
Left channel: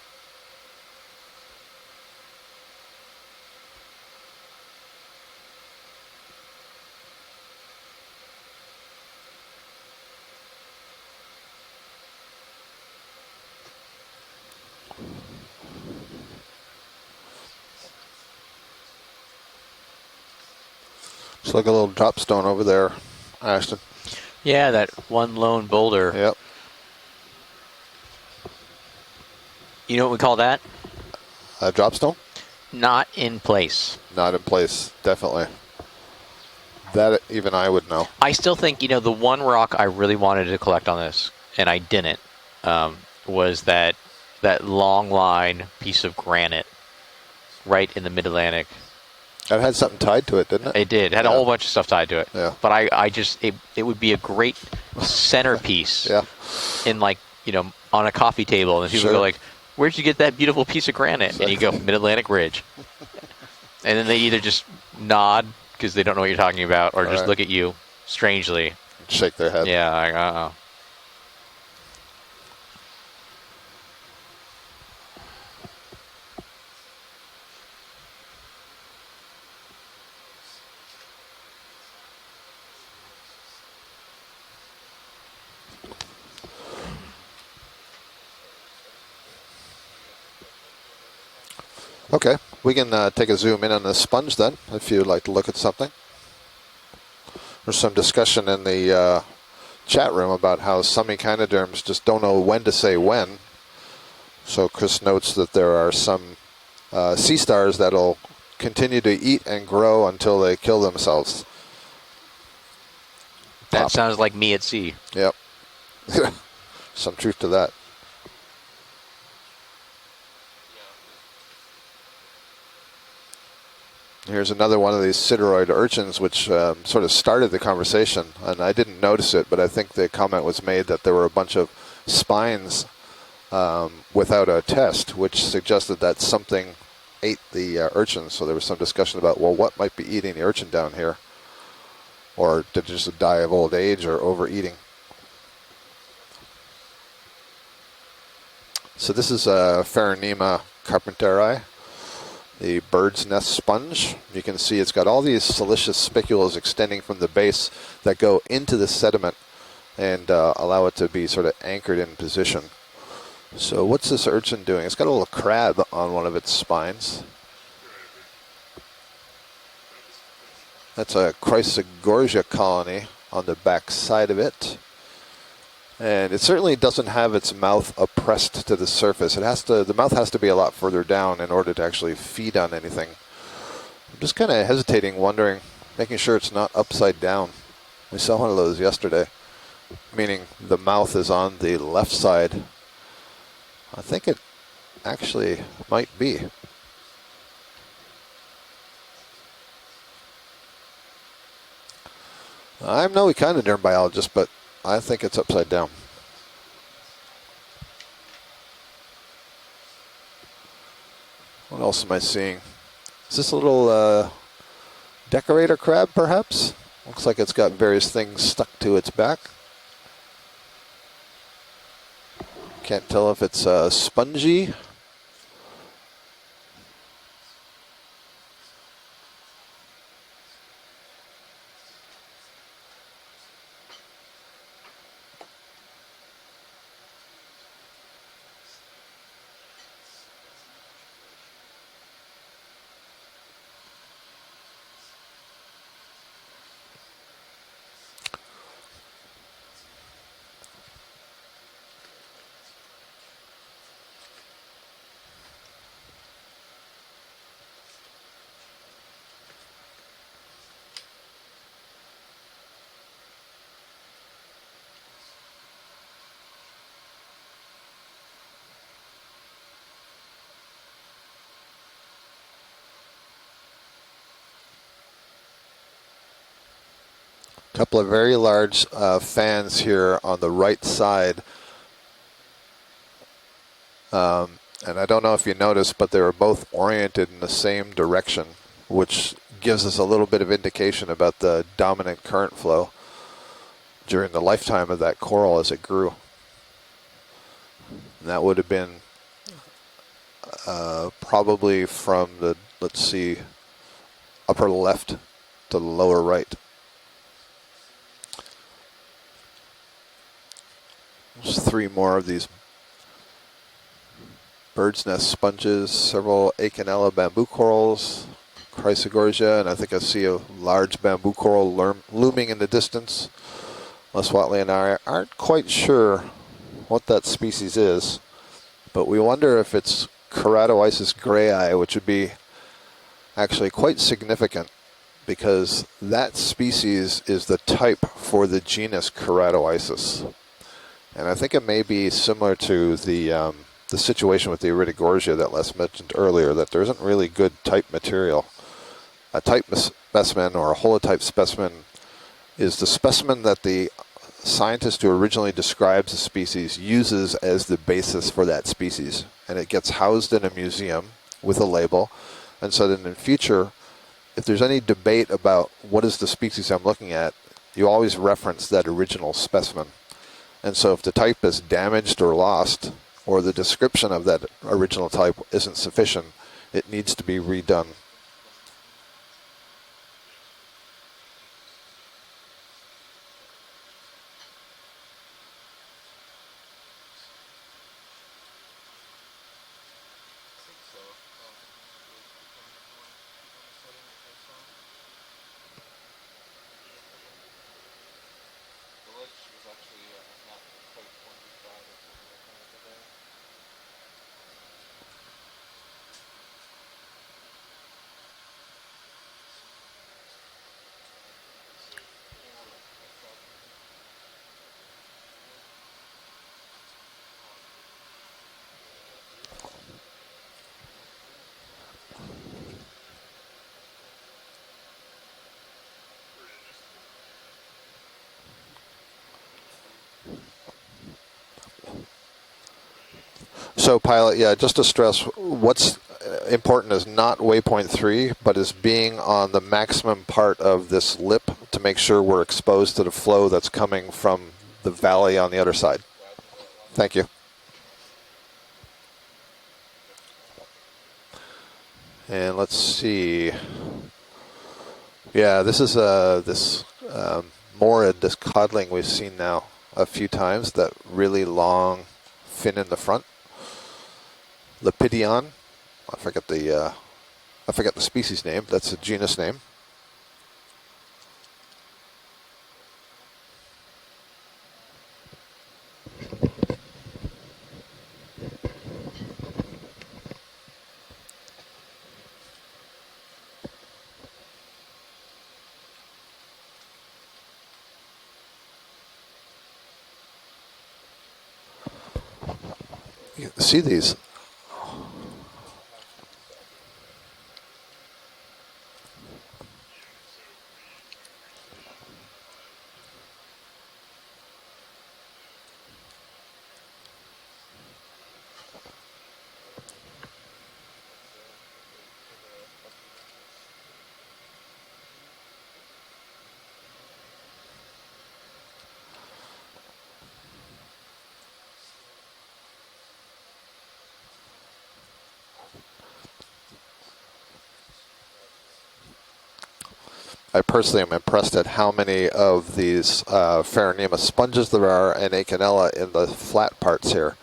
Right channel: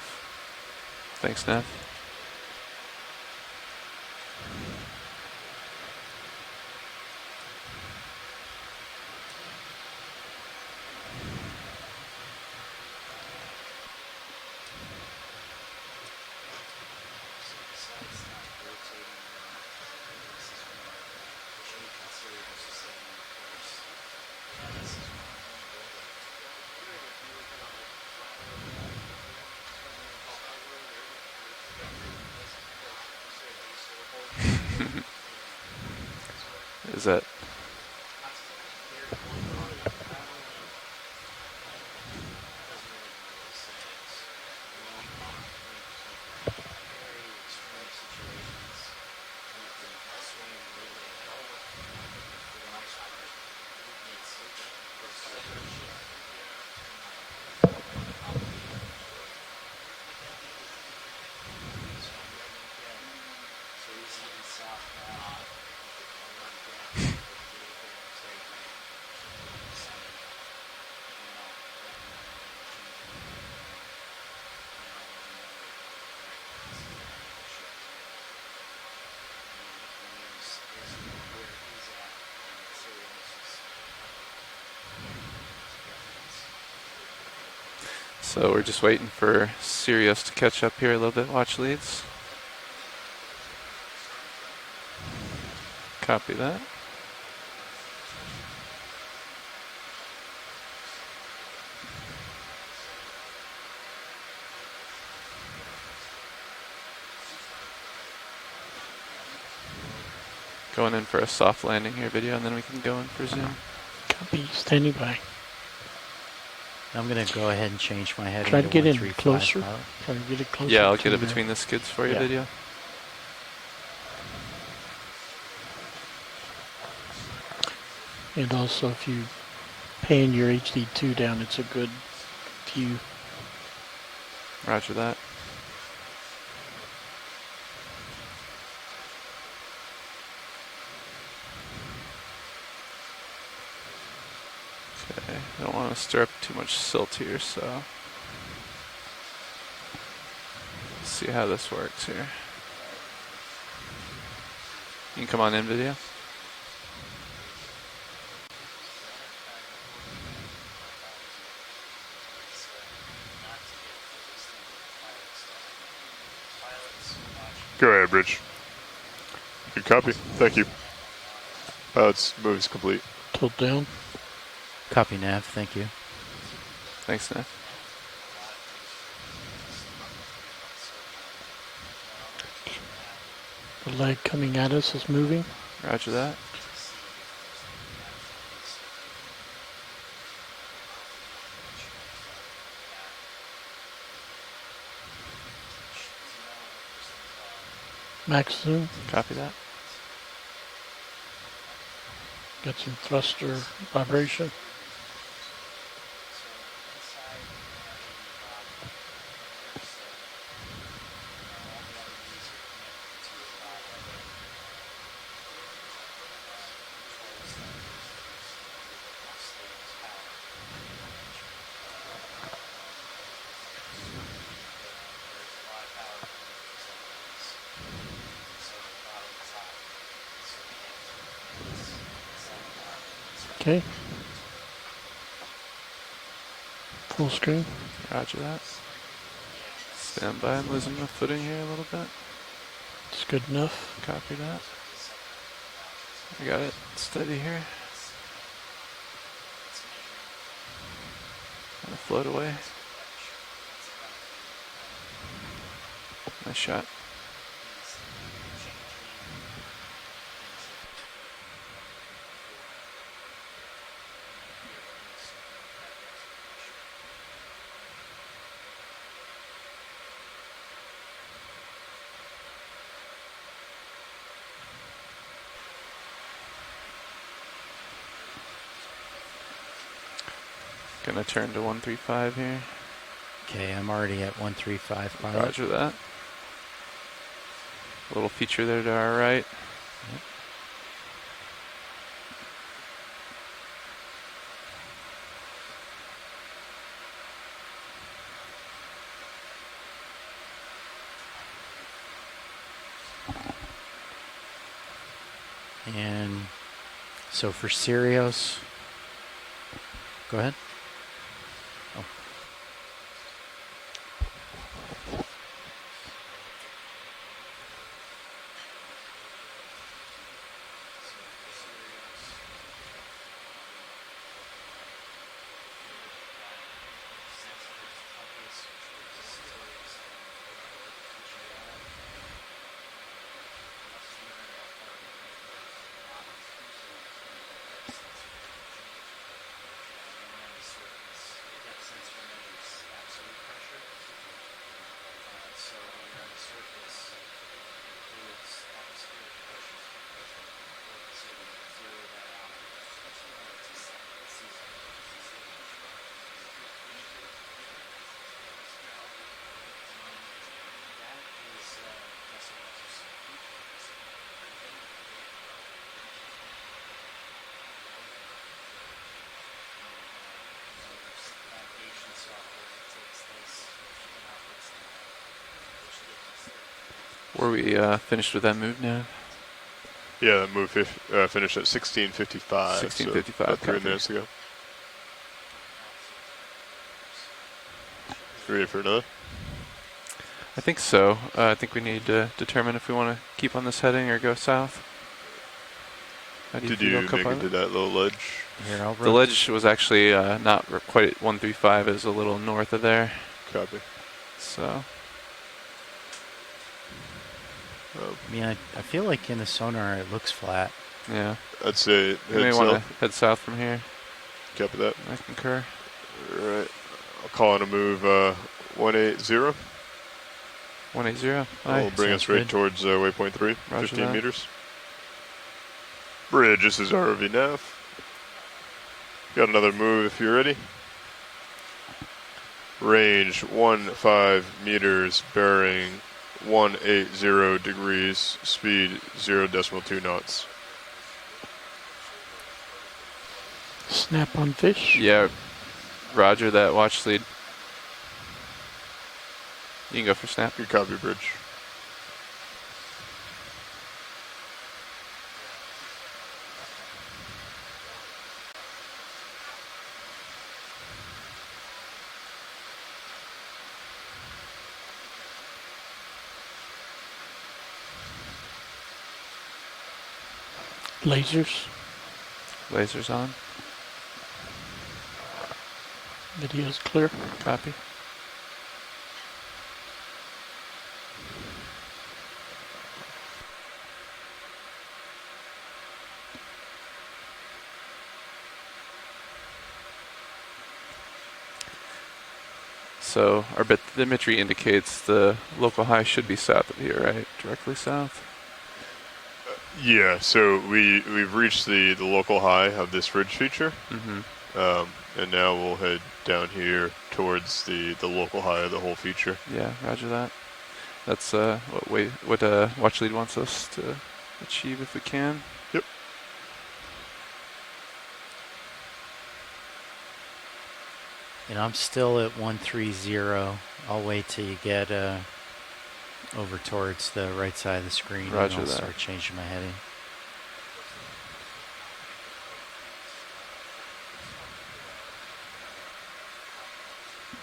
Thanks, Nav. It's like a little drop stone over there, Ashton. Yeah, that one lone boulder. Yep. You know what we call that? A drop stone? Not in place. Not in place, definitely. That even I would know. I still think, you know, the one rock I really wanted to collect on this, and I didn't, was that long line piece of granite right in the mid-Atlantic. It had something tied to it, didn't it? It did. It had a whole bunch of stuff tied to it. Yeah. But I just, it would be a great centerpiece yeah. in, like, you know, on a coffee table. And people Sure. go like, where'd you get that beautiful piece of granite? And you go, Mid-Atlantic Ridge. And then they either just nod because they don't know what you're talking about, or just Right. look at you strangely. Shake their head. Yeah, like, uh-oh. So we're just waiting for Sirius to catch up here a little bit. Watch leads. Okay, we can take a zoom in on the sponge then, if you'd like to look at something. Copy that. There's some discussion in the chat room about how some echinoderms just don't know when to say when. So Chris notes that there are some sea stars that'll continue to eat and grow until they kill Going themselves. in for a soft landing here video, and then we can go in for zoom. That sounds like me at sea. Yep. I'm Some going truth to to go that. ahead and change my heading Try to to get in 135 closer. pilot. Try to get it closer. Yeah, I'll to get it the- between the skids for you Yeah. video. Here's another one of these sideroid urchins, which sort of started the conversation. And And I also didn't if you notice it, but I think the pan comment your was made that HD2 there were a down, bunch it's a of good spines view. without a test, that. which suggested that something ate the urchin. So there was some discussion about, well, what might be eating the urchin down here? Or did it just die of old age or overeating? Okay, I don't want to stir up too much silt here, so So this is a Pharonema see how carpenteri, this works here. the bird's nest sponge. You can see it's got all You these come on in, siliceous spicules extending from the base that go into the sediment and allow it to be sort of anchored in position. So what's this urchin doing? It's got a little crab on one of its spines. Go ahead, Bridge. Good copy. Thank you. That's a Chrysogorgia move's colony complete. on the Tilt down. back side of it. Copy nav, thank you. And it certainly doesn't Thanks, have man. its mouth oppressed to the surface. It has to. The mouth has to be a lot further down in order to actually feed on anything. The leg Just coming kind of at us is hesitating, moving. wondering, Roger making that. sure it's not upside down. We saw one of those yesterday, meaning the mouth is on the left side. I think it actually might be. Max zoom. Copy that. Get some I'm no thruster echinoderm biologist, but vibration. I think it's upside down. What else am I seeing? Is this a little decorator crab, perhaps? Looks like it's got various things stuck to its back. Can't tell if it's spongy. Okay. Full screen. Roger that. Stand by, I'm losing my footing here a little bit. It's good enough. Copy that. I got it steady here. Gonna float away. Nice shot. A couple of very large fans here on the right Gonna side. turn to 135 here. Okay, I'm already at Um, 135. and I don't know if you Roger noticed, that. but they were both oriented in the same direction, feature there to our which right. gives us a little bit of indication about the dominant current flow during the lifetime of that coral as it grew. And that would have been probably from the, let's see, upper left to the lower Yeah. right. So for Sirius, go ahead. There's three more of these bird's nest sponges, several Okeanos bamboo corals, Chrysogorgia, and I think I see a large bamboo coral looming in the distance. Les Watley and I aren't quite sure what that species is, but we wonder if it's Keratoisis grayi, which would be actually quite significant because that species is the type for the genus Keratoisis. And I think it may be similar to the situation with the Iridogorgia that Les mentioned earlier, that there isn't really good type material. A type specimen or a holotype specimen is the specimen that the scientist who originally describes a species uses as the basis for that species. And it gets housed in a museum with a label. And so then in the future, if there's any debate about what is the species I'm looking at, you always reference that original specimen. And so if the type is damaged or lost, or the description of that original type isn't sufficient, it needs to be Were we redone. finished with that move now? Yeah, that move finished at 16:55. 16:55, So about 3 copy. minutes ago. Ready for another? I think so. I think we need to determine if we want to keep on this heading or go south. How do Did feel, you make co-pilot? it to that little ledge? Here, I'll The ledge was actually not quite at 135. It was a little north of there. Copy. So. I mean, I feel like in the sonar it looks flat. Yeah. I'd say You head may want to south. head south from here. Copy that. I concur. All right. I'll call on a move 180. 180. That'll bring us right towards waypoint 3, Roger 15 that. meters. Bridge, this is ROV nav. Got another move if you're ready. Range 1. So pilot, yeah, just to stress, what's important is not waypoint 3, but is being on the maximum part of this lip to make sure we're exposed to the flow that's coming from the valley on the other side. Roger that. Watch Thank lead. you. You can go for snap. Good copy, bridge. And let's see. Yeah, this is this morid, this codling we've seen now a few times. That really long fin in the front. Lepidion. I forget the species name. That's a genus name. Lasers. Lasers on. Video's clear. Copy. So our bathymetry indicates the local high should be south of here, right? Directly south? Yeah, so we've reached the local high of this ridge feature. And now we'll head down here towards the local high of the whole feature. Yeah, roger that. That's what watch lead wants us to achieve if we can. Yep. And I'm still at 130. I'll wait till you get over towards the right side of the screen. Roger and I'll that. start changing my heading. I personally am impressed at how many of these Pharonema sponges there are and Acanella in the flat parts here.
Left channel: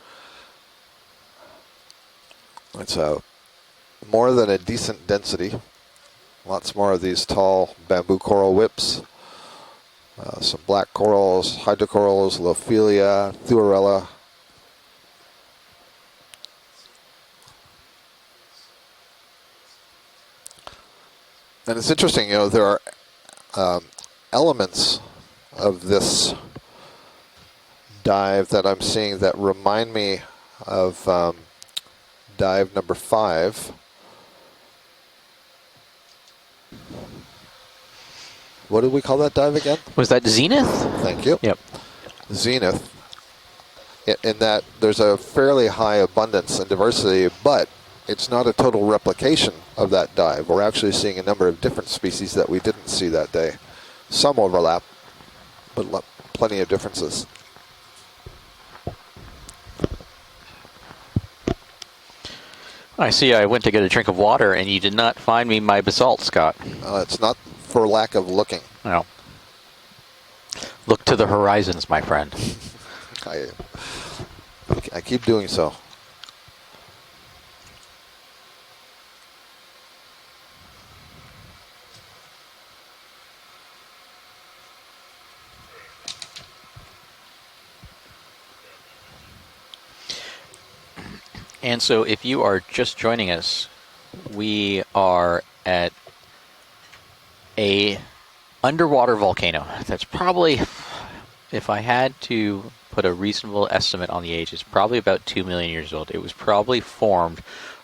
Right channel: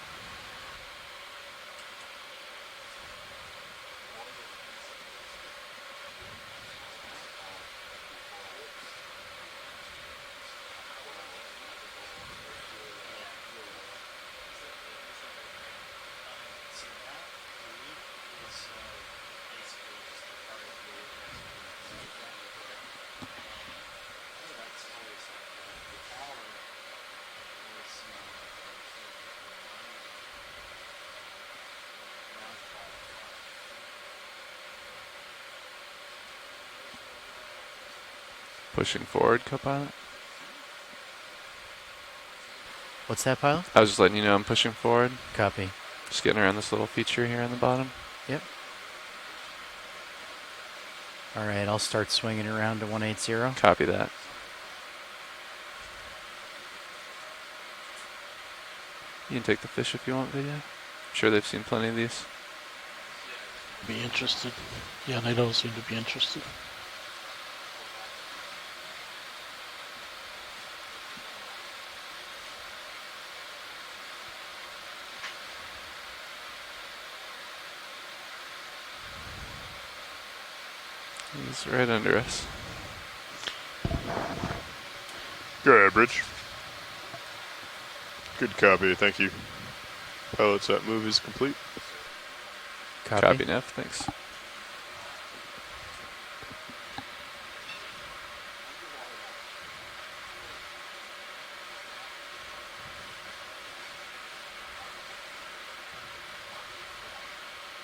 It's more than a decent density. Lots more of these tall bamboo coral whips. Some black corals, hydrocorals, Lophelia, Thuarella. And it's interesting, you know, there are elements of this dive that I'm seeing that remind me of dive number 5. What did we call that dive again? Was that Zenith? Thank you. Yep. Zenith. What's that, pilot? I was just letting you know I'm that pushing there's forward. a fairly high Just getting abundance around and this little feature diversity, here on the but bottom. it's not a total replication of that dive. We're actually seeing a number of Alright, I'll different start species swinging that we around didn't to see that 180. day. Copy that. Some overlap, but plenty of differences. You can take the fish if you want, video. I'm sure they've seen plenty of these. I see. I went to get a drink of water, and you did not find me my basalt, Scott. It's not for lack of looking. No. Look to the horizons, my friend. I keep doing so. He's right under us. Go ahead, bridge. Good copy, thank you. Pilots, that move is complete. And so if you are just joining Copy, us, Nev, thanks. we are at a underwater volcano. That's probably, if I had to put a reasonable estimate on the age, it's probably about 2 million years old. It was probably formed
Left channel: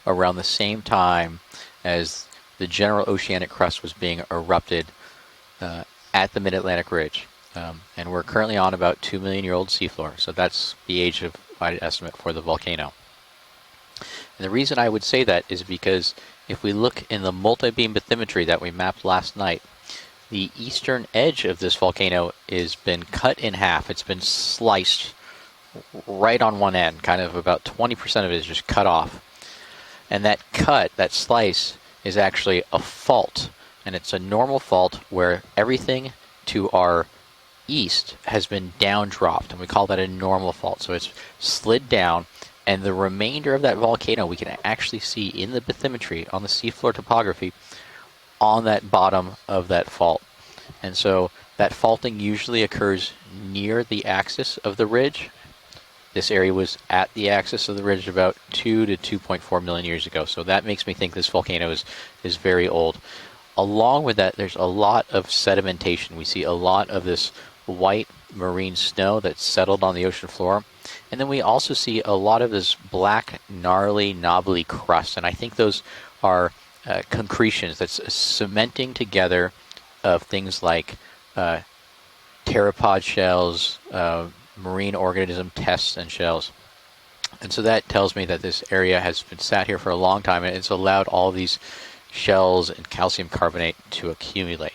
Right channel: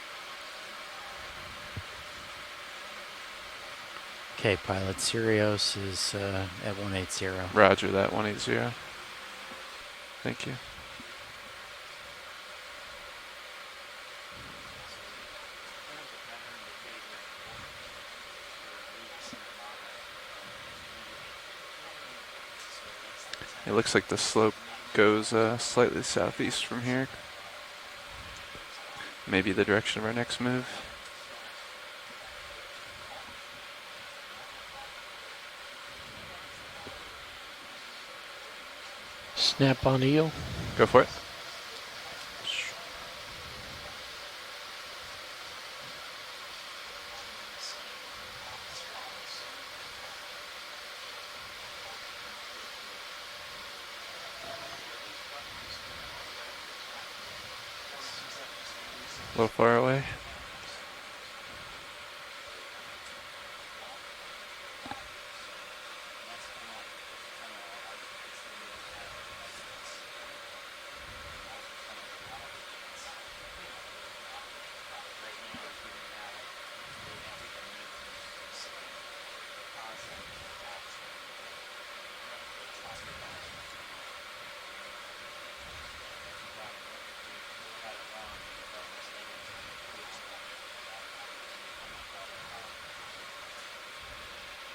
around the same time as the general oceanic crust was being erupted at the Mid-Atlantic Ridge. Roger that. And we're currently on about 2 million year old seafloor. So that's the age of my estimate for the volcano. And the reason I would say that is because if we look in the multi-beam bathymetry that we mapped last night, the eastern edge of this volcano has been cut in half. It's been sliced goes slightly right on southeast one from end. here. Kind of about 20% of it is just cut off. Maybe the direction of our And next that move. cut, that slice, is actually a fault. And it's a normal fault where everything to our east has been down dropped. We call that a normal fault. Go So for it's slid down. And the remainder of that volcano we can actually see in the bathymetry on the seafloor topography on that bottom of that fault. And so that faulting usually occurs near the axis of the ridge. This area was at the axis of the ridge about 2 to 2.4 million years ago. So that makes me think this volcano is very old. Along with that, there's a lot of sedimentation. We see a lot of this white marine snow that's settled on the ocean floor. And then we also see a lot of this black, gnarly, knobbly crust. And I think those are concretions that's cementing together of things like pteropod shells, marine organism tests and shells. And so that tells me that this area has been sat here for a long time, and it's allowed all these shells and calcium carbonate to accumulate.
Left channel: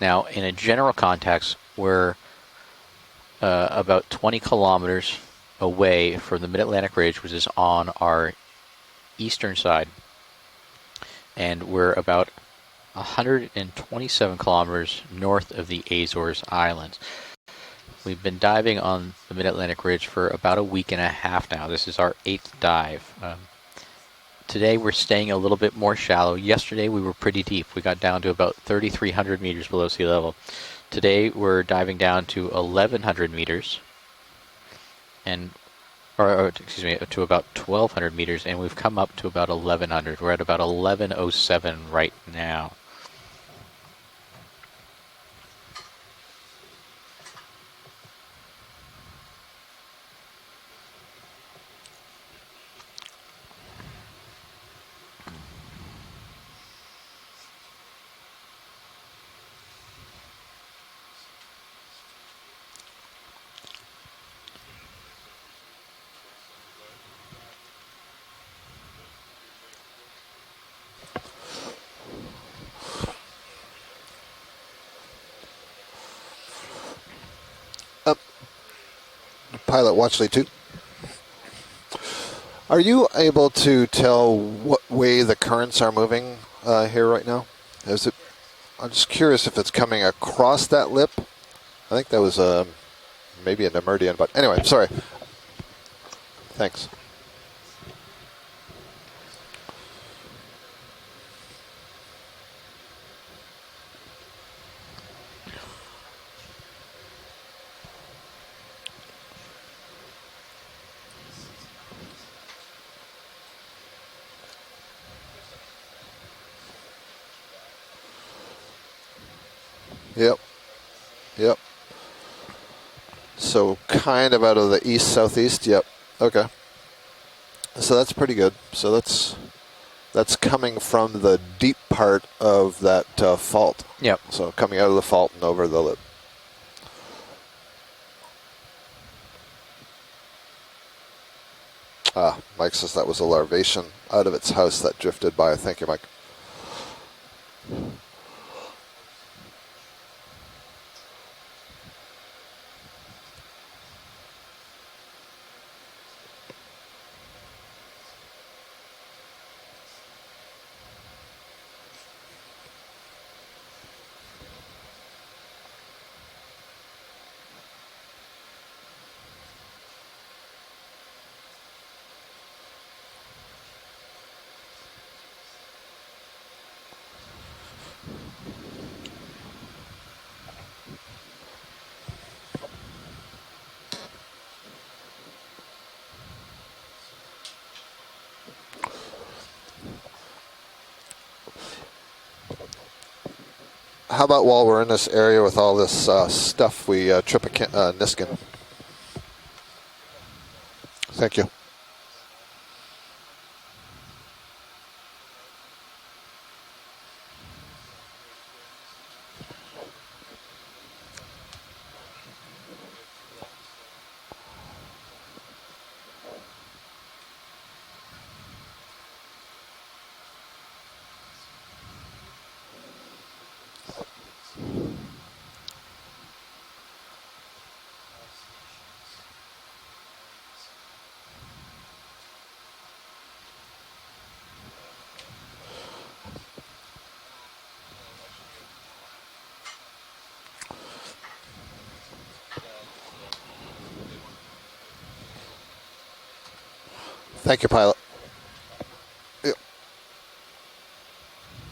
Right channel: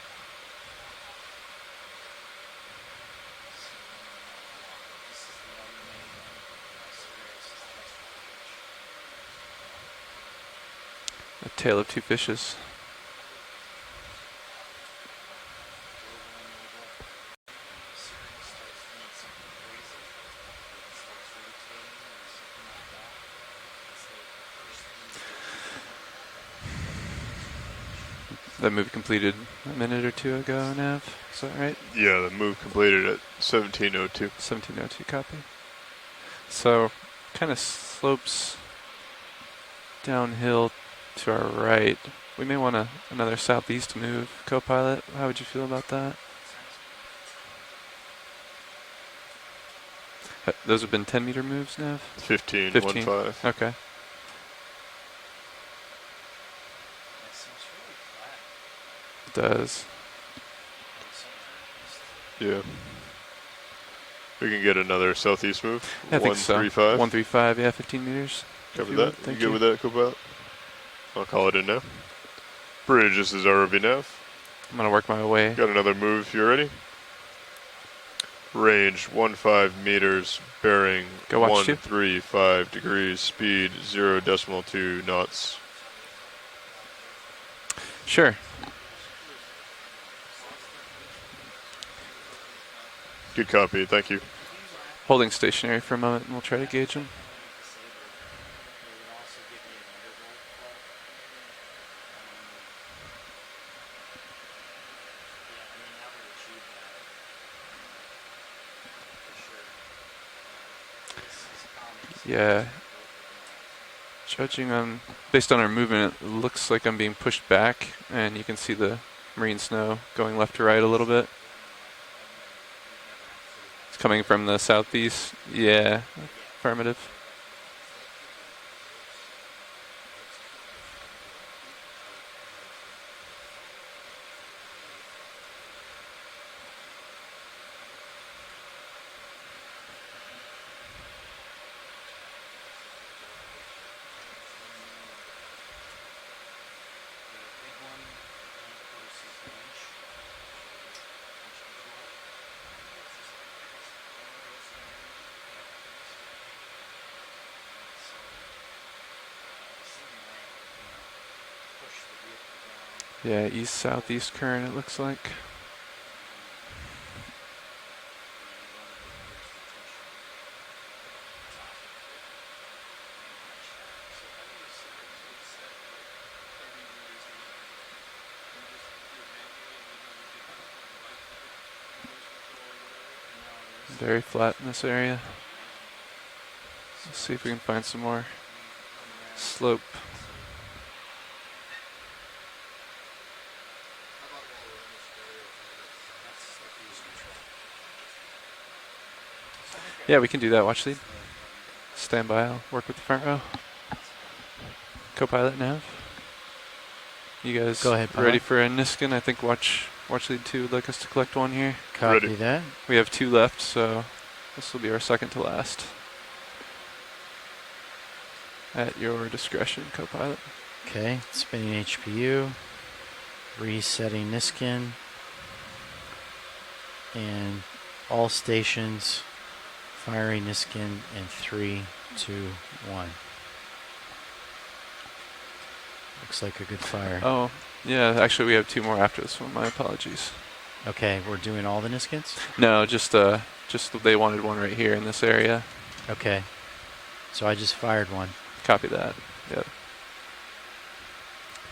Now, in a general context, we're about 20 kilometers away from the Mid-Atlantic Ridge, which is on our eastern side. And we're about 127 kilometers north of the Azores Islands. We've been diving on the Mid-Atlantic Ridge for about a week and a half now. This is our 8th dive. Today we're staying a little bit more shallow. Yesterday we were pretty deep. We got down to about 3,300 meters below sea level. Today we're diving down to 1,100 meters. 1702. 1702, copy. And excuse me, to about 1,200 meters, and we've come up to about 1,100. We're at about 1,107 right now. We may want another southeast move, co-pilot. How would you feel about that? Those have been 10-meter moves now? 15. 15. 1-5. Okay. It does. Yeah. We can get another southeast move. I think so. 135. 135, yeah, 15 meters. Cover that. You good with that, co-pilot? I'll call it in now. Bridge, this is ROV nav. I'm going to work my way. Got another move if you're ready. Up. Range 15 Pilot, watch meters, lead 2. bearing Go watch 135 Are you degrees, able speed to tell 0.2 what way the knots. currents are moving here right now? Is it, sure. I'm just curious if it's coming across that lip. I think that was Good maybe copy, a meridian, thank you. but anyway, sorry. Holding stationary for a moment, and we'll try Thanks. to gauge them. Yeah. Judging on, based on our movement, it looks like I'm being pushed back, and you can see the marine snow going left to right a little bit. Yep. So Coming kind of from out the of the southeast. east-southeast? Yeah. Yep. Okay. Affirmative. So that's pretty good. So that's coming from the deep part of that fault. Yep. So coming out of the fault and over the lip. Mike says that was a larvation out of its house that drifted by. Thank you, Mike. Yeah, east-southeast current it looks like. Very flat in this area. Let's see if we can find some more slope. How about while we're in this area with all this stuff, we trip a Niskin? Yeah, we can do that. Watch lead. Thank you. Stand by. I'll work with the front row. Co-pilot nav. You guys Go ahead, ready pilot. for a Niskin? I think watch lead 2 would like us to collect one here. Copy that. We have 2 left, so this will be our second to last. At your discretion, co-pilot. Okay, spinning HPU, resetting Niskin, and all stations firing Niskin in 3, 2, 1. Looks like a good fire. Oh, yeah, actually we have 2 more after this one. My apologies. Okay, we're doing all the Niskins? No, just they wanted one right here in this area. Okay. So Thank I you, just pilot. fired one. Copy that. Yeah. Yep.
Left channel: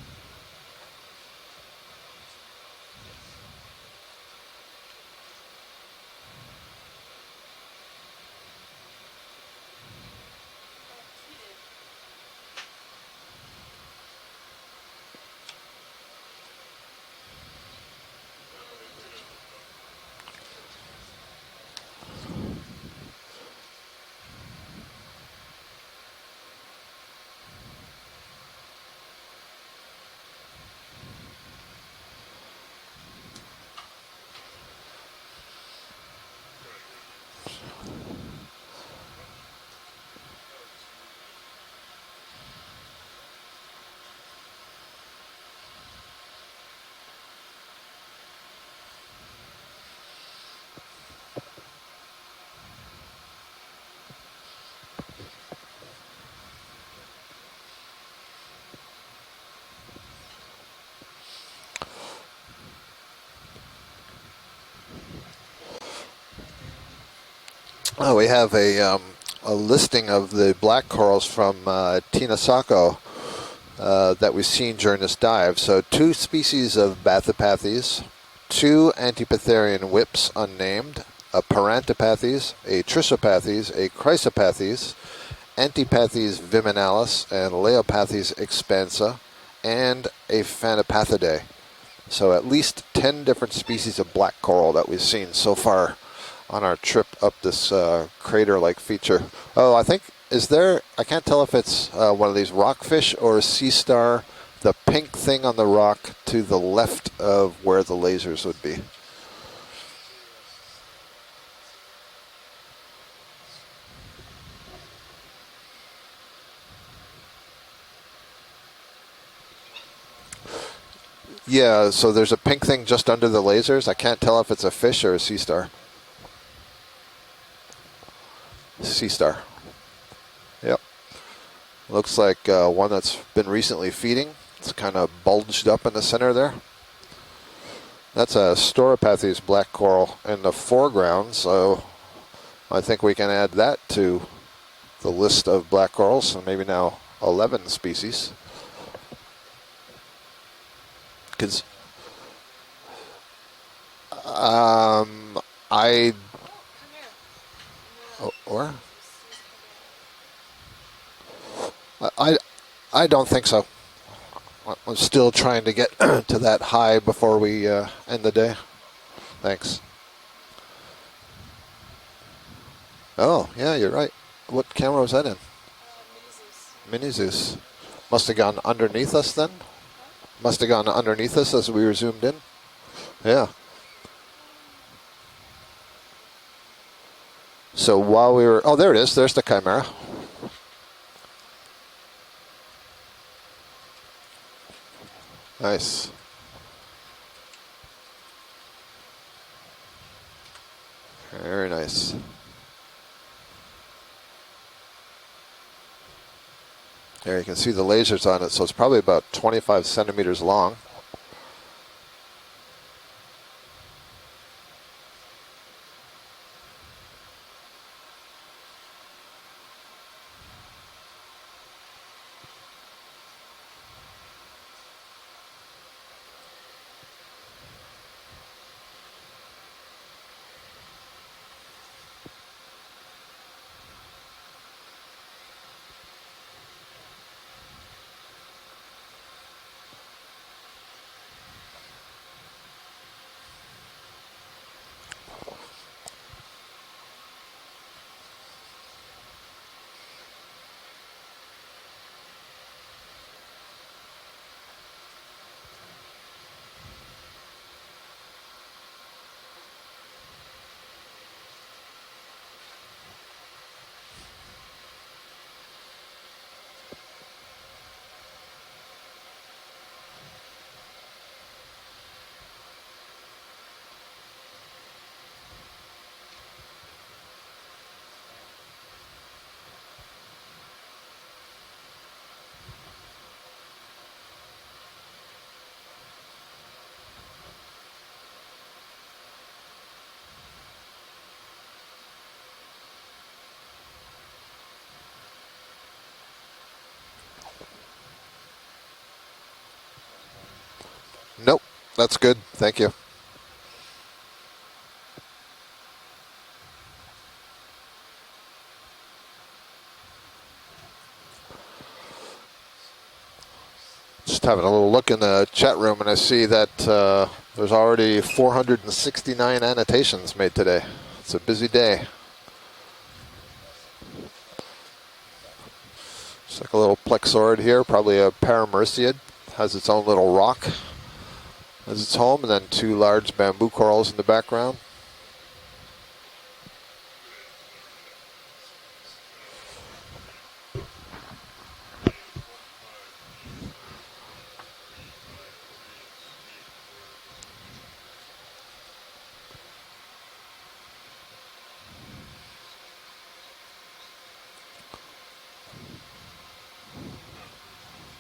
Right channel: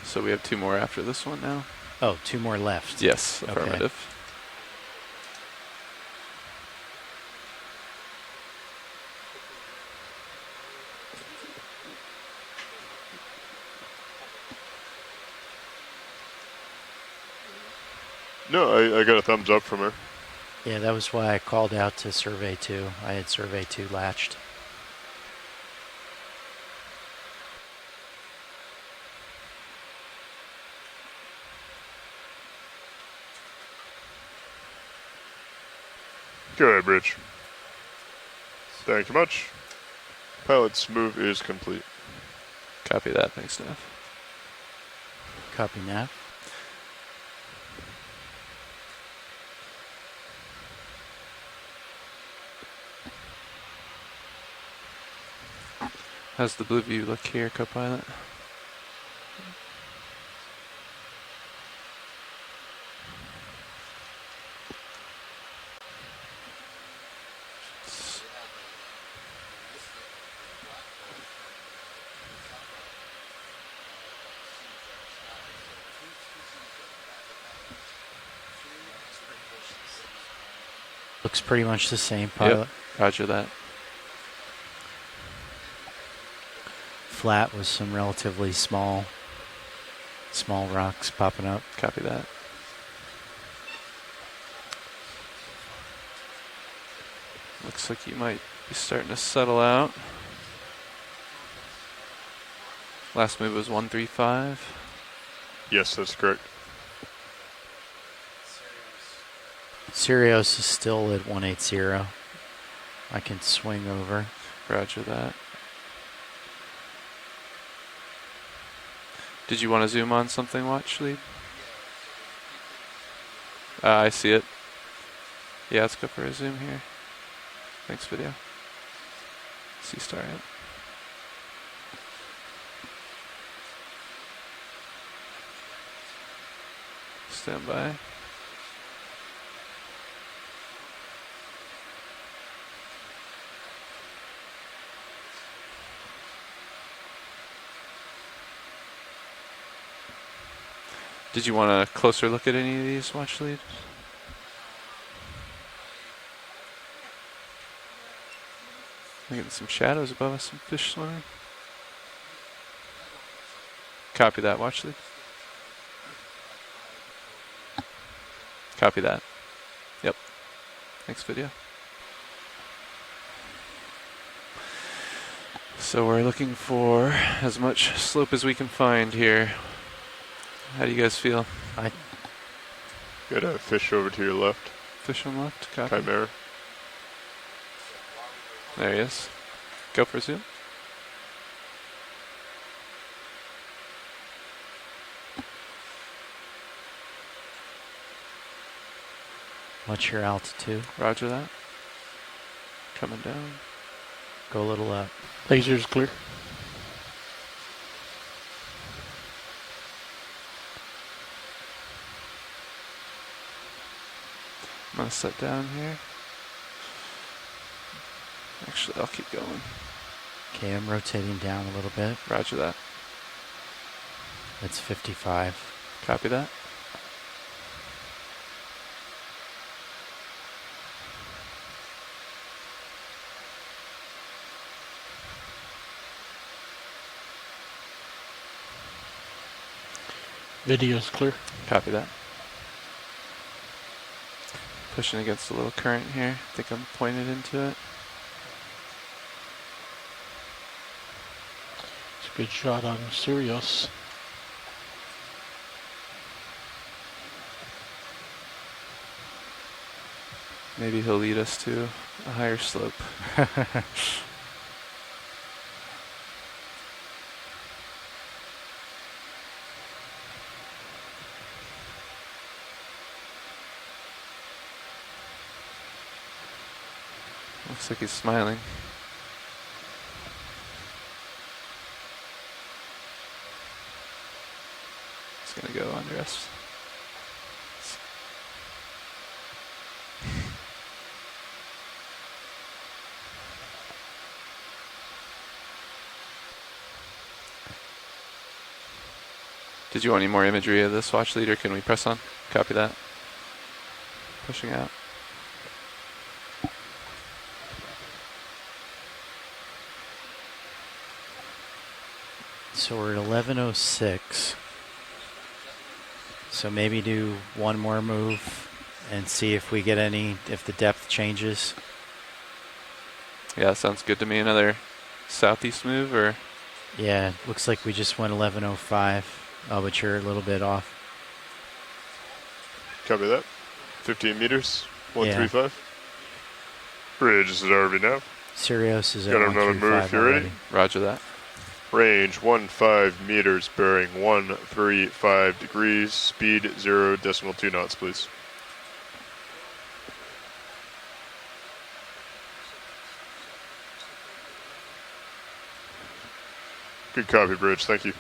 So we have 2 more after this one now. Oh, 2 more left. Yes, Okay. affirmative. No, I got a thumbs up from her. Yeah, that was why I called out to survey 2. I had survey 2 latched. Go ahead, Rich. Thank you much. Pilot's move is complete. Copy that. Thanks, Nav. Copy nav. How's the blue view look here, Copilot? Oh, we have a listing of the black corals from Tinasako that we've seen during this dive. So 2 species of Bathypathes, 2 Antipatherine whips unnamed, Looks a pretty much the same, Parantipathes, pilot. a Trissopathes, a Chrysopathes, Antipathes viminalis, Flat and with some Leopathes relatively expansa, small- and a small rocks popping Phanapathidae. up. Copy that. So at least 10 different species of black coral that we've seen so far on our trip up this like you might crater-like start to feature. settle Oh, I out. think, is there, I can't tell if it's one of these rockfish Last or a move was sea star. 135. The pink thing on the Yes, rock that's correct. to the left of where the lasers would be. Sirius is still at 180. I can swing over. Roger that. Did you want to zoom on something, Watch Lead? Yeah, so there's a pink thing just under the lasers. I I can't see tell it. if it's a fish or a sea star. Yeah, let's go for a zoom here. Thanks, video. Sea star. Sea star, Yep. Looks like one that's been recently feeding. It's kind of bulged up in the center there. Stand by. That's a Storopathes black coral in the foreground, so I think we can add that to the list of black corals, so maybe now 11 species. Did you want a closer look at any of these, Watch Lead? Or? Getting some shadows above us, some fish swimming. I don't think so. Copy that, Watch I'm Lead. still trying to get to that high before we end the day. Copy that. Thanks. Yep. Thanks, video. Oh, yeah, you're right. What camera was that in? So we're looking for Menzies. as much Must slope have as we gone can underneath find us here. then? Must have gone How do you guys underneath feel? us as we were zoomed in. Yeah. Fish over to your left. Fish on left, copy. Chimera. So while we were, oh, there it is. There's the Chimera. Go for zoom. Nice. What's your altitude? Roger that. Very nice. Coming down. Go a little up. Laser's clear. There you can see the lasers on it, so it's probably about 25 centimeters long. I'm gonna set down here. Actually, I'll keep going. Okay, I'm rotating down a little bit. Roger that. That's 55. Copy that. Video's clear. Copy that. Pushing against a little current here. I think I'm pointed into it. It's a good shot on Sirius. Maybe he'll lead us to a higher slope. Looks like he's smiling. He's gonna go under us. Did you want any more imagery of this watch leader? Nope, Can we press that's on? good. Copy Thank that. you. Pushing out. So we're at 11:06. Just having a little look in the chat room, and I see that there's already 469 annotations made today. It's a busy day. Yeah, sounds good to me. Another southeast move, or it's like a little plexoid here, probably a paramerciid. Has its own little rock as its home, and then two large bamboo corals in the background. 135. Bridge is at RV now. Sirius is at Got another move if you're ready. Roger that. Range 15 meters, bearing 135 degrees, speed 0.2 knots, please. Good copy, Bridge. Thank you.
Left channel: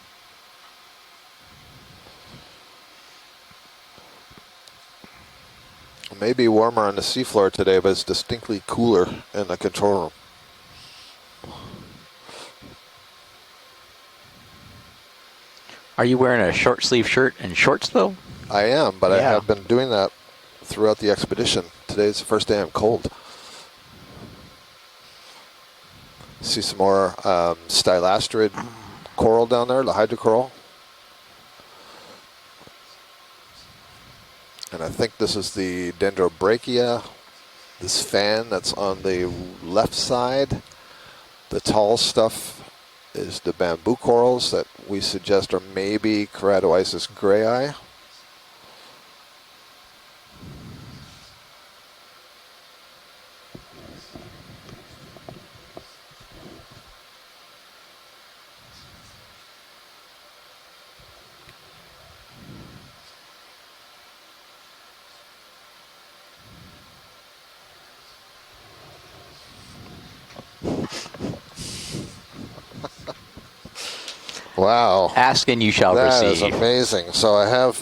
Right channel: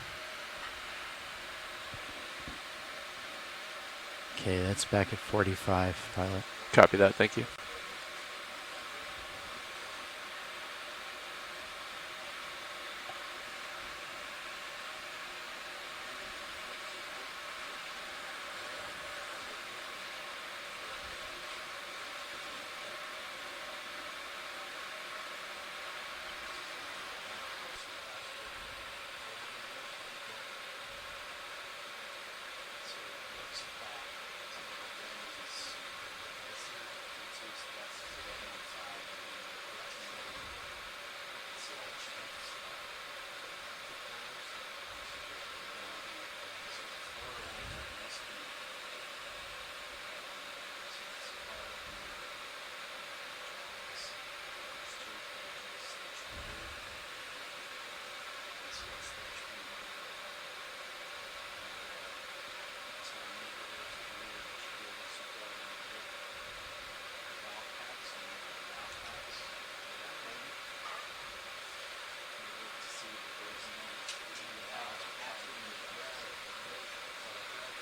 Okay, that's back at 45. Maybe warmer on the seafloor today, but it's distinctly cooler in the control room. Are you wearing a short sleeve shirt and shorts though? I am, but I have been doing that throughout the expedition. Today's the first day I'm cold. See some more stylastrid coral down there, the hydrocoral. And I think this is the dendrobrachia, this fan that's on the left side. The tall stuff is the bamboo corals that we suggest are maybe Keratoisis grayi. Wow. Ask and you shall receive. That is receive. amazing. So I have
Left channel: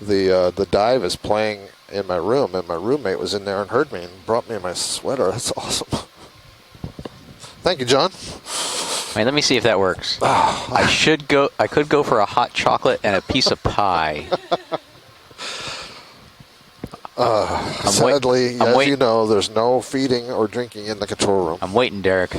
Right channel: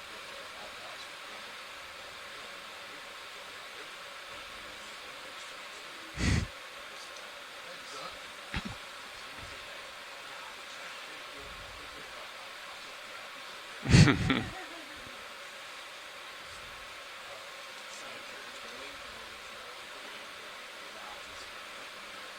the dive is playing in my room, and my roommate was in there and heard me and brought me my sweater. That's awesome. Thank you, John. Wait, let me see if that works. I could go for a hot chocolate and a piece of pie. Sadly, as you know, there's no feeding or drinking in the control room. I'm waiting, Derek.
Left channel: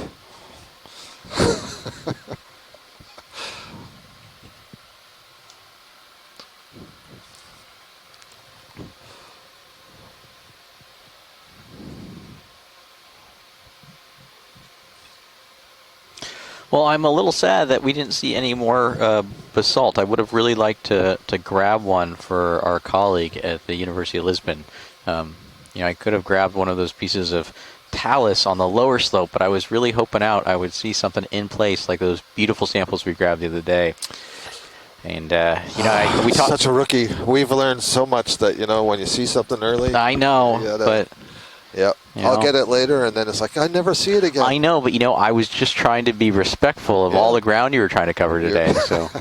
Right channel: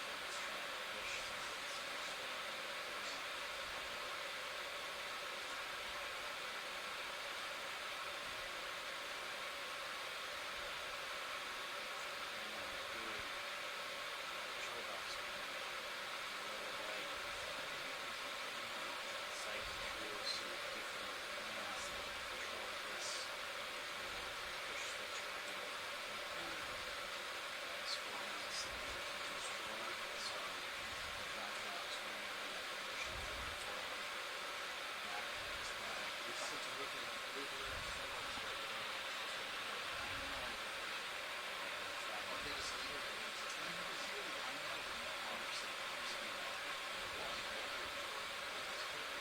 Well, I'm a little sad that we didn't see any more basalt. I would have really liked to grab one for our colleague at the University of Lisbon. I could have grabbed one of those pieces of talus on the lower slope, but I was really hoping I would see something in place like those beautiful samples we grabbed the other day. And, we talked. Such a rookie. We've learned so much that, when you see something early. I know, but. Yep. I'll get it later, and then it's like, I never see it again. I know, but, I was just trying to be respectful of all the ground you were trying to cover today. So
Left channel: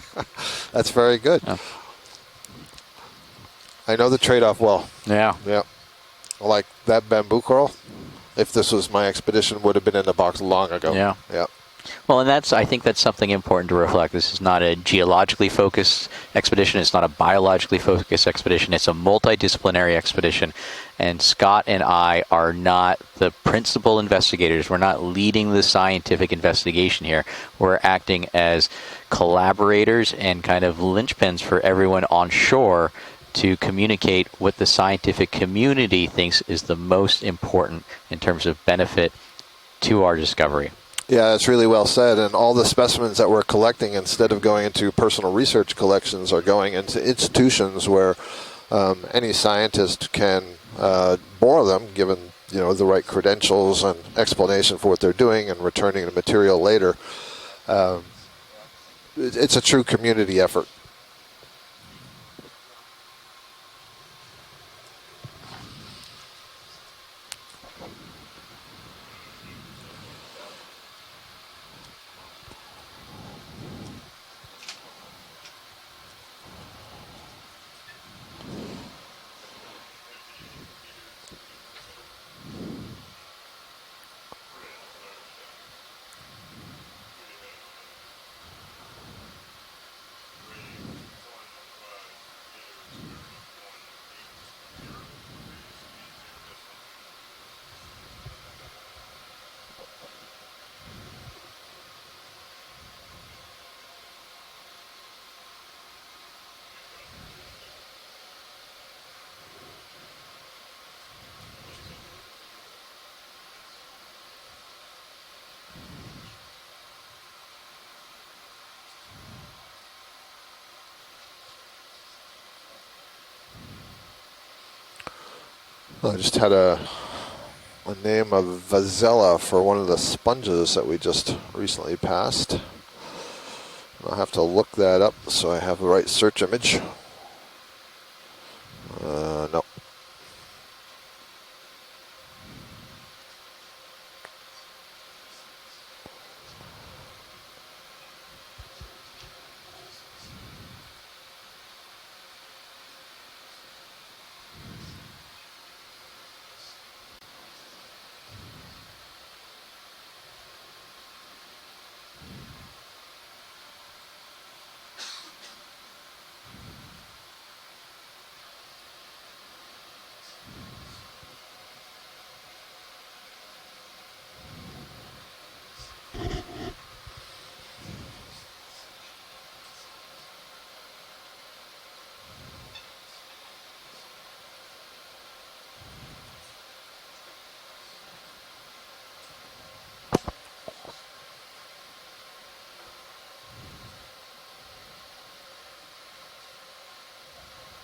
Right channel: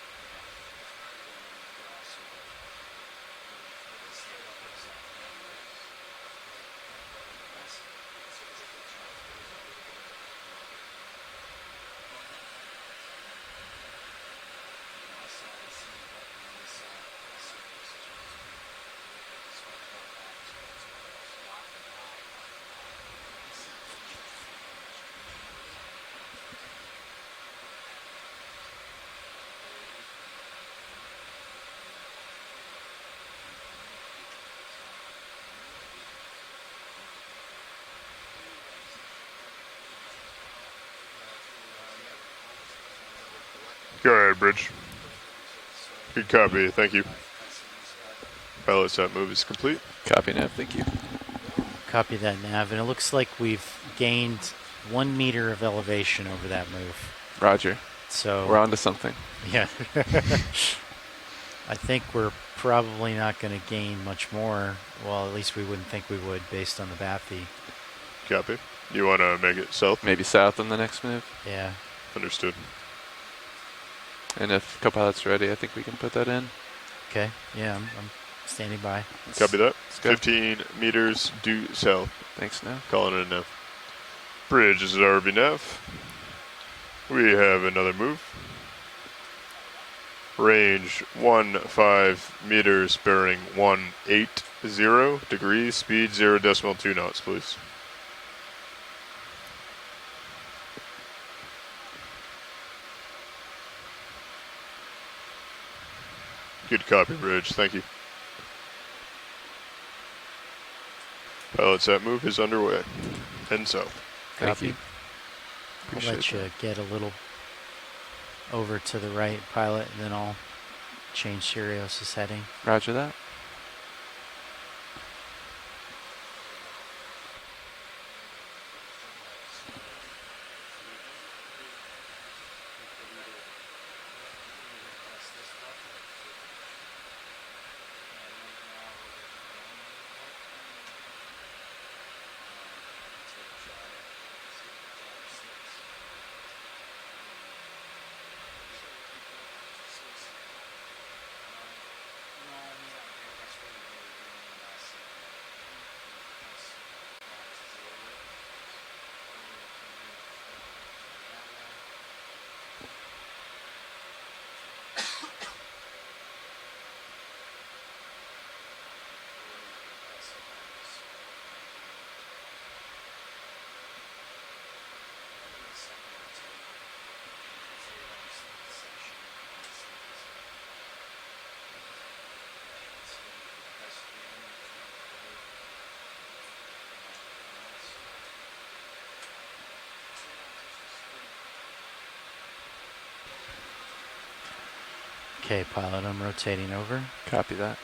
that's very good. Yeah. I know the trade-off well. Yeah. Yeah. Like that bamboo coral, if this was my expedition, would have been in the box long ago. Yeah. Yeah. Well, and I think that's something important to reflect. This is not a geologically focused expedition. It's not a biologically focused expedition. It's a multidisciplinary expedition. And Scott and I are not the principal investigators. We're not leading the scientific investigation here. We're acting as collaborators and kind of linchpins for everyone on shore to communicate what the scientific community thinks is the most important in terms of benefit to our discovery. Yeah, it's really well said. And all the specimens that we're collecting, instead of going into personal research collections, are going into institutions where any scientist can bore them, given the right credentials and explanation for what they're doing, and returning the material later. Roger. So we're on to something. It's a true community effort. I think we're probably not going to gain much more. Well, at least we wouldn't think we would, based on the BAFI. Copy. You want to make it south? Maybe south in the next move. Yeah. Understood. And if co-pilot's ready, I think we can put that in. Okay. Yeah, I'm standing by. Copy that. 15 meters due south. Thanks, Nav. Calling it a nav. Bridge is at RB nav. We have another move. Range 15 meters, bearing 180 degrees, speed 0.2 knots, please. Good copy, Bridge. Thank you. Pilot set move is underway. And so. Thank you. I'll let you get a little over to the right, pilot, and then I'll change Sirius' heading. Roger that. I just had a name of Vazella for one of the sponges that we just recently passed. I'll have to look that up so I have the right search image. No. Okay, pilot, I'm rotating over. Copy that.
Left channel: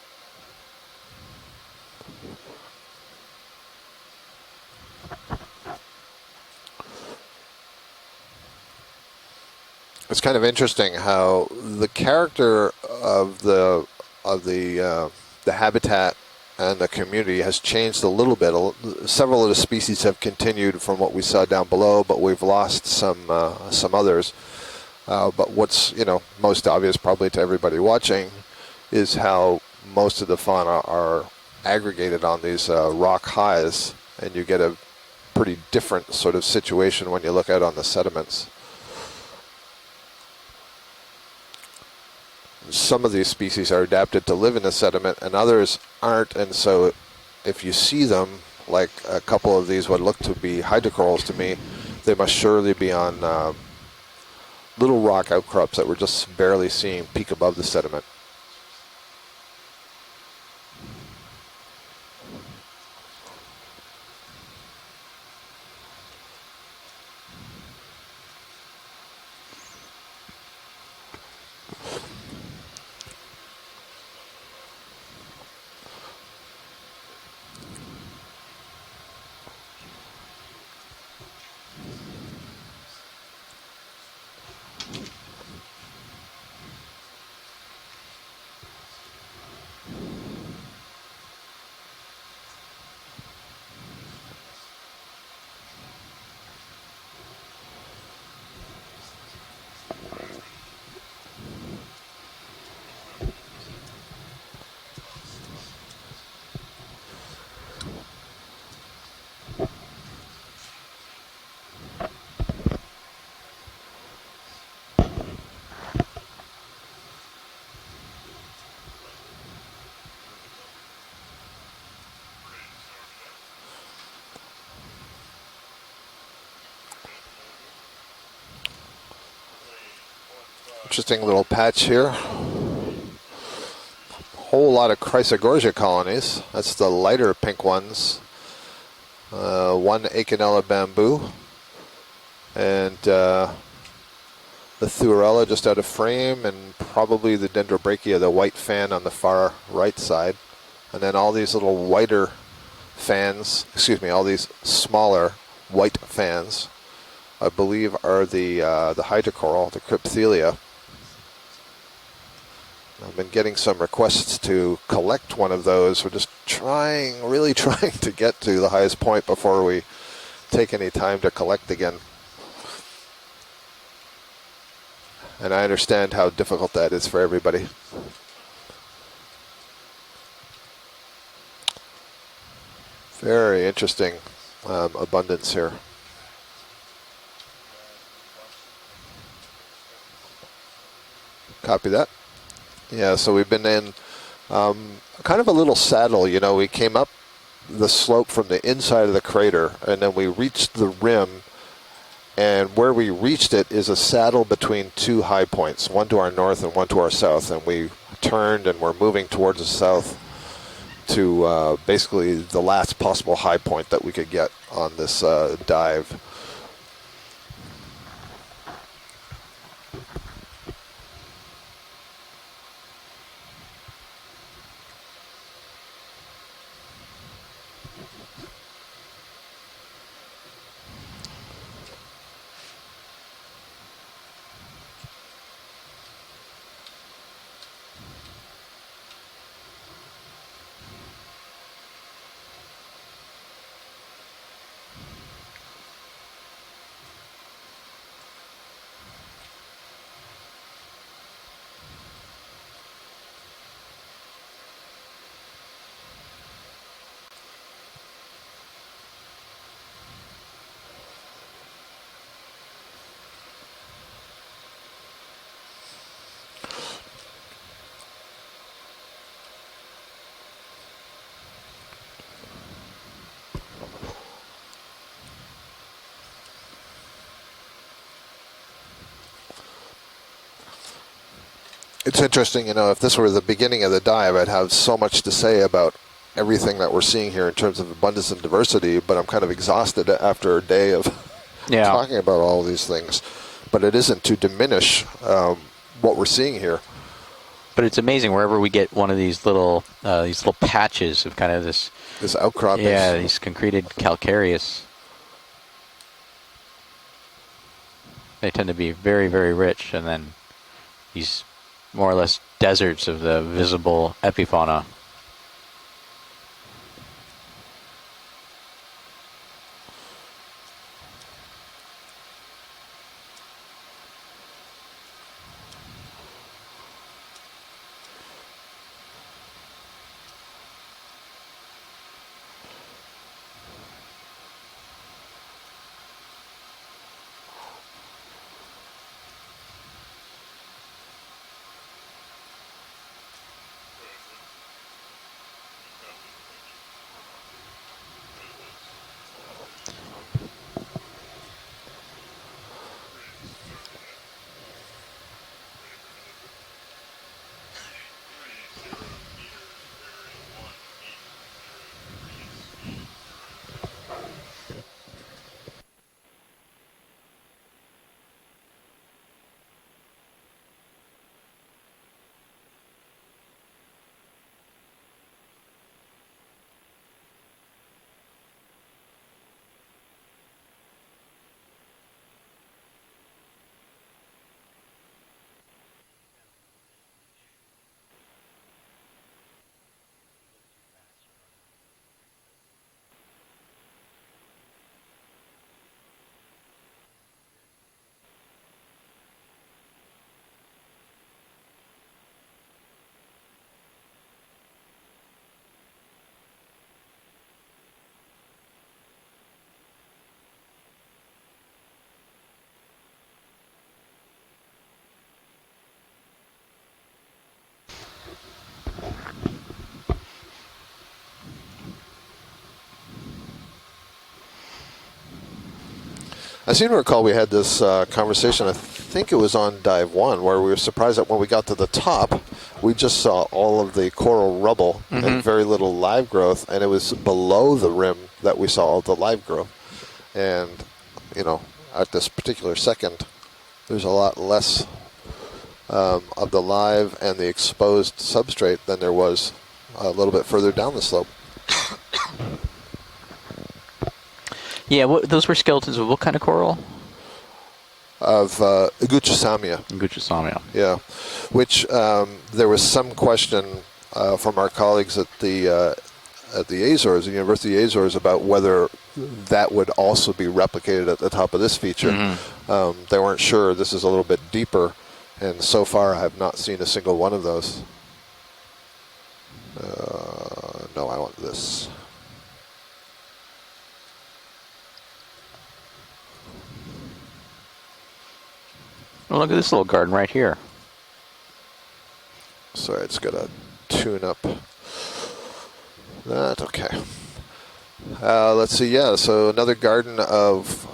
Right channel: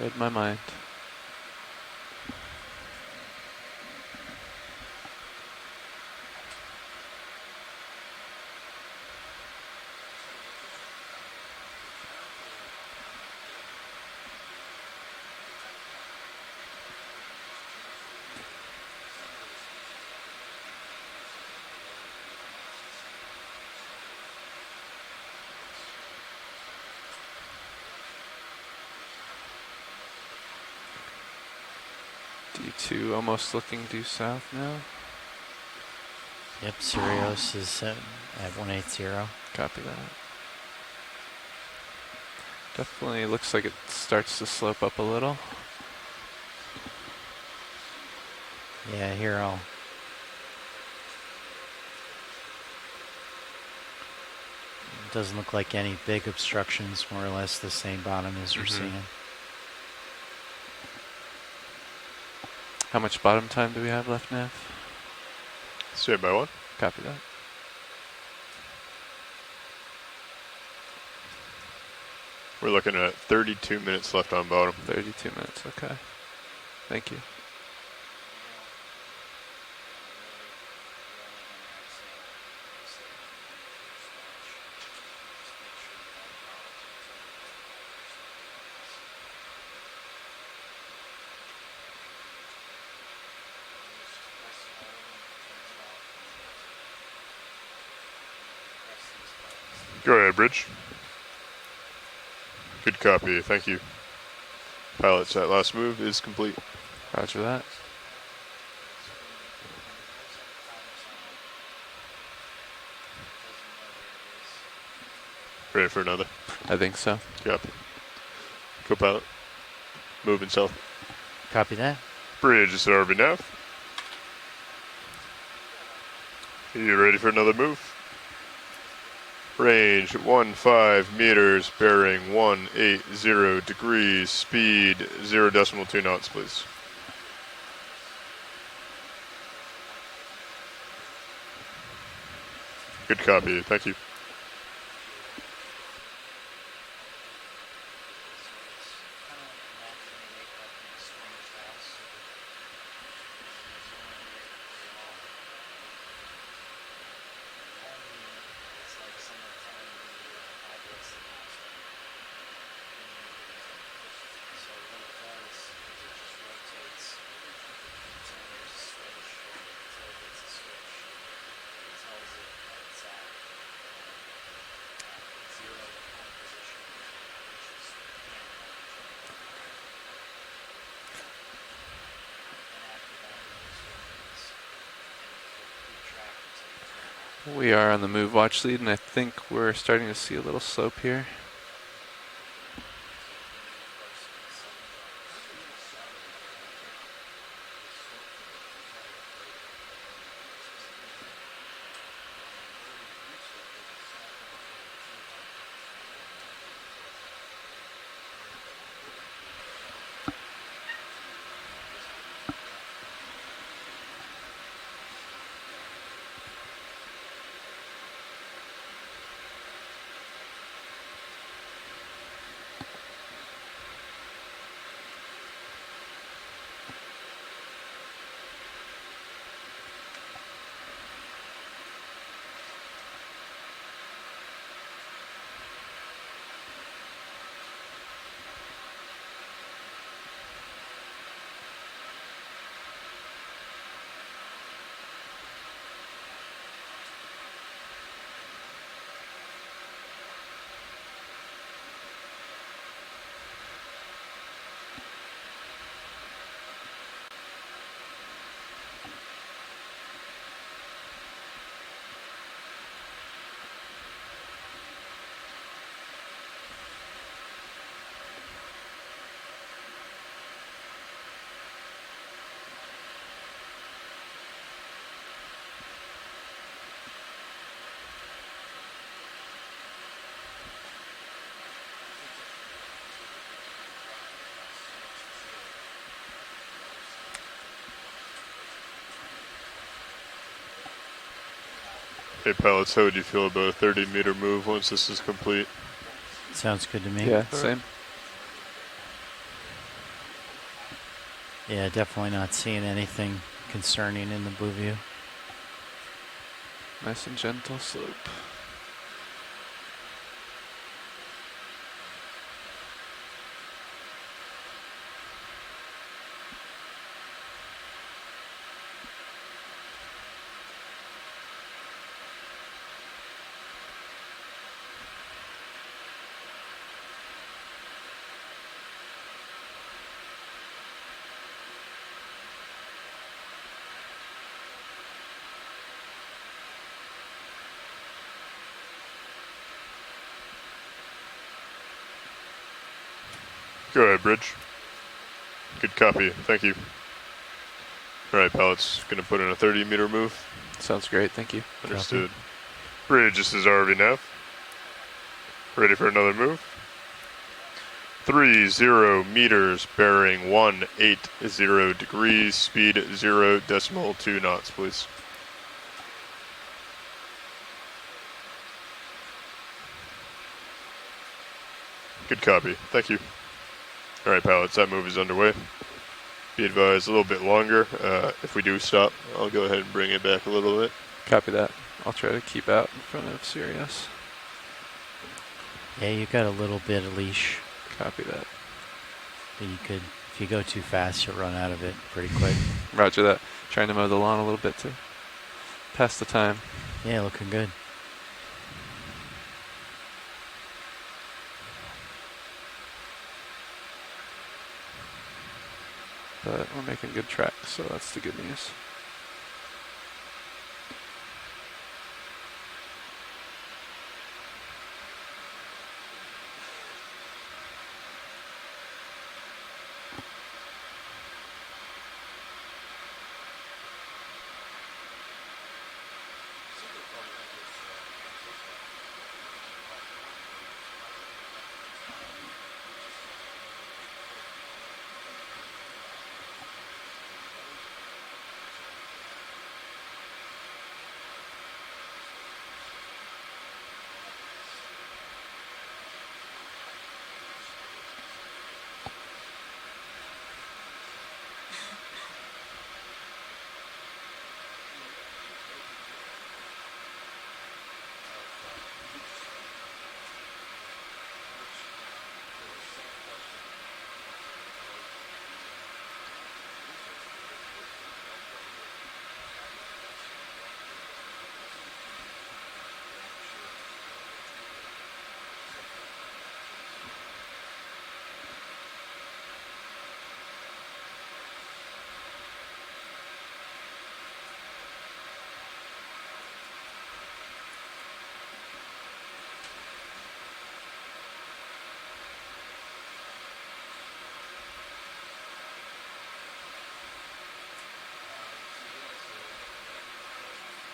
Read my mind. It's kind of interesting how the character of the habitat and the community has changed a little bit. Several of the species have continued from what we saw down below, but we've lost some others. But what's most obvious probably to everybody watching is how most of the fauna are aggregated on these rock highs, and you get a pretty different sort of situation when you look out on the sediments. At 180. Copy that. Some of these species are adapted to live in the sediment, and others aren't. And so, if you see them, like a couple of these, what look to be hydrocorals to me, they must surely be on little rock outcrops that we're just barely seeing peek above the sediment. How much bottom time do we have left, Nav? Stand by 1. Copy that. We're looking at 32 minutes left on bottom. 32 minutes, okay. Thank you. Go ahead, Bridge. Good copy, thank you. Pilot set last move is complete. Roger that. Ready for another? I think so. Copy. Co-pilot. Moving south. Copy that. Bridge is RV nav. Are you ready for another move? Range 15 Interesting meters, little patch bearing here. 180 degrees. Whole lot of speed Chrysogogia 0.2 colonies. knots, That's the lighter pink ones. One Okeanos bamboo. And Good copy, thank you. the Thuarella just out of frame, and probably the Dendrobrachia, the white fan on the far right side. And then all these little whiter fans, excuse me, all these smaller white fans, I believe are the hydrocoral, the Crypthelia. I've been getting some requests to collect one of those. We're just really trying to get to the highest point before we take any time to collect again. And I understand how difficult that is for everybody. Very interesting abundance here. We are on the move watch lead, and I think we're starting to see a little slope here. Copy that. Yeah, so we've been in kind of a little saddle. You know, we came up the slope from the inside of the crater, and then we reached the rim, and where we reached it is a saddle between two high points, one to our north and one to our south, and we turned and we're moving towards the south to basically the last possible high point that we could get on this dive. It's interesting, you know, if this were the beginning of the dive, I'd have so much to say about everything that we're seeing here in terms of abundance and diversity, but I'm kind of exhausted after a day of talking about all these things. But it isn't to diminish what we're seeing here. Sounds good to me. Yeah, same. But it's amazing wherever we get one of these little patches of kind of this, Yeah, definitely. This outcrop. yeah, these concreted calcareous. Nice and gentle slope. They tend to be very, very rich, and then these more or less deserts of the visible epifauna. Go ahead, Bridge. Good copy. Thank you. All right, Pallet's going to put in a 30-meter move. Sounds great. Thank you. Understood. Bridge, this is RV nav. Ready for another move? 30 meters, bearing 180 degrees, speed 0.2 knots, please. Good copy. Thank you. All right, pilots, that move is underway. Be advised, a little bit longer. If we do stop, I'll go ahead and bring it back a little bit. Copy that. I'll try to keep out in front of Sirius. Yeah, you got a little bit of leash. Copy that. But you could, if you go too fast, you'll run out of it pretty quick. Roger that. Trying to mow the lawn a little bit to pass the time. Yeah, looking good. But we're making good track, so that's the good news. I seem to recall we had this conversation, I think it was on dive 1, where we were surprised that when we got to the top, we just saw all of the coral rubble and very little live growth, and it was below the rim that we saw all the live growth. And, you know, at this particular second, there's a lot less of the live and the exposed substrate than there was a little bit further down the slope. Yeah, those were skeletons of what kind of coral? Of Guccisamia. Guccisamia. Yeah, which there was some question from our colleagues at the Azores, the University of Azores, about whether that would also be replicated at the top of this feature. They weren't sure. This is a little bit deeper, and so far I have not seen a single one of those. No, I want this. Oh, look at this little garden right here. Sorry, it's got a tune up. That's okay. Let's see, yeah, so another garden of,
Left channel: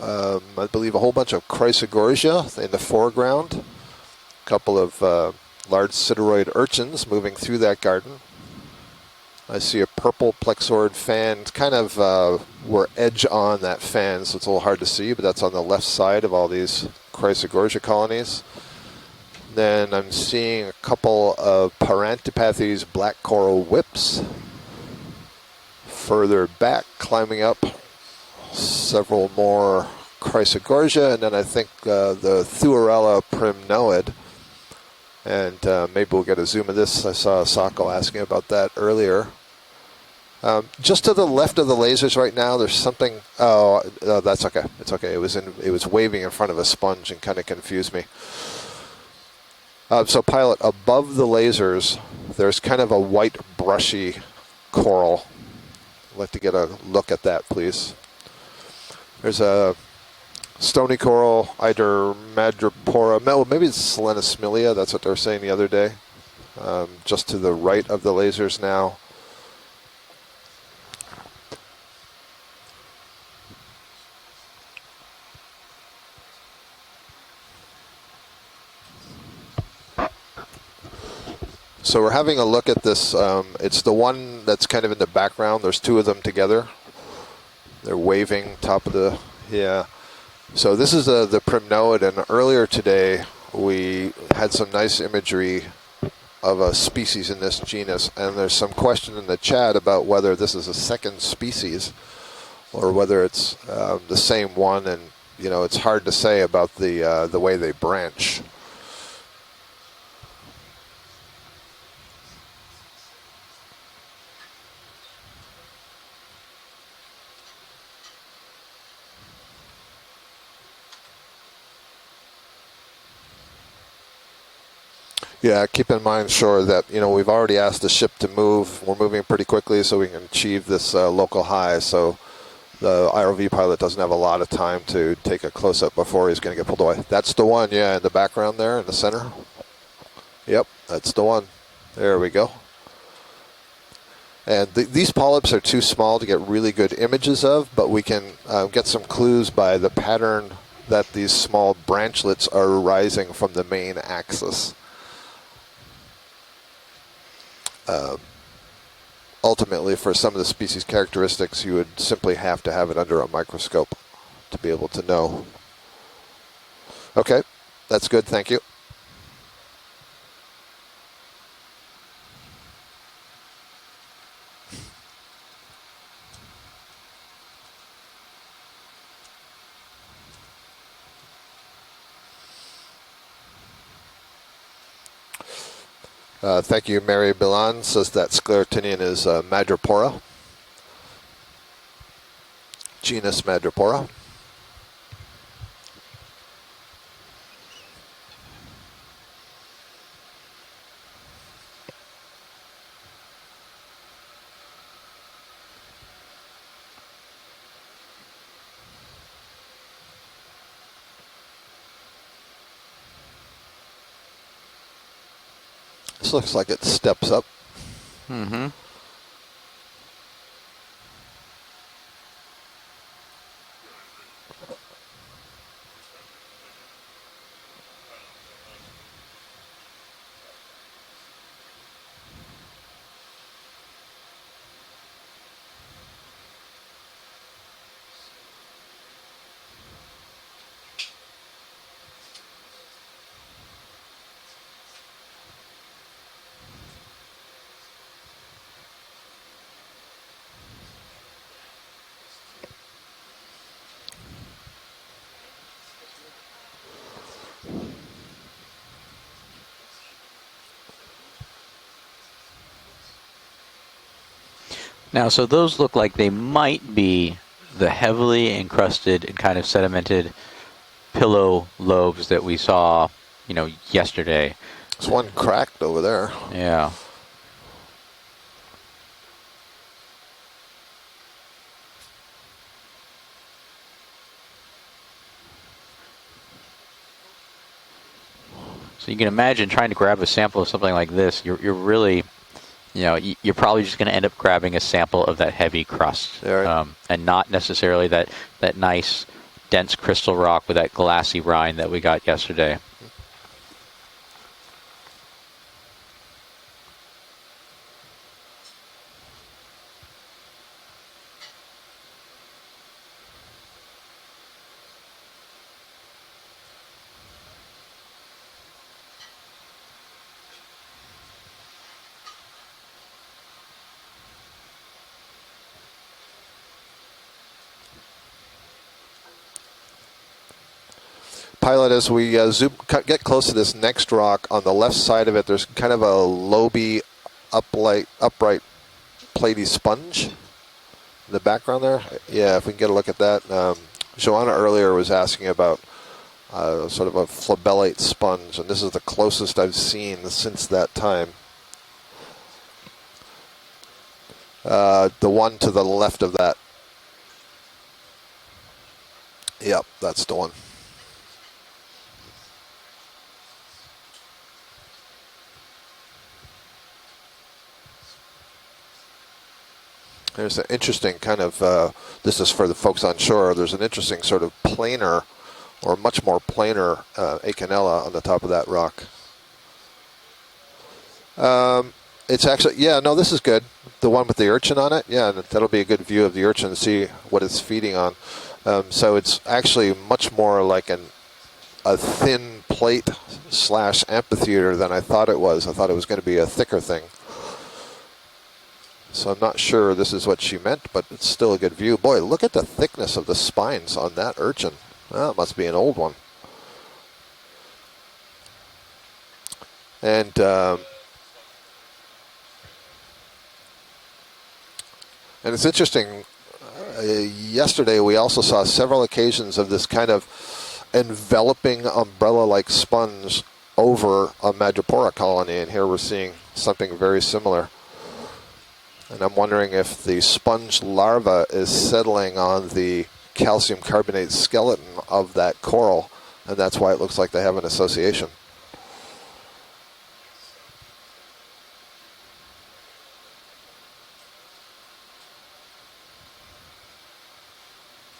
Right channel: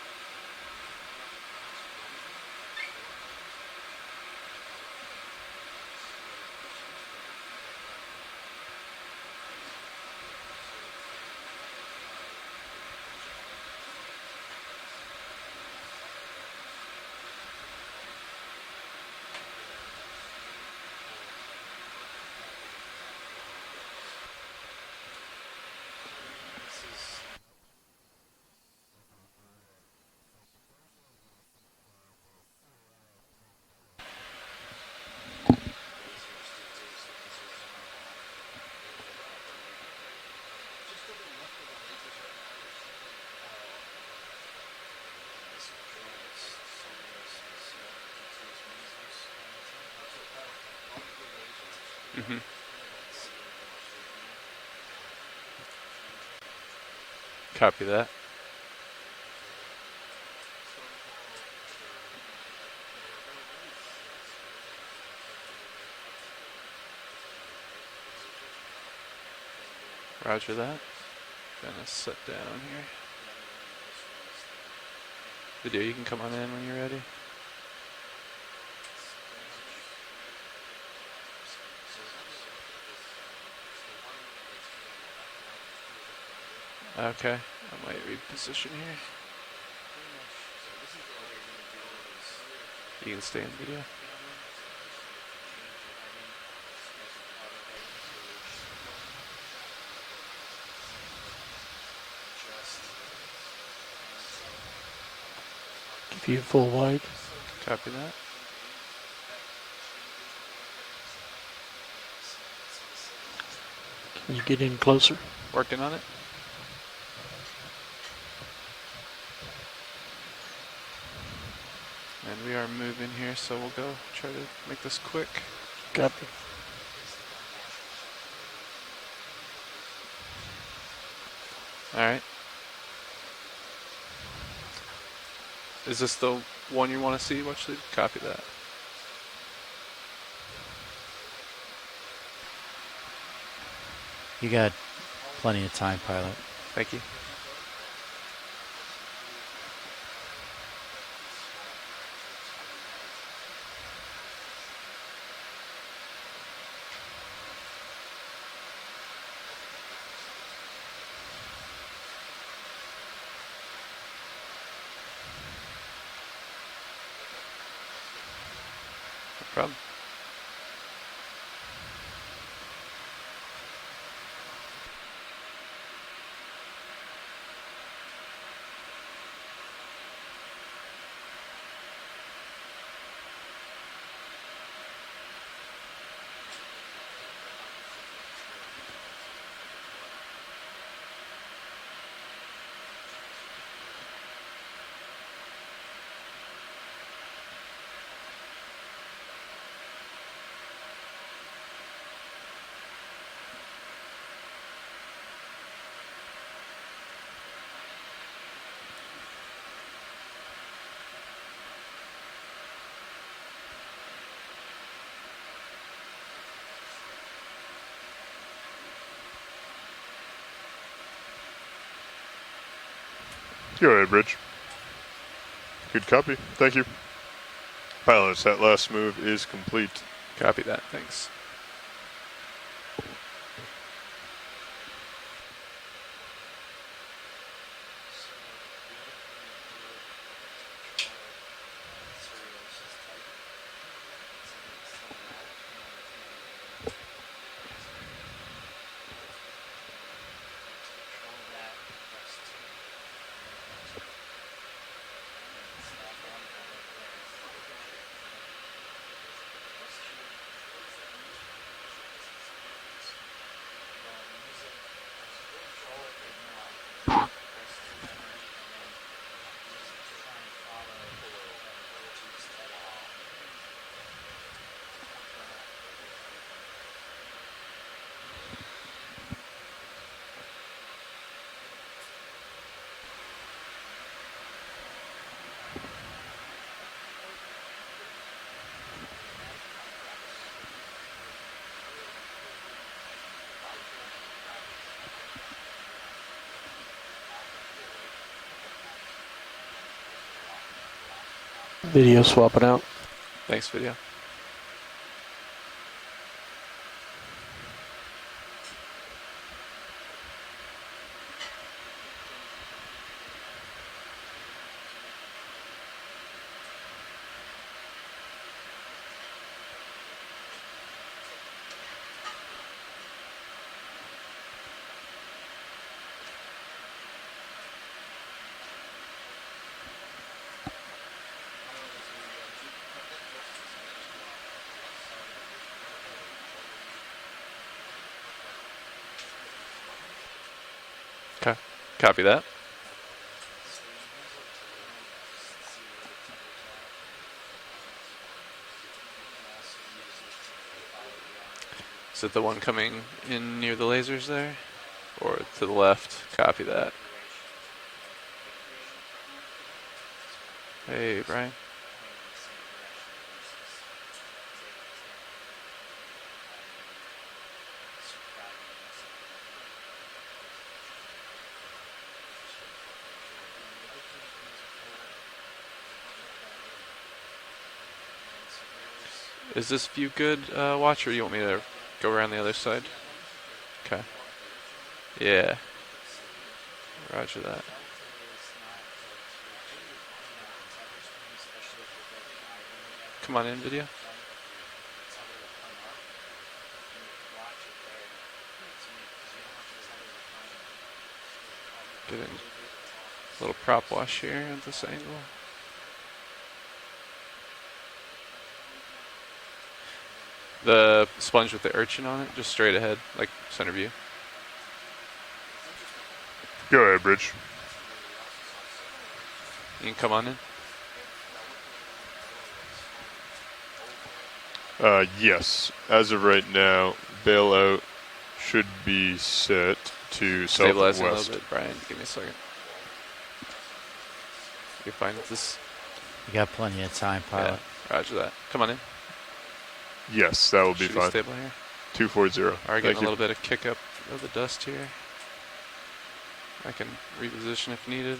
I believe, a whole bunch of chrysogorgia in the foreground. A couple of large sideroid urchins moving through that garden. I see a purple plexaurid fan, kind of we're edge on that fan, so it's a little hard to see, but that's on the left side of all these chrysogorgia colonies. Then I'm seeing a couple of Parantipathes black coral whips. Further back, climbing up, several more chrysogorgia, and then I think the Thuarella primnoid. And maybe we'll get a zoom of this. I saw Sako asking about that earlier. Just to the left of the lasers right now, there's something. Oh, that's okay. It's okay. It was waving in front of a sponge and kind of confused me. So, pilot, above the lasers, there's kind of a white brushy coral. I'd like to get a look at that, please. Copy that. There's a stony coral, either madrepora, maybe it's Selenosmilia, that's what they were saying the other day. Just to the right of the lasers now. Roger that. Gonna sit down here. Video, you can come on in when you're ready. So we're having a look at this. It's the one that's kind of in the background. There's two of them together. Okay. They're waving top of the, yeah. So this is the primnoid, and earlier today we had some nice imagery of a species in this genus, and there's some question in the chat about whether this is a second species or whether it's the same one, and you know it's hard to say about the way they branch. Can you get in closer? Working on it. And we are moving here, so we'll go try to make this quick. Yeah, keep in mind, sure, that we've already asked the ship to move. We're moving pretty quickly so we can achieve this local high. So right. The IRV pilot doesn't have a lot of time to take a close-up before he's going to get pulled away. That's the one, yeah, in the background there in the center. Yep, that's the one. There we go. And these polyps are too small to get really good images of, but we can get some clues by the pattern that these small branchlets are rising from the main axis. Ultimately, for some of the species characteristics, you would simply have to have it under a microscope to be able to know. Okay, that's good, thank you. No problem. Thank you, Mary Bilan says that sclerotinian is Madrepora, genus Madrepora. This looks like it steps up. Mm-hmm. You're all right, Bridge. Good copy. Thank you. Pilots, that last move is complete. Copy that. Thanks. Now, so those look like they might be the heavily encrusted and kind of sedimented pillow lobes that we saw, yesterday. There's one cracked over there. Yeah. So you can imagine trying to grab a sample of something like this. You're really, you're probably just going to end up grabbing a sample of that heavy crust, and not necessarily that nice, dense crystal rock with that glassy rind that we got yesterday. Thanks, video. Pilot, as we get close to this next rock, on the left side of it, there's kind of a lobey, upright, platey sponge in the background there. Copy that. Yeah, if we can get a look at that. Joanna earlier was asking about sort of a flabellate sponge, and this is the closest I've seen since that time. Is it the one coming in near the lasers there? The one to the left of that. Copy that. Yep, that's the one. Hey, Brian. There's an interesting kind of, this is for the folks on shore, there's an interesting sort of planar, or much more planar Okeanos on the top of that rock. Is this view good, Watch, or you want me to go around the It's other actually, side? yeah, no, this is good. Okay. The one with the urchin on it, yeah, Yeah. that'll be a good view of the urchin and see what it's feeding on. So it's actually much more like a thin plate / amphitheater than I thought it was. I thought it was going to be a thicker thing. So I'm not sure this is what she meant, but it's still a good view. Boy, look at the thickness of the spines on that urchin. Well, it must be an old one. And the sponge with the urchin on it, just straight ahead, like center view. And it's interesting. Go ahead, Rich. Yesterday, we also saw several occasions of this kind of enveloping umbrella-like sponge over a Madrepora colony, yes. and here we're As of seeing right now, something very similar. bailout should be And I'm wondering set if the to sponge stabilize larva us. is settling on the calcium carbonate skeleton of that coral, and that's why it looks like they have an association. Come on in. Yes, that will be Should we fine. stable here? 240. Alright, Thank getting a you. little bit of kick up of the dust here. I can reposition if needed.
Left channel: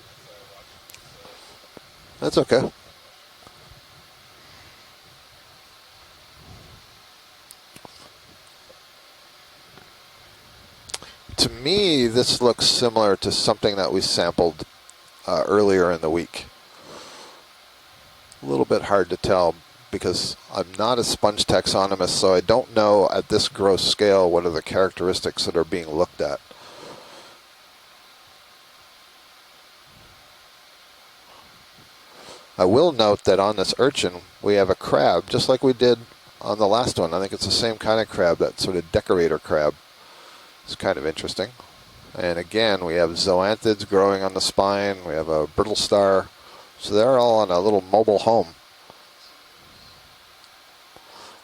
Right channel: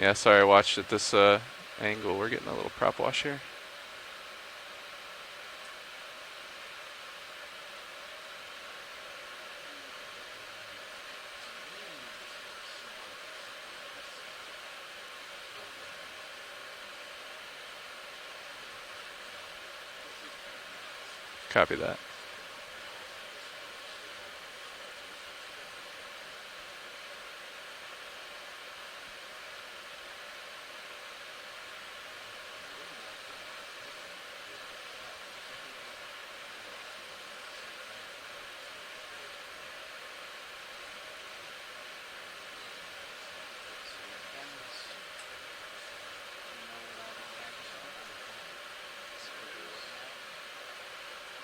Yeah, sorry, I watched at this angle. We're That's getting a okay. little prop wash here. To me, this looks similar to something that we sampled earlier in the week. A little bit hard to tell because I'm not a sponge taxonomist, so I don't know at this gross scale what are the characteristics that are being looked at. I will note that on this urchin, we have a crab, just like we did on the last one. I think it's the same kind of crab, that sort of decorator crab. It's kind of interesting. And again, we have zoanthids growing on the spine. We have a brittle star. So they're all on a little mobile home.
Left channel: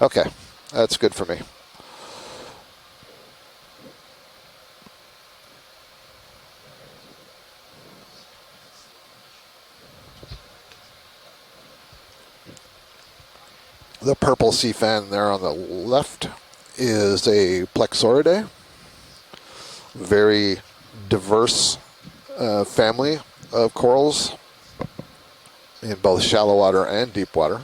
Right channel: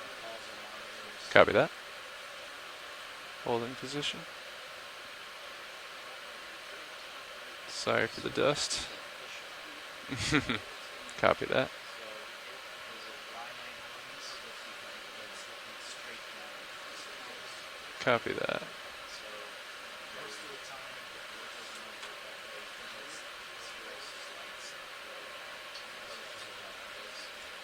Okay, that's good for me. Copy that. Hold in position. Sorry for the dust. Copy that. The purple sea fan there on the left is a Plexauridae. Very diverse family of corals in both shallow water and deep water.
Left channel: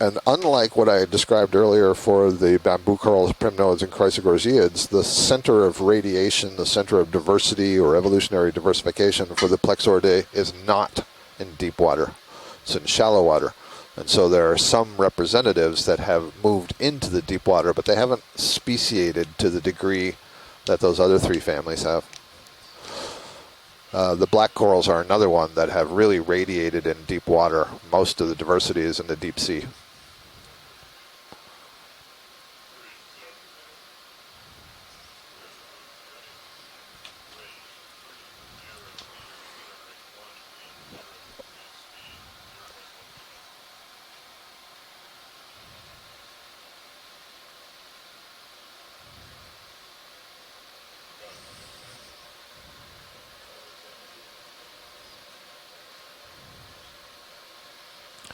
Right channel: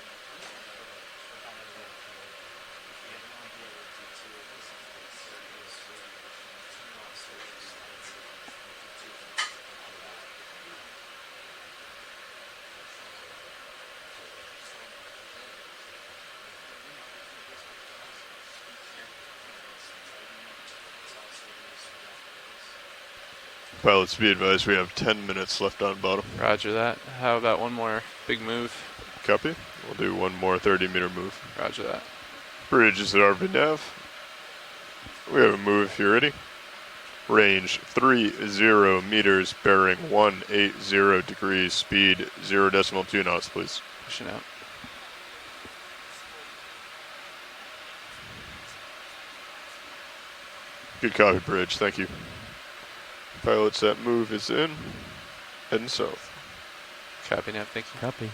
And unlike what I described earlier for the bamboo corals, primnoids, and chrysogorgiids, the center of radiation, the center of diversity or evolutionary diversification for the Plexauridae is not in deep water. It's in shallow water. And so there are some representatives that have moved into the deep water, but they haven't speciated to the degree that those other three families have. The black corals are another one that have really radiated in deep water. Most of the diversity is in the deep sea. We'll do one more 30-meter move. Roger that. Bridge is at our nav. We have a move if you're ready. Range 30 meters, bearing 180 degrees, speed 0.2 knots, please. Pushing out. Good copy, Bridge. Thank you. Pilots, that move is in. Heading south. Copy now, thank you. Copy.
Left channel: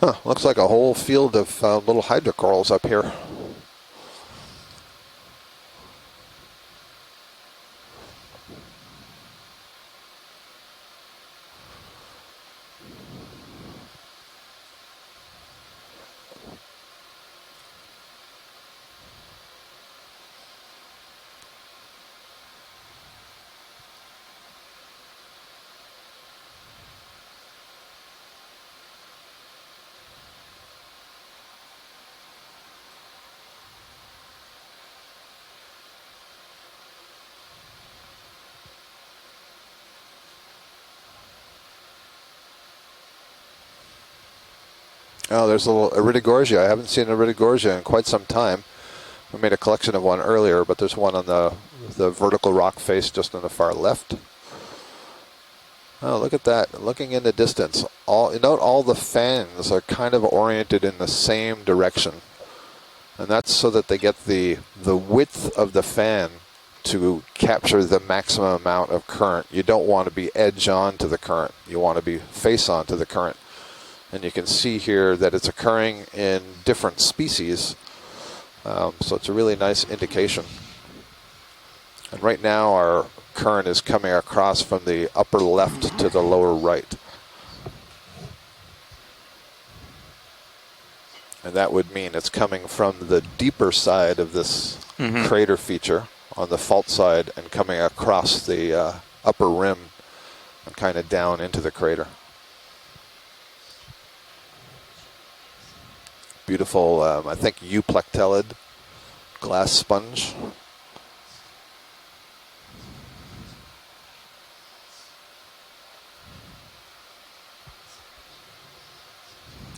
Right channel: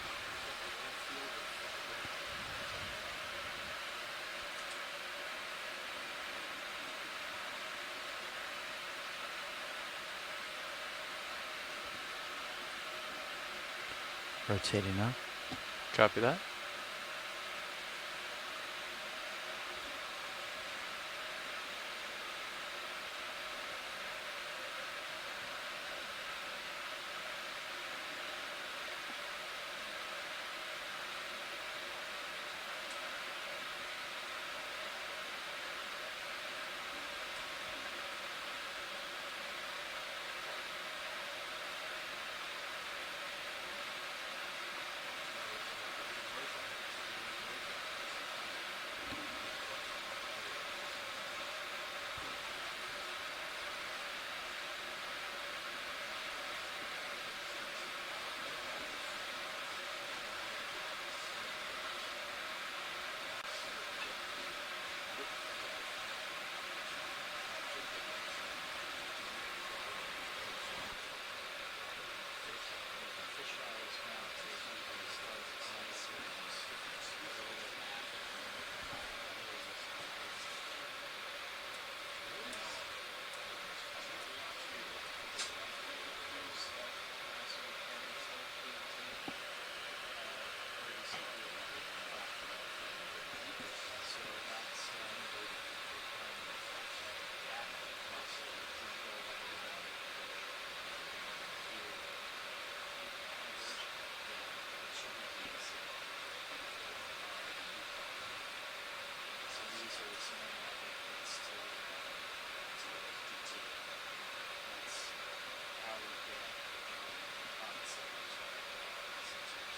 Huh, looks like a whole field of little hydrocorals up here. Rotating up. Copy that. Oh, there's a little Iridogorgia. I haven't seen Iridogorgia in quite some time. I made a collection of one earlier, but there's one on the vertical rock face just on the far left. Oh, look at that. Looking in the distance. Note all the fangs are kind of oriented in the same direction. And that's so that they get the width of the fan to capture the maximum amount of current. You don't want to be edge on to the current. You want to be face on to the current. And you can see here that it's occurring in different species. So it's a really nice indication. And right now our current is coming across from the upper left to the lower right. And that would mean it's coming from the deeper side of this crater feature on the fault side and coming across the upper rim and kind of down into the crater. Beautiful, I think euplectellid glass sponge.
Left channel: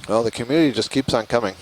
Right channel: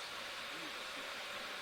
Well, the community just keeps on coming.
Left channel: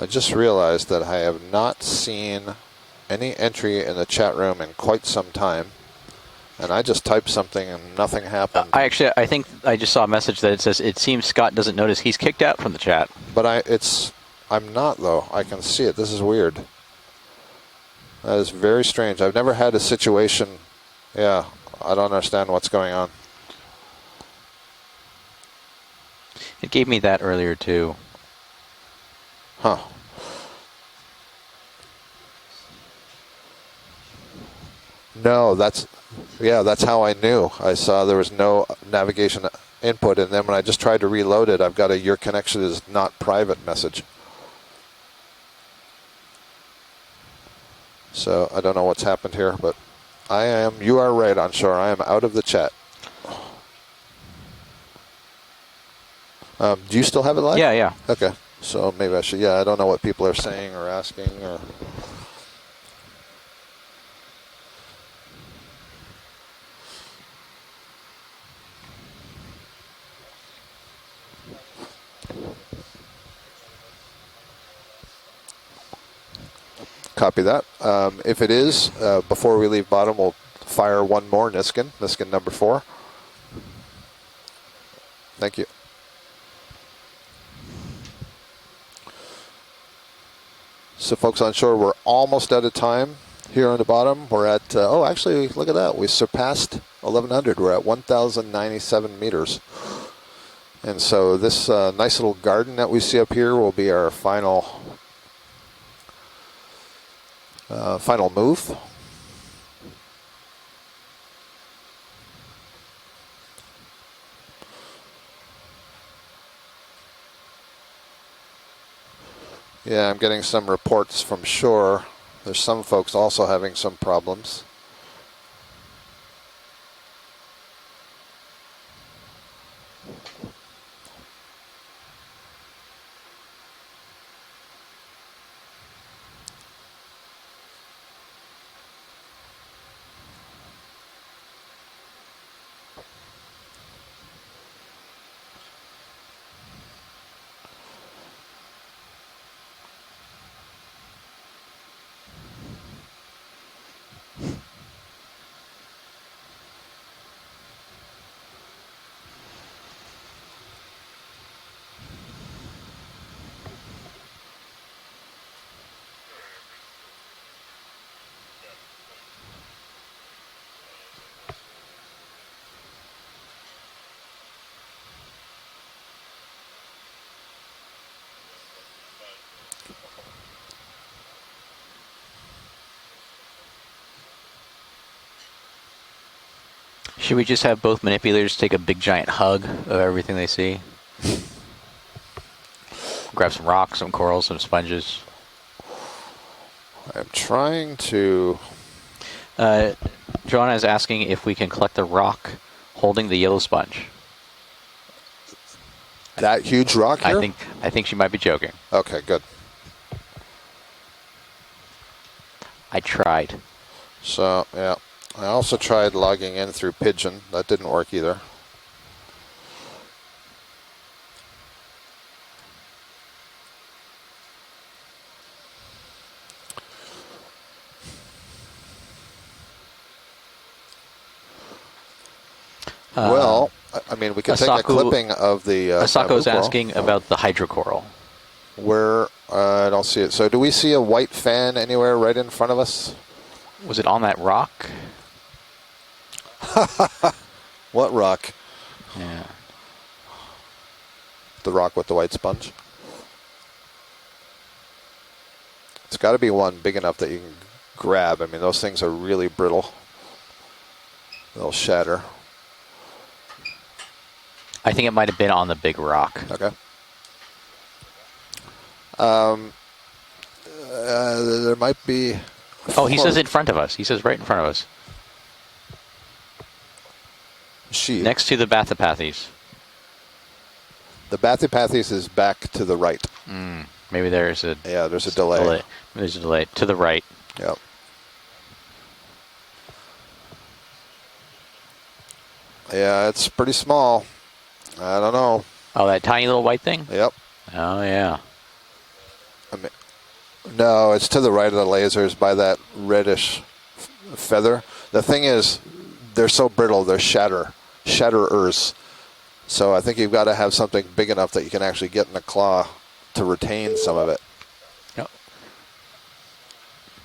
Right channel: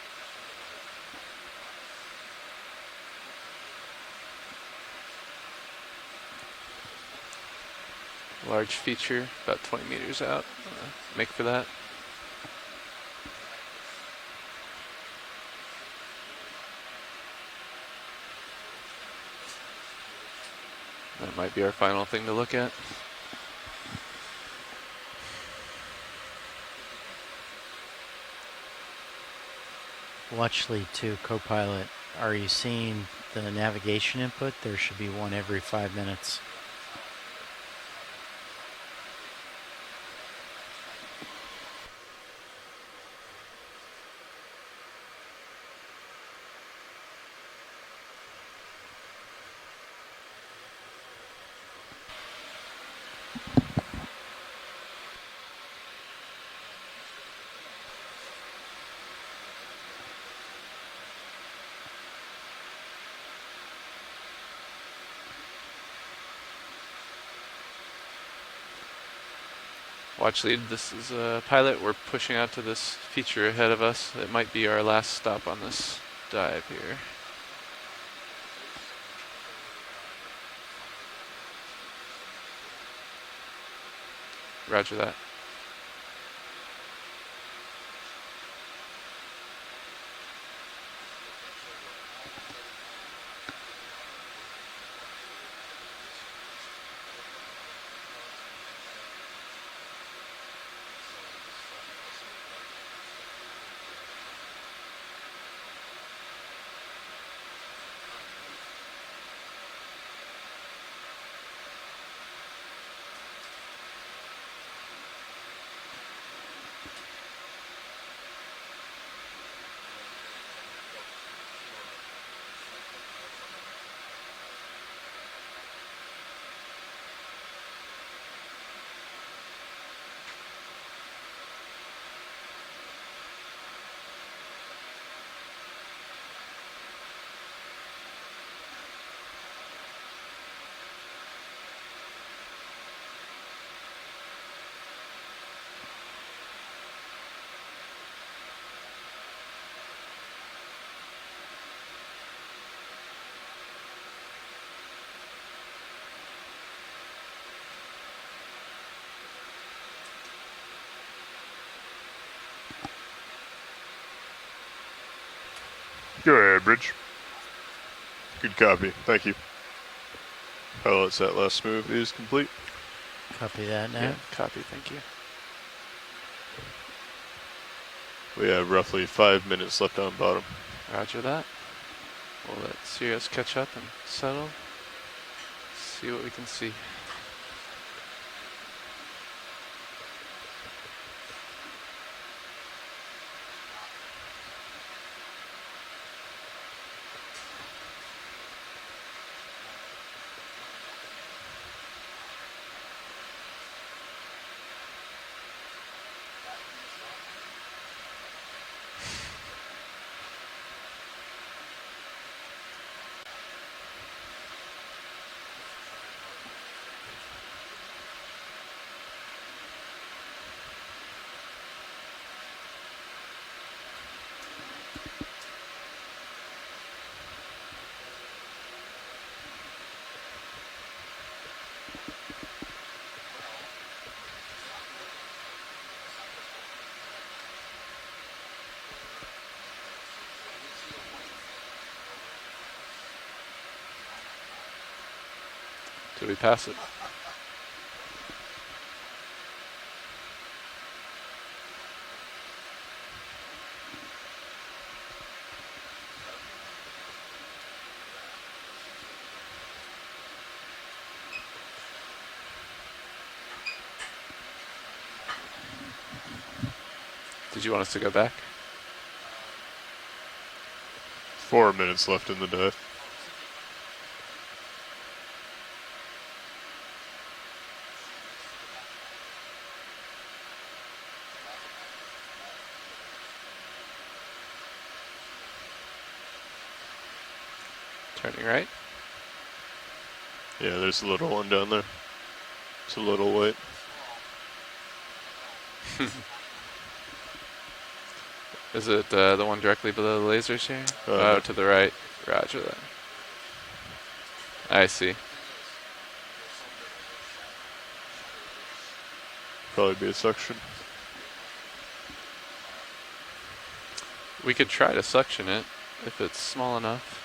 I just realized that I have not seen any entry in the chat room in quite some time. And I just typed something and nothing happened. I think I just saw a message that it says, it seems Scott doesn't notice he's kicked out from the chat. But I'm not though. I can see it. This is weird. That is very strange. I've never had a situation. Yeah, I don't understand what's going on. It gave me that earlier too. Huh. Well, actually, too, Copilot, are you seeing the navigation input? There should be one every 5 minutes. Yeah, that's how I knew. I saw there was no navigation input, and then when I just tried to reload it, I've got a "your connection is not private" message. So I don't know what's happened here, but you are right, Onshore. I am out of the chat. Do you still have it live? Yeah, yeah. Okay. So maybe I should, I don't know what people are saying or asking. Watch lead, this is a pilot. We're pushing out to this feature ahead of us. It might be our last stop on this dive here. Copy that. If it is, before we leave bottom, we'll fire one more Niskin number 4. Roger that. Thank you. So folks on shore, we're almost out of time here on the bottom. We're at, actually, look at that. We surpassed 1,100. We're at 1,097 meters. And so this nice little garden that we see up here will be our final move. Yeah, I'm getting some reports from shore. There's some folks also having some problems. Go ahead, Bridge. Good copy. Thank you. Pilot set last move is complete. Copy that now. Yeah, copy, thank you. We have roughly 5 minutes left on bottom. Roger that. We'll let Sirius catch up and settle. See what we can see. Should we just have both manipulators take a big giant hug of everything they see? Grab some rocks, some corals, some sponges. I'm trying to... Joanna is asking if we can collect the rock holding the yellow sponge. That huge rock here? I think she might be joking. Okay, good. I tried. So, yeah. I also tried logging in through Pigeon. That didn't work either. Well, I mean, we can take a clipping of the Asako's coral. asking about the hydrocoral. Where? I don't see it. So do we see a white fan anywhere right in front of us? Was it on that rock? Did we pass it? What rock? Yeah. The rock with the white sponge? It's got to be one big enough that you can grab. I mean, those things are really brittle. They'll shatter. I think it might have been on the big rock. Okay. Did you want us to go back? There might be... Oh, he says in front of us. He says right in front of us. Next to the Bathypathes. The Bathypathes is back to the right. Maybe there's a... Yeah, there's a delay. There's a delay. To the right. Yep. Turning right? Yeah, there's a little one down there. Yeah, it's pretty small. I don't know. Oh, that tiny little white thing? Yep. Oh, yeah. Is it the one directly below the lasers here? No, it's to the right of the lasers by that reddish feather. I see. The thing is, they're so brittle, they're shatterers. So I think you've got to have something big enough that you can actually get in the claw to retain some of it. We could try to suction it if it's small enough.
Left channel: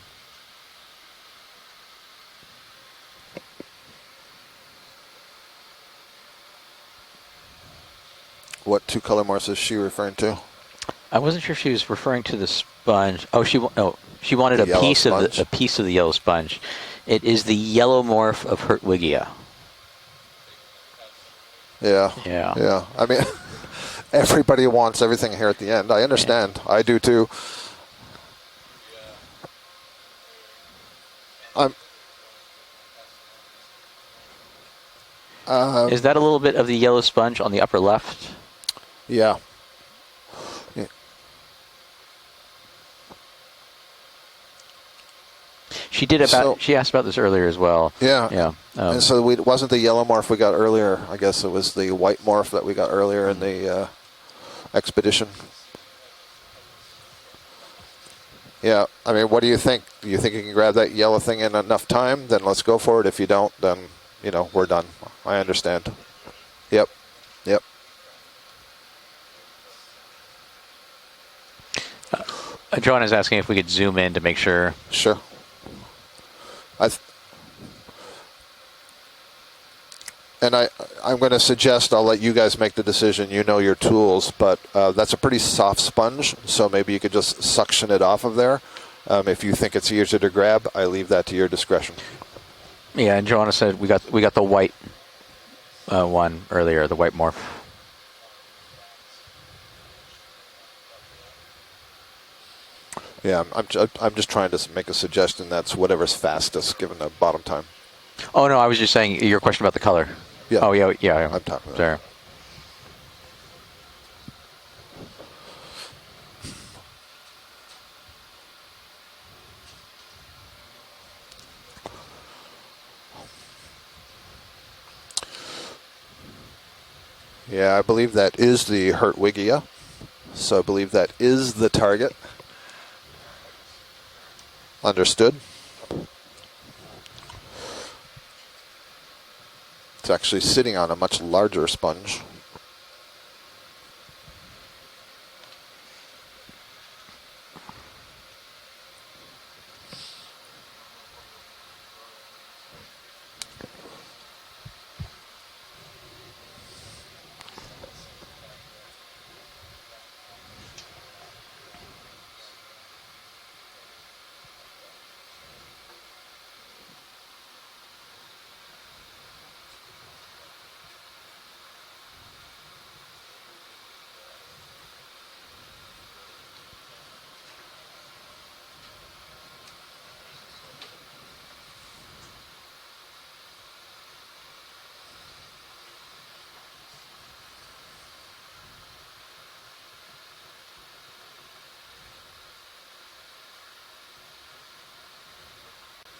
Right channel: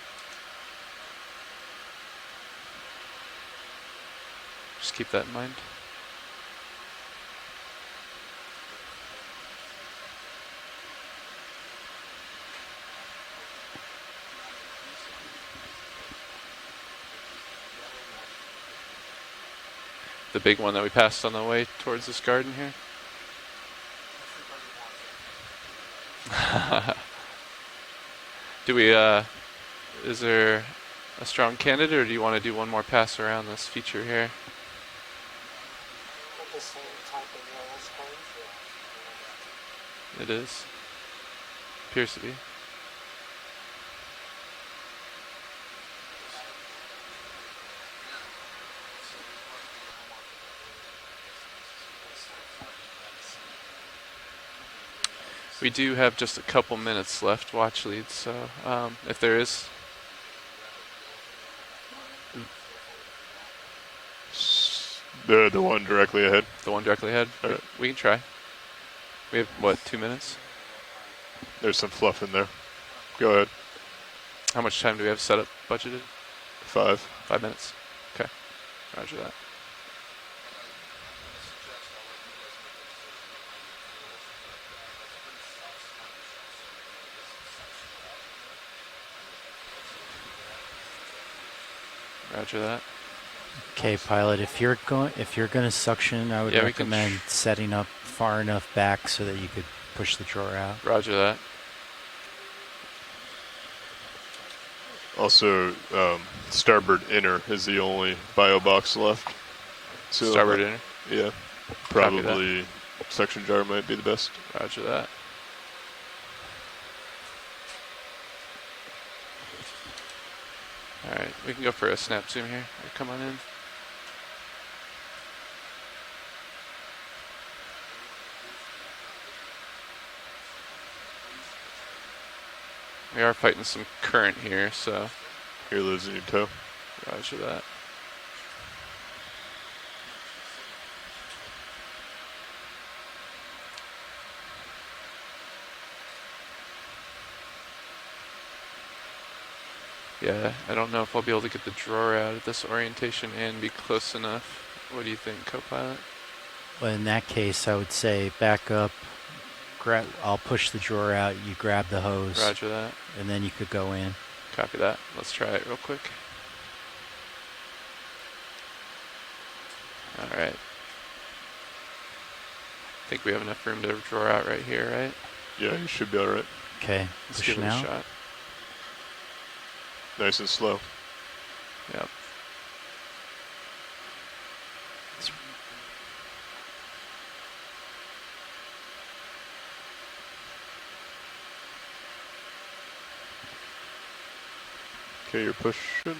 Just keep that in mind. What two color morphs is she referring to? I wasn't sure if she was referring to the sponge. Oh, she wanted a piece of the yellow sponge. It is the yellow morph of Hertwiggia. The big one that we passed on the way towards the garden? Yeah. I mean, everybody wants everything here at the end. I understand. I do too. Do we, is there a strong candidate, or do you want to do one more pass around this feature here? Is that a little bit of the yellow sponge on the upper left? Yeah. It is? Yeah. Appears to be. She did she asked about this earlier as well. Yeah. Yeah. And so it wasn't the yellow morph we got earlier. I guess it was the white morph that we got earlier in the expedition. We do have just a couple minutes left, watch lead, so... Yeah, I mean, what do you think? Do you think you can grab that yellow thing in enough time? Then let's go for it. If you don't, then, you know, we're done. I understand. The one directly ahead? The one directly ahead? Yep. We can try. We have, what, 2 minutes? There's some fluff in there. John is asking if we could zoom in to make sure. How much time do we have set up budgeted? 5 minutes. Okay. Roger that. And I'm going to suggest, I'll let you guys make the decision. You know your tools, but that's a pretty soft sponge, so maybe you could just suction it off of there. If you think it's easier to grab, I leave that to your discretion. Roger that. Yeah, and Joanna said Okay, we got the white. If you're going to suction, one. I would Over here, the recommend white morph. setting up far enough back so that you could push the drawer out. Roger that. Yeah, I'm just trying to make a suggestion. Also, that's whatever's fastest. Starboard given the inner bottom time. is the only... Oh, no, I was just saying your question about the color. Starboard Oh, yeah. I'm top. Sorry. Probably suction jar might be the best. Roger that. All right, we can go for a snap zoom here. Come on in. Yeah, I believe that is the Hertwiggia. So I believe that is the target. We are fighting some current here. So Understood. You're losing your toe. Roger that. It's actually sitting on a much larger sponge. Yeah, I don't know if I'll be able to get the drawer out at this orientation and be close enough. What do you think, co-pilot? Well, in that case, I would say back up. I'll push the drawer out. You grab the hose. Roger that. And then you could go in. Copy that. Let's try it real quick. All right. I think we have enough room to draw out right here, right? Yeah, you should be all right. Okay, let's give it a shot. Nice and slow. Yep. Okay, you're pushing.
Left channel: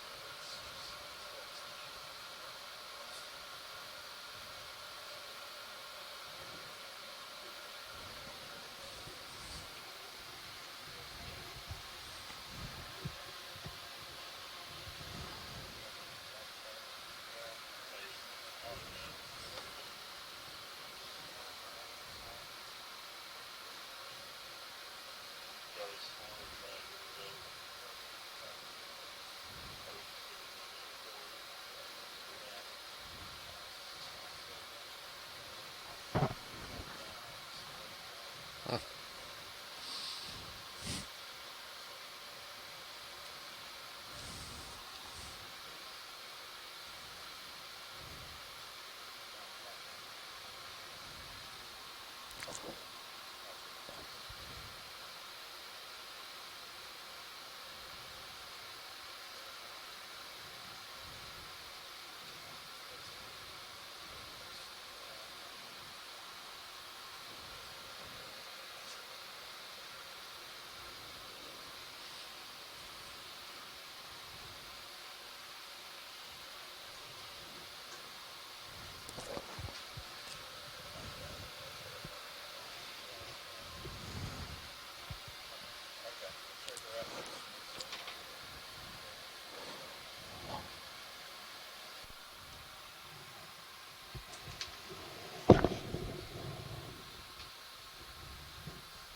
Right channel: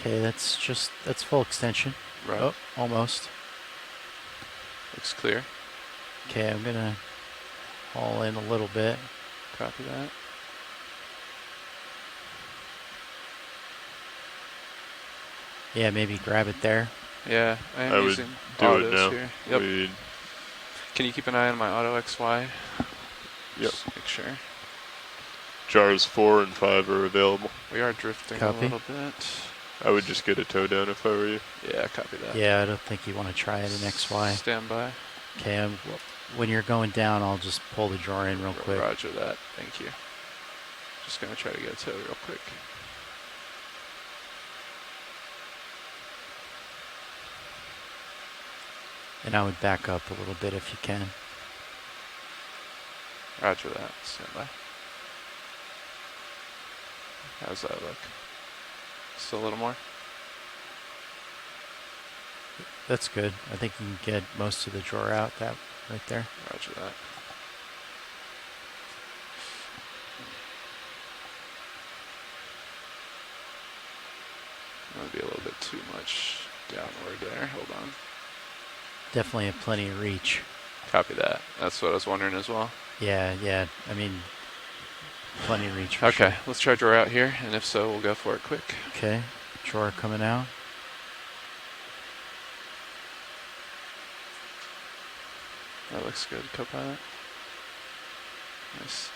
Okay, that's full extension. Right. Oh, almost. Looks clear. Okay, I'm gonna haul in a little bit. Copy that. Yeah, maybe grab it there. Yeah, I am would using do autos it now. here. Yep. Can you keep an eye on my auto XY? Yep. Just make sure. Jars 4 and 5 are available. We are drifting Copy. a little bit. I would just get a tow down if I were you. Yeah, copy that. Yeah, I don't think you want to try it in XY. Stand by. Okay, when you're going down, I'll just pull the drawer in real quick. Roger that. Thank you. Just gonna try to get a tow real quick. And I would back up a little bit if you can. Roger that. Stand by. How's that look? Still a little more? That's good. I think you can get most of the drawer out right there. Roger that. That would be a little bit too much downward there. Hold on. Definitely have plenty of reach. Copy that. That's what I was wondering as well. Yeah. I mean, plenty of reach. Okay, let's try drawer out here, and if so, we'll go for it quick. Okay, drawer coming out. That looks good, co-pilot. Nice.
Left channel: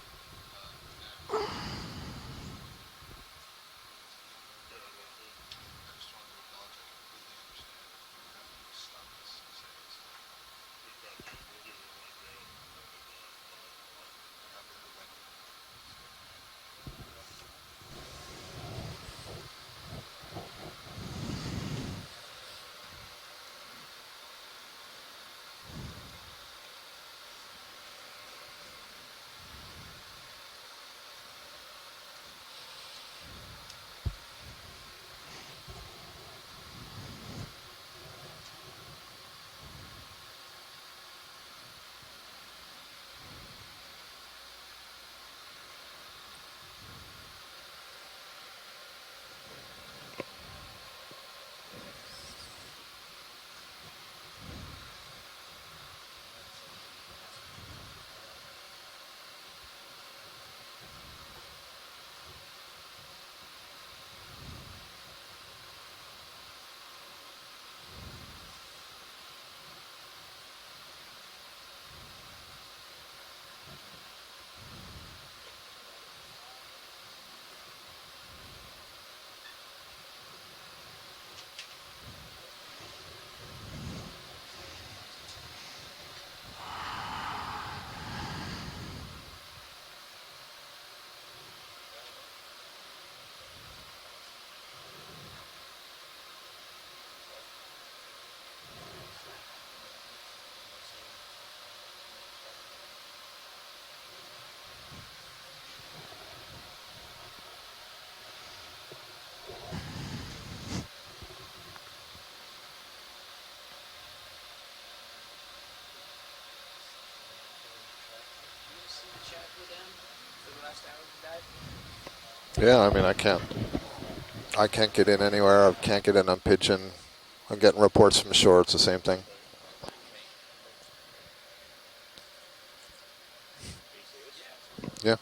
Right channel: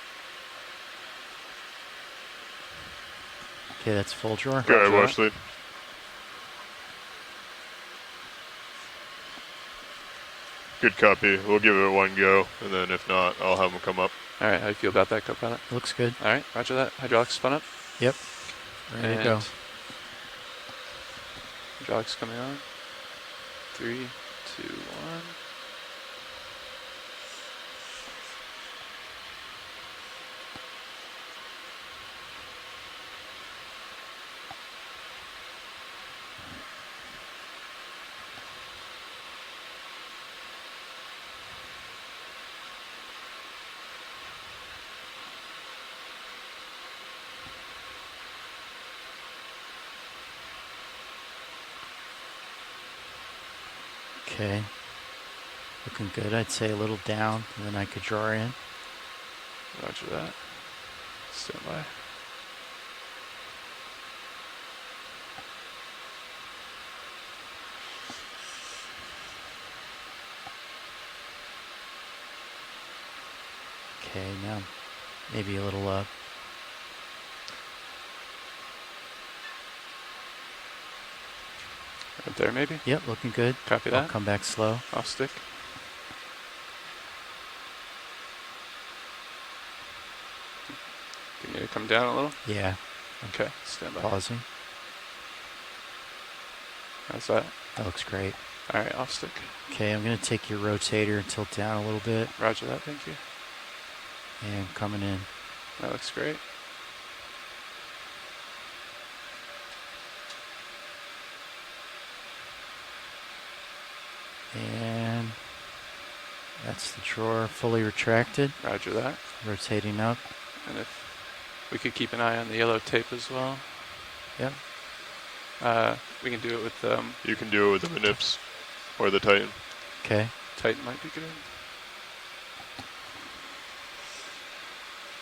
Okay, that's full drawer. Go ahead, watch lead. Good copy. We'll give it one go, and then if not, I'll have them come up. All right, how do you feel about that, co-pilot? Looks good. All right, roger that. Hydraulics spun up. Yep. Ready to go. Hydraulics coming on. 3, 2, 1. Okay. Looking good. I'd say a little down, and then I could draw in. Roger that. Stand by. Okay, now maybe a little up. Right there, maybe? Yep, looking good. Copy I'll that. come back slow. Off stick. You need to come down a little? Yeah. Okay, stand by. Pausing. How's that? That looks great. All right, off stick. Okay, I'm going to take your rotator and tilt down a little bit. Roger that, thank you. And coming in. That looks great. And that's the drawer fully retracted. Roger that. Rotating up. And if we could keep an eye on the Yeah, yellow I tape mean, I as can't. well. Yep. I can't get in anywhere. I can't get in we on can do it pitching. with, You can I'm do it getting with reports the from the shore. It's the same or thing. the Titan. Okay. Titan might be good. Yeah.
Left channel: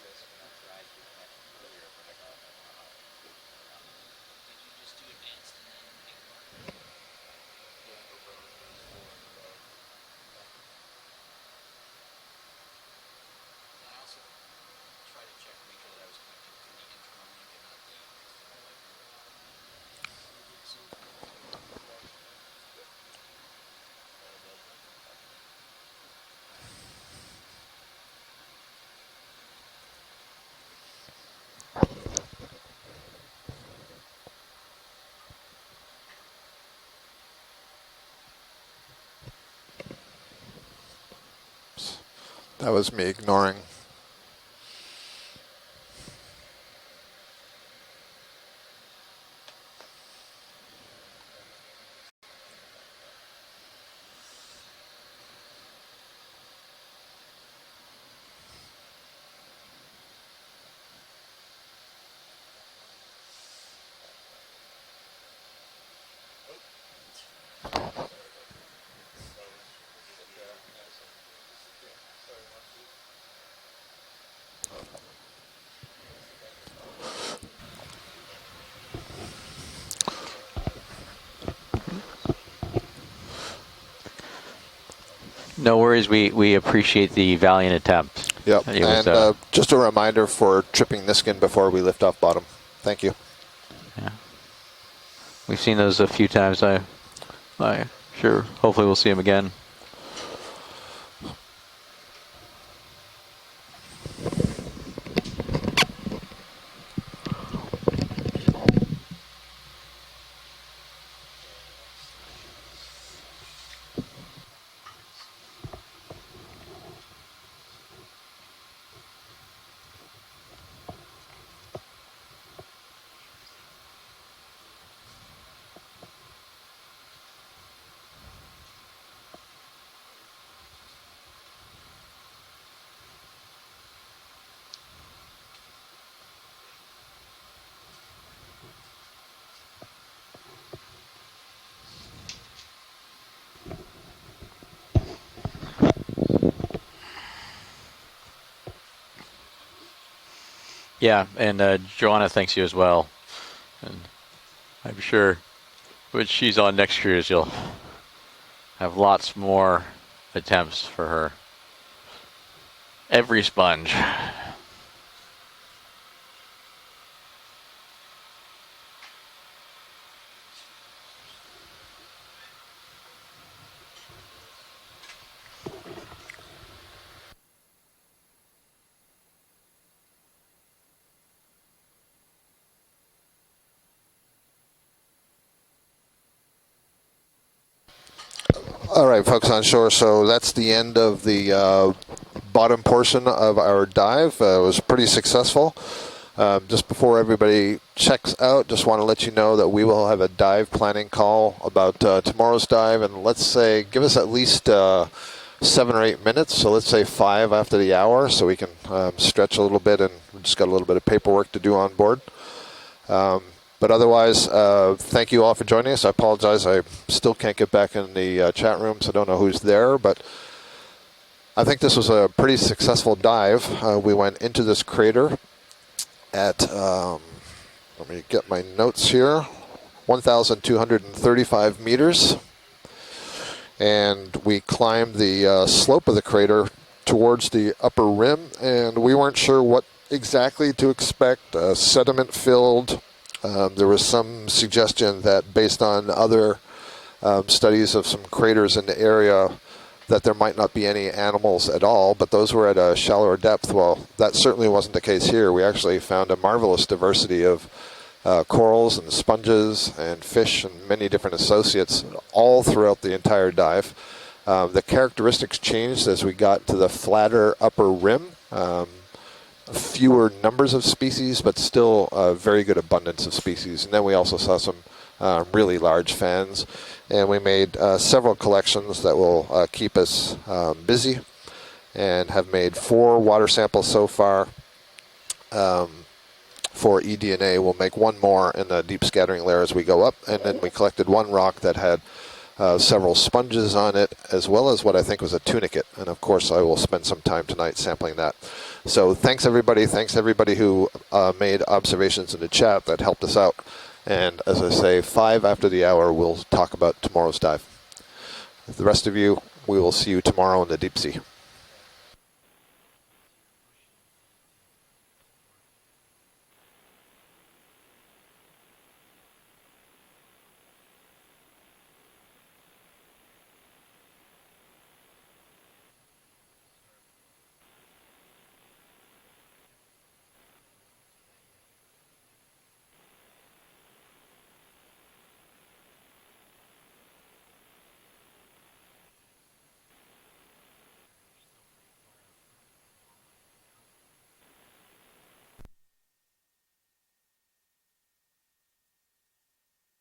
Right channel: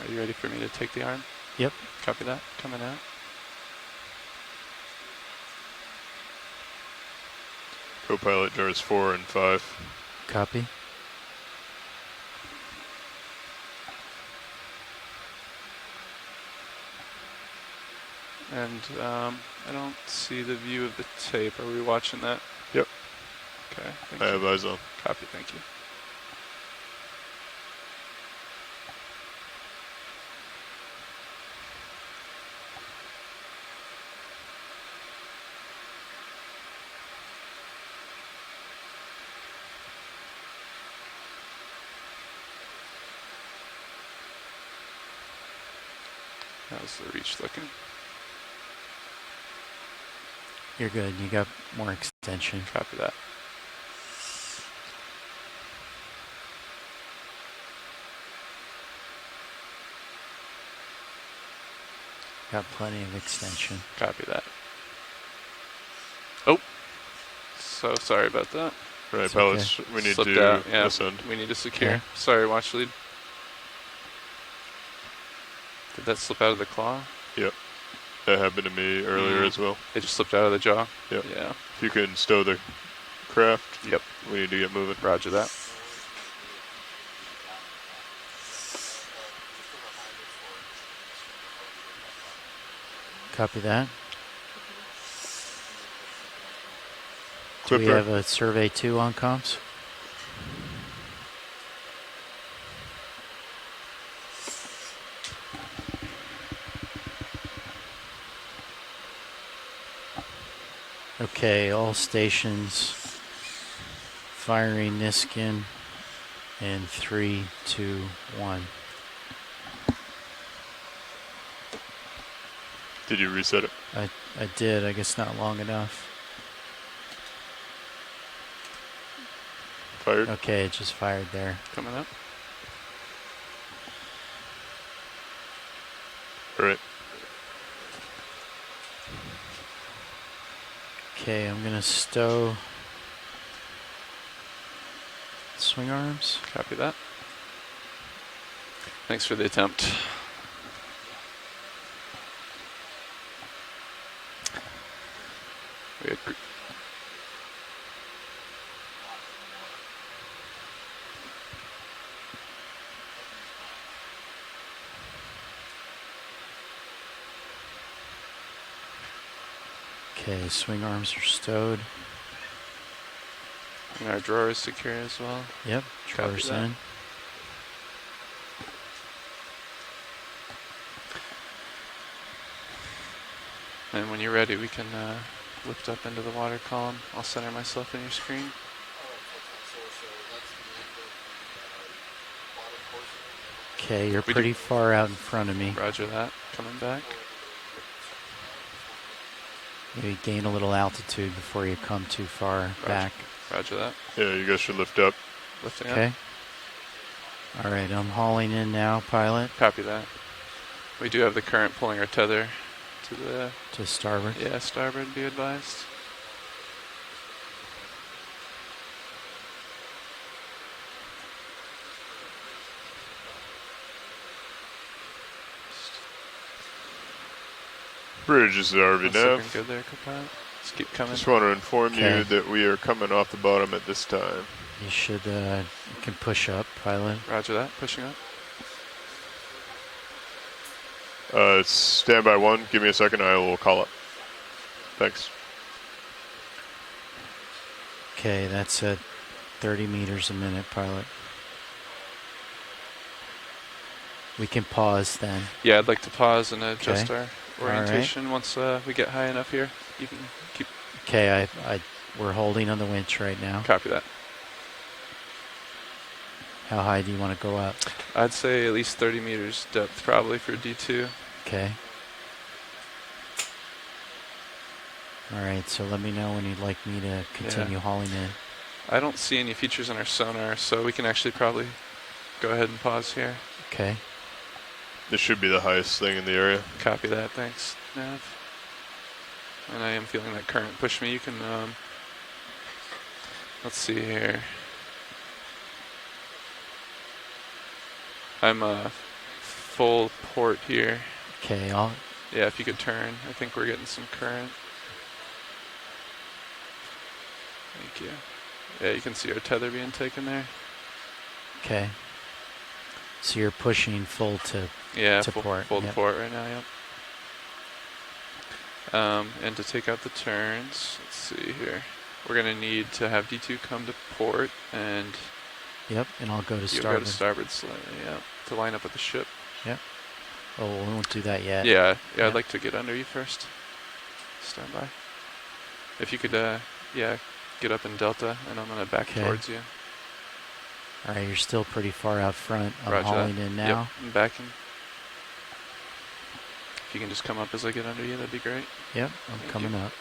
Are you ready for me to take the arm? Yep. Copy that. Coming out. Co-pilot jars 4 and 5. Copy. And I don't see the view of the tape. Are we watching that? Yep. Okay. I have eyes on. Copy. Thank you. That was me ignoring. That was the reach looking. You're good. You got more extension. Copy that. Got plenty of extension. Copy that. Oh, so sorry about that. Right, It's pilots, okay. we need Slipped to out. Yeah, ascend. we need to secure. Okay. Sorry, watch lead. Did that slip out of the claw? Yep. That happened to me earlier as well. It just slipped out of the jaw? Yep. Yeah. If you can stow the craft, yep. We need to get moving. Roger that. No worries. We appreciate the valiant attempt. Yep. It was, And just a reminder for tripping Niskin before we lift off bottom. Thank you. Copy that. Yeah. We've seen those a few times. I we have a survey hopefully we'll two see on them again. comms. Okay, all stations firing Niskin in 3, 2, 1. Did you reset it? I did, I guess not long enough. Fired? Okay, it just fired there. Coming up. All right. Okay, I'm gonna stow swing arms. Copy that. Thanks for the attempt. Yeah, and Joanna thanks you as well. And I'm sure when she's on next cruise, you'll have lots more attempts for her. Every sponge. Okay, swing arms are stowed. And our drawer is secure as well. Yep, drawers in. And when you're ready, we can lift up into the water column. I'll center myself in your screen. All right, folks on shore. So that's the end of the bottom portion of our dive. It was pretty successful. Just before everybody checks out, just want to let you know that we will have a dive planning call about tomorrow's dive. And let's say, give us at least 7 or 8 minutes. So let's say 5 after the hour, so we can stretch a little bit and just got a little bit of paperwork to do on board. But otherwise, thank you all for joining us. I apologize, I still can't get back in the chat room, so I don't know who's there. But I think this was a pretty successful dive. We went into this crater at, let me get my notes here, 1,235 meters. That we are coming off the bottom at this time. And we climbed the slope of the crater towards the upper rim, and we weren't sure what exactly to expect. Sediment filled. Give me a second, I will call there was some suggestion that based on other studies of some craters in the area that there might not be any animals at all, but those were at a shallower depth. Well, that certainly wasn't the case here. We actually found a marvelous diversity of corals, and sponges, and fish, and many different associates all throughout the entire dive. The characteristics changed as we got to the flatter upper rim. I'd say at least 30 meters. Fewer numbers of species, but still a very good abundance of species. And then we also saw some really large fans. And we made several collections that will keep us busy. And have made 4 water samples so far. This should be the highest thing in the area. For eDNA. We'll make 1 more in the deep scattering layer as we go up. And then we collected 1 rock that had several sponges on it, as well as what I think was a tunicate. And of course, I will spend some time tonight sampling that. So thanks everybody. Thanks everybody who made observations in the chat that helped us out. And as I say, 5 after the hour, we'll talk about tomorrow's dive. Thank you. The rest of you, tether we being will see you taken there. tomorrow in the deep sea. Okay. So you're pushing full to port. Full to Yep. port right now, yep. And to take out the turns, let's see here. We're going to need to have D2 come to port, and Yep, and I'll go to you'll starboard. go to starboard slightly, yeah, to line up with the ship. Yep. Oh, we won't do that yet. Yeah, Yep. I'd like to get under you first. Stand by. If you could, get up in Delta, and I'm going to back Okay. towards you. All right, you're still pretty far out front. I'm Roger hauling that. in now. Yep, I'm backing. If you can just come up as I get under you, that'd be great. Yep, I'm Thank coming you. up.